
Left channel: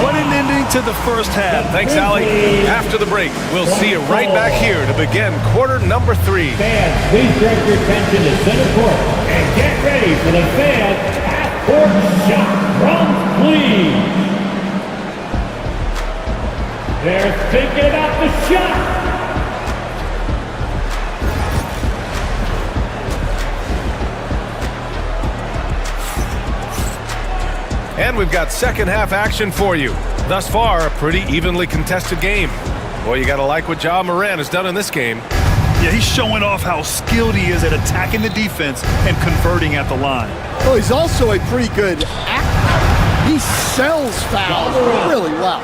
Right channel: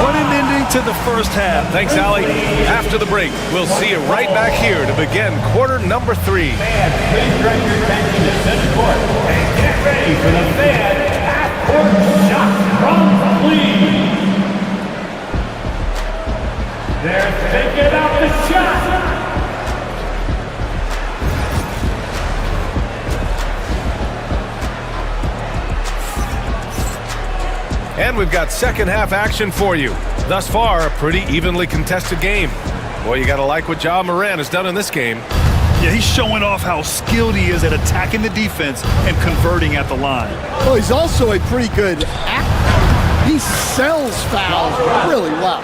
What an ending to the first half. Thanks, Allie. After the break, we'll see you right back here to begin quarter number 3. Fans, please direct your attention to center court and get ready for the fan half-court shot from Cleveland. They're thinking about the shot. And we've got second half action for you. Thus far, a pretty evenly contested game. Boy, you gotta like what Ja Morant has done in this game. Yeah, he's showing off how skilled he is at attacking the defense and converting at the line. Well, he's also a pretty good actor. He sells fouls really well.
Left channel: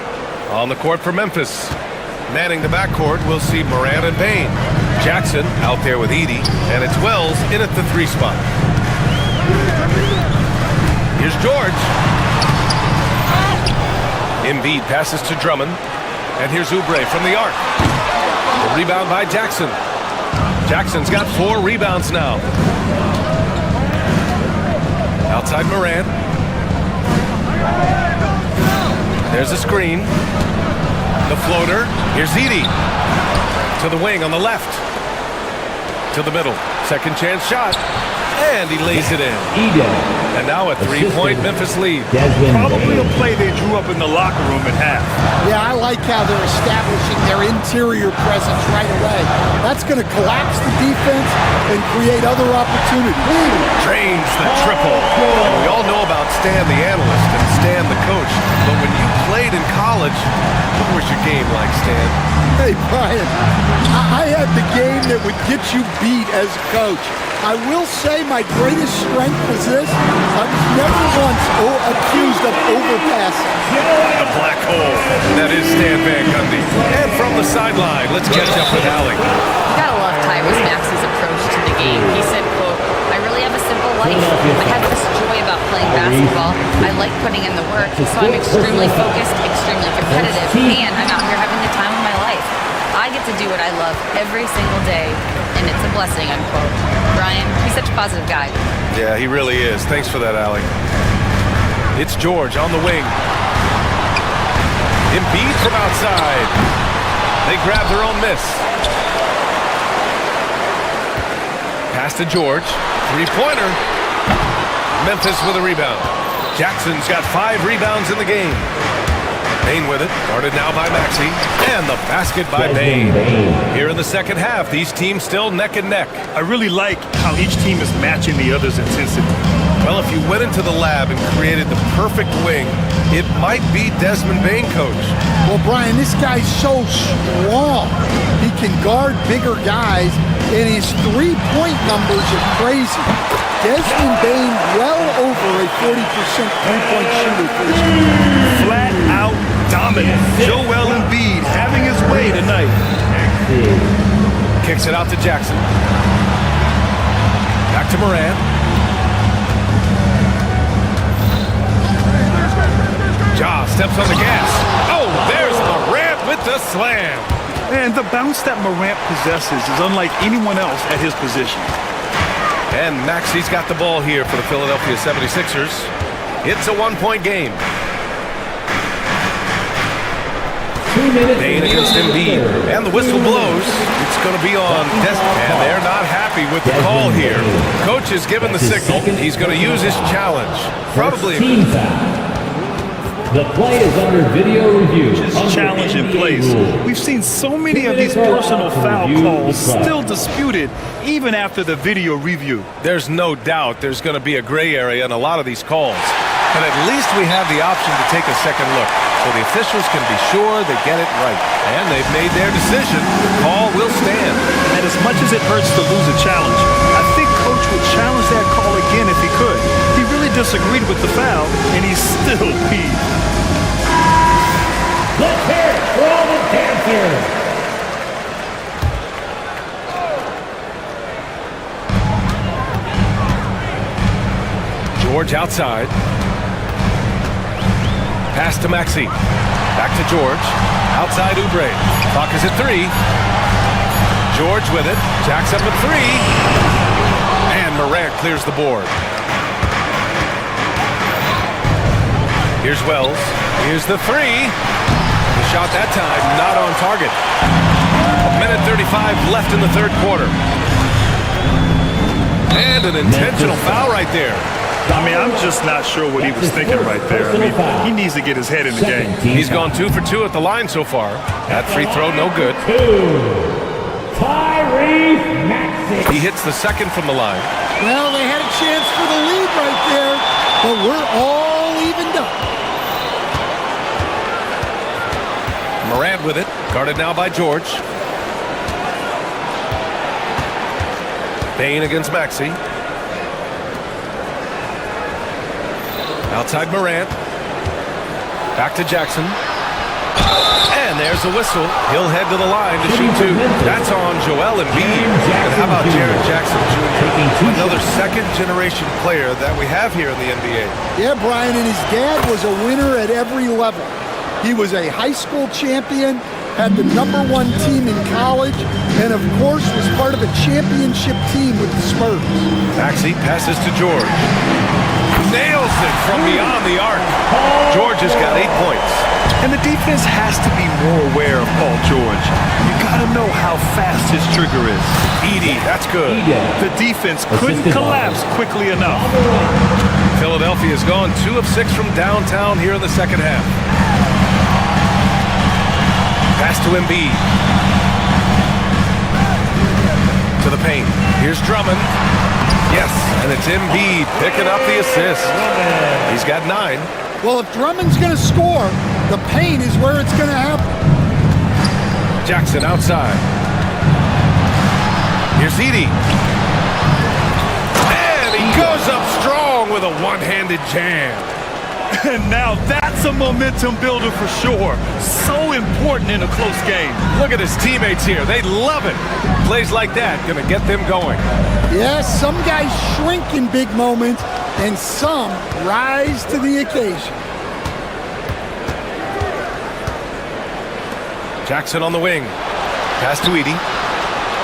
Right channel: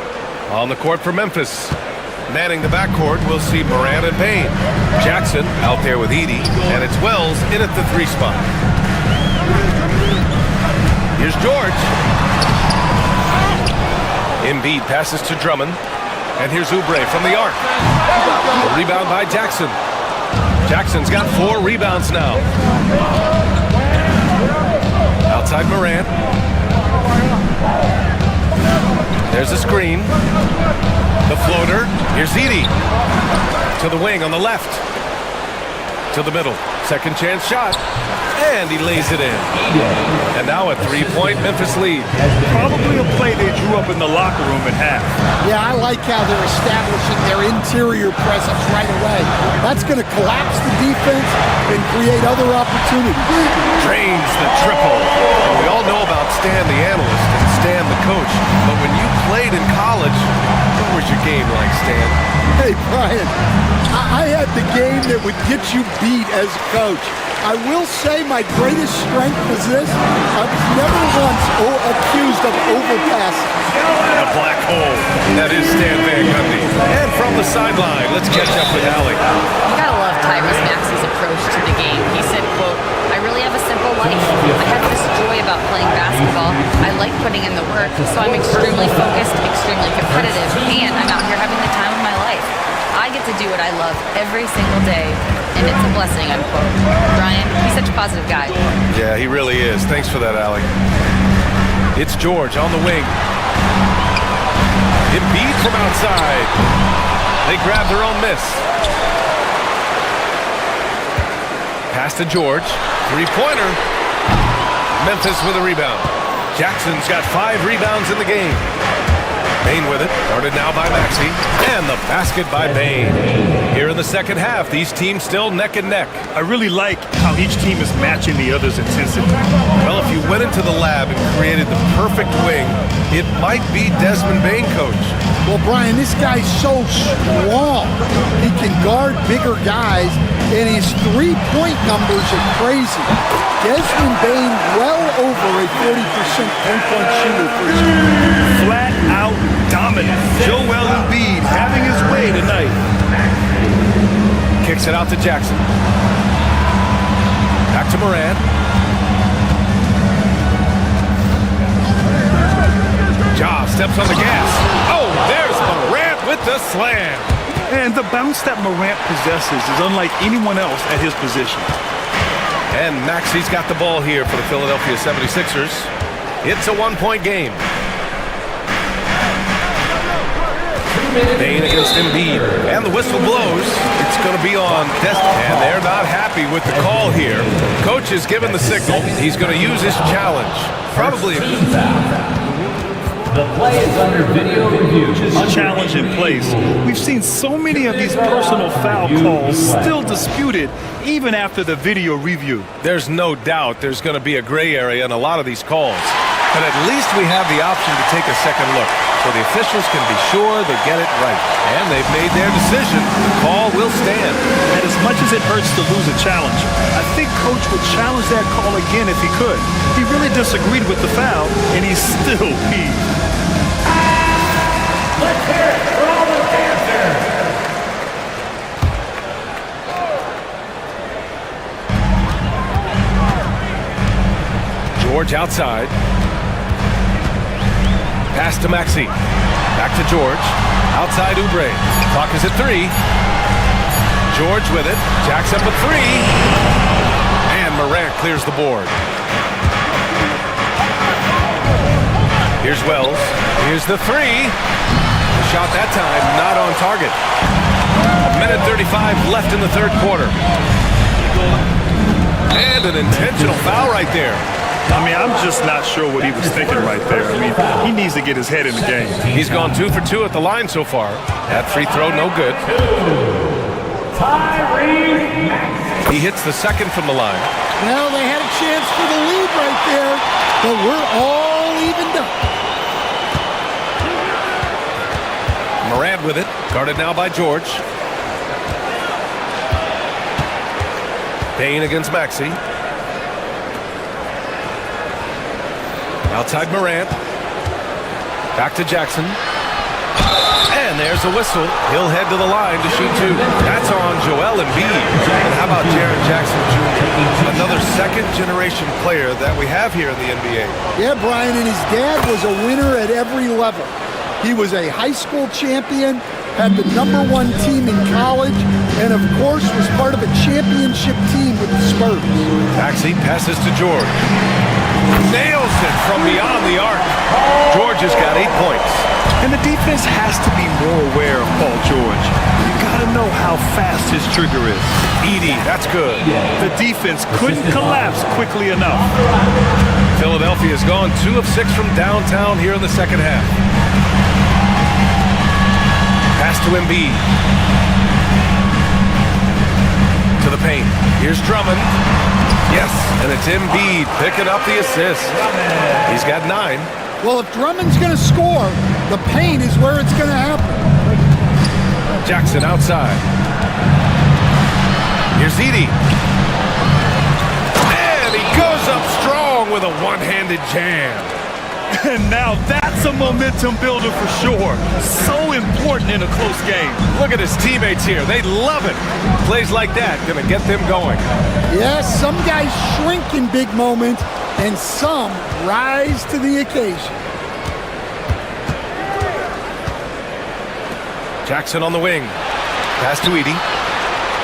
On the court for Memphis. Manning the backcourt, we'll see Morant and Bain. Jackson out there with Edey, and it's Wells in at the 3 spot. Here's George. Embiid passes to Drummond, and here's Oubre from the arc. The rebound by Jackson. Jackson's got 4 rebounds now. Outside Morant. There's a screen. The floater. Here's Edey. To the wing on the left. To the middle. Second chance shot. And he lays it in. And now a 3-point Memphis lead. Probably a play they drew up in the locker room at half. Yeah, I like how they're establishing their interior presence right away. That's going to collapse the defense and create other opportunities. Drains the triple. And we all know about Stan the analyst and Stan the coach. But when you played in college, what was your game like, Stan? Hey, Brian, I had the game that would get you beat as a coach. I will say my greatest strength was this. I was never once accused of overpassing. A black hole. That is Stan Van Gundy. And from the sideline, let's catch up with Allie. You gotta love Tyrese Maxey's approach to the game. He said, quote, "I really have a simple life. I have this joy about playing basketball. I like putting in the work, so I'm extremely focused, extremely competitive, and I'm out here having the time of my life. I get to do what I love every single day, and it's a blessing," unquote. Brian, he's such a positive guy. Yeah, he really is. Thanks for that, Allie. It's George on the wing. Embiid from outside. They grab their own miss. Pass to George. 3-pointer. Memphis with a rebound. Jackson's got 5 rebounds in the game. Bain with it, guarded now by Maxey, and the basket by Bain. Here in the second half, these teams still neck and neck. I really like how each team is matching the other's intensity. Well, if you went into the lab and created the perfect wing, it might be Desmond Bain, coach. Well, Brian, this guy's so strong. He can guard bigger guys, and his 3-point numbers are crazy. Desmond Bain well over a 40% 3-point shooter for his career. Flat out dominant. Joel Embiid having his way tonight. Kicks it out to Jackson. Back to Morant. Ja steps on the gas. Oh, there's Morant with the slam. And the bounce that Morant possesses is unlike anyone else at his position. And Maxey's got the ball here for the Philadelphia 76ers. It's a 1-point game. Bain against Embiid, and the whistle blows. It's going to be on Desmond, and they're not happy with the call here. Coach has given the signal. He's going to use his challenge. Probably. The play is under video review. Just challenge in place. We've seen so many of these personal foul calls still disputed even after the video review. There's no doubt there's going to be a gray area in a lot of these calls. But at least we have the option to take a second look, so the officials can be sure they get it right. And they've made their decision. The call will stand. And as much as it hurts to lose a challenge, I think Coach would challenge that call again if he could. He really disagreed with the foul, and he's still peeved. Let's hear it for all the Panthers. George outside. Pass to Maxey. Back to George. Outside Oubre. Clock is at 3. George with it. Jacks up a 3. And Morant clears the board. Here's Wells. Here's the 3. The shot that time not on target. 1:35 left in the third quarter. And an intentional foul right there. I mean, I'm just not sure what he was thinking right there. I mean, he needs to get his head in the game. He's gone 2 for 2 at the line so far. That free throw, no good. Tyrese Maxey. He hits the second from the line. Well, they had a chance for the lead right there, but we're all evened up. Morant with it, guarded now by George. Bain against Maxey. Outside Morant. Back to Jackson. And And there's a whistle. He'll head to the line to shoot two. That's on Joel Embiid. And how about Jaren Jackson Jr., another second-generation player that we have here in the NBA. Yeah, Brian, and his dad was a winner at every level. He was a high school champion, had the #1 team in college, and of course was part of a championship team with the Spurs. Maxey passes to George. Nails it from beyond the arc. George has got 8 points. And the defense has to be more aware of Paul George. You got to know how fast his trigger is. Edey, that's good. The defense couldn't collapse quickly enough. Philadelphia's gone 2 of 6 from downtown here in the second half. Pass to Embiid. To the paint. Here's Drummond. Yes, and it's Embiid picking up the assist. He's got 9. Well, if Drummond's going to score, the paint is where it's going to happen. Jackson outside. Here's Edey. And he goes up strong with a one-handed jam. And now that's a momentum builder for sure. So important in a close game. Look at his teammates here. They love it. Plays like that going to get them going. Yes, some guys shrink in big moments, and some rise to the occasion. Jackson on the wing. Pass to Edey.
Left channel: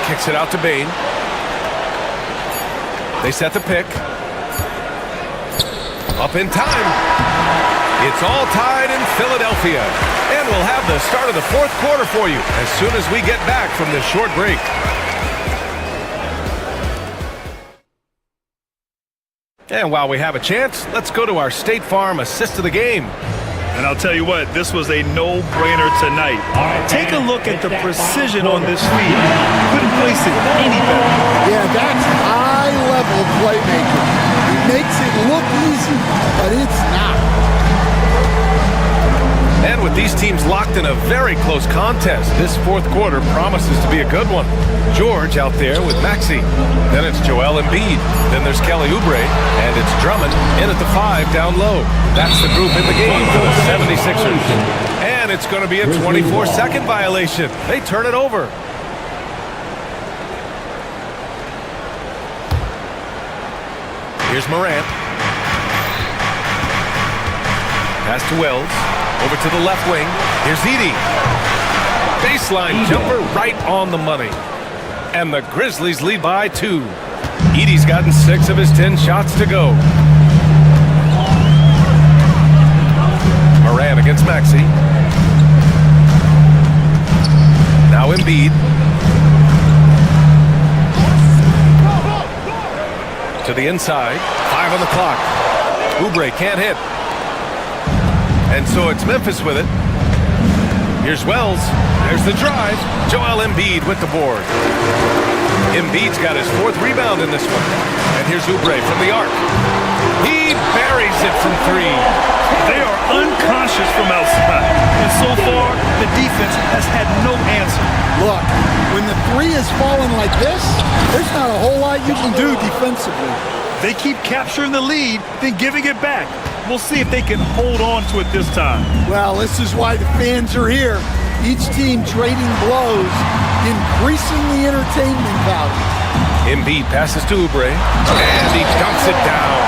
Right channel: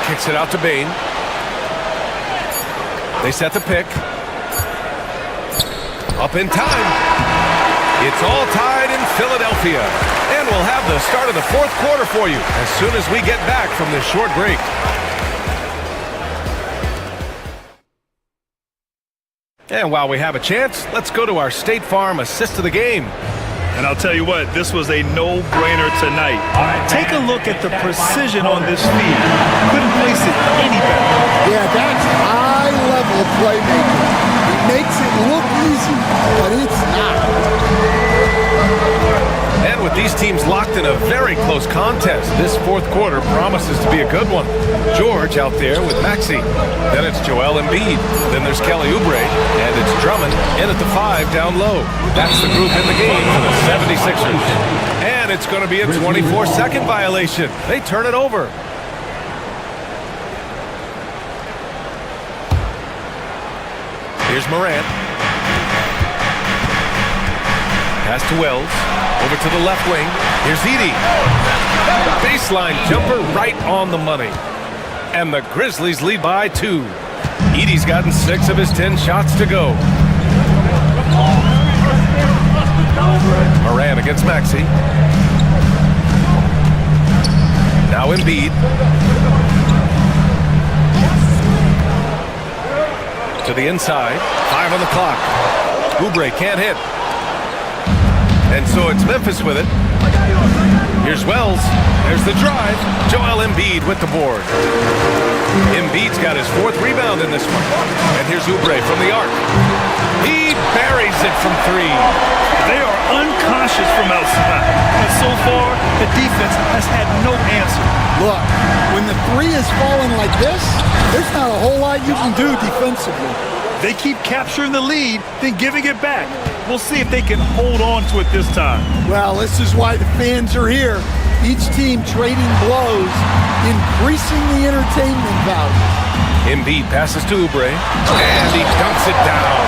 Kicks it out to Bane. They set the pick. Up in time. It's all tied in Philadelphia. And we'll have the start of the fourth quarter for you as soon as we get back from this short break. And while we have a chance, let's go to our State Farm assist of the game. And I'll tell you what, this was a no-brainer tonight. Take a look at the precision on this feed. Couldn't place it any better. Yeah, that's high-level playmaking. He makes it look easy, but it's not. And with these teams locked in a very close contest, this fourth quarter promises to be a good one. George out there with Maxey. Then it's Joel Embiid. Then there's Kelly Oubre. And it's Drummond in at the 5 down low. That's the group in the game for the 76ers. And it's going to be a 24-second violation. They turn it over. Here's Morant. Pass to Wells. Over to the left wing. Here's Edey. Baseline jumper right on the money. And the Grizzlies lead by 2. Edey's gotten 6 of his 10 shots to go. Morant against Maxey. Now Embiid. To the inside. 5 on the clock. Oubre can't hit. And so it's Memphis with it. Here's Wells. There's the drive. Joel Embiid with the board. Embiid's got his 4th rebound in this one. And here's Oubre from the arc. He buries it from 3. They are unconscious from outside. And so far, the defense has had no answer. Look, when the 3 is falling like this, there's not a whole lot you can do defensively. They keep capturing the lead, then giving it back. We'll see if they can hold on to it this time. Well, this is why the fans are here. Each team trading blows, increasing the entertainment value. Embiid passes to Oubre, and he dunks it down.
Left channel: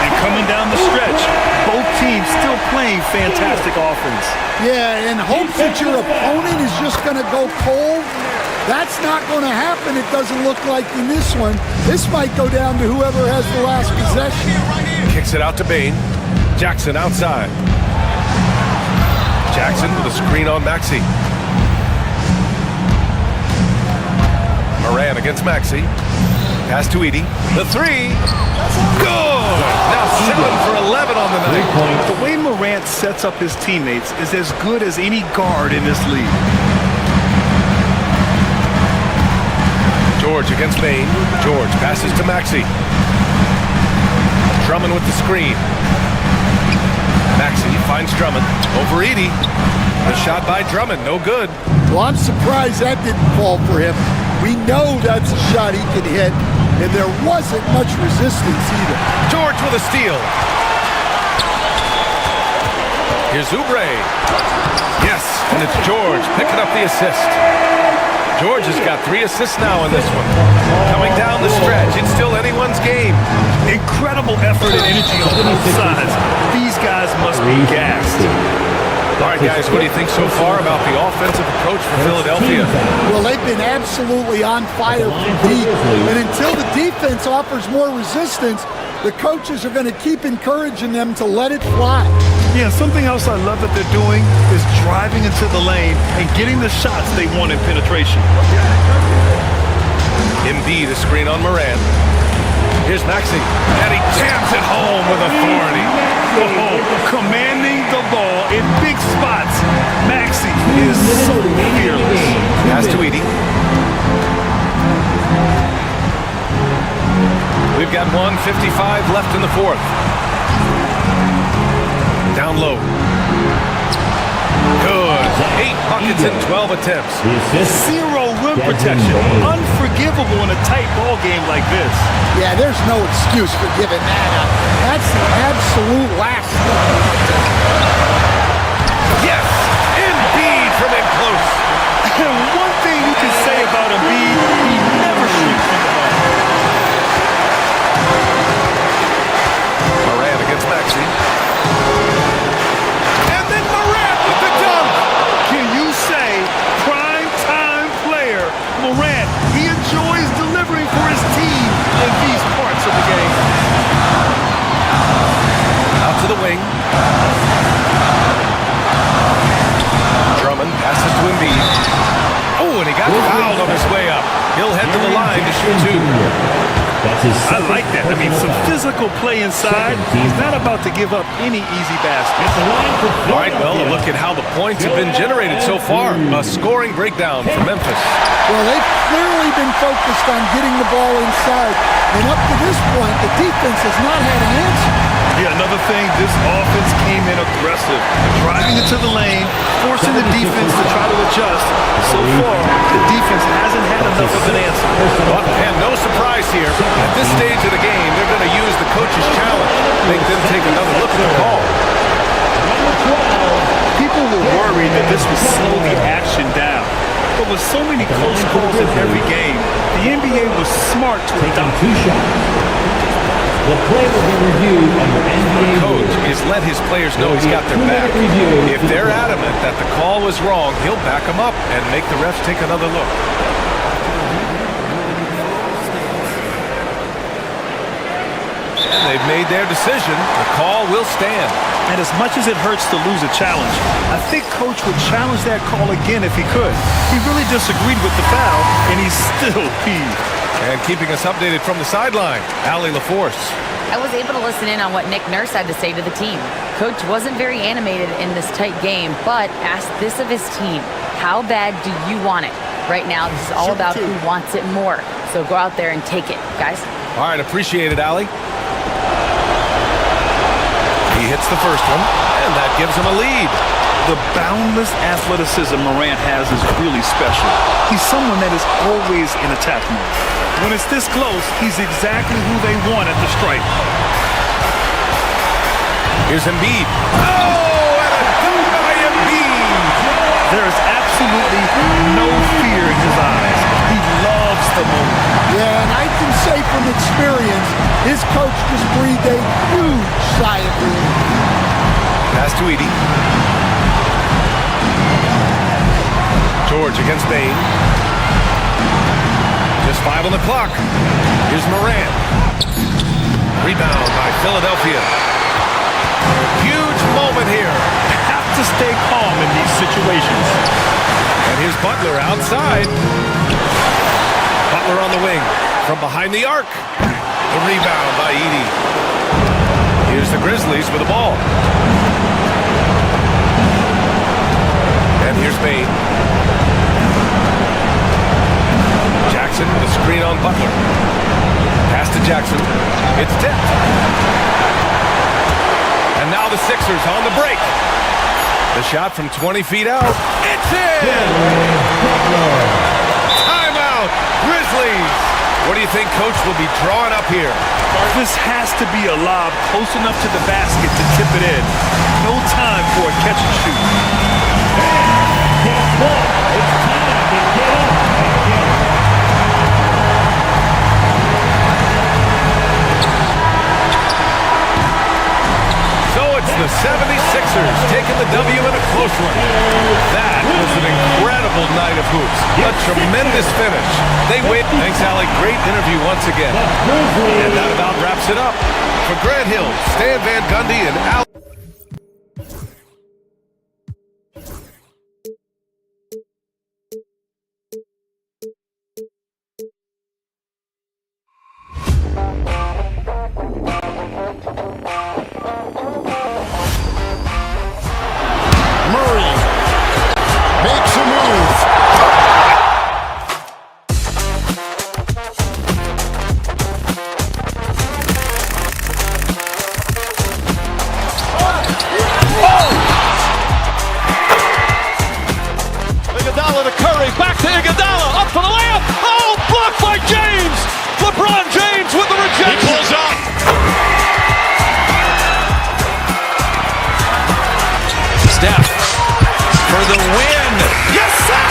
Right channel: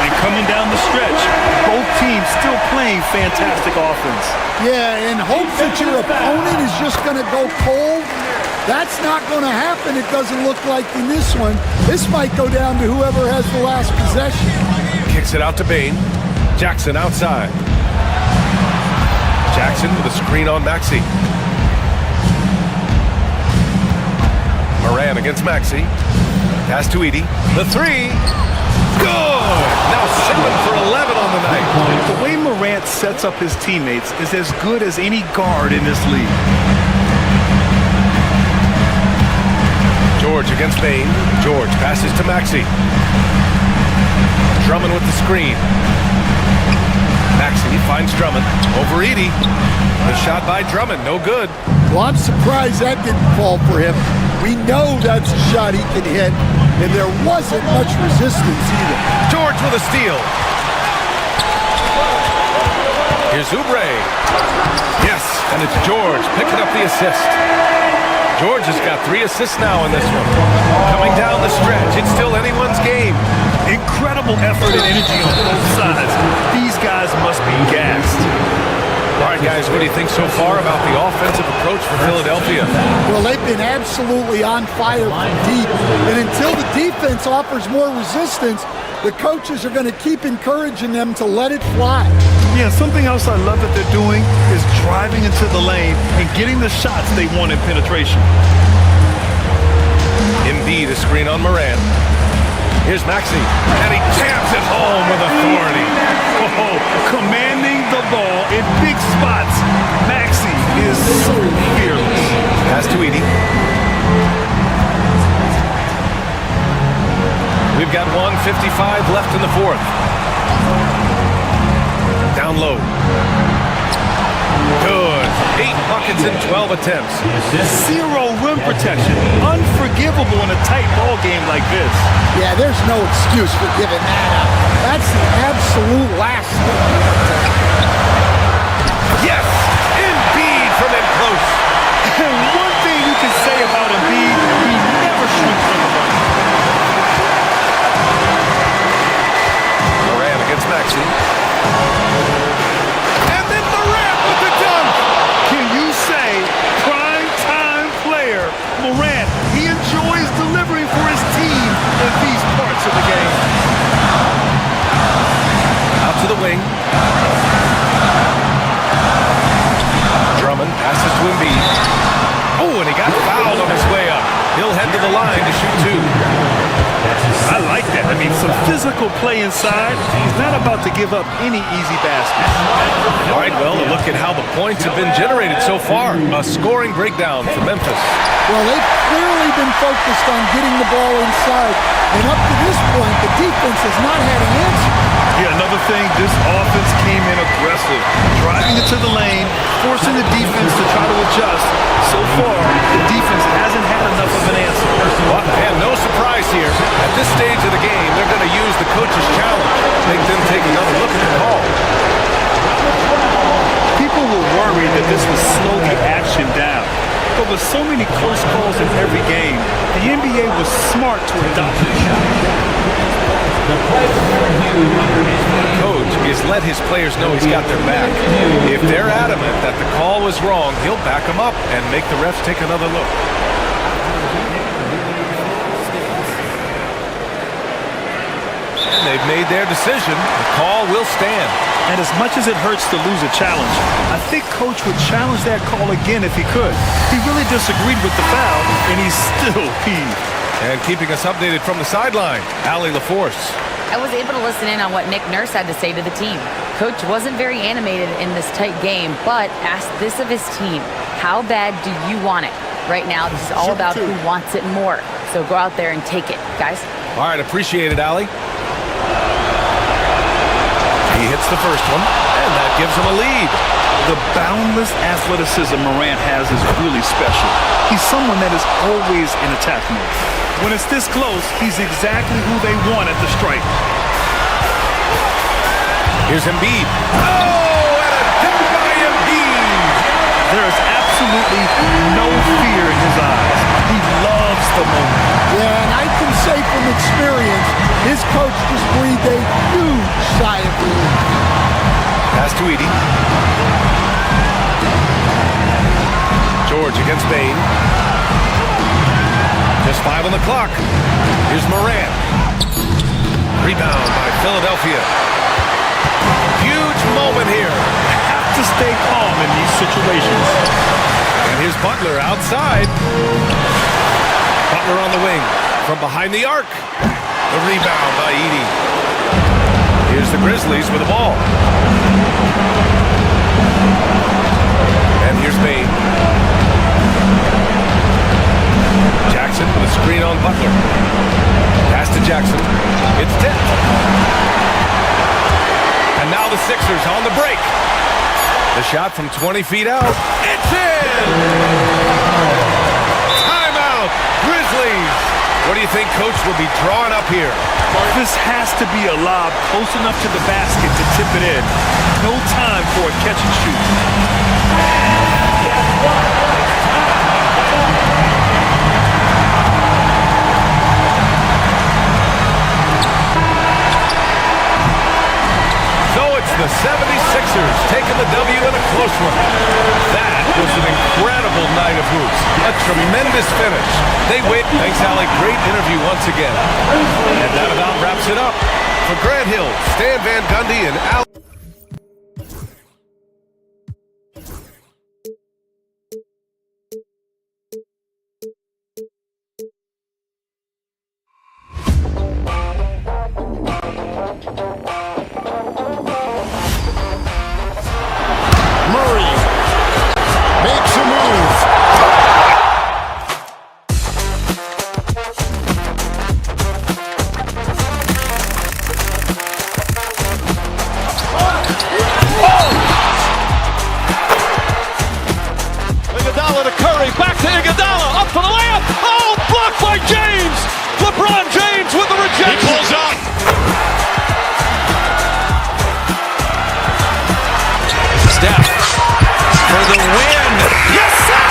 And coming down the stretch, both teams still playing fantastic offense. Yeah, and hopes that your opponent is just going to go cold. That's not going to happen, it doesn't look like in this one. This might go down to whoever has the last possession. Kicks it out to Bane. Jackson outside. Jackson with a screen on Maxey. Morant against Maxey. Pass to Edey. The 3. Good! Now 7 for 11 on the night. The way Morant sets up his teammates is as good as any guard in this league. George against Bane. George passes to Maxey. Drummond with the screen. Maxey finds Drummond over Edey. The shot by Drummond, no good. Well, I'm surprised that didn't fall for him. We know that's a shot he can hit, and there wasn't much resistance either. George with a steal. Here's Oubre. Yes, and it's George picking up the assist. George has got 3 assists now in this one. Coming down the stretch, it's still anyone's game. Incredible effort and energy on both sides. These guys must be gassed. All right, guys, what do you think so far about the offensive approach for Philadelphia? Well, they've been absolutely on fire from deep. And until the defense offers more resistance, the coaches are going to keep encouraging them to let it fly. Yeah, something else I love that they're doing is driving into the lane and getting the shots they want in penetration. Embiid, a screen on Morant. Here's Maxey, and he jams it home with authority. Oh, commanding the ball in big spots. Maxey is so fearless. Pass to Edie. We've got 1:55 left in the fourth. Down low. Good. 8 buckets in 12 attempts. 0 rim protection. Unforgivable in a tight ball game like this. Yeah, there's no excuse for giving that up. That's the absolute last thing. Yes! Embiid from in close. And one thing you can say about Embiid, he never shrinks from the ball. Morant against Maxey. And then Morant with the dunk. Can you say prime time player Morant? He enjoys delivering for his team in these parts of the game. Out to the wing. Drummond passes to Embiid. Oh, and he got fouled on his way up. He'll head to the line to shoot 2. I like that. I mean, some physical play inside. He's not about to give up any easy baskets. All right, well, a look at how the points have been generated so far. A scoring breakdown for Memphis. Well, they've clearly been focused on getting the ball inside. And up to this point, the defense has not had an answer. Yeah, another thing, this offense came in aggressive, driving into the lane, forcing the defense to try to adjust. So far, the defense hasn't had enough of an answer. Well, and no surprise here. At this stage of the game, they're going to use the coach's challenge. Make them take another look at the call. People were worried that this would slow the action down. But with so many close calls in every game, the NBA was smart to adopt it. The coach is let his players know he's got their back. If they're adamant that the call was wrong, he'll back them up and make the refs take another look. And they've made their decision. The call will stand. And as much as it hurts to lose a challenge, I think Coach would challenge that call again if he could. He really disagreed with the foul, and he's still peeved. And keeping us updated from the sideline, Allie LaForce. I was able to listen in on what Nick Nurse had to say to the team. Coach wasn't very animated in this tight game, but asked this of his team: how bad do you want it? Right now, this is all about who wants it more. So go out there and take it, guys. All right, appreciate it, Allie. He hits the first one, and that gives him a lead. The boundless athleticism Morant has is really special. He's someone that is always in attack mode. When it's this close, he's exactly who they want at the stripe. Here's Embiid. Oh, and a dunk by Embiid. There is absolutely no fear in his eyes. He loves the moment. Yeah, and I can say from experience, his coach just breathed a huge sigh of relief. Pass to Edie. George against Bain. Just 5 on the clock. Here's Morant. Rebound by Philadelphia. Huge moment here. Have to stay calm in these situations. And here's Butler outside. Butler on the wing from behind the arc. The rebound by Edie. Here's the Grizzlies with the ball. And here's Bain. Jackson with a screen on Butler. Pass to Jackson. It's tipped. And now the Sixers on the break. The shot from 20 feet out. It's in! Timeout, Grizzlies. What do you think Coach will be drawing up here? This has to be a lob close enough to the basket to tip it in. No time for a catch and shoot. Guess what? It's time to get up. So it's the 76ers taking the W in a close one. That was an incredible night of hoops. A tremendous finish. They win. Thanks, Allie. Great interview once again. And that about wraps it up. For Grant Hill, Stan Van Gundy, and Al. Murray makes a move. Iguodala to Curry, back to Iguodala, up for the layup. Oh, blocked by James. LeBron James with the rejection. He pulls up. Steph for the win. Yes, sir!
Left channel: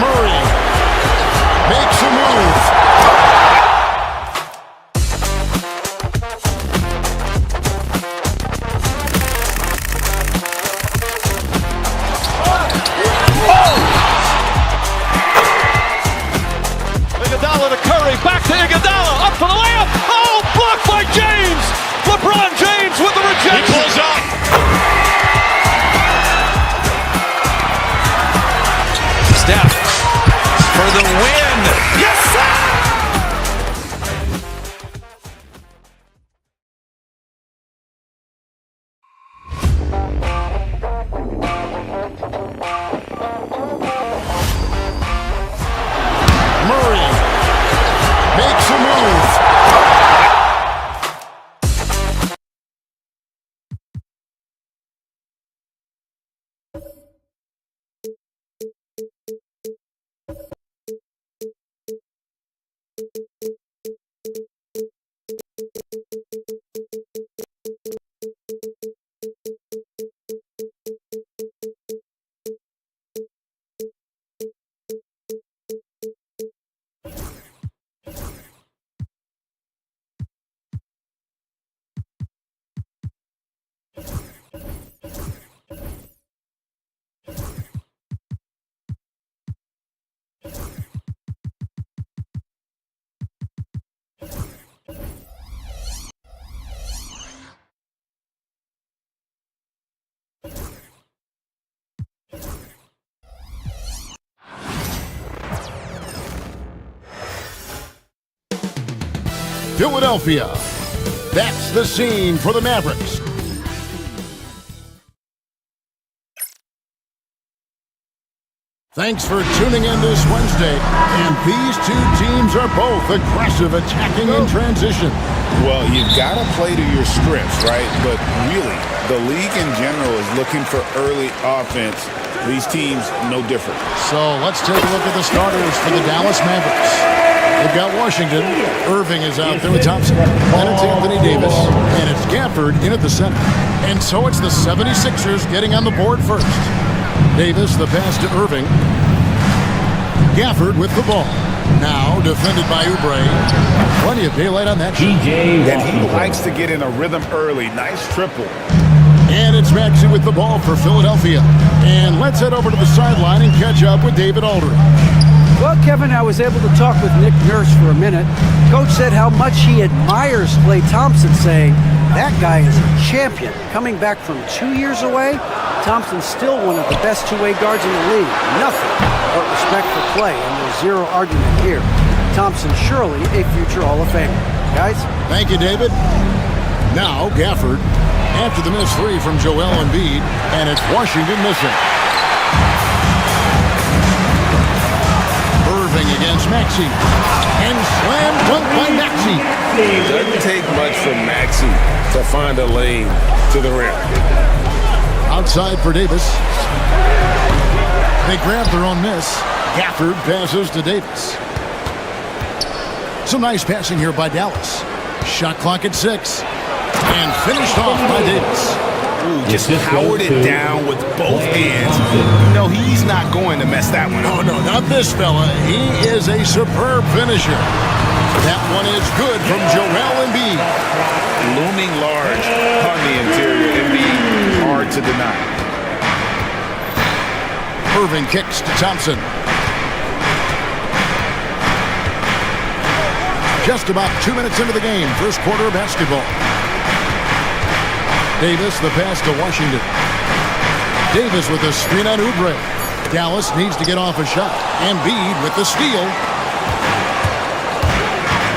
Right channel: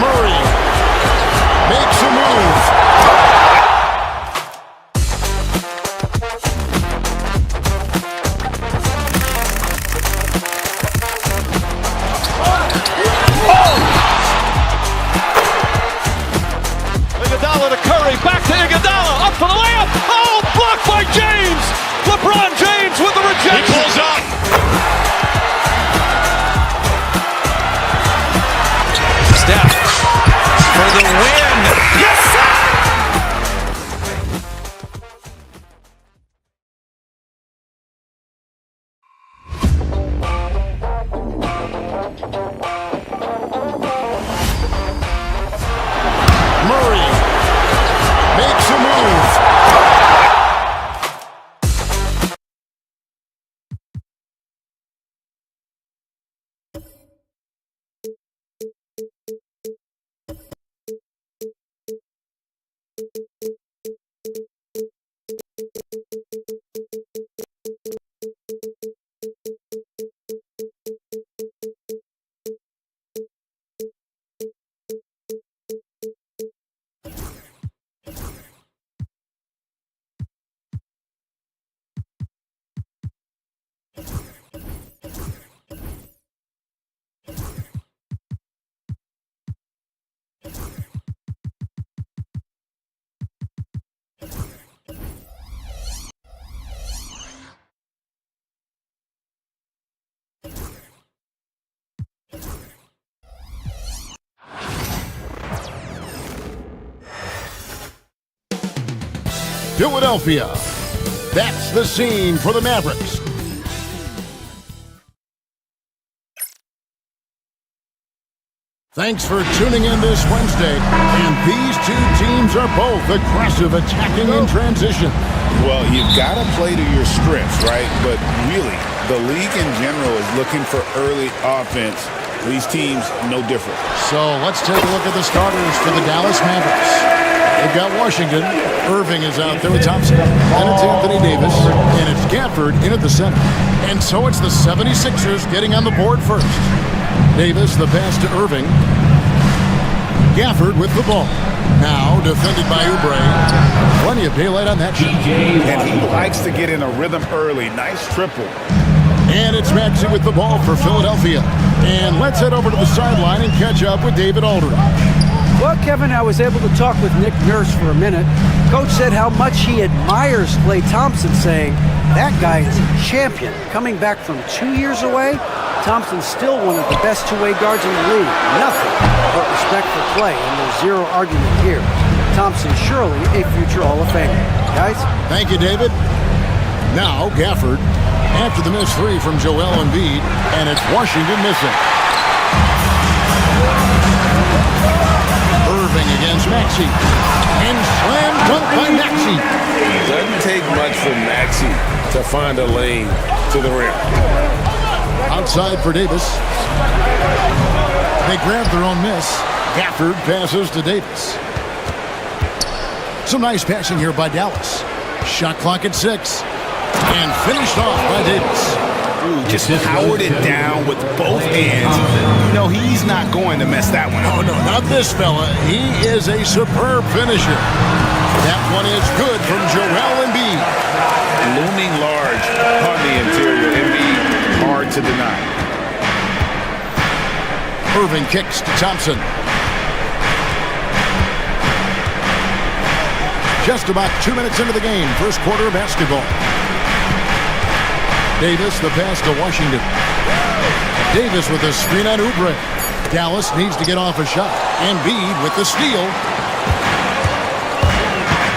Murray makes a move. Iguodala to Curry, back to Iguodala, up for the layup. Oh, blocked by James. LeBron James with the rejection. He pulls up. Steph for the win. Yes, sir! Murray makes a move. Philadelphia. That's the scene for the Mavericks. Thanks for tuning in this Wednesday. And these two teams are both aggressive, attacking in transition. Well, you've got to play to your strengths, right? But really, the league in general is looking for early offense. These teams, no different. So let's take a look at the starters for the Dallas Mavericks. They've got Washington. Irving is out there with Thompson. Then it's Anthony Davis. And it's Gafford in at the center. And so it's the 76ers getting on the board first. Davis, the pass to Irving. Gafford with the ball. Now defended by Oubre. Plenty of daylight on that shot. And he likes to get in a rhythm early. Nice triple. And it's Maxey with the ball for Philadelphia. And let's head over to the sideline and catch up with David Aldridge. Well, Kevin, I was able to talk with Nick Nurse for a minute. Coach said how much he admires Klay Thompson, saying that guy is a champion. Coming back from 2 years away, Thompson's still one of the best two-way guards in the league. Nothing but respect for Klay, and there's zero argument here. Thompson surely a future Hall of Famer. Guys? Thank you, David. Now, Gafford, after the missed three from Joel Embiid, and it's Washington missing. Irving against Maxey. And slam dunk by Maxey. It doesn't take much for Maxey to find a lane to the rim. Outside for Davis. They grab their own miss. Gafford passes to Davis. Some nice passing here by Dallas. Shot clock at 6. And finished off by Davis. Ooh, just powered it down with both hands. You know, he's not going to mess that one up. Oh, no, not this fella. He is a superb finisher. That one is good from Joel Embiid. Looming large on the interior. Embiid, hard to deny. Irving kicks to Thompson. Just about 2 minutes into the game, first quarter of basketball. Davis, the pass to Washington. Davis with a screen on Oubre. Dallas needs to get off a shot. Embiid with the steal.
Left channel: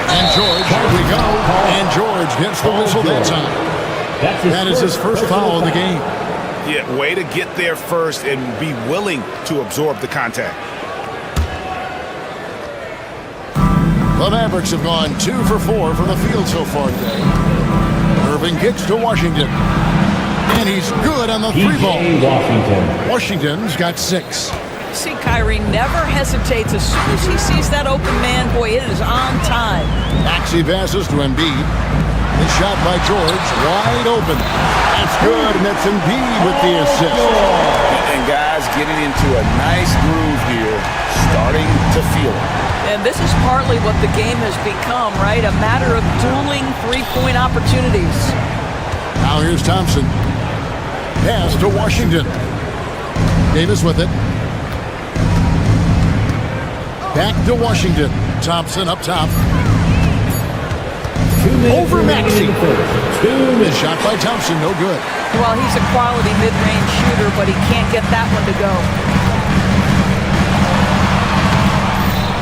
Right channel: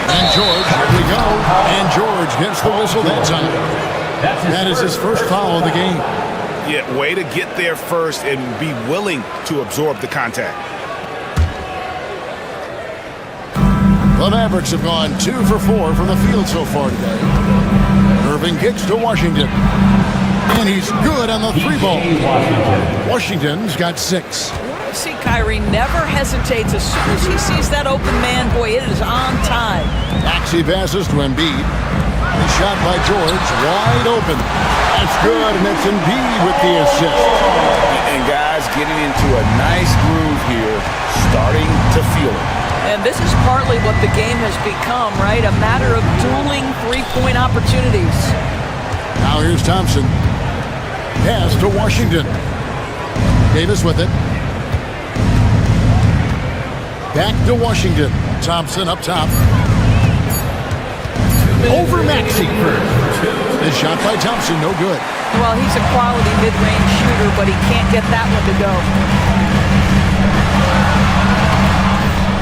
And George, here we go. And George gets the whistle that time. That is his first foul of the game. Yeah, way to get there first and be willing to absorb the contact. The Mavericks have gone 2 for 4 from the field so far today. Irving kicks to Washington. And he's good on the 3 ball. Washington's got 6. You see, Kyrie never hesitates. As soon as he sees that open man, boy, it is on time. Maxey passes to Embiid. The shot by George, wide open. That's good, and that's Embiid with the assist. And guys getting into a nice groove here, starting to feel it. And this is partly what the game has become, right? A matter of dueling three-point opportunities. Now here's Thompson. Pass to Washington. Davis with it. Back to Washington. Thompson up top. Over Maxey. The shot by Thompson, no good. Well, he's a quality mid-range shooter, but he can't get that one to go.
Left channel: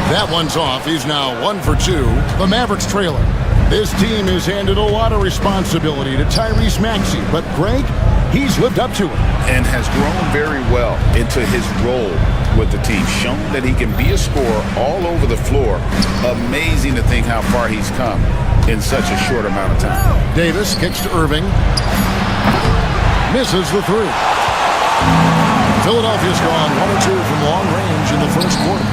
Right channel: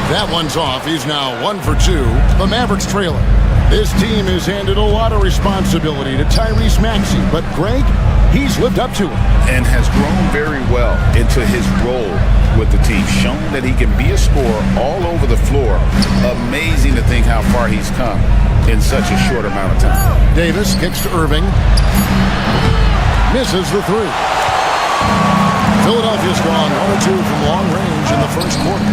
That one's off. He's now 1 for 2. The Mavericks trailer. This team has handed a lot of responsibility to Tyrese Maxey, but Greg, he's lived up to it. And has grown very well into his role with the team. Shown that he can be a scorer all over the floor. Amazing to think how far he's come in such a short amount of time. Davis kicks to Irving. Misses the 3. Philadelphia's gone 1 or 2 from long range in the first quarter.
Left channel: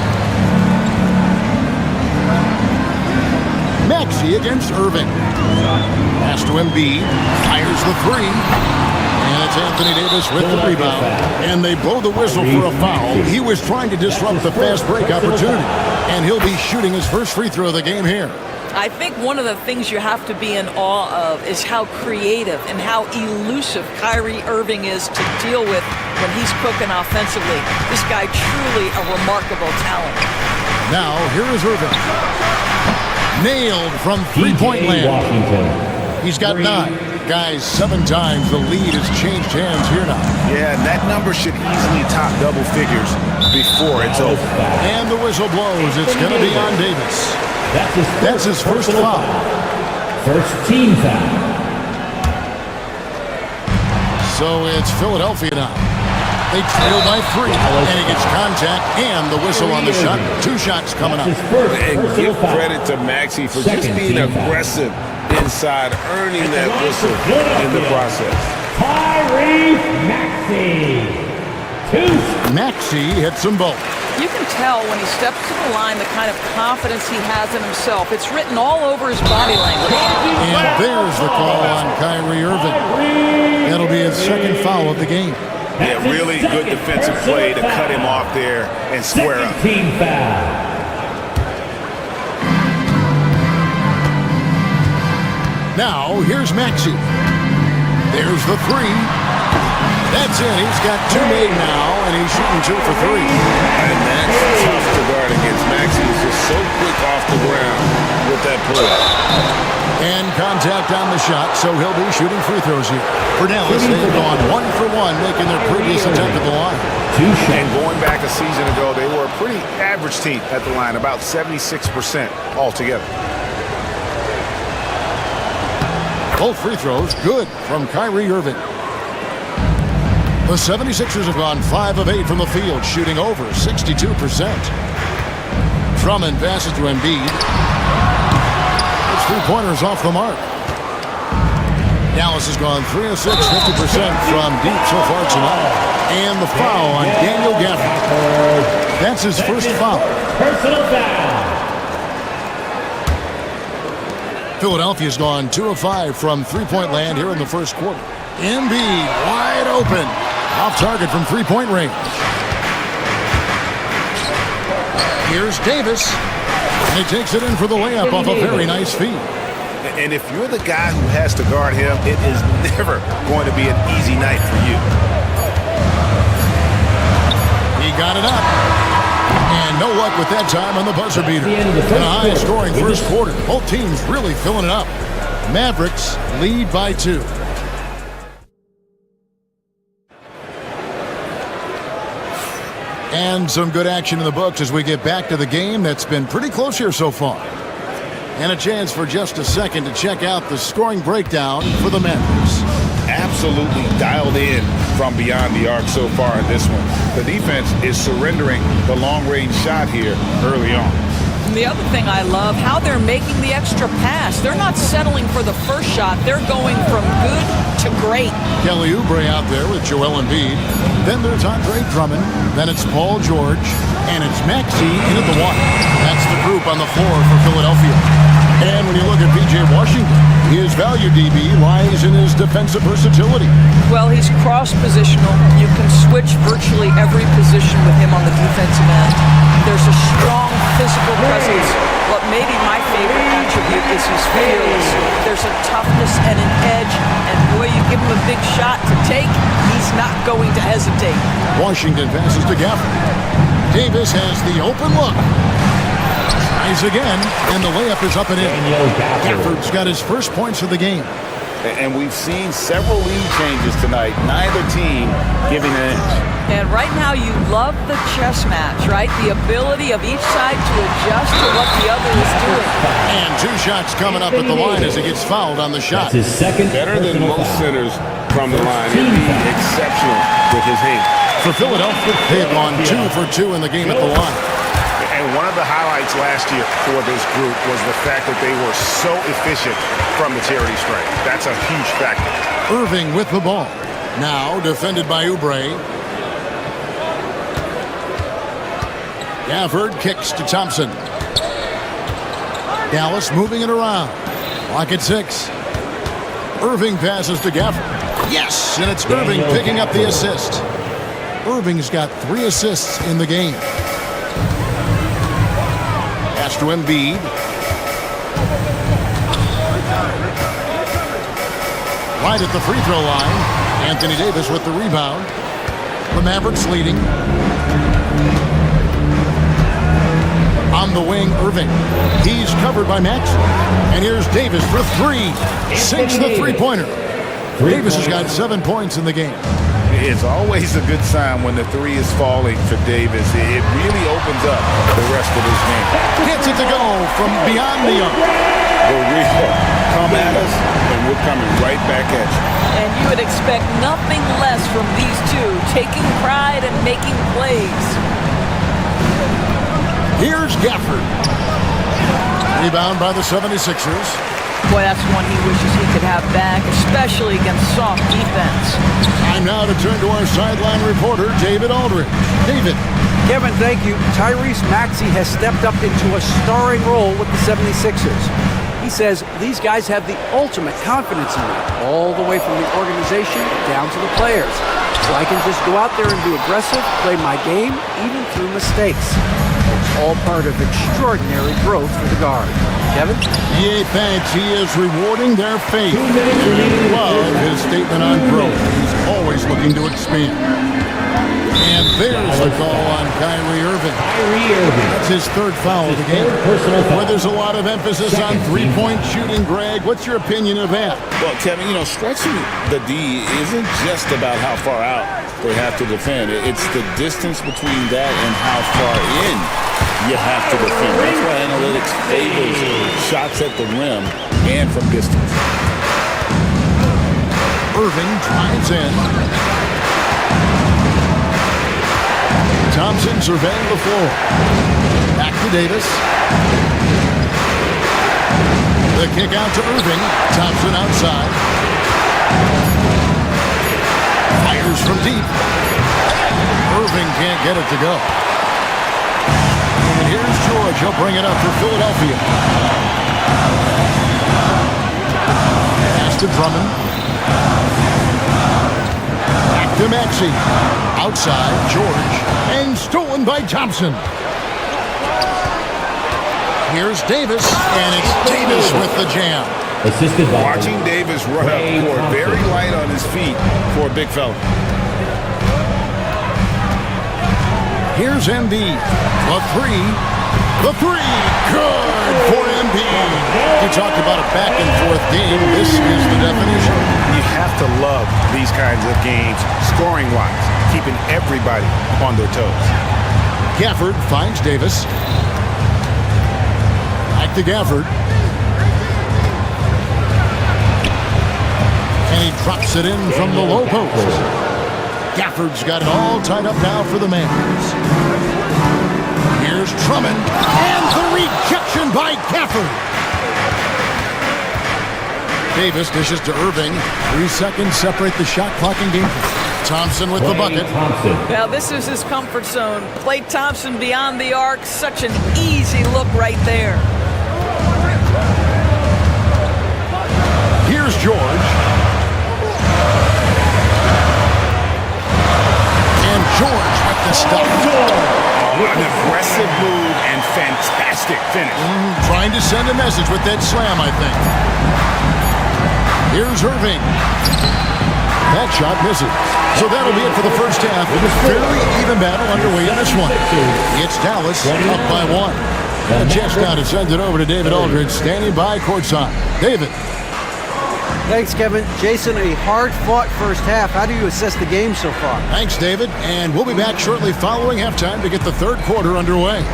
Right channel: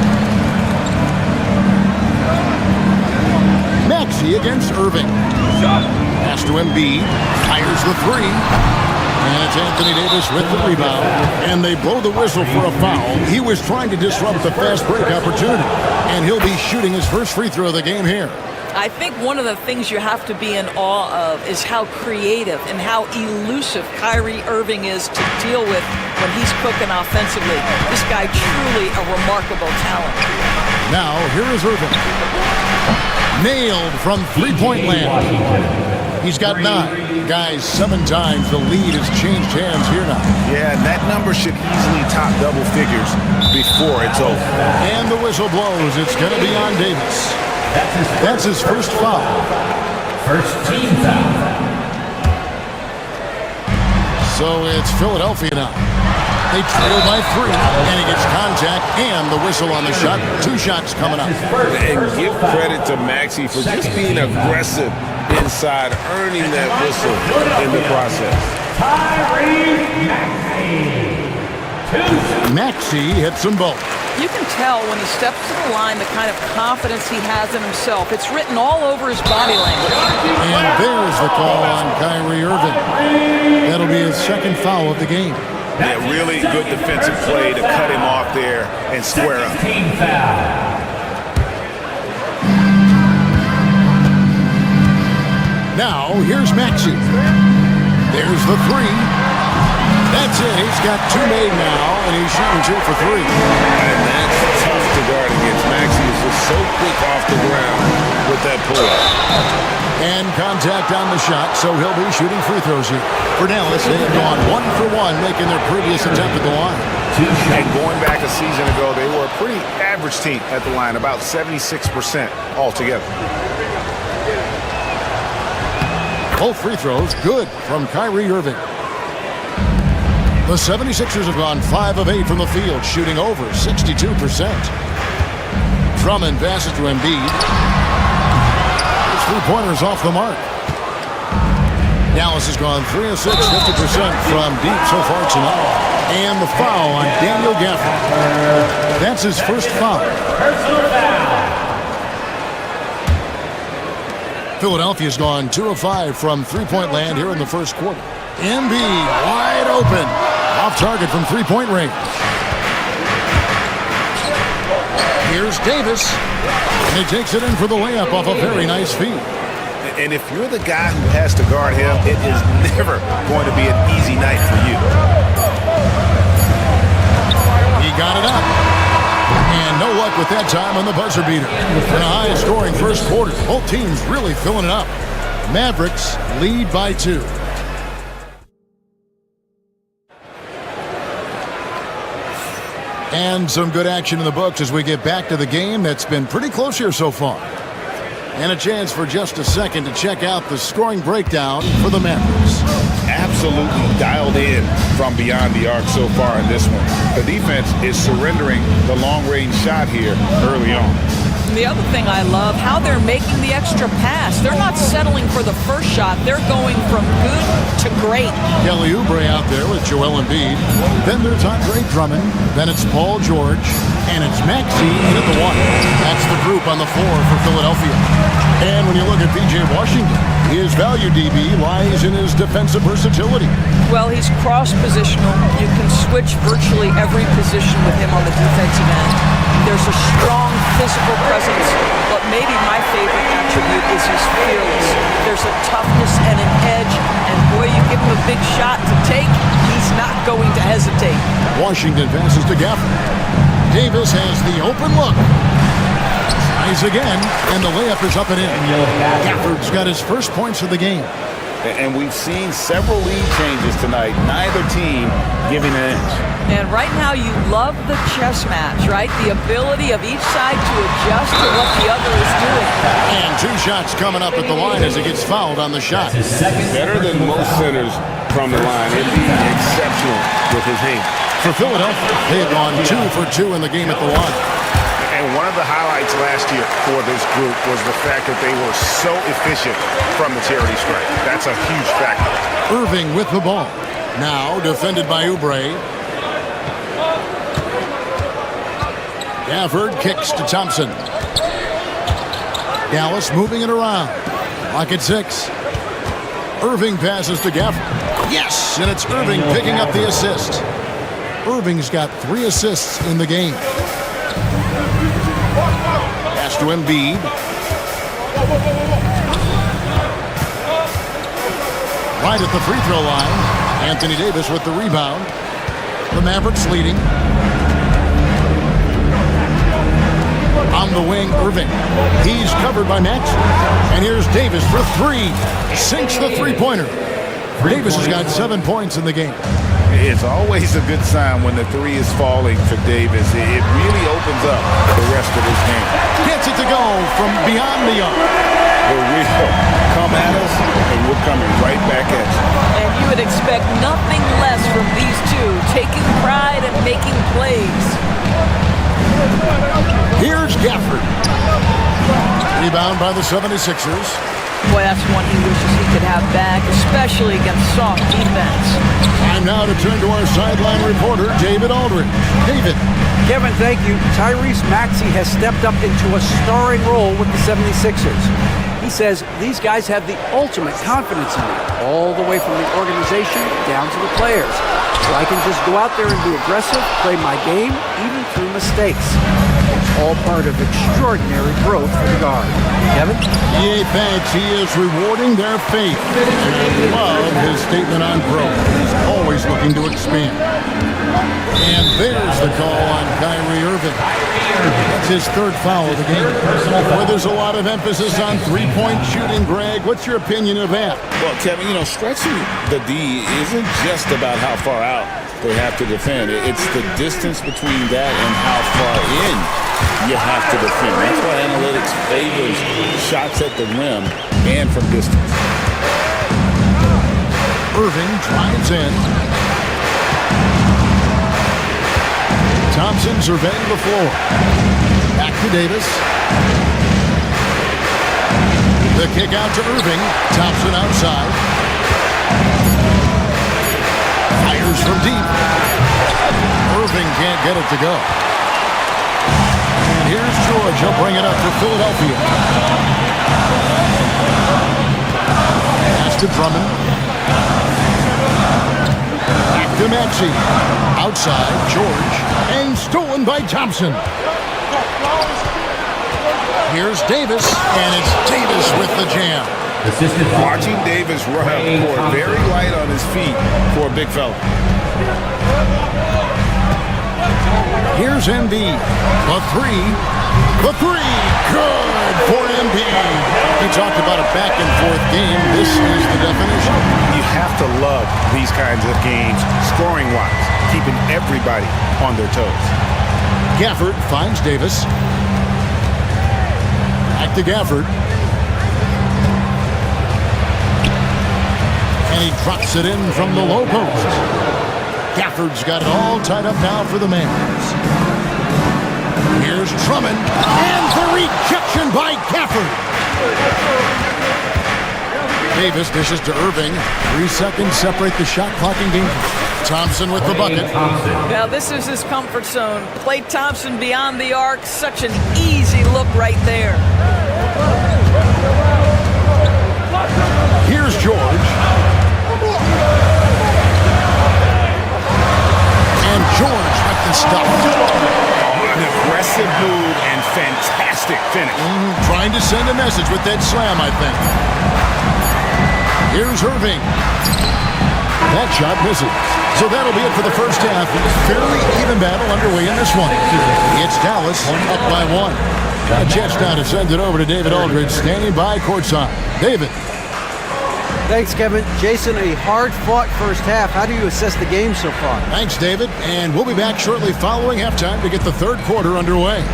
Maxey against Irving. Pass to Embiid. Fires the 3. And it's Anthony Davis with the rebound. And they blow the whistle for a foul. He was trying to disrupt the fast break opportunity. And he'll be shooting his first free throw of the game here. I think one of the things you have to be in awe of is how creative and how elusive Kyrie Irving is to deal with when he's cooking offensively. This guy truly a remarkable talent. Now, here is Irving. Nailed from three-point land. He's got 9. Guys, 7 times the lead has changed hands here now. Yeah, and that number should easily top double figures before it's over. And the whistle blows. It's going to be on Davis. That's his first foul. First team foul. So it's Philadelphia now. They trail by 3, and he gets contact and the whistle on the shot. 2 shots coming up. And give credit to Maxey for just being aggressive inside, earning that whistle in the process. Tyrese Maxey. Maxey hits them both. You can tell when he steps to the line the kind of confidence he has in himself. It's written all over his body language. And there's the call on Kyrie Irving. That'll be his second foul of the game. Yeah, really good defensive play to cut him off there and square up. Team foul. Now, here's Maxey. There's the 3. That's it. He's got 2 made now, and he's shooting 2 for 3. And that's tough to guard against. Maxey is just so quick off the ground with that pull-up. And contact on the shot, so he'll be shooting free throws here. For Dallas, they have gone 1 for 1, making their previous attempt at the line. And going back a season ago, they were a pretty average team at the line, about 76% altogether. Both free throws good from Kyrie Irving. The 76ers have gone 5 of 8 from the field, shooting over 62%. Drummond passes to Embiid. His three-pointer's off the mark. Dallas has gone 3 of 6, 50% from deep so far tonight. And the foul on Daniel Gafford. That's his first foul. Personal foul. Philadelphia's gone 2 of 5 from three-point land here in the first quarter. Embiid wide open. Off target from three-point range. Here's Davis. And he takes it in for the layup off a very nice feed. And if you're the guy who has to guard him, it is never going to be an easy night for you. He got it up. And no luck with that time on the buzzer beater. And a high-scoring first quarter. Both teams really filling it up. Mavericks lead by 2. And some good action in the books as we get back to the game that's been pretty close here so far. And a chance for just a second to check out the scoring breakdown for the Mavericks. Absolutely dialed in from beyond the arc so far in this one. The defense is surrendering the long-range shot here early on. And the other thing I love, how they're making the extra pass. They're not settling for the first shot. They're going from good to great. Kelly Oubre out there with Joel Embiid. Then there's Andre Drummond. Then it's Paul George. And it's Maxey in at the 1. That's the group on the floor for Philadelphia. And when you look at P.J. Washington, his value DB lies in his defensive versatility. Well, he's cross-positional. You can switch virtually every position with him on the defensive end. There's a strong physical presence, but maybe my favorite attribute is he's fearless. There's a toughness and an edge, and boy, you give him a big shot to take, he's not going to hesitate. Washington passes to Gafford. Davis has the open look. Tries again, and the layup is up and in. Gafford's got his first points of the game. And we've seen several lead changes tonight. Neither team giving an edge. And right now you love the chess match, right? The ability of each side to adjust to what the other is doing. And 2 shots coming up at the line as he gets fouled on the shot. Better than most centers from the line. Indeed, exceptional with his hand. For Philadelphia, they have gone 2 for 2 in the game at the line. And one of the highlights last year for this group was the fact that they were so efficient from the charity stripe. That's a huge factor. Irving with the ball. Now defended by Oubre. Gafford kicks to Thompson. Dallas moving it around. Clock at 6. Irving passes to Gafford. Yes, and it's Irving picking up the assist. Irving's got 3 assists in the game. Pass to Embiid. Right at the free throw line. Anthony Davis with the rebound. The Mavericks leading. On the wing, Irving. He's covered by Max. And here's Davis for 3. Sinks the three-pointer. Davis has got 7 points in the game. It's always a good sign when the 3 is falling for Davis. It really opens up the rest of his game. Gets it to go from beyond the arc. The real come at us, and we're coming right back at you. And you would expect nothing less from these two, taking pride and making plays. Here's Gafford. Rebound by the 76ers. Boy, that's one he wishes he could have back, especially against soft defense. Time now to turn to our sideline reporter, David Aldridge. David. Kevin, thank you. Tyrese Maxey has stepped up into a starring role with the 76ers. He says these guys have the ultimate confidence in me, all the way from the organization down to the players. So I can just go out there and be aggressive, play my game, even through mistakes. It's all part of extraordinary growth for the guard. Kevin? EA thanks. He is rewarding their faith. And I love his statement on growth. He's always looking to expand. And there's the call on Kyrie Irving. That's his 3rd foul of the game. Where there's a lot of emphasis on three-point shooting, Greg. What's your opinion of that? Well, Kevin, stretching the D isn't just about how far out they have to defend. It's the distance between that and how far in you have to defend. That's why analytics favors shots at the rim and from distance. Irving drives in. Thompson surveying the floor. Back to Davis. The kick out to Irving. Thompson outside. Fires from deep. Irving can't get it to go. And here's George. He'll bring it up for Philadelphia. Pass to Drummond. Back to Maxey. Outside, George. And stolen by Thompson. Here's Davis, and it's Davis with the jam. Watching Davis run up court, very light on his feet for a big fella. Here's Embiid. The three. Good for Embiid. He talked about a back-and-forth game. This is the definition. You have to love these kinds of games, scoring-wise, keeping everybody on their toes. Gafford finds Davis. Back to Gafford. And he drops it in from the low post. Gafford's got it all tied up now for the Mavs. Here's Drummond. And the rejection by Gafford. Davis dishes to Irving. 3 seconds separate the shot clock and game clock. Thompson with the bucket. Now this is his comfort zone. Klay Thompson beyond the arc. Such an easy look right there. Here's George. And George with the stop. An aggressive move and fantastic finish. Trying to send a message with that slam, I think. Here's Irving. That shot misses. So that'll be it for the first half. Fairly even battle underway in this one. It's Dallas up by 1. Got a chance now to send it over to David Aldridge, standing by courtside. David. Thanks, Kevin. Jason, a hard-fought first half. How do you assess the game so far? Thanks, David. And we'll be back shortly following halftime to get the third quarter underway.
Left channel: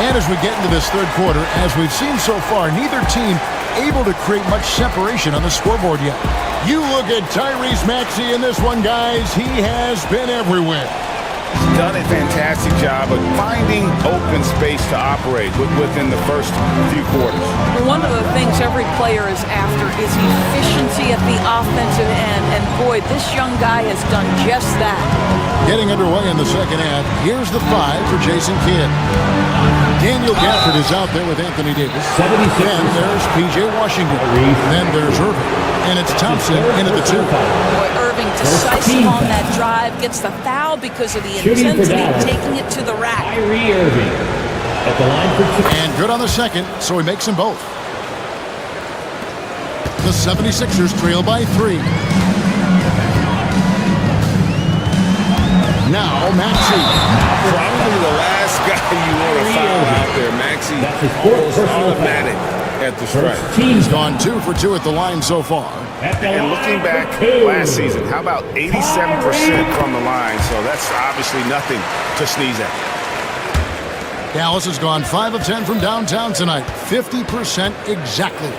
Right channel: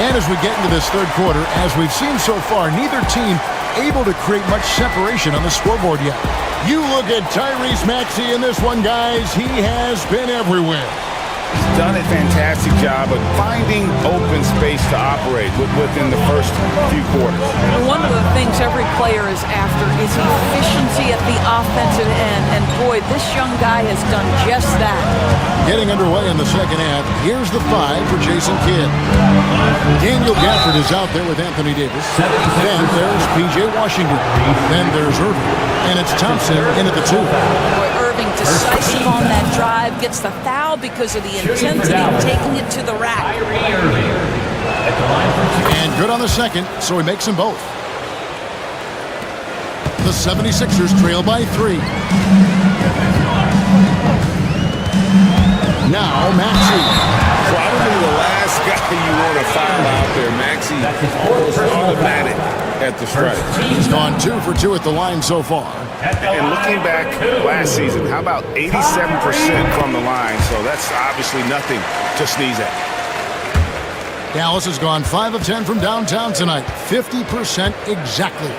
And as we get into this third quarter, as we've seen so far, neither team able to create much separation on the scoreboard yet. You look at Tyrese Maxey in this one, guys. He has been everywhere. He's done a fantastic job of finding open space to operate within the first few quarters. One of the things every player is after is efficiency at the offensive end. And boy, this young guy has done just that. Getting underway in the second half, here's the 5 for Jason Kidd. Daniel Gafford is out there with Anthony Davis. Then there's P.J. Washington. Then there's Irving. And it's Thompson in at the 2. Boy, Irving decisive on that drive. Gets the foul because of the intensity, taking it to the rack. And good on the second, so he makes them both. The 76ers trail by 3. Now Maxey. Probably the last guy you want to foul out there. Maxey almost automatic at the strike. He's gone 2 for 2 at the line so far. And looking back last season, how about 87% from the line? So that's obviously nothing to sneeze at. Dallas has gone 5 of 10 from downtown tonight. 50% exactly.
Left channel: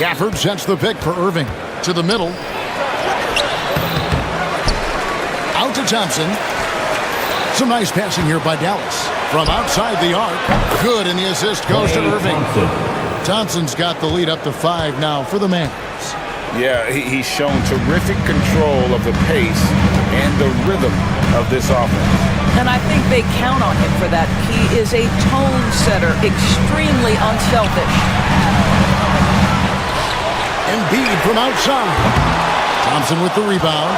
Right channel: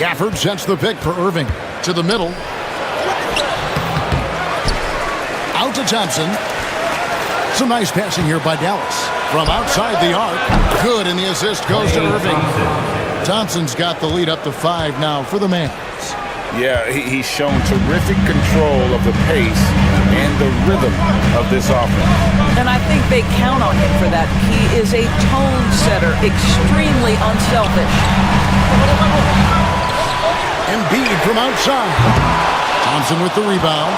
Gafford sends the pick for Irving. To the middle. Out to Thompson. Some nice passing here by Dallas. From outside the arc. Good, and the assist goes to Irving. Thompson's got the lead up to 5 now for the Mavs. Yeah, he's shown terrific control of the pace and the rhythm of this offense. And I think they count on him for that. He is a tone setter, extremely unselfish. Embiid from outside. Thompson with the rebound.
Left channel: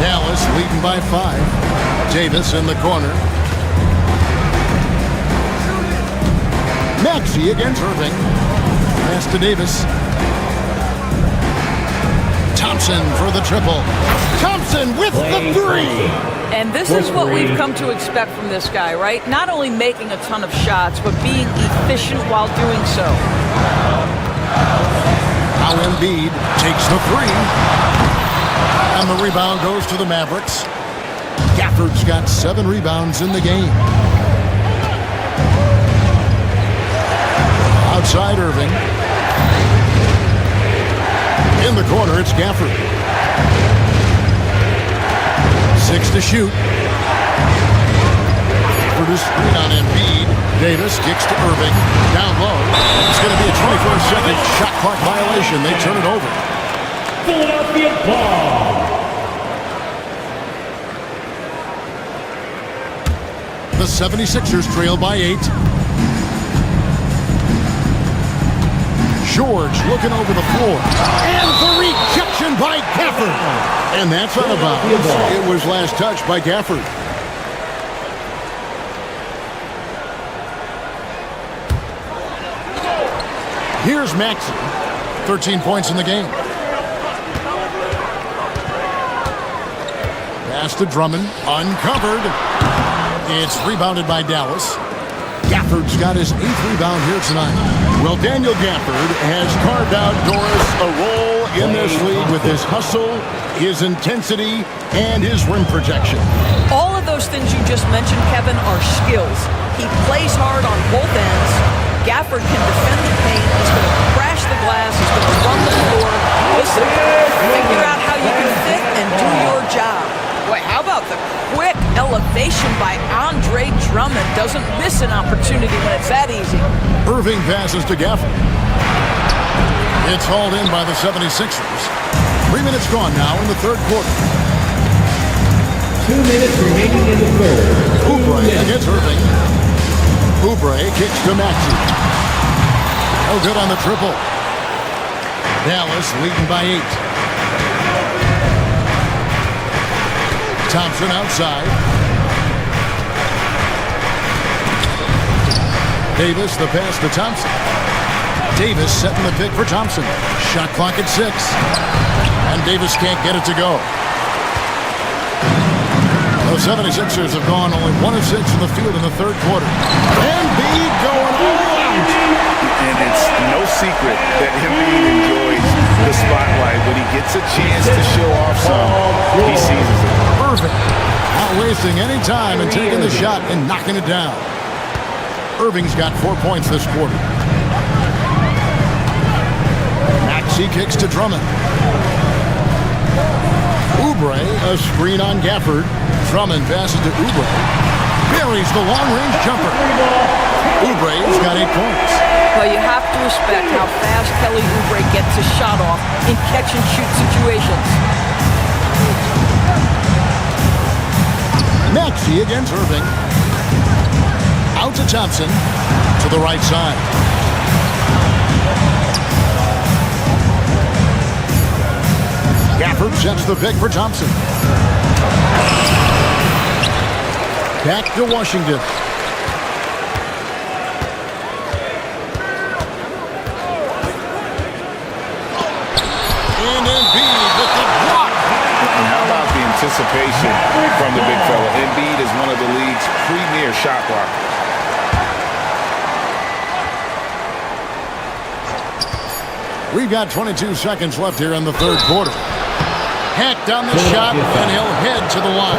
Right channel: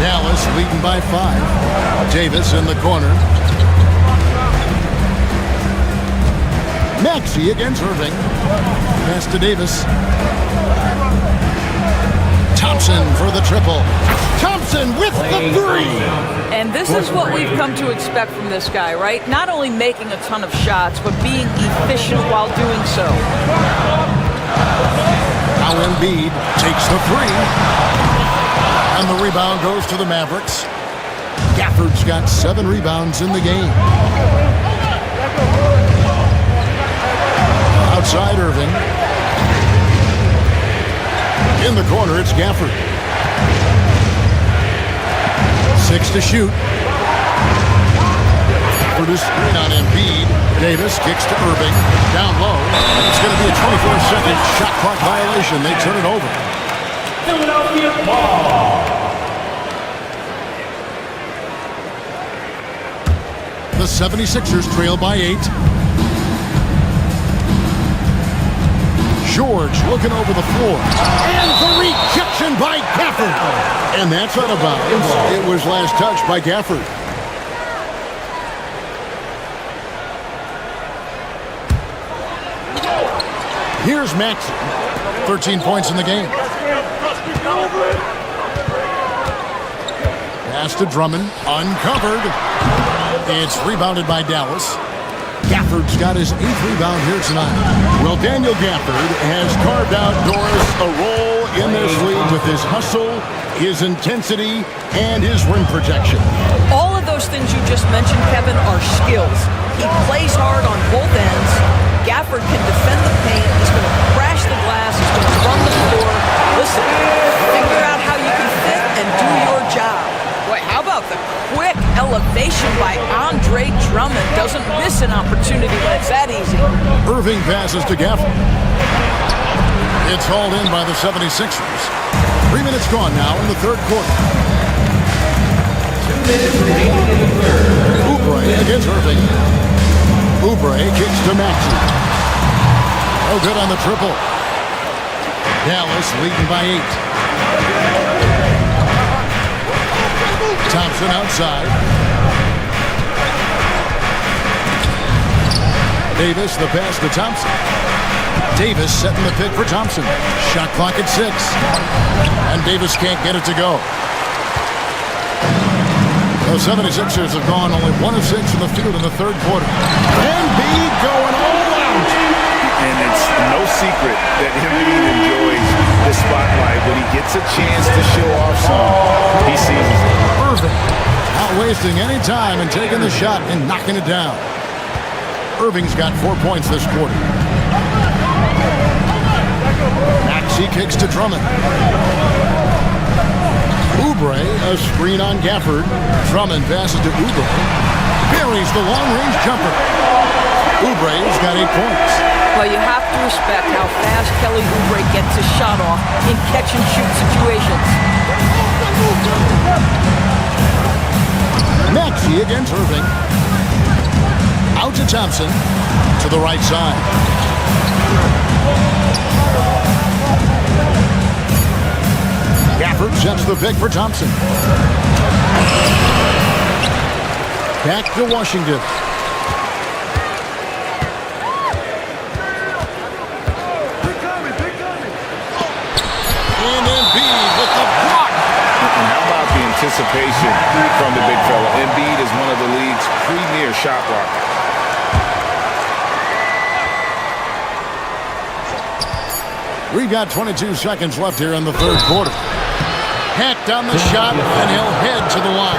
Dallas leading by 5. Davis in the corner. Maxey against Irving. Pass to Davis. Thompson for the triple. Thompson with the 3. And this is what we've come to expect from this guy, right? Not only making a ton of shots, but being efficient while doing so. Now Embiid takes the three. And the rebound goes to the Mavericks. Gafford's got 7 rebounds in the game. Outside Irving. In the corner, it's Gafford. 6 to shoot. Gafford is screen on Embiid. Davis kicks to Irving. Down low. It's going to be a 24-second shot clock violation. They turn it over. Philadelphia ball. The 76ers trail by 8. George looking over the floor. And the rejection by Gafford. And that's out of bounds. It was last touched by Gafford. Here's Maxey. 13 points in the game. Pass to Drummond. Uncovered. It's rebounded by Dallas. Gafford's got his 8th rebound here tonight. Well, Daniel Gafford has carved out, Doris, a role in this league with his hustle, his intensity, and his rim protection. All of those things you just mentioned, Kevin, are skills. He plays hard on both ends. Gafford can defend the paint. He's going to crash the glass. He's going to run the floor. Listen, figure out how you can fit and do your job. Boy, how about the quick elevation by Andre Drummond? Doesn't miss an opportunity when it's that easy. Irving passes to Gafford. It's hauled in by the 76ers. 3 minutes gone now in the third quarter. 2 minutes remaining in the third. Oubre against Irving. Oubre kicks to Maxey. No good on the triple. Dallas leading by 8. Thompson outside. Davis, the pass to Thompson. Davis setting the pick for Thompson. Shot clock at 6. And Davis can't get it to go. The 76ers have gone only 1 of 6 from the field in the third quarter. Embiid going all out. And it's no secret that Embiid enjoys the spotlight. When he gets a chance to show off some, he seizes it. Irving not wasting any time and taking the shot and knocking it down. Irving's got 4 points this quarter. Maxey kicks to Drummond. Oubre, a screen on Gafford. Drummond passes to Oubre. Buries the long-range jumper. Oubre's got 8 points. Well, you have to respect how fast Kelly Oubre gets his shot off in catch-and-shoot situations. Maxey against Irving. Out to Thompson. To the right side. Gafford sets the pick for Thompson. Back to Washington. And Embiid with the block. And how about the anticipation from the big fella? Embiid is one of the league's premier shot blockers. We've got 22 seconds left here in the third quarter. Hacked on the shot, and he'll head to the line.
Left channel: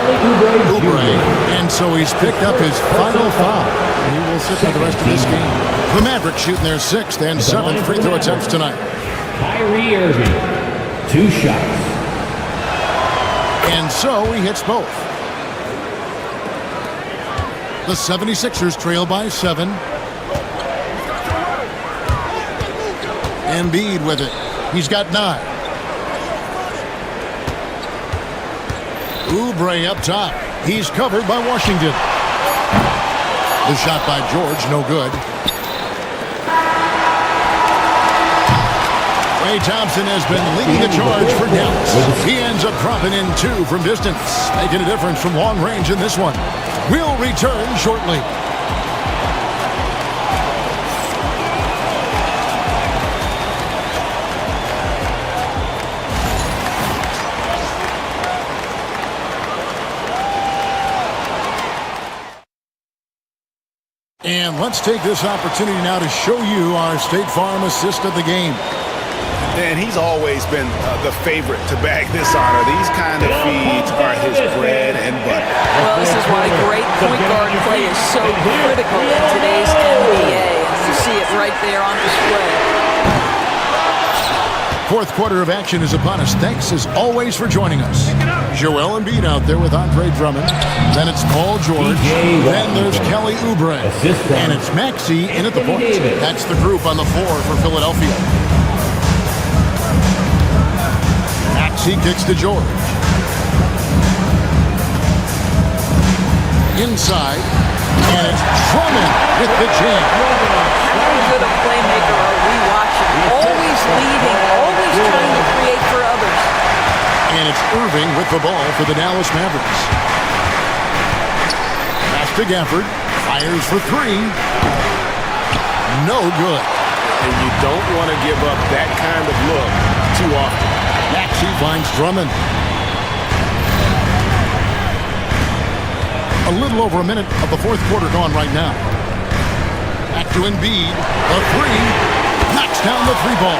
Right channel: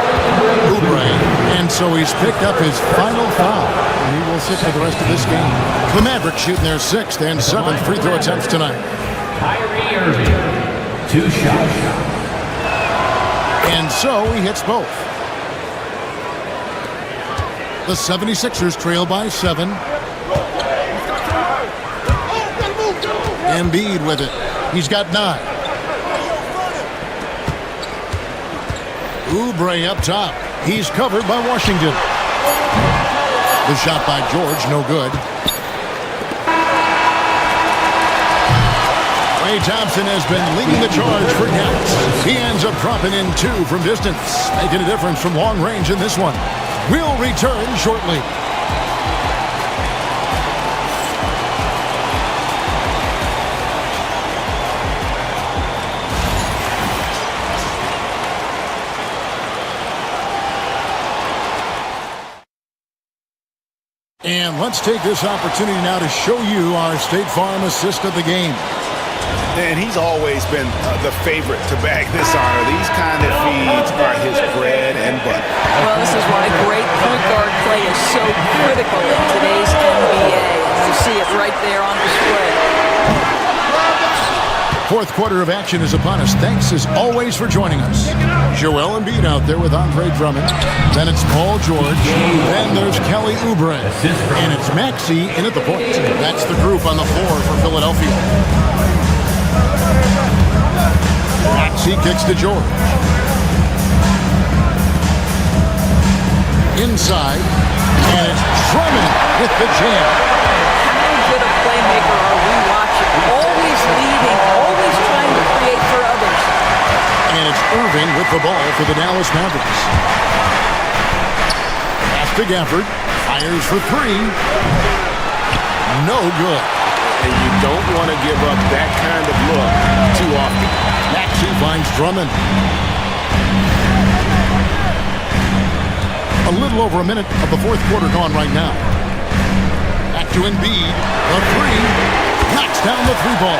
Oubre, and so he's picked up his final foul. And he will sit for the rest of this game. The Mavericks shooting their 6th and 7th free throw attempts tonight. Kyrie Irving, 2 shots. And so he hits both. The 76ers trail by 7. Embiid with it. He's got 9. Oubre up top. He's covered by Washington. The shot by George, no good. Klay Thompson has been leading the charge for Dallas. He ends up dropping in 2 from distance, making a difference from long range in this one. We'll return shortly. And let's take this opportunity now to show you our State Farm assist of the game. And he's always been the favorite to bag this honor. These kind of feeds are his bread and butter. Well, this is why great point guard play is so critical in today's NBA, and you see it right there on display. Fourth quarter of action is upon us. Thanks as always for joining us. Joel Embiid out there with Andre Drummond. Then it's Paul George. Then there's Kelly Oubre. And it's Maxey in at the point. That's the group on the floor for Philadelphia. Maxey kicks to George. Inside. And it's Drummond with the jam. How good a playmaker are we watching? Always leading, always trying to create for others. And it's Irving with the ball for the Dallas Mavericks. Pass to Gafford. Fires for three. No good. And you don't want to give up that kind of look too often. Maxey finds Drummond. A little over a minute of the fourth quarter gone right now. Back to Embiid. A three. Knocks down the three ball.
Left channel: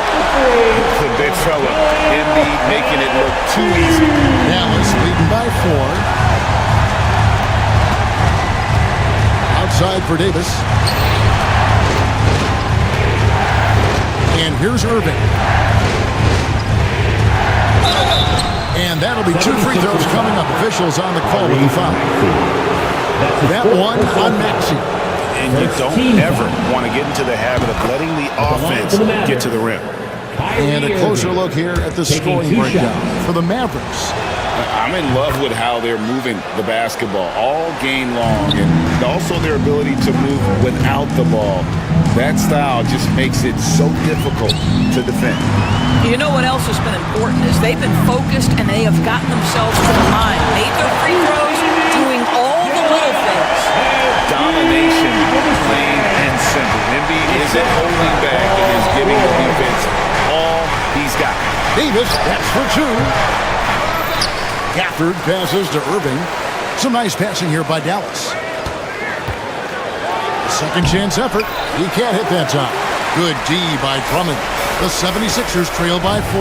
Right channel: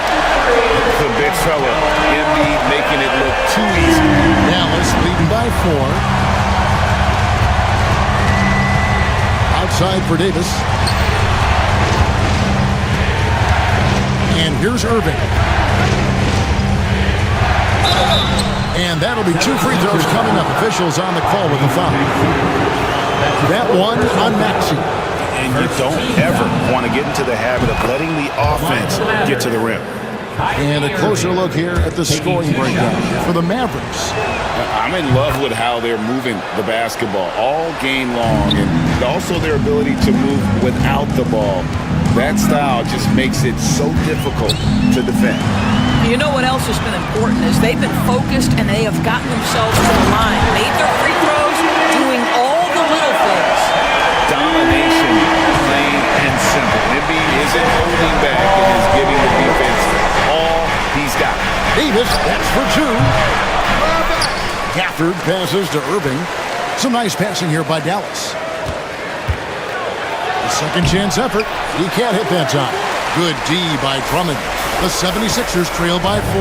The big fella. Embiid making it look too easy. Dallas leading by 4. Outside for Davis. And here's Irving. And that'll be 2 free throws coming up. Officials on the call with the foul. That one on Maxey. And you don't ever want to get into the habit of letting the offense get to the rim. And a closer look here at the scoring breakdown for the Mavericks. I'm in love with how they're moving the basketball all game long, and also their ability to move without the ball. That style just makes it so difficult to defend. You know what else has been important is they've been focused and they have gotten themselves to the line, made their free throws, doing all the little things. Domination, plain and simple. Embiid isn't holding back and is giving the defense all he's got. Davis, that's for 2. Gafford passes to Irving. Some nice passing here by Dallas. The second chance effort. He can't hit that time. Good D by Drummond. The 76ers trail by 4.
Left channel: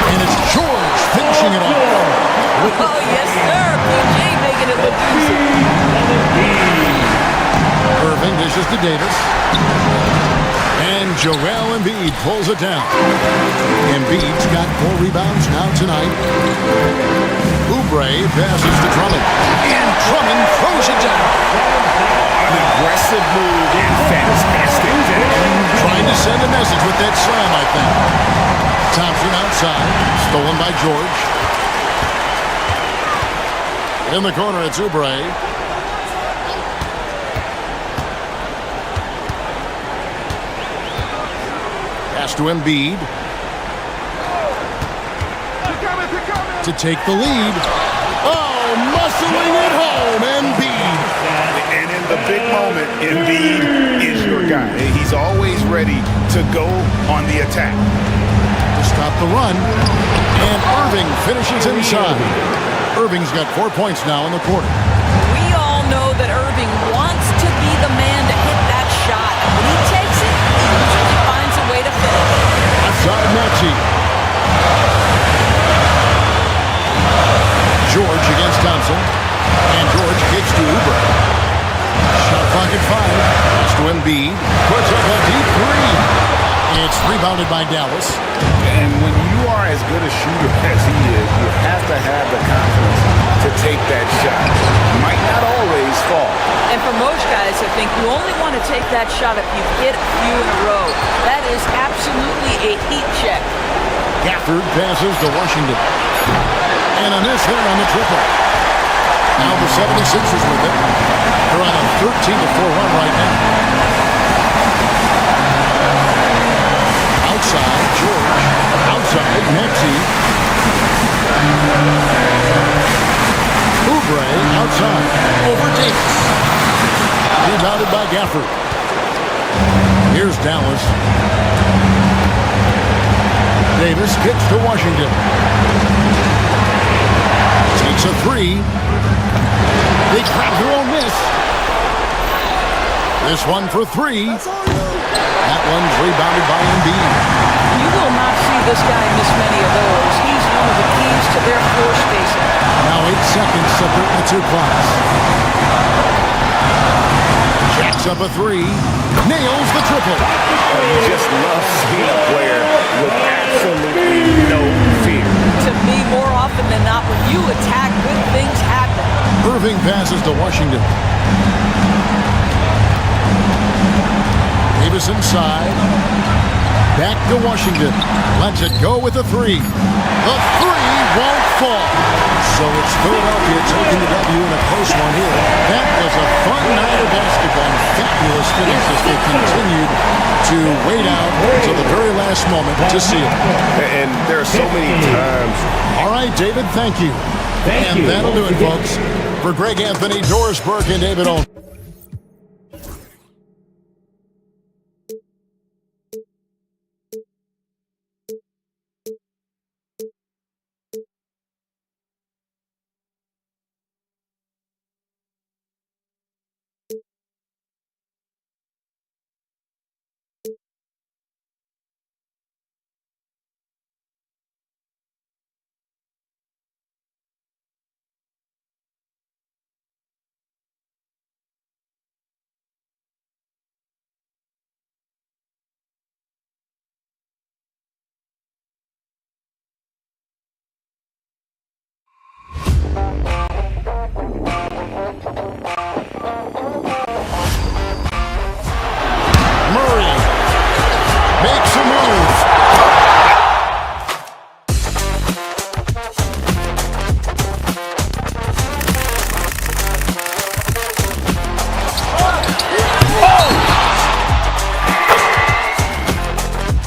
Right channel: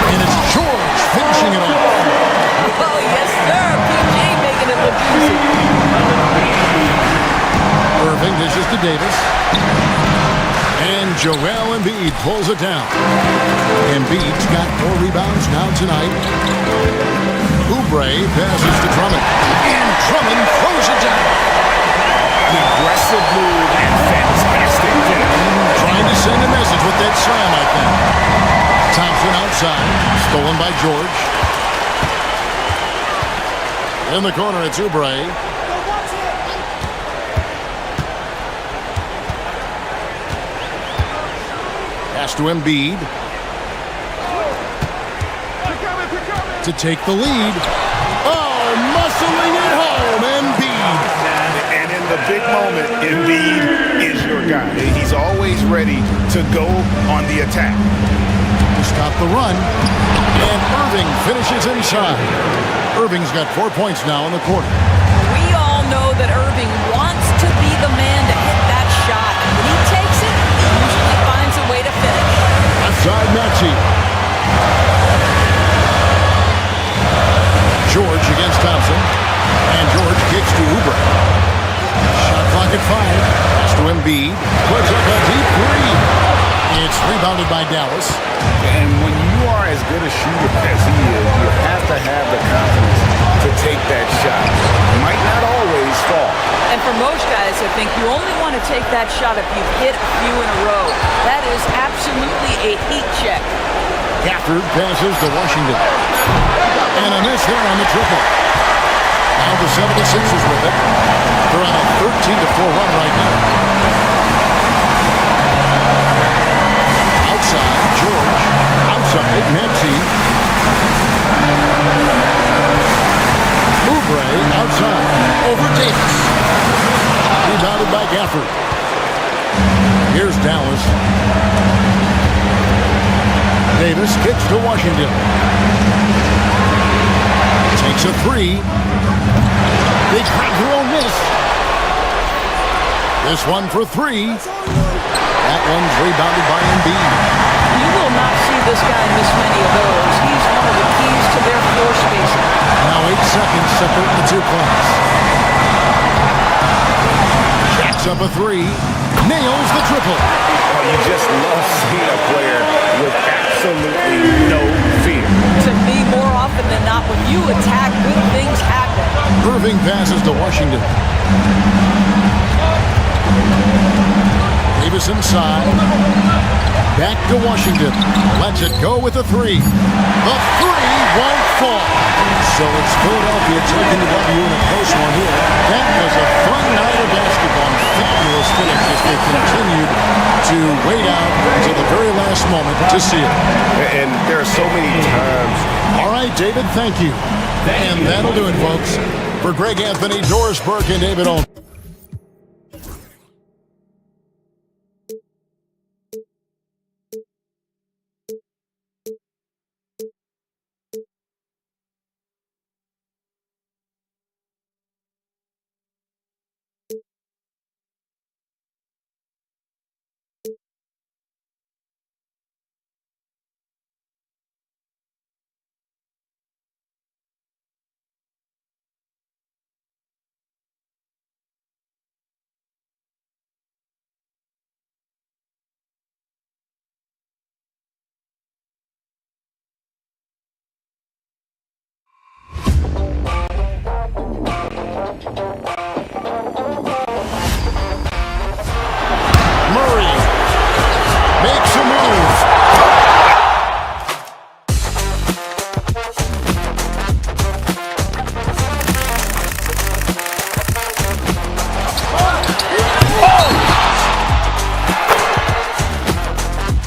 And it's George finishing it off. Oh, yes, sir. PG making it look easy. Irving dishes to Davis. And Joel Embiid pulls it down. Embiid's got 4 rebounds now tonight. Oubre passes to Drummond. And Drummond throws it down. An aggressive move and fantastic finish. Trying to send a message with that slam, I think. Thompson outside. Stolen by George. In the corner, it's Oubre. Pass to Embiid. To take the lead. Oh, muscling it home, Embiid. And in the big moment, Embiid is your guy. He's always ready to go on the attack. To stop the run. And Irving finishes inside. Irving's got 4 points now in the quarter. We all know that Irving wants to be the man to hit that shot. And when he takes it, he usually finds a way to finish. Outside Maxey. George against Thompson. And George kicks to Oubre. Shot clock at 5. Pass to Embiid. Puts up a deep 3. It's rebounded by Dallas. And when you are as good a shooter as he is, you have to have the confidence to take that shot. Might not always fall. And for most guys, I think you only want to take that shot if you've hit a few in a row. That is absolutely a heat check. Gafford passes to Washington. And a miss there on the triple. Now the 76ers with it. They're on a 13-4 run right now. Outside, George. Outside, Maxey. Oubre outside. Over Davis. Rebounded by Gafford. Here's Dallas. Davis kicks to Washington. Takes a 3. They grab their own miss. This one for 3. That one's rebounded by Embiid. You will not see this guy miss many of those. He's one of the keys to their floor spacing. Now 8 seconds separating the two clocks. Jacks up a three. Nails the triple. Oh, you just love seeing a player with absolutely no fear. To me, more often than not, when you attack, good things happen. Irving passes to Washington. Davis inside. Back to Washington. Lets it go with a three. The three won't fall. So it's Philadelphia taking the W in a close one here. That was a fun night of basketball and fabulous finish as they continued to wait out until the very last moment to seal it. And there are so many times. All right, David, thank you. And that'll do it, folks. For Greg Anthony, Doris Burke, and David Olin.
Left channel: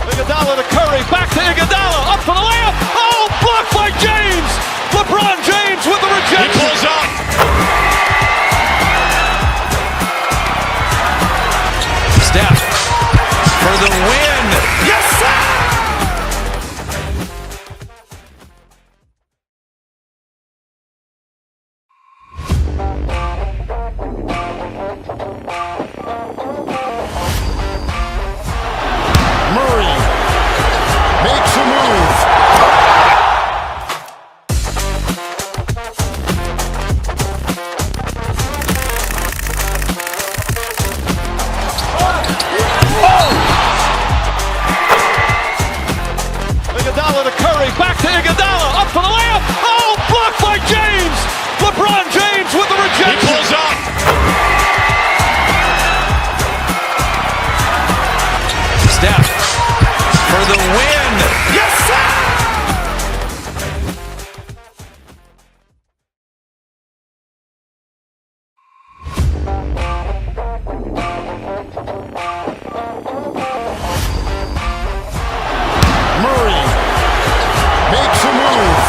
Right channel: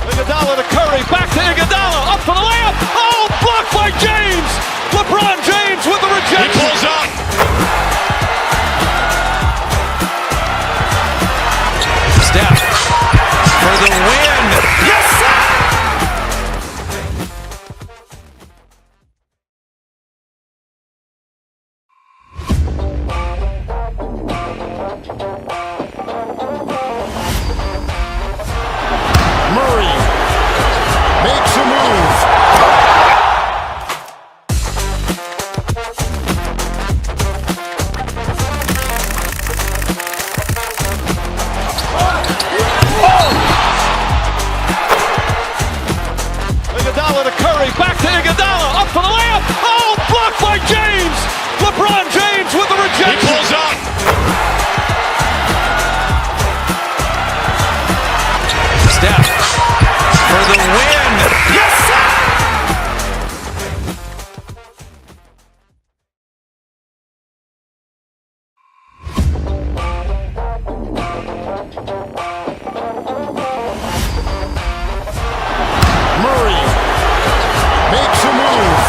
Iguodala to Curry, back to Iguodala, up for the layup. Oh, blocked by James. LeBron James with the rejection. He pulls up. Steph for the win. Yes, sir! Murray makes a move. Iguodala to Curry, back to Iguodala, up for the layup. Oh, blocked by James. LeBron James with the rejection. He pulls up. Steph for the win. Yes, sir! Murray makes a move.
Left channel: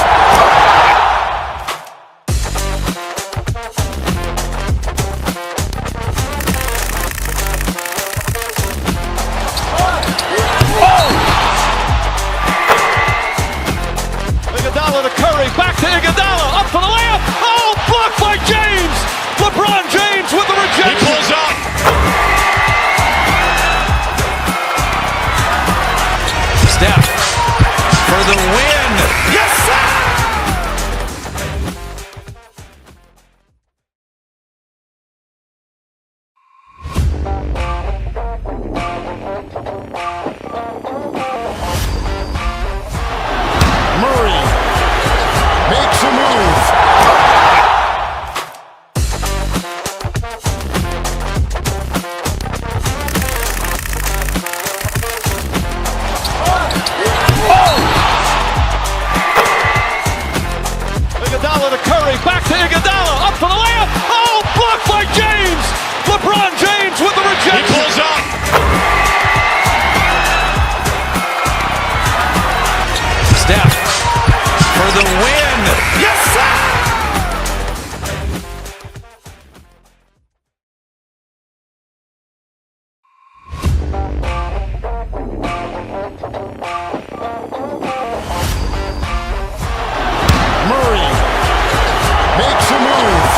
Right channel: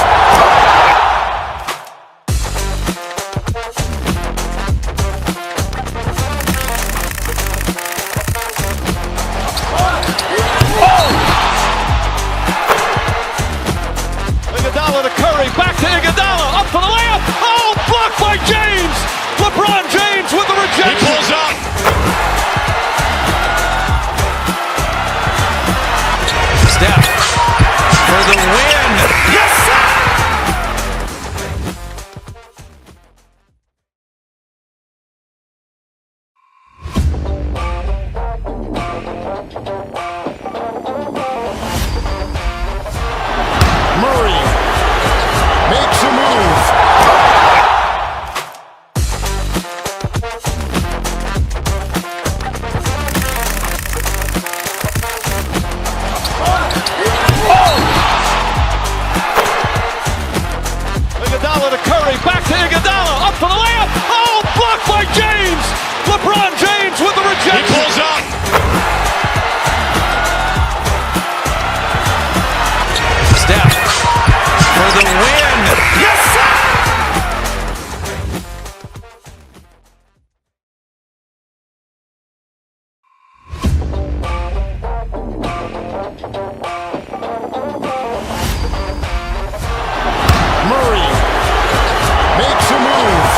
Iguodala to Curry, back to Iguodala, up for the layup. Oh, blocked by James. LeBron James with the rejection. He pulls up. Steph for the win. Yes, sir! Murray makes a move. Iguodala to Curry, back to Iguodala, up for the layup. Oh, blocked by James. LeBron James with the rejection. He pulls up. Steph for the win. Yes, sir! Murray makes a move.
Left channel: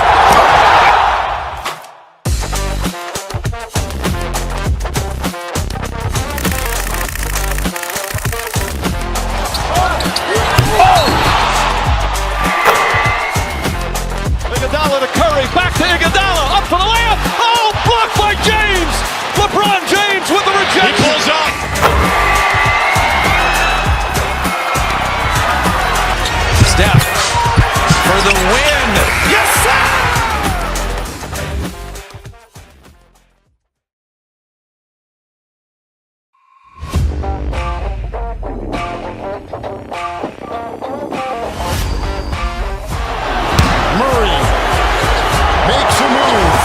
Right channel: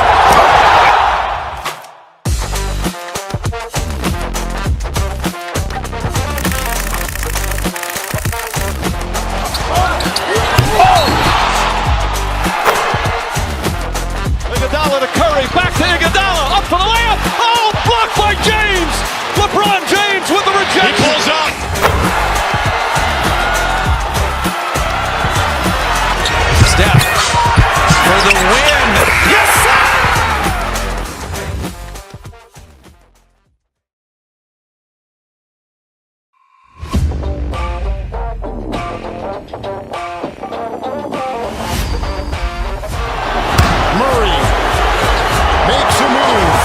Iguodala to Curry, back to Iguodala, up for the layup. Oh, blocked by James. LeBron James with the rejection. He pulls up. Steph for the win. Yes, sir! Murray makes a move.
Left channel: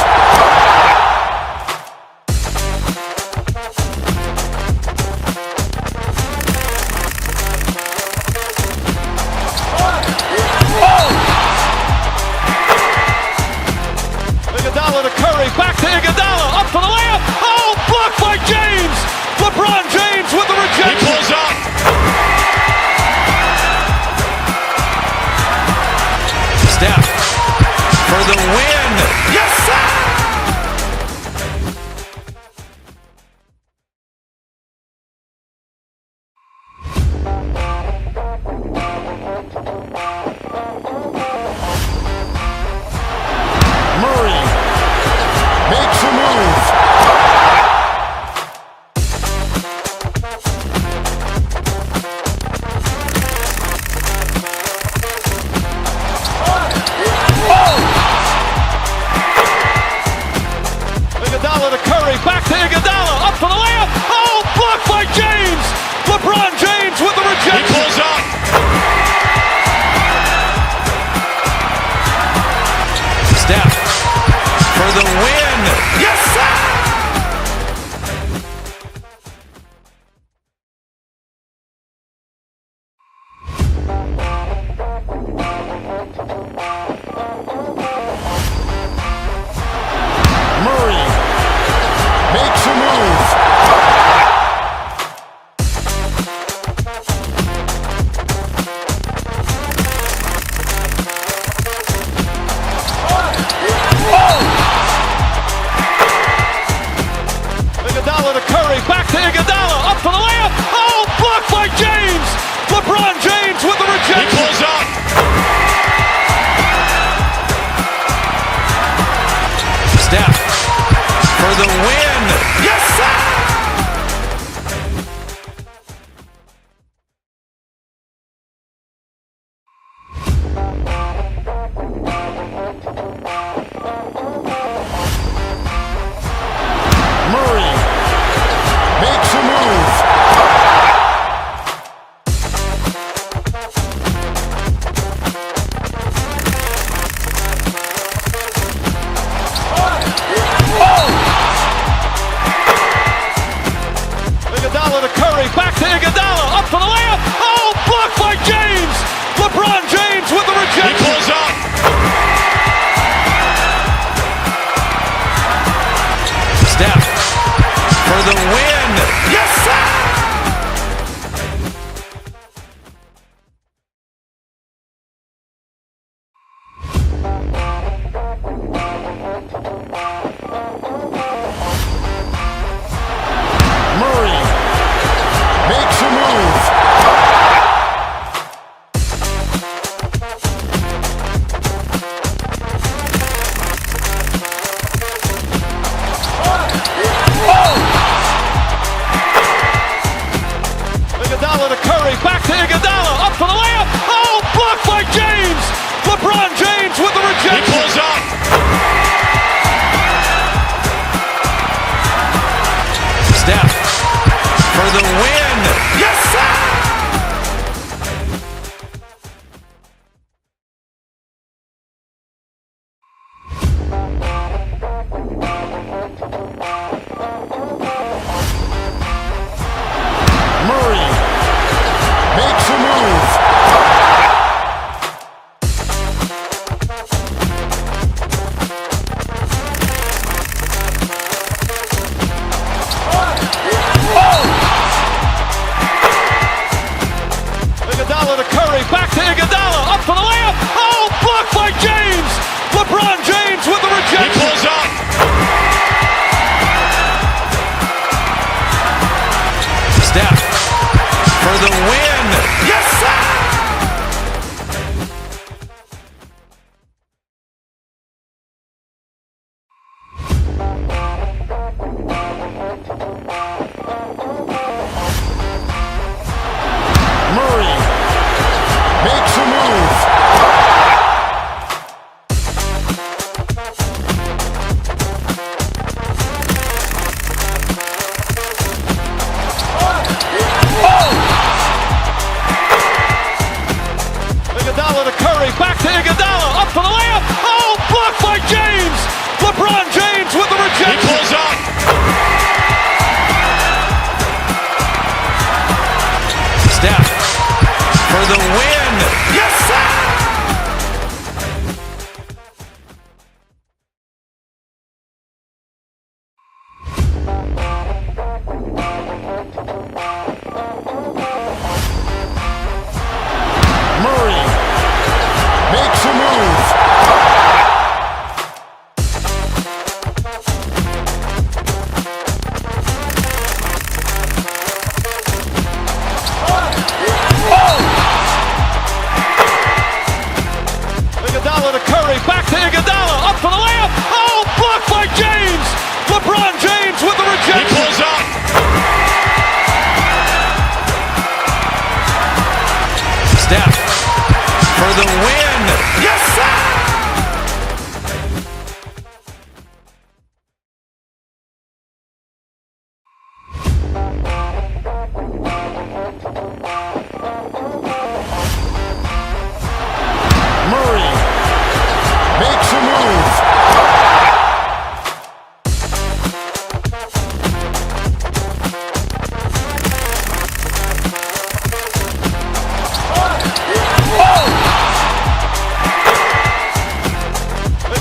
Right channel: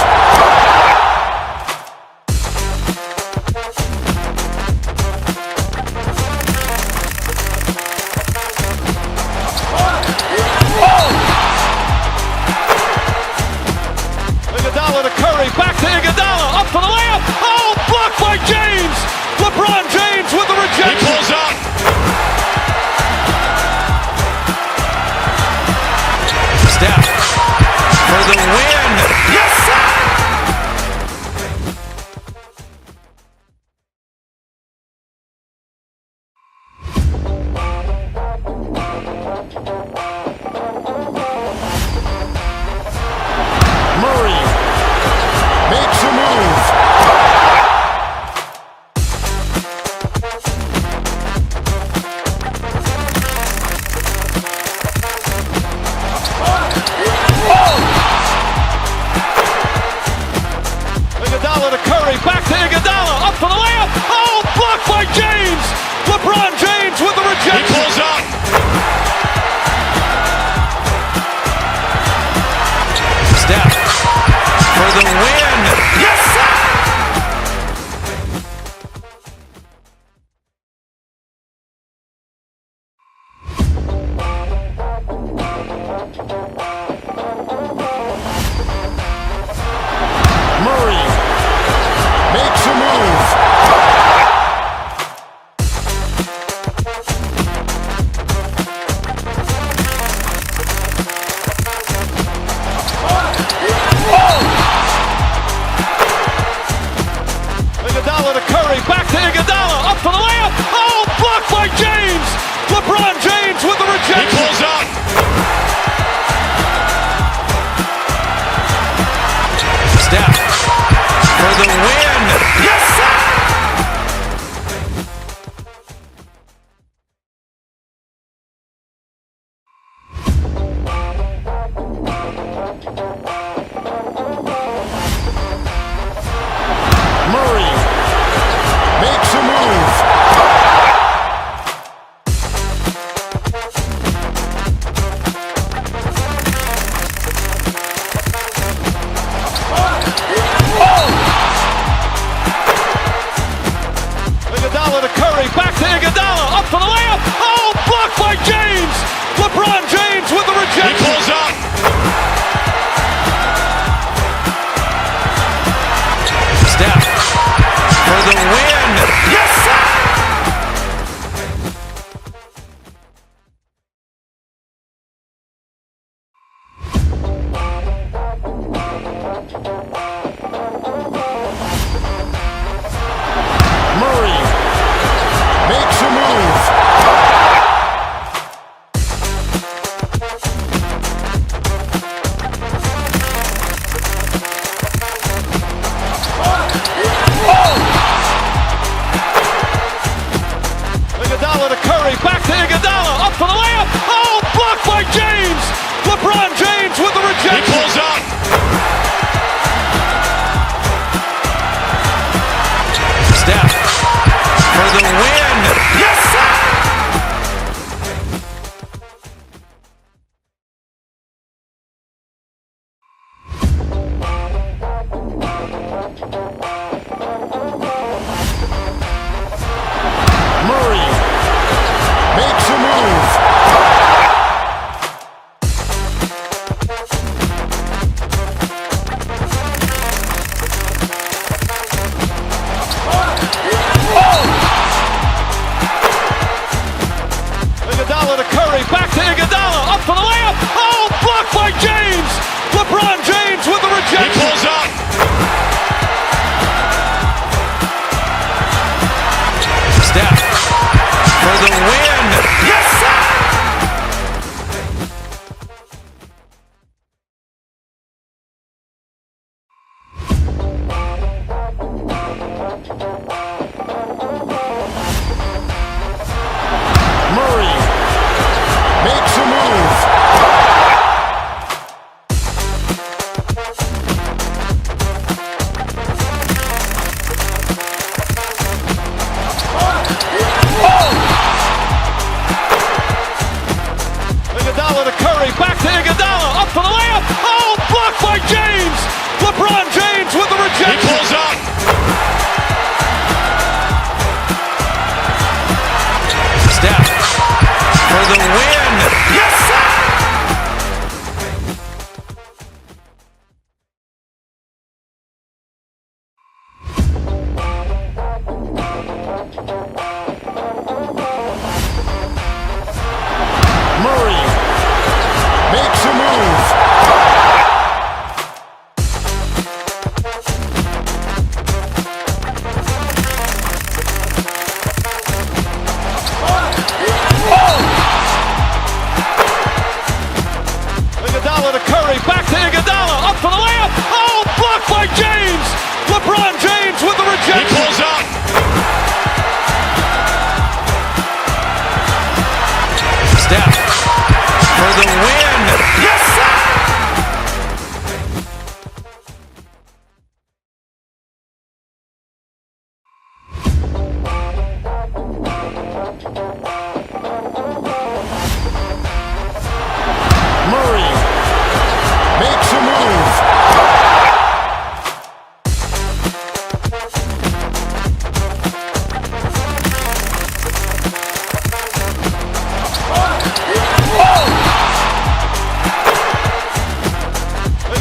Iguodala to Curry, back to Iguodala, up for the layup. Oh, blocked by James. LeBron James with the rejection. He pulls up. Steph for the win. Yes, sir! Murray makes a move. Iguodala to Curry, back to Iguodala, up for the layup. Oh, blocked by James. LeBron James with the rejection. He pulls up. Steph for the win. Yes, sir! Murray makes a move. Iguodala to Curry, back to Iguodala, up for the layup. Oh, blocked by James. LeBron James with the rejection. He pulls up. Steph for the win. Yes, sir! Murray makes a move. Iguodala to Curry, back to Iguodala, up for the layup. Oh, blocked by James. LeBron James with the rejection. He pulls up. Steph for the win. Yes, sir! Murray makes a move.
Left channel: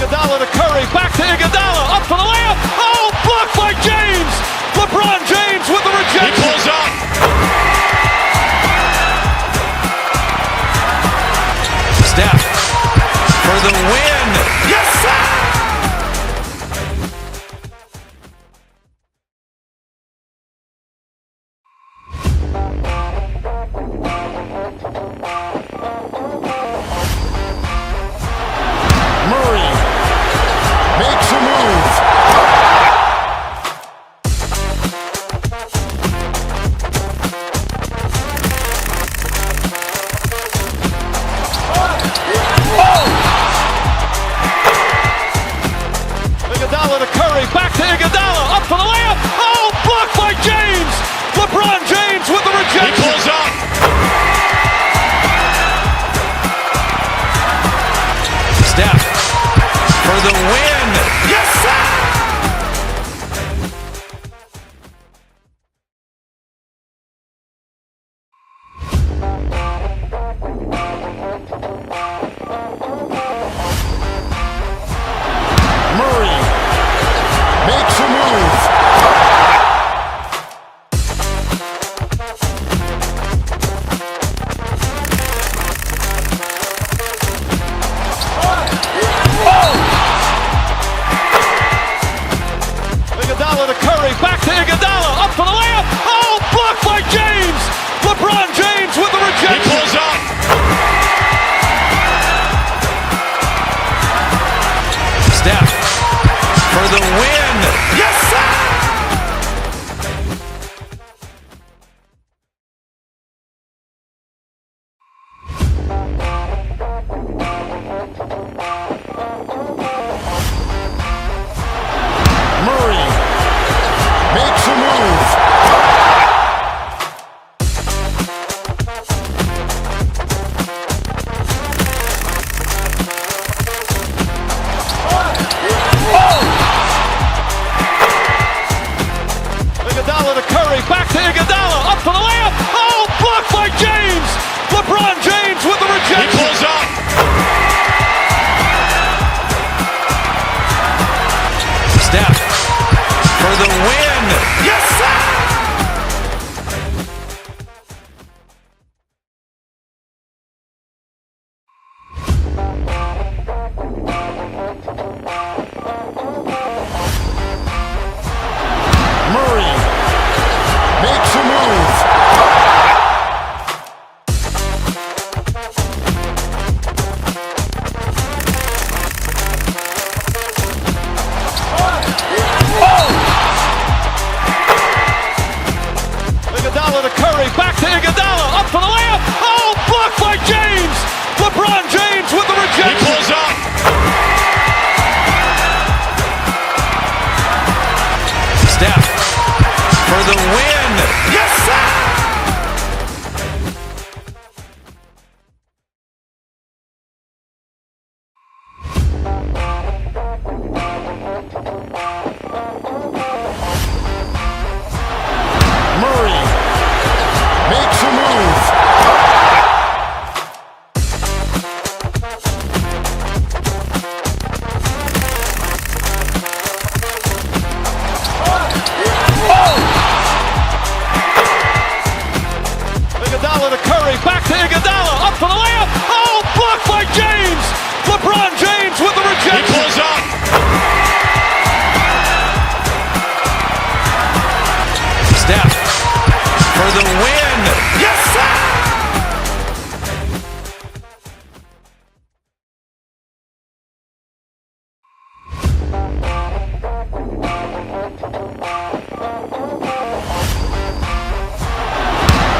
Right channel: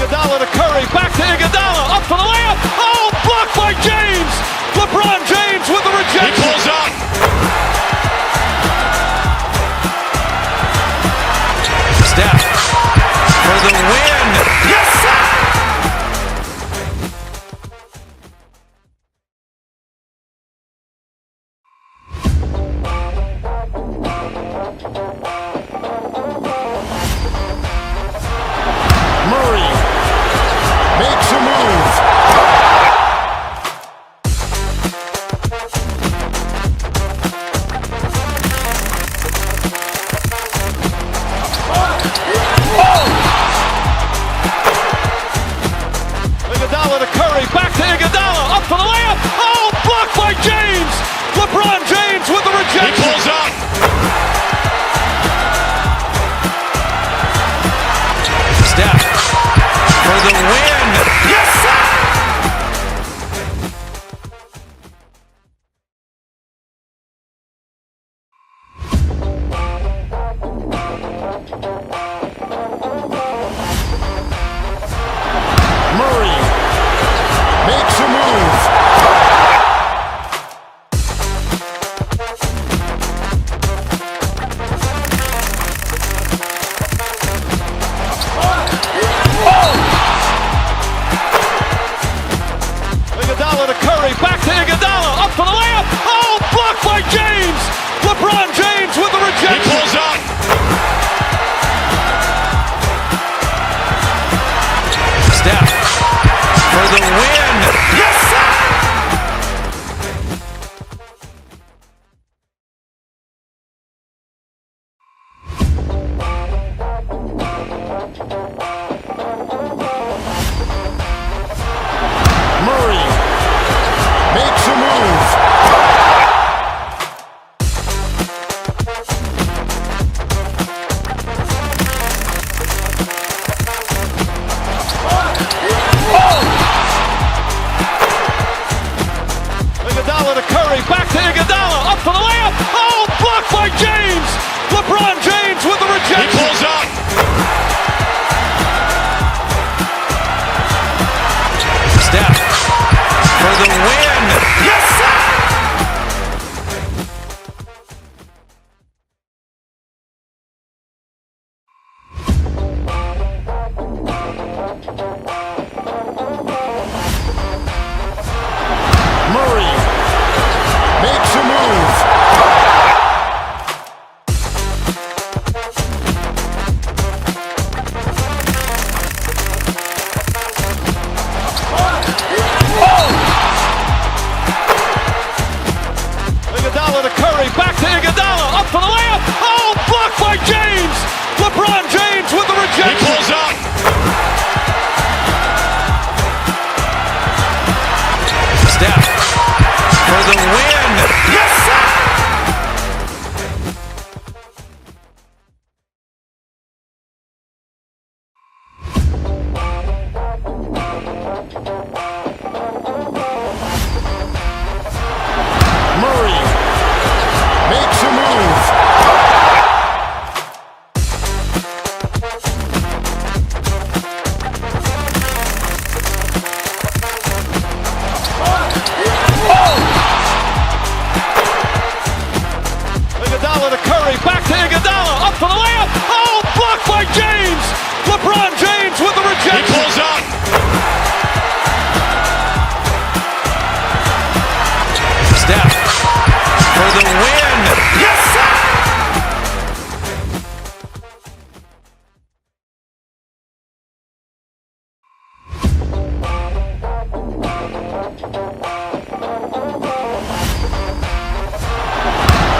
Iguodala to Curry, back to Iguodala, up for the layup. Oh, blocked by James. LeBron James with the rejection. He pulls up. Steph for the win. Yes, sir! Murray makes a move. Iguodala to Curry, back to Iguodala, up for the layup. Oh, blocked by James. LeBron James with the rejection. He pulls up. Steph for the win. Yes, sir! Murray makes a move. Iguodala to Curry, back to Iguodala, up for the layup. Oh, blocked by James. LeBron James with the rejection. He pulls up. Steph for the win. Yes, sir! Murray makes a move. Iguodala to Curry, back to Iguodala, up for the layup. Oh, blocked by James. LeBron James with the rejection. He pulls up. Steph for the win. Yes, sir! Murray makes a move. Iguodala to Curry, back to Iguodala, up for the layup. Oh, blocked by James. LeBron James with the rejection. He pulls up. Steph for the win. Yes, sir! Murray makes a move. Iguodala to Curry, back to Iguodala, up for the layup. Oh, blocked by James. LeBron James with the rejection. He pulls up. Steph for the win. Yes, sir!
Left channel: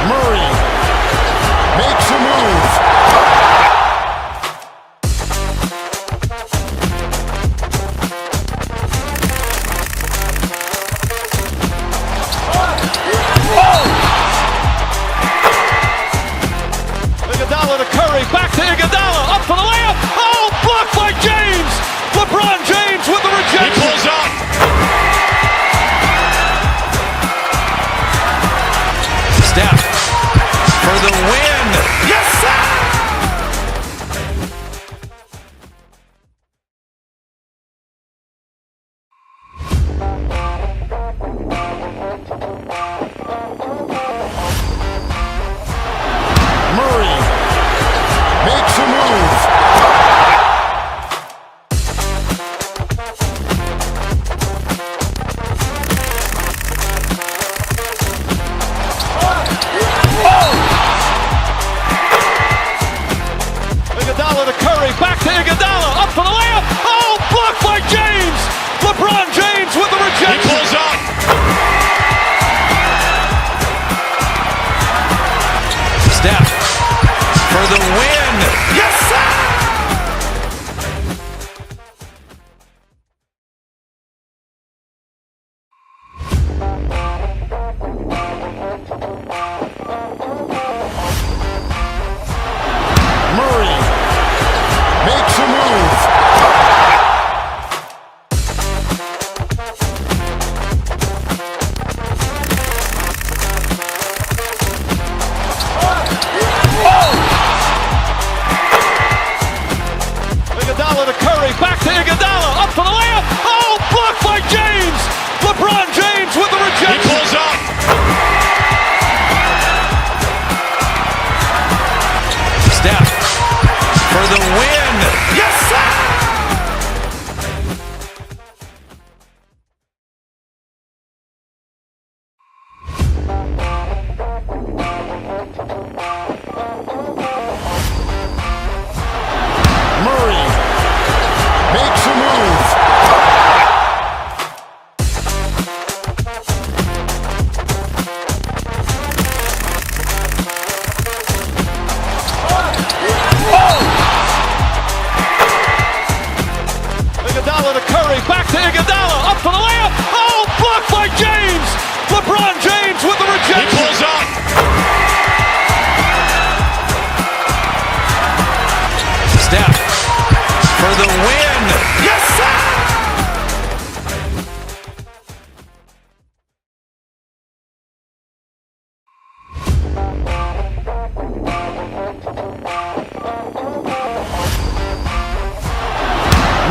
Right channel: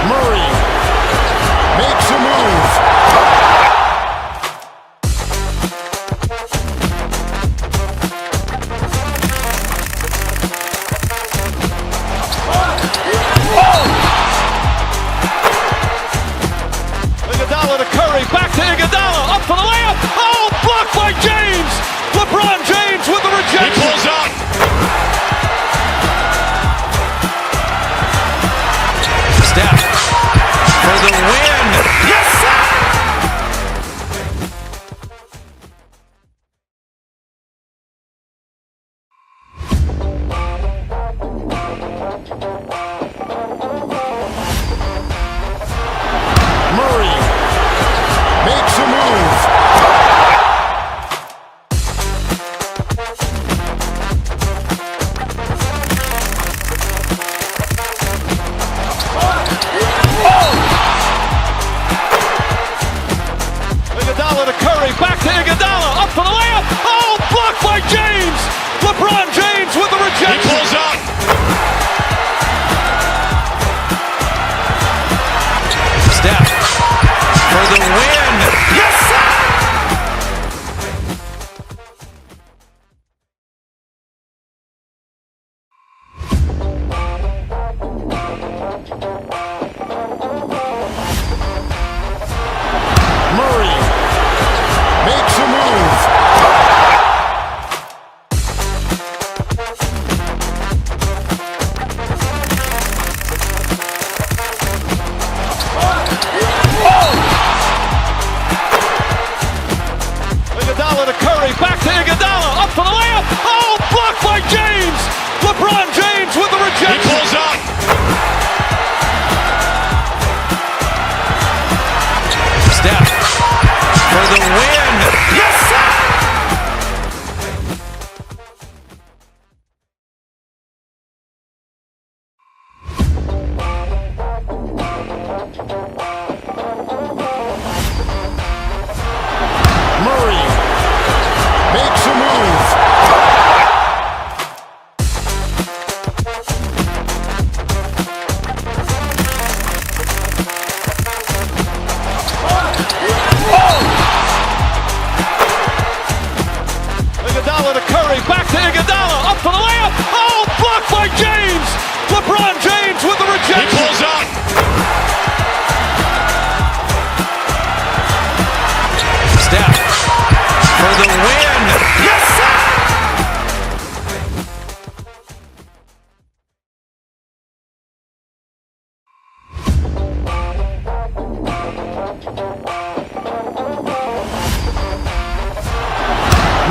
Murray makes a move. Iguodala to Curry, back to Iguodala, up for the layup. Oh, blocked by James. LeBron James with the rejection. He pulls up. Steph for the win. Yes, sir!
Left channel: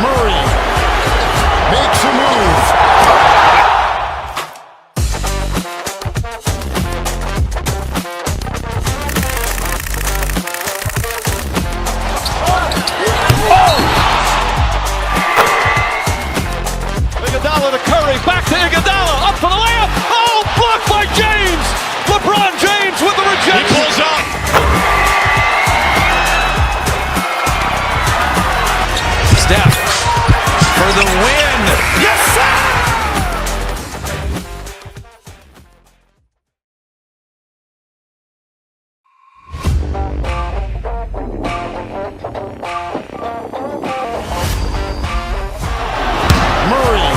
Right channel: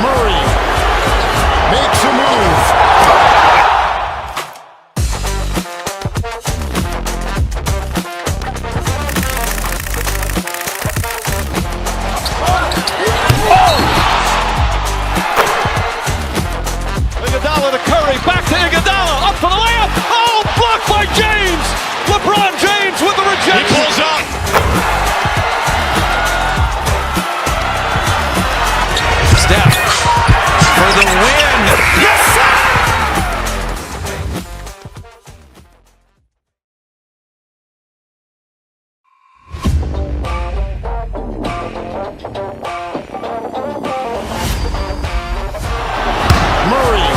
Murray makes a move. Iguodala to Curry, back to Iguodala, up for the layup. Oh, blocked by James. LeBron James with the rejection. He pulls up. Steph for the win. Yes, sir! Murray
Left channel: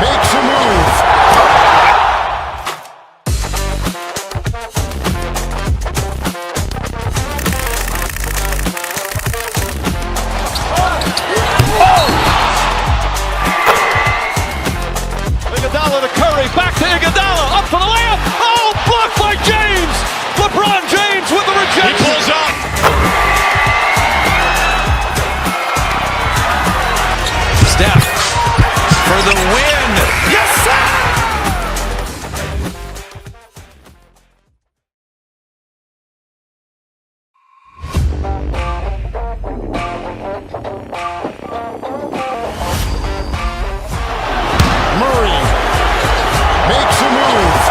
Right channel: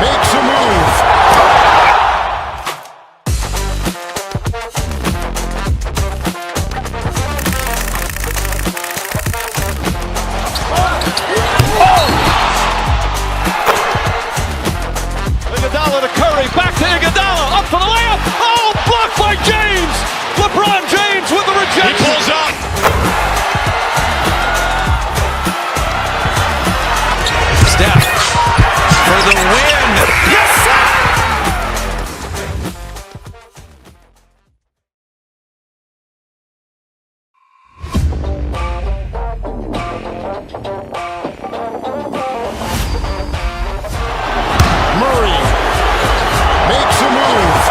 makes a move. Iguodala to Curry, back to Iguodala, up for the layup. Oh, blocked by James. LeBron James with the rejection. He pulls up. Steph for the win. Yes, sir! Murray makes a move.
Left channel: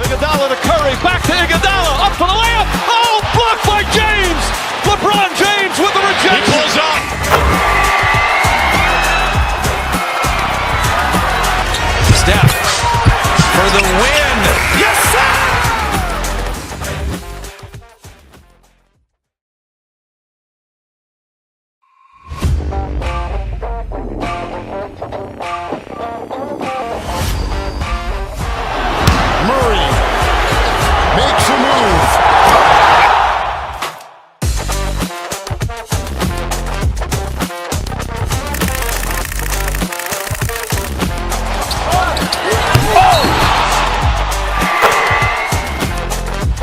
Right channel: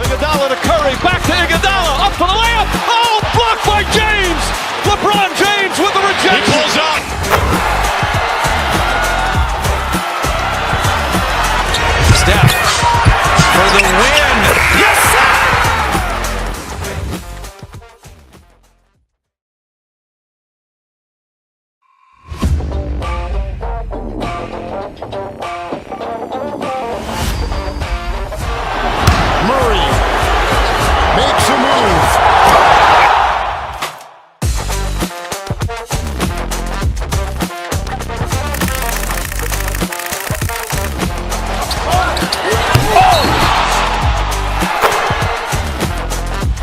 Iguodala to Curry, back to Iguodala, up for the layup. Oh, blocked by James. LeBron James with the rejection. He pulls up. Steph for the win. Yes, sir! Murray makes a move.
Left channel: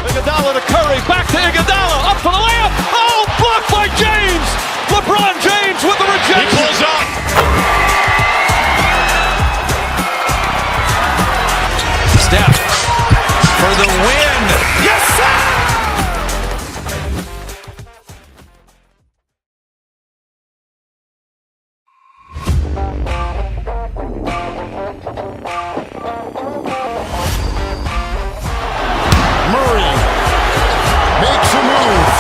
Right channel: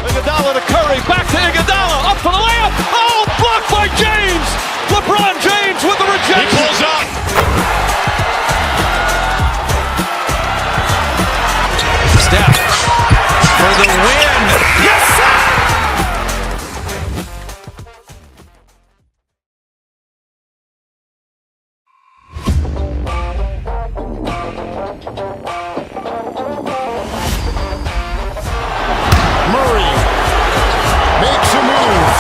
Iguodala to Curry, back to Iguodala, up for the layup. Oh, blocked by James. LeBron James with the rejection. He pulls up. Steph for the win. Yes, sir! Murray makes a move.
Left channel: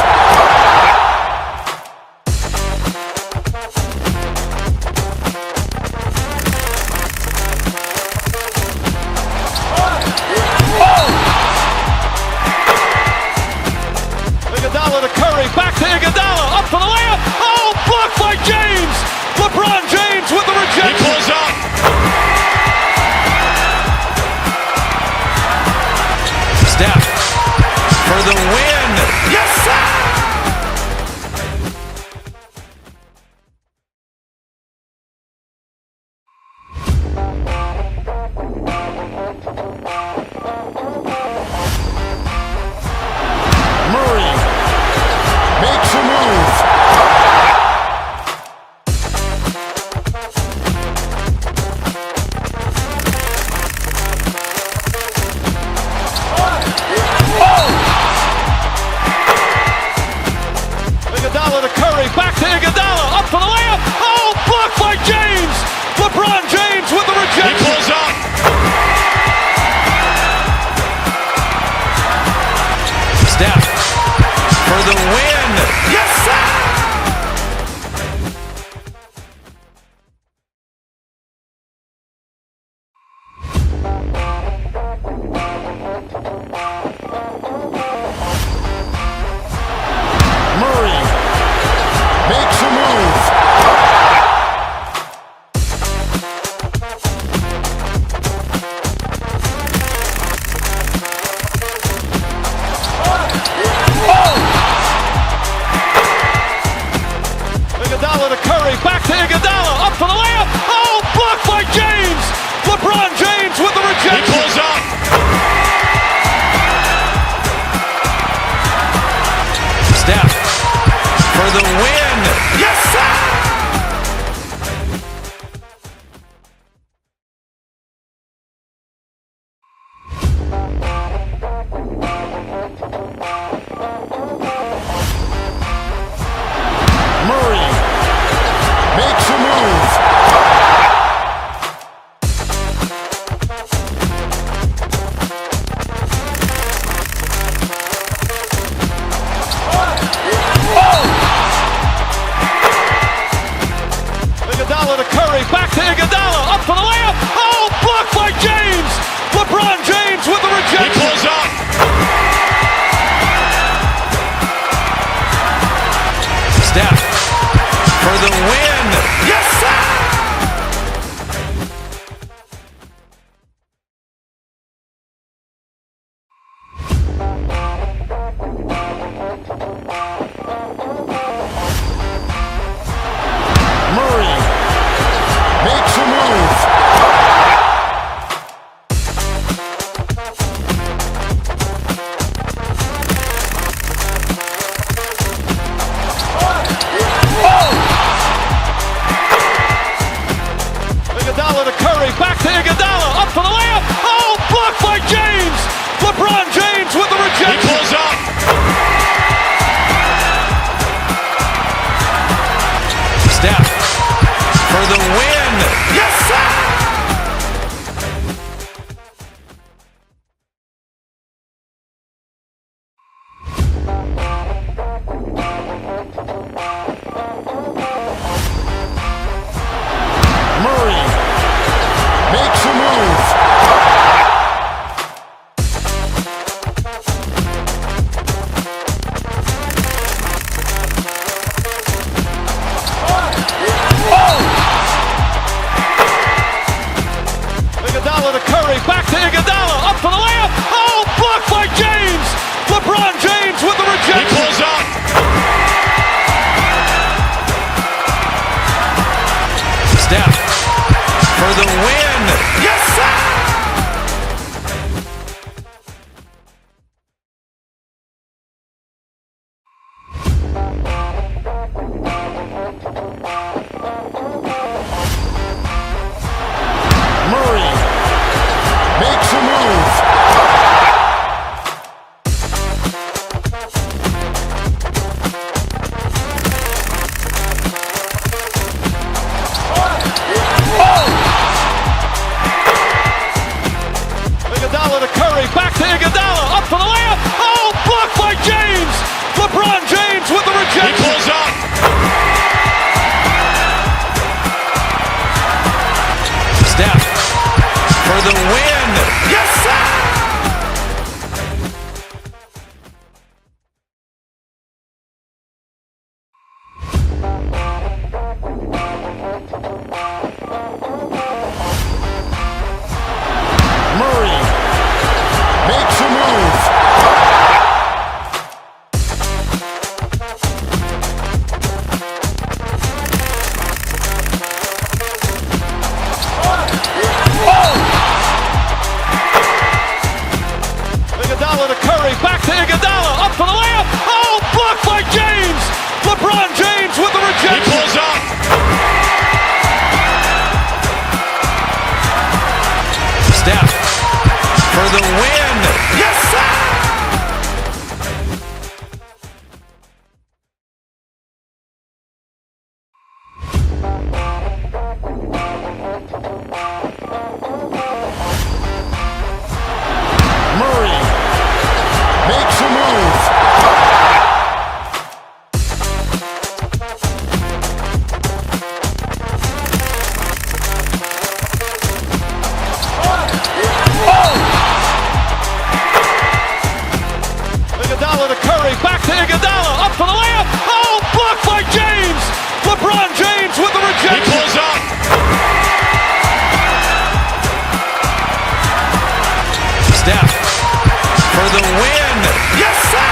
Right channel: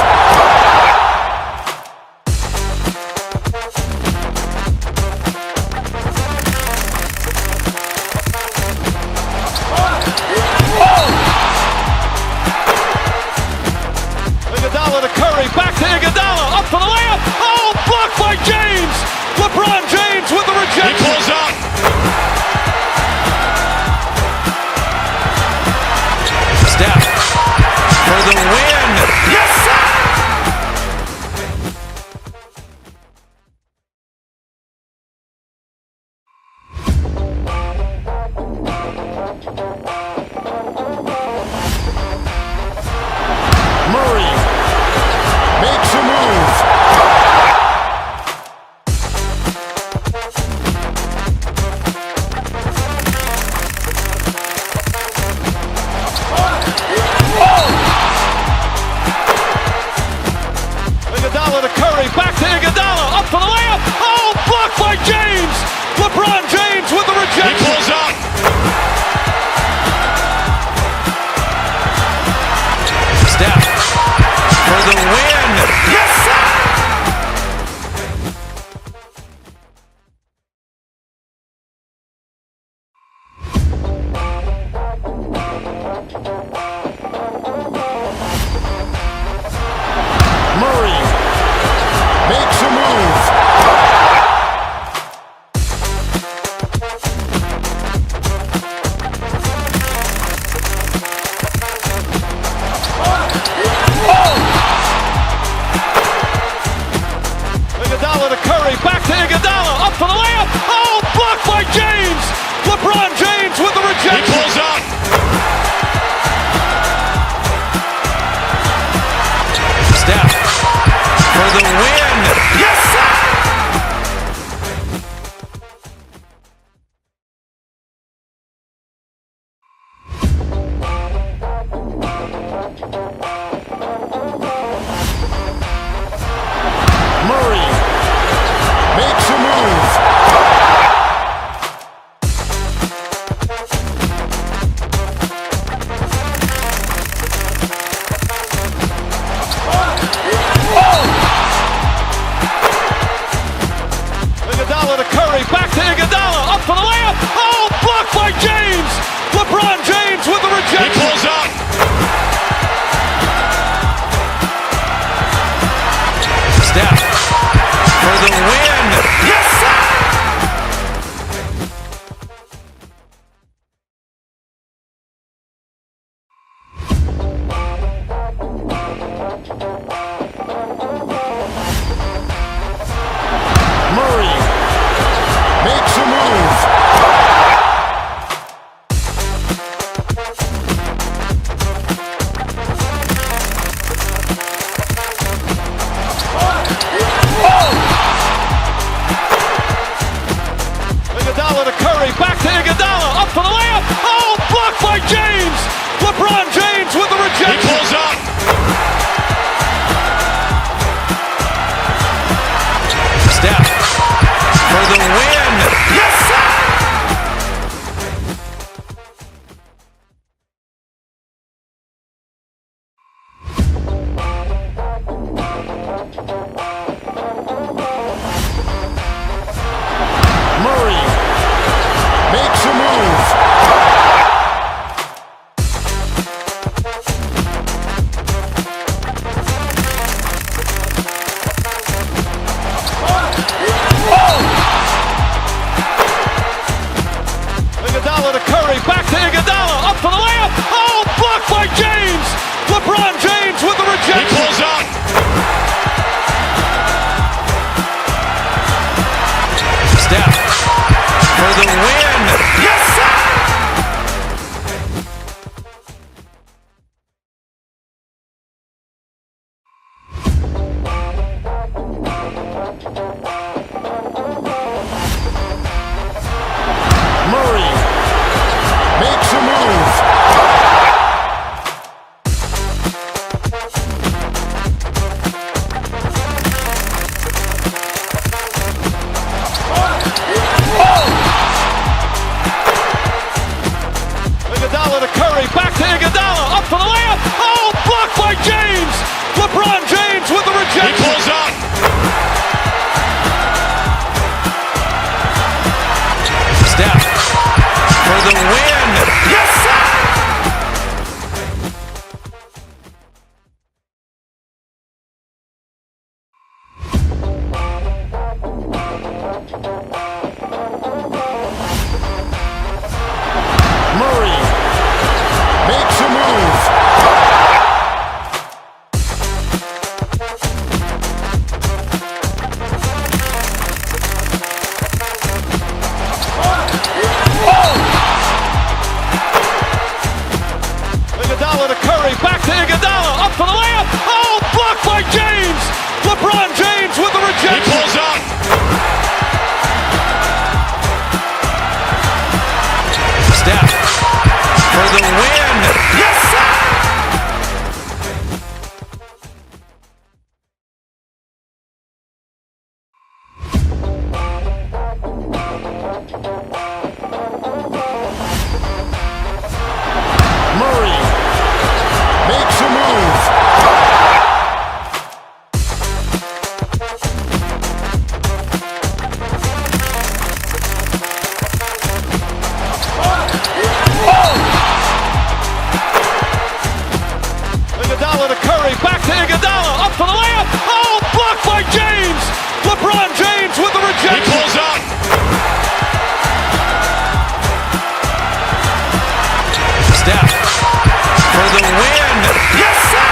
Iguodala to Curry, back to Iguodala, up for the layup. Oh, blocked by James. LeBron James with the rejection. He pulls up. Steph for the win. Yes, sir! Murray makes a move. Iguodala to Curry, back to Iguodala, up for the layup. Oh, blocked by James. LeBron James with the rejection. He pulls up. Steph for the win. Yes, sir! Iguodala to Curry, back to Iguodala, up for the layup. Oh, blocked by James. LeBron James with the rejection. He pulls up. Steph for the win. Yes, sir! Murray makes a move. Iguodala to Curry, back to Iguodala, up for the layup. Oh, blocked by James. LeBron James with the rejection. He pulls up. Steph for the win. Yes, sir! Murray makes a move. Iguodala to Curry, back to Iguodala, up for the layup. Oh, blocked by James. LeBron James with the rejection. He pulls up. Steph for the win. Yes, sir! Murray makes a move. Iguodala to Curry, back to Iguodala, up for the layup. Oh, blocked by James. LeBron James with the rejection. He pulls up. Steph for the win. Yes, sir! Murray makes a move. Iguodala to Curry, back to Iguodala, up for the layup. Oh, blocked by James. LeBron James with the rejection. He pulls up. Steph for the win. Yes, sir!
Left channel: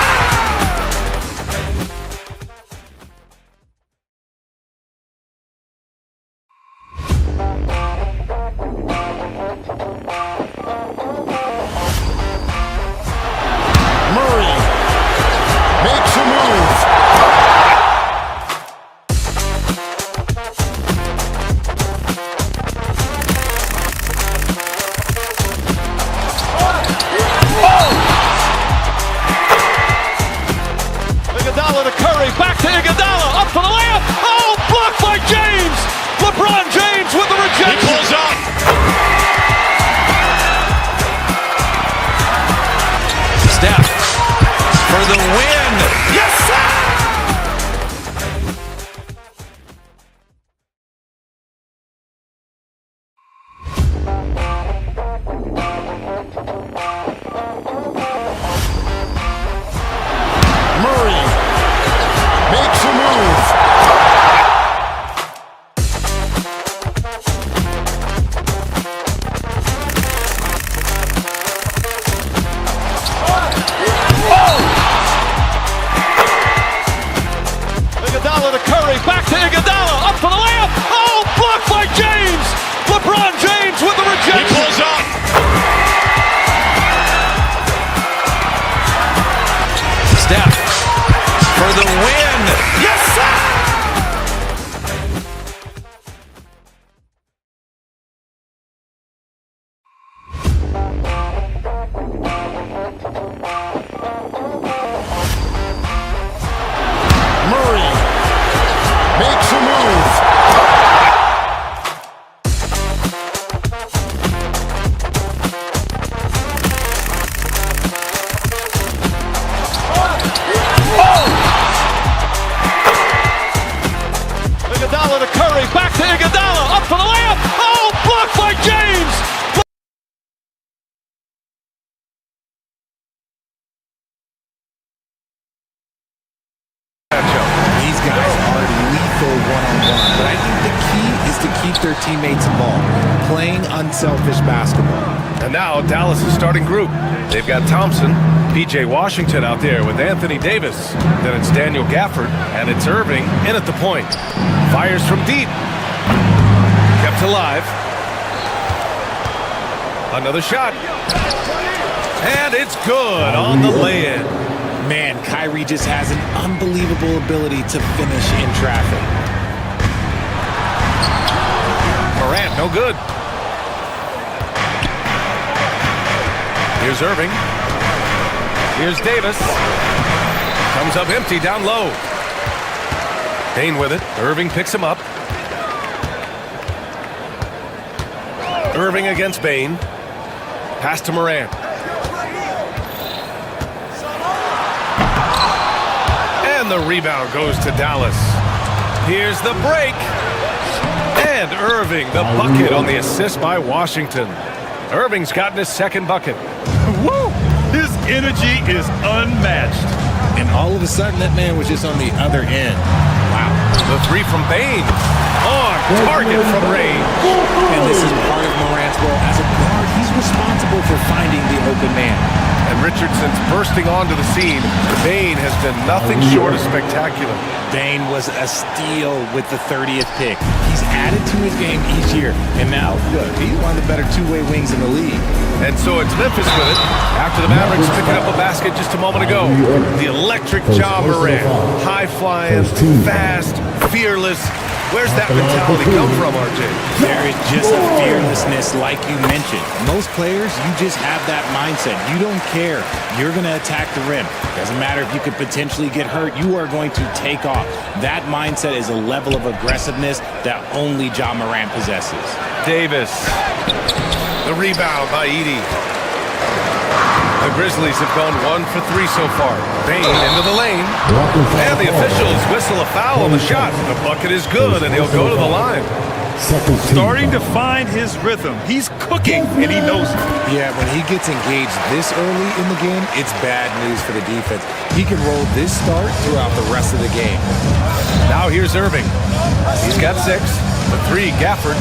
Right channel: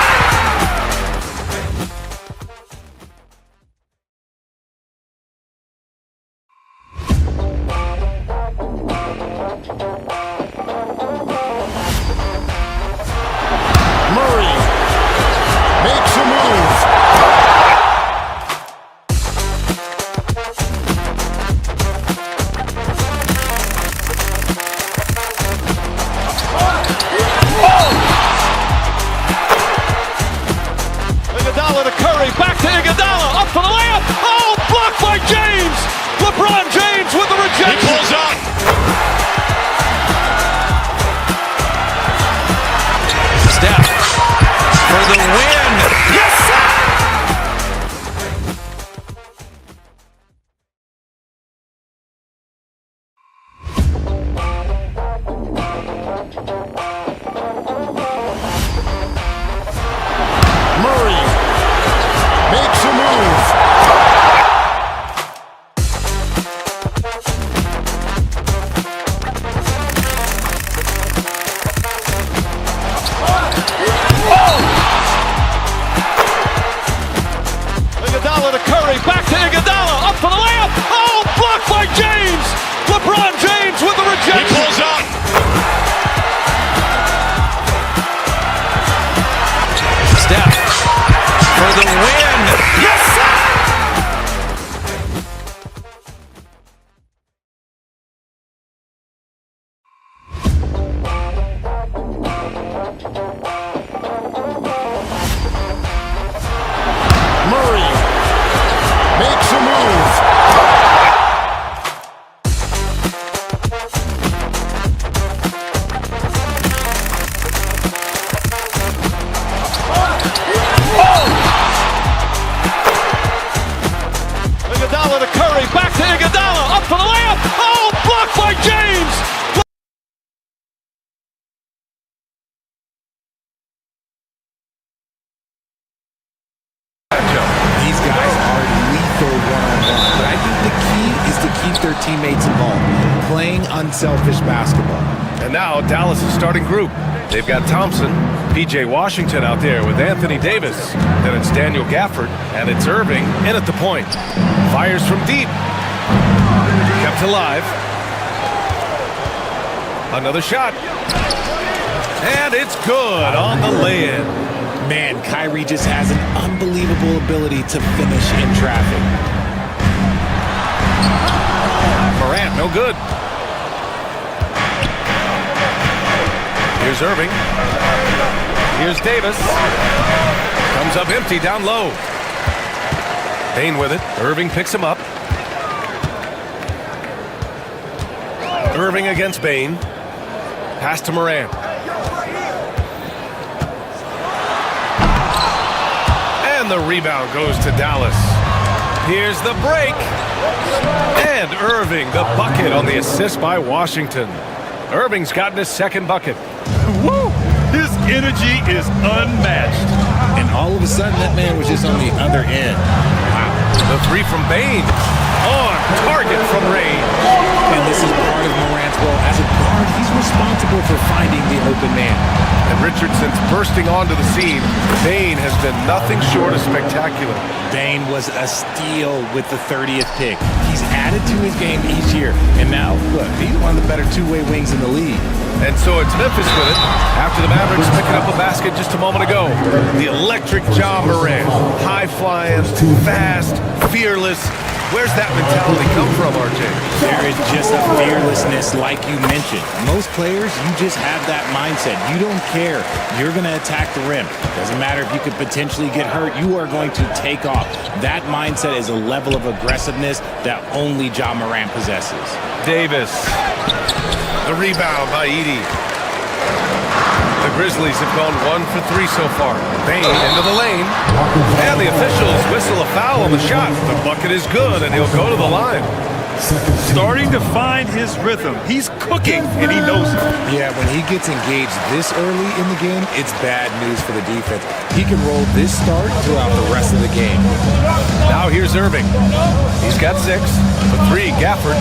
Murray makes a move. Iguodala to Curry, back to Iguodala, up for the layup. Oh, blocked by James. LeBron James with the rejection. He pulls up. Steph for the win. Yes, sir! Murray makes a move. playing unselfish basketball. And now Dallas' starting group. They've got Thompson, P.J. Washington out there with Anthony Davis. Then it's Daniel Gafford, and it's Irving in at the point. Fires from deep. Kept alive. Another shot. And it's good on the lay-in. Man, Kyrie just has an unbelievable ability to finish in traffic. Morant, no good. Here's Irving. Here's Davis. Comes up empty down low. Bane with it. Irving picks him up. Irving against Bane. Pass to Morant. And the rebound goes to Dallas. Here's the break. And Irving, the bucket on the assist by Washington. Irving's gotten his second bucket. Woo! His energy is unmatched. And all of a sudden, that man was just on the other end. Wow. The three from Bane. On target from range. And this is part of Morant's role. As a guard, he's responsible for finding the open man. And Richardson's bursting onto the scene. Bane has been nothing short of spectacular. Bane was a steal with the 30th pick. He's added to his game each year. And now, look, he's one of the better two-way wings in the league. And so it's Memphis with it. After the Mavericks picking up a basket just a moment ago. The electric Ja Morant. High-flying, fast, fearless. Where's that mentality come from, RJ? There is just a fearlessness like you mentioned. Most players, you just have that mindset. You don't care. You're going to attack the rim. Doesn't matter if you could potentially get hurt. You are going to take off. That mindset is a level of aggressiveness that only Ja Morant possesses. Davis. The rebound by Edey. The Grizzlies have gone 1 for 3 so far. Bane into the lane. And the officials whistle a foul on the shot. The bucket is good, and he'll go to the line. Starting to find his rhythm. He's cooking, and he knows it. Yeah, when he gets engaged this early in the game, it's bad news for the defense. He can roll this start throughout the rest of the game. Now here's Irving. He's got 6. The 3, Gafford.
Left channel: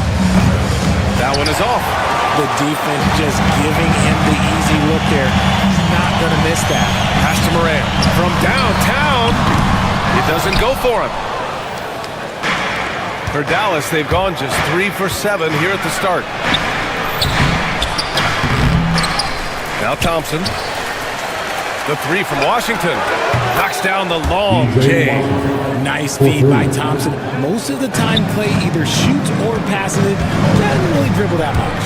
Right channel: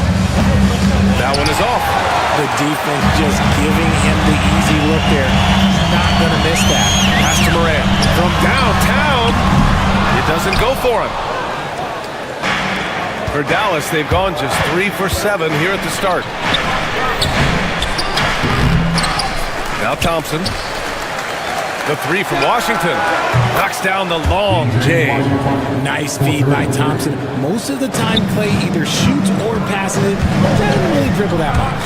That one is off. The defense just giving him the easy look there. He's not going to miss that. Pass to Morant. From downtown. It doesn't go for him. For Dallas, they've gone just 3 for 7 here at the start. Now Thompson. The 3 from Washington. Knocks down the long J. Nice feed by Thompson. Most of the time, Clay either shoots or passes it. Doesn't really dribble that much.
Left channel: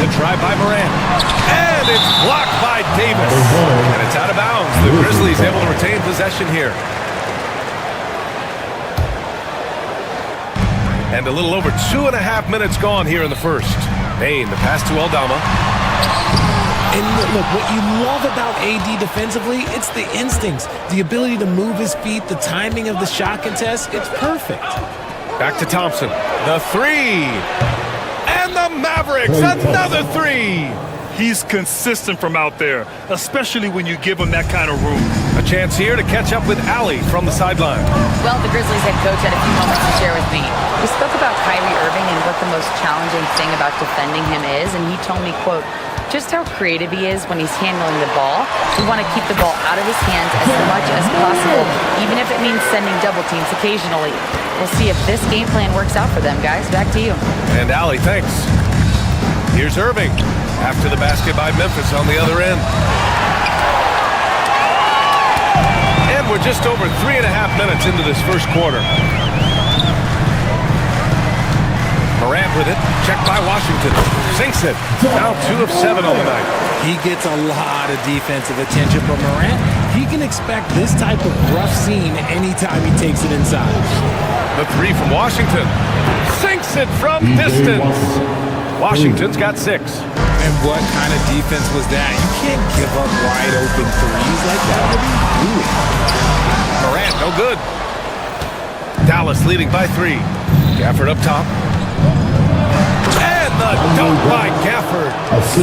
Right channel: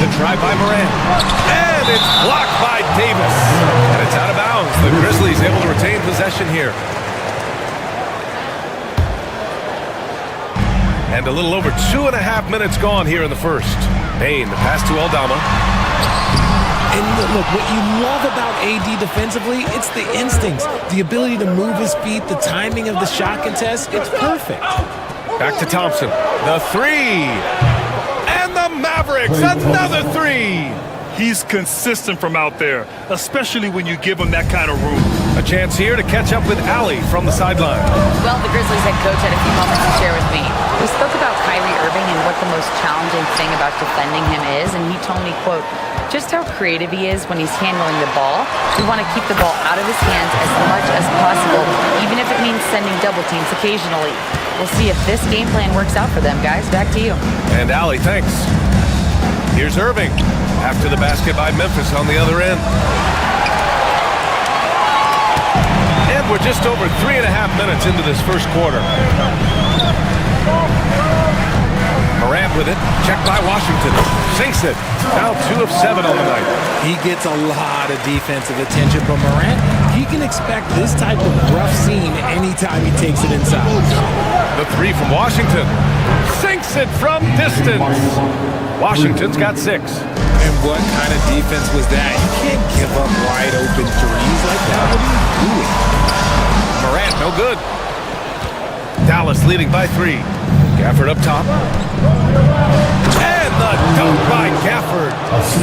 The try by Morant. And it's blocked by Davis. And it's out of bounds. The Grizzlies able to retain possession here. And a little over 2.5 minutes gone here in the first. Bane, the pass to Aldama. And look, what you love about AD defensively, it's the instincts, the ability to move his feet, the timing of the shot contest. It's perfect. Back to Thompson. The 3. And the Mavericks, another 3. He's consistent from out there, especially when you give him that kind of room. A chance here to catch up with Allie from the sideline. Well, the Grizzlies head coach had a few moments to share with me. We spoke about Kyrie Irving and what the most challenging thing about defending him is, and he told me, quote, just how creative he is when he's handling the ball. We want to keep the ball out of his hands as much as possible, even if it means sending double teams occasionally. We'll see if this game plan works out for them, guys. Back to you. And Allie, thanks. Here's Irving. After the basket by Memphis on the other end. And we're just over 3.5 minutes into this first quarter. Morant with it. Checked by Washington. Sinks it. Now 2 of 7 on the night. He gets a lot of defensive attention, but Morant, he can expect this type of rough scene anytime he takes it inside. The 3 from Washington. Sinks it from distance. Washington's got 6. And what kind of defense was that? You can't give up wide open threes like that. What are you doing? Morant, no good. Dallas leading by 3. Gafford up top. And the dunk by Gafford.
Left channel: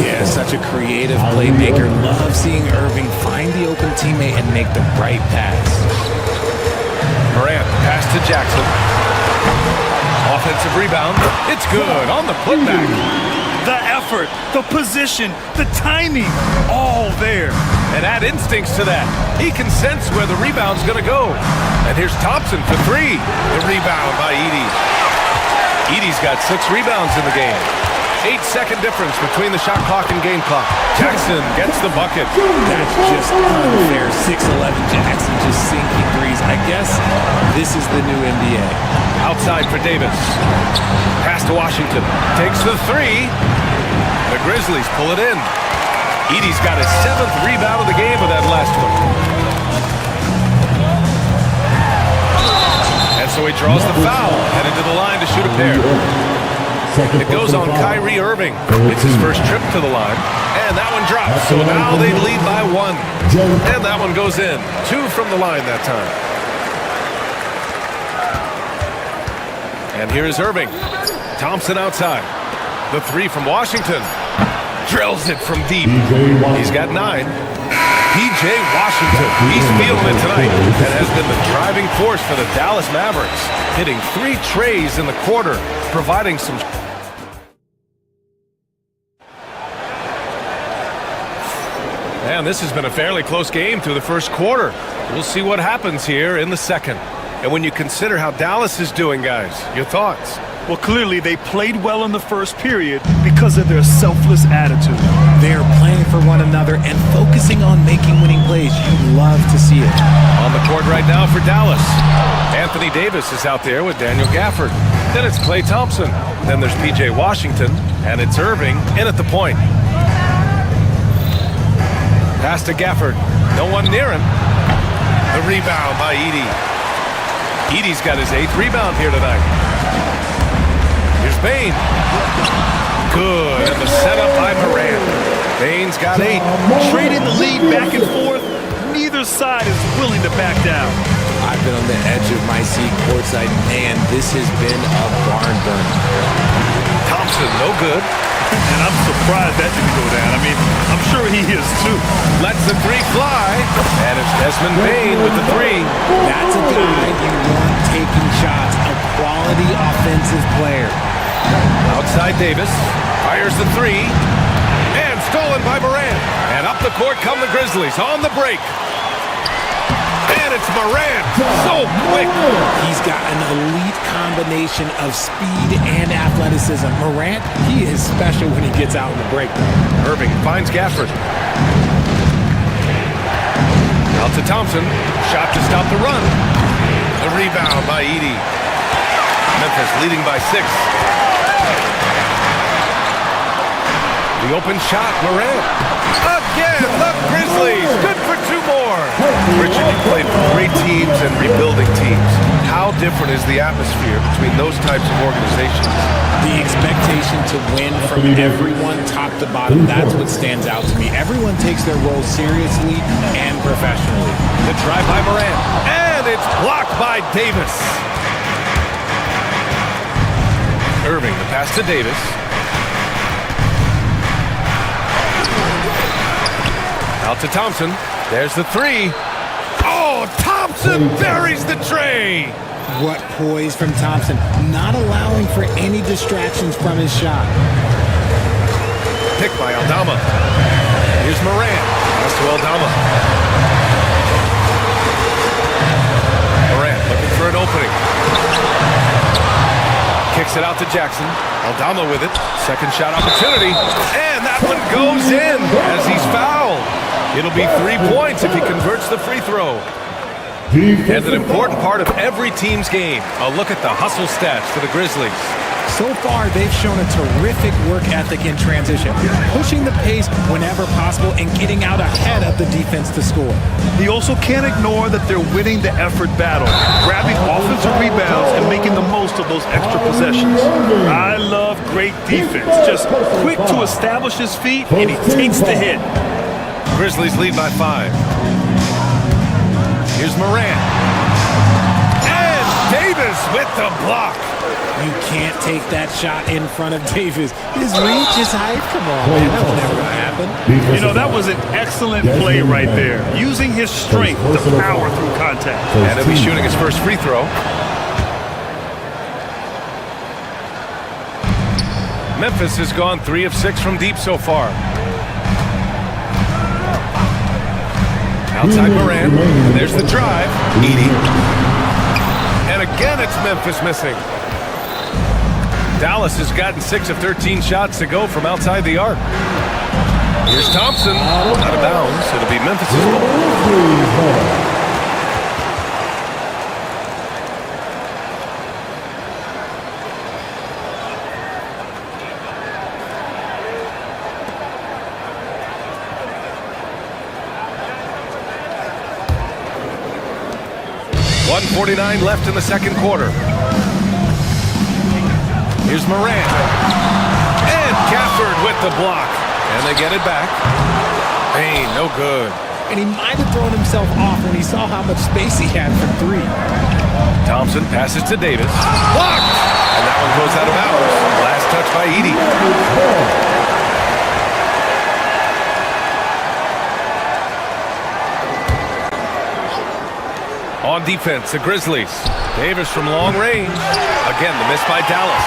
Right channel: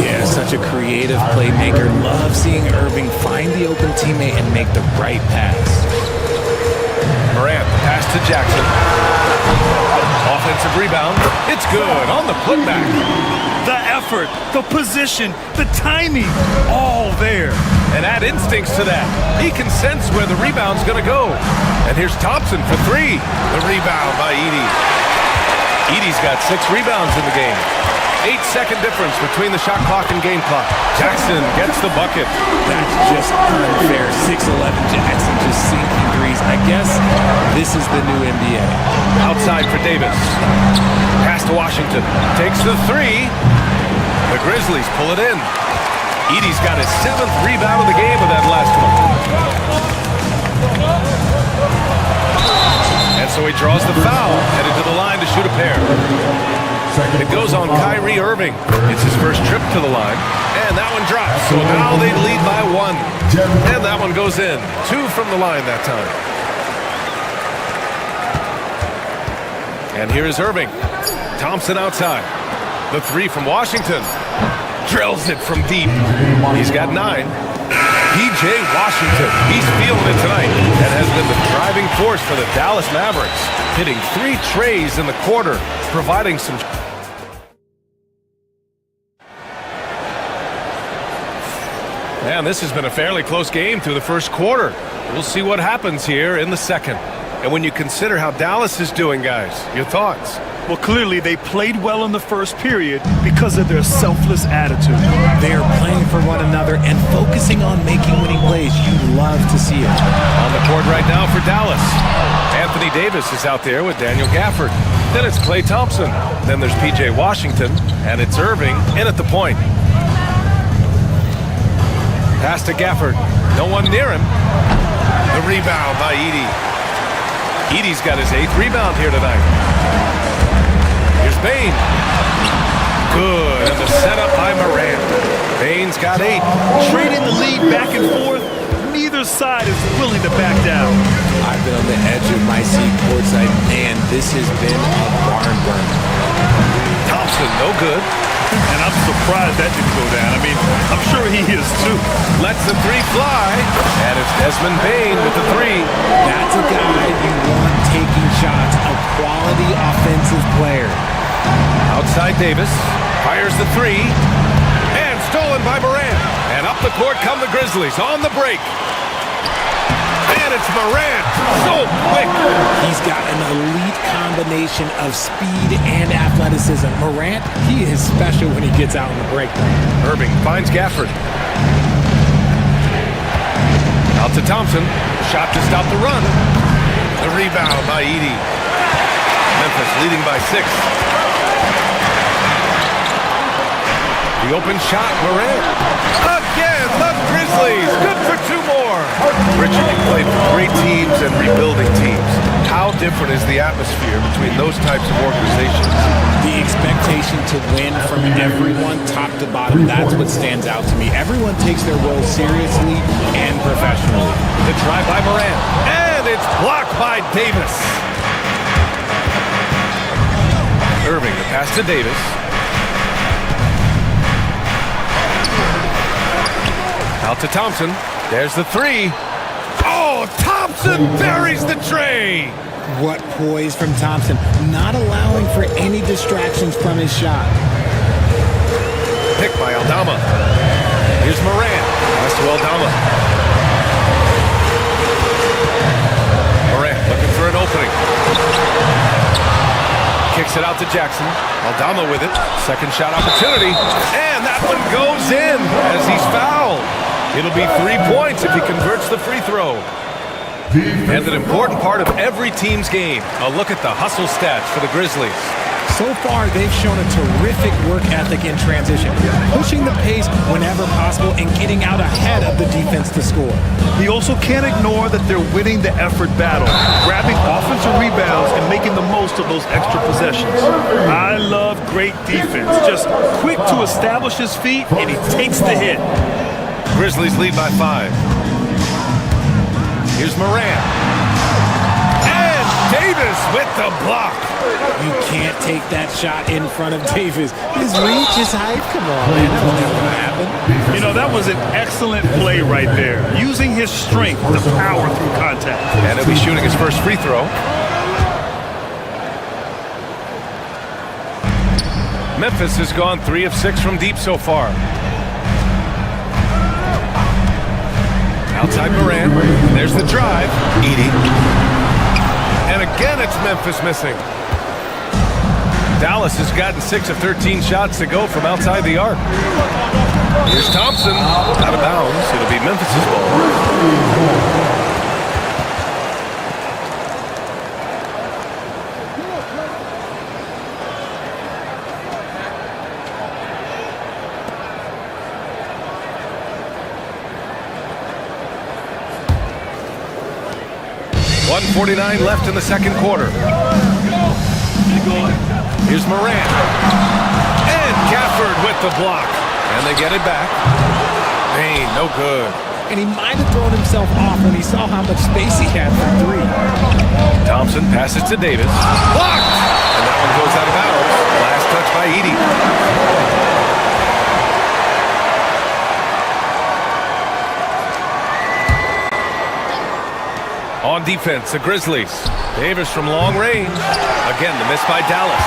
Yeah, such a creative playmaker. Love seeing Irving find the open teammate and make the right pass. Morant, pass to Jackson. Offensive rebound. It's good on the putback. The effort, the position, the timing, all there. And add instincts to that. He can sense where the rebound's going to go. And here's Thompson for three. The rebound by Edey. Edey's got 6 rebounds in the game. 8-second difference between the shot clock and game clock. Jackson gets the bucket. That's just unfair. 6'11 Jackson just sinking threes. I guess this is the new NBA. Outside for Davis. Pass to Washington. Takes the three. The Grizzlies pull it in. Edey's got his 7th rebound of the game with that last one. And so he draws the foul, headed to the line to shoot a pair. It goes on Kyrie Irving. It's his first trip to the line. And that one drops. So now they lead by 1. And that one goes in. 2 from the line that time. And here is Irving. Thompson outside. The 3 from Washington. Drills it from deep. He's got 9. P.J. Washington. He's feeling it tonight and has been the driving force for the Dallas Mavericks. Hitting 3 trays in the quarter, providing some... Man, this has been a fairly close game through the first quarter. We'll see what happens here in the second. And when you consider how Dallas is doing, guys, your thoughts? Well, clearly they played well in the first period because of their selfless attitude. They are playing for one another and focusing on making winning plays. You love to see it. On the court right now for Dallas. Anthony Davis is out there with Daniel Gafford. Then it's Klay Thompson. Then there's P.J. Washington. And it's Irving in at the point. Pass to Gafford. No one near him. The rebound by Edey. Edey's got his 8th rebound here tonight. Here's Bane. Good. And the setup by Morant. Bane's got 8. Trading the lead back and forth. Neither side is willing to back down. I've been on the edge of my seat courtside. Man, this has been a barn burner. Thompson, no good. And I'm surprised that didn't go down. I mean, I'm sure he is too. Lets the 3 fly. And it's Desmond Bane with the 3. That's a guy you want taking shots. A quality offensive player. Outside Davis. Fires the 3. And stolen by Morant. And up the court come the Grizzlies on the break. And it's Morant. So quick. He's got an elite combination of speed and athleticism. Morant, he is special when he gets out on the break, though. Irving finds Gafford. Out to Thompson. Shot to stop the run. The rebound by Edey. Memphis leading by 6. The open shot, Morant. Again, the Grizzlies. Good for 2 more. Richard, you played for great teams and rebuilding teams. How different is the atmosphere between those types of organizations? The expectation to win from everyone, top to bottom, that's what stands out to me. Everyone takes their role seriously and professionally. The try by Morant. And it's blocked by Davis. Irving, the pass to Davis. Out to Thompson. There's the 3. Oh, Thompson buries the tray. What poise from Thompson, not allowing for any distractions from his shot. Picked by Aldama. Here's Morant. Pass to Aldama. Morant looking for an opening. Kicks it out to Jackson. Aldama with it. Second shot opportunity. And that one goes in as he's fouled. It'll be 3 points if he converts the free throw. And an important part of every team's game. A look at the hustle stats for the Grizzlies. So far, they've shown a terrific work ethic in transition, pushing the pace whenever possible and getting out ahead of the defense to score. He also can't ignore that they're winning the effort battle, grabbing offensive rebounds and making the most of those extra possessions. I love great defense. Just quick to establish his feet, and he takes the hit. Grizzlies lead by 5. Here's Morant. And Davis with the block. You can't take that shot in front of Davis. His reach, his height, come on, man. That was never going to happen. You know, that was an excellent play right there. Using his strength to power through contact. And he'll be shooting his first free throw. Memphis has gone 3 of 6 from deep so far. Outside Morant, and there's the drive. Edey. And again, it's Memphis missing. Dallas has gotten 6 of 13 shots to go from outside the arc. Here's Thompson, out of bounds. It'll be Memphis's ball. .149 left in the second quarter. Here's Morant. And Gafford with the block. And they get it back. Payne, no good. And he might have thrown himself off when he saw how much space he had for 3. Thompson passes to Davis. Blocked! And that one goes out of bounds. Last touch by Edey. On defense, the Grizzlies. Davis from long range. Again, the miss by Dallas.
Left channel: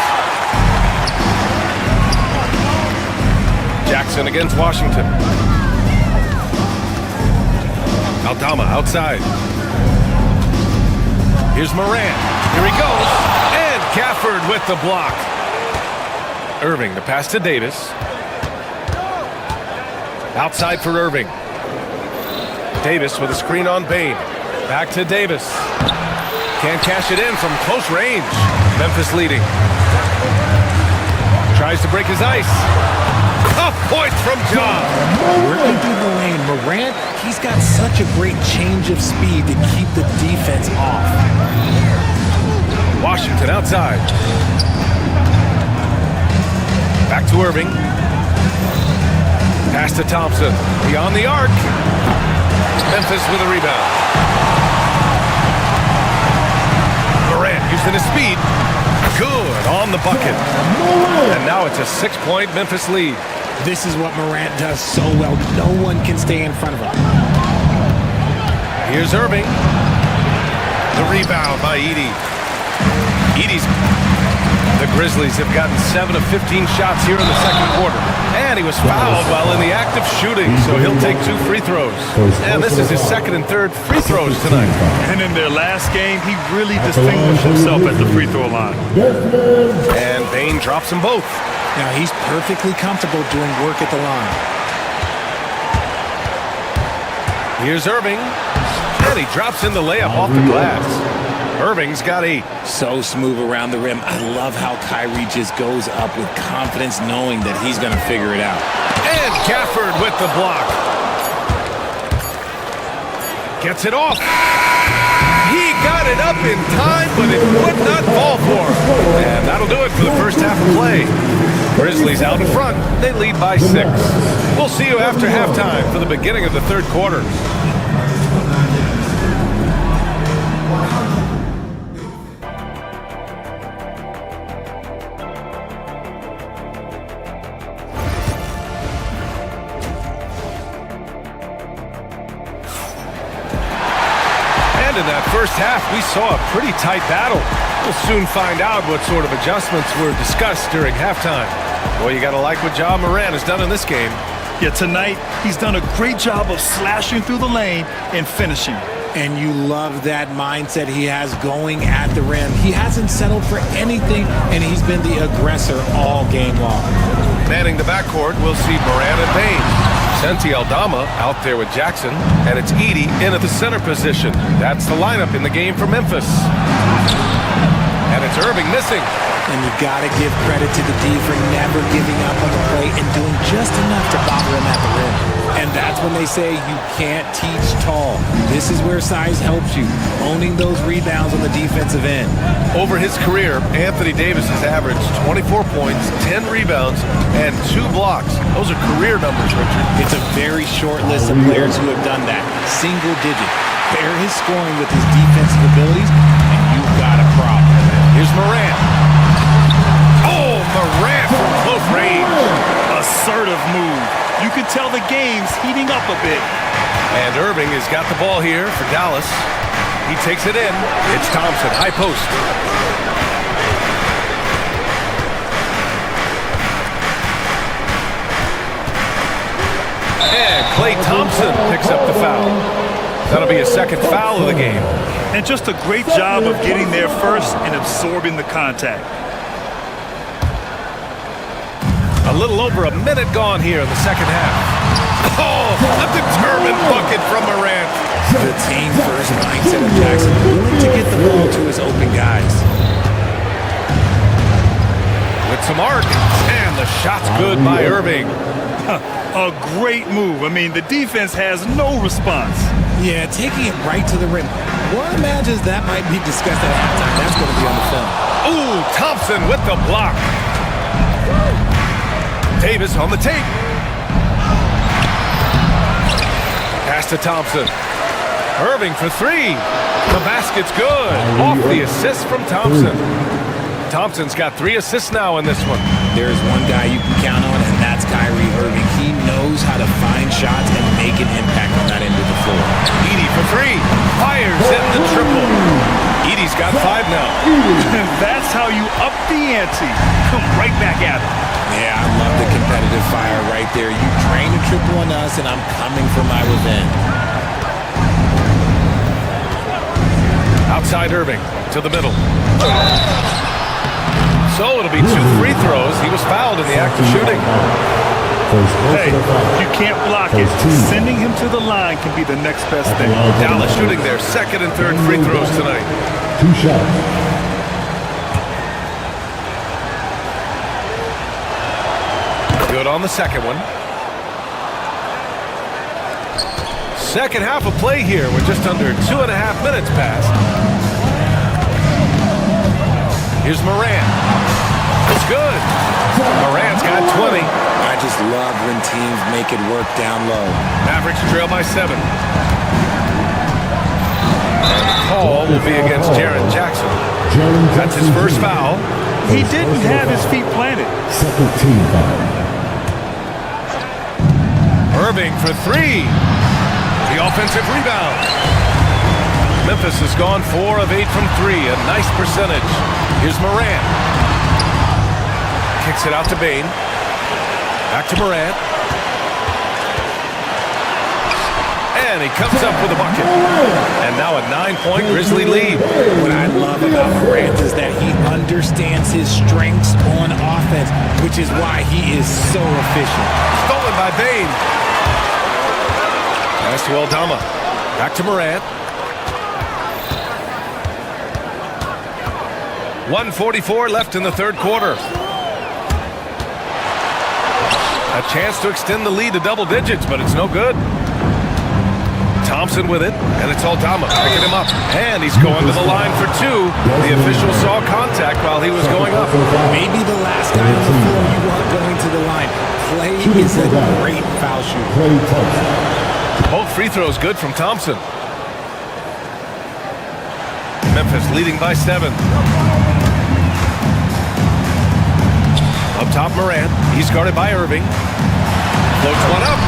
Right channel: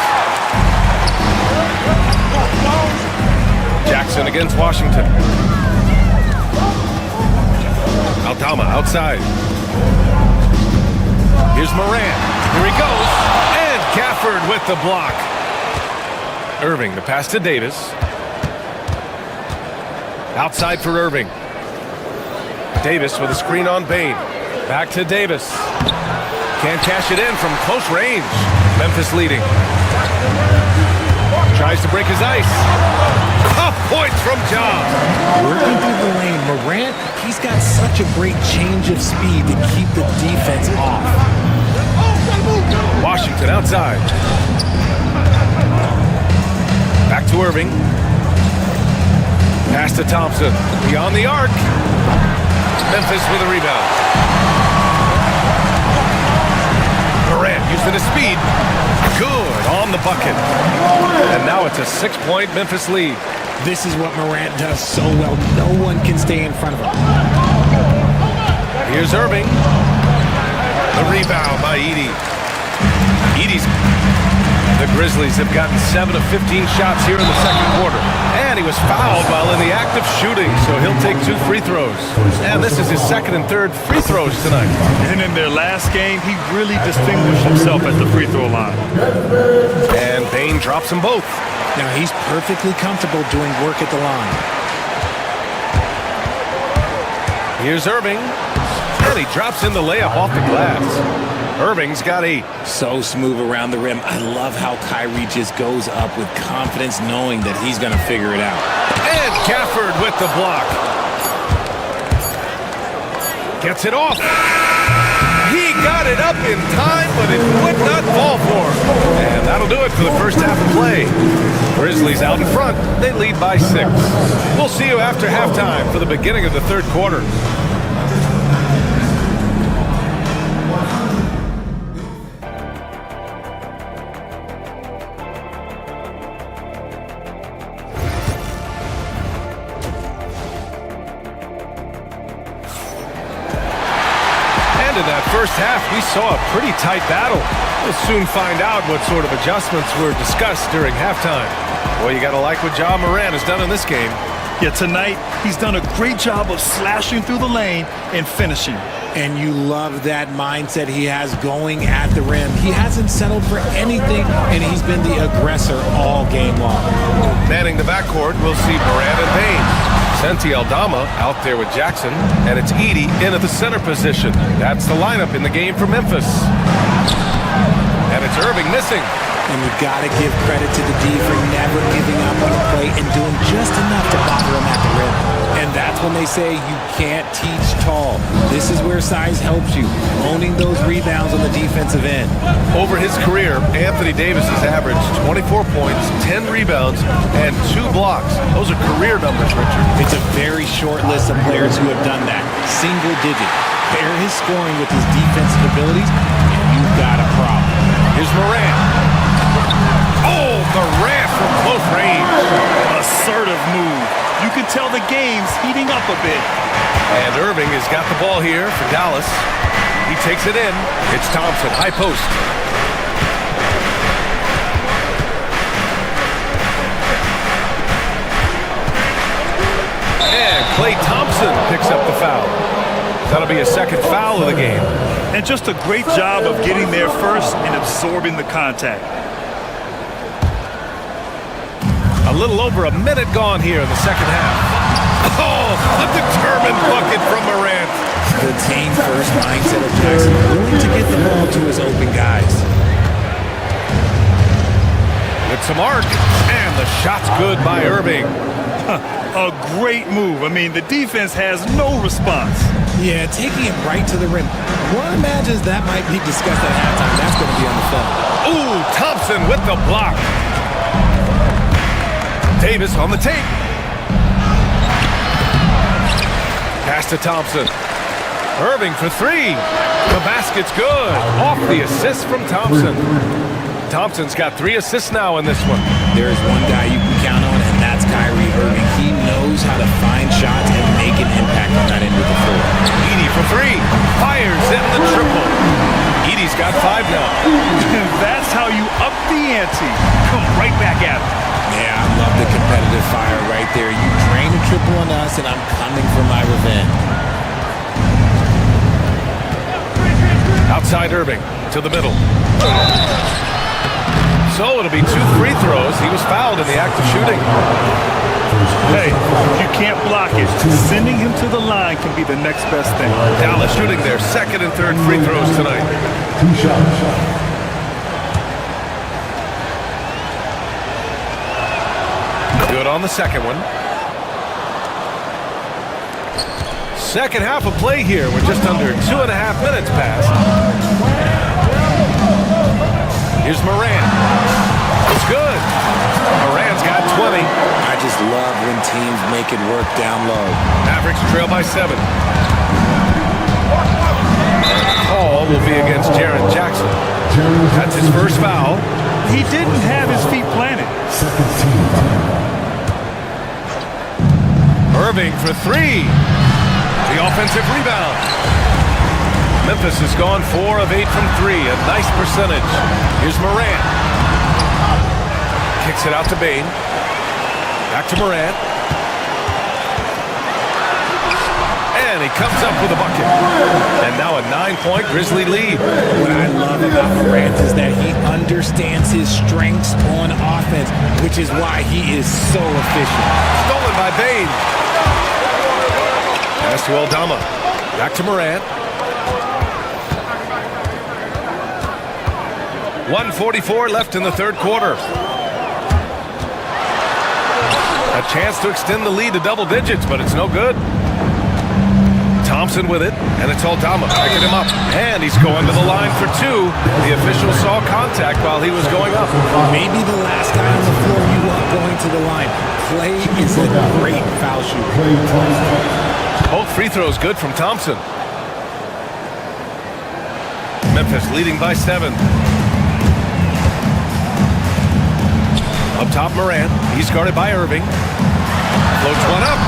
Jackson against Washington. Aldama outside. Here's Morant. Here he goes. And Gafford with the block. Irving, the pass to Davis. Outside for Irving. Davis with a screen on Bane. Back to Davis. Can't cash it in from close range. Memphis leading. Tries to break his ice. Tough points from Ja. Working through the lane, Morant, he's got such a great change of speed to keep the defense off. Washington outside. Back to Irving. Pass to Thompson. Beyond the arc. Memphis with a rebound. Morant using his speed. Good on the bucket. And now it's a 6-point Memphis lead. This is what Morant does so well. No one can stay in front of him. Here's Irving. The rebound by Edey. The Grizzlies have gotten 7 of 15 shots here in the second quarter. And he was fouled while in the act of shooting, so he'll take 2 free throws. And this is his second and third free throws tonight. And in their last game, he really distinguished himself at the free throw line. And Bane drops them both. Now he's perfectly comfortable doing work at the line. Here's Irving. And he drops in the layup off the glass. Irving's got 8. So smooth around the rim. I love how Kyrie just goes up with confidence knowing that he's going to figure it out. And Gafford with the block. Gets it off. He got it up in time, but it would not fall for him. And that'll do it for the first half of play. Grizzlies out in front. They lead by 6. We'll see you after halftime for the beginning of the third quarter. In that first half, we saw a pretty tight battle. We'll soon find out what sort of adjustments were discussed during halftime. Boy, you gotta like what Ja Morant has done in this game. Yeah, tonight, he's done a great job of slashing through the lane and finishing. And you love that mindset he has going at the rim. He hasn't settled for anything, and he's been the aggressor all game long. Manning the backcourt, we'll see Morant and Payne. Santi Aldama out there with Jackson, and it's Edey in at the center position. That's the lineup in the game for Memphis. And it's Irving missing. And you got to give credit to the D for never giving up on the play and doing just enough to bother him at the rim. And that's when they say you can't teach tall. This is where size helps you, owning those rebounds on the defensive end. Over his career, Anthony Davis has averaged 24 points, 10 rebounds, and 2 blocks. Those are career numbers, Richard. It's a very short list of players who have done that. Single digit. Pair his scoring with his defensive abilities, and you've got a problem. Here's Morant. Oh, Morant from close range. Assertive move. You can tell the game's heating up a bit. And Irving has got the ball here for Dallas. He takes it in. It's Thompson, high post. And Klay Thompson picks up the foul. That'll be a second foul of the game. And just a great job of getting there first and absorbing the contact. A little over a minute gone here in the second half. Oh, a determined bucket from Morant. The team-first mindset of Jackson, willing to get the ball to his open guys. With some arc, and the shot's good by Irving. A great move. I mean, the defense has no response. Yeah, taking it right to the rim. One imagines that might be discussed at halftime. That's going to be on the film. Ooh, Thompson with the block. Davis on the tape. Pass to Thompson. Irving for three. The basket's good. Off the assist from Thompson. Thompson's got 3 assists now in this one. There's one guy you can count on, and that's Kyrie Irving. He knows how to find shots and make an impact on that end of the floor. Edey for 3. Fires in the triple. Edey's got 5 now. That's how you up the ante. Come right back at it. Yeah, I love the competitive fire right there. You drain a triple on us, and I'm coming for my revenge. Outside Irving to the middle. So it'll be 2 free throws. He was fouled in the act of shooting. Hey, if you can't block it, sending him to the line can be the next best thing. Dallas shooting their second and third free throws tonight. 2 shots. Good on the second one. Second half of play here. We're just under 2.5 minutes past. Here's Morant. It's good. Morant's got 20. I just love when teams make it work down low. Mavericks trail by 7. And the call will be against Jaren Jackson. That's his first foul. He didn't have his feet planted. Second team foul. Irving for 3. The offensive rebound. Memphis has gone 4 of 8 from 3. A nice percentage. Here's Morant. Kicks it out to Bane. Back to Morant. And he comes up with a bucket. And now a 9-point Grizzly lead. What I love about Morant is that he understands his strengths on offense, which is why he is so efficient. Stolen by Bane. Pass to Aldama. Back to Morant. 1:44 left in the third quarter. A chance to extend the lead to double digits, but it's no good. Thompson with it, and it's Aldama picking him up. And he's going to the line for 2. The official saw contact while he was going up. Maybe the last guy on the floor you want going to the line. Klay is a great foul shooter. Both free throws good from Thompson. Memphis leading by 7. Up top, Morant. He's guarded by Irving. Floats one up.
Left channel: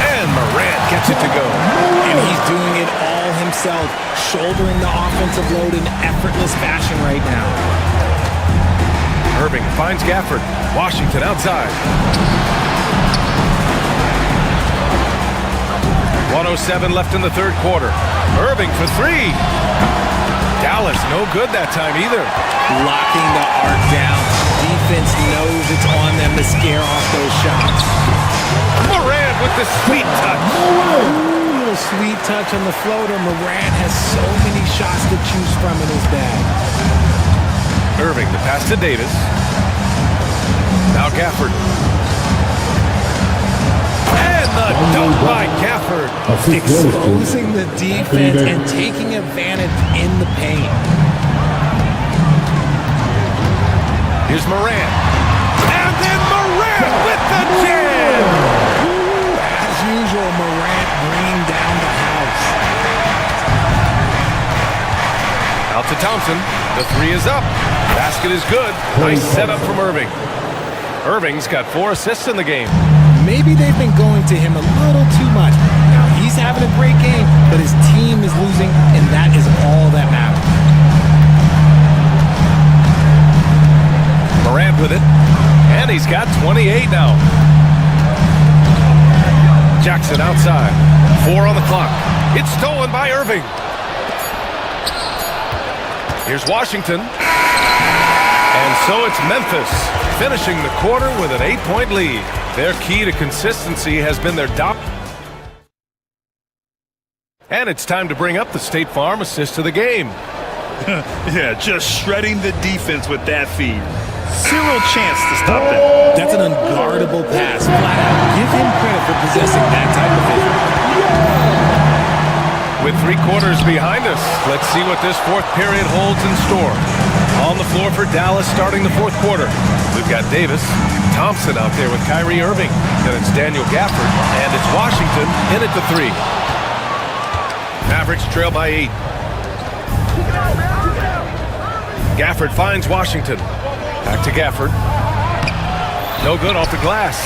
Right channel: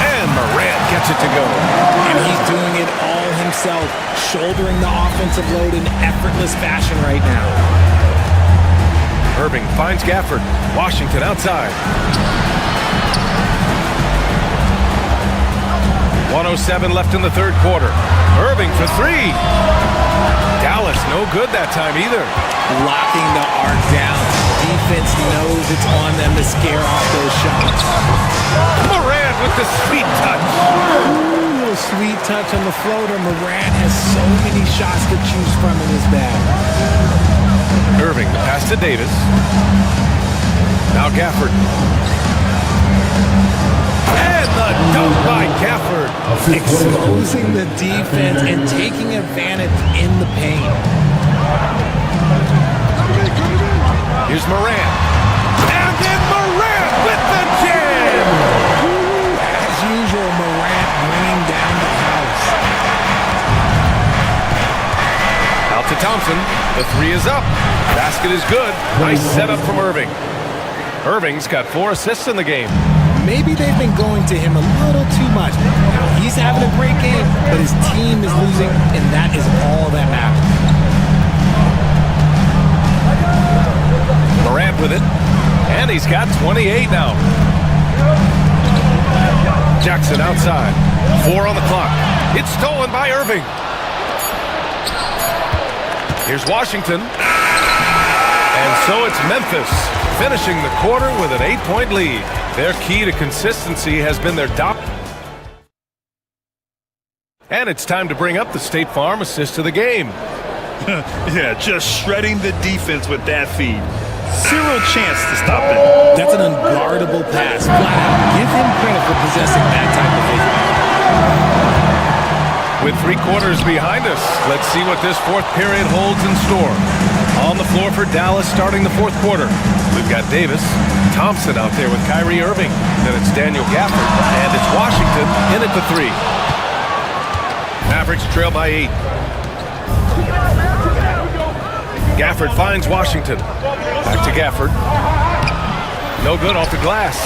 And Morant gets it to go. And he's doing it all himself, shouldering the offensive load in effortless fashion right now. Irving finds Gafford. Washington outside. 1:07 left in the third quarter. Irving for 3. Dallas no good that time either. Locking the arc down. Defense knows it's on them to scare off those shots. Morant with the sweet touch. Ooh, little sweet touch on the floater. Morant has so many shots to choose from in his bag. Irving, the pass to Davis. Now Gafford. And the dunk by Gafford. Exposing the defense and taking advantage in the paint. Here's Morant. And then Morant with the jam. Ooh, as usual, Morant bringing down the house. Out to Thompson. The 3 is up. Basket is good. Nice setup from Irving. Irving's got 4 assists in the game. Maybe they've been going to him a little too much. Now, he's having a great game, but his team is losing, and that is all that matters. Morant with it. And he's got 28 now. Jackson outside. 4 on the clock. It's stolen by Irving. Here's Washington. And so it's Memphis finishing the quarter with an 8-point lead. Their key to consistency has been their And it's time to bring up the State Farm assist of the game. Yeah, just shredding the defense with that feed. Zero chance to stop that. That's an unguardable pass, flat out. Give him credit for possessing that type of vision. With 3 quarters behind us, let's see what this fourth period holds in store. On the floor for Dallas starting the fourth quarter. We've got Davis, Thompson out there with Kyrie Irving. Then it's Daniel Gafford, and it's Washington in at the 3. Mavericks trail by 8. Gafford finds Washington. Back to Gafford. No good off the glass.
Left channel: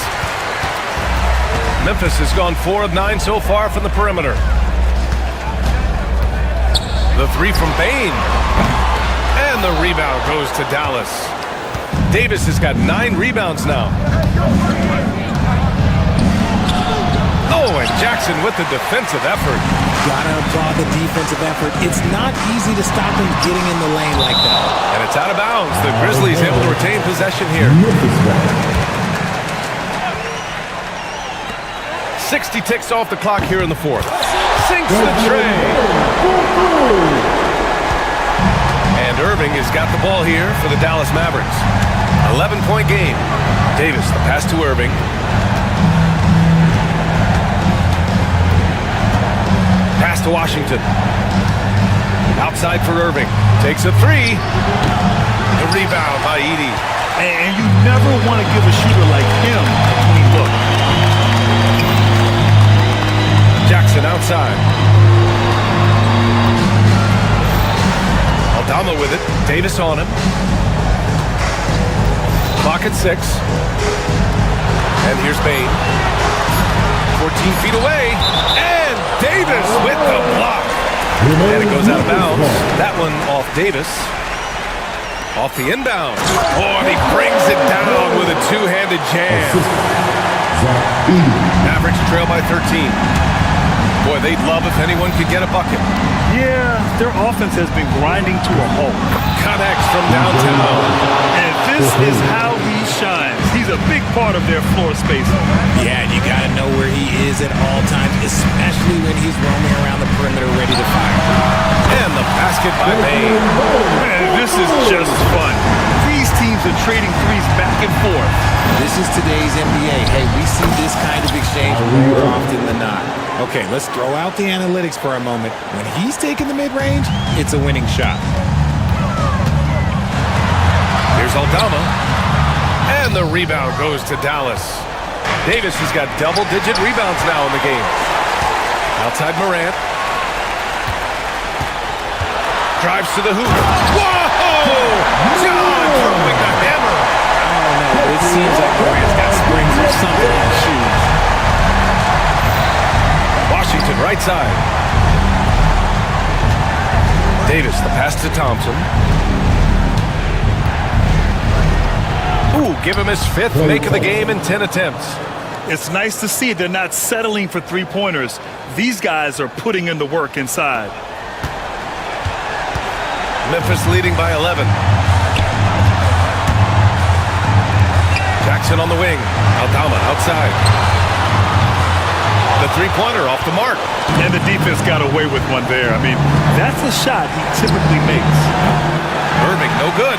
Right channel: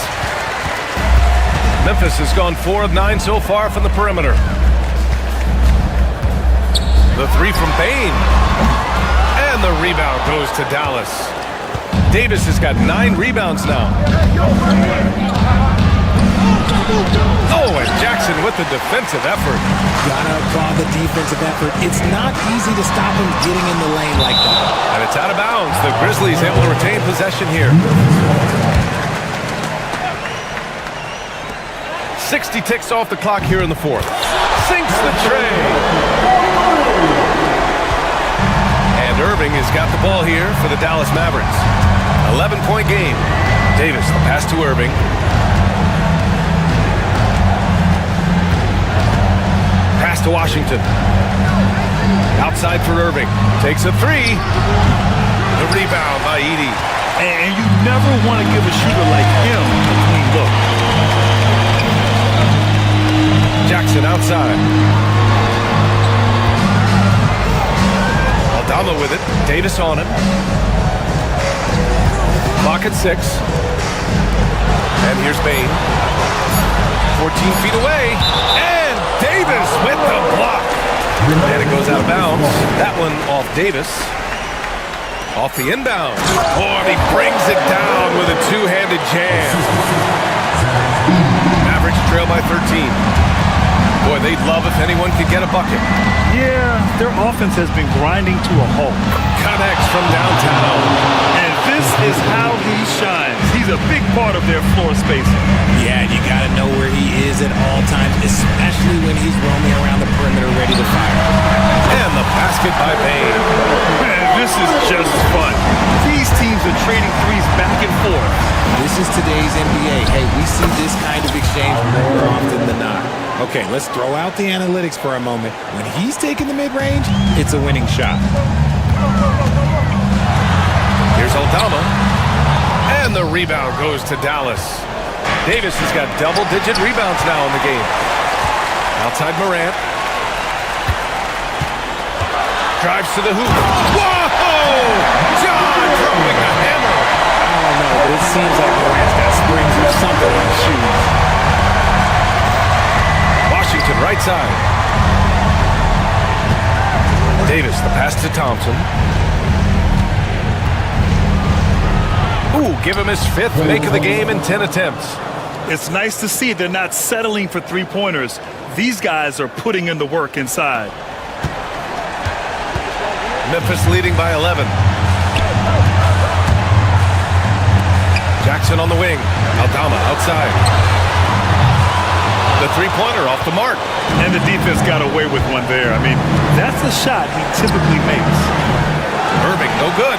Memphis has gone 4 of 9 so far from the perimeter. The 3 from Bain. And the rebound goes to Dallas. Davis has got 9 rebounds now. Oh, and Jackson with the defensive effort. Gotta applaud the defensive effort. It's not easy to stop him getting in the lane like that. And it's out of bounds. The Grizzlies able to retain possession here. 60 ticks off the clock here in the fourth. Sinks the tray. And Irving has got the ball here for the Dallas Mavericks. 11-point game. Davis, the pass to Irving. Pass to Washington. Outside for Irving. Takes a 3. The rebound by Edey. And you never want to give a shooter like him a clean look. Jackson outside. Aldama with it. Davis on him. Clock at 6. And here's Bain. 14 feet away. And Davis with the block. And it goes out of bounds. That one off Davis. Off the inbound. Oh, and he brings it down with a two-handed jam. Mavericks trail by 13. Boy, they'd love if anyone could get a bucket. Yeah, their offense has been grinding to a halt. Connects from downtown. And this is how he shines. He's a big part of their floor spacing. Yeah, and you got to know where he is at all times, especially when he's roaming around the perimeter ready to fire. And the basket by Bain. Man, this is just fun. These teams are trading threes back and forth. This is today's NBA. Hey, we see this kind of exchange more often than not. Okay, let's throw out the analytics for a moment. When he's taking the mid-range, it's a winning shot. Here's Aldama. And the rebound goes to Dallas. Davis has got double-digit rebounds now in the game. Outside Morant. Drives to the hoop. Whoa! John throwing the hammer. I don't know, but it seems like Morant's got springs or something in his shoes. Washington right side. Davis, the pass to Thompson. Ooh, give him his 5th make of the game in 10 attempts. It's nice to see they're not settling for three-pointers. These guys are putting in the work inside. Memphis leading by 11. Jackson on the wing. Aldama outside. The three-pointer off the mark. And the defense got away with one there. I mean, that's the shot he typically makes. Irving, no good.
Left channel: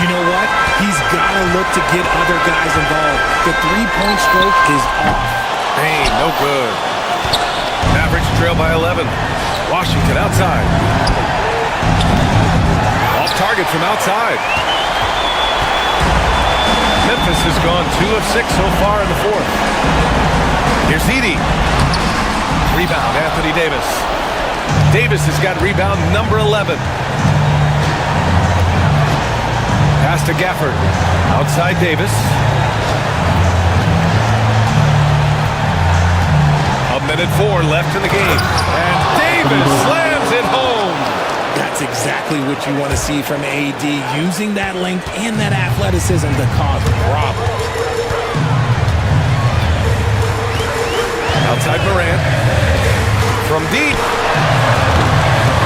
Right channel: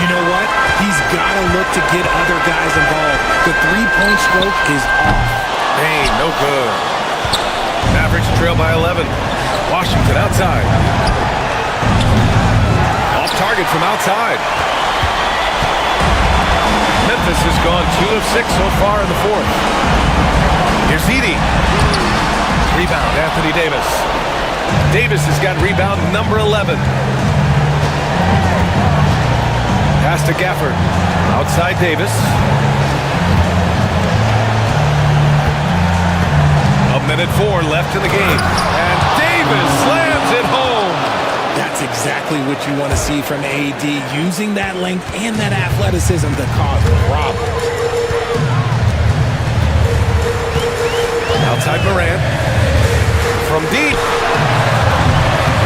You know what? He's got to look to get other guys involved. The three-point stroke is off. Bain, no good. Mavericks trail by 11. Washington outside. Off target from outside. Memphis has gone 2 of 6 so far in the fourth. Here's Edey. Rebound, Anthony Davis. Davis has got rebound number 11. Pass to Gafford. Outside Davis. A minute 4 left in the game. And Davis slams it home. That's exactly what you want to see from AD, using that length and that athleticism to cause problems. Outside Morant. From deep.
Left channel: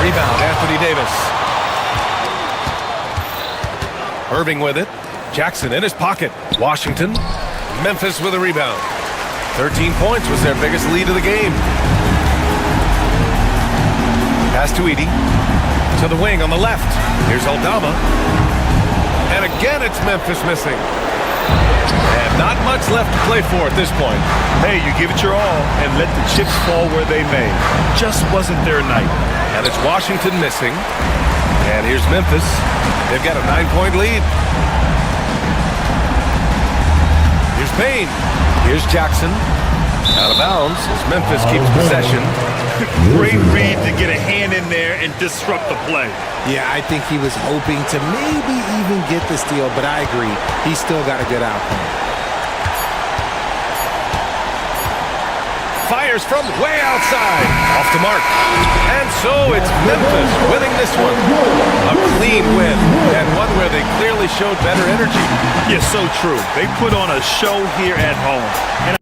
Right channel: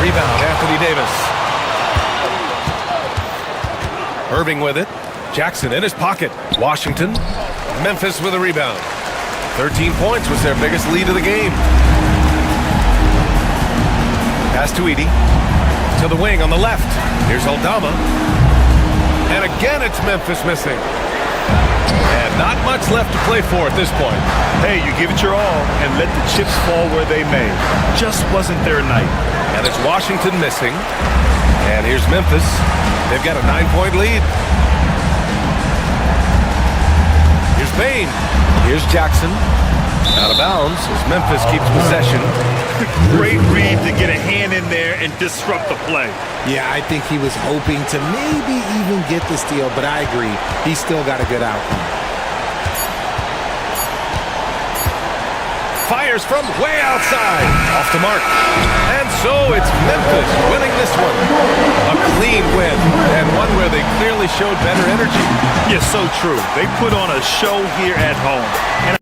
Rebound, Anthony Davis. Irving with it. Jackson in his pocket. Washington. Memphis with a rebound. 13 points was their biggest lead of the game. Pass to Edey. To the wing on the left. Here's Aldama. And again it's Memphis missing. And not much left to play for at this point. Hey, you give it your all and let the chips fall where they may. Just wasn't their night. And it's Washington missing. And here's Memphis. They've got a 9-point lead. Here's Payne. Here's Jackson. Out of bounds as Memphis keeps possession. Great read to get a hand in there and disrupt the play. Yeah, I think he was hoping to maybe even get the steal, but I agree. He still got a good outcome. Fires from way outside. Off the mark. And so it's Memphis winning this one. A clean win, and one where they clearly showed better energy. Yeah, so true. They put on a show here at home. And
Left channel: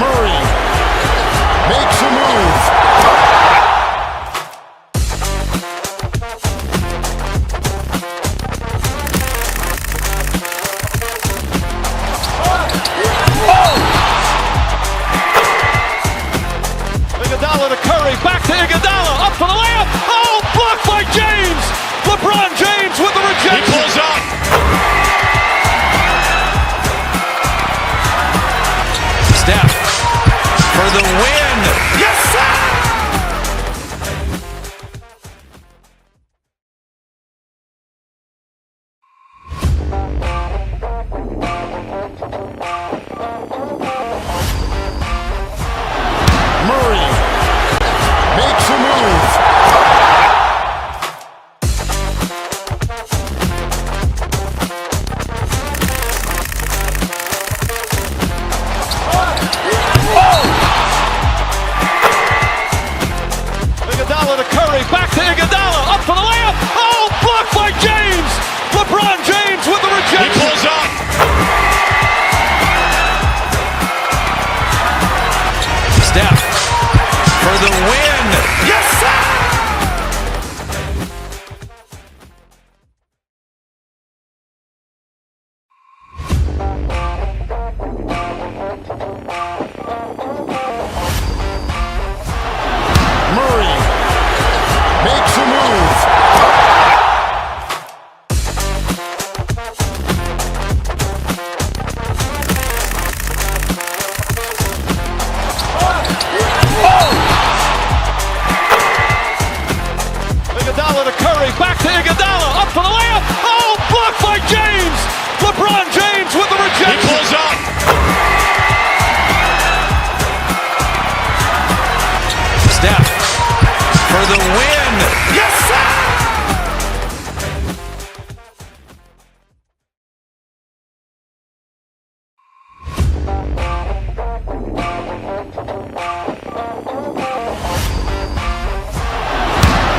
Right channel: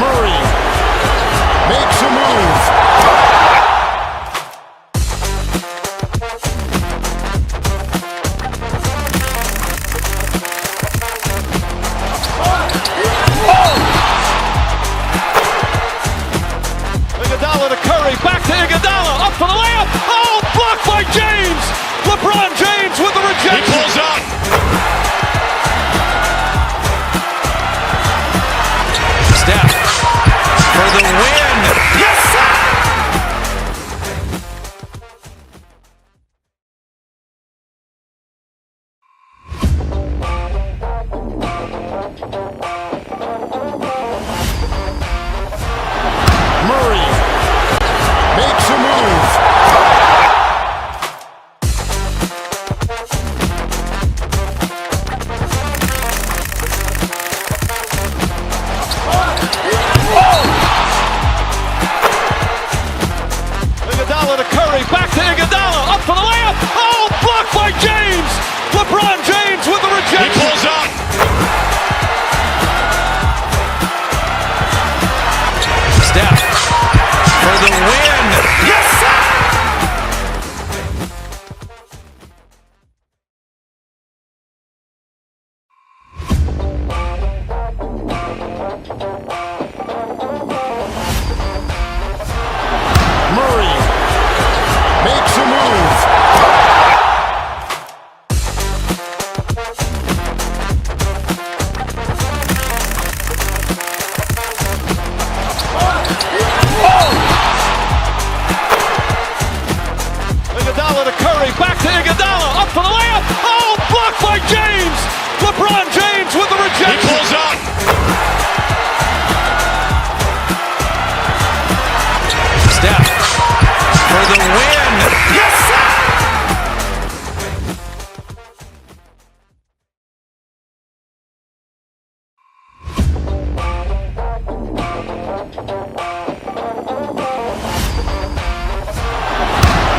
Murray makes a move. Iguodala to Curry, back to Iguodala, up for the layup. Oh, blocked by James. LeBron James with the rejection. He pulls up. Steph for the win. Yes, sir! Murray makes a move. Iguodala to Curry, back to Iguodala, up for the layup. Oh, blocked by James. LeBron James with the rejection. He pulls up. Steph for the win. Yes, sir! Murray makes a move. Iguodala to Curry, back to Iguodala, up for the layup. Oh, blocked by James. LeBron James with the rejection. He pulls up. Steph for the win. Yes, sir!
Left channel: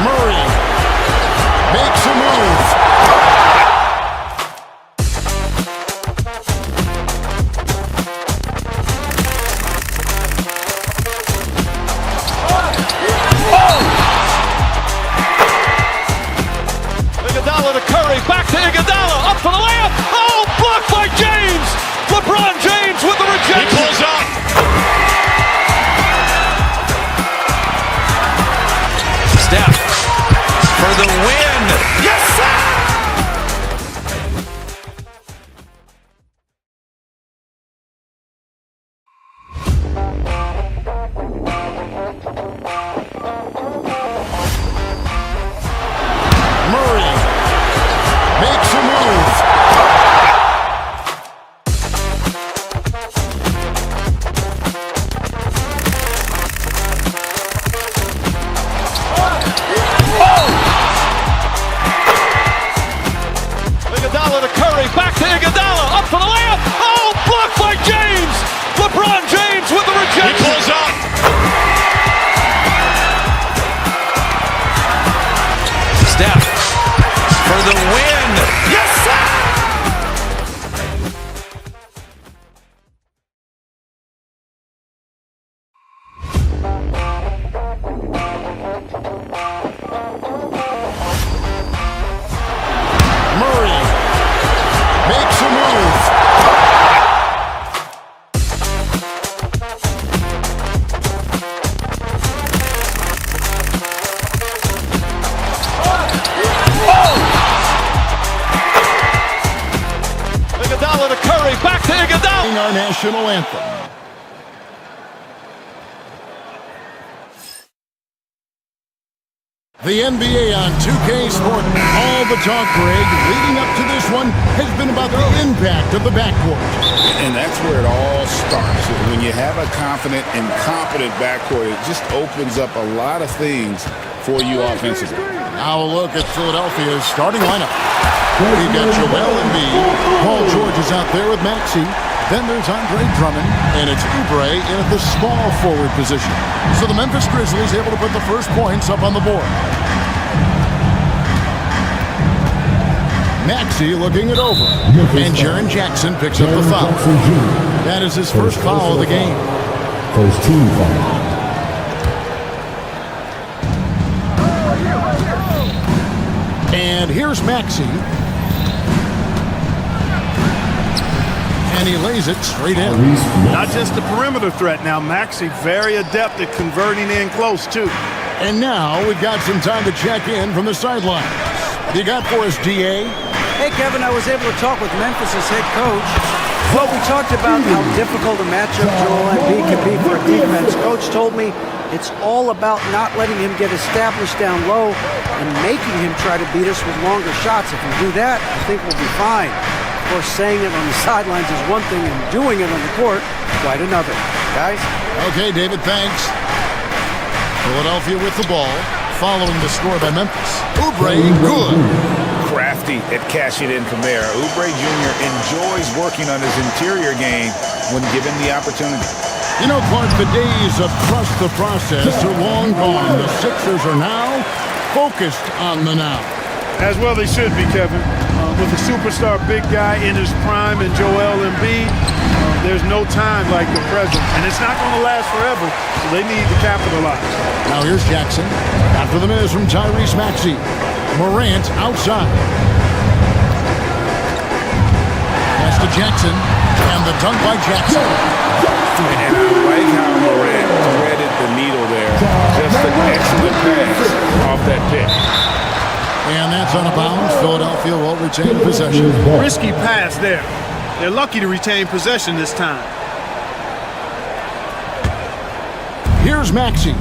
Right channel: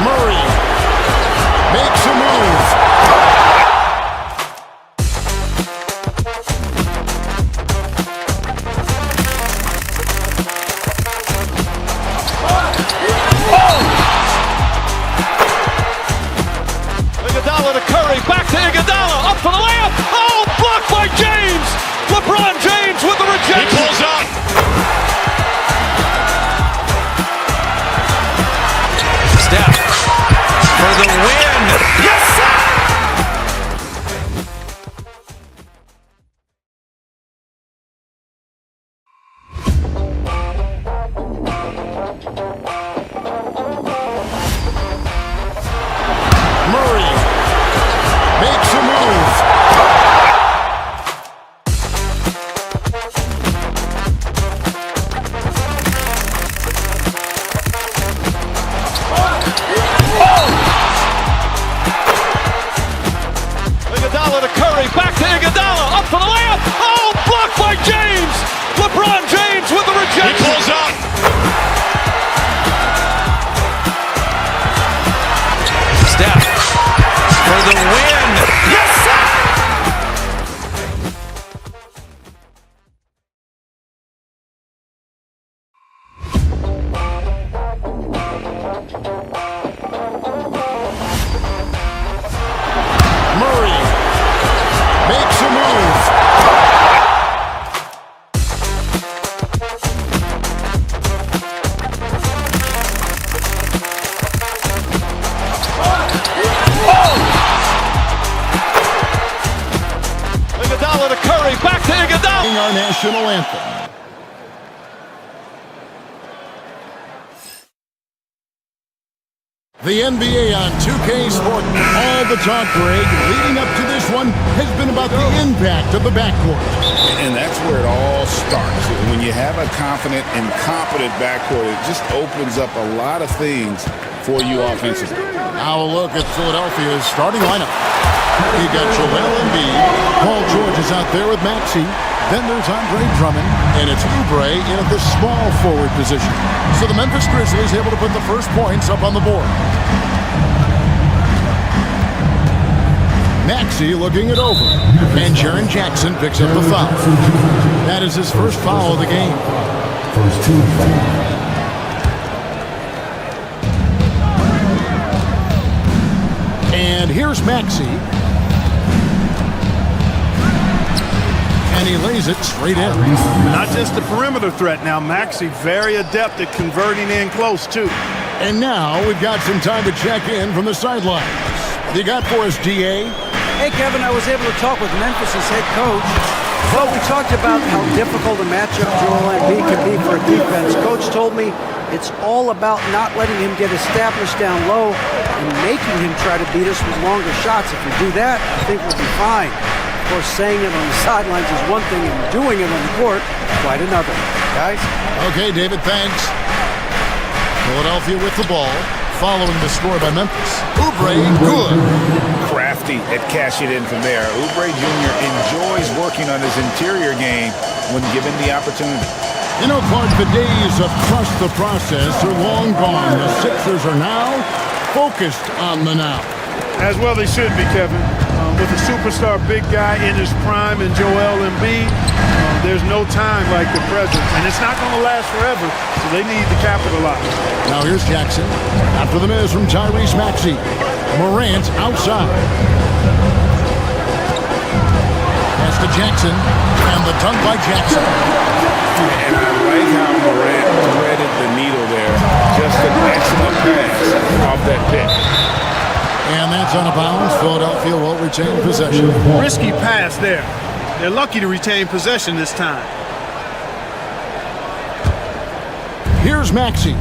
Murray makes a move. Iguodala to Curry, back to Iguodala, up for the layup. Oh, blocked by James. LeBron James with the rejection. He pulls up. Steph for the win. Yes, sir! Murray makes a move. Iguodala to Curry, back to Iguodala, up for the layup. Oh, blocked by James. LeBron James with national anthem. The NBA on 2K Sport. All the talk, Greg, leading up to this one has been about the impact of the backcourt. And that's where it all starts. When you have a confident and competent backcourt, it just opens up a lot of things for you offensively. Now a look at Philadelphia's starting lineup. We've got Joel Embiid. Paul George is out there with Maxey. Then there's Andre Drummond, and it's Oubre in at the small forward position. So the Memphis Grizzlies able to put the first points up on the board. Maxey looking it over, and Jaren Jackson picks up the foul. That is his first foul of the game. First team foul. And here's Maxey. And he lays it straight in. Not just a perimeter threat now. Maxey very adept at converting in close, too. And now we've got some time to check in from the sidelines. What you got for us, DA? Hey, Kevin, I was able to talk with Memphis' head coach. Well, we talked about how difficult a matchup Joel Embiid can be for a defense. Coach told me it's all about not letting him get established down low and making him try to beat us with longer shots. If we do that, I think we'll be fine. Of course, saying it on the sidelines is one thing and doing it on the court, quite another. Guys? Okay, David, thanks. Philadelphia with the ball, following the score by Memphis. Oubre, good. Crafty at cashing in from there. Oubre Jr. enjoys working on his interior game when given the opportunity. You know, Clark, the days of trust the process are long gone. The Sixers are now focused on the now. As well they should be, Kevin. With a superstar big guy in his prime and Joel Embiid, there's no time like the present. And it's not going to last forever, so they need to capitalize. Now here's Jackson. After the miss from Tyrese Maxey. Morant outside. Pass to Jackson. And the dunk by Jackson. And I like how Morant threaded the needle there. Just an excellent pass off that pick. And that's out of bounds. Philadelphia will retain possession. Risky pass there. They're lucky to retain possession this time. Here's Maxey.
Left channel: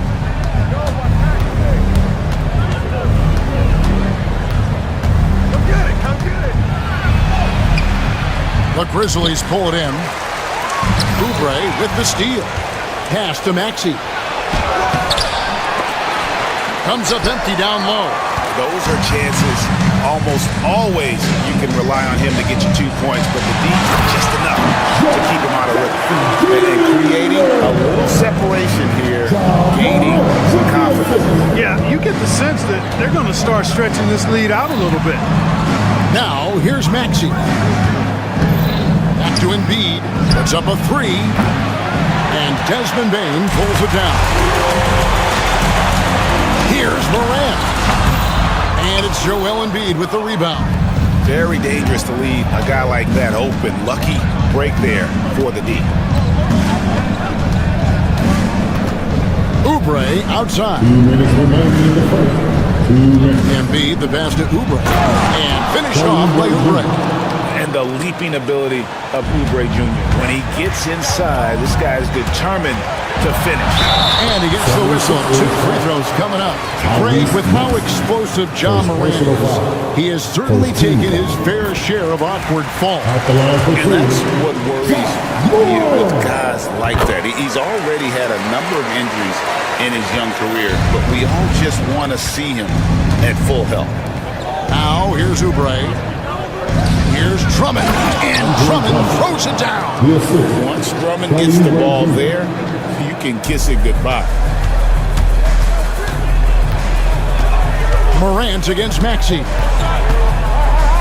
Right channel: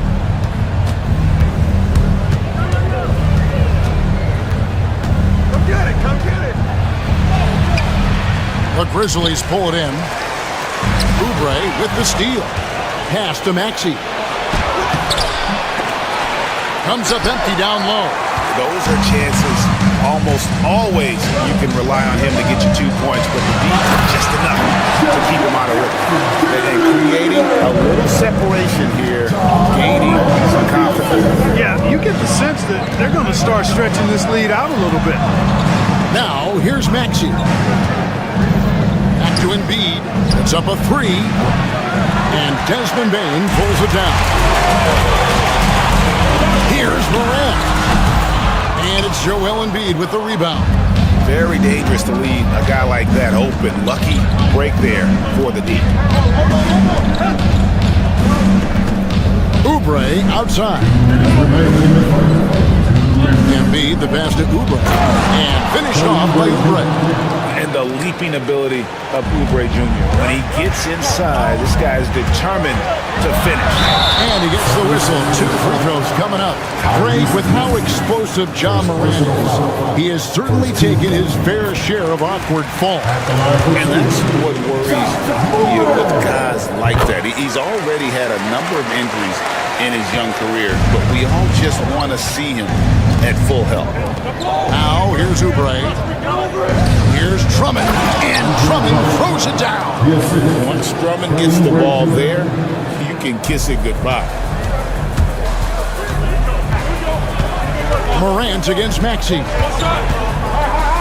Come get it, come get it. The Grizzlies pull it in. Oubre with the steal. Pass to Maxey. Comes up empty down low. Those are chances almost always you can rely on him to get you 2 points, but the D just enough to keep him out of rhythm. And creating a little separation here, gaining some confidence. Yeah, you get the sense that they're going to start stretching this lead out a little bit. Now, here's Maxey. Back to Embiid. Puts up a three. And Desmond Bane pulls it down. Here's Morant. And it's Joel Embiid with the rebound. Very dangerous to leave a guy like that open. Lucky break there for the D. Oubre outside. Embiid, the pass to Oubre. And finished off by Oubre. And the leaping ability of Oubre Jr. When he gets inside, this guy is determined to finish. And he gets the whistle. 2 free throws coming up. Greg, with how explosive Ja Morant is, he has certainly taken his fair share of awkward falls. And that's what worries you with guys like that. He's already had a number of injuries in his young career, but we all just want to see him at full health. Now, here's Oubre. Here's Drummond, and Drummond throws it down. Once Drummond gets the ball there, you can kiss it goodbye. Morant against Maxey.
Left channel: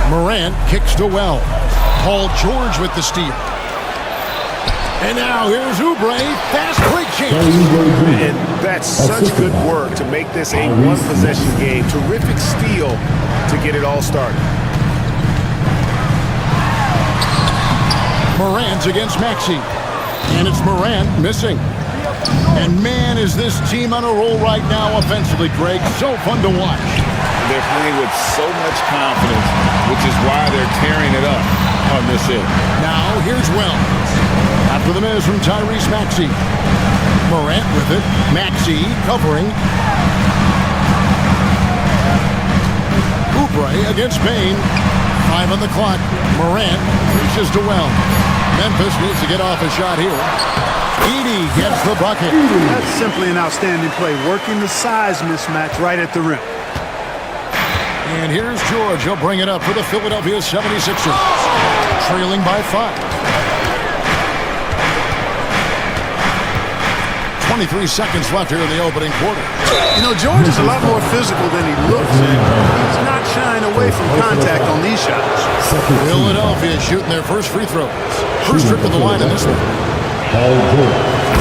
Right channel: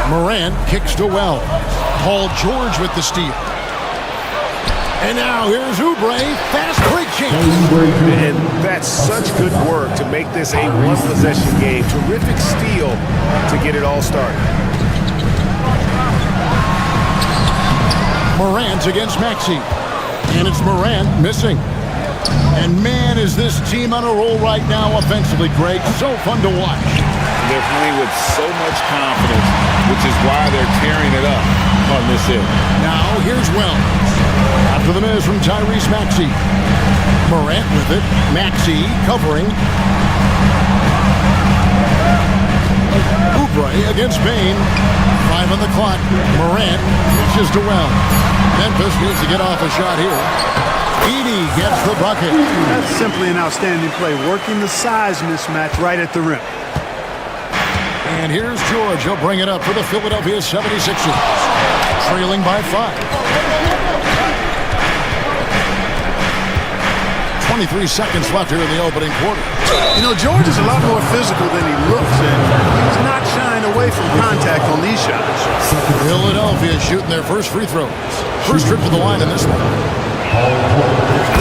Morant kicks to Wells. Paul George with the steal. And now here's Oubre, fast break chance. And that's such good work to make this a one-possession game. Terrific steal to get it all started. Morant against Maxey. And it's Morant missing. And man, is this team on a roll right now offensively, Greg. So fun to watch. They're playing with so much confidence, which is why they're tearing it up on this end. Now here's Wells. After the miss from Tyrese Maxey. Morant with it. Maxey covering. Oubre against Bain. 5 on the clock. Morant reaches to well. Memphis needs to get off a shot here. Edey gets the bucket. That's simply an outstanding play, working the size mismatch right at the rim. And here's George. He'll bring it up for the Philadelphia 76ers. Trailing by 5. 23 seconds left here in the opening quarter. You know, George is a lot more physical than he looks, and he's not shying away from contact on these shots. Philadelphia shooting their first free throws. First trip to the line in this one.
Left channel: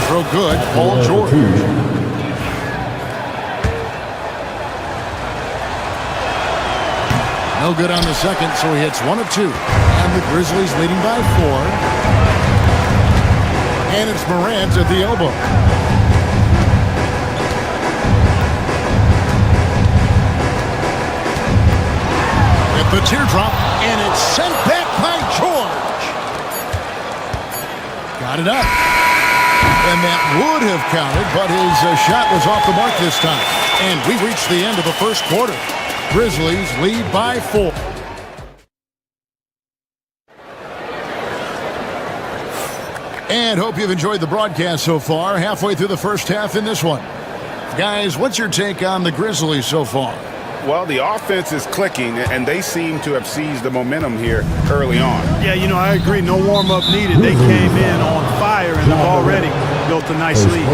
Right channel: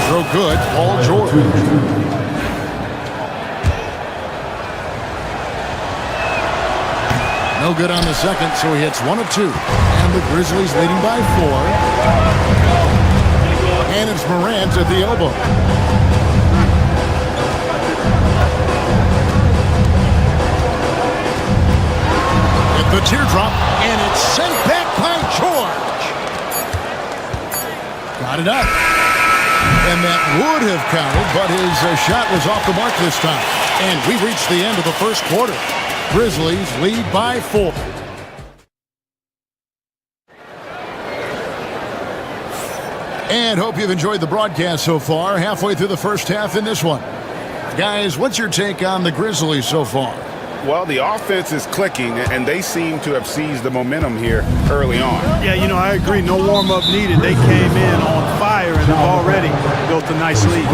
Throw good, Paul George. No good on the second, so he hits 1 of 2. And the Grizzlies leading by 4. And it's Morant at the elbow. At the teardrop, and it's sent back by George. Got it up. And that would have counted, but his shot was off the mark this time. And we reached the end of the first quarter. Grizzlies lead by 4. And hope you've enjoyed the broadcast so far. Halfway through the first half in this one. Guys, what's your take on the Grizzlies so far? Well, the offense is clicking, and they seem to have seized the momentum here early on. Yeah, you know, I agree. No warm-up needed. They came in on fire and have already built a nice lead.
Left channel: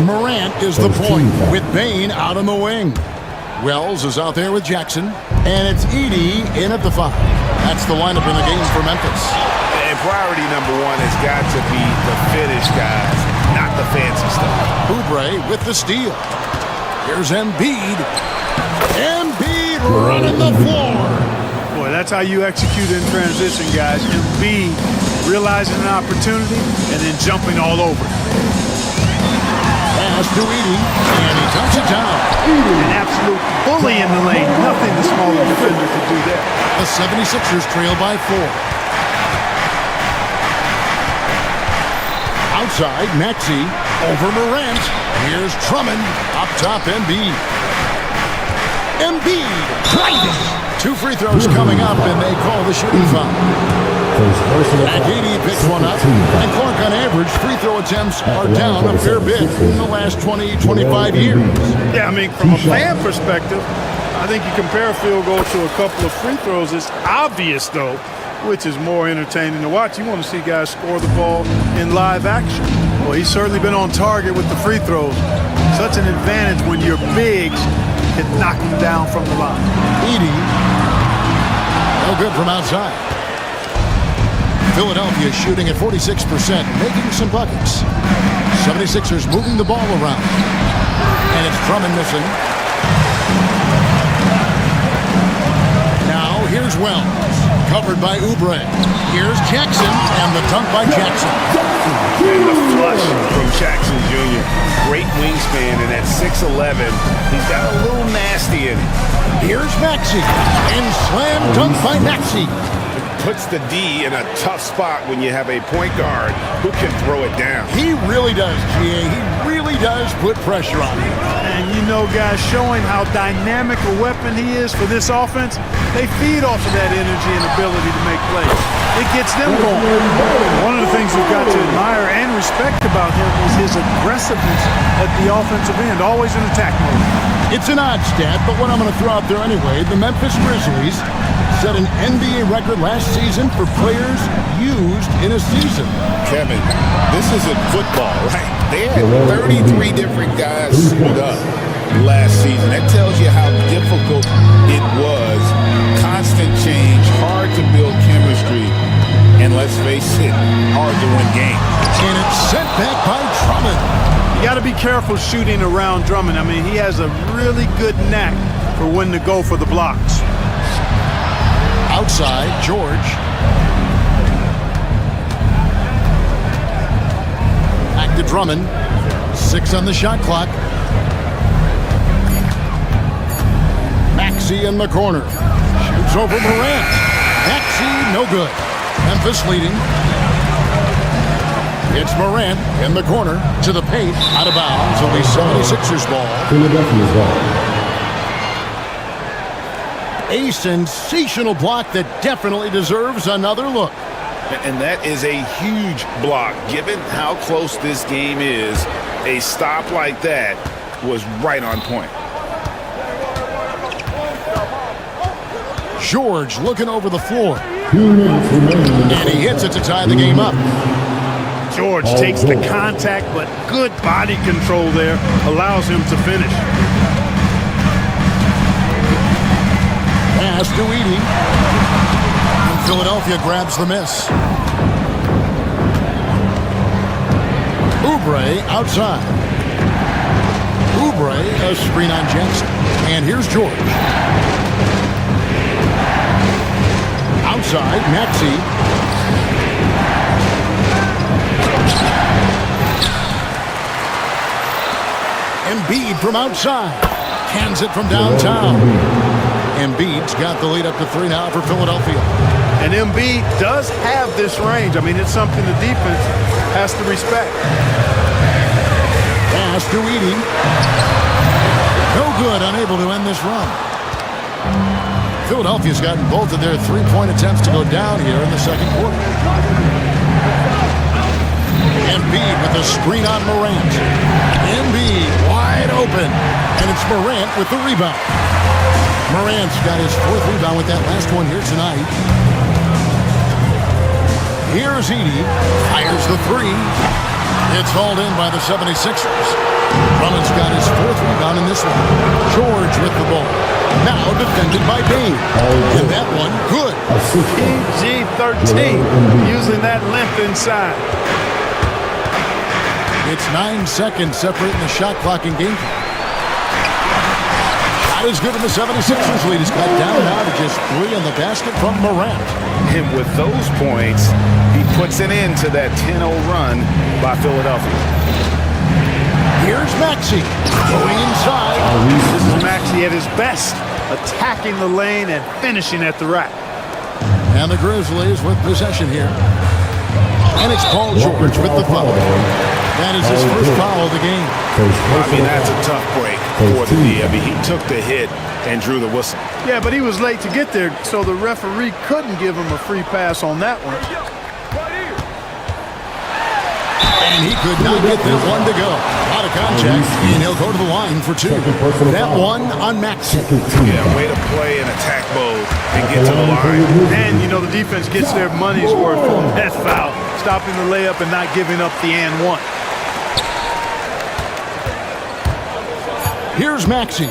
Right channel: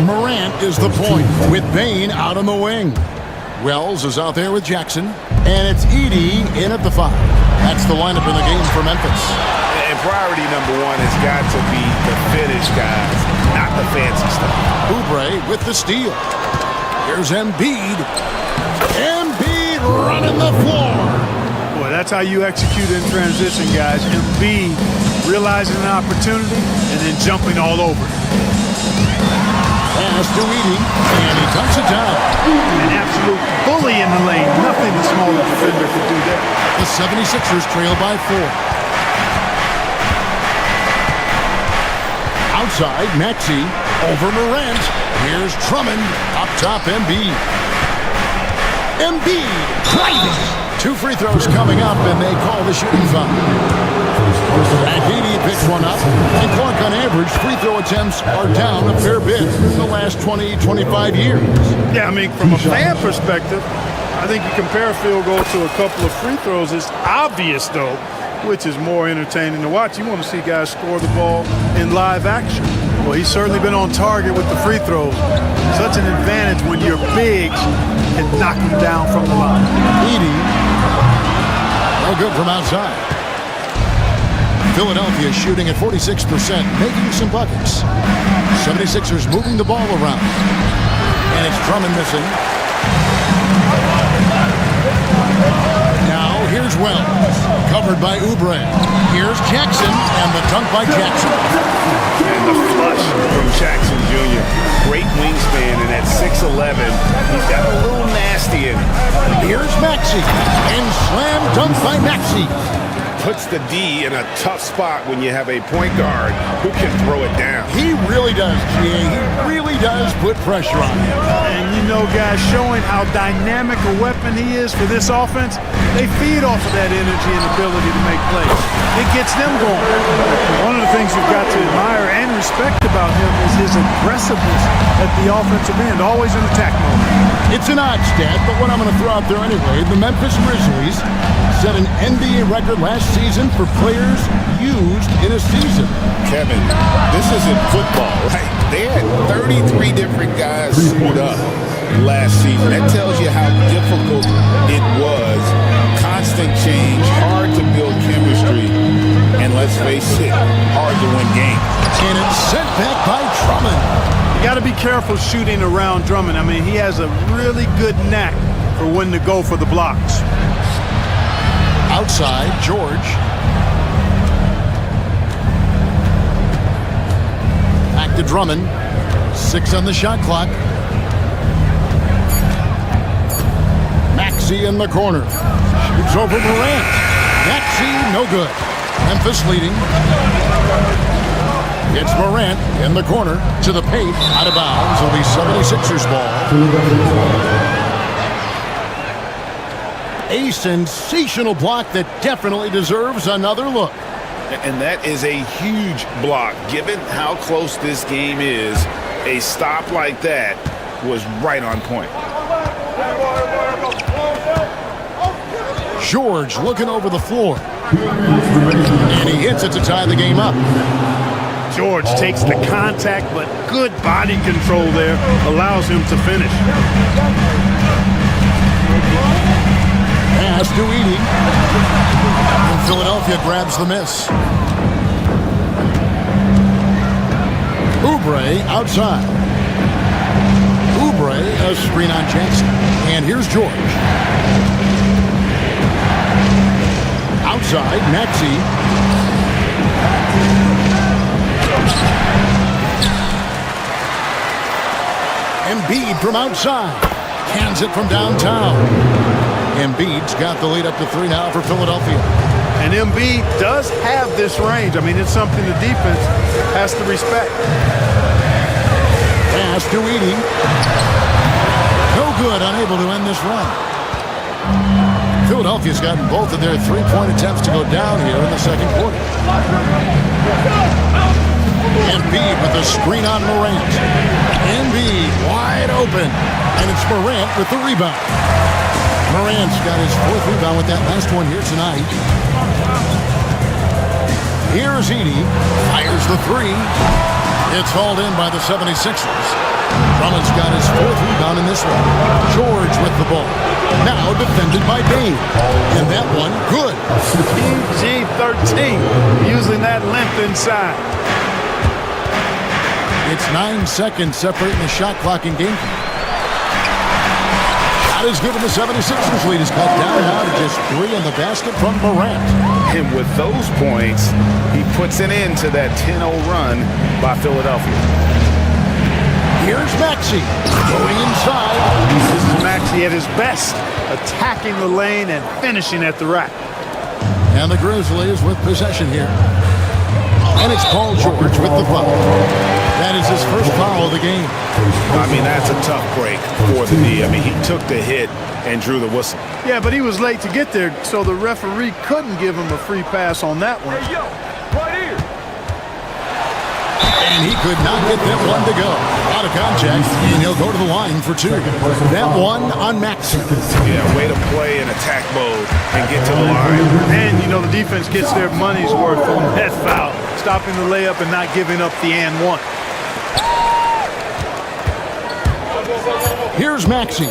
Morant is the point with Bain out on the wing. Wells is out there with Jackson, and it's Edey in at the 5. That's the lineup in the game for Memphis. And priority number 1 has got to be the finish, guys, not the fancy stuff. Oubre with the steal. Here's Embiid. Embiid running the floor. Boy, that's how you execute in transition, guys. Embiid realizing an opportunity and then jumping all over it. Pass to Edey, and he dunks it down. An absolute bully in the lane. Nothing the smaller defender could do there. The 76ers trail by 4. Outside, Maxey over Morant. Here's Drummond up top, Embiid. Embiid driving. 2 free throws coming up, and they call the shooting foul. Edey picks one up, and Clark on average free throw attempts are down a fair bit in the last 20-25 years. Yeah, I mean, from a fan perspective, I think you compare a field goal to a couple of free throws. It's obvious, though, which is more entertaining to watch. You want to see guys score the ball in live action. Well, he's certainly been on target with the free throws. Such an advantage when your bigs can knock him down from the line. Edey, no good from outside. Philadelphia shooting at 46%, making some buckets. 76ers moving the ball around. And it's Drummond missing. Now here's Wells, covered by Oubre. Here's Jackson, and the dunk by Jackson. And the flush from Jackson Jr. Great wingspan, and at 6'11", he's got a little nasty in it. Here's Maxey, and slam dunk by Maxey. Puts the D in a tough spot when you have a point guard who can throw it down. He really does, GA. He really does put pressure on him. And you know, guys, showing how dynamic a weapon he is for this offense, they feed off of that energy and ability to make plays. It gets them going. One of the things you've got to admire and respect about him is his aggressiveness at the offensive end, always in attack mode. It's an odd stat, but what I'm going to throw out there anyway, the Memphis Grizzlies set an NBA record last season for players used in a season. Kevin, this isn't football, right? They had 33 different guys suit up last season. That tells you how difficult it was. Constant change, hard to build chemistry, and let's face it, hard to win games. And it's sent back by Drummond. You got to be careful shooting around Drummond. I mean, he has a really good knack for when to go for the blocks. Outside, George. Back to Drummond. 6 on the shot clock. Maxey in the corner. Shoots over Morant. Maxey, no good. Memphis leading. It's Morant in the corner to the paint, out of bounds. It'll be 76ers ball. Philadelphia's ball. A sensational block that definitely deserves another look. And that is a huge block. Given how close this game is, a stop like that was right on point. George looking over the floor. And he hits it to tie the game up. George takes the contact, but good body control there allows him to finish. Pass to Edey. And Philadelphia grabs the miss. Oubre outside. Oubre, a screen on Jackson. And here's George. Outside, Maxey. Embiid from outside. Cans it from downtown. Embiid's got the lead up to 3 now for Philadelphia. And Embiid does have this range. I mean, it's something the defense has to respect. Pass to Edey. No good, unable to end this run. Philadelphia's gotten both of their three-point attempts to go down here in the second quarter. Embiid with a screen on Morant. Embiid wide open. And it's Morant with the rebound. Morant's got his 4th rebound with that last one here tonight. Here's Edey. Fires the 3. It's hauled in by the 76ers. Drummond's got his 4th rebound in this one. George with the ball. Now defended by Bane. And that one, good. PG-13, using that length inside. It's 9 seconds separating the shot clock and game clock. Shot is good, and the 76ers lead is cut down now to just 3 on the basket from Morant. And with those points, he puts an end to that 10-0 run by Philadelphia. Here's Maxey going inside. This is Maxey at his best, attacking the lane and finishing at the rack. And the Grizzlies with possession here. And it's Paul George with the foul. That is his first foul of the game. I mean, that's a tough break for the D. I mean, he took the hit and drew the whistle. Yeah, but he was late to get there, so the referee couldn't give him a free pass on that one. Hey, yo, right here. And he could not get that one to go. A lot of contact, and he'll go to the line for 2. That one on Maxey. Yeah, way to play in attack mode and get to the line. And, you know, the defense gets their money's worth on that foul, stopping the layup and not giving up the and one. Here's Maxey.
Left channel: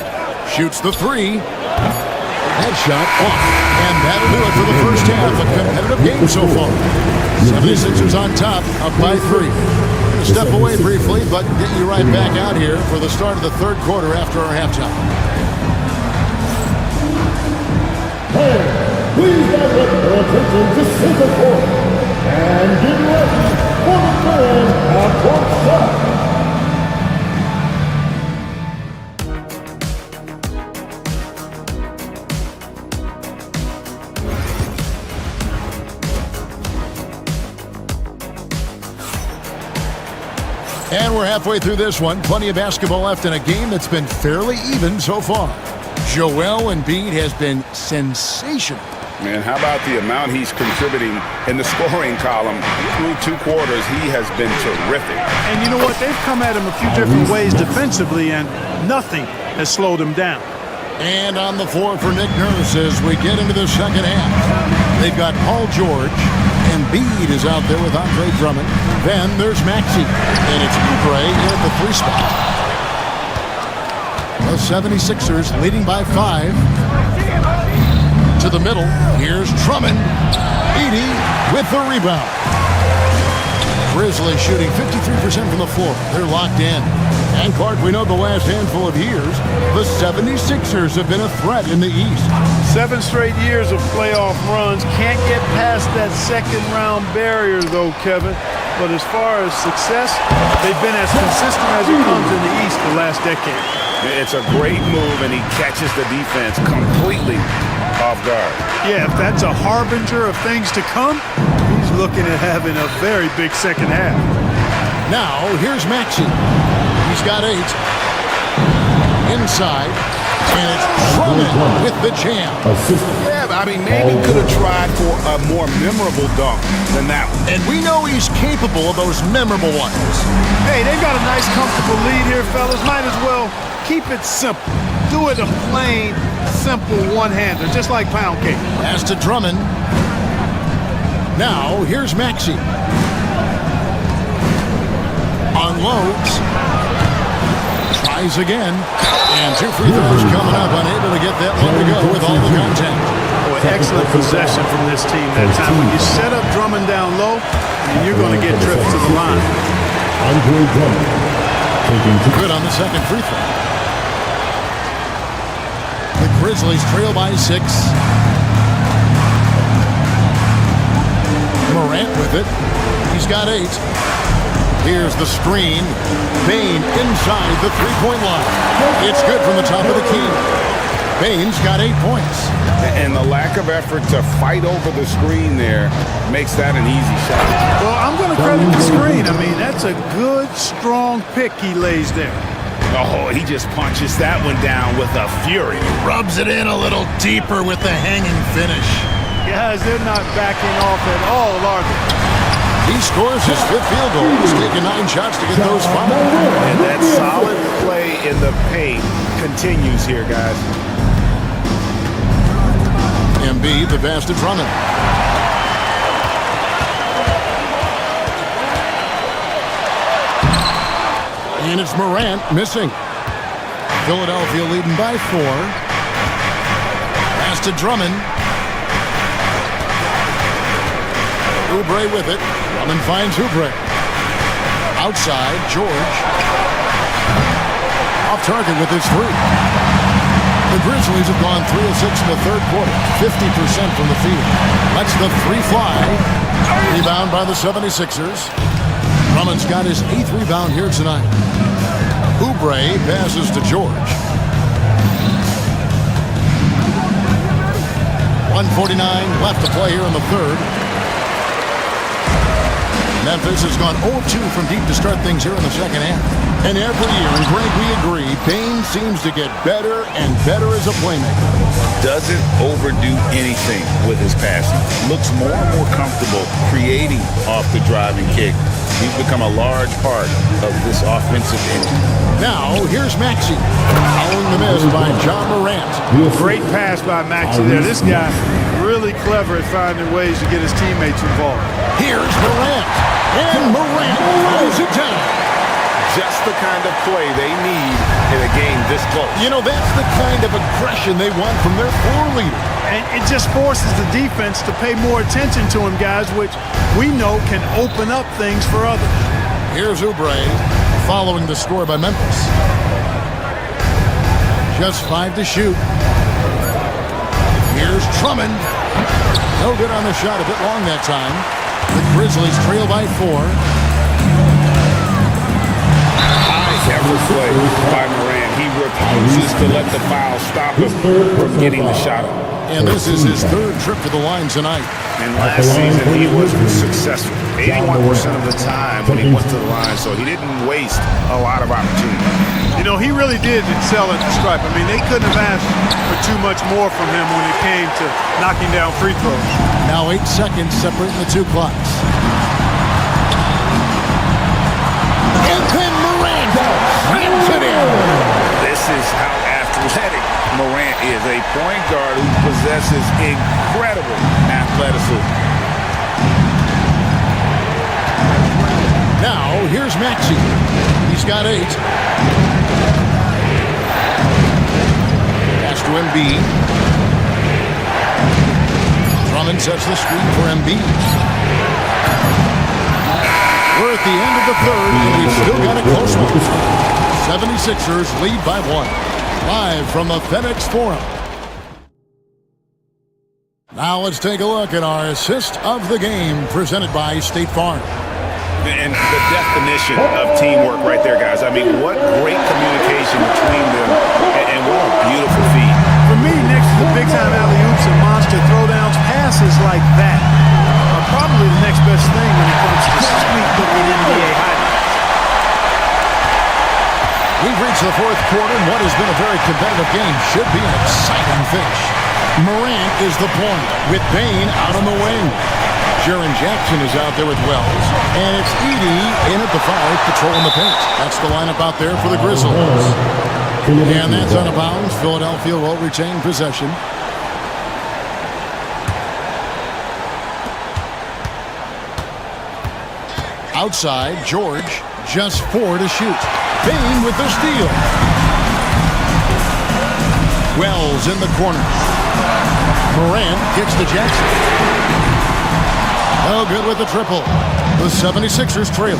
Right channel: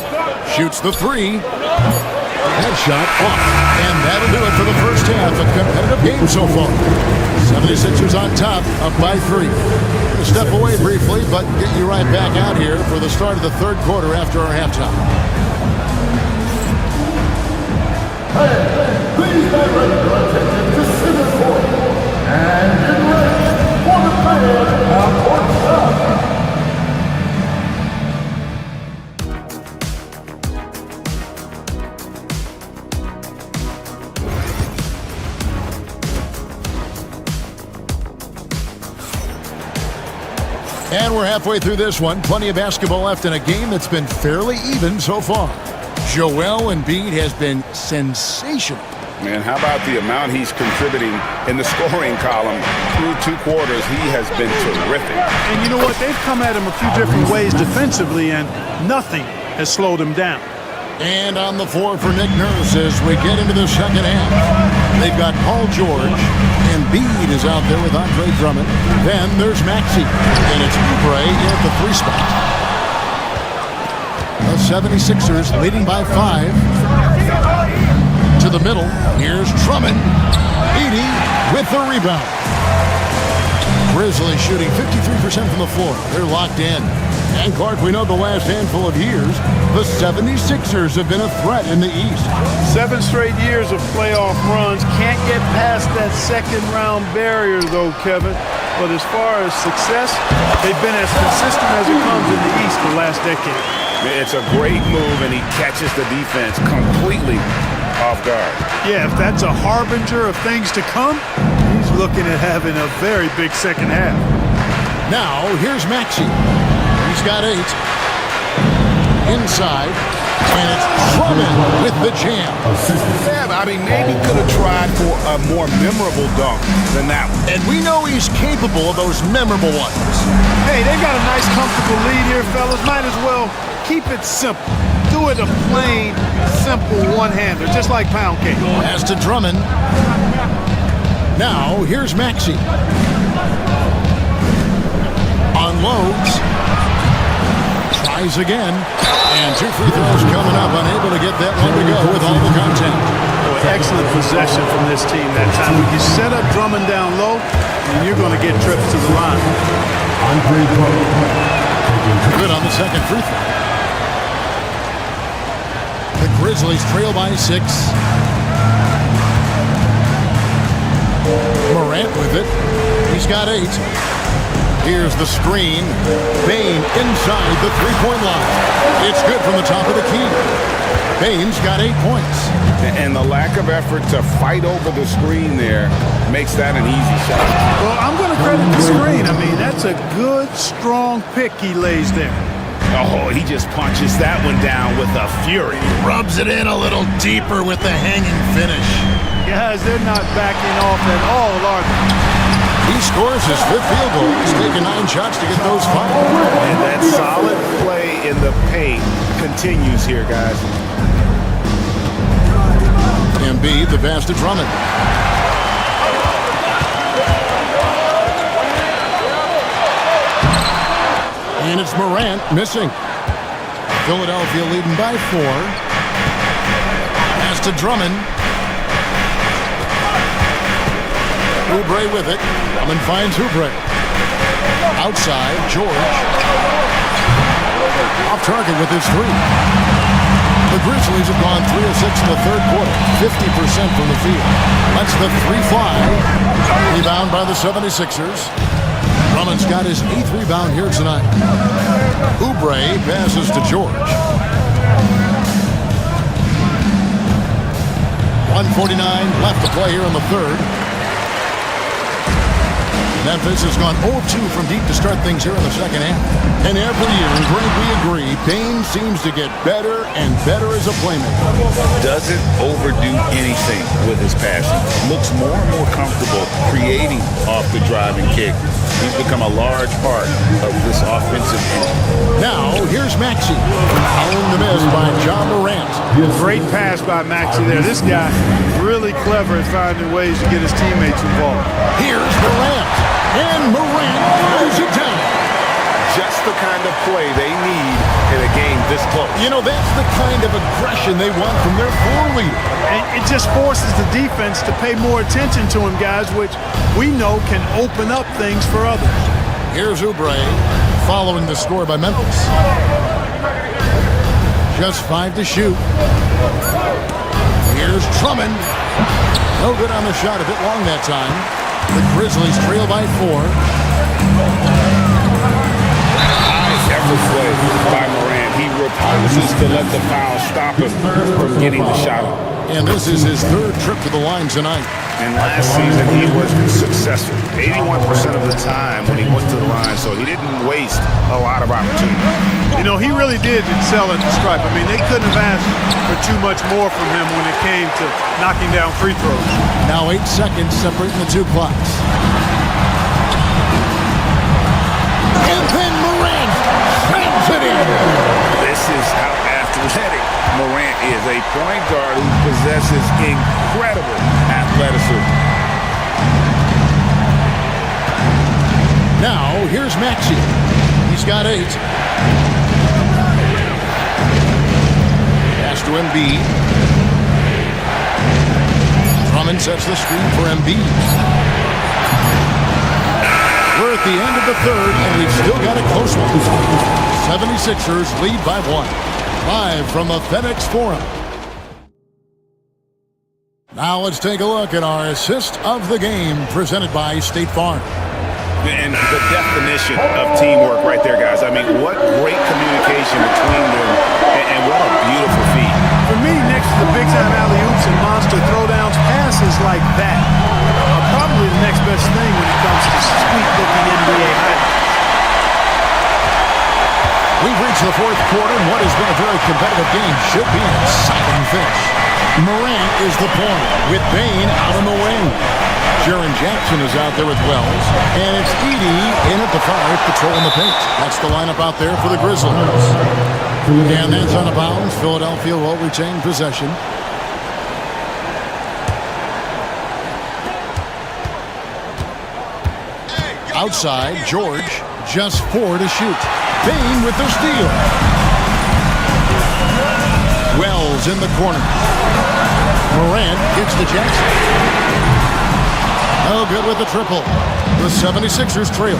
Shoots the 3. That shot off. And that'll do it for the first half. A competitive game so far. 76ers on top, up by 3. We'll step away briefly, but get you right back out here for the start of the third quarter after our halftime. Hey, please get ready for attention to center court. And get ready for the fans half-court shot. And we're halfway through this one. Plenty of basketball left in a game that's been fairly even so far. Joel Embiid has been sensational. Man, how about the amount he's contributing in the scoring column through 2 quarters? He has been terrific. And you know what? They've come at him a few different ways defensively, and nothing has slowed him down. And on the floor for Nick Nurse as we get into the second half. They've got Paul George. Embiid is out there with Andre Drummond. Then there's Maxey. And it's Oubre in at the 3 spot. The 76ers leading by 5. To the middle. Here's Drummond. Edey with the rebound. Grizzlies shooting 53% from the floor. They're locked in. And Clark, we know the last handful of years, the 76ers have been a threat in the East. 7 straight years of playoff runs. Can't get past that second-round barrier, though, Kevin. But as far as success, they've been as consistent as it comes in the East the last decade. It's a great move, and he catches the defense completely off guard. Yeah, if that's a harbinger of things to come, he's looking at having a very big second half. Now, here's Maxey. He's got 8. Inside. And it's Drummond with the jam. Yeah, I mean, maybe could have tried for a more memorable dunk than that one. And we know he's capable of those memorable ones. Hey, they've got a nice, comfortable lead here, fellas. Might as well keep it simple. Do it a plain, simple one-hander, just like pound cake. Pass to Drummond. Now, here's Maxey. Unloads. Tries again. And 2 free throws coming up. Unable to get that one to go with all the contact. Boy, excellent possession from this team that time. When you set up Drummond down low, and you're going to get trips to the line. Good on the second free throw. The Grizzlies trail by 6. Morant with it. He's got 8. Here's the screen. Bane inside the three-point line. It's good from the top of the key. Bane's got 8 points. And the lack of effort to fight over the screen there makes that an easy shot. Well, I'm going to credit the screen. I mean, that's a good, strong pick he lays there. Oh, he just punches that one down with a fury. Rubs it in a little deeper with the hanging finish. Guys, they're not backing off at all, are they? He scores his 5th field goal. He's taken 9 shots to get those 5. And that solid play in the paint continues here, guys. Embiid, the pass to Drummond. And it's Morant missing. Philadelphia leading by 4. Pass to Drummond. Oubre with it. Drummond finds Oubre. Outside, George. Off target with his 3. The Grizzlies have gone 3 of 6 in the third quarter. 50% from the field. Lets the 3 fly. Rebound by the 76ers. Drummond's got his 8th rebound here tonight. Oubre passes to George. 1:49 left to play here in the third. Memphis has gone 0-2 from deep to start things here in the second half. And every year, and Greg, we agree, Bane seems to get better and better as a playmaker. Doesn't overdo anything with his passing. Looks more and more comfortable creating off the driving kick. He's become a large part of this offensive engine. Now, here's Maxey. Following the miss by Ja Morant. Great pass by Maxey there. This guy really clever at finding ways to get his teammates involved. Here's Morant. And Morant throws it down. Just the kind of play they need in a game this close. You know, that's the kind of aggression they want from their floor leader. And it just forces the defense to pay more attention to him, guys, which we know can open up things for others. Here's Oubre following the score by Memphis. Just 5 to shoot. Here's Drummond. No good on the shot, a bit long that time. The Grizzlies trail by 4. Effort play by Morant. He refuses to let the foul stop him from getting the shot up. And this is his 3rd trip to the line tonight. And last season, he was successful 81% of the time when he went to the line, so he didn't waste a lot of opportunity. You know, he really did excel at the stripe. I mean, they couldn't have asked for too much more from him when it came to knocking down free throws. Now 8 seconds separating the 2 clocks. And then Morant slams it in. This is how athletic Morant is. A point guard who possesses incredible athleticism. Now, here's Maxey. He's got 8. Pass to Embiid. Drummond sets the screen for Embiid. We're at the end of the third, and we've still got a close one. 76ers lead by 1. Live from the FedEx Forum. Now let's take a look at our assist of the game presented by State Farm. And the definition of teamwork right there, guys. I mean, what great communication between them, and what a beautiful feat. For me, next to the big-time alley-oops and monster throwdowns, passes like that are probably the next best thing when it comes to sweet-looking NBA highlights. We've reached the fourth quarter, and what has been a very competitive game should be an exciting finish. Morant is the point, with Bain out on the wing. Jaren Jackson is out there with Wells, and it's Edey in at the 5, patrolling the paint. That's the lineup out there for the Grizzlies. And that's out of bounds. Philadelphia will retain possession. Outside, George, just 4 to shoot. Bain with the steal. Wells in the corner. Morant gets to Jackson. No good with the triple. The 76ers trail.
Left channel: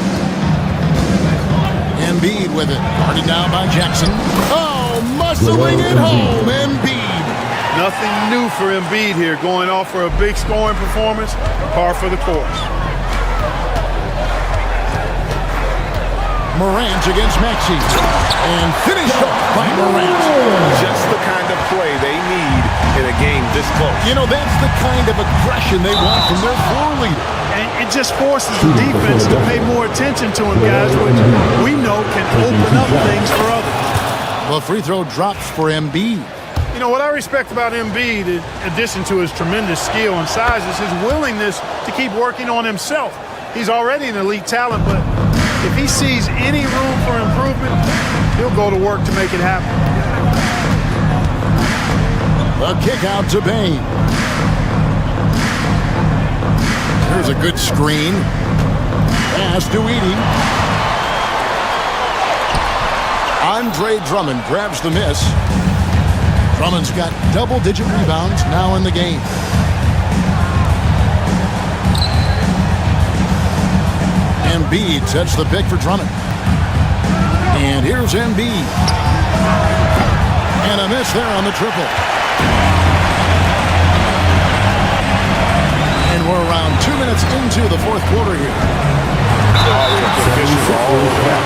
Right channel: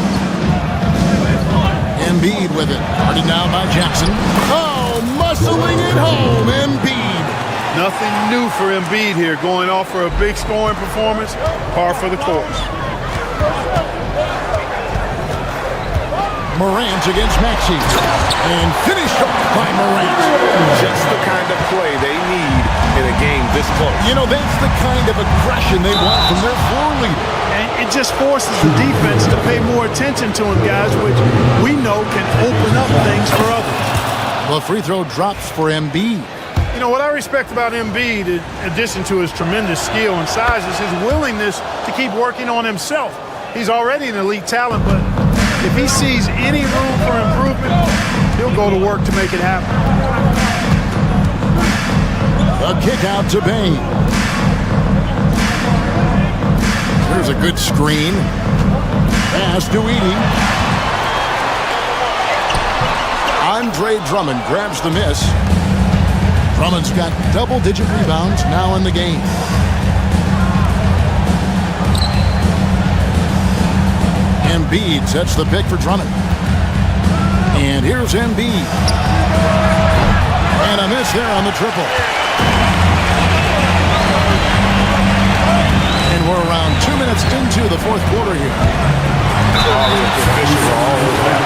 Embiid with it. Guarded now by Jackson. Oh, muscling it home. Embiid. Nothing new for Embiid here. Going off for a big scoring performance. Par for the course. Morant against Maxey. And finished off by Morant. Just the kind of play they need in a game this close. You know, that's the kind of aggression they want from their floor leader. And it just forces the defense to pay more attention to him, guys, which we know can open up things for others. The free throw drops for Embiid. You know, what I respect about Embiid, in addition to his tremendous skill and size, is his willingness to keep working on himself. He's already an elite talent, but if he sees any room for improvement, he'll go to work to make it happen. A kick out to Bain. Here's a good screen. Pass to Edey. Andre Drummond grabs the miss. Drummond's got double-digit rebounds now in the game. Embiid sets the pick for Drummond. And here's Embiid. And a miss there on the triple. And we're around 2 minutes into the fourth quarter here. Officials all over that.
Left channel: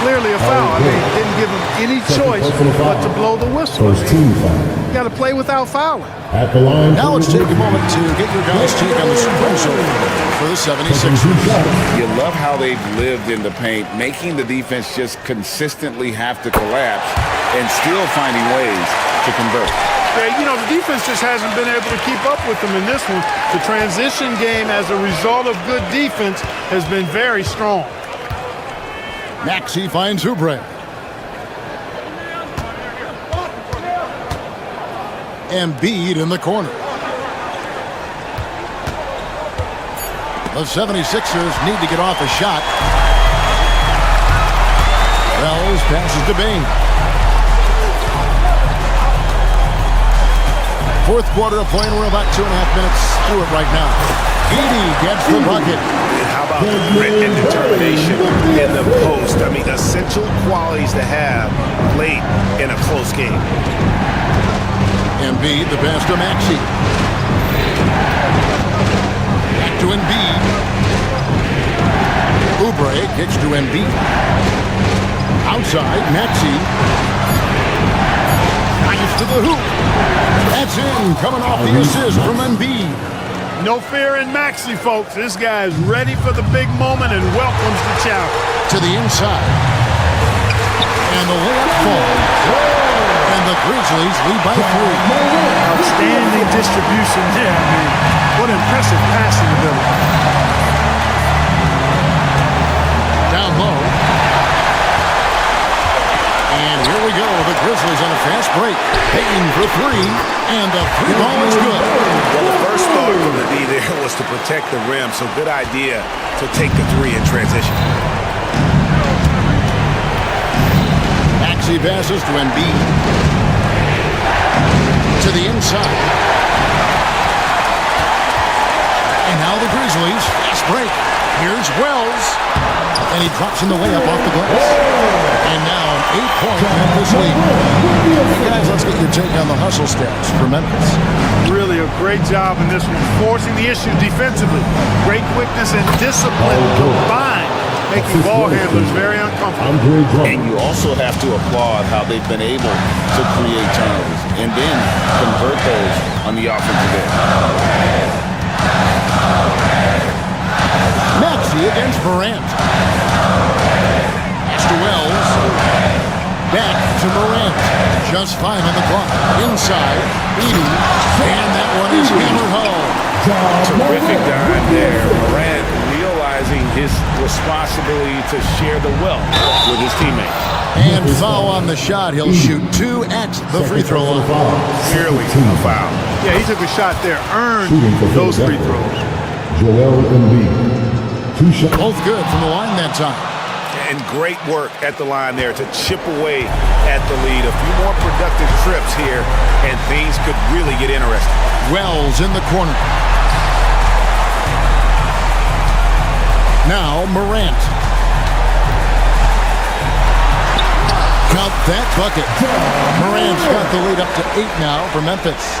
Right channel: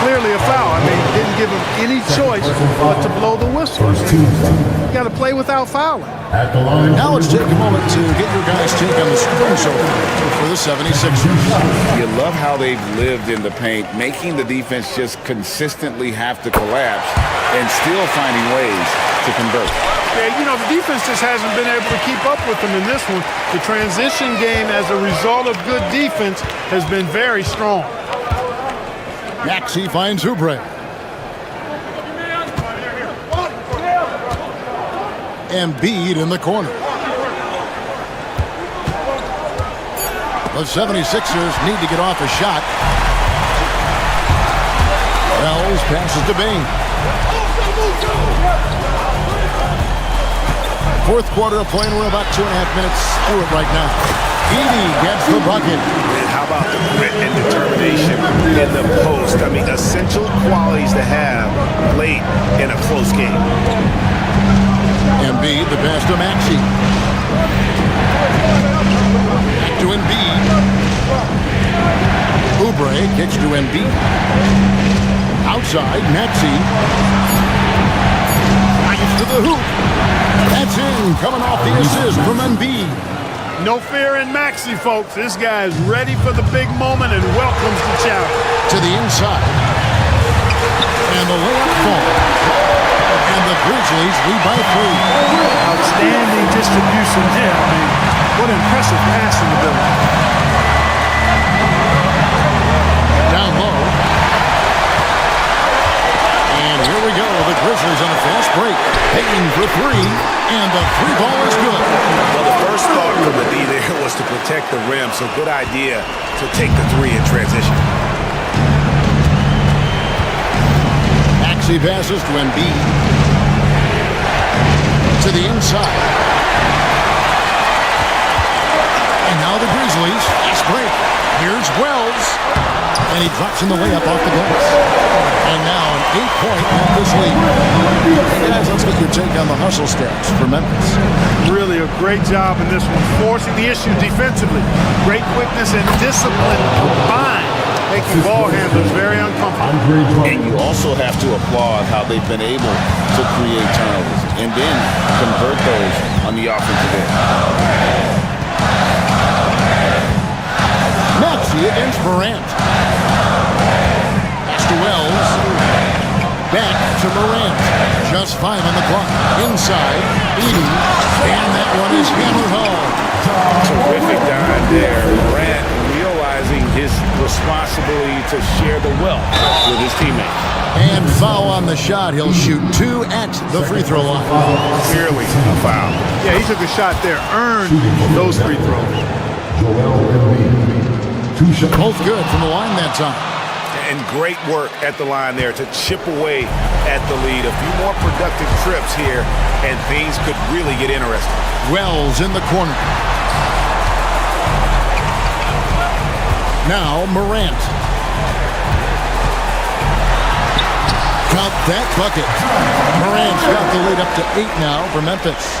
Clearly a foul. I mean, didn't give him any choice but to blow the whistle. You got to play without fouling. At the line. Now let's take a moment to get your guys' take on the screen for the 76ers. You love how they've lived in the paint, making the defense just consistently have to collapse and still finding ways to convert. Yeah, you know, the defense just hasn't been able to keep up with them in this one. The transition game as a result of good defense has been very strong. Maxey finds Oubre. Embiid in the corner. The 76ers need to get off a shot. Wells passes to Bain. Fourth quarter of play, and we're about 2.5 minutes through it right now. Edey gets the bucket. And how about the grit and determination in the post? I mean, essential qualities to have late in a close game. Embiid, the pass to Maxey. Back to Embiid. Oubre kicks to Embiid. Outside, Maxey. Drives to the hoop. That's in, coming off the assist from Embiid. No fear in Maxey, folks. This guy is ready for the big moment and welcomes the challenge. To the inside. And the layup falls. And the Grizzlies lead by 3. Outstanding distribution there. I mean, what impressive passing ability. Down low. And here we go. The Grizzlies on a fast break. Payton for 3. And the 3 ball is good. Well, the first thought from the D there was to protect the rim, so good idea to take the 3 in transition. Maxey passes to Embiid. To the inside. And now the Grizzlies, fast break. Here's Wells. And he drops in the layup off the glass. And now an 8-point Memphis lead. Hey guys, let's get your take on the hustle stats for Memphis. Really a great job in this one, forcing the issue defensively. Great quickness and discipline combined, making ball handlers very uncomfortable. And you also have to applaud how they've been able to create turnovers and then convert those on the offensive end. Maxey against Morant. Pass to Wells. Back to Morant. Just 5 on the clock. Inside. Edie. And that one is hammered home. Terrific dime there. Morant realizing his responsibility to share the wealth with his teammates. And foul on the shot. He'll shoot 2 at the free throw line. Clearly a foul. Yeah, he took a shot there, earned those free throws. Joel Embiid. 2 shots. Both good from the line that time. And great work at the line there to chip away at the lead. A few more productive trips here, and things could really get interesting. Wells in the corner. Now Morant. Count that bucket. Morant's got the lead up to 8 now for Memphis.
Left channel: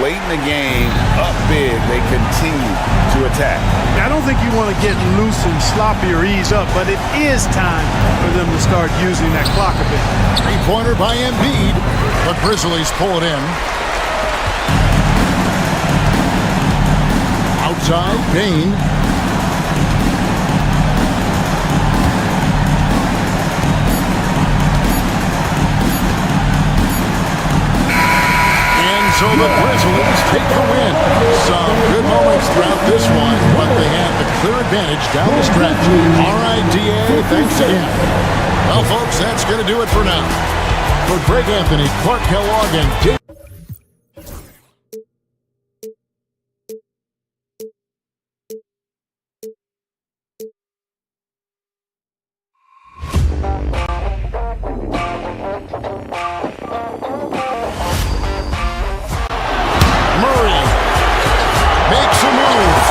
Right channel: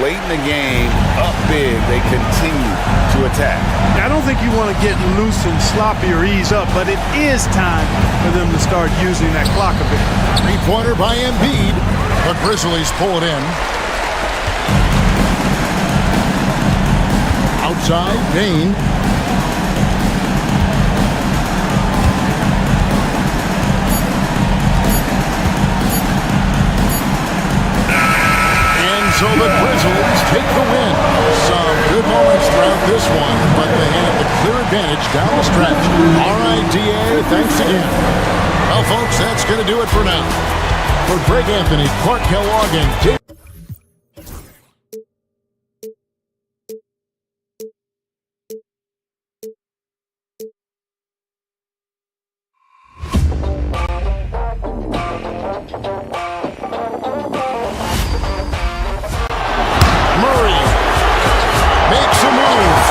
Late in the game, up big, they continue to attack. I don't think you want to get loose and sloppy or ease up, but it is time for them to start using that clock a bit. Three-pointer by Embiid. The Grizzlies pull it in. Outside, Payne. So the Grizzlies take the win. Some good moments throughout this one, but they have the clear advantage down the stretch. All right, DA, thanks again. Well, folks, that's going to do it for now. For Greg Anthony, Clark Kellogg, and Dave. Makes a move.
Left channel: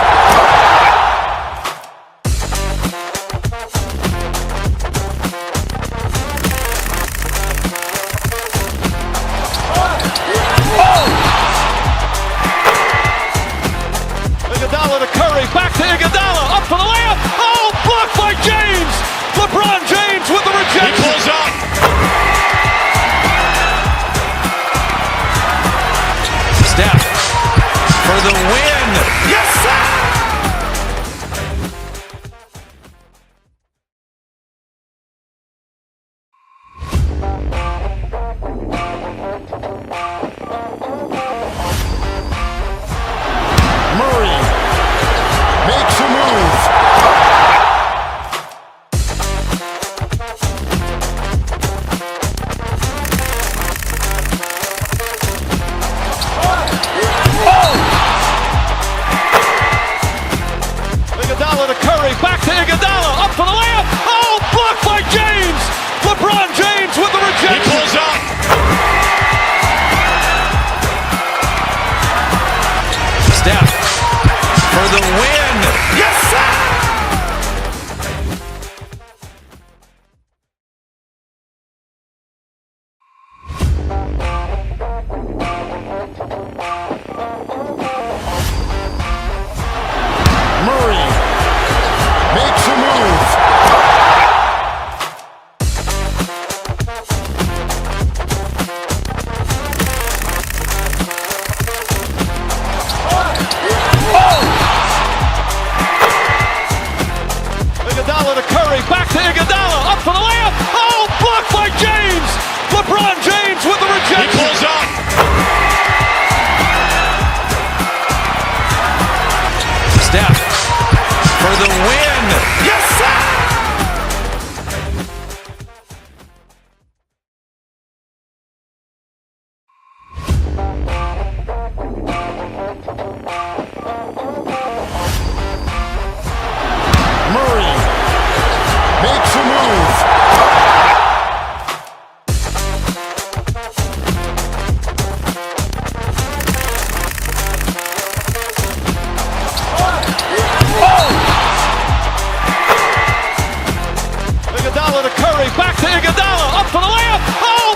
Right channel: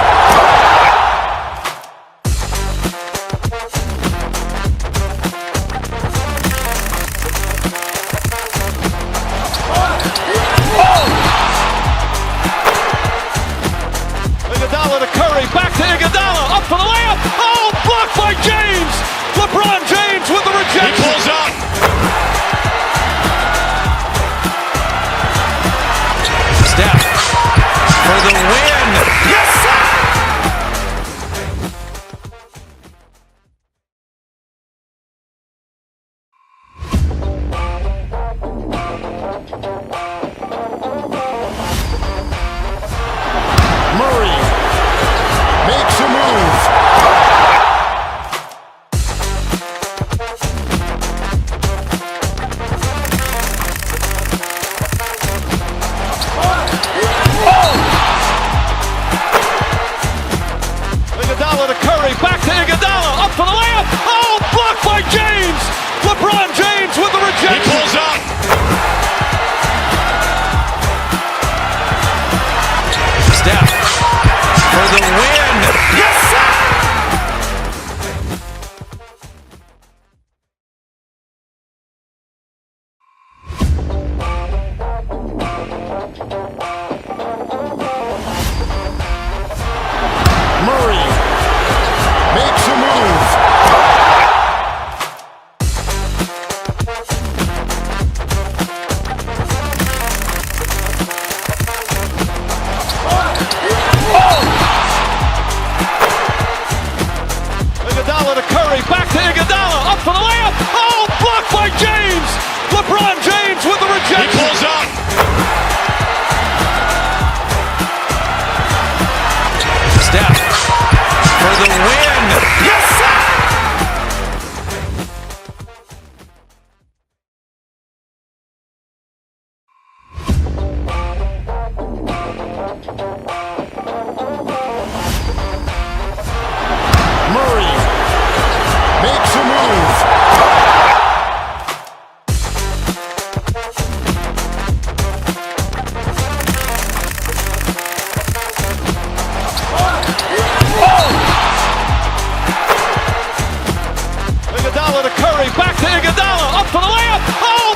Iguodala to Curry, back to Iguodala, up for the layup. Oh, blocked by James. LeBron James with the rejection. He pulls up. Steph for the win. Yes, sir! Murray makes a move. Iguodala to Curry, back to Iguodala, up for the layup. Oh, blocked by James. LeBron James with the rejection. He pulls up. Steph for the win. Yes, sir! Murray makes a move. Iguodala to Curry, back to Iguodala, up for the layup. Oh, blocked by James. LeBron James with the rejection. He pulls up. Steph for the win. Yes, sir! Murray makes a move. Iguodala to Curry, back to Iguodala, up for the layup. Oh,